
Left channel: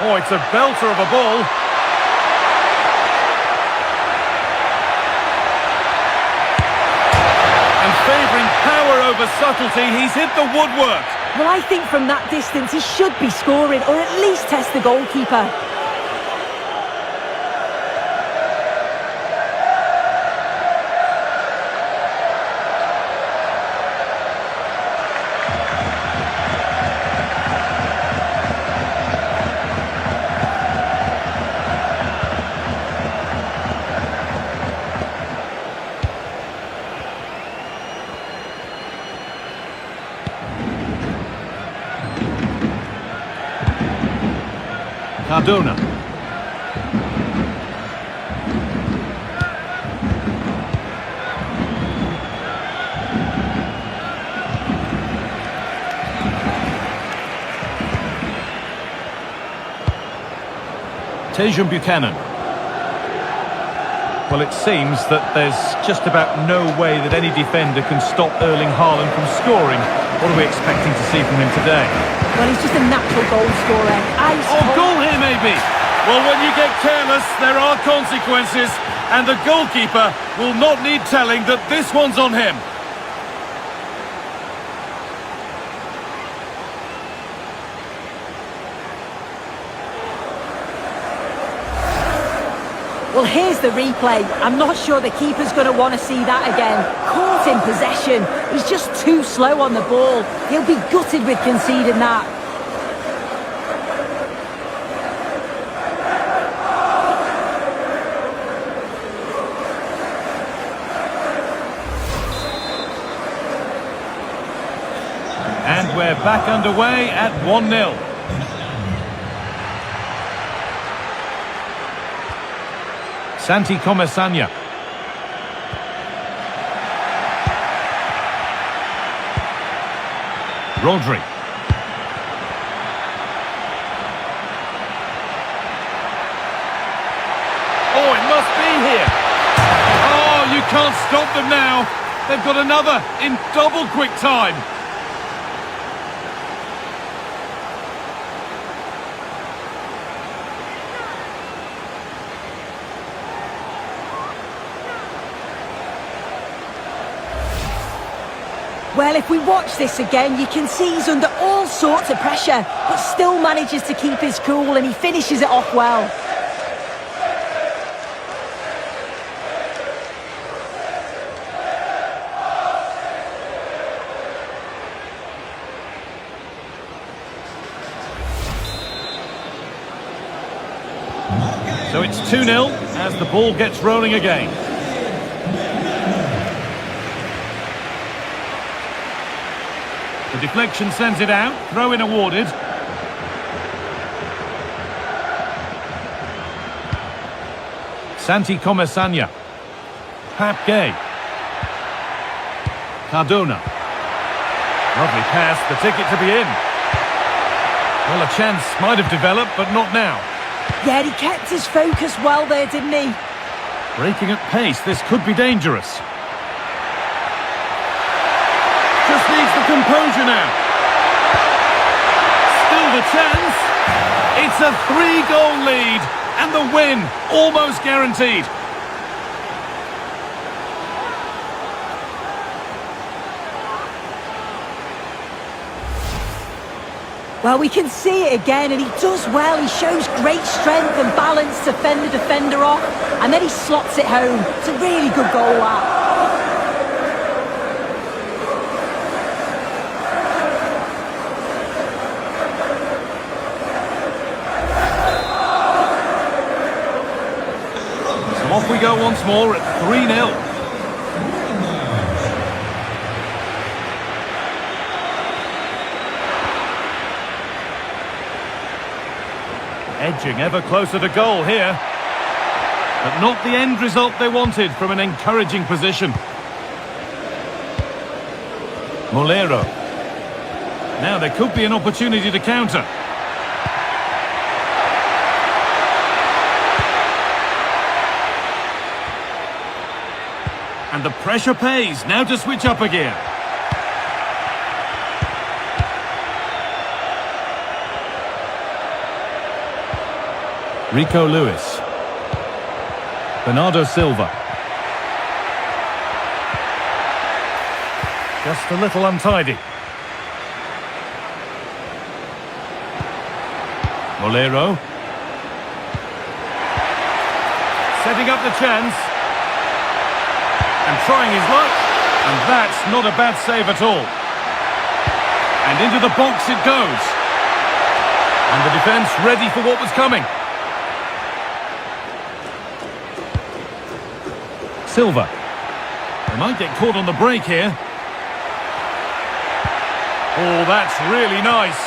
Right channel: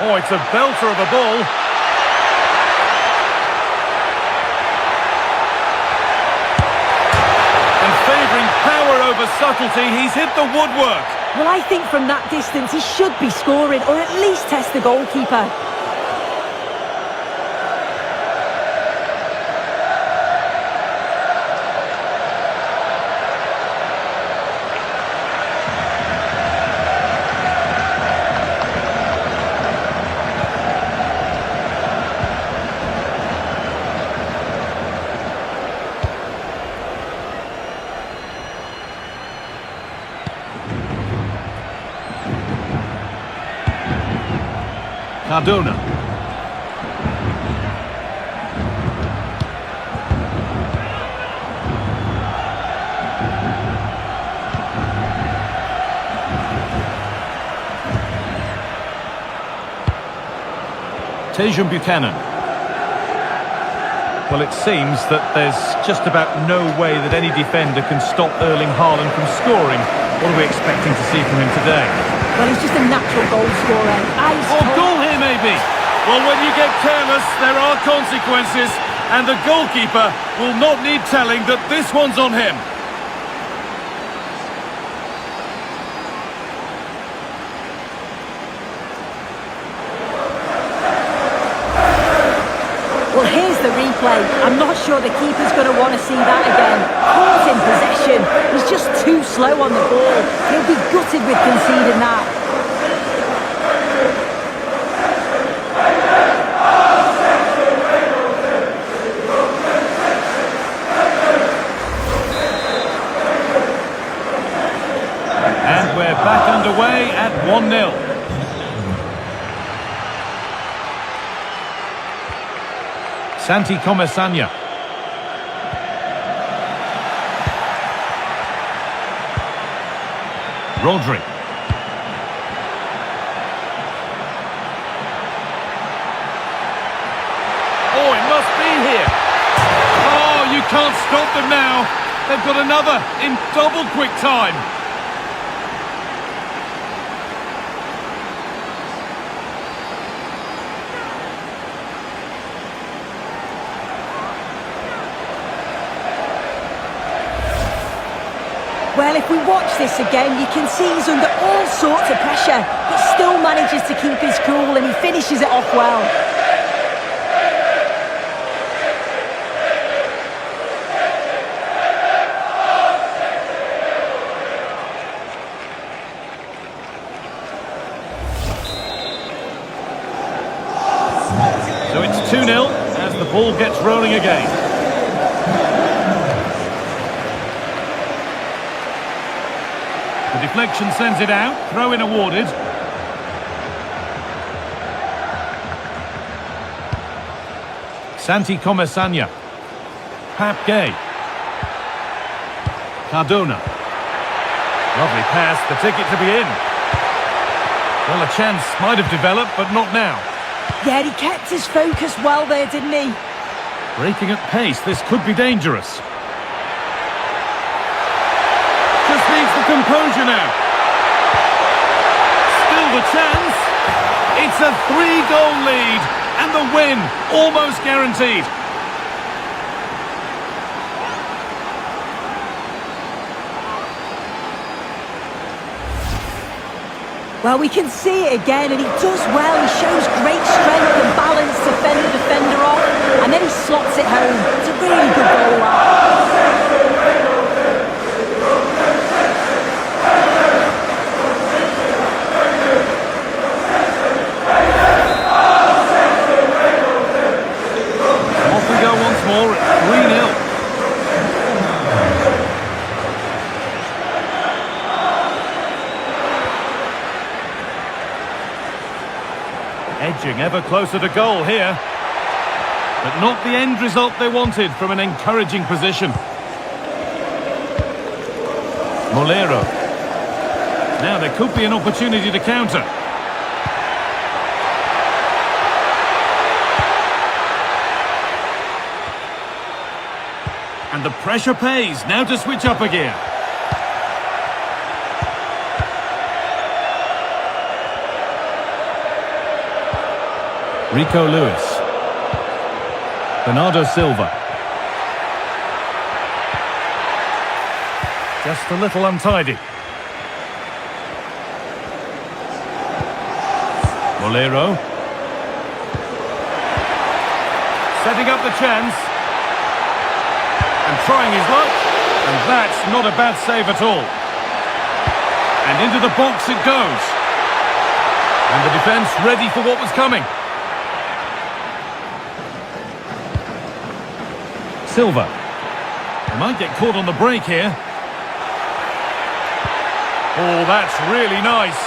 Oh, it's a belter of a ball. And favouring power over subtlety, he's hit the woodwork. Well, I think from that distance he should be scoring, or at least test the goalkeeper. Cardona. Buchanan. Well, it seems that there's just about no way that any defender can stop Erling Haaland from scoring. What are we expecting to see from him today? Well, he's just a natural goal scorer. Goal here maybe. Well, when you get careless, there are consequences, and the goalkeeper will not need telling that this one's on him. Well, here's the replay. I'm not sure the keeper's going to want to see that again. Caught in possession. He's just too slow on the ball. He'll be gutted with conceding that. And we're back underway at 1-0. Santi Comesanya. Rodri. Oh, it must be here. Oh, you can't stop them now. They've got another in double quick time. Well, if we watch this again, you can see he's under all sorts of pressure, but still manages to keep his cool, and he finishes it off well. So it's 2-0 as the ball gets rolling again. The deflection sends it out, throw-in awarded. Santi Comesanya. Pap Gay. Cardona. Lovely pass, the ticket to be in. Well, a chance might have developed, but not now. Yeah, he kept his focus well there, didn't he? Breaking at pace, this could be dangerous. Just needs the composure now. Still the chance. It's a 3-goal lead, and the win almost guaranteed. Well, we can see it again, and he does well. He shows great strength and balance to fend the defender off, and then he slots it home. It's a really good goal, that. Off we go once more at 3-0. Edging ever closer to goal here. But not the end result they wanted from an encouraging position. Molero. Now there could be an opportunity to counter. And the pressure pays. Now to switch up a gear. Rico Lewis. Bernardo Silva. Just a little untidy. Molero. Setting up the chance. And trying his luck. And that's not a bad save at all. And into the box it goes. And the defence ready for what was coming. Silva. They might get caught on the break here. Oh, that's really nice.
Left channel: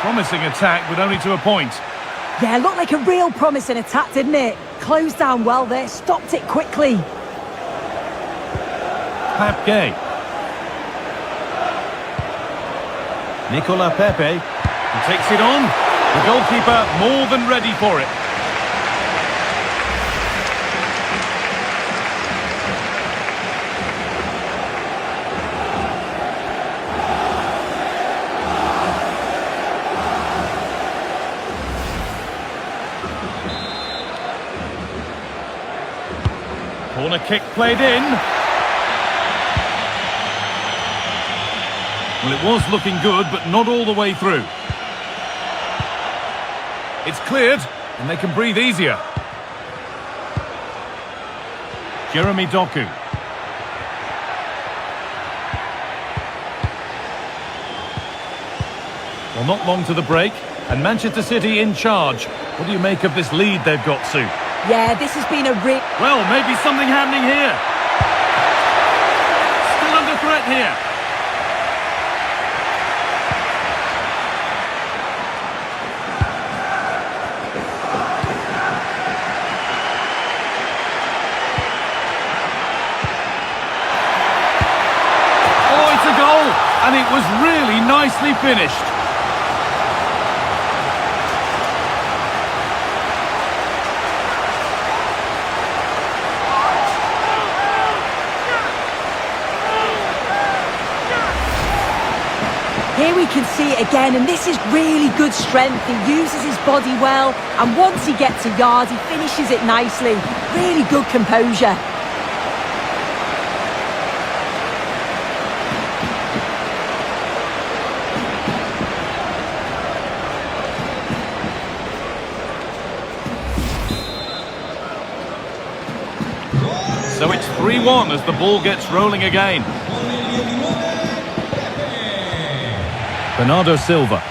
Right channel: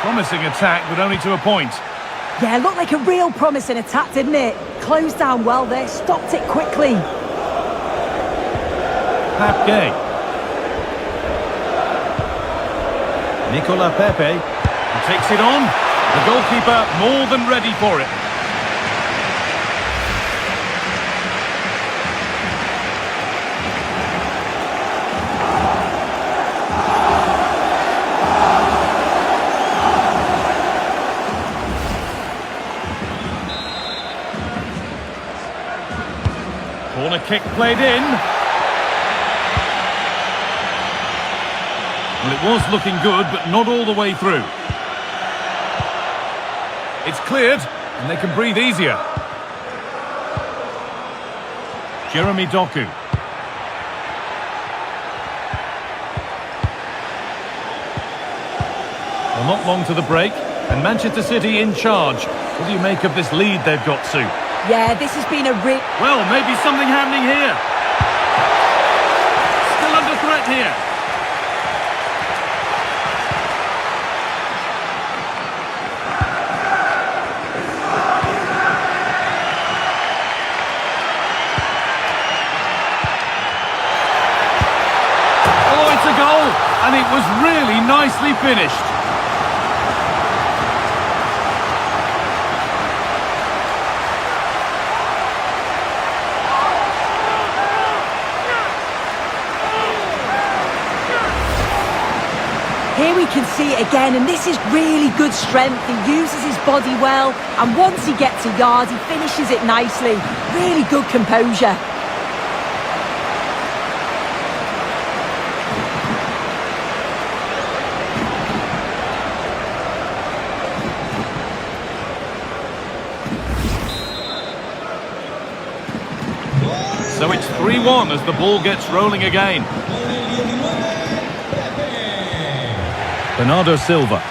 Promising attack, but only to a point. Yeah, looked like a real promising attack, didn't it? Closed down well there, stopped it quickly. Pap Gay. Nicola Pepe. He takes it on. The goalkeeper more than ready for it. Corner kick played in. Well, it was looking good, but not all the way through. It's cleared, and they can breathe easier. Jeremy Doku. Well, not long to the break, and Manchester City in charge. What do you make of this lead they've got, Sue? Yeah, this has been a Well, maybe something happening here. Still under threat here. Oh, it's a goal, and it was really nicely finished. Here we can see it again, and this is really good strength. He uses his body well, and once he gets a yard, he finishes it nicely. Really good composure. So it's 3-1 as the ball gets rolling again. Bernardo Silva.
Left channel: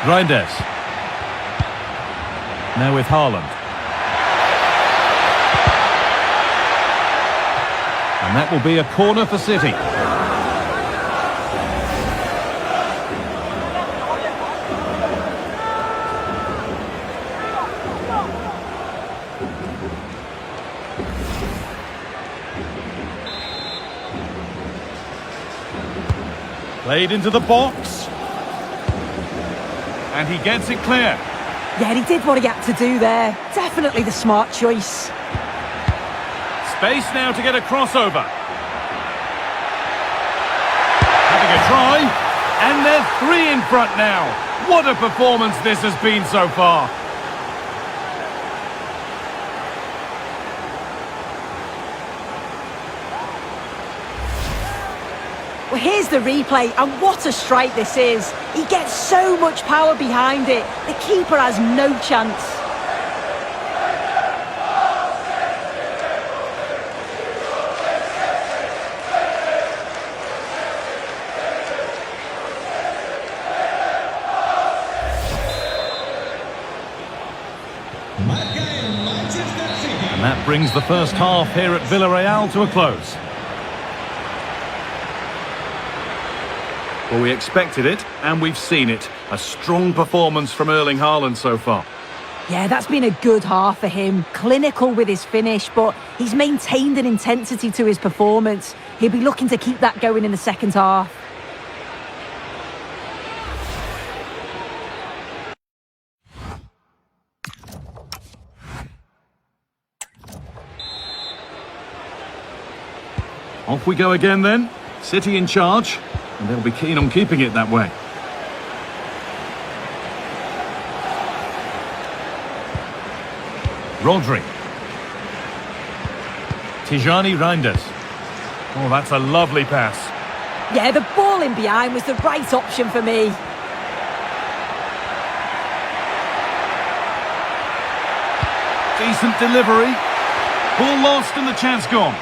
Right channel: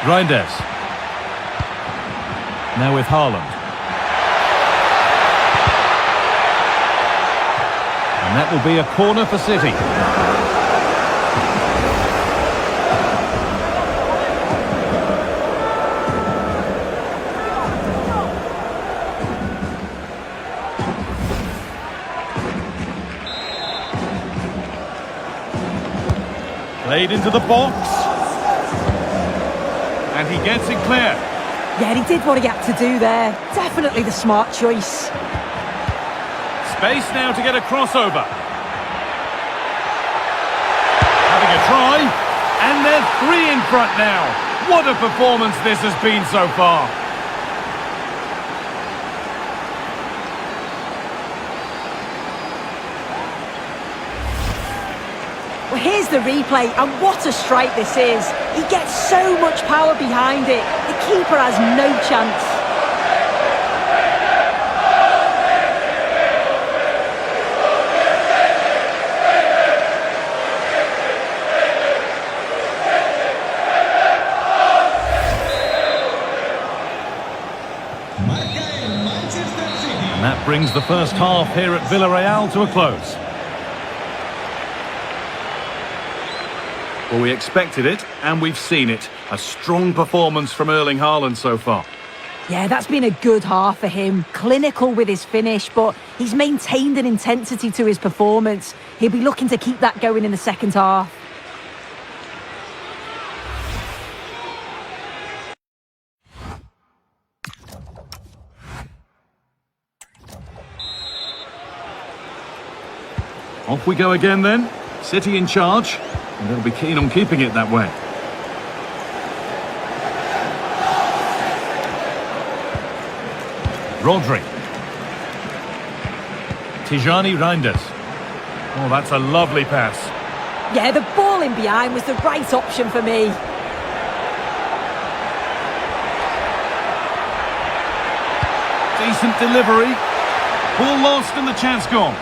Reinders. Now with Haaland. And that will be a corner for City. Played into the box. And he gets it clear. Yeah, he did what he had to do there. Definitely the smart choice. Space now to get a crossover. Having a try. And they're 3 in front now. What a performance this has been so far. Well, here's the replay, and what a strike this is. He gets so much power behind it. The keeper has no chance. And that brings the first half here at Villarreal to a close. Well, we expected it, and we've seen it. A strong performance from Erling Haaland so far. Yeah, that's been a good half for him. Clinical with his finish, but he's maintained an intensity to his performance. He'll be looking to keep that going in the second half. Off we go again then. City in charge, and they'll be keen on keeping it that way. Rodri. Tijani Reinders. Oh, that's a lovely pass. Yeah, the ball in behind was the right option for me. Decent delivery. Ball lost and the chance gone.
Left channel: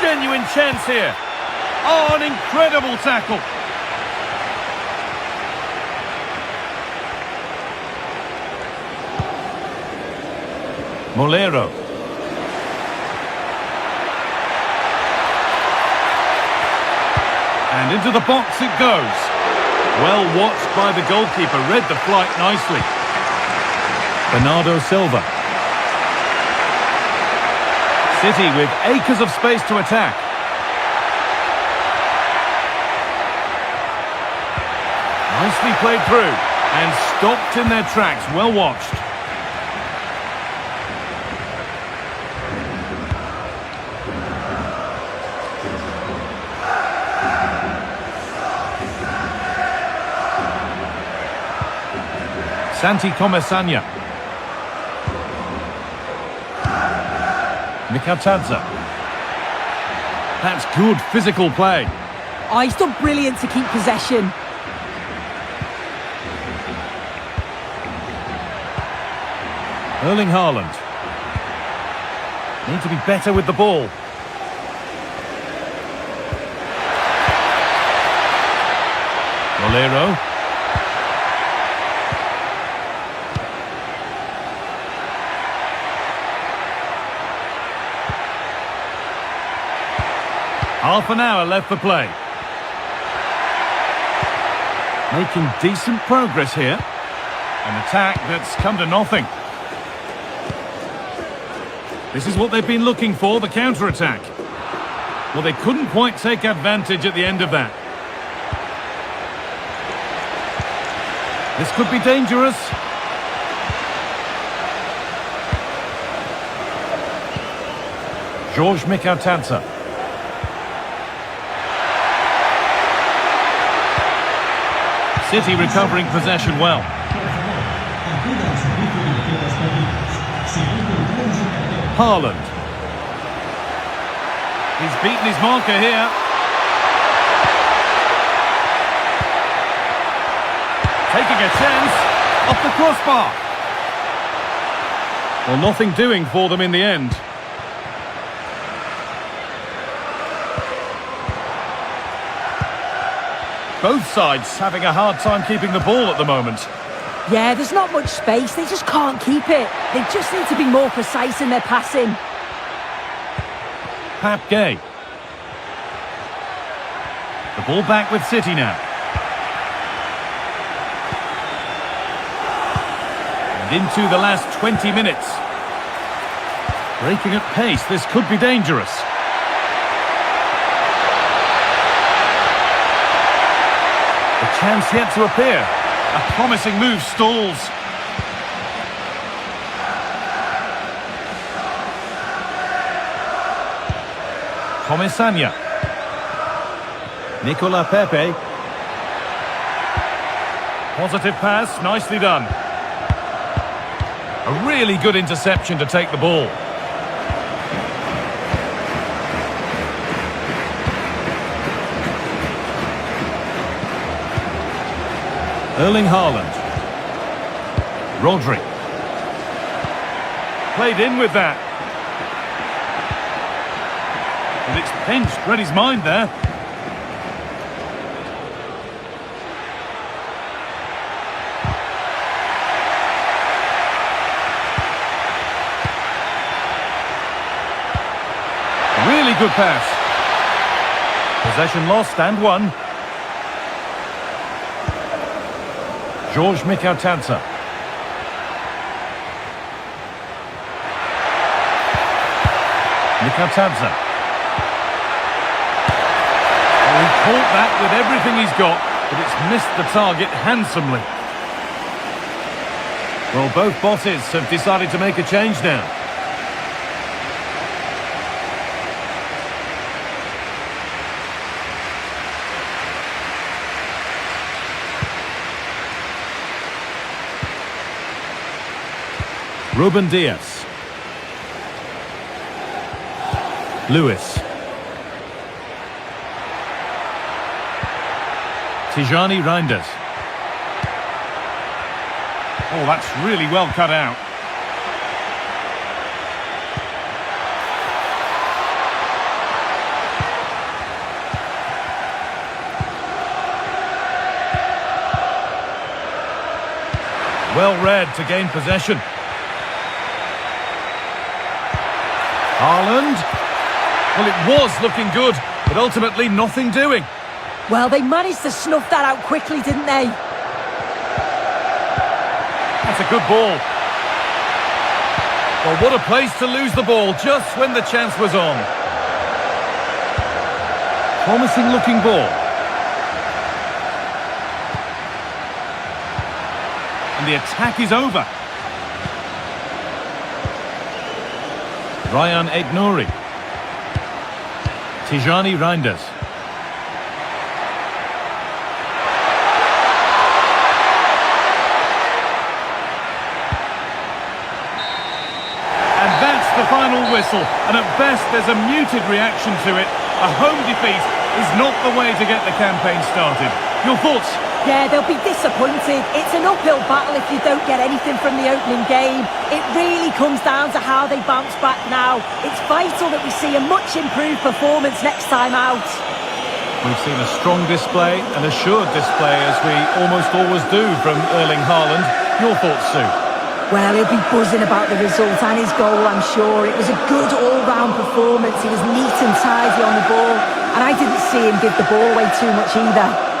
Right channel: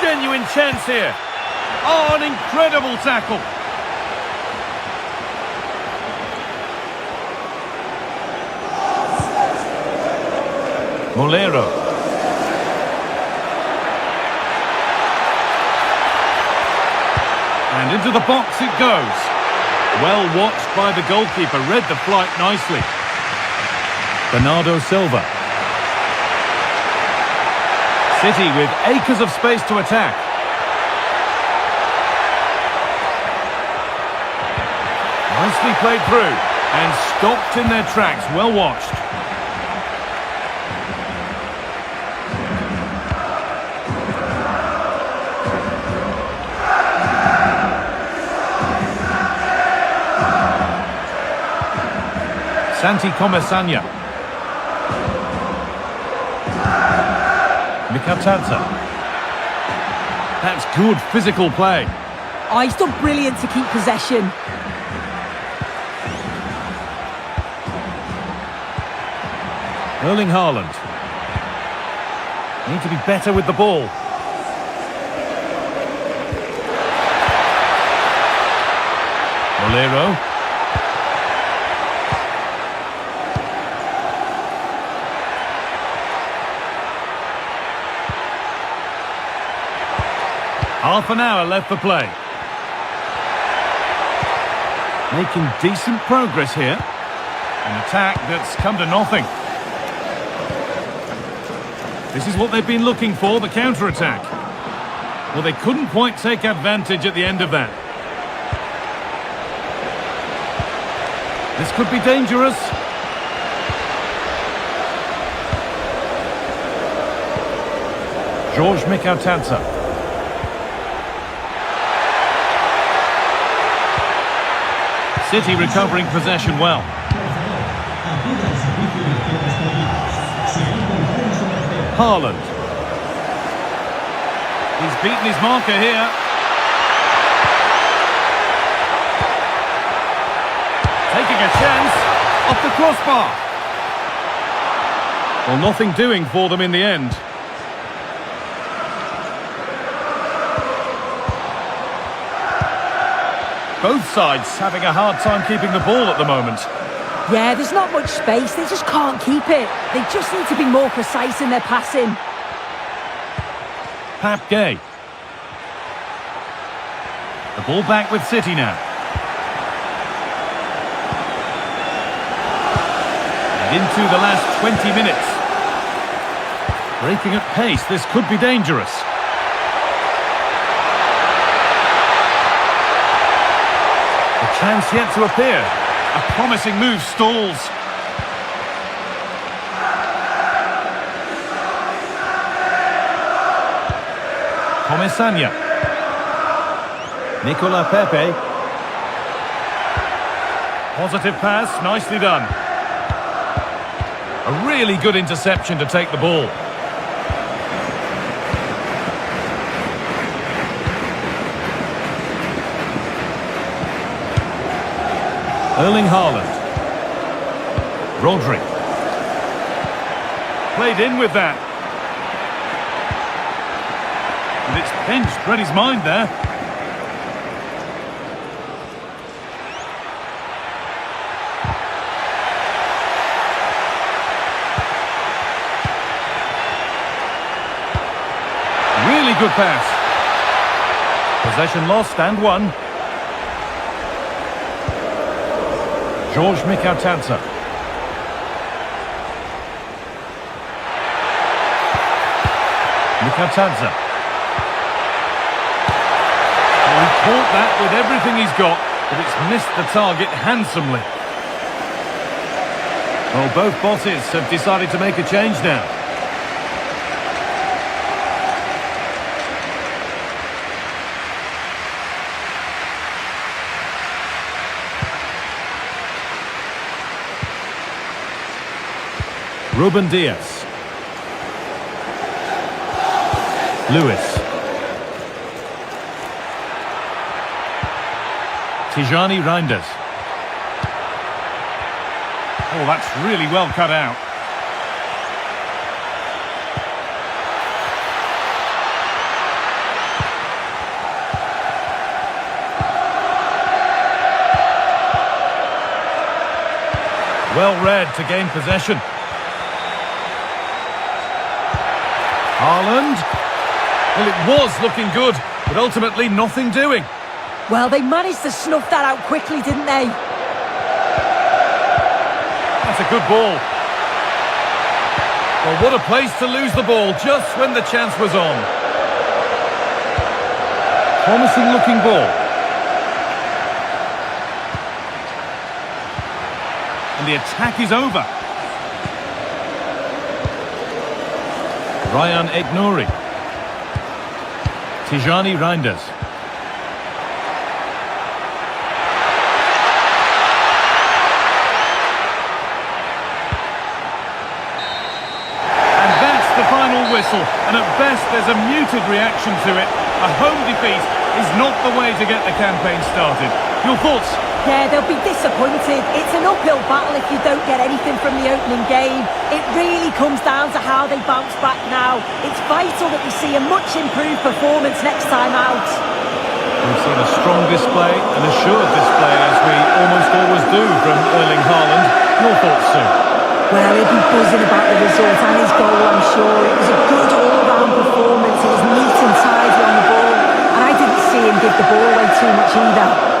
Genuine chance here. Oh, an incredible tackle. Molero. And into the box it goes. Well watched by the goalkeeper, read the flight nicely. Bernardo Silva. City with acres of space to attack. Nicely played through and stopped in their tracks, well watched. Santi Comesanya. Mikatadze. That's good physical play. Oh, he's done brilliant to keep possession. Erling Haaland. Need to be better with the ball. Molero. Half an hour left for play. Making decent progress here. An attack that's come to nothing. This is what they've been looking for, the counter-attack. Well, they couldn't quite take advantage at the end of that. This could be dangerous. George Mikatadze. City recovering possession well. Haaland. He's beaten his marker here. Taking a chance off the crossbar. Well, nothing doing for them in the end. Both sides having a hard time keeping the ball at the moment. Yeah, there's not much space. They just can't keep it. They just need to be more precise in their passing. Pap Gay. The ball back with City now. And into the last 20 minutes. Breaking at pace, this could be dangerous. The chance yet to appear. A promising move stalls. Comesanya. Nicola Pepe. Positive pass, nicely done. A really good interception to take the ball. Erling Haaland. Rodri. Played in with that. And it's pinched, read his mind there. Really good pass. Possession lost and won. George Mikatadze. Mikatadze. Well, he caught that with everything he's got, but it's missed the target handsomely. Well, both bosses have decided to make a change now. Ruben Dias. Lewis. Tijani Reinders. Oh, that's really well cut out. Well read to gain possession. Haaland. Well, it was looking good, but ultimately nothing doing. Well, they managed to snuff that out quickly, didn't they? That's a good ball. Well, what a place to lose the ball just when the chance was on. Promising looking ball. And the attack is over. Ryan Aït-Nouri. Tijani Reinders. And that's the final whistle. And at best, there's a muted reaction to it. A home defeat is not the way to get the campaign started. Your thoughts? Yeah, they'll be disappointed. It's an uphill battle if you don't get anything from the opening game. It really comes down to how they bounce back now. It's vital that we see a much improved performance next time out. We've seen a strong display, an assured display, as we almost always do from Erling Haaland. Your thoughts, Sue? Well, he'll be buzzing about the result and his goal, I'm sure. It was a good all-round performance. He was neat and tidy on the ball. And I didn't see him give the ball away too much either.